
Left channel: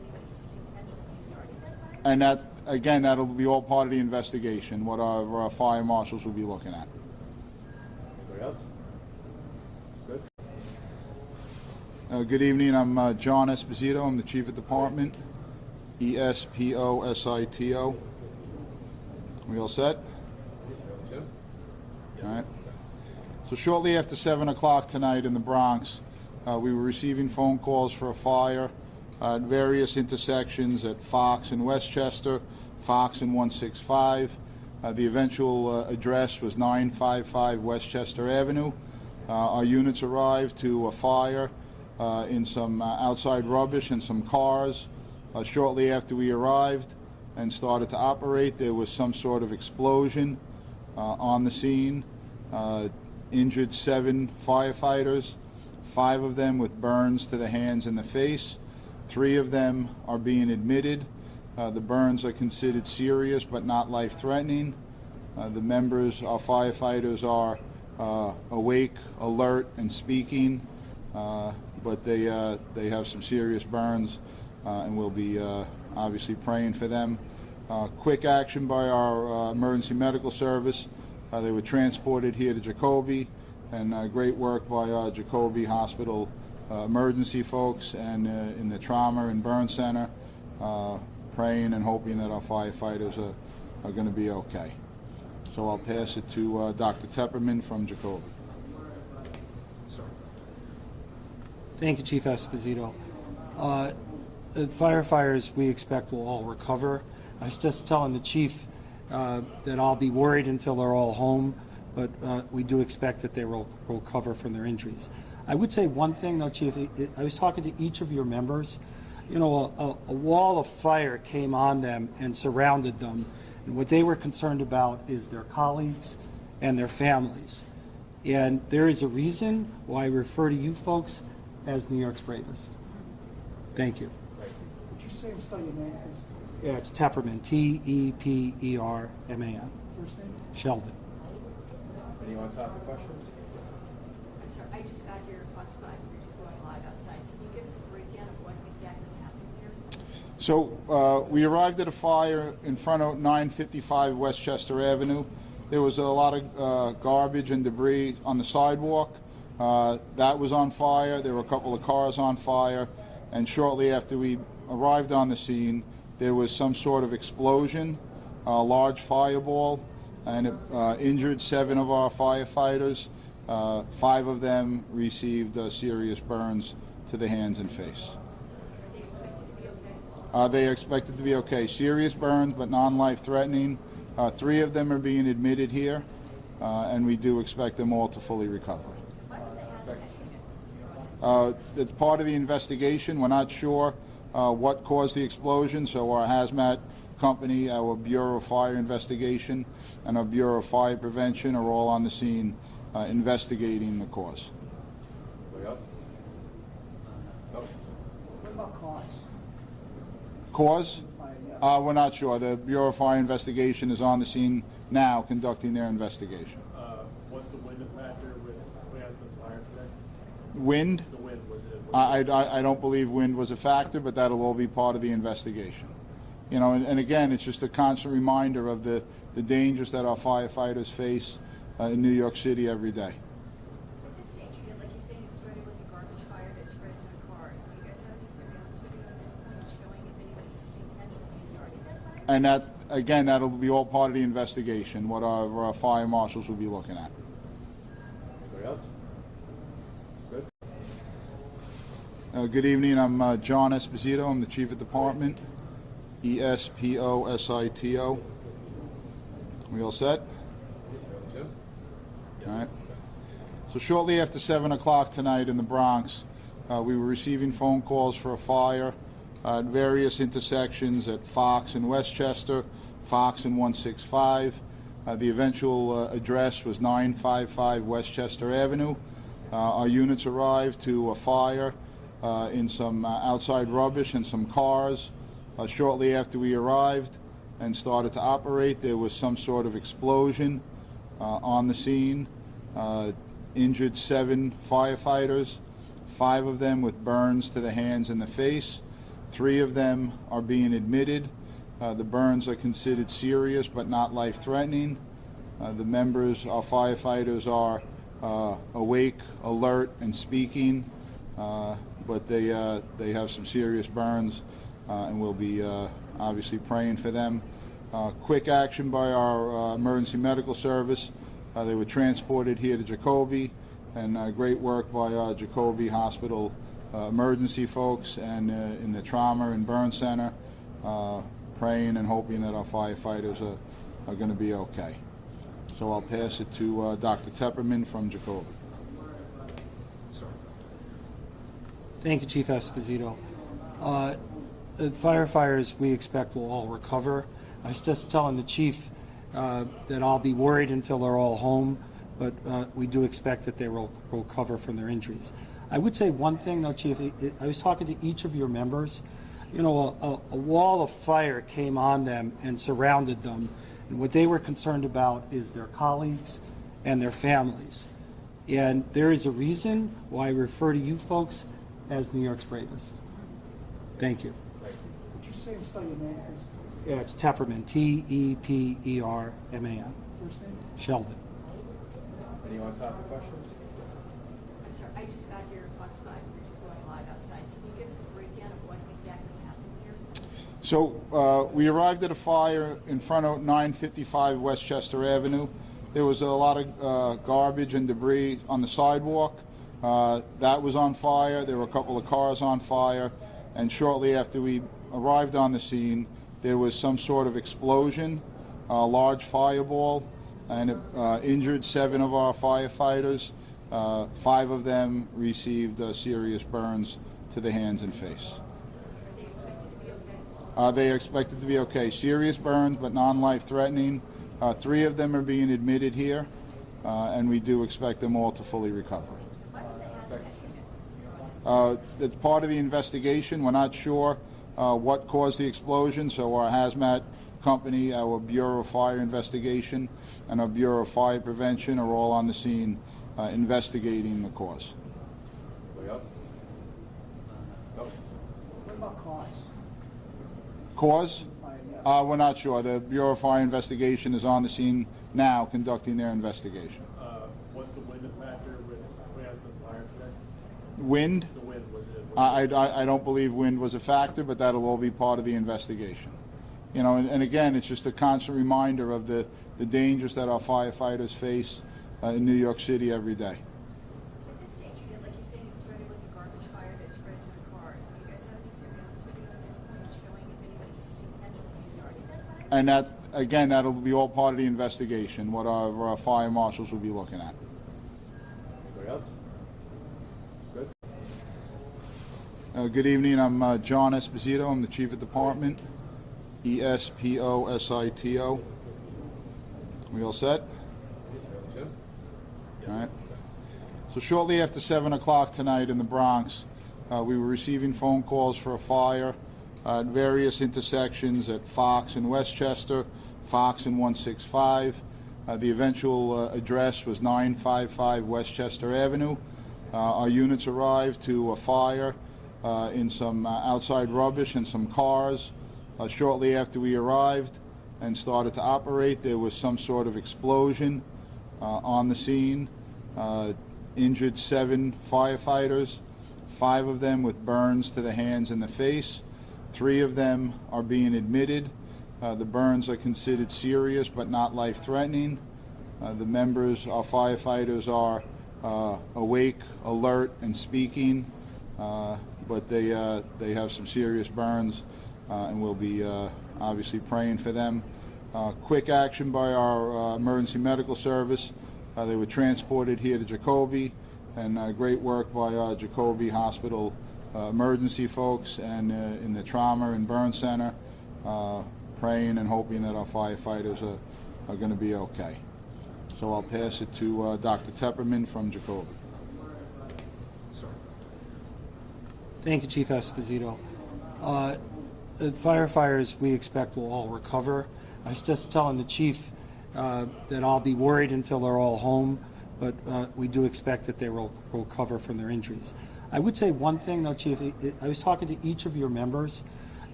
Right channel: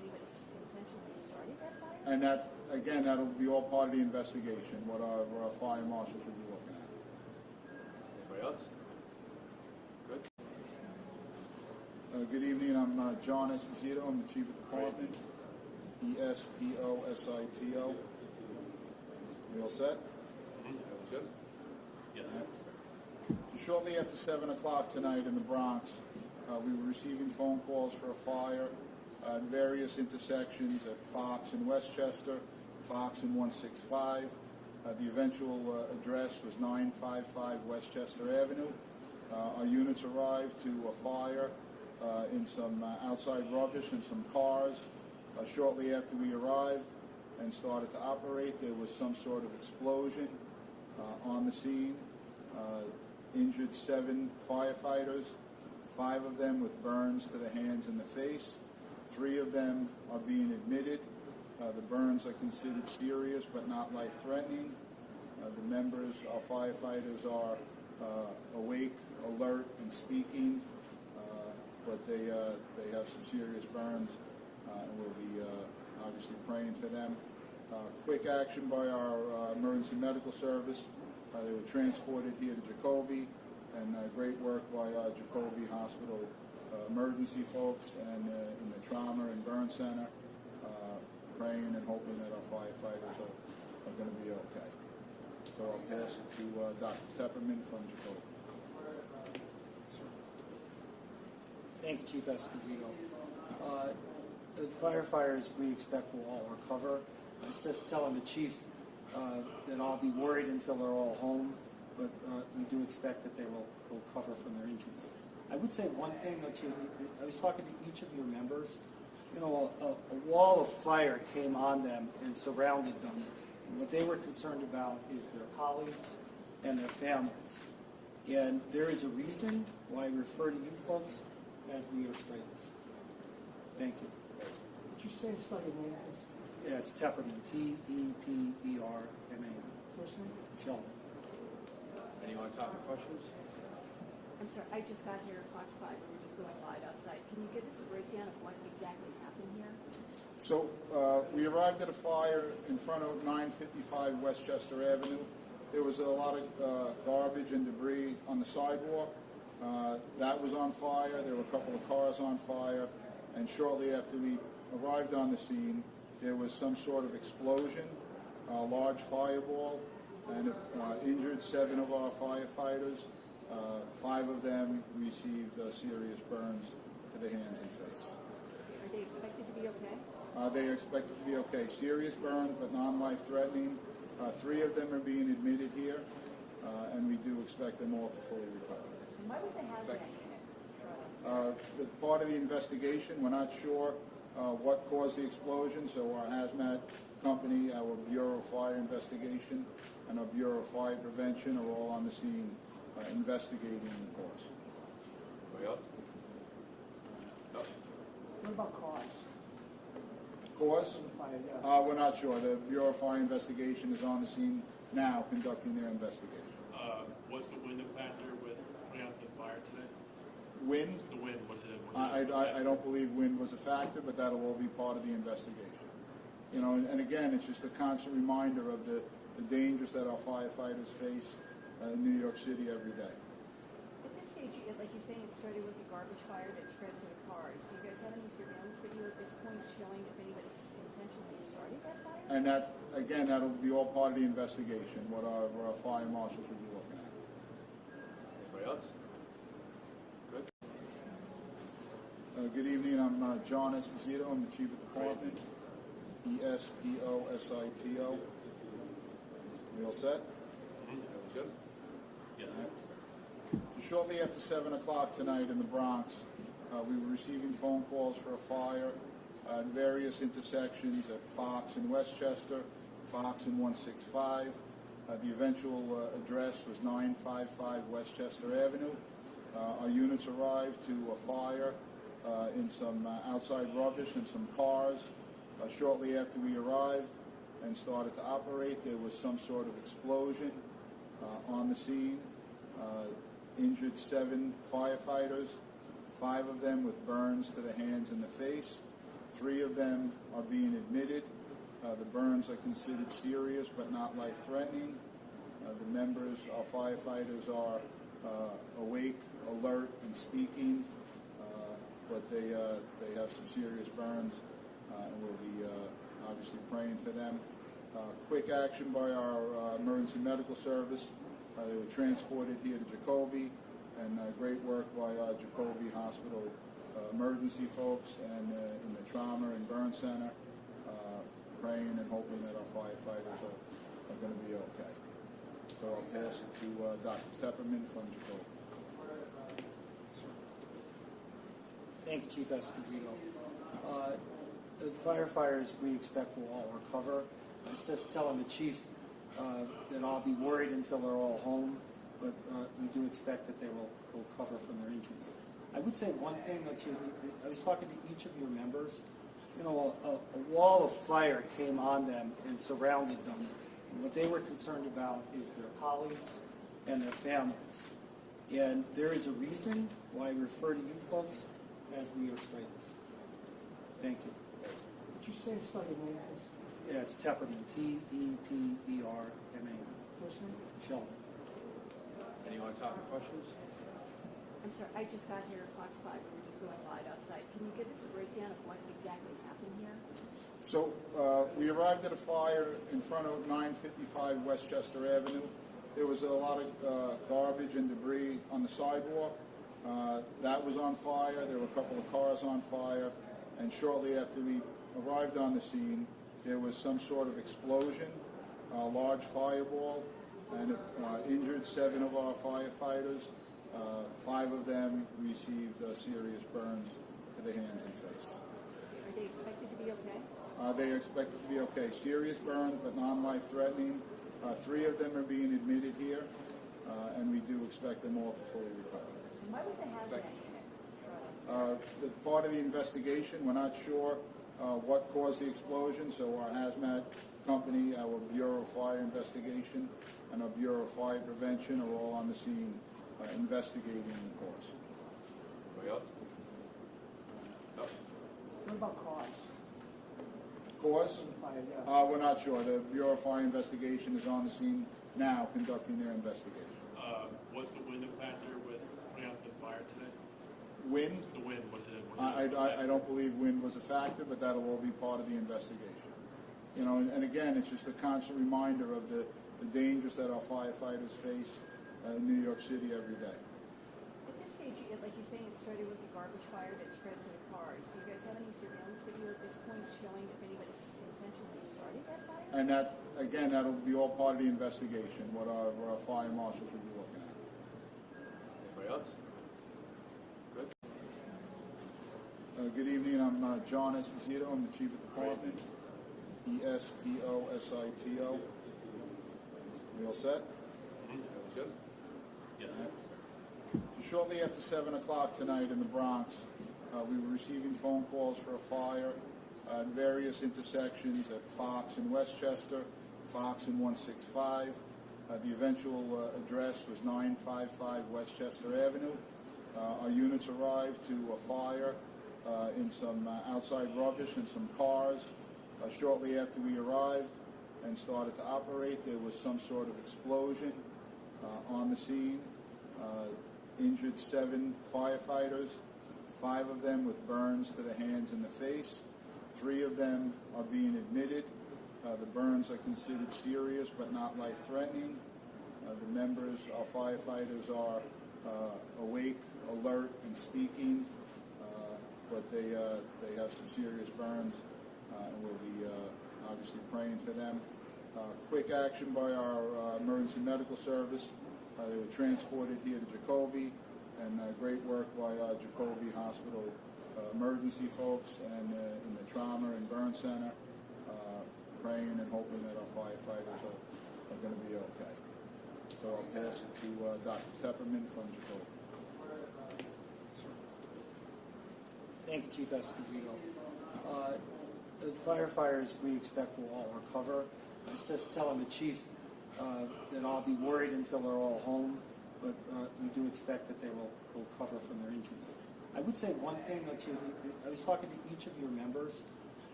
And that, again, that'll be all part of the investigation, what our fire marshals will be looking at. Anybody else? Good. Good evening, I'm John Esposito, I'm the Chief of Department, Esposito. We all set? Jim? All right. So shortly after 7 o'clock tonight in the Bronx, we were receiving phone calls for a fire at various intersections at Fox and Westchester, Fox and 165. The eventual address was 955 Westchester Avenue. Our units arrived to a fire in some outside rubbish and some cars. Shortly after we arrived and started to operate, there was some sort of explosion on the scene. Injured 7 firefighters, 5 of them with burns to the hands and the face. 3 of them are being admitted. The burns are considered serious but not life-threatening. The members, our firefighters, are awake, alert, and speaking, but they have some serious burns, and we'll be obviously praying for them. Quick action by our emergency medical service. They were transported here to Jacoby, and great work by Jacoby Hospital emergency folks and in the trauma and burn center, praying and hoping that our firefighters are going to be okay. So I'll pass it to Dr. Tepperman from Jacoby. Thank you, Chief Esposito. The firefighters we expect will all recover. I was just telling the chief that I'll be worried until they're all home, but we do expect that they will recover from their injuries. I would say one thing, though, Chief. I was talking to each of your members. You know, a wall of fire came on them and surrounded them, and what they were concerned about is their colleagues and their families. And there is a reason why I refer to you folks as New York's bravest. Thank you. Would you say and spell your name, please? Yeah, it's Tepperman, T-E-P-E-R-M-A-N. First name? Sheldon. Any on-topic questions? I'm sorry, I just got here at Fox 5, we're just going live outside. Can you give us a breakdown of what exactly happened here? So we arrived at a fire in front of 955 Westchester Avenue. There was a lot of garbage and debris on the sidewalk. That was on fire. There were a couple of cars on fire. And shortly after we arrived on the scene, there was some sort of explosion, a large fireball, and it injured 7 of our firefighters. 5 of them received serious burns to the hands and face. Are they expected to be okay? They are expected to be okay. Serious burns, but non-life threatening. 3 of them are being admitted here, and we do expect them all to fully recover. Why was the hazmat unit? It's part of the investigation. We're not sure what caused the explosion, so our hazmat company, our Bureau of Fire Investigation, and our Bureau of Fire Prevention are all on the scene investigating the cause. Anybody else? No? What about cause? Cause? Yeah. We're not sure. The Bureau of Fire Investigation is on the scene now conducting their investigation. Was the wind a factor with putting out the fire today? Wind? The wind, was it? I don't believe wind was a factor, but that'll all be part of the investigation. You know, and again, it's just a constant reminder of the dangers that our firefighters face in New York City every day. With this stage, like you're saying, it started with a garbage fire that spread to the cars. Do you guys have any surveillance video at this point showing if anybody intentionally started that fire? And that, again, that'll be all part of the investigation, what our fire marshals will be looking at. Anybody else? Good. Good evening, I'm John Esposito, I'm the Chief of Department, Esposito. We all set? Jim? All right. So shortly after 7 o'clock tonight in the Bronx, we were receiving phone calls for a fire at various intersections at Fox and Westchester, Fox and 165. The eventual address was 955 Westchester Avenue. Our units arrived to a fire in some outside rubbish and some cars. Shortly after we arrived and started to operate, there was some sort of explosion on the scene. Injured 7 firefighters, 5 of them with burns to the hands and the face. 3 of them are being admitted. The burns are considered serious but not life-threatening. The members, our firefighters, are awake, alert, and speaking, but they have some serious burns, and we'll be obviously praying for them. Quick action by our emergency medical service. They were transported here to Jacoby, and great work by our Jacoby Hospital emergency folks and in the trauma and burn center, praying and hoping that our firefighters are going to be okay. So I'll pass it to Dr. Tepperman from Jacoby. Thank you, Chief Esposito. The firefighters, we expect, will all recover. I was just telling the chief that I'll be worried until they're all home, but we do expect that they will recover from their injuries. I would say one thing, though, Chief. I was talking to each of your members. You know, a wall of fire came on them and surrounded them, and what they were concerned about is their colleagues and their families. And there is a reason why I refer to you folks as New York's bravest. Thank you. Would you say and spell your name, please? Yeah, it's Tepperman, T-E-P-E-R-M-A-N. First name? Sheldon. Any on-topic questions? I'm sorry, I just got here at Fox 5, we're just going live outside. Can you give us a breakdown of what exactly happened here? So we arrived at a fire in front of 955 Westchester Avenue. There was a lot of garbage and debris on the sidewalk. That was on fire. There were a couple of cars on fire. And shortly after we arrived on the scene, there was some sort of explosion, a large fireball, and it injured 7 of our firefighters. 5 of them received serious burns to the hands and face. Are they expected to be okay? They are expected to be okay. Serious burns, but non-life-threatening. 3 of them are being admitted here, and we do expect them all to fully recover. Why was the hazmat unit? It's part of the investigation. We're not sure what caused the explosion, so our hazmat company, our Bureau of Fire Investigation, and our Bureau of Fire Prevention are all on the scene investigating the cause. Anybody else? No? What about cause? Cause? Yeah. We're not sure. The Bureau of Fire Investigation is on the scene now conducting their investigation. Was the wind a factor with putting out the fire today? Wind? The wind, was it? I don't believe wind was a factor, but that'll all be part of the investigation. You know, and again, it's just a constant reminder of the dangers that our firefighters face in New York City every day. At this stage, like you're saying, it started with a garbage fire that spread to the cars. Do you guys have any surveillance video at this point showing if anybody intentionally started that fire? And that, again, that'll be all part of the investigation, what our fire marshals will be looking at. Anybody else? Good. Good evening. I'm John Esposito. I'm the Chief of Department. E-S-P-O-S-I-T-O. We all set? Jim? All right. So shortly after 7 o'clock tonight in the Bronx, we were receiving phone calls for a fire at various intersections at Fox and Westchester, Fox and 165. The eventual address was 955 Westchester Avenue. Our units arrived to a fire in some outside rubbish and some cars. Shortly after we arrived and started to operate, there was some sort of explosion on the scene. Injured 7 firefighters, 5 of them with burns to the hands and the face. 3 of them are being admitted. The burns are considered serious but not life-threatening. The members, our firefighters, are awake, alert, and speaking, but they have some serious burns, and we'll be obviously praying for them. Quick action by our emergency medical service. They were transported here to Jacoby, and great work by our Jacoby Hospital emergency folks and in the trauma and burn center, praying and hoping that our firefighters are going to be okay. So I'll pass it to Dr. Tepperman from Jacoby. Thank you, Chief Esposito. The firefighters, we expect, will all recover. I was just telling the chief that I'll be worried until they're all home, but we do expect that they will recover from their injuries. I would say one thing, though, Chief. I was talking to each of your members.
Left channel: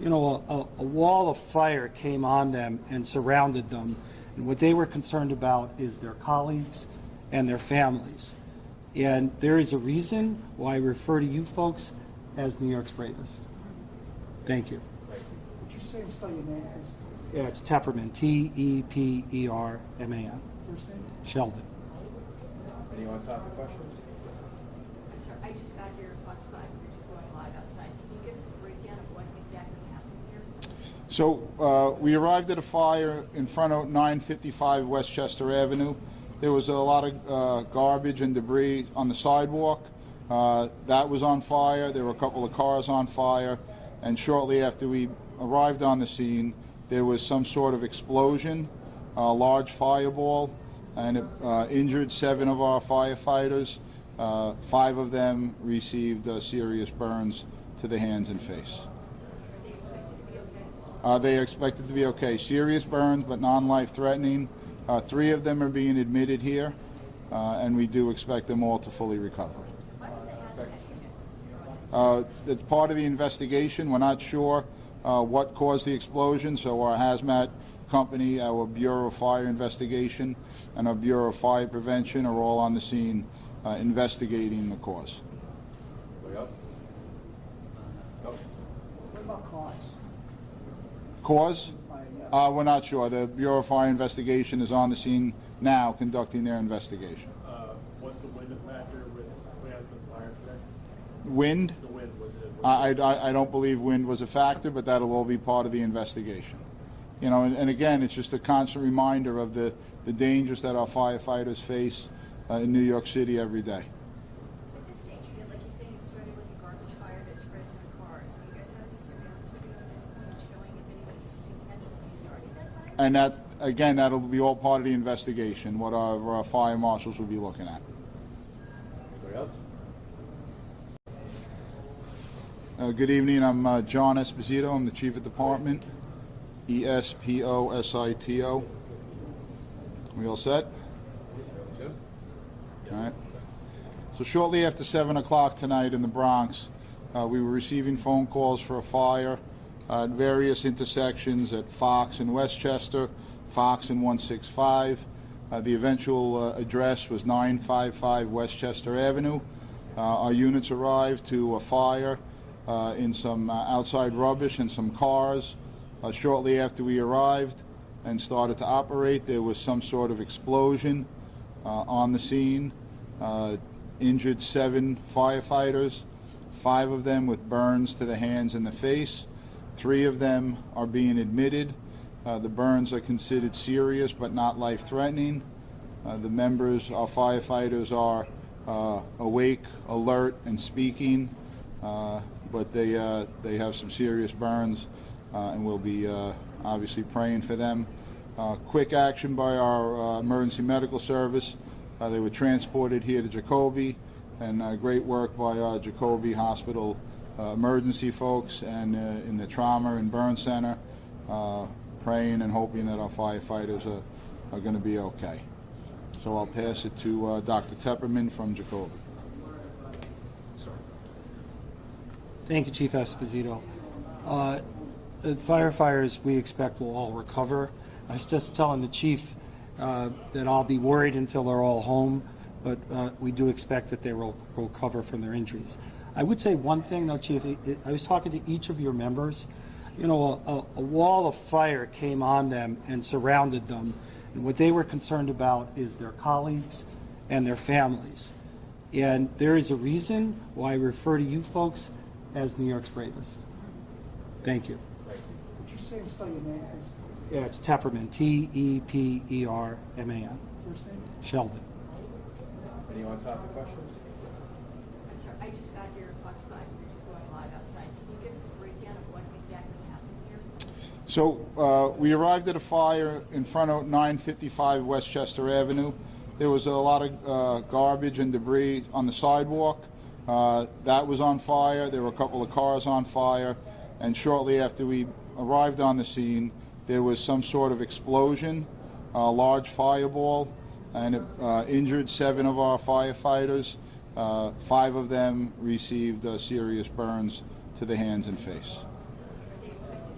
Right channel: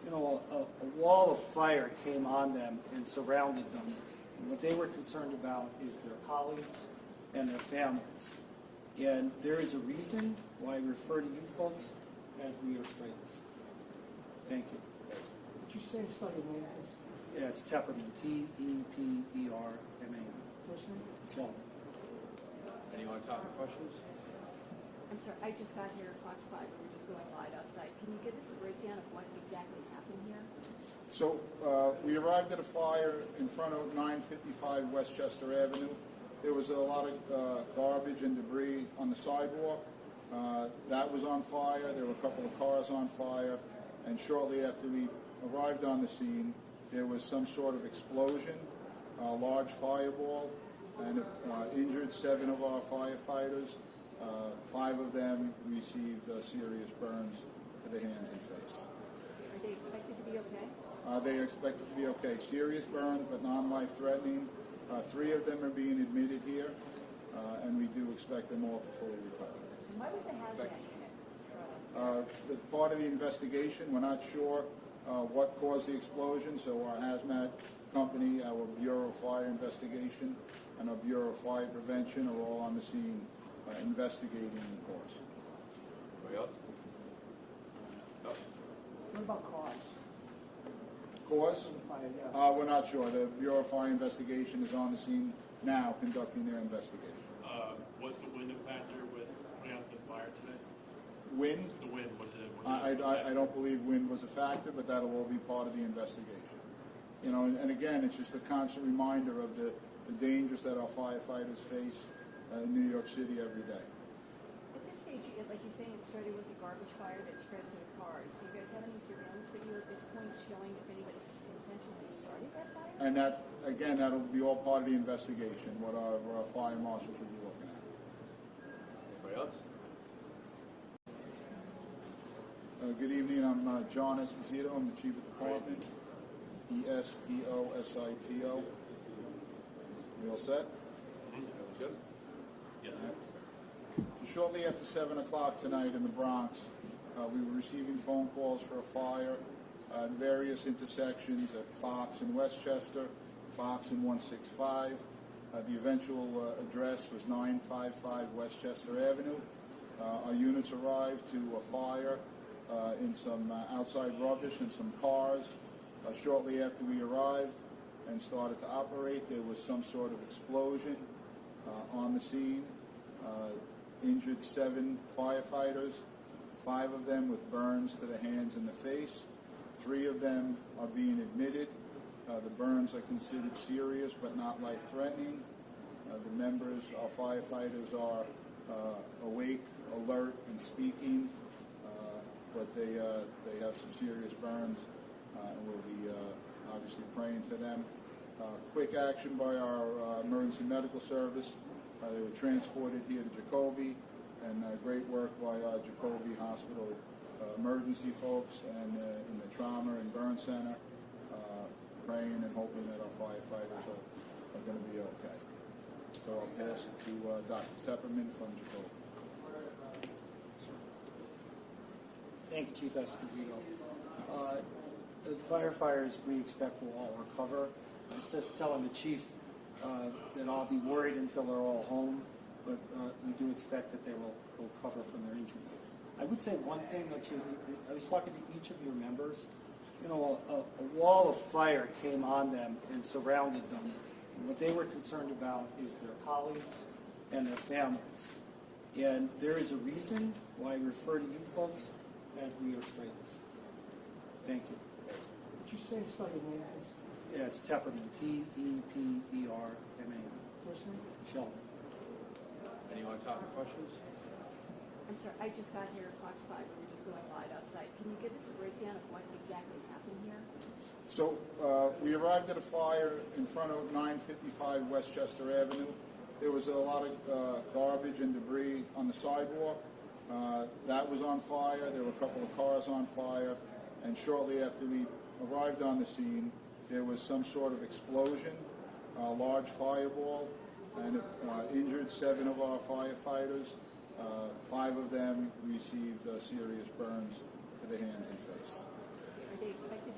a wall of fire came on them and surrounded them. And what they were concerned about is their colleagues and their families. And there is a reason why I refer to you folks as New York's bravest. Thank you. Would you say and spell your name, please? Yeah, it's Tepperman, T-E-P-E-R-M-A-N. First name? Sheldon. Any on-topic questions? I'm sorry, I just got here at Fox 5. We're just going live outside. Can you give us a breakdown of what exactly happened here? So we arrived at a fire in front of 955 Westchester Avenue. There was a lot of garbage and debris on the sidewalk. That was on fire. There were a couple of cars on fire. And shortly after we arrived on the scene, there was some sort of explosion, a large fireball, and it injured 7 of our firefighters. 5 of them received serious burns to the hands and face. Are they expected to be okay? They are expected to be okay. Serious burns, but non-life threatening. 3 of them are being admitted here, and we do expect them all to fully recover. Why was the hazmat unit? It's part of the investigation. We're not sure what caused the explosion, so our hazmat company, our Bureau of Fire Investigation, and our Bureau of Fire Prevention are all on the scene investigating the cause. Anybody else? No? What about cause? Cause? We're not sure. The Bureau of Fire Investigation is on the scene now conducting their investigation. Was the wind a factor with putting out the fire today? Wind? The wind, was it? I don't believe wind was a factor, but that'll all be part of the investigation. You know, and again, it's just a constant reminder of the dangers that our firefighters face in New York City every day. At this stage, like you're saying, it started with a garbage fire that spread to the cars. Do you guys have any surveillance video at this point showing if anybody intentionally started that fire? And that, again, that'll be all part of the investigation, what our fire marshals will be looking at. Anybody else? Good evening. I'm John Esposito. I'm the Chief of Department. E-S-P-O-S-I-T-O. We all set? Jim? All right. So shortly after 7 o'clock tonight in the Bronx, we were receiving phone calls for a fire at various intersections at Fox and Westchester, Fox and 165. The eventual address was 955 Westchester Avenue. Our units arrived to a fire in some outside rubbish and some cars. Shortly after we arrived and started to operate, there was some sort of explosion on the scene. Injured 7 firefighters, 5 of them with burns to the hands and the face. 3 of them are being admitted. The burns are considered serious but not life-threatening. The members, our firefighters, are awake, alert, and speaking, but they have some serious burns, and we'll be obviously praying for them. Quick action by our emergency medical service. They were transported here to Jacoby, and great work by our Jacoby Hospital emergency folks and in the trauma and burn center, praying and hoping that our firefighters are going to be okay. So I'll pass it to Dr. Tepperman from Jacoby. Thank you, Chief Esposito. The firefighters we expect will all recover. I was just telling the chief that I'll be worried until they're all home, but we do expect that they will recover from their injuries. I would say one thing, though, Chief. I was talking to each of your members. You know, a wall of fire came on them and surrounded them, and what they were concerned about is their colleagues and their families. And there is a reason why I refer to you folks as New York's bravest. Thank you. Would you say and spell your name, please? Yeah, it's Tepperman, T-E-P-E-R-M-A-N. First name? Sheldon. Any on-topic questions? I'm sorry, I just got here at Fox 5. We're just going live outside. Can you give us a breakdown of what exactly happened here? So we arrived at a fire in front of 955 Westchester Avenue. There was a lot of garbage and debris on the sidewalk. That was on fire. There were a couple of cars on fire. And shortly after we arrived on the scene, there was some sort of explosion, a large fireball, and it injured 7 of our firefighters. 5 of them received serious burns to the hands and face. Are they expected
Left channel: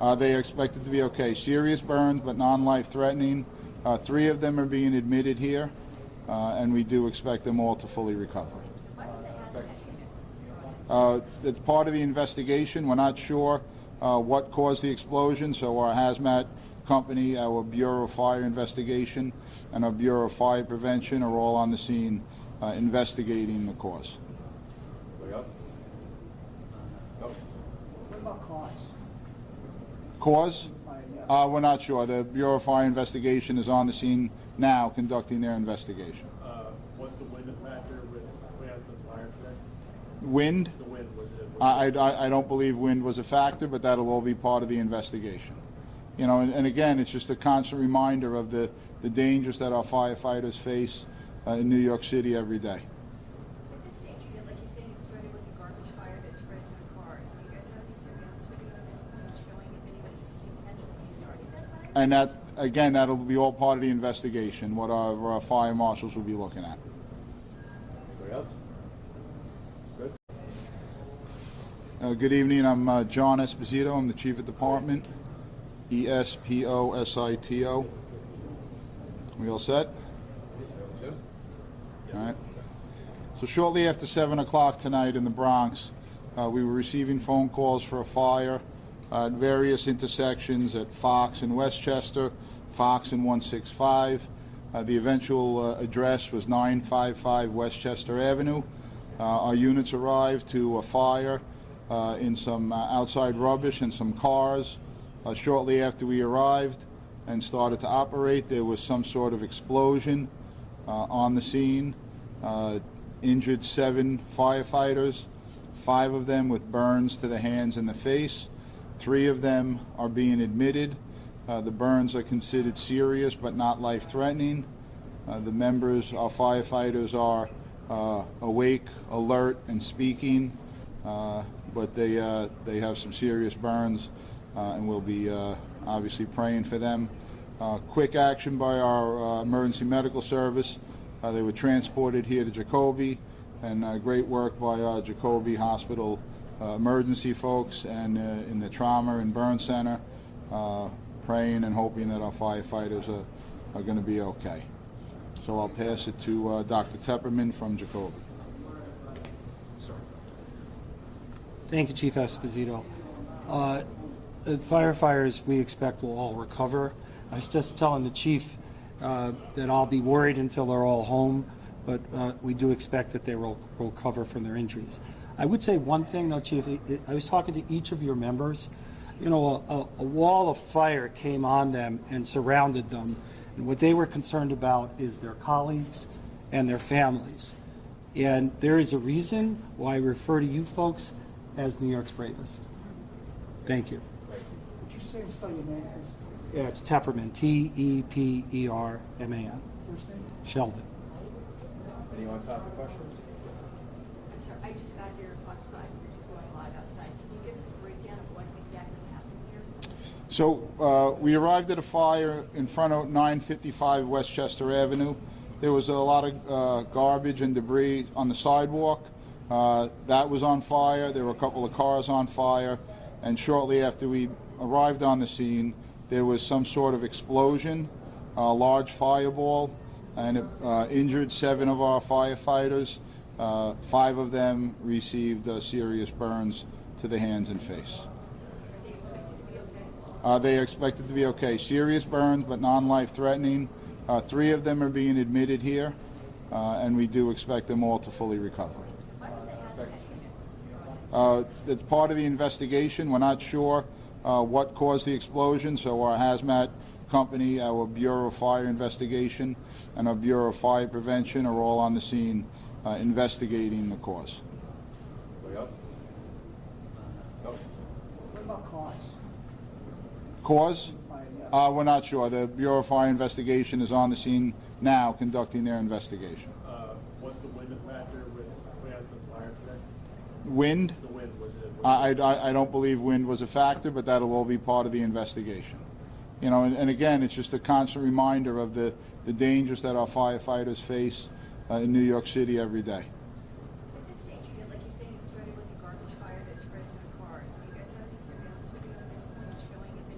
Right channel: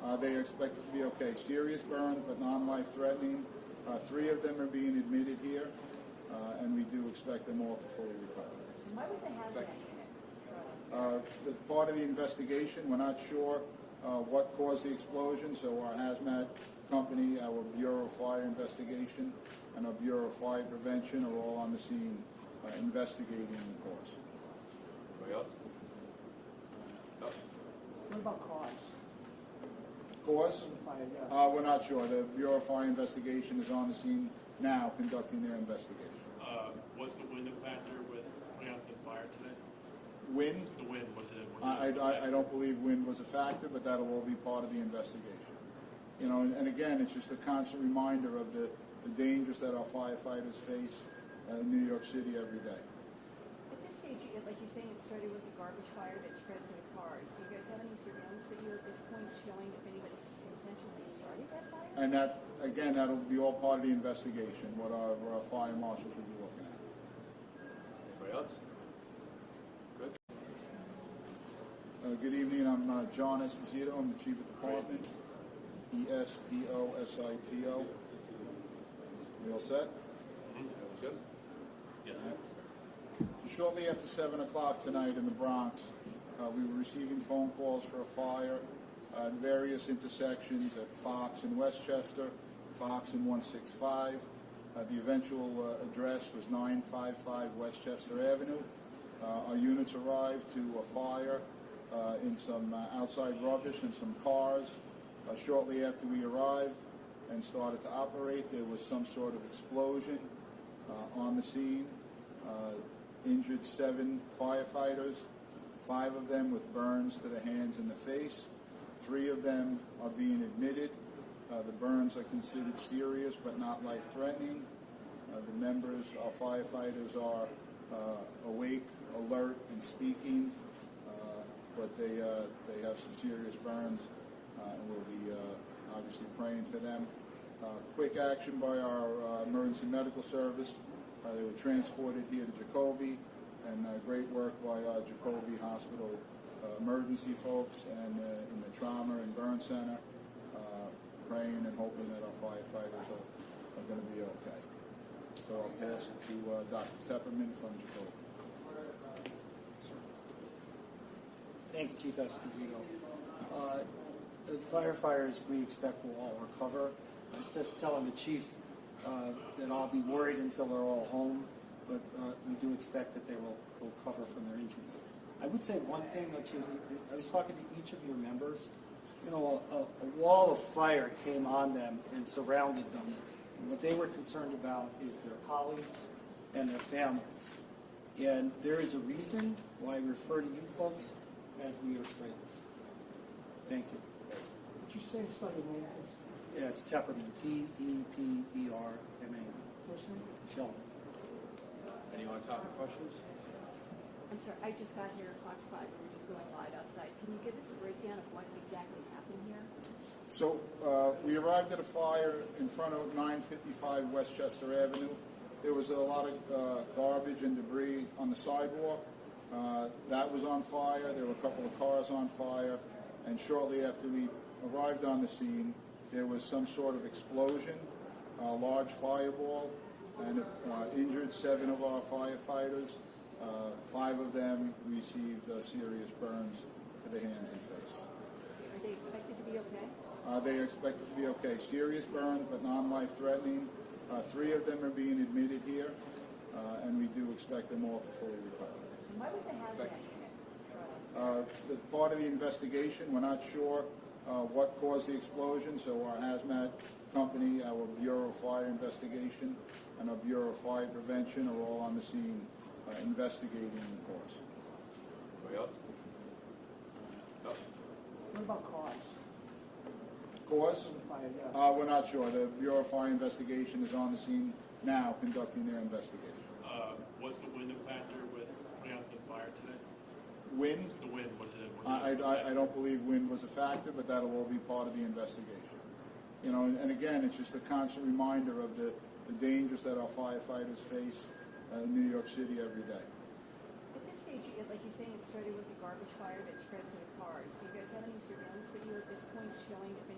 They are expected to be okay. Serious burns, but non-life threatening. 3 of them are being admitted here, and we do expect them all to fully recover. It's part of the investigation. We're not sure what caused the explosion, so our hazmat company, our Bureau of Fire Investigation, and our Bureau of Fire Prevention are all on the scene investigating the cause. Anybody else? No? What about cause? Cause? We're not sure. The Bureau of Fire Investigation is on the scene now conducting their investigation. What's the wind factor with putting out the fire today? Wind? The wind, was it? I don't believe wind was a factor, but that'll all be part of the investigation. You know, and again, it's just a constant reminder of the dangers that our firefighters face in New York City every day. At this stage, like you're saying, it started with a garbage fire that spread to the cars. Do you guys have any surveillance video at this point showing if anybody intentionally started that fire? And that, again, that'll be all part of the investigation, what our fire marshals will be looking at. Anybody else? Good. Good evening. I'm John Esposito. I'm the Chief of Department. Esposito. We all set? Jim? All right. So shortly after 7 o'clock tonight in the Bronx, we were receiving phone calls for a fire at various intersections at Fox and Westchester, Fox and 165. The eventual address was 955 Westchester Avenue. Our units arrived to a fire in some outside rubbish and some cars. Shortly after we arrived and started to operate, there was some sort of explosion on the scene. Injured 7 firefighters, 5 of them with burns to the hands and the face. 3 of them are being admitted. The burns are considered serious but not life-threatening. The members, our firefighters, are awake, alert, and speaking, but they have some serious burns, and we'll be obviously praying for them. Quick action by our emergency medical service. They were transported here to Jacoby, and great work by our Jacoby Hospital emergency folks and in the trauma and burn center, praying and hoping that our firefighters are going to be okay. So I'll pass it to Dr. Tepperman from Jacoby. Thank you, Chief Esposito. The firefighters we expect will all recover. I was just telling the chief that I'll be worried until they're all home, but we do expect that they will recover from their injuries. I would say one thing, though, Chief. I was talking to each of your members. You know, a wall of fire came on them and surrounded them, and what they were concerned about is their colleagues and their families. And there is a reason why I refer to you folks as New York's bravest. Thank you. Would you say and spell your name, please? Yeah, it's Tepperman, T-E-P-E-R-M-A-N. First name? Sheldon. Anyone on top of questions? I'm sorry, I just got here Fox 5. We're just going live outside. Can you give us a breakdown of what exactly happened here? So we arrived at a fire in front of 955 Westchester Avenue. There was a lot of garbage and debris on the sidewalk. That was on fire. There were a couple of cars on fire. And shortly after we arrived on the scene, there was some sort of explosion, a large fireball, and it injured 7 of our firefighters. 5 of them received serious burns to the hands and face. Are they expected to be okay? They are expected to be okay. Serious burns, but non-life threatening. 3 of them are being admitted here, and we do expect them all to fully recover. Why was the hazmat unit? It's part of the investigation. We're not sure what caused the explosion, so our hazmat company, our Bureau of Fire Investigation, and our Bureau of Fire Prevention are all on the scene investigating the cause. Anybody else? No? What about cause? Cause? We're not sure. The Bureau of Fire Investigation is on the scene now conducting their investigation. What's the wind factor with putting out the fire today? Wind? The wind, was it? I don't believe wind was a factor, but that'll all be part of the investigation. You know, and again, it's just a constant reminder of the dangers that our firefighters face in New York City every day. At this stage, like you're saying, it started with a garbage fire that spread to the cars. Do you guys have any surveillance video at this point showing if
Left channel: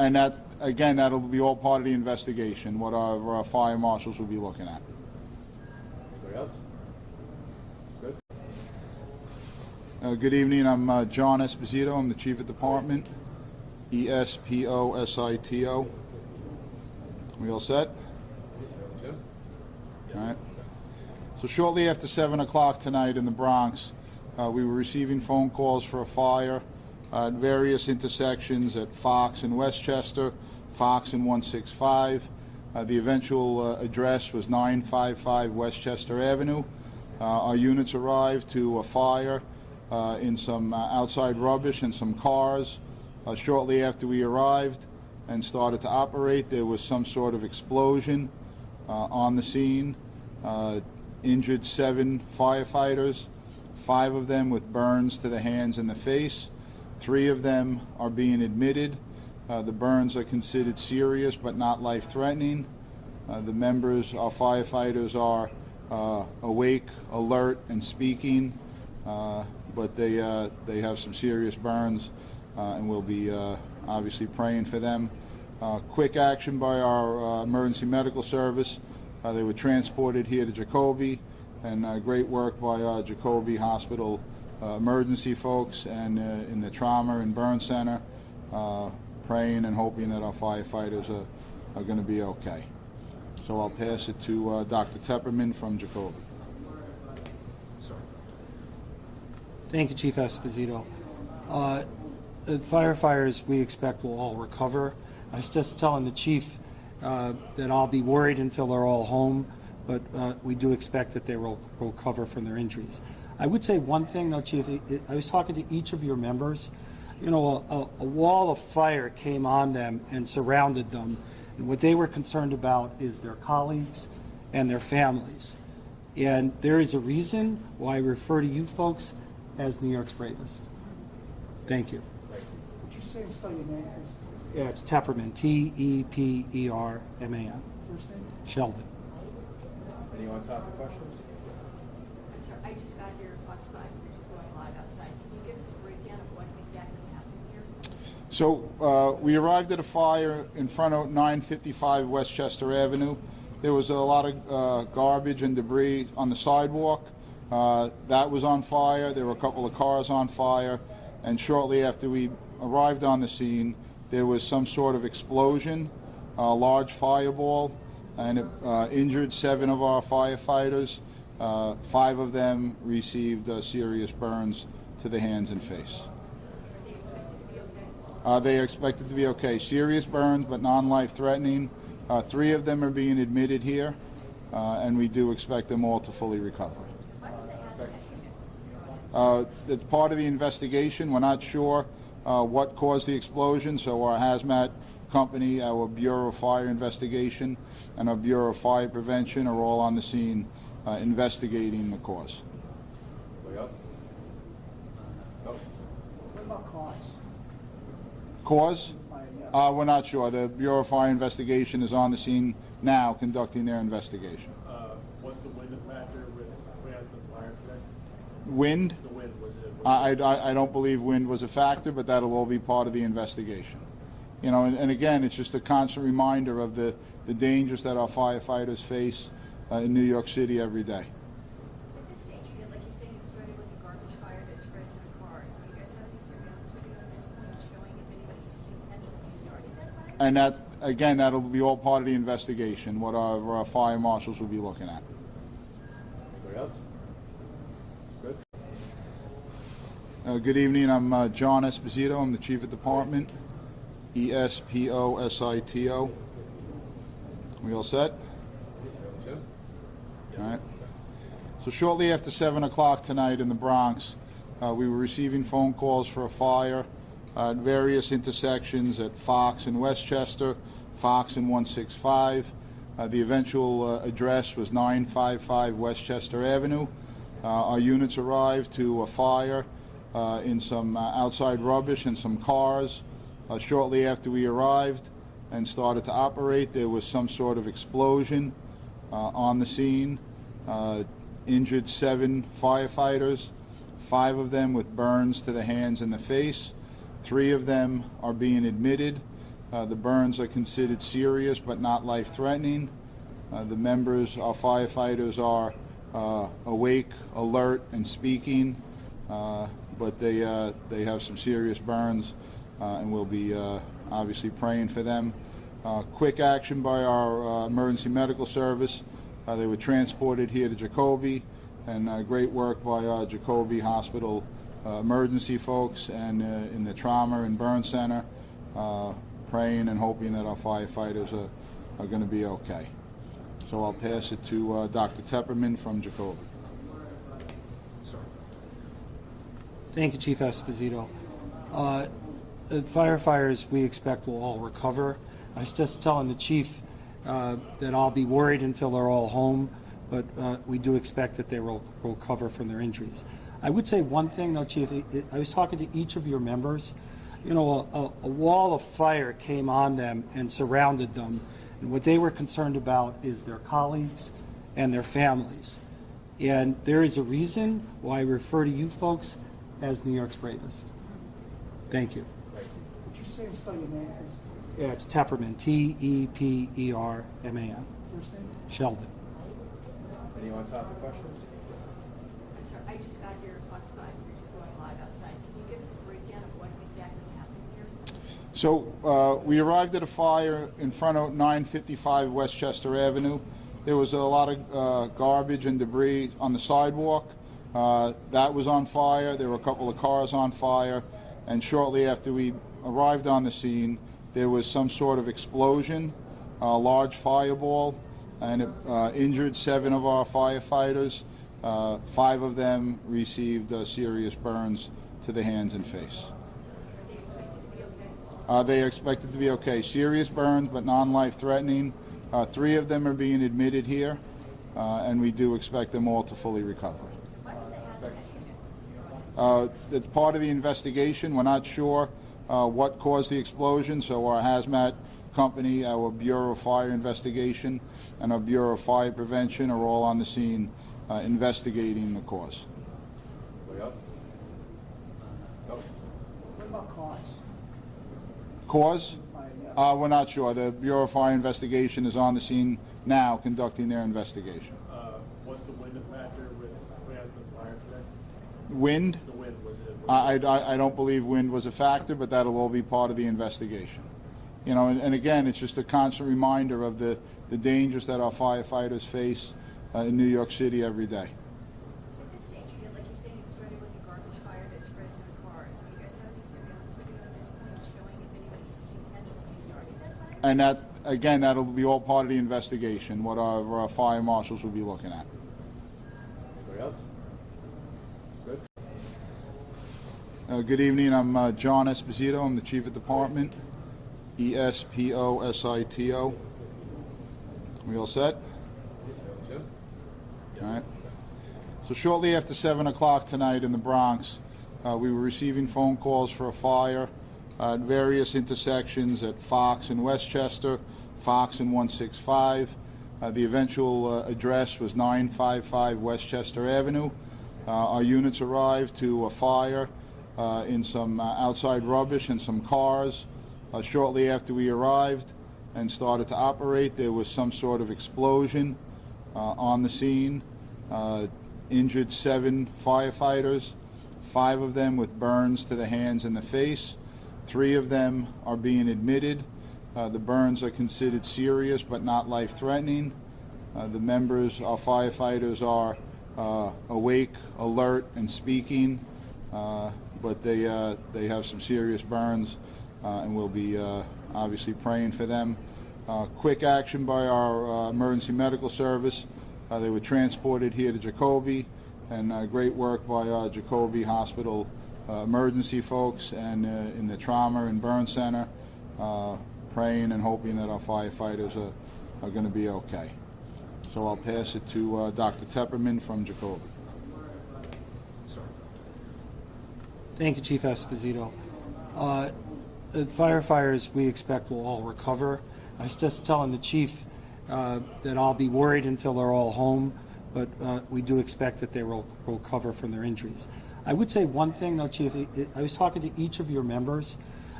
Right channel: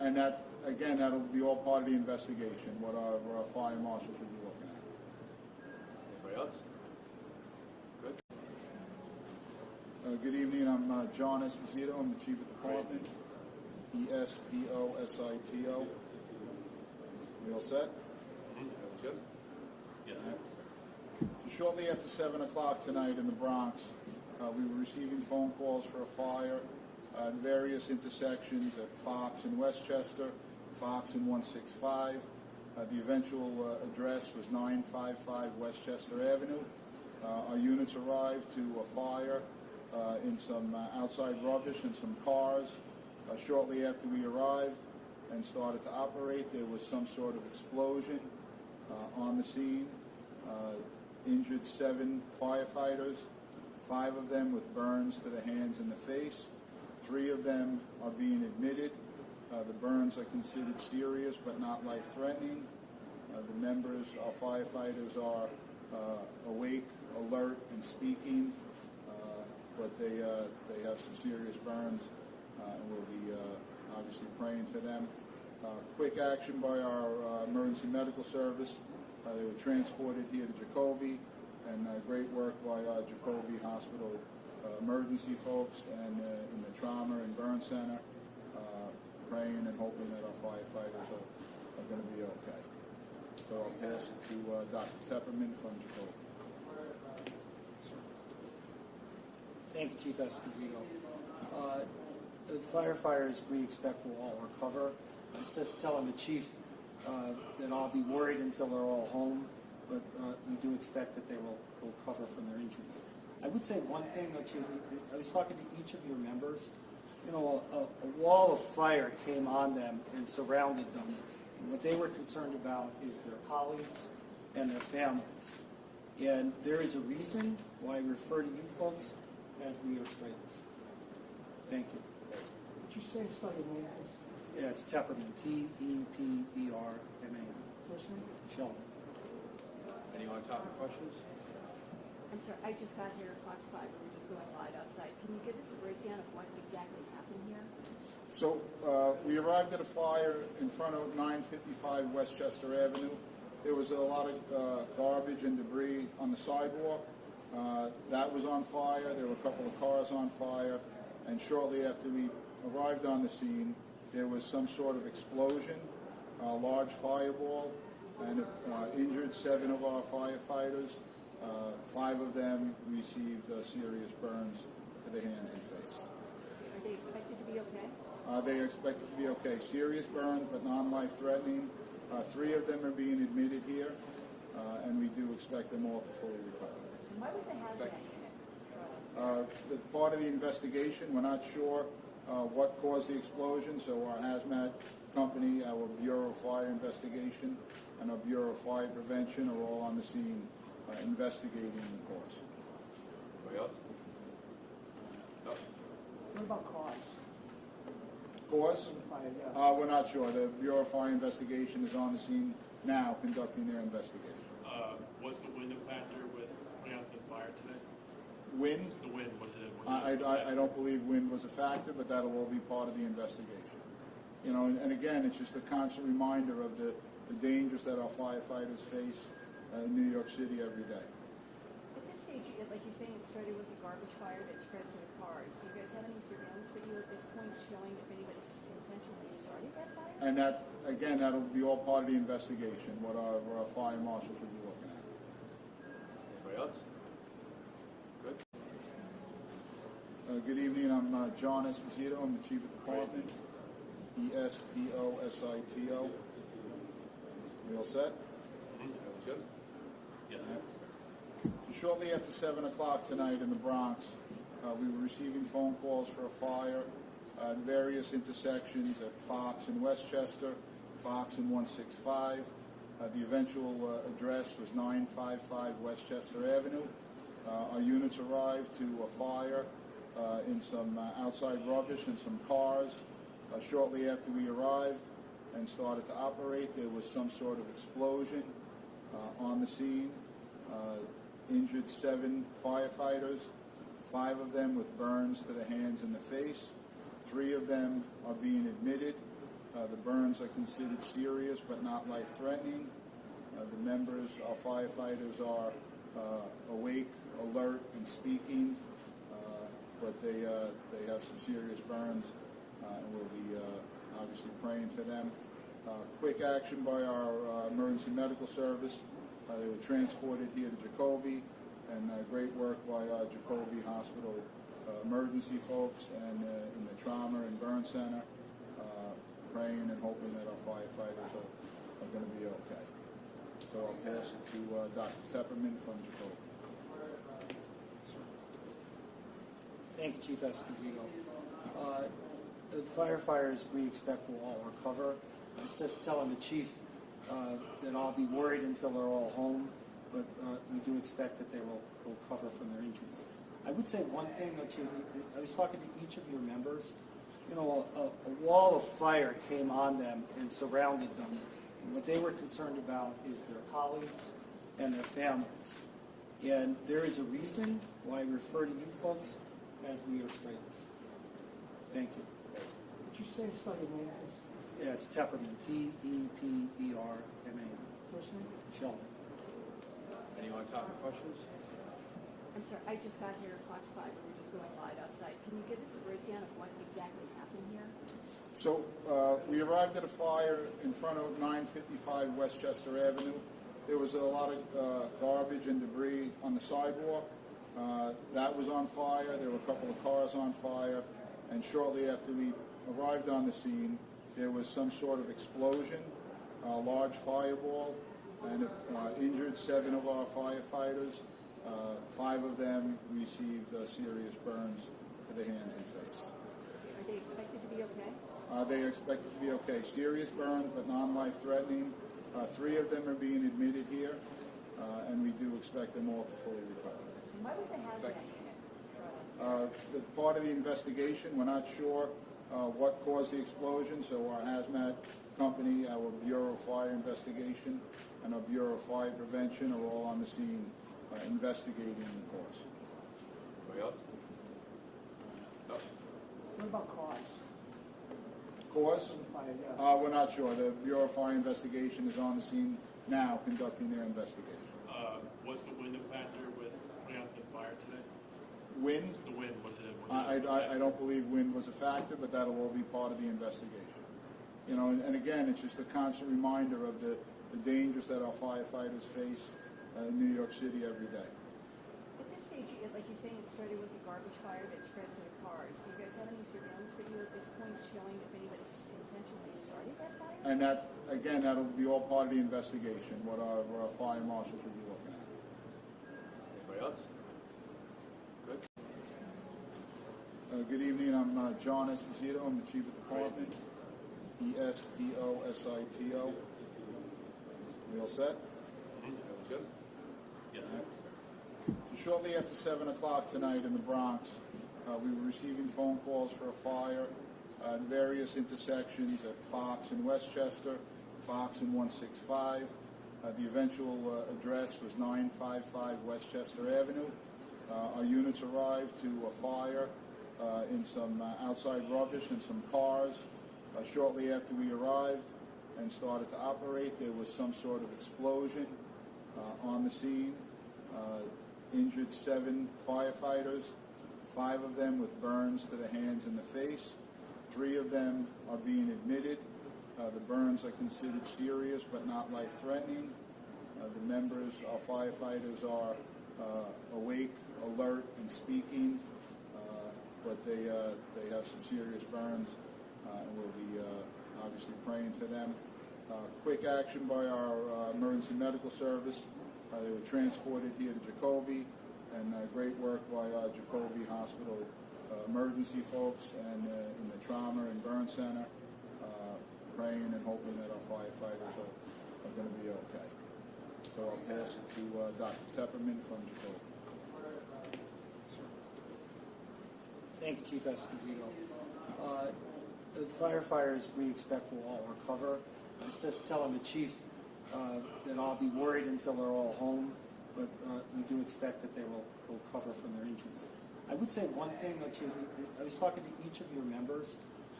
And that, again, that'll be all part of the investigation, what our fire marshals will be looking at. Anybody else? Good. Good evening, I'm John Esposito, I'm the Chief of Department, Esposito. We all set? Jim? All right. So shortly after 7 o'clock tonight in the Bronx, we were receiving phone calls for a fire at various intersections at Fox and Westchester, Fox and 165. The eventual address was 955 Westchester Avenue. Our units arrived to a fire in some outside rubbish and some cars. Shortly after we arrived and started to operate, there was some sort of explosion on the scene. Injured 7 firefighters, 5 of them with burns to the hands and the face. 3 of them are being admitted. The burns are considered serious but not life-threatening. The members, our firefighters, are awake, alert, and speaking, but they have some serious burns, and we'll be obviously praying for them. Quick action by our emergency medical service. They were transported here to Jacoby, and great work by our Jacoby Hospital emergency folks and in the trauma and burn center, praying and hoping that our firefighters are going to be okay. So I'll pass it to Dr. Tepperman from Jacoby. Thank you, Chief Esposito. The firefighters we expect will all recover. I was just telling the chief that I'll be worried until they're all home, but we do expect that they will recover from their injuries. I would say one thing, though, Chief. I was talking to each of your members. You know, a wall of fire came on them and surrounded them, and what they were concerned about is their colleagues and their families. And there is a reason why I refer to you folks as New York's bravest. Thank you. Would you say and spell your name, please? Yeah, it's Tepperman, Tepperman. First name? Sheldon. Anyone talk to questions? I'm sorry, I just got here at Fox 5, we're just going live outside. Can you give us a breakdown of what exactly happened here? So we arrived at a fire in front of 955 Westchester Avenue. There was a lot of garbage and debris on the sidewalk. That was on fire. There were a couple of cars on fire. And shortly after we arrived on the scene, there was some sort of explosion, a large fireball, and it injured 7 of our firefighters. 5 of them received serious burns to the hands and face. Are they expected to be okay? They are expected to be okay. Serious burns, but non-life threatening. 3 of them are being admitted here, and we do expect them all to fully recover. Why was the hazmat unit? It's part of the investigation. We're not sure what caused the explosion, so our hazmat company, our Bureau of Fire Investigation, and our Bureau of Fire Prevention are all on the scene investigating the cause. Anybody else? No? What about cause? Cause? Yeah. We're not sure. The Bureau of Fire Investigation is on the scene now conducting their investigation. Was the wind a factor with putting out the fire today? Wind? The wind, was it? I don't believe wind was a factor, but that'll all be part of the investigation. You know, and again, it's just a constant reminder of the dangers that our firefighters face in New York City every day. At this stage, like you're saying, it started with a garbage fire that spread to the cars. Do you guys have any surveillance video at this point showing if anybody intentionally started that fire? And that, again, that'll be all part of the investigation, what our fire marshals will be looking at. Anybody else? Good. Good evening, I'm John Esposito, I'm the Chief of Department, Esposito. We all set? Jim? All right. So shortly after 7 o'clock tonight in the Bronx, we were receiving phone calls for a fire at various intersections at Fox and Westchester, Fox and 165. The eventual address was 955 Westchester Avenue. Our units arrived to a fire in some outside rubbish and some cars. Shortly after we arrived and started to operate, there was some sort of explosion on the scene. Injured 7 firefighters, 5 of them with burns to the hands and the face. 3 of them are being admitted. The burns are considered serious but not life-threatening. The members, our firefighters, are awake, alert, and speaking, but they have some serious burns, and we'll be obviously praying for them. Quick action by our emergency medical service. They were transported here to Jacoby, and great work by our Jacoby Hospital emergency folks and in the trauma and burn center, praying and hoping that our firefighters are going to be okay. So I'll pass it to Dr. Tepperman from Jacoby. Thank you, Chief Esposito. The firefighters we expect will all recover. I was just telling the chief that I'll be worried until they're all home, but we do expect that they will recover from their injuries. I would say one thing, though, Chief. I was talking to each of your members. You know, a wall of fire came on them and surrounded them, and what they were concerned about is their colleagues and their families. And there is a reason why I refer to you folks as New York's bravest. Thank you. Would you say and spell your name, please? Yeah, it's Tepperman, T-E-P-E-R-M-A-N. First name? Sheldon. Any on-topic questions? I'm sorry, I just got here at Fox 5, we're just going live outside. Can you give us a breakdown of what exactly happened here? So we arrived at a fire in front of 955 Westchester Avenue. There was a lot of garbage and debris on the sidewalk. That was on fire. There were a couple of cars on fire. And shortly after we arrived on the scene, there was some sort of explosion, a large fireball, and it injured 7 of our firefighters. 5 of them received serious burns to the hands and face. Are they expected to be okay? They are expected to be okay. Serious burns, but non-life threatening. 3 of them are being admitted here, and we do expect them all to fully recover. Why was the hazmat unit? It's part of the investigation. We're not sure what caused the explosion, so our hazmat company, our Bureau of Fire Investigation, and our Bureau of Fire Prevention are all on the scene investigating the cause. Anybody else? No? What about cause? Cause? We're not sure. The Bureau of Fire Investigation is on the scene now conducting their investigation. Was the wind a factor with putting out the fire today? Wind? The wind, was it? I don't believe wind was a factor, but that'll all be part of the investigation. You know, and again, it's just a constant reminder of the dangers that our firefighters face in New York City every day. At this stage, like you're saying, it started with a garbage fire that spread to the cars. Do you guys have any surveillance video at this point showing if anybody intentionally started that fire? And that, again, that'll be all part of the investigation, what our fire marshals will be looking at. Anybody else? Good. Good evening. I'm John Esposito. I'm the Chief of Department. E-S-P-O-S-I-T-O. We all set? Jim? All right. So shortly after 7 o'clock tonight in the Bronx, we were receiving phone calls for a fire at various intersections at Fox and Westchester, Fox and 165. The eventual address was 955 Westchester Avenue. Our units arrived to a fire in some outside rubbish and some cars. Shortly after we arrived and started to operate, there was some sort of explosion on the scene. Injured 7 firefighters, 5 of them with burns to the hands and the face. 3 of them are being admitted. The burns are considered serious but not life-threatening. The members, our firefighters, are awake, alert, and speaking, but they have some serious burns, and we'll be obviously praying for them. Quick action by our emergency medical service. They were transported here to Jacoby, and great work by our Jacoby Hospital emergency folks and in the trauma and burn center, praying and hoping that our firefighters are going to be okay. So I'll pass it to Dr. Tepperman from Jacoby. Thank you, Chief Esposito. The firefighters we expect will all recover. I was just telling the chief that I'll be worried until they're all home, but we do expect that they will recover from their injuries. I would say one thing, though, Chief. I was talking to each of your members.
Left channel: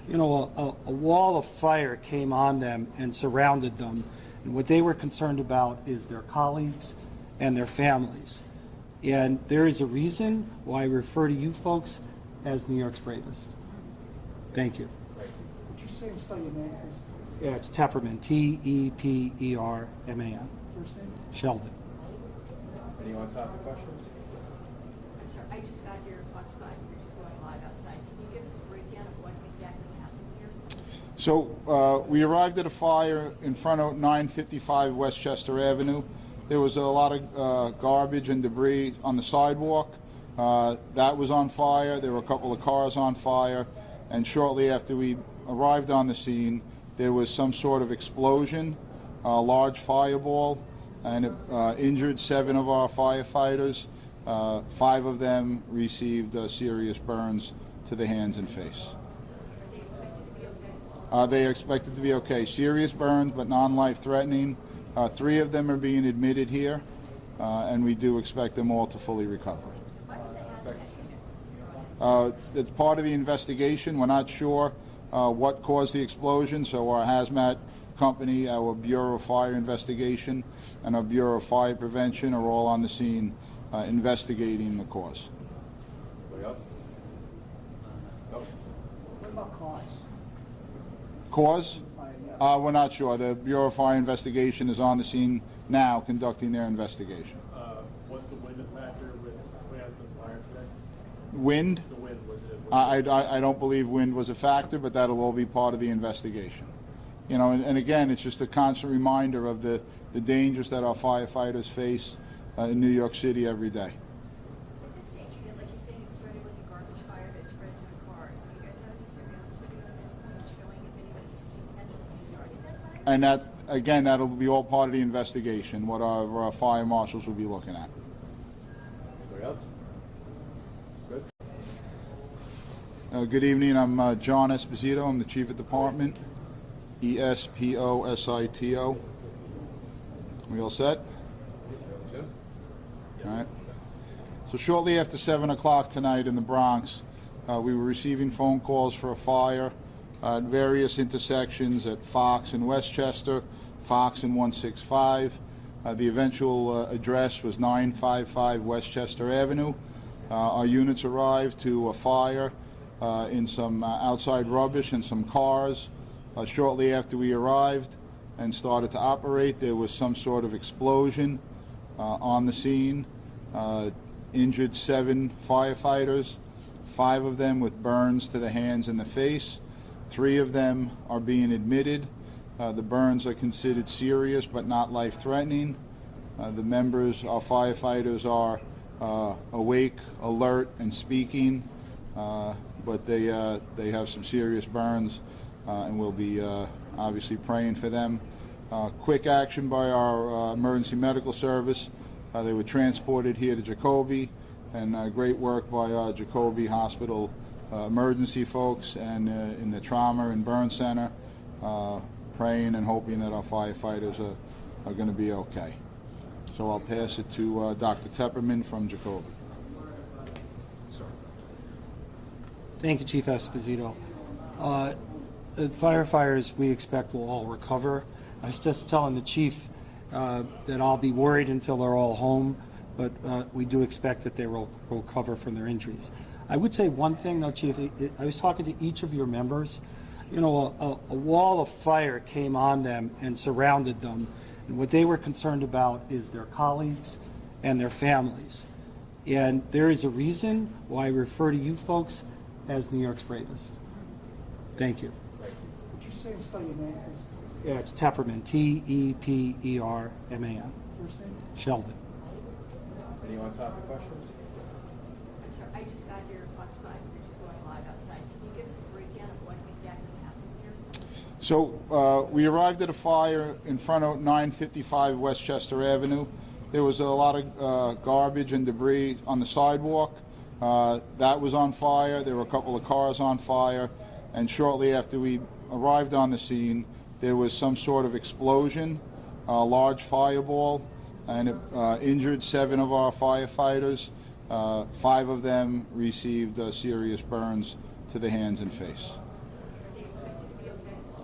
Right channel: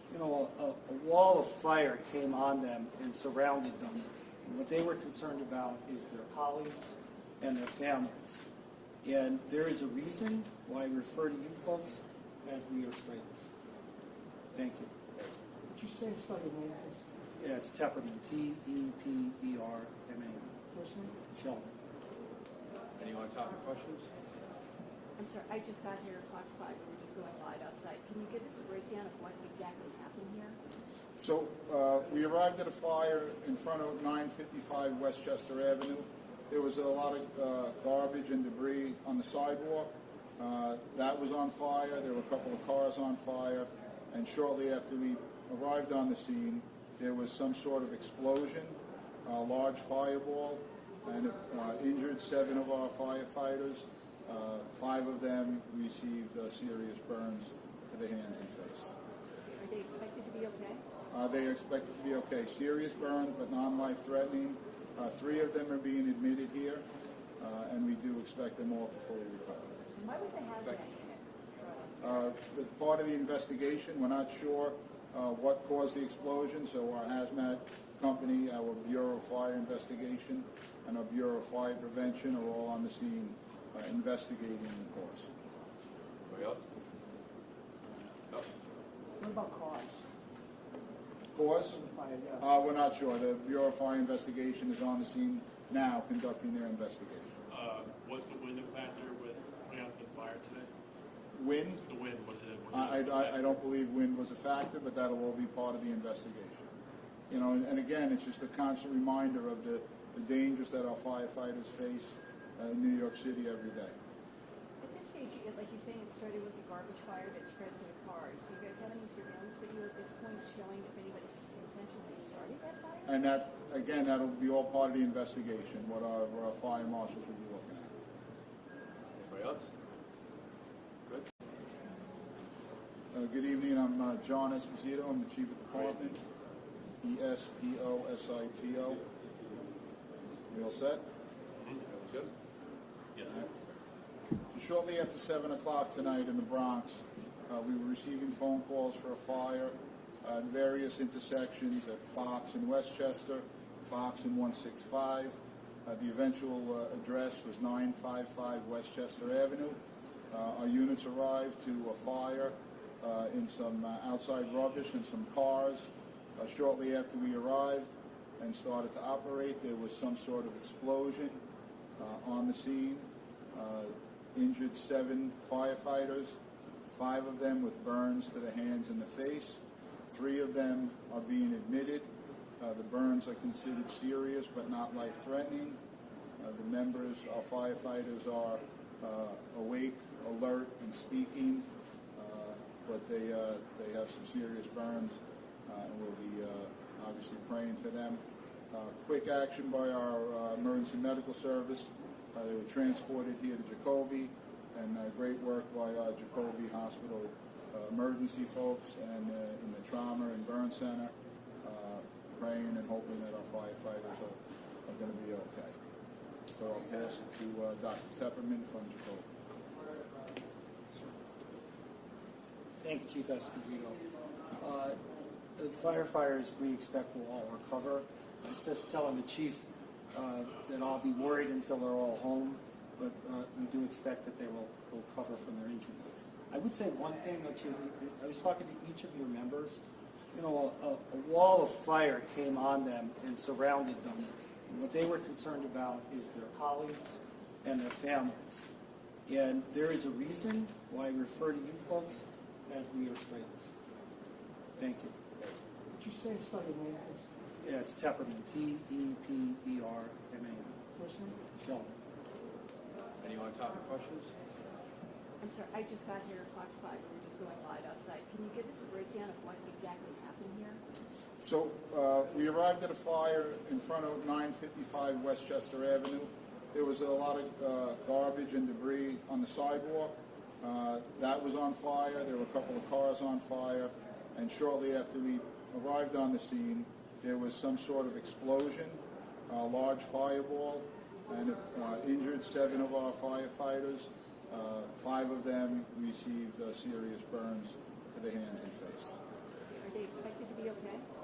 a wall of fire came on them and surrounded them. And what they were concerned about is their colleagues and their families. And there is a reason why I refer to you folks as New York's bravest. Thank you. Would you say and spell your name, please? Yeah, it's Tepperman, Tepperman. First name? Sheldon. Any on-topic questions? I'm sorry, I just got your Fox 5, you're just going live outside. Can you give us a breakdown of what exactly happened here? So we arrived at a fire in front of 955 Westchester Avenue. There was a lot of garbage and debris on the sidewalk. That was on fire. There were a couple of cars on fire. And shortly after we arrived on the scene, there was some sort of explosion, a large fireball, and it injured 7 of our firefighters. 5 of them received serious burns to the hands and face. Are they expected to be okay? They are expected to be okay. Serious burns, but non-life threatening. 3 of them are being admitted here, and we do expect them all to fully recover. Why was the hazmat here? It's part of the investigation. We're not sure what caused the explosion, so our hazmat company, our Bureau of Fire Investigation, and our Bureau of Fire Prevention are all on the scene investigating the cause. Anybody else? No? What about cause? Cause? Yeah. We're not sure. The Bureau of Fire Investigation is on the scene now conducting their investigation. What's the wind factor with putting out the fire today? Wind? The wind, was it? I don't believe wind was a factor, but that'll all be part of the investigation. You know, and again, it's just a constant reminder of the dangers that our firefighters face in New York City every day. At this stage, like you're saying, it started with a garbage fire that spread to the cars. Do you guys have any surveillance video at this point showing if anybody intentionally started that fire? And that, again, that'll be all part of the investigation, what our fire marshals will be looking at. Anybody else? Good. Good evening. I'm John Esposito. I'm the Chief of Department. Esposito. We all set? Jim? All right. So shortly after 7 o'clock tonight in the Bronx, we were receiving phone calls for a fire at various intersections at Fox and Westchester, Fox and 165. The eventual address was 955 Westchester Avenue. Our units arrived to a fire in some outside rubbish and some cars. Shortly after we arrived and started to operate, there was some sort of explosion on the scene. Injured 7 firefighters, 5 of them with burns to the hands and the face. 3 of them are being admitted. The burns are considered serious but not life-threatening. The members, our firefighters, are awake, alert, and speaking, but they have some serious burns, and we'll be obviously praying for them. Quick action by our emergency medical service. They were transported here to Jacoby, and great work by our Jacoby Hospital emergency folks and in the trauma and burn center, praying and hoping that our firefighters are going to be okay. So I'll pass it to Dr. Tepperman from Jacoby. Thank you, Chief Esposito. The firefighters we expect will all recover. I was just telling the chief that I'll be worried until they're all home, but we do expect that they will recover from their injuries. I would say one thing, though, Chief. I was talking to each of your members. You know, a wall of fire came on them and surrounded them, and what they were concerned about is their colleagues and their families. And there is a reason why I refer to you folks as New York's bravest. Thank you. Would you say and spell your name, please? Yeah, it's Tepperman, Tepperman. First name? Sheldon. Any on-topic questions? I'm sorry, I just got your Fox 5, you're just going live outside. Can you give us a breakdown of what exactly happened here? So we arrived at a fire in front of 955 Westchester Avenue. There was a lot of garbage and debris on the sidewalk. That was on fire. There were a couple of cars on fire. And shortly after we arrived on the scene, there was some sort of explosion, a large fireball, and it injured 7 of our firefighters. 5 of them received serious burns to the hands and face. Are they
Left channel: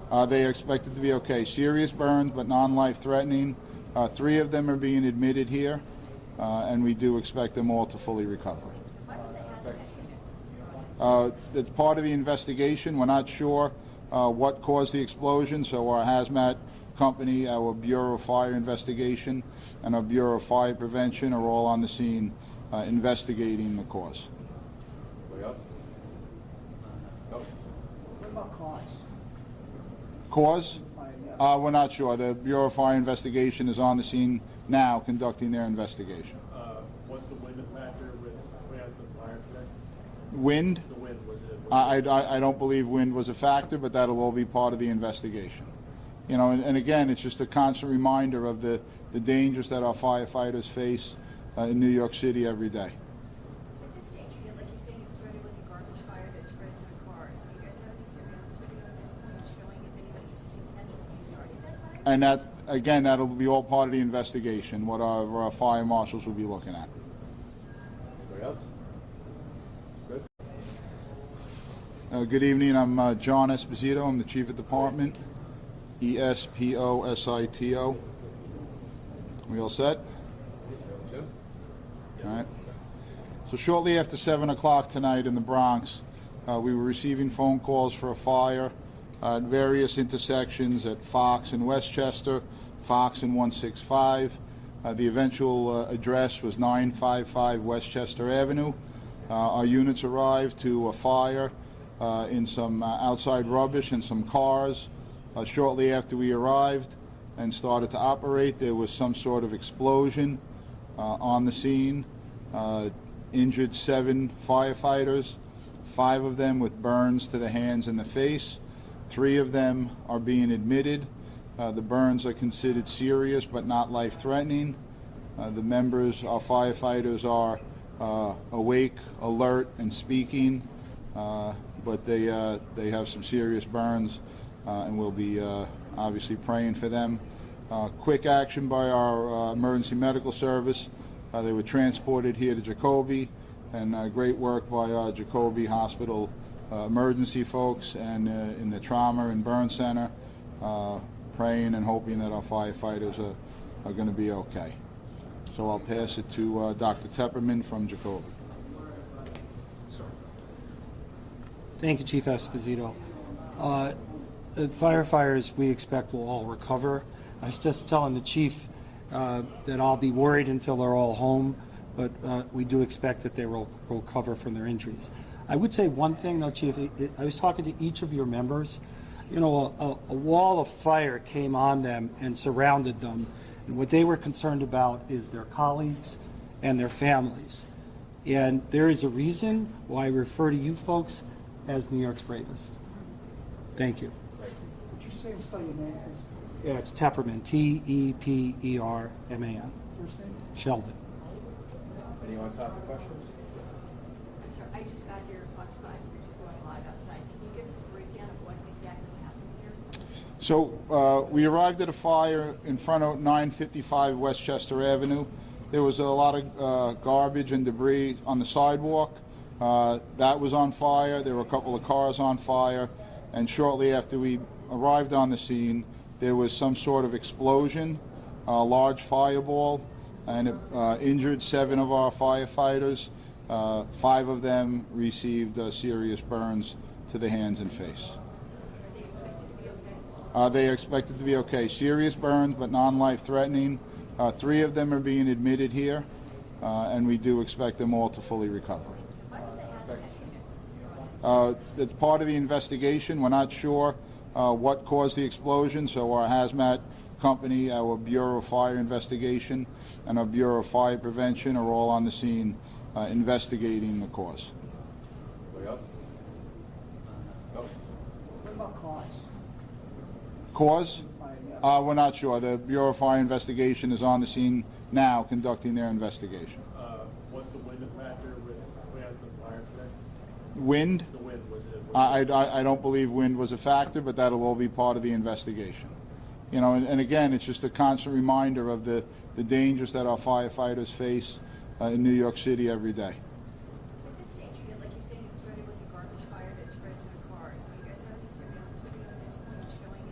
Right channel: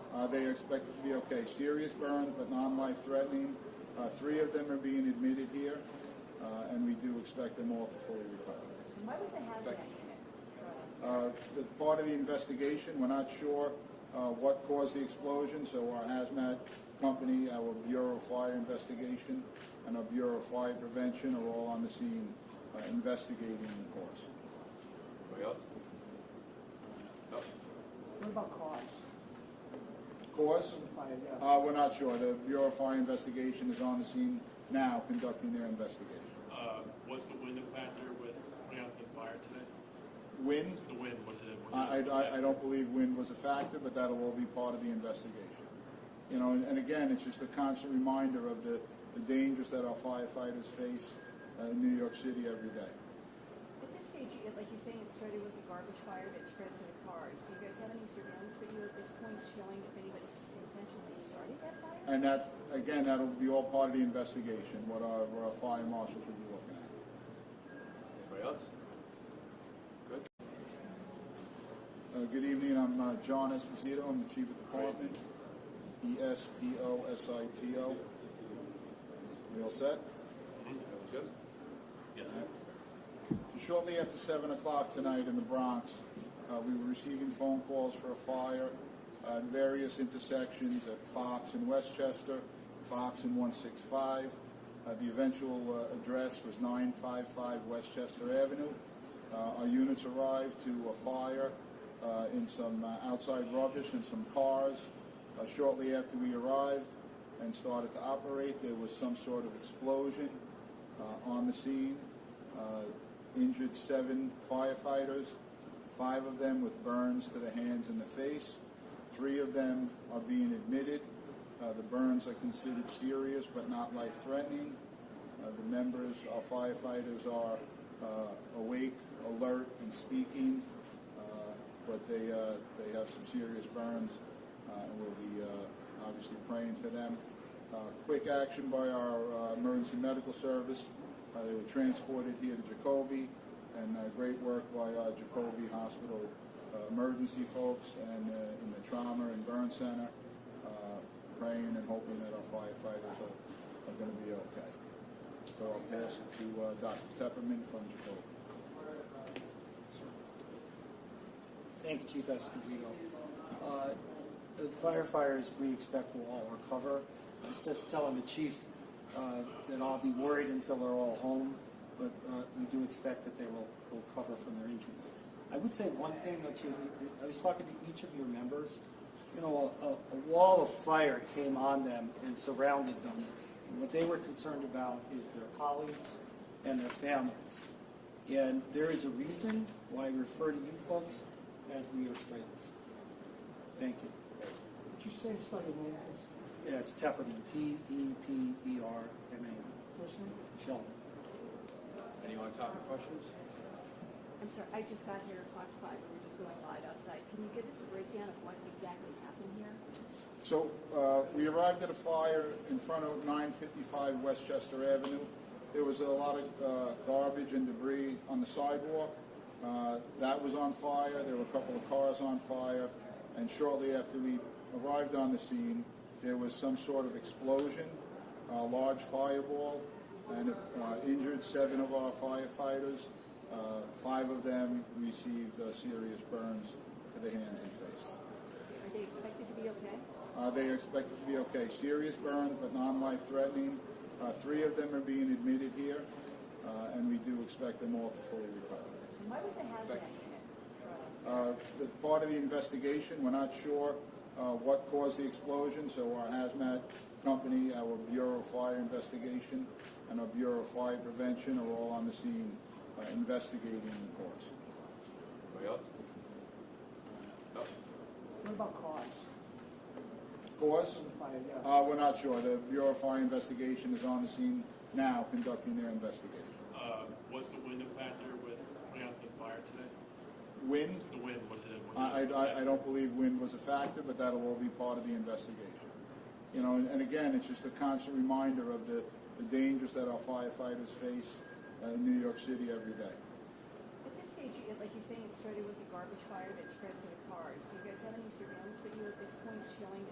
They are expected to be okay. Serious burns, but non-life threatening. 3 of them are being admitted here, and we do expect them all to fully recover. It's part of the investigation. We're not sure what caused the explosion, so our hazmat company, our Bureau of Fire Investigation, and our Bureau of Fire Prevention are all on the scene investigating the cause. Anybody else? No? What about cause? Cause? We're not sure. The Bureau of Fire Investigation is on the scene now conducting their investigation. Was the wind a factor with putting out the fire today? Wind? The wind, was it? I don't believe wind was a factor, but that'll all be part of the investigation. You know, and again, it's just a constant reminder of the dangers that our firefighters face in New York City every day. At this stage, like you're saying, it started with a garbage fire that spread to the cars. Do you guys have any surveillance video at this point showing if anybody intentionally started that fire? And that, again, that'll be all part of the investigation, what our fire marshals will be looking at. Anybody else? Good. Good evening. I'm John Esposito. I'm the Chief of Department. ESPOSITO. We all set? Jim? All right. So shortly after 7 o'clock tonight in the Bronx, we were receiving phone calls for a fire at various intersections at Fox and Westchester, Fox and 165. The eventual address was 955 Westchester Avenue. Our units arrived to a fire in some outside rubbish and some cars. Shortly after we arrived and started to operate, there was some sort of explosion on the scene. Injured 7 firefighters, 5 of them with burns to the hands and the face. 3 of them are being admitted. The burns are considered serious but not life-threatening. The members, our firefighters, are awake, alert, and speaking, but they have some serious burns, and we'll be obviously praying for them. Quick action by our emergency medical service. They were transported here to Jacoby, and great work by our Jacoby Hospital emergency folks and in the trauma and burn center, praying and hoping that our firefighters are going to be okay. So I'll pass it to Dr. Tepperman from Jacoby. Thank you, Chief Esposito. The firefighters we expect will all recover. I was just telling the chief that I'll be worried until they're all home, but we do expect that they will recover from their injuries. I would say one thing, though, Chief. I was talking to each of your members. You know, a wall of fire came on them and surrounded them, and what they were concerned about is their colleagues and their families. And there is a reason why I refer to you folks as New York's bravest. Thank you. Would you say and spell your name, please? Yeah, it's Tepperman, Tepperman. First name? Sheldon. Any on-topic questions? I'm sorry, I just got here at Fox 5. You're just going live outside. Can you give us a breakdown of what exactly happened here? So we arrived at a fire in front of 955 Westchester Avenue. There was a lot of garbage and debris on the sidewalk. That was on fire. There were a couple of cars on fire. And shortly after we arrived on the scene, there was some sort of explosion, a large fireball, and it injured 7 of our firefighters. 5 of them received serious burns to the hands and face. Are they expected to be okay? They are expected to be okay. Serious burns, but non-life threatening. 3 of them are being admitted here, and we do expect them all to fully recover. Why was the hazmat unit? It's part of the investigation. We're not sure what caused the explosion, so our hazmat company, our Bureau of Fire Investigation, and our Bureau of Fire Prevention are all on the scene investigating the cause. Anybody else? No? What about cause? Cause? We're not sure. The Bureau of Fire Investigation is on the scene now conducting their investigation. Was the wind a factor with putting out the fire today? Wind? The wind, was it? I don't believe wind was a factor, but that'll all be part of the investigation. You know, and again, it's just a constant reminder of the dangers that our firefighters face in New York City every day. At this stage, like you're saying, it started with a garbage fire that spread to the cars. Do you guys have any surveillance video at this point showing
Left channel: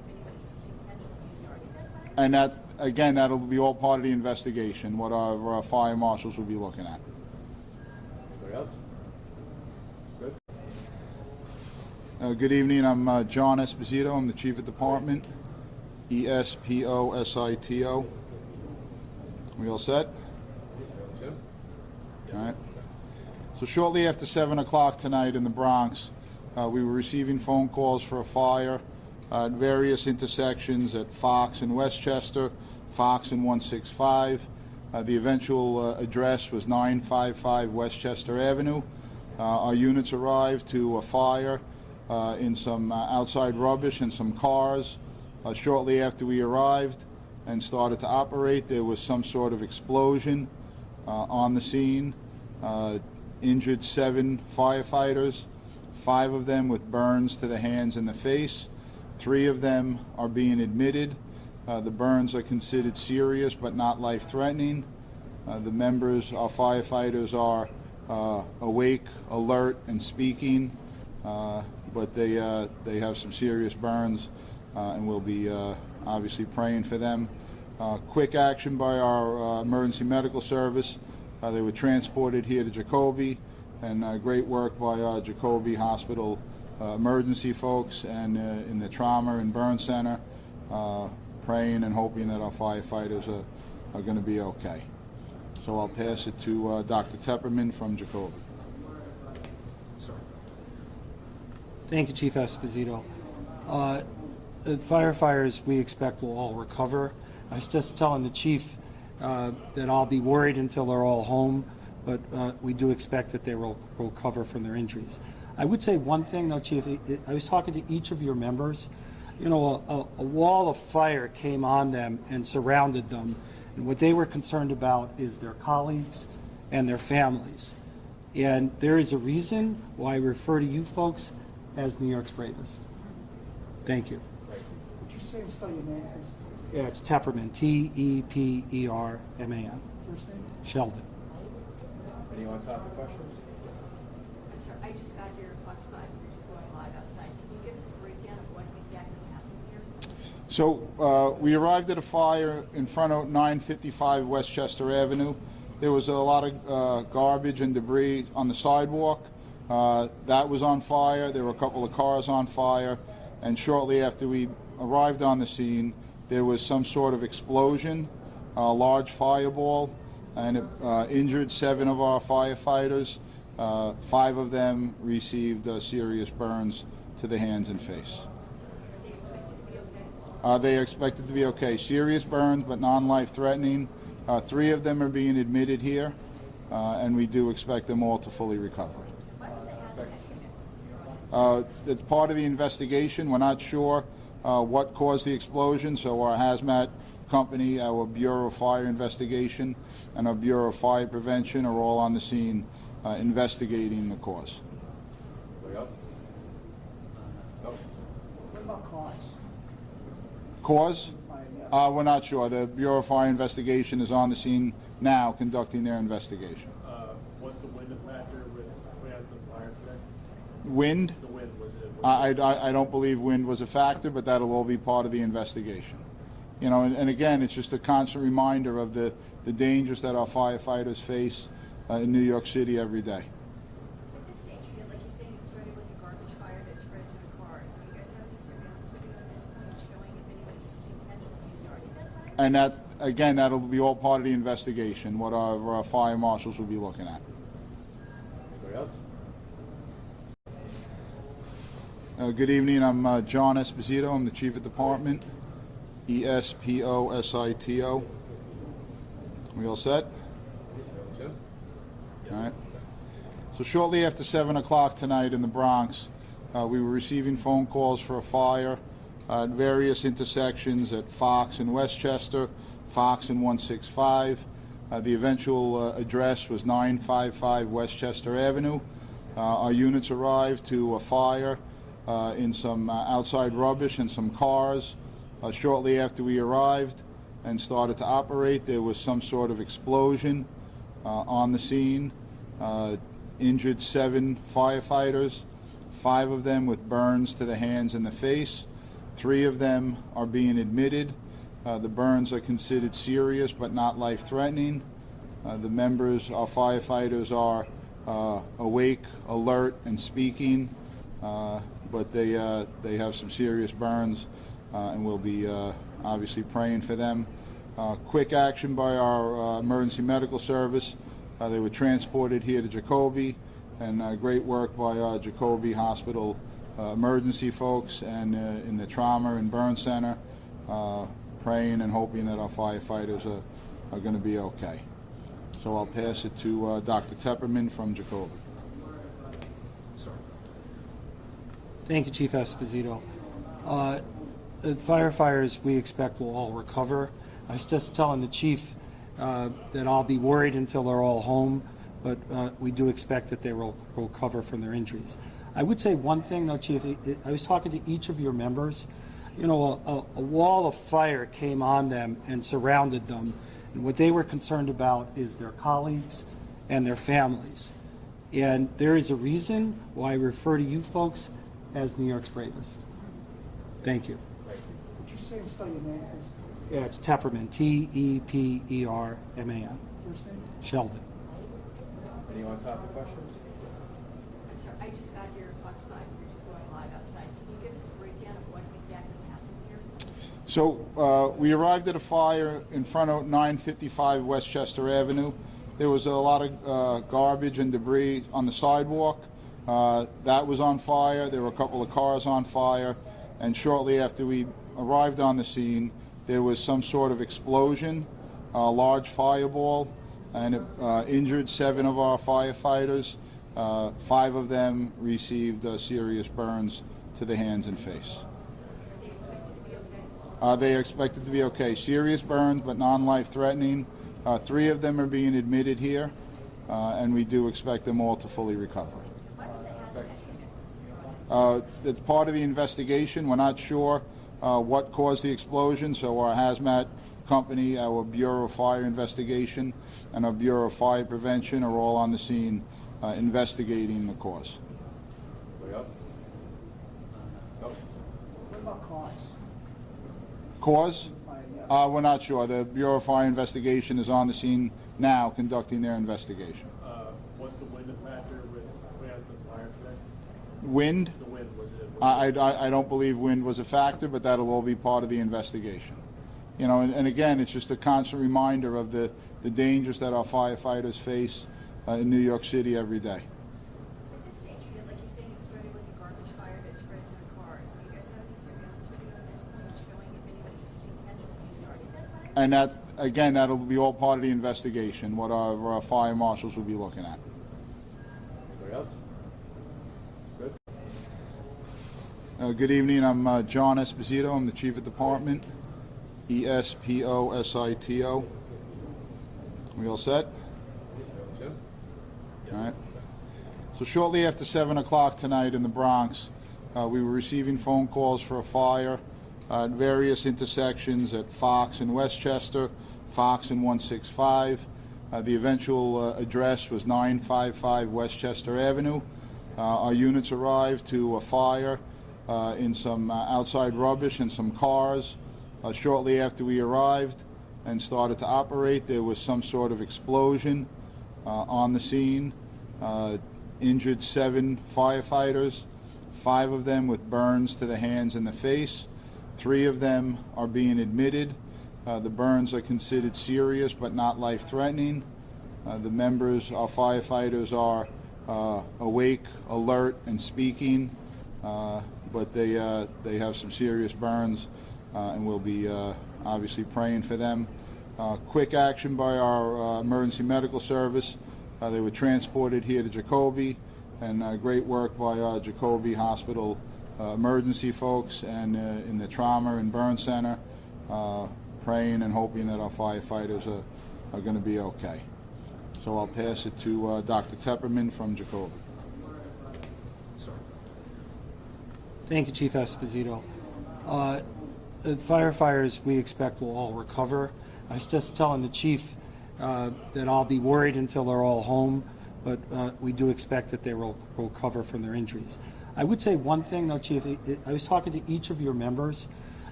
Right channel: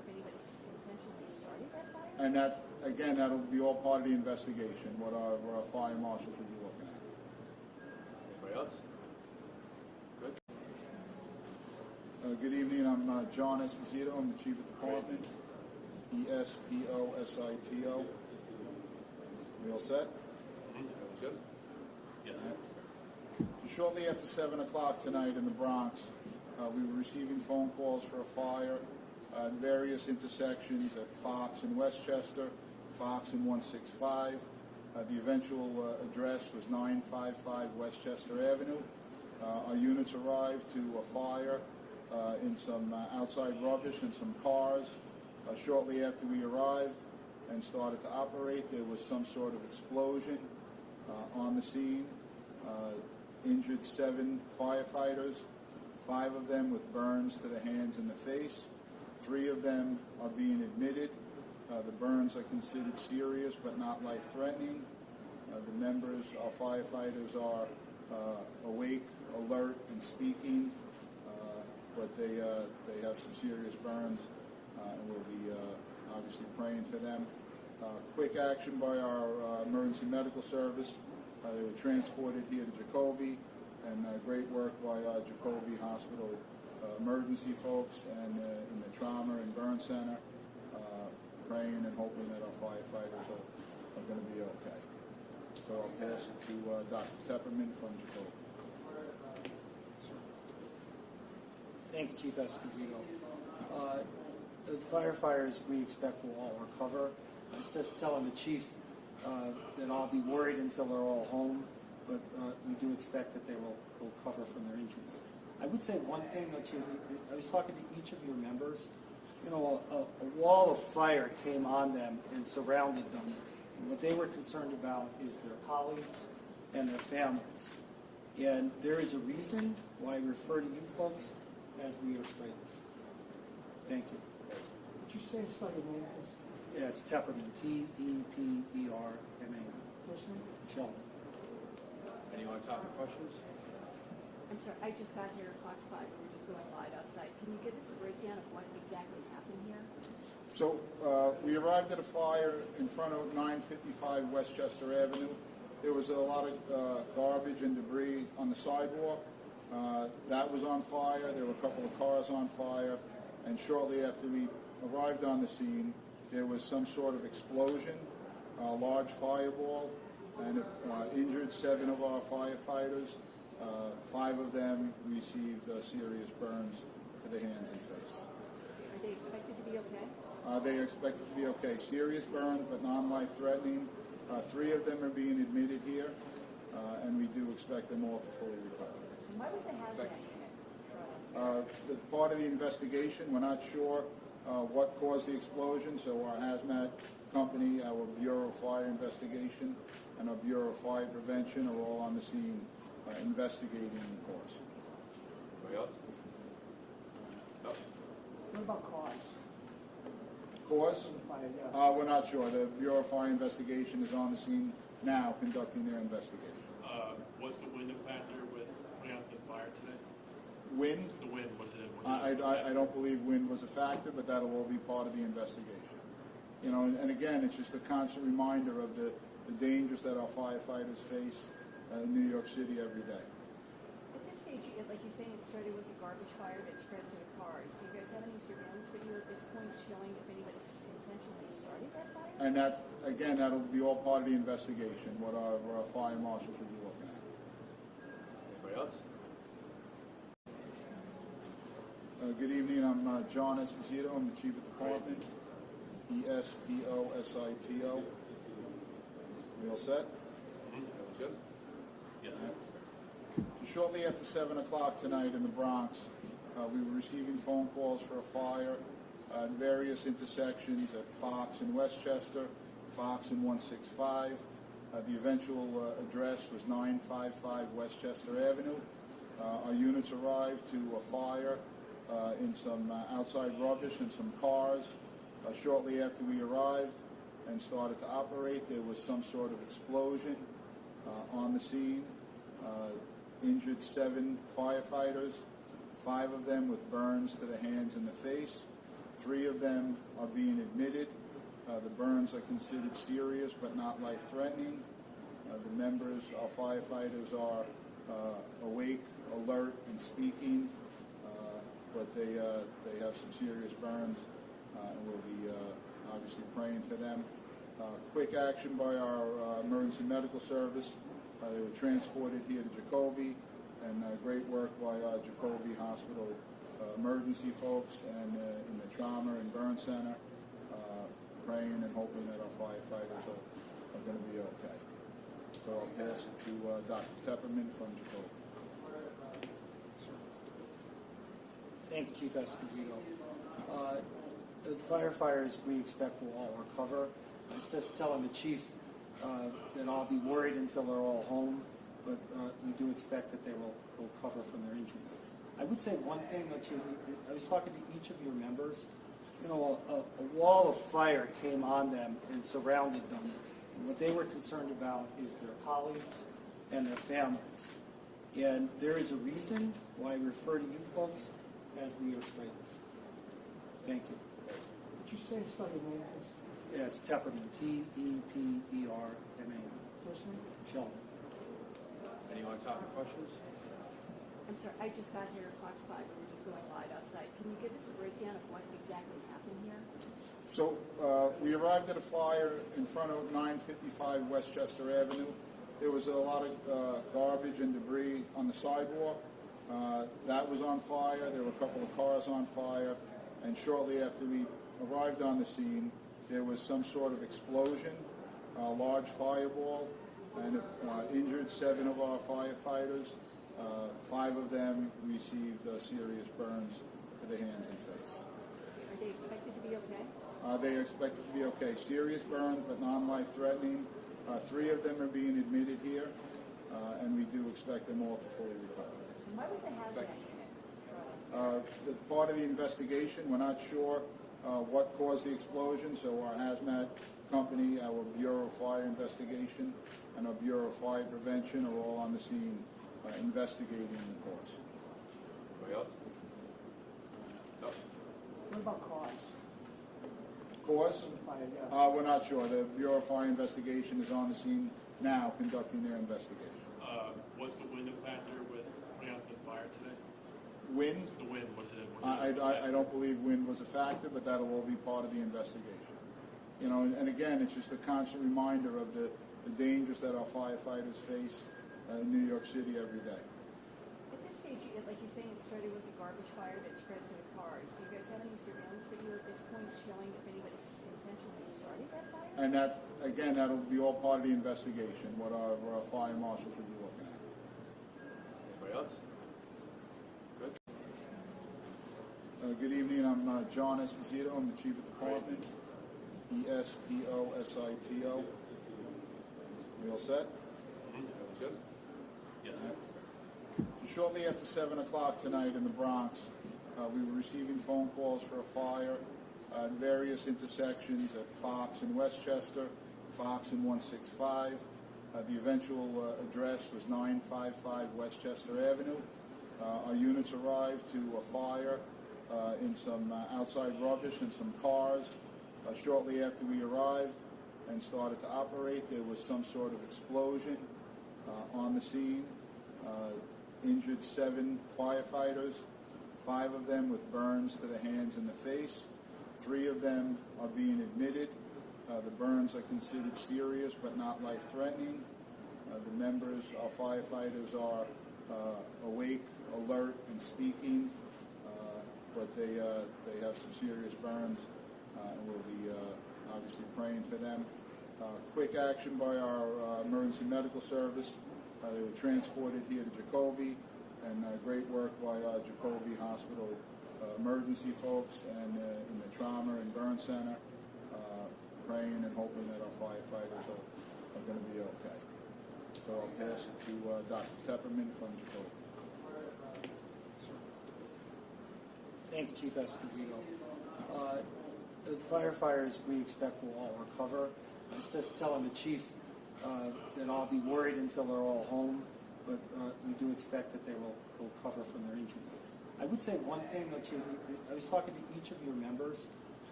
And that, again, that'll be all part of the investigation, what our fire marshals will be looking at. Anybody else? Good. Good evening, I'm John Esposito, I'm the Chief of Department, ESPOSITO. We all set? Jim? All right. So shortly after 7 o'clock tonight in the Bronx, we were receiving phone calls for a fire at various intersections at Fox and Westchester, Fox and 165. The eventual address was 955 Westchester Avenue. Our units arrived to a fire in some outside rubbish and some cars. Shortly after we arrived and started to operate, there was some sort of explosion on the scene. Injured 7 firefighters, 5 of them with burns to the hands and the face. 3 of them are being admitted. The burns are considered serious but not life-threatening. The members, our firefighters, are awake, alert, and speaking, but they have some serious burns, and we'll be obviously praying for them. Quick action by our emergency medical service. They were transported here to Jacoby, and great work by our Jacoby Hospital emergency folks and in the trauma and burn center, praying and hoping that our firefighters are going to be okay. So I'll pass it to Dr. Tepperman from Jacoby. Thank you, Chief Esposito. The firefighters we expect will all recover. I was just telling the chief that I'll be worried until they're all home, but we do expect that they will recover from their injuries. I would say one thing, though, Chief. I was talking to each of your members. You know, a wall of fire came on them and surrounded them, and what they were concerned about is their colleagues and their families. And there is a reason why I refer to you folks as New York's bravest. Thank you. Would you say and spell your name, please? Yeah, it's Tepperman, T-E-P-E-R-M-A-N. First name? Sheldon. Any on-topic questions? I'm sorry, I just got here at Fox 5, we're just going live outside. Can you give us a breakdown of what exactly happened here? So we arrived at a fire in front of 955 Westchester Avenue. There was a lot of garbage and debris on the sidewalk. That was on fire. There were a couple of cars on fire. And shortly after we arrived on the scene, there was some sort of explosion, a large fireball, and it injured 7 of our firefighters. 5 of them received serious burns to the hands and face. Are they expected to be okay? They are expected to be okay. Serious burns, but non-life-threatening. 3 of them are being admitted here, and we do expect them all to fully recover. And why was the hazmat unit? It's part of the investigation. We're not sure what caused the explosion, so our hazmat company, our Bureau of Fire Investigation, and our Bureau of Fire Prevention are all on the scene investigating the cause. Anybody else? No? What about cause? Cause? Yeah. We're not sure. The Bureau of Fire Investigation is on the scene now conducting their investigation. Was the wind a factor with putting out the fire today? Wind? The wind, was it? I don't believe wind was a factor, but that'll all be part of the investigation. You know, and again, it's just a constant reminder of the dangers that our firefighters face in New York City every day. At this stage, like you're saying, it started with a garbage fire that spread to the cars. Do you guys have any surveillance video at this point showing if anybody intentionally started that fire? And that, again, that'll be all part of the investigation, what our fire marshals will be looking at. Anybody else? Good evening, I'm John Esposito, I'm the Chief of Department, ESPOSITO. We all set? Jim? All right. So shortly after 7 o'clock tonight in the Bronx, we were receiving phone calls for a fire at various intersections at Fox and Westchester, Fox and 165. The eventual address was 955 Westchester Avenue. Our units arrived to a fire in some outside rubbish and some cars. Shortly after we arrived and started to operate, there was some sort of explosion on the scene. Injured 7 firefighters, 5 of them with burns to the hands and the face. 3 of them are being admitted. The burns are considered serious but not life-threatening. The members, our firefighters, are awake, alert, and speaking, but they have some serious burns, and we'll be obviously praying for them. Quick action by our emergency medical service. They were transported here to Jacoby, and great work by our Jacoby Hospital emergency folks and in the trauma and burn center, praying and hoping that our firefighters are going to be okay. So I'll pass it to Dr. Tepperman from Jacoby. Thank you, Chief Esposito. The firefighters we expect will all recover. I was just telling the chief that I'll be worried until they're all home, but we do expect that they will recover from their injuries. I would say one thing, though, Chief. I was talking to each of your members. You know, a wall of fire came on them and surrounded them, and what they were concerned about is their colleagues and their families. And there is a reason why I refer to you folks as New York's bravest. Thank you. Would you say and spell your name, please? Yeah, it's Tepperman, T-E-P-E-R-M-A-N. First name? Sheldon. Any on-topic questions? I'm sorry, I just got here at Fox 5, we're just going live outside. Can you give us a breakdown of what exactly happened here? So we arrived at a fire in front of 955 Westchester Avenue. There was a lot of garbage and debris on the sidewalk. That was on fire. There were a couple of cars on fire. And shortly after we arrived on the scene, there was some sort of explosion, a large fireball, and it injured 7 of our firefighters. 5 of them received serious burns to the hands and face. Are they expected to be okay? They are expected to be okay. Serious burns, but non-life-threatening. 3 of them are being admitted here, and we do expect them all to fully recover. Why was the hazmat unit? It's part of the investigation. We're not sure what caused the explosion, so our hazmat company, our Bureau of Fire Investigation, and our Bureau of Fire Prevention are all on the scene investigating the cause. Anybody else? No? What about cause? Cause? Yeah. We're not sure. The Bureau of Fire Investigation is on the scene now conducting their investigation. Was the wind a factor with putting out the fire today? Wind? The wind, was it? I don't believe wind was a factor, but that'll all be part of the investigation. You know, and again, it's just a constant reminder of the dangers that our firefighters face in New York City every day. At this stage, like you're saying, it started with a garbage fire that spread to the cars. Do you guys have any surveillance video at this point showing if anybody intentionally started that fire? And that, again, that'll be all part of the investigation, what our fire marshals will be looking at. Anybody else? Good? Good evening. I'm John Esposito. I'm the Chief of Department. E-S-P-O-S-I-T-O. We all set? Jim? All right. So shortly after 7 o'clock tonight in the Bronx, we were receiving phone calls for a fire at various intersections at Fox and Westchester, Fox and 165. The eventual address was 955 Westchester Avenue. Our units arrived to a fire in some outside rubbish and some cars. Shortly after we arrived and started to operate, there was some sort of explosion on the scene. Injured 7 firefighters, 5 of them with burns to the hands and the face. 3 of them are being admitted. The burns are considered serious but not life-threatening. The members, our firefighters, are awake, alert, and speaking, but they have some serious burns, and we'll be obviously praying for them. Quick action by our emergency medical service. They were transported here to Jacoby, and great work by our Jacoby Hospital emergency folks and in the trauma and burn center, praying and hoping that our firefighters are going to be okay. So I'll pass it to Dr. Tepperman from Jacoby. Thank you, Chief Esposito. The firefighters we expect will all recover. I was just telling the chief that I'll be worried until they're all home, but we do expect that they will recover from their injuries. I would say one thing, though, Chief. I was talking to each of your members.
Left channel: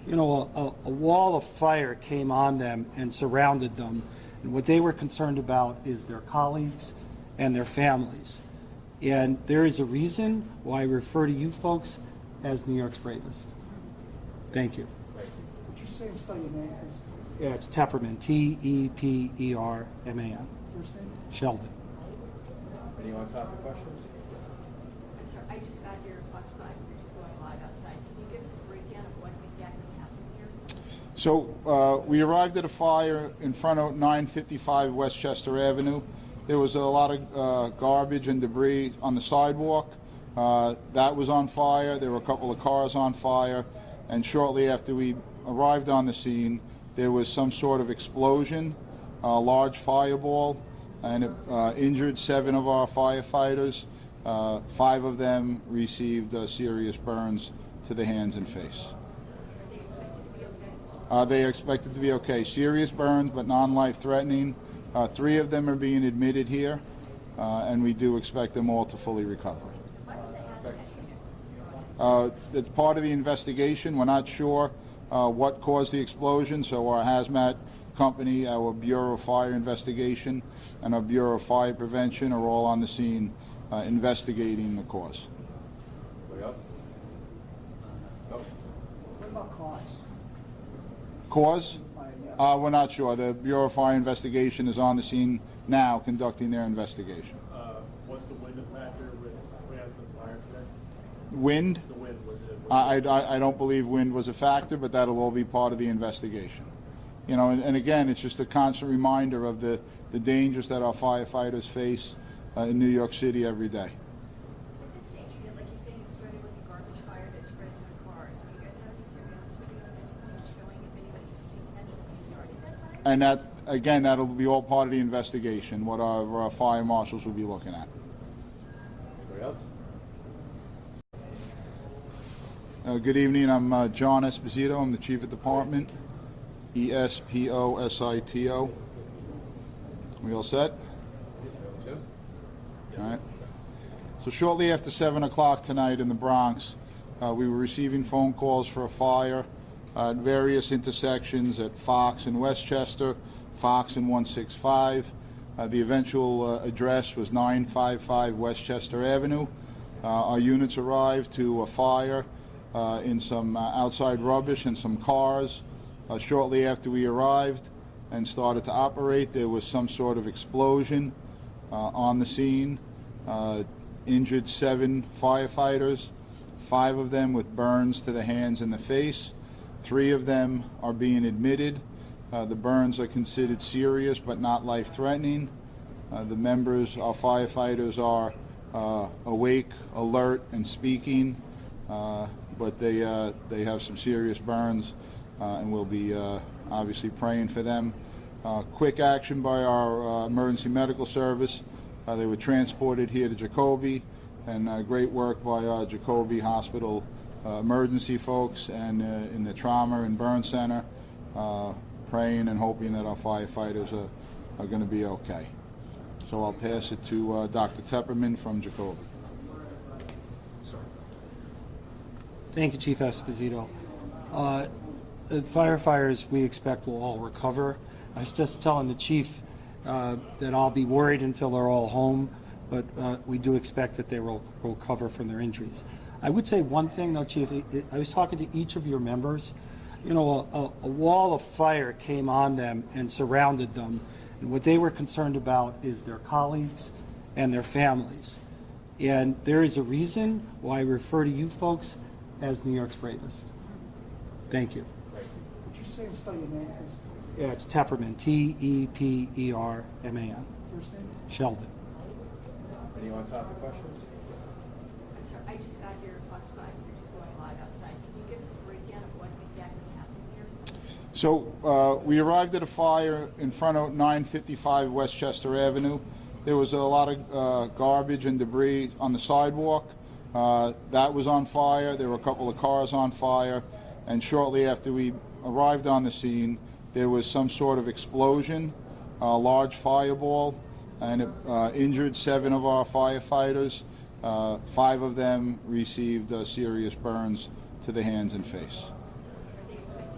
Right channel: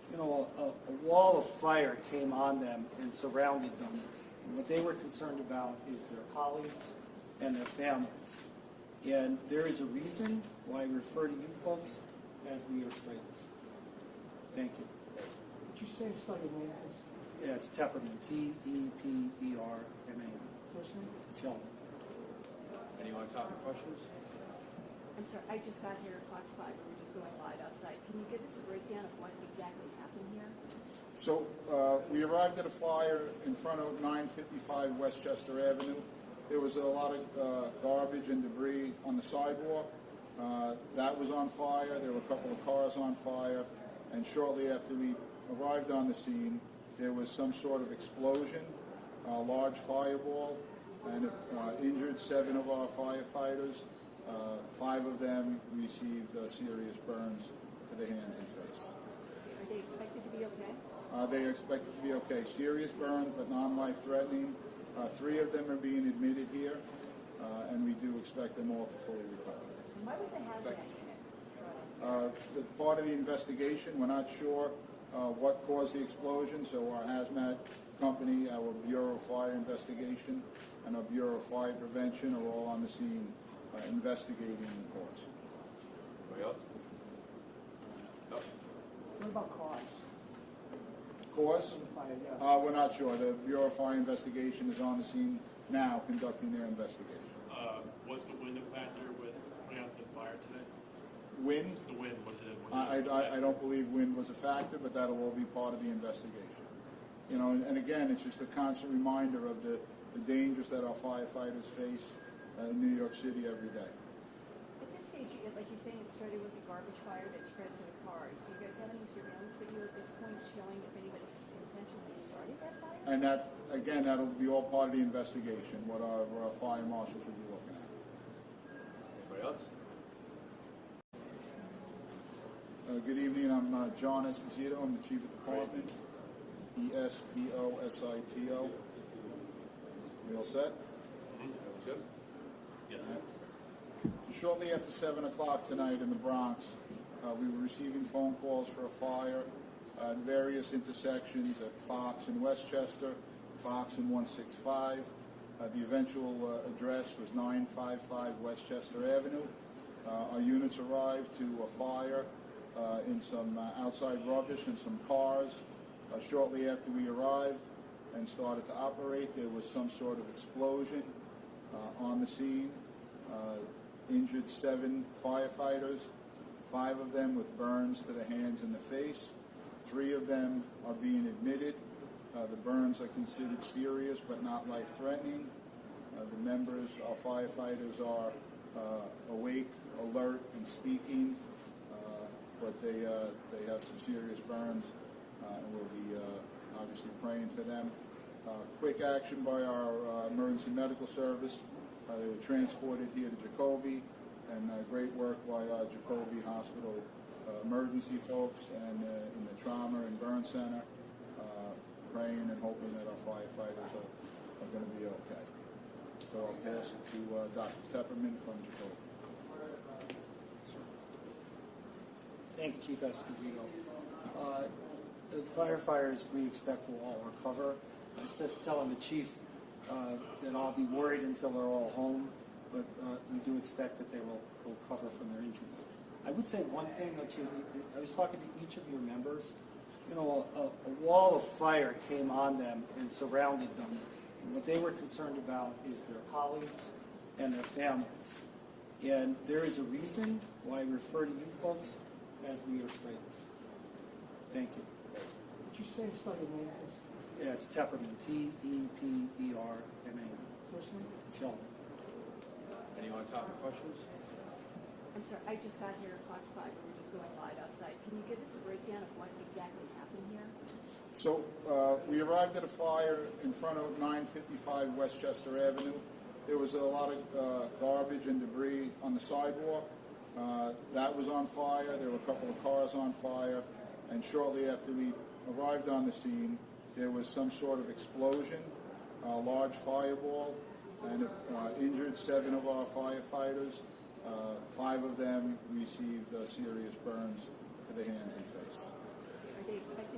a wall of fire came on them and surrounded them. And what they were concerned about is their colleagues and their families. And there is a reason why I refer to you folks as New York's bravest. Thank you. Would you say and spell your name, please? Yeah, it's Tepperman, T-E-P-E-R-M-A-N. First name? Sheldon. Any on-topic questions? I'm sorry, I just got here at Fox 5, we're just going live outside. Can you give us a breakdown of what exactly happened here? So we arrived at a fire in front of 955 Westchester Avenue. There was a lot of garbage and debris on the sidewalk. That was on fire. There were a couple of cars on fire. And shortly after we arrived on the scene, there was some sort of explosion, a large fireball, and it injured 7 of our firefighters. 5 of them received serious burns to the hands and face. Are they expected to be okay? They are expected to be okay. Serious burns, but non-life threatening. 3 of them are being admitted here, and we do expect them all to fully recover. Why was the hazmat unit? It's part of the investigation. We're not sure what caused the explosion, so our hazmat company, our Bureau of Fire Investigation, and our Bureau of Fire Prevention are all on the scene investigating the cause. Anybody else? No? What about cause? Cause? Yeah. We're not sure. The Bureau of Fire Investigation is on the scene now conducting their investigation. Was the wind a factor with putting out the fire today? Wind? The wind, was it? I don't believe wind was a factor, but that'll all be part of the investigation. You know, and again, it's just a constant reminder of the dangers that our firefighters face in New York City every day. At this stage, like you're saying, it started with a garbage fire that spread to the cars. Do you guys have any surveillance video at this point showing if anybody intentionally started that fire? And that, again, that'll be all part of the investigation, what our fire marshals will be looking at. Anybody else? Good evening. I'm John Esposito. I'm the Chief of Department, E-S-P-O-S-I-T-O. We all set? All right. So shortly after 7 o'clock tonight in the Bronx, we were receiving phone calls for a fire at various intersections at Fox and Westchester, Fox and 165. The eventual address was 955 Westchester Avenue. Our units arrived to a fire in some outside rubbish and some cars. Shortly after we arrived and started to operate, there was some sort of explosion on the scene. Injured 7 firefighters, 5 of them with burns to the hands and the face. 3 of them are being admitted. The burns are considered serious but not life-threatening. The members, our firefighters, are awake, alert, and speaking, but they have some serious burns, and we'll be obviously praying for them. Quick action by our emergency medical service. They were transported here to Jacoby, and great work by our Jacoby Hospital emergency folks and in the trauma and burn center, praying and hoping that our firefighters are going to be okay. So I'll pass it to Dr. Tepperman from Jacoby. Thank you, Chief Esposito. The firefighters we expect will all recover. I was just telling the chief that I'll be worried until they're all home, but we do expect that they will recover from their injuries. I would say one thing, though, Chief. I was talking to each of your members. You know, a wall of fire came on them and surrounded them, and what they were concerned about is their colleagues and their families. And there is a reason why I refer to you folks as New York's bravest. Thank you. Would you say and spell your name, please? Yeah, it's Tepperman, T-E-P-E-R-M-A-N. First name? Sheldon. Any on-topic questions? I'm sorry, I just got here at Fox 5, we're just going live outside. Can you give us a breakdown of what exactly happened here? So we arrived at a fire in front of 955 Westchester Avenue. There was a lot of garbage and debris on the sidewalk. That was on fire. There were a couple of cars on fire. And shortly after we arrived on the scene, there was some sort of explosion, a large fireball, and it injured 7 of our firefighters. 5 of them received serious burns to the hands and face. Are they expected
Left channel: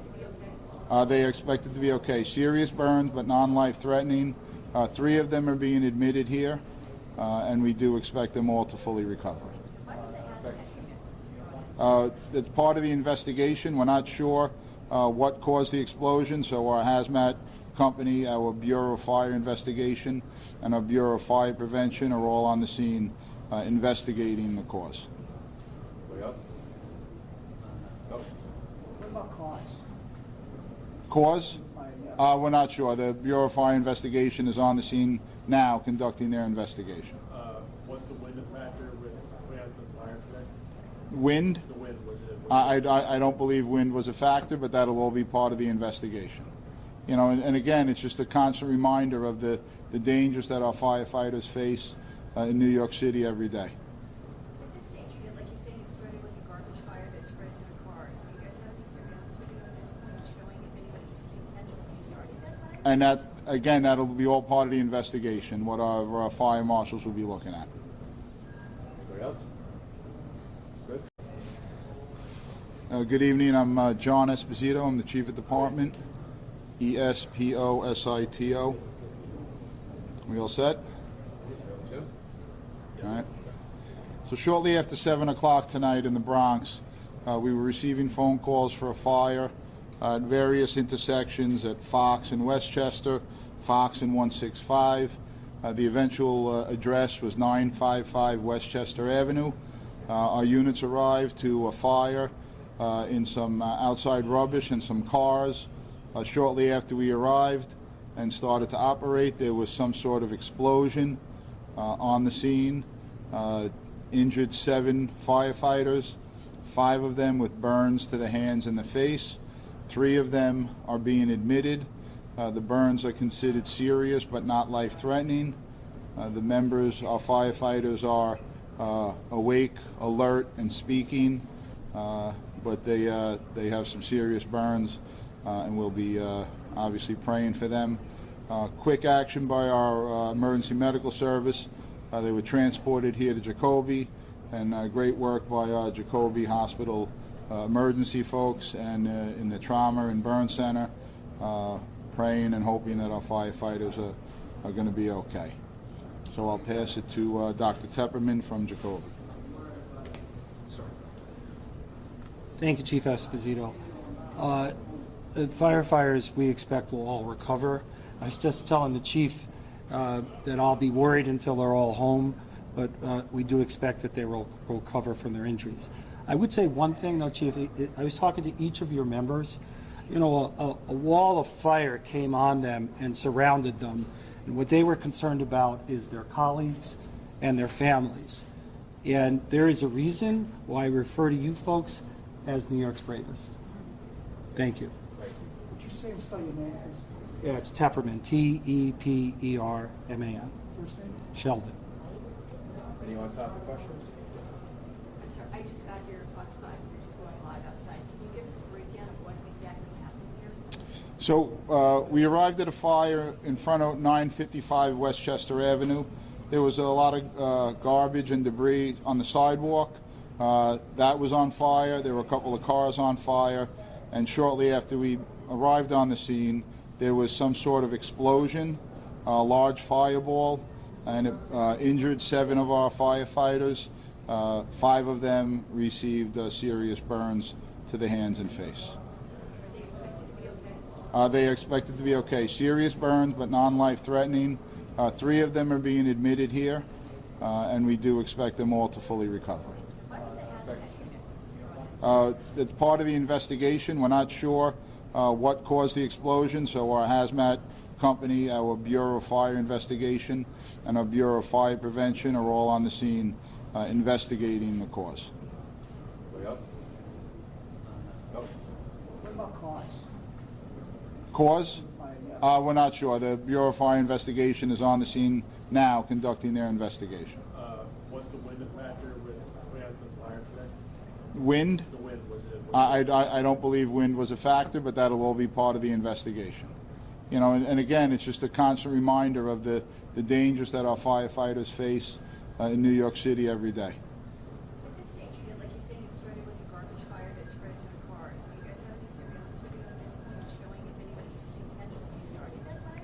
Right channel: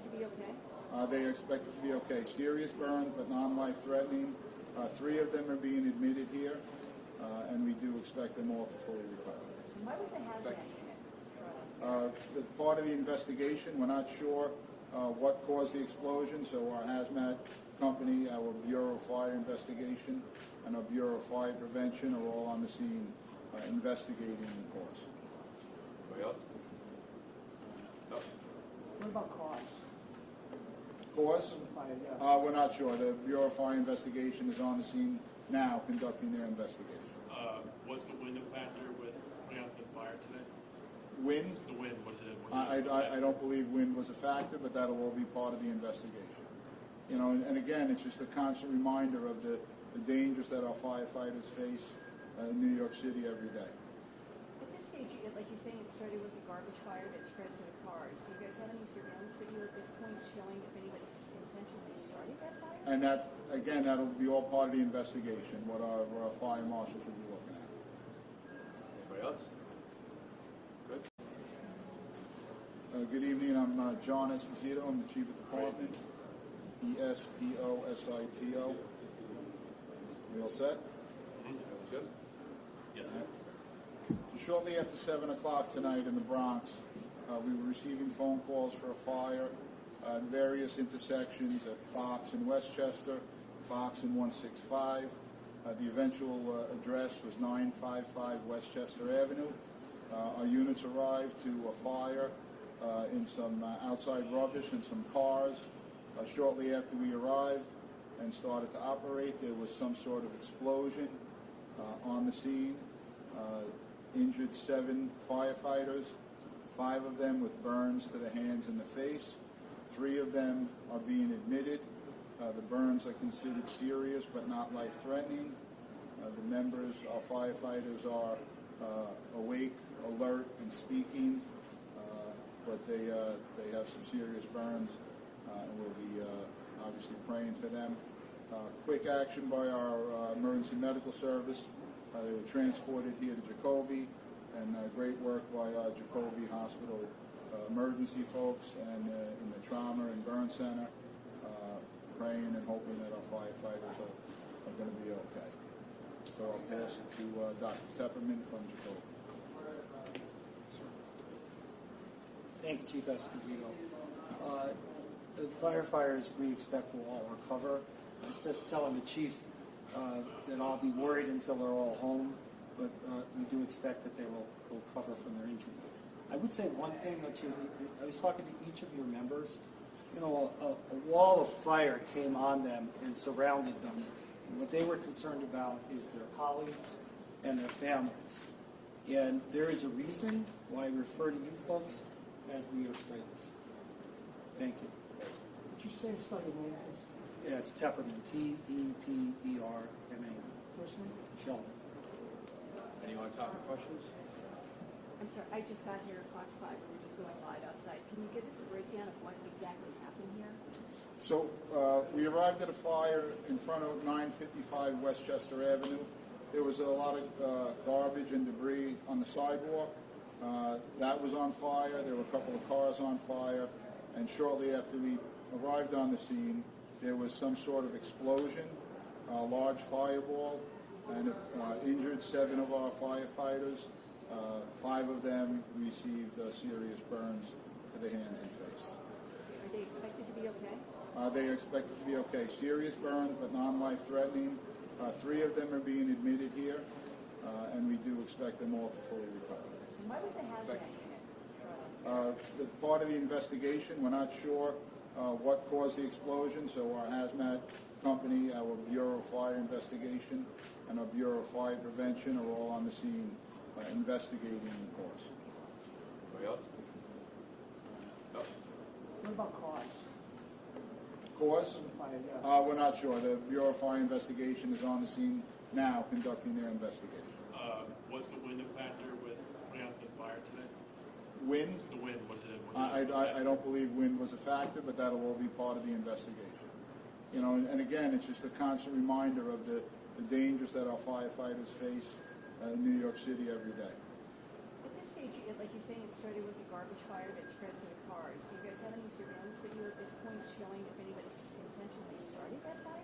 They are expected to be okay. Serious burns, but non-life threatening. 3 of them are being admitted here, and we do expect them all to fully recover. Why was the hazmat unit? It's part of the investigation. We're not sure what caused the explosion, so our hazmat company, our Bureau of Fire Investigation, and our Bureau of Fire Prevention are all on the scene investigating the cause. Anybody else? No? What about cause? Cause? Yeah. We're not sure. The Bureau of Fire Investigation is on the scene now conducting their investigation. What's the wind factor with putting out the fire today? Wind? The wind, was it? I don't believe wind was a factor, but that'll all be part of the investigation. You know, and again, it's just a constant reminder of the dangers that our firefighters face in New York City every day. At this stage, like you're saying, it started with a garbage fire that spread to the cars. Do you guys have any surveillance video at this point showing if anybody intentionally started that fire? And that, again, that'll be all part of the investigation, what our fire marshals will be looking at. Anybody else? Good? Good evening. I'm John Esposito. I'm the Chief of Department. ESPOSITO. We all set? Jim? All right. So shortly after 7 o'clock tonight in the Bronx, we were receiving phone calls for a fire at various intersections at Fox and Westchester, Fox and 165. The eventual address was 955 Westchester Avenue. Our units arrived to a fire in some outside rubbish and some cars. Shortly after we arrived and started to operate, there was some sort of explosion on the scene. Injured 7 firefighters, 5 of them with burns to the hands and the face. 3 of them are being admitted. The burns are considered serious but not life-threatening. The members, our firefighters, are awake, alert, and speaking, but they have some serious burns, and we'll be obviously praying for them. Quick action by our emergency medical service. They were transported here to Jacoby, and great work by our Jacoby Hospital emergency folks and in the trauma and burn center, praying and hoping that our firefighters are going to be okay. So I'll pass it to Dr. Tepperman from Jacoby. Thank you, Chief Esposito. The firefighters we expect will all recover. I was just telling the chief that I'll be worried until they're all home, but we do expect that they will recover from their injuries. I would say one thing, though, Chief. I was talking to each of your members. You know, a wall of fire came on them and surrounded them, and what they were concerned about is their colleagues and their families. And there is a reason why I refer to you folks as New York's bravest. Thank you. Would you say and spell your name, please? Yeah, it's Tepperman, T-E-P-E-R-M-A-N. First name? Sheldon. Any on-topic questions? I'm sorry, I just got here at Fox 5. We're just going live outside. Can you give us a breakdown of what exactly happened here? So we arrived at a fire in front of 955 Westchester Avenue. There was a lot of garbage and debris on the sidewalk. That was on fire. There were a couple of cars on fire. And shortly after we arrived on the scene, there was some sort of explosion, a large fireball, and it injured 7 of our firefighters. 5 of them received serious burns to the hands and face. Are they expected to be okay? They are expected to be okay. Serious burns, but non-life threatening. 3 of them are being admitted here, and we do expect them all to fully recover. Why was the hazmat unit? It's part of the investigation. We're not sure what caused the explosion, so our hazmat company, our Bureau of Fire Investigation, and our Bureau of Fire Prevention are all on the scene investigating the cause. Anybody else? No? What about cause? Cause? Yeah. We're not sure. The Bureau of Fire Investigation is on the scene now conducting their investigation. What's the wind factor with putting out the fire today? Wind? The wind, was it? I don't believe wind was a factor, but that'll all be part of the investigation. You know, and again, it's just a constant reminder of the dangers that our firefighters face in New York City every day. At this stage, like you're saying, it started with a garbage fire that spread to the cars. Do you guys have any surveillance video at this point showing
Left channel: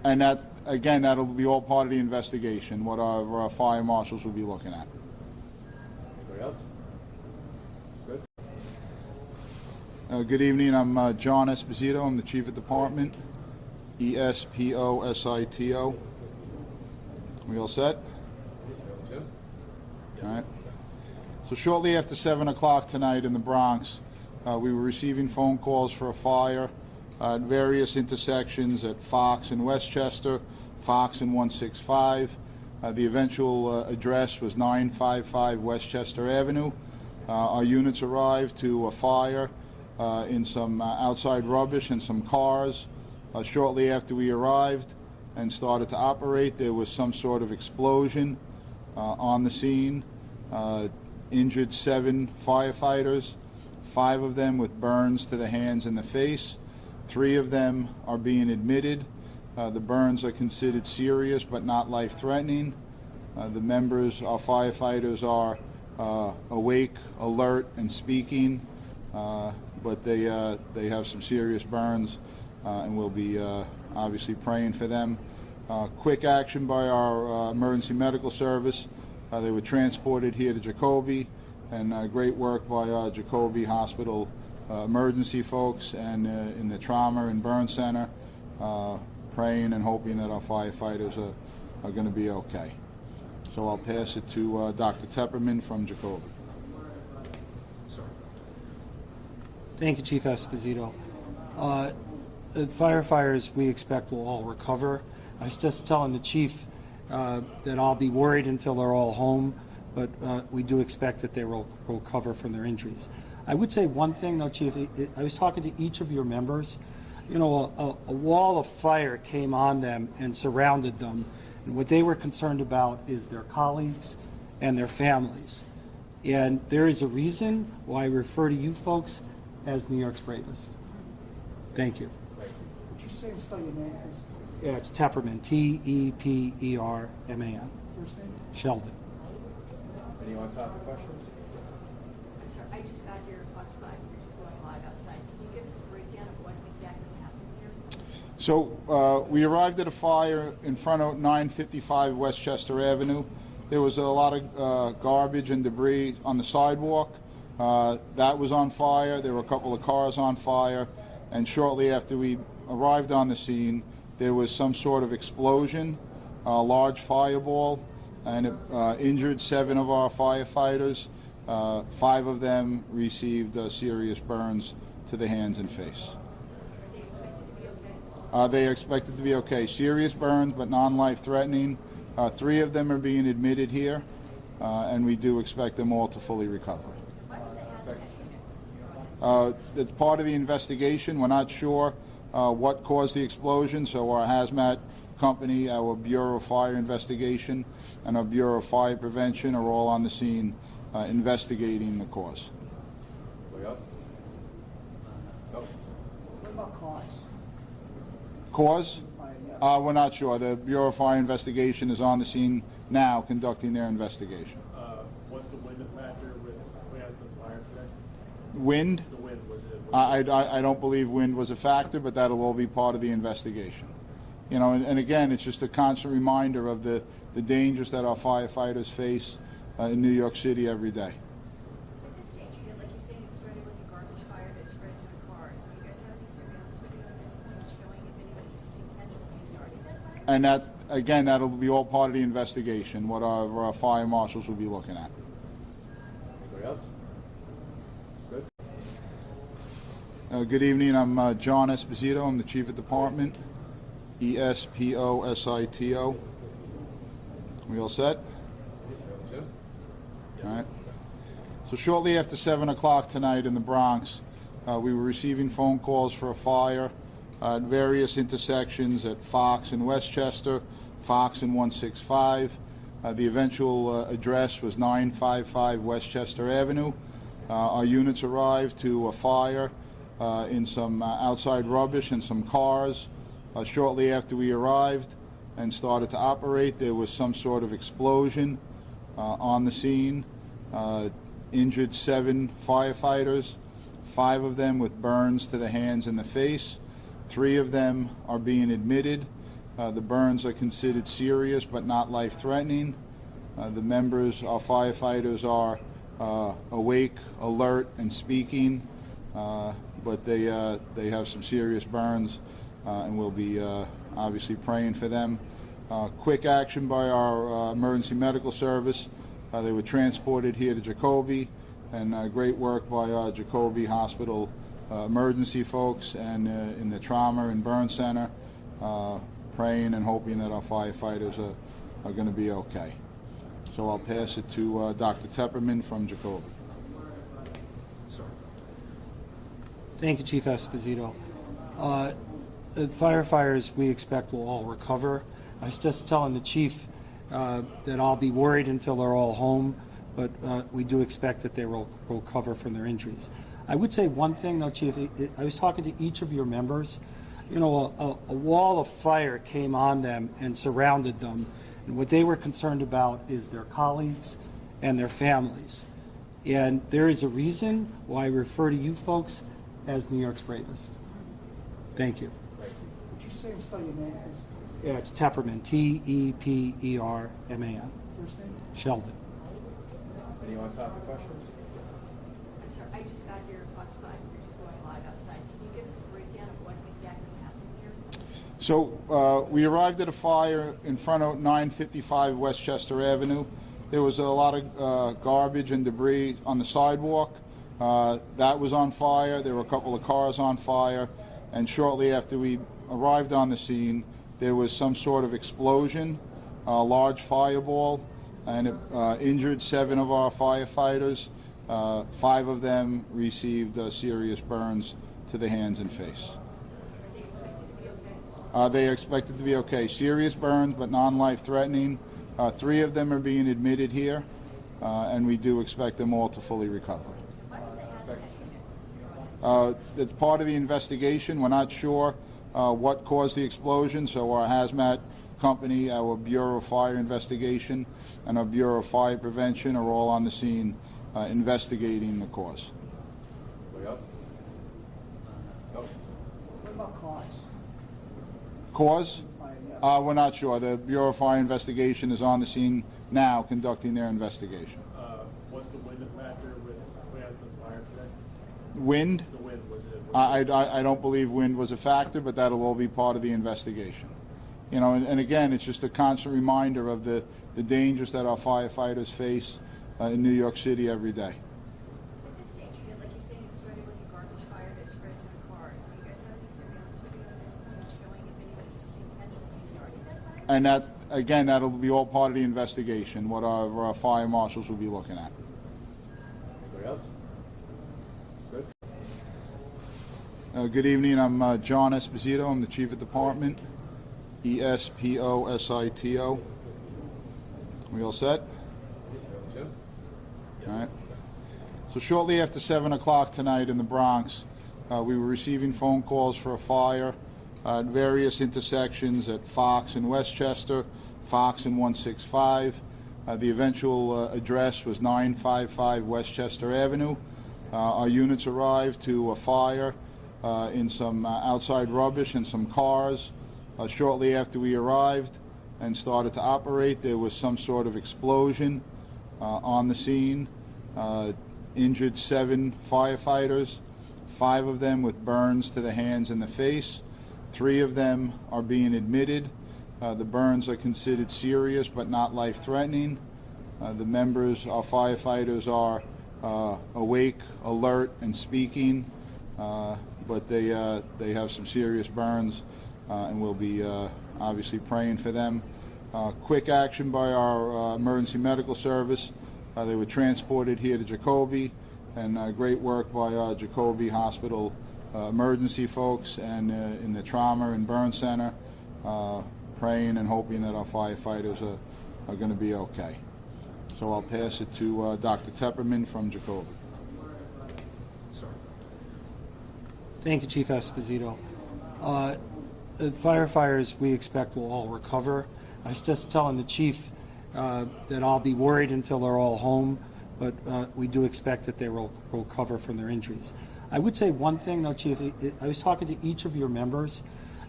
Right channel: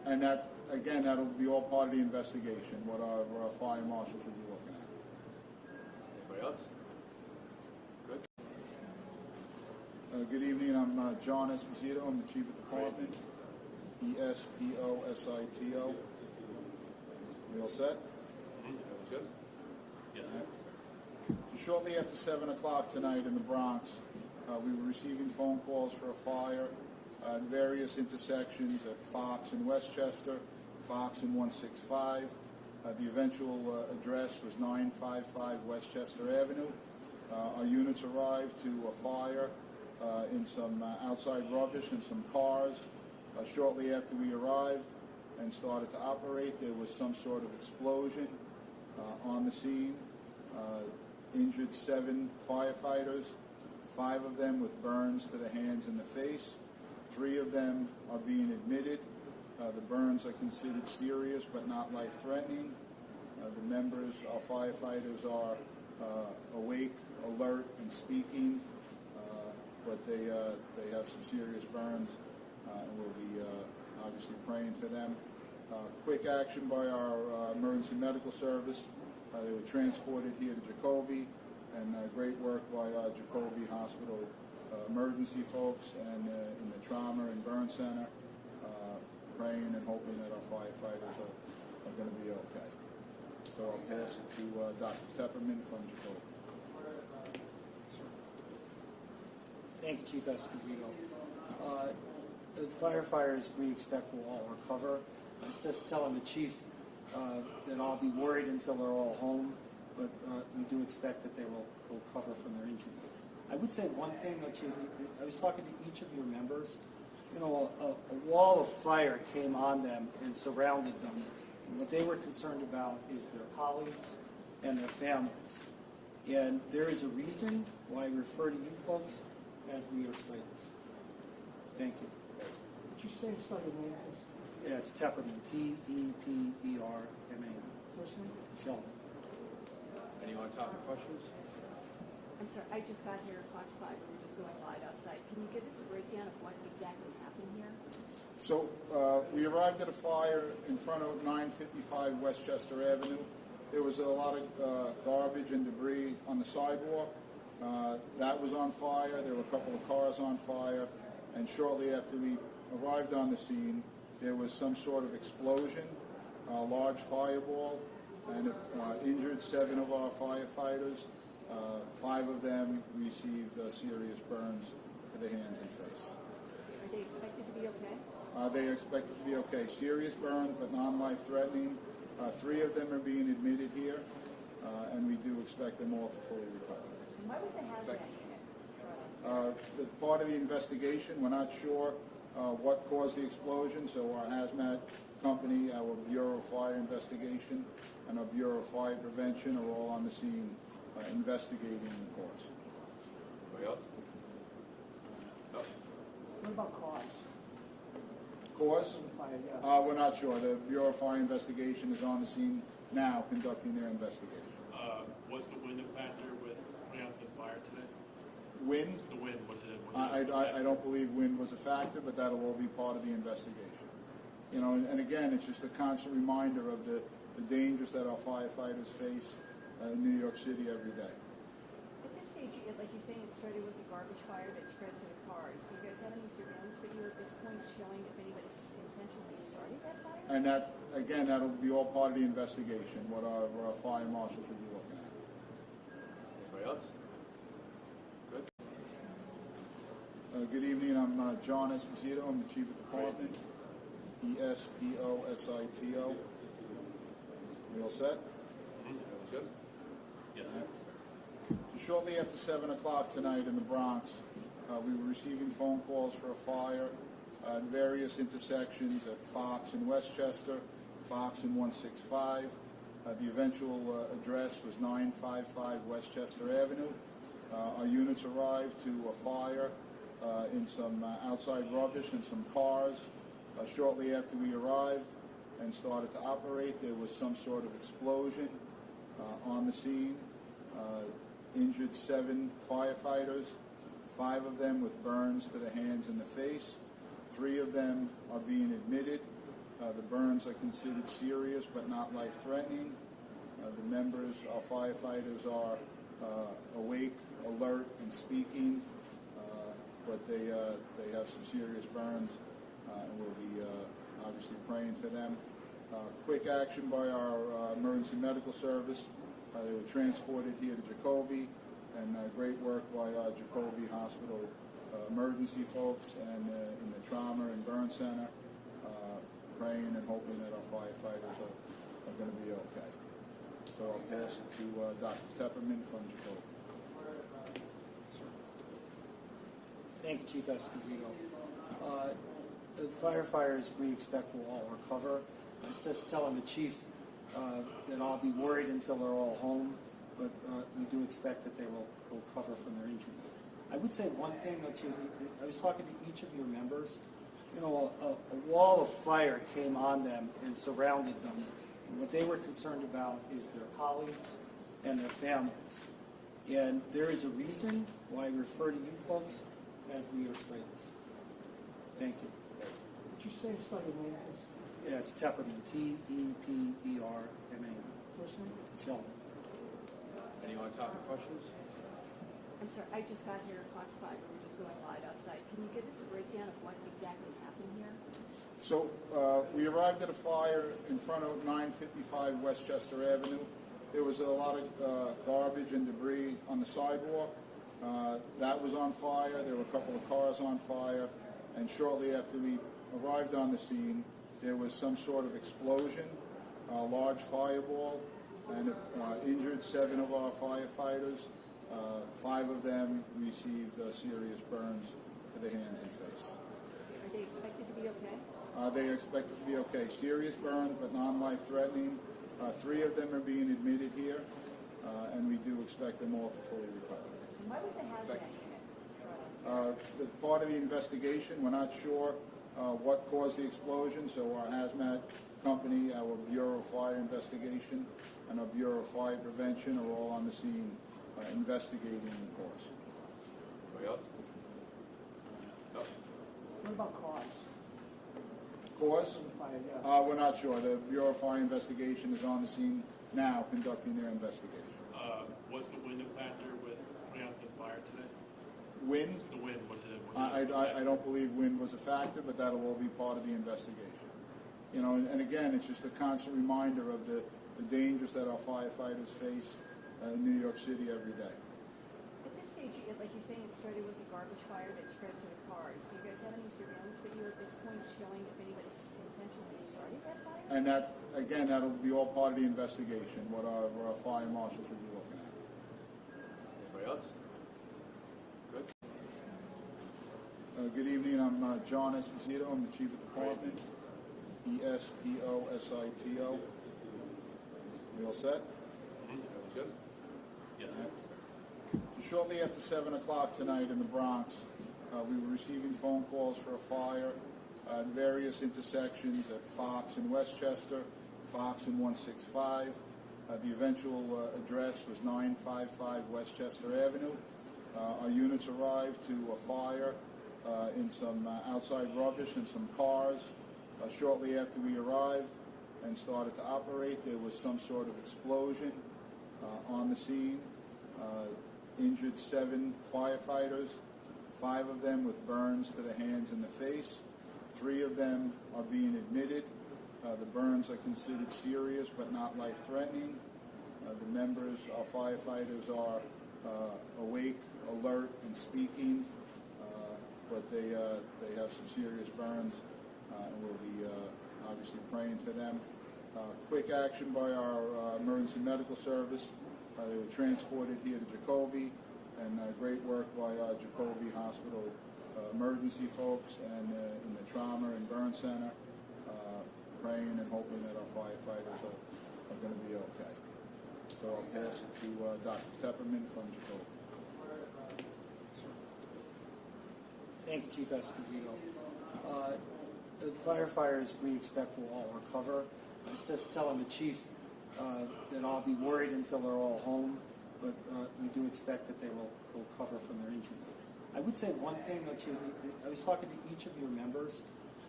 And that, again, that'll be all part of the investigation, what our fire marshals will be looking at. Anybody else? Good. Good evening, I'm John Esposito, I'm the Chief of Department, Esposito. We all set? Jim? All right. So shortly after 7 o'clock tonight in the Bronx, we were receiving phone calls for a fire at various intersections at Fox and Westchester, Fox and 165. The eventual address was 955 Westchester Avenue. Our units arrived to a fire in some outside rubbish and some cars. Shortly after we arrived and started to operate, there was some sort of explosion on the scene. Injured 7 firefighters, 5 of them with burns to the hands and the face. 3 of them are being admitted. The burns are considered serious but not life-threatening. The members, our firefighters, are awake, alert, and speaking, but they have some serious burns, and we'll be obviously praying for them. Quick action by our emergency medical service. They were transported here to Jacoby, and great work by our Jacoby Hospital emergency folks and in the trauma and burn center, praying and hoping that our firefighters are going to be okay. So I'll pass it to Dr. Tepperman from Jacoby. Thank you, Chief Esposito. The firefighters we expect will all recover. I was just telling the chief that I'll be worried until they're all home, but we do expect that they will recover from their injuries. I would say one thing, though, Chief. I was talking to each of your members. You know, a wall of fire came on them and surrounded them, and what they were concerned about is their colleagues and their families. And there is a reason why I refer to you folks as New York's bravest. Thank you. Would you say and spell your name, please? Yeah, it's Tepperman, T-E-P-E-R-M-A-N. First name? Sheldon. Any on-topic questions? I'm sorry, I just got here Fox 5, we're just going live outside. Can you give us a breakdown of what exactly happened here? So we arrived at a fire in front of 955 Westchester Avenue. There was a lot of garbage and debris on the sidewalk. That was on fire. There were a couple of cars on fire. And shortly after we arrived on the scene, there was some sort of explosion, a large fireball, and it injured 7 of our firefighters. 5 of them received serious burns to the hands and face. Are they expected to be okay? They are expected to be okay. Serious burns, but non-life-threatening. 3 of them are being admitted here, and we do expect them all to fully recover. Why was the hazmat unit? It's part of the investigation. We're not sure what caused the explosion, so our hazmat company, our Bureau of Fire Investigation, and our Bureau of Fire Prevention are all on the scene investigating the cause. Anybody else? No? What about cause? Cause? Yeah. We're not sure. The Bureau of Fire Investigation is on the scene now conducting their investigation. Was the wind a factor with putting out the fire today? Wind? The wind, was it? I don't believe wind was a factor, but that'll all be part of the investigation. You know, and again, it's just a constant reminder of the dangers that our firefighters face in New York City every day. At this stage, like you're saying, it started with a garbage fire that spread to the cars. Do you guys have any surveillance video at this point showing if anybody intentionally started that fire? And that, again, that'll be all part of the investigation, what our fire marshals will be looking at. Anybody else? Good. Good evening, I'm John Esposito, I'm the Chief of Department, Esposito. We all set? Jim? All right. So shortly after 7 o'clock tonight in the Bronx, we were receiving phone calls for a fire at various intersections at Fox and Westchester, Fox and 165. The eventual address was 955 Westchester Avenue. Our units arrived to a fire in some outside rubbish and some cars. Shortly after we arrived and started to operate, there was some sort of explosion on the scene. Injured 7 firefighters, 5 of them with burns to the hands and the face. 3 of them are being admitted. The burns are considered serious but not life-threatening. The members, our firefighters, are awake, alert, and speaking, but they have some serious burns, and we'll be obviously praying for them. Quick action by our emergency medical service. They were transported here to Jacoby, and great work by our Jacoby Hospital emergency folks and in the trauma and burn center, praying and hoping that our firefighters are going to be okay. So I'll pass it to Dr. Tepperman from Jacoby. Thank you, Chief Esposito. The firefighters, we expect, will all recover. I was just telling the chief that I'll be worried until they're all home, but we do expect that they will recover from their injuries. I would say one thing, though, Chief. I was talking to each of your members. You know, a wall of fire came on them and surrounded them, and what they were concerned about is their colleagues and their families. And there is a reason why I refer to you folks as New York's bravest. Thank you. Would you say and spell your name, please? Yeah, it's Tepperman, T-E-P-E-R-M-A-N. First name? Sheldon. Any on-topic questions? I'm sorry, I just got your Fox 5, we're just going live outside. Can you give us a breakdown of what exactly happened here? So we arrived at a fire in front of 955 Westchester Avenue. There was a lot of garbage and debris on the sidewalk. That was on fire. There were a couple of cars on fire. And shortly after we arrived on the scene, there was some sort of explosion, a large fireball, and it injured 7 of our firefighters. 5 of them received serious burns to the hands and face. Are they expected to be okay? They are expected to be okay. Serious burns, but non-life-threatening. 3 of them are being admitted here, and we do expect them all to fully recover. Why was the hazmat? It's part of the investigation. We're not sure what caused the explosion, so our hazmat company, our Bureau of Fire Investigation, and our Bureau of Fire Prevention are all on the scene investigating the cause. Anybody else? No? What about cause? Cause? We're not sure. The Bureau of Fire Investigation is on the scene now conducting their investigation. Was the wind a factor with putting out the fire today? Wind? The wind, was it? I don't believe wind was a factor, but that'll all be part of the investigation. You know, and again, it's just a constant reminder of the dangers that our firefighters face in New York City every day. At this stage, like you're saying, it started with a garbage fire that spread to the cars. Do you guys have any surveillance video at this point showing if anybody intentionally started that fire? And that, again, that'll be all part of the investigation, what our fire marshals will be looking at. Anybody else? Good. Good evening. I'm John Esposito. I'm the Chief of Department. E-S-P-O-S-I-T-O. We all set? Jim? All right. So shortly after 7 o'clock tonight in the Bronx, we were receiving phone calls for a fire at various intersections at Fox and Westchester, Fox and 165. The eventual address was 955 Westchester Avenue. Our units arrived to a fire in some outside rubbish and some cars. Shortly after we arrived and started to operate, there was some sort of explosion on the scene. Injured 7 firefighters, 5 of them with burns to the hands and the face. 3 of them are being admitted. The burns are considered serious but not life-threatening. The members, our firefighters, are awake, alert, and speaking, but they have some serious burns, and we'll be obviously praying for them. Quick action by our emergency medical service. They were transported here to Jacoby, and great work by our Jacoby Hospital emergency folks and in the trauma and burn center, praying and hoping that our firefighters are going to be okay. So I'll pass it to Dr. Tepperman from Jacoby. Thank you, Chief Esposito. The firefighters, we expect, will all recover. I was just telling the chief that I'll be worried until they're all home, but we do expect that they will recover from their injuries. I would say one thing, though, Chief. I was talking to each of your members.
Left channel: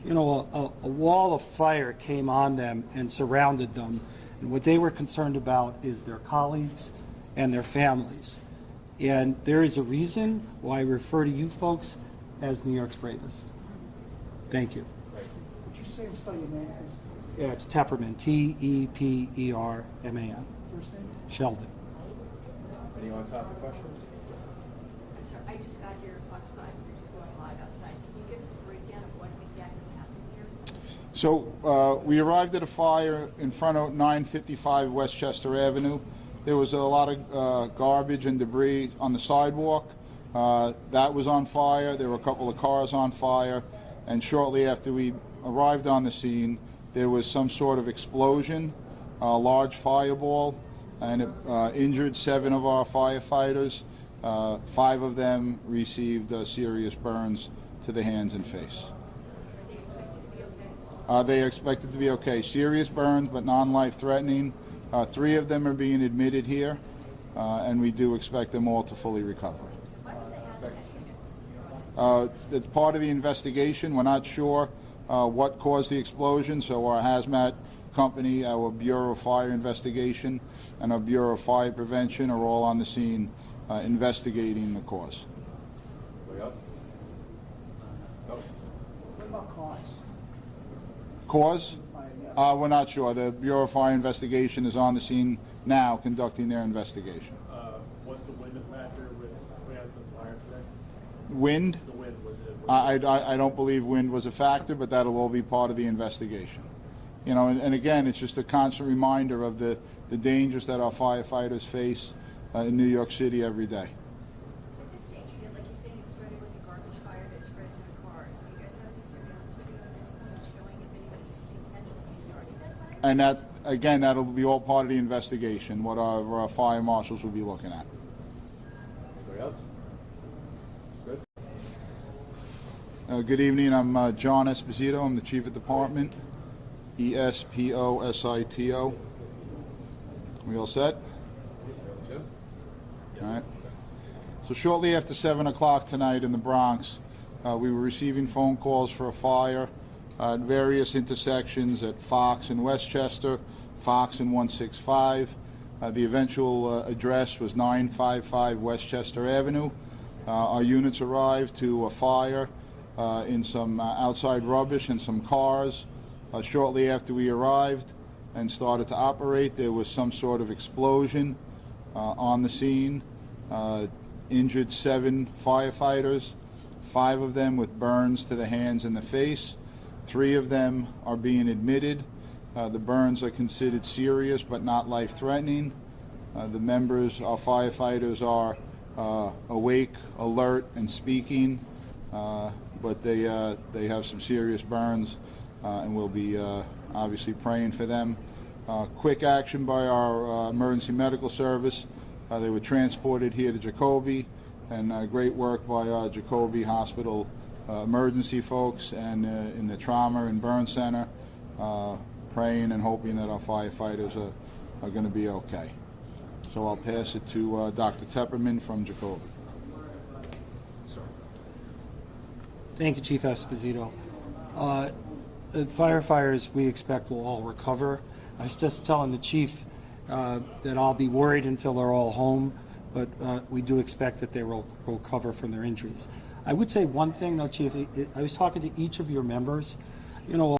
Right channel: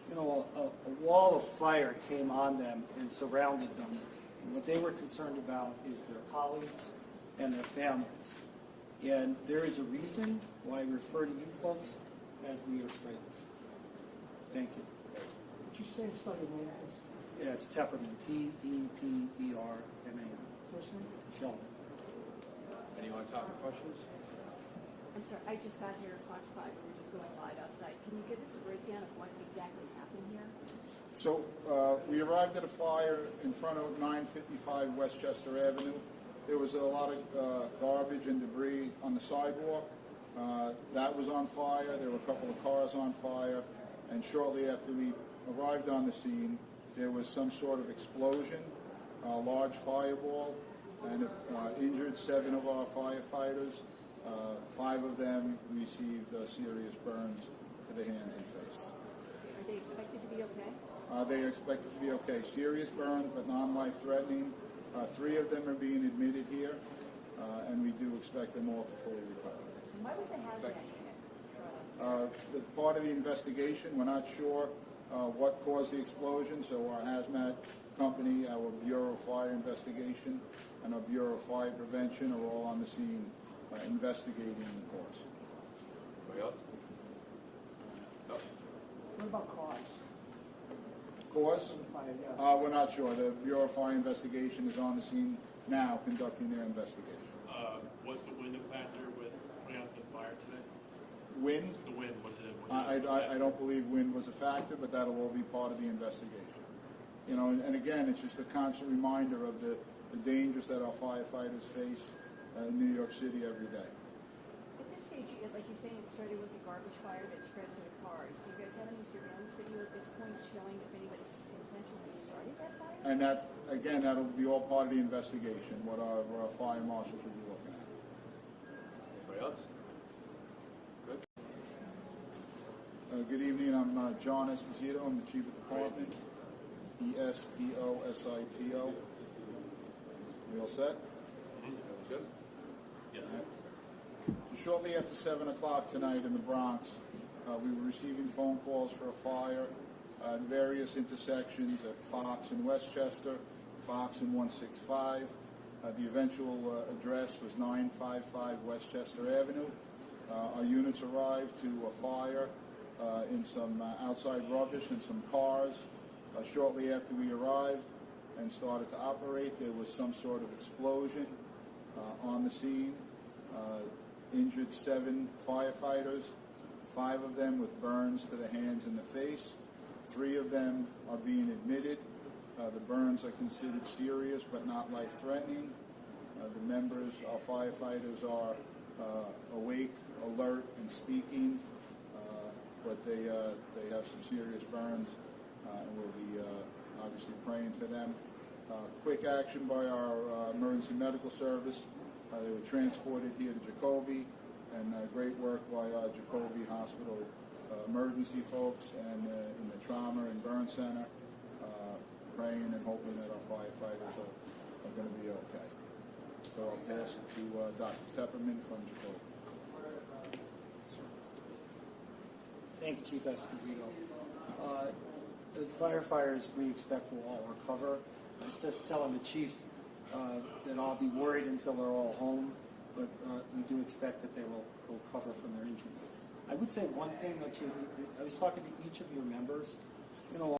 a wall of fire came on them and surrounded them. And what they were concerned about is their colleagues and their families. And there is a reason why I refer to you folks as New York's bravest. Thank you. Would you say and spell your name, please? Yeah, it's Tepperman, T-E-P-E-R-M-A-N. First name? Sheldon. Any on-topic questions? I'm sorry, I just got here at Fox 5, we're just going live outside. Can you give us a breakdown of what exactly happened here? So we arrived at a fire in front of 955 Westchester Avenue. There was a lot of garbage and debris on the sidewalk. That was on fire. There were a couple of cars on fire. And shortly after we arrived on the scene, there was some sort of explosion, a large fireball, and it injured 7 of our firefighters. 5 of them received serious burns to the hands and face. Are they expected to be okay? They are expected to be okay. Serious burns, but non-life threatening. 3 of them are being admitted here, and we do expect them all to fully recover. Why was the hazmat ticket? It's part of the investigation. We're not sure what caused the explosion, so our hazmat company, our Bureau of Fire Investigation, and our Bureau of Fire Prevention are all on the scene investigating the cause. Anybody else? No? What about cause? Cause? We're not sure. The Bureau of Fire Investigation is on the scene now conducting their investigation. Was the wind a factor with putting out the fire today? Wind? The wind, was it? I don't believe wind was a factor, but that'll all be part of the investigation. You know, and again, it's just a constant reminder of the dangers that our firefighters face in New York City every day. At this stage, like you're saying, it started with a garbage fire that spread to the cars. Do you guys have any surveillance video at this point showing if anybody intentionally started that fire? And that, again, that'll be all part of the investigation, what our fire marshals will be looking at. Anybody else? Good? Good evening. I'm John Esposito. I'm the Chief of Department. E-S-P-O-S-I-T-O. We all set? Jim? All right. So shortly after 7 o'clock tonight in the Bronx, we were receiving phone calls for a fire at various intersections at Fox and Westchester, Fox and 165. The eventual address was 955 Westchester Avenue. Our units arrived to a fire in some outside rubbish and some cars. Shortly after we arrived and started to operate, there was some sort of explosion on the scene. Injured 7 firefighters, 5 of them with burns to the hands and the face. 3 of them are being admitted. The burns are considered serious but not life-threatening. The members, our firefighters, are awake, alert, and speaking, but they have some serious burns, and we'll be obviously praying for them. Quick action by our emergency medical service. They were transported here to Jacoby, and great work by our Jacoby Hospital emergency folks and in the trauma and burn center, praying and hoping that our firefighters are going to be okay. So I'll pass it to Dr. Tepperman from Jacoby. Thank you, Chief Esposito. The firefighters we expect will all recover. I was just telling the chief that I'll be worried until they're all home, but we do expect that they will recover from their injuries. I would say one thing, though, Chief. I was talking to each of your members. You know,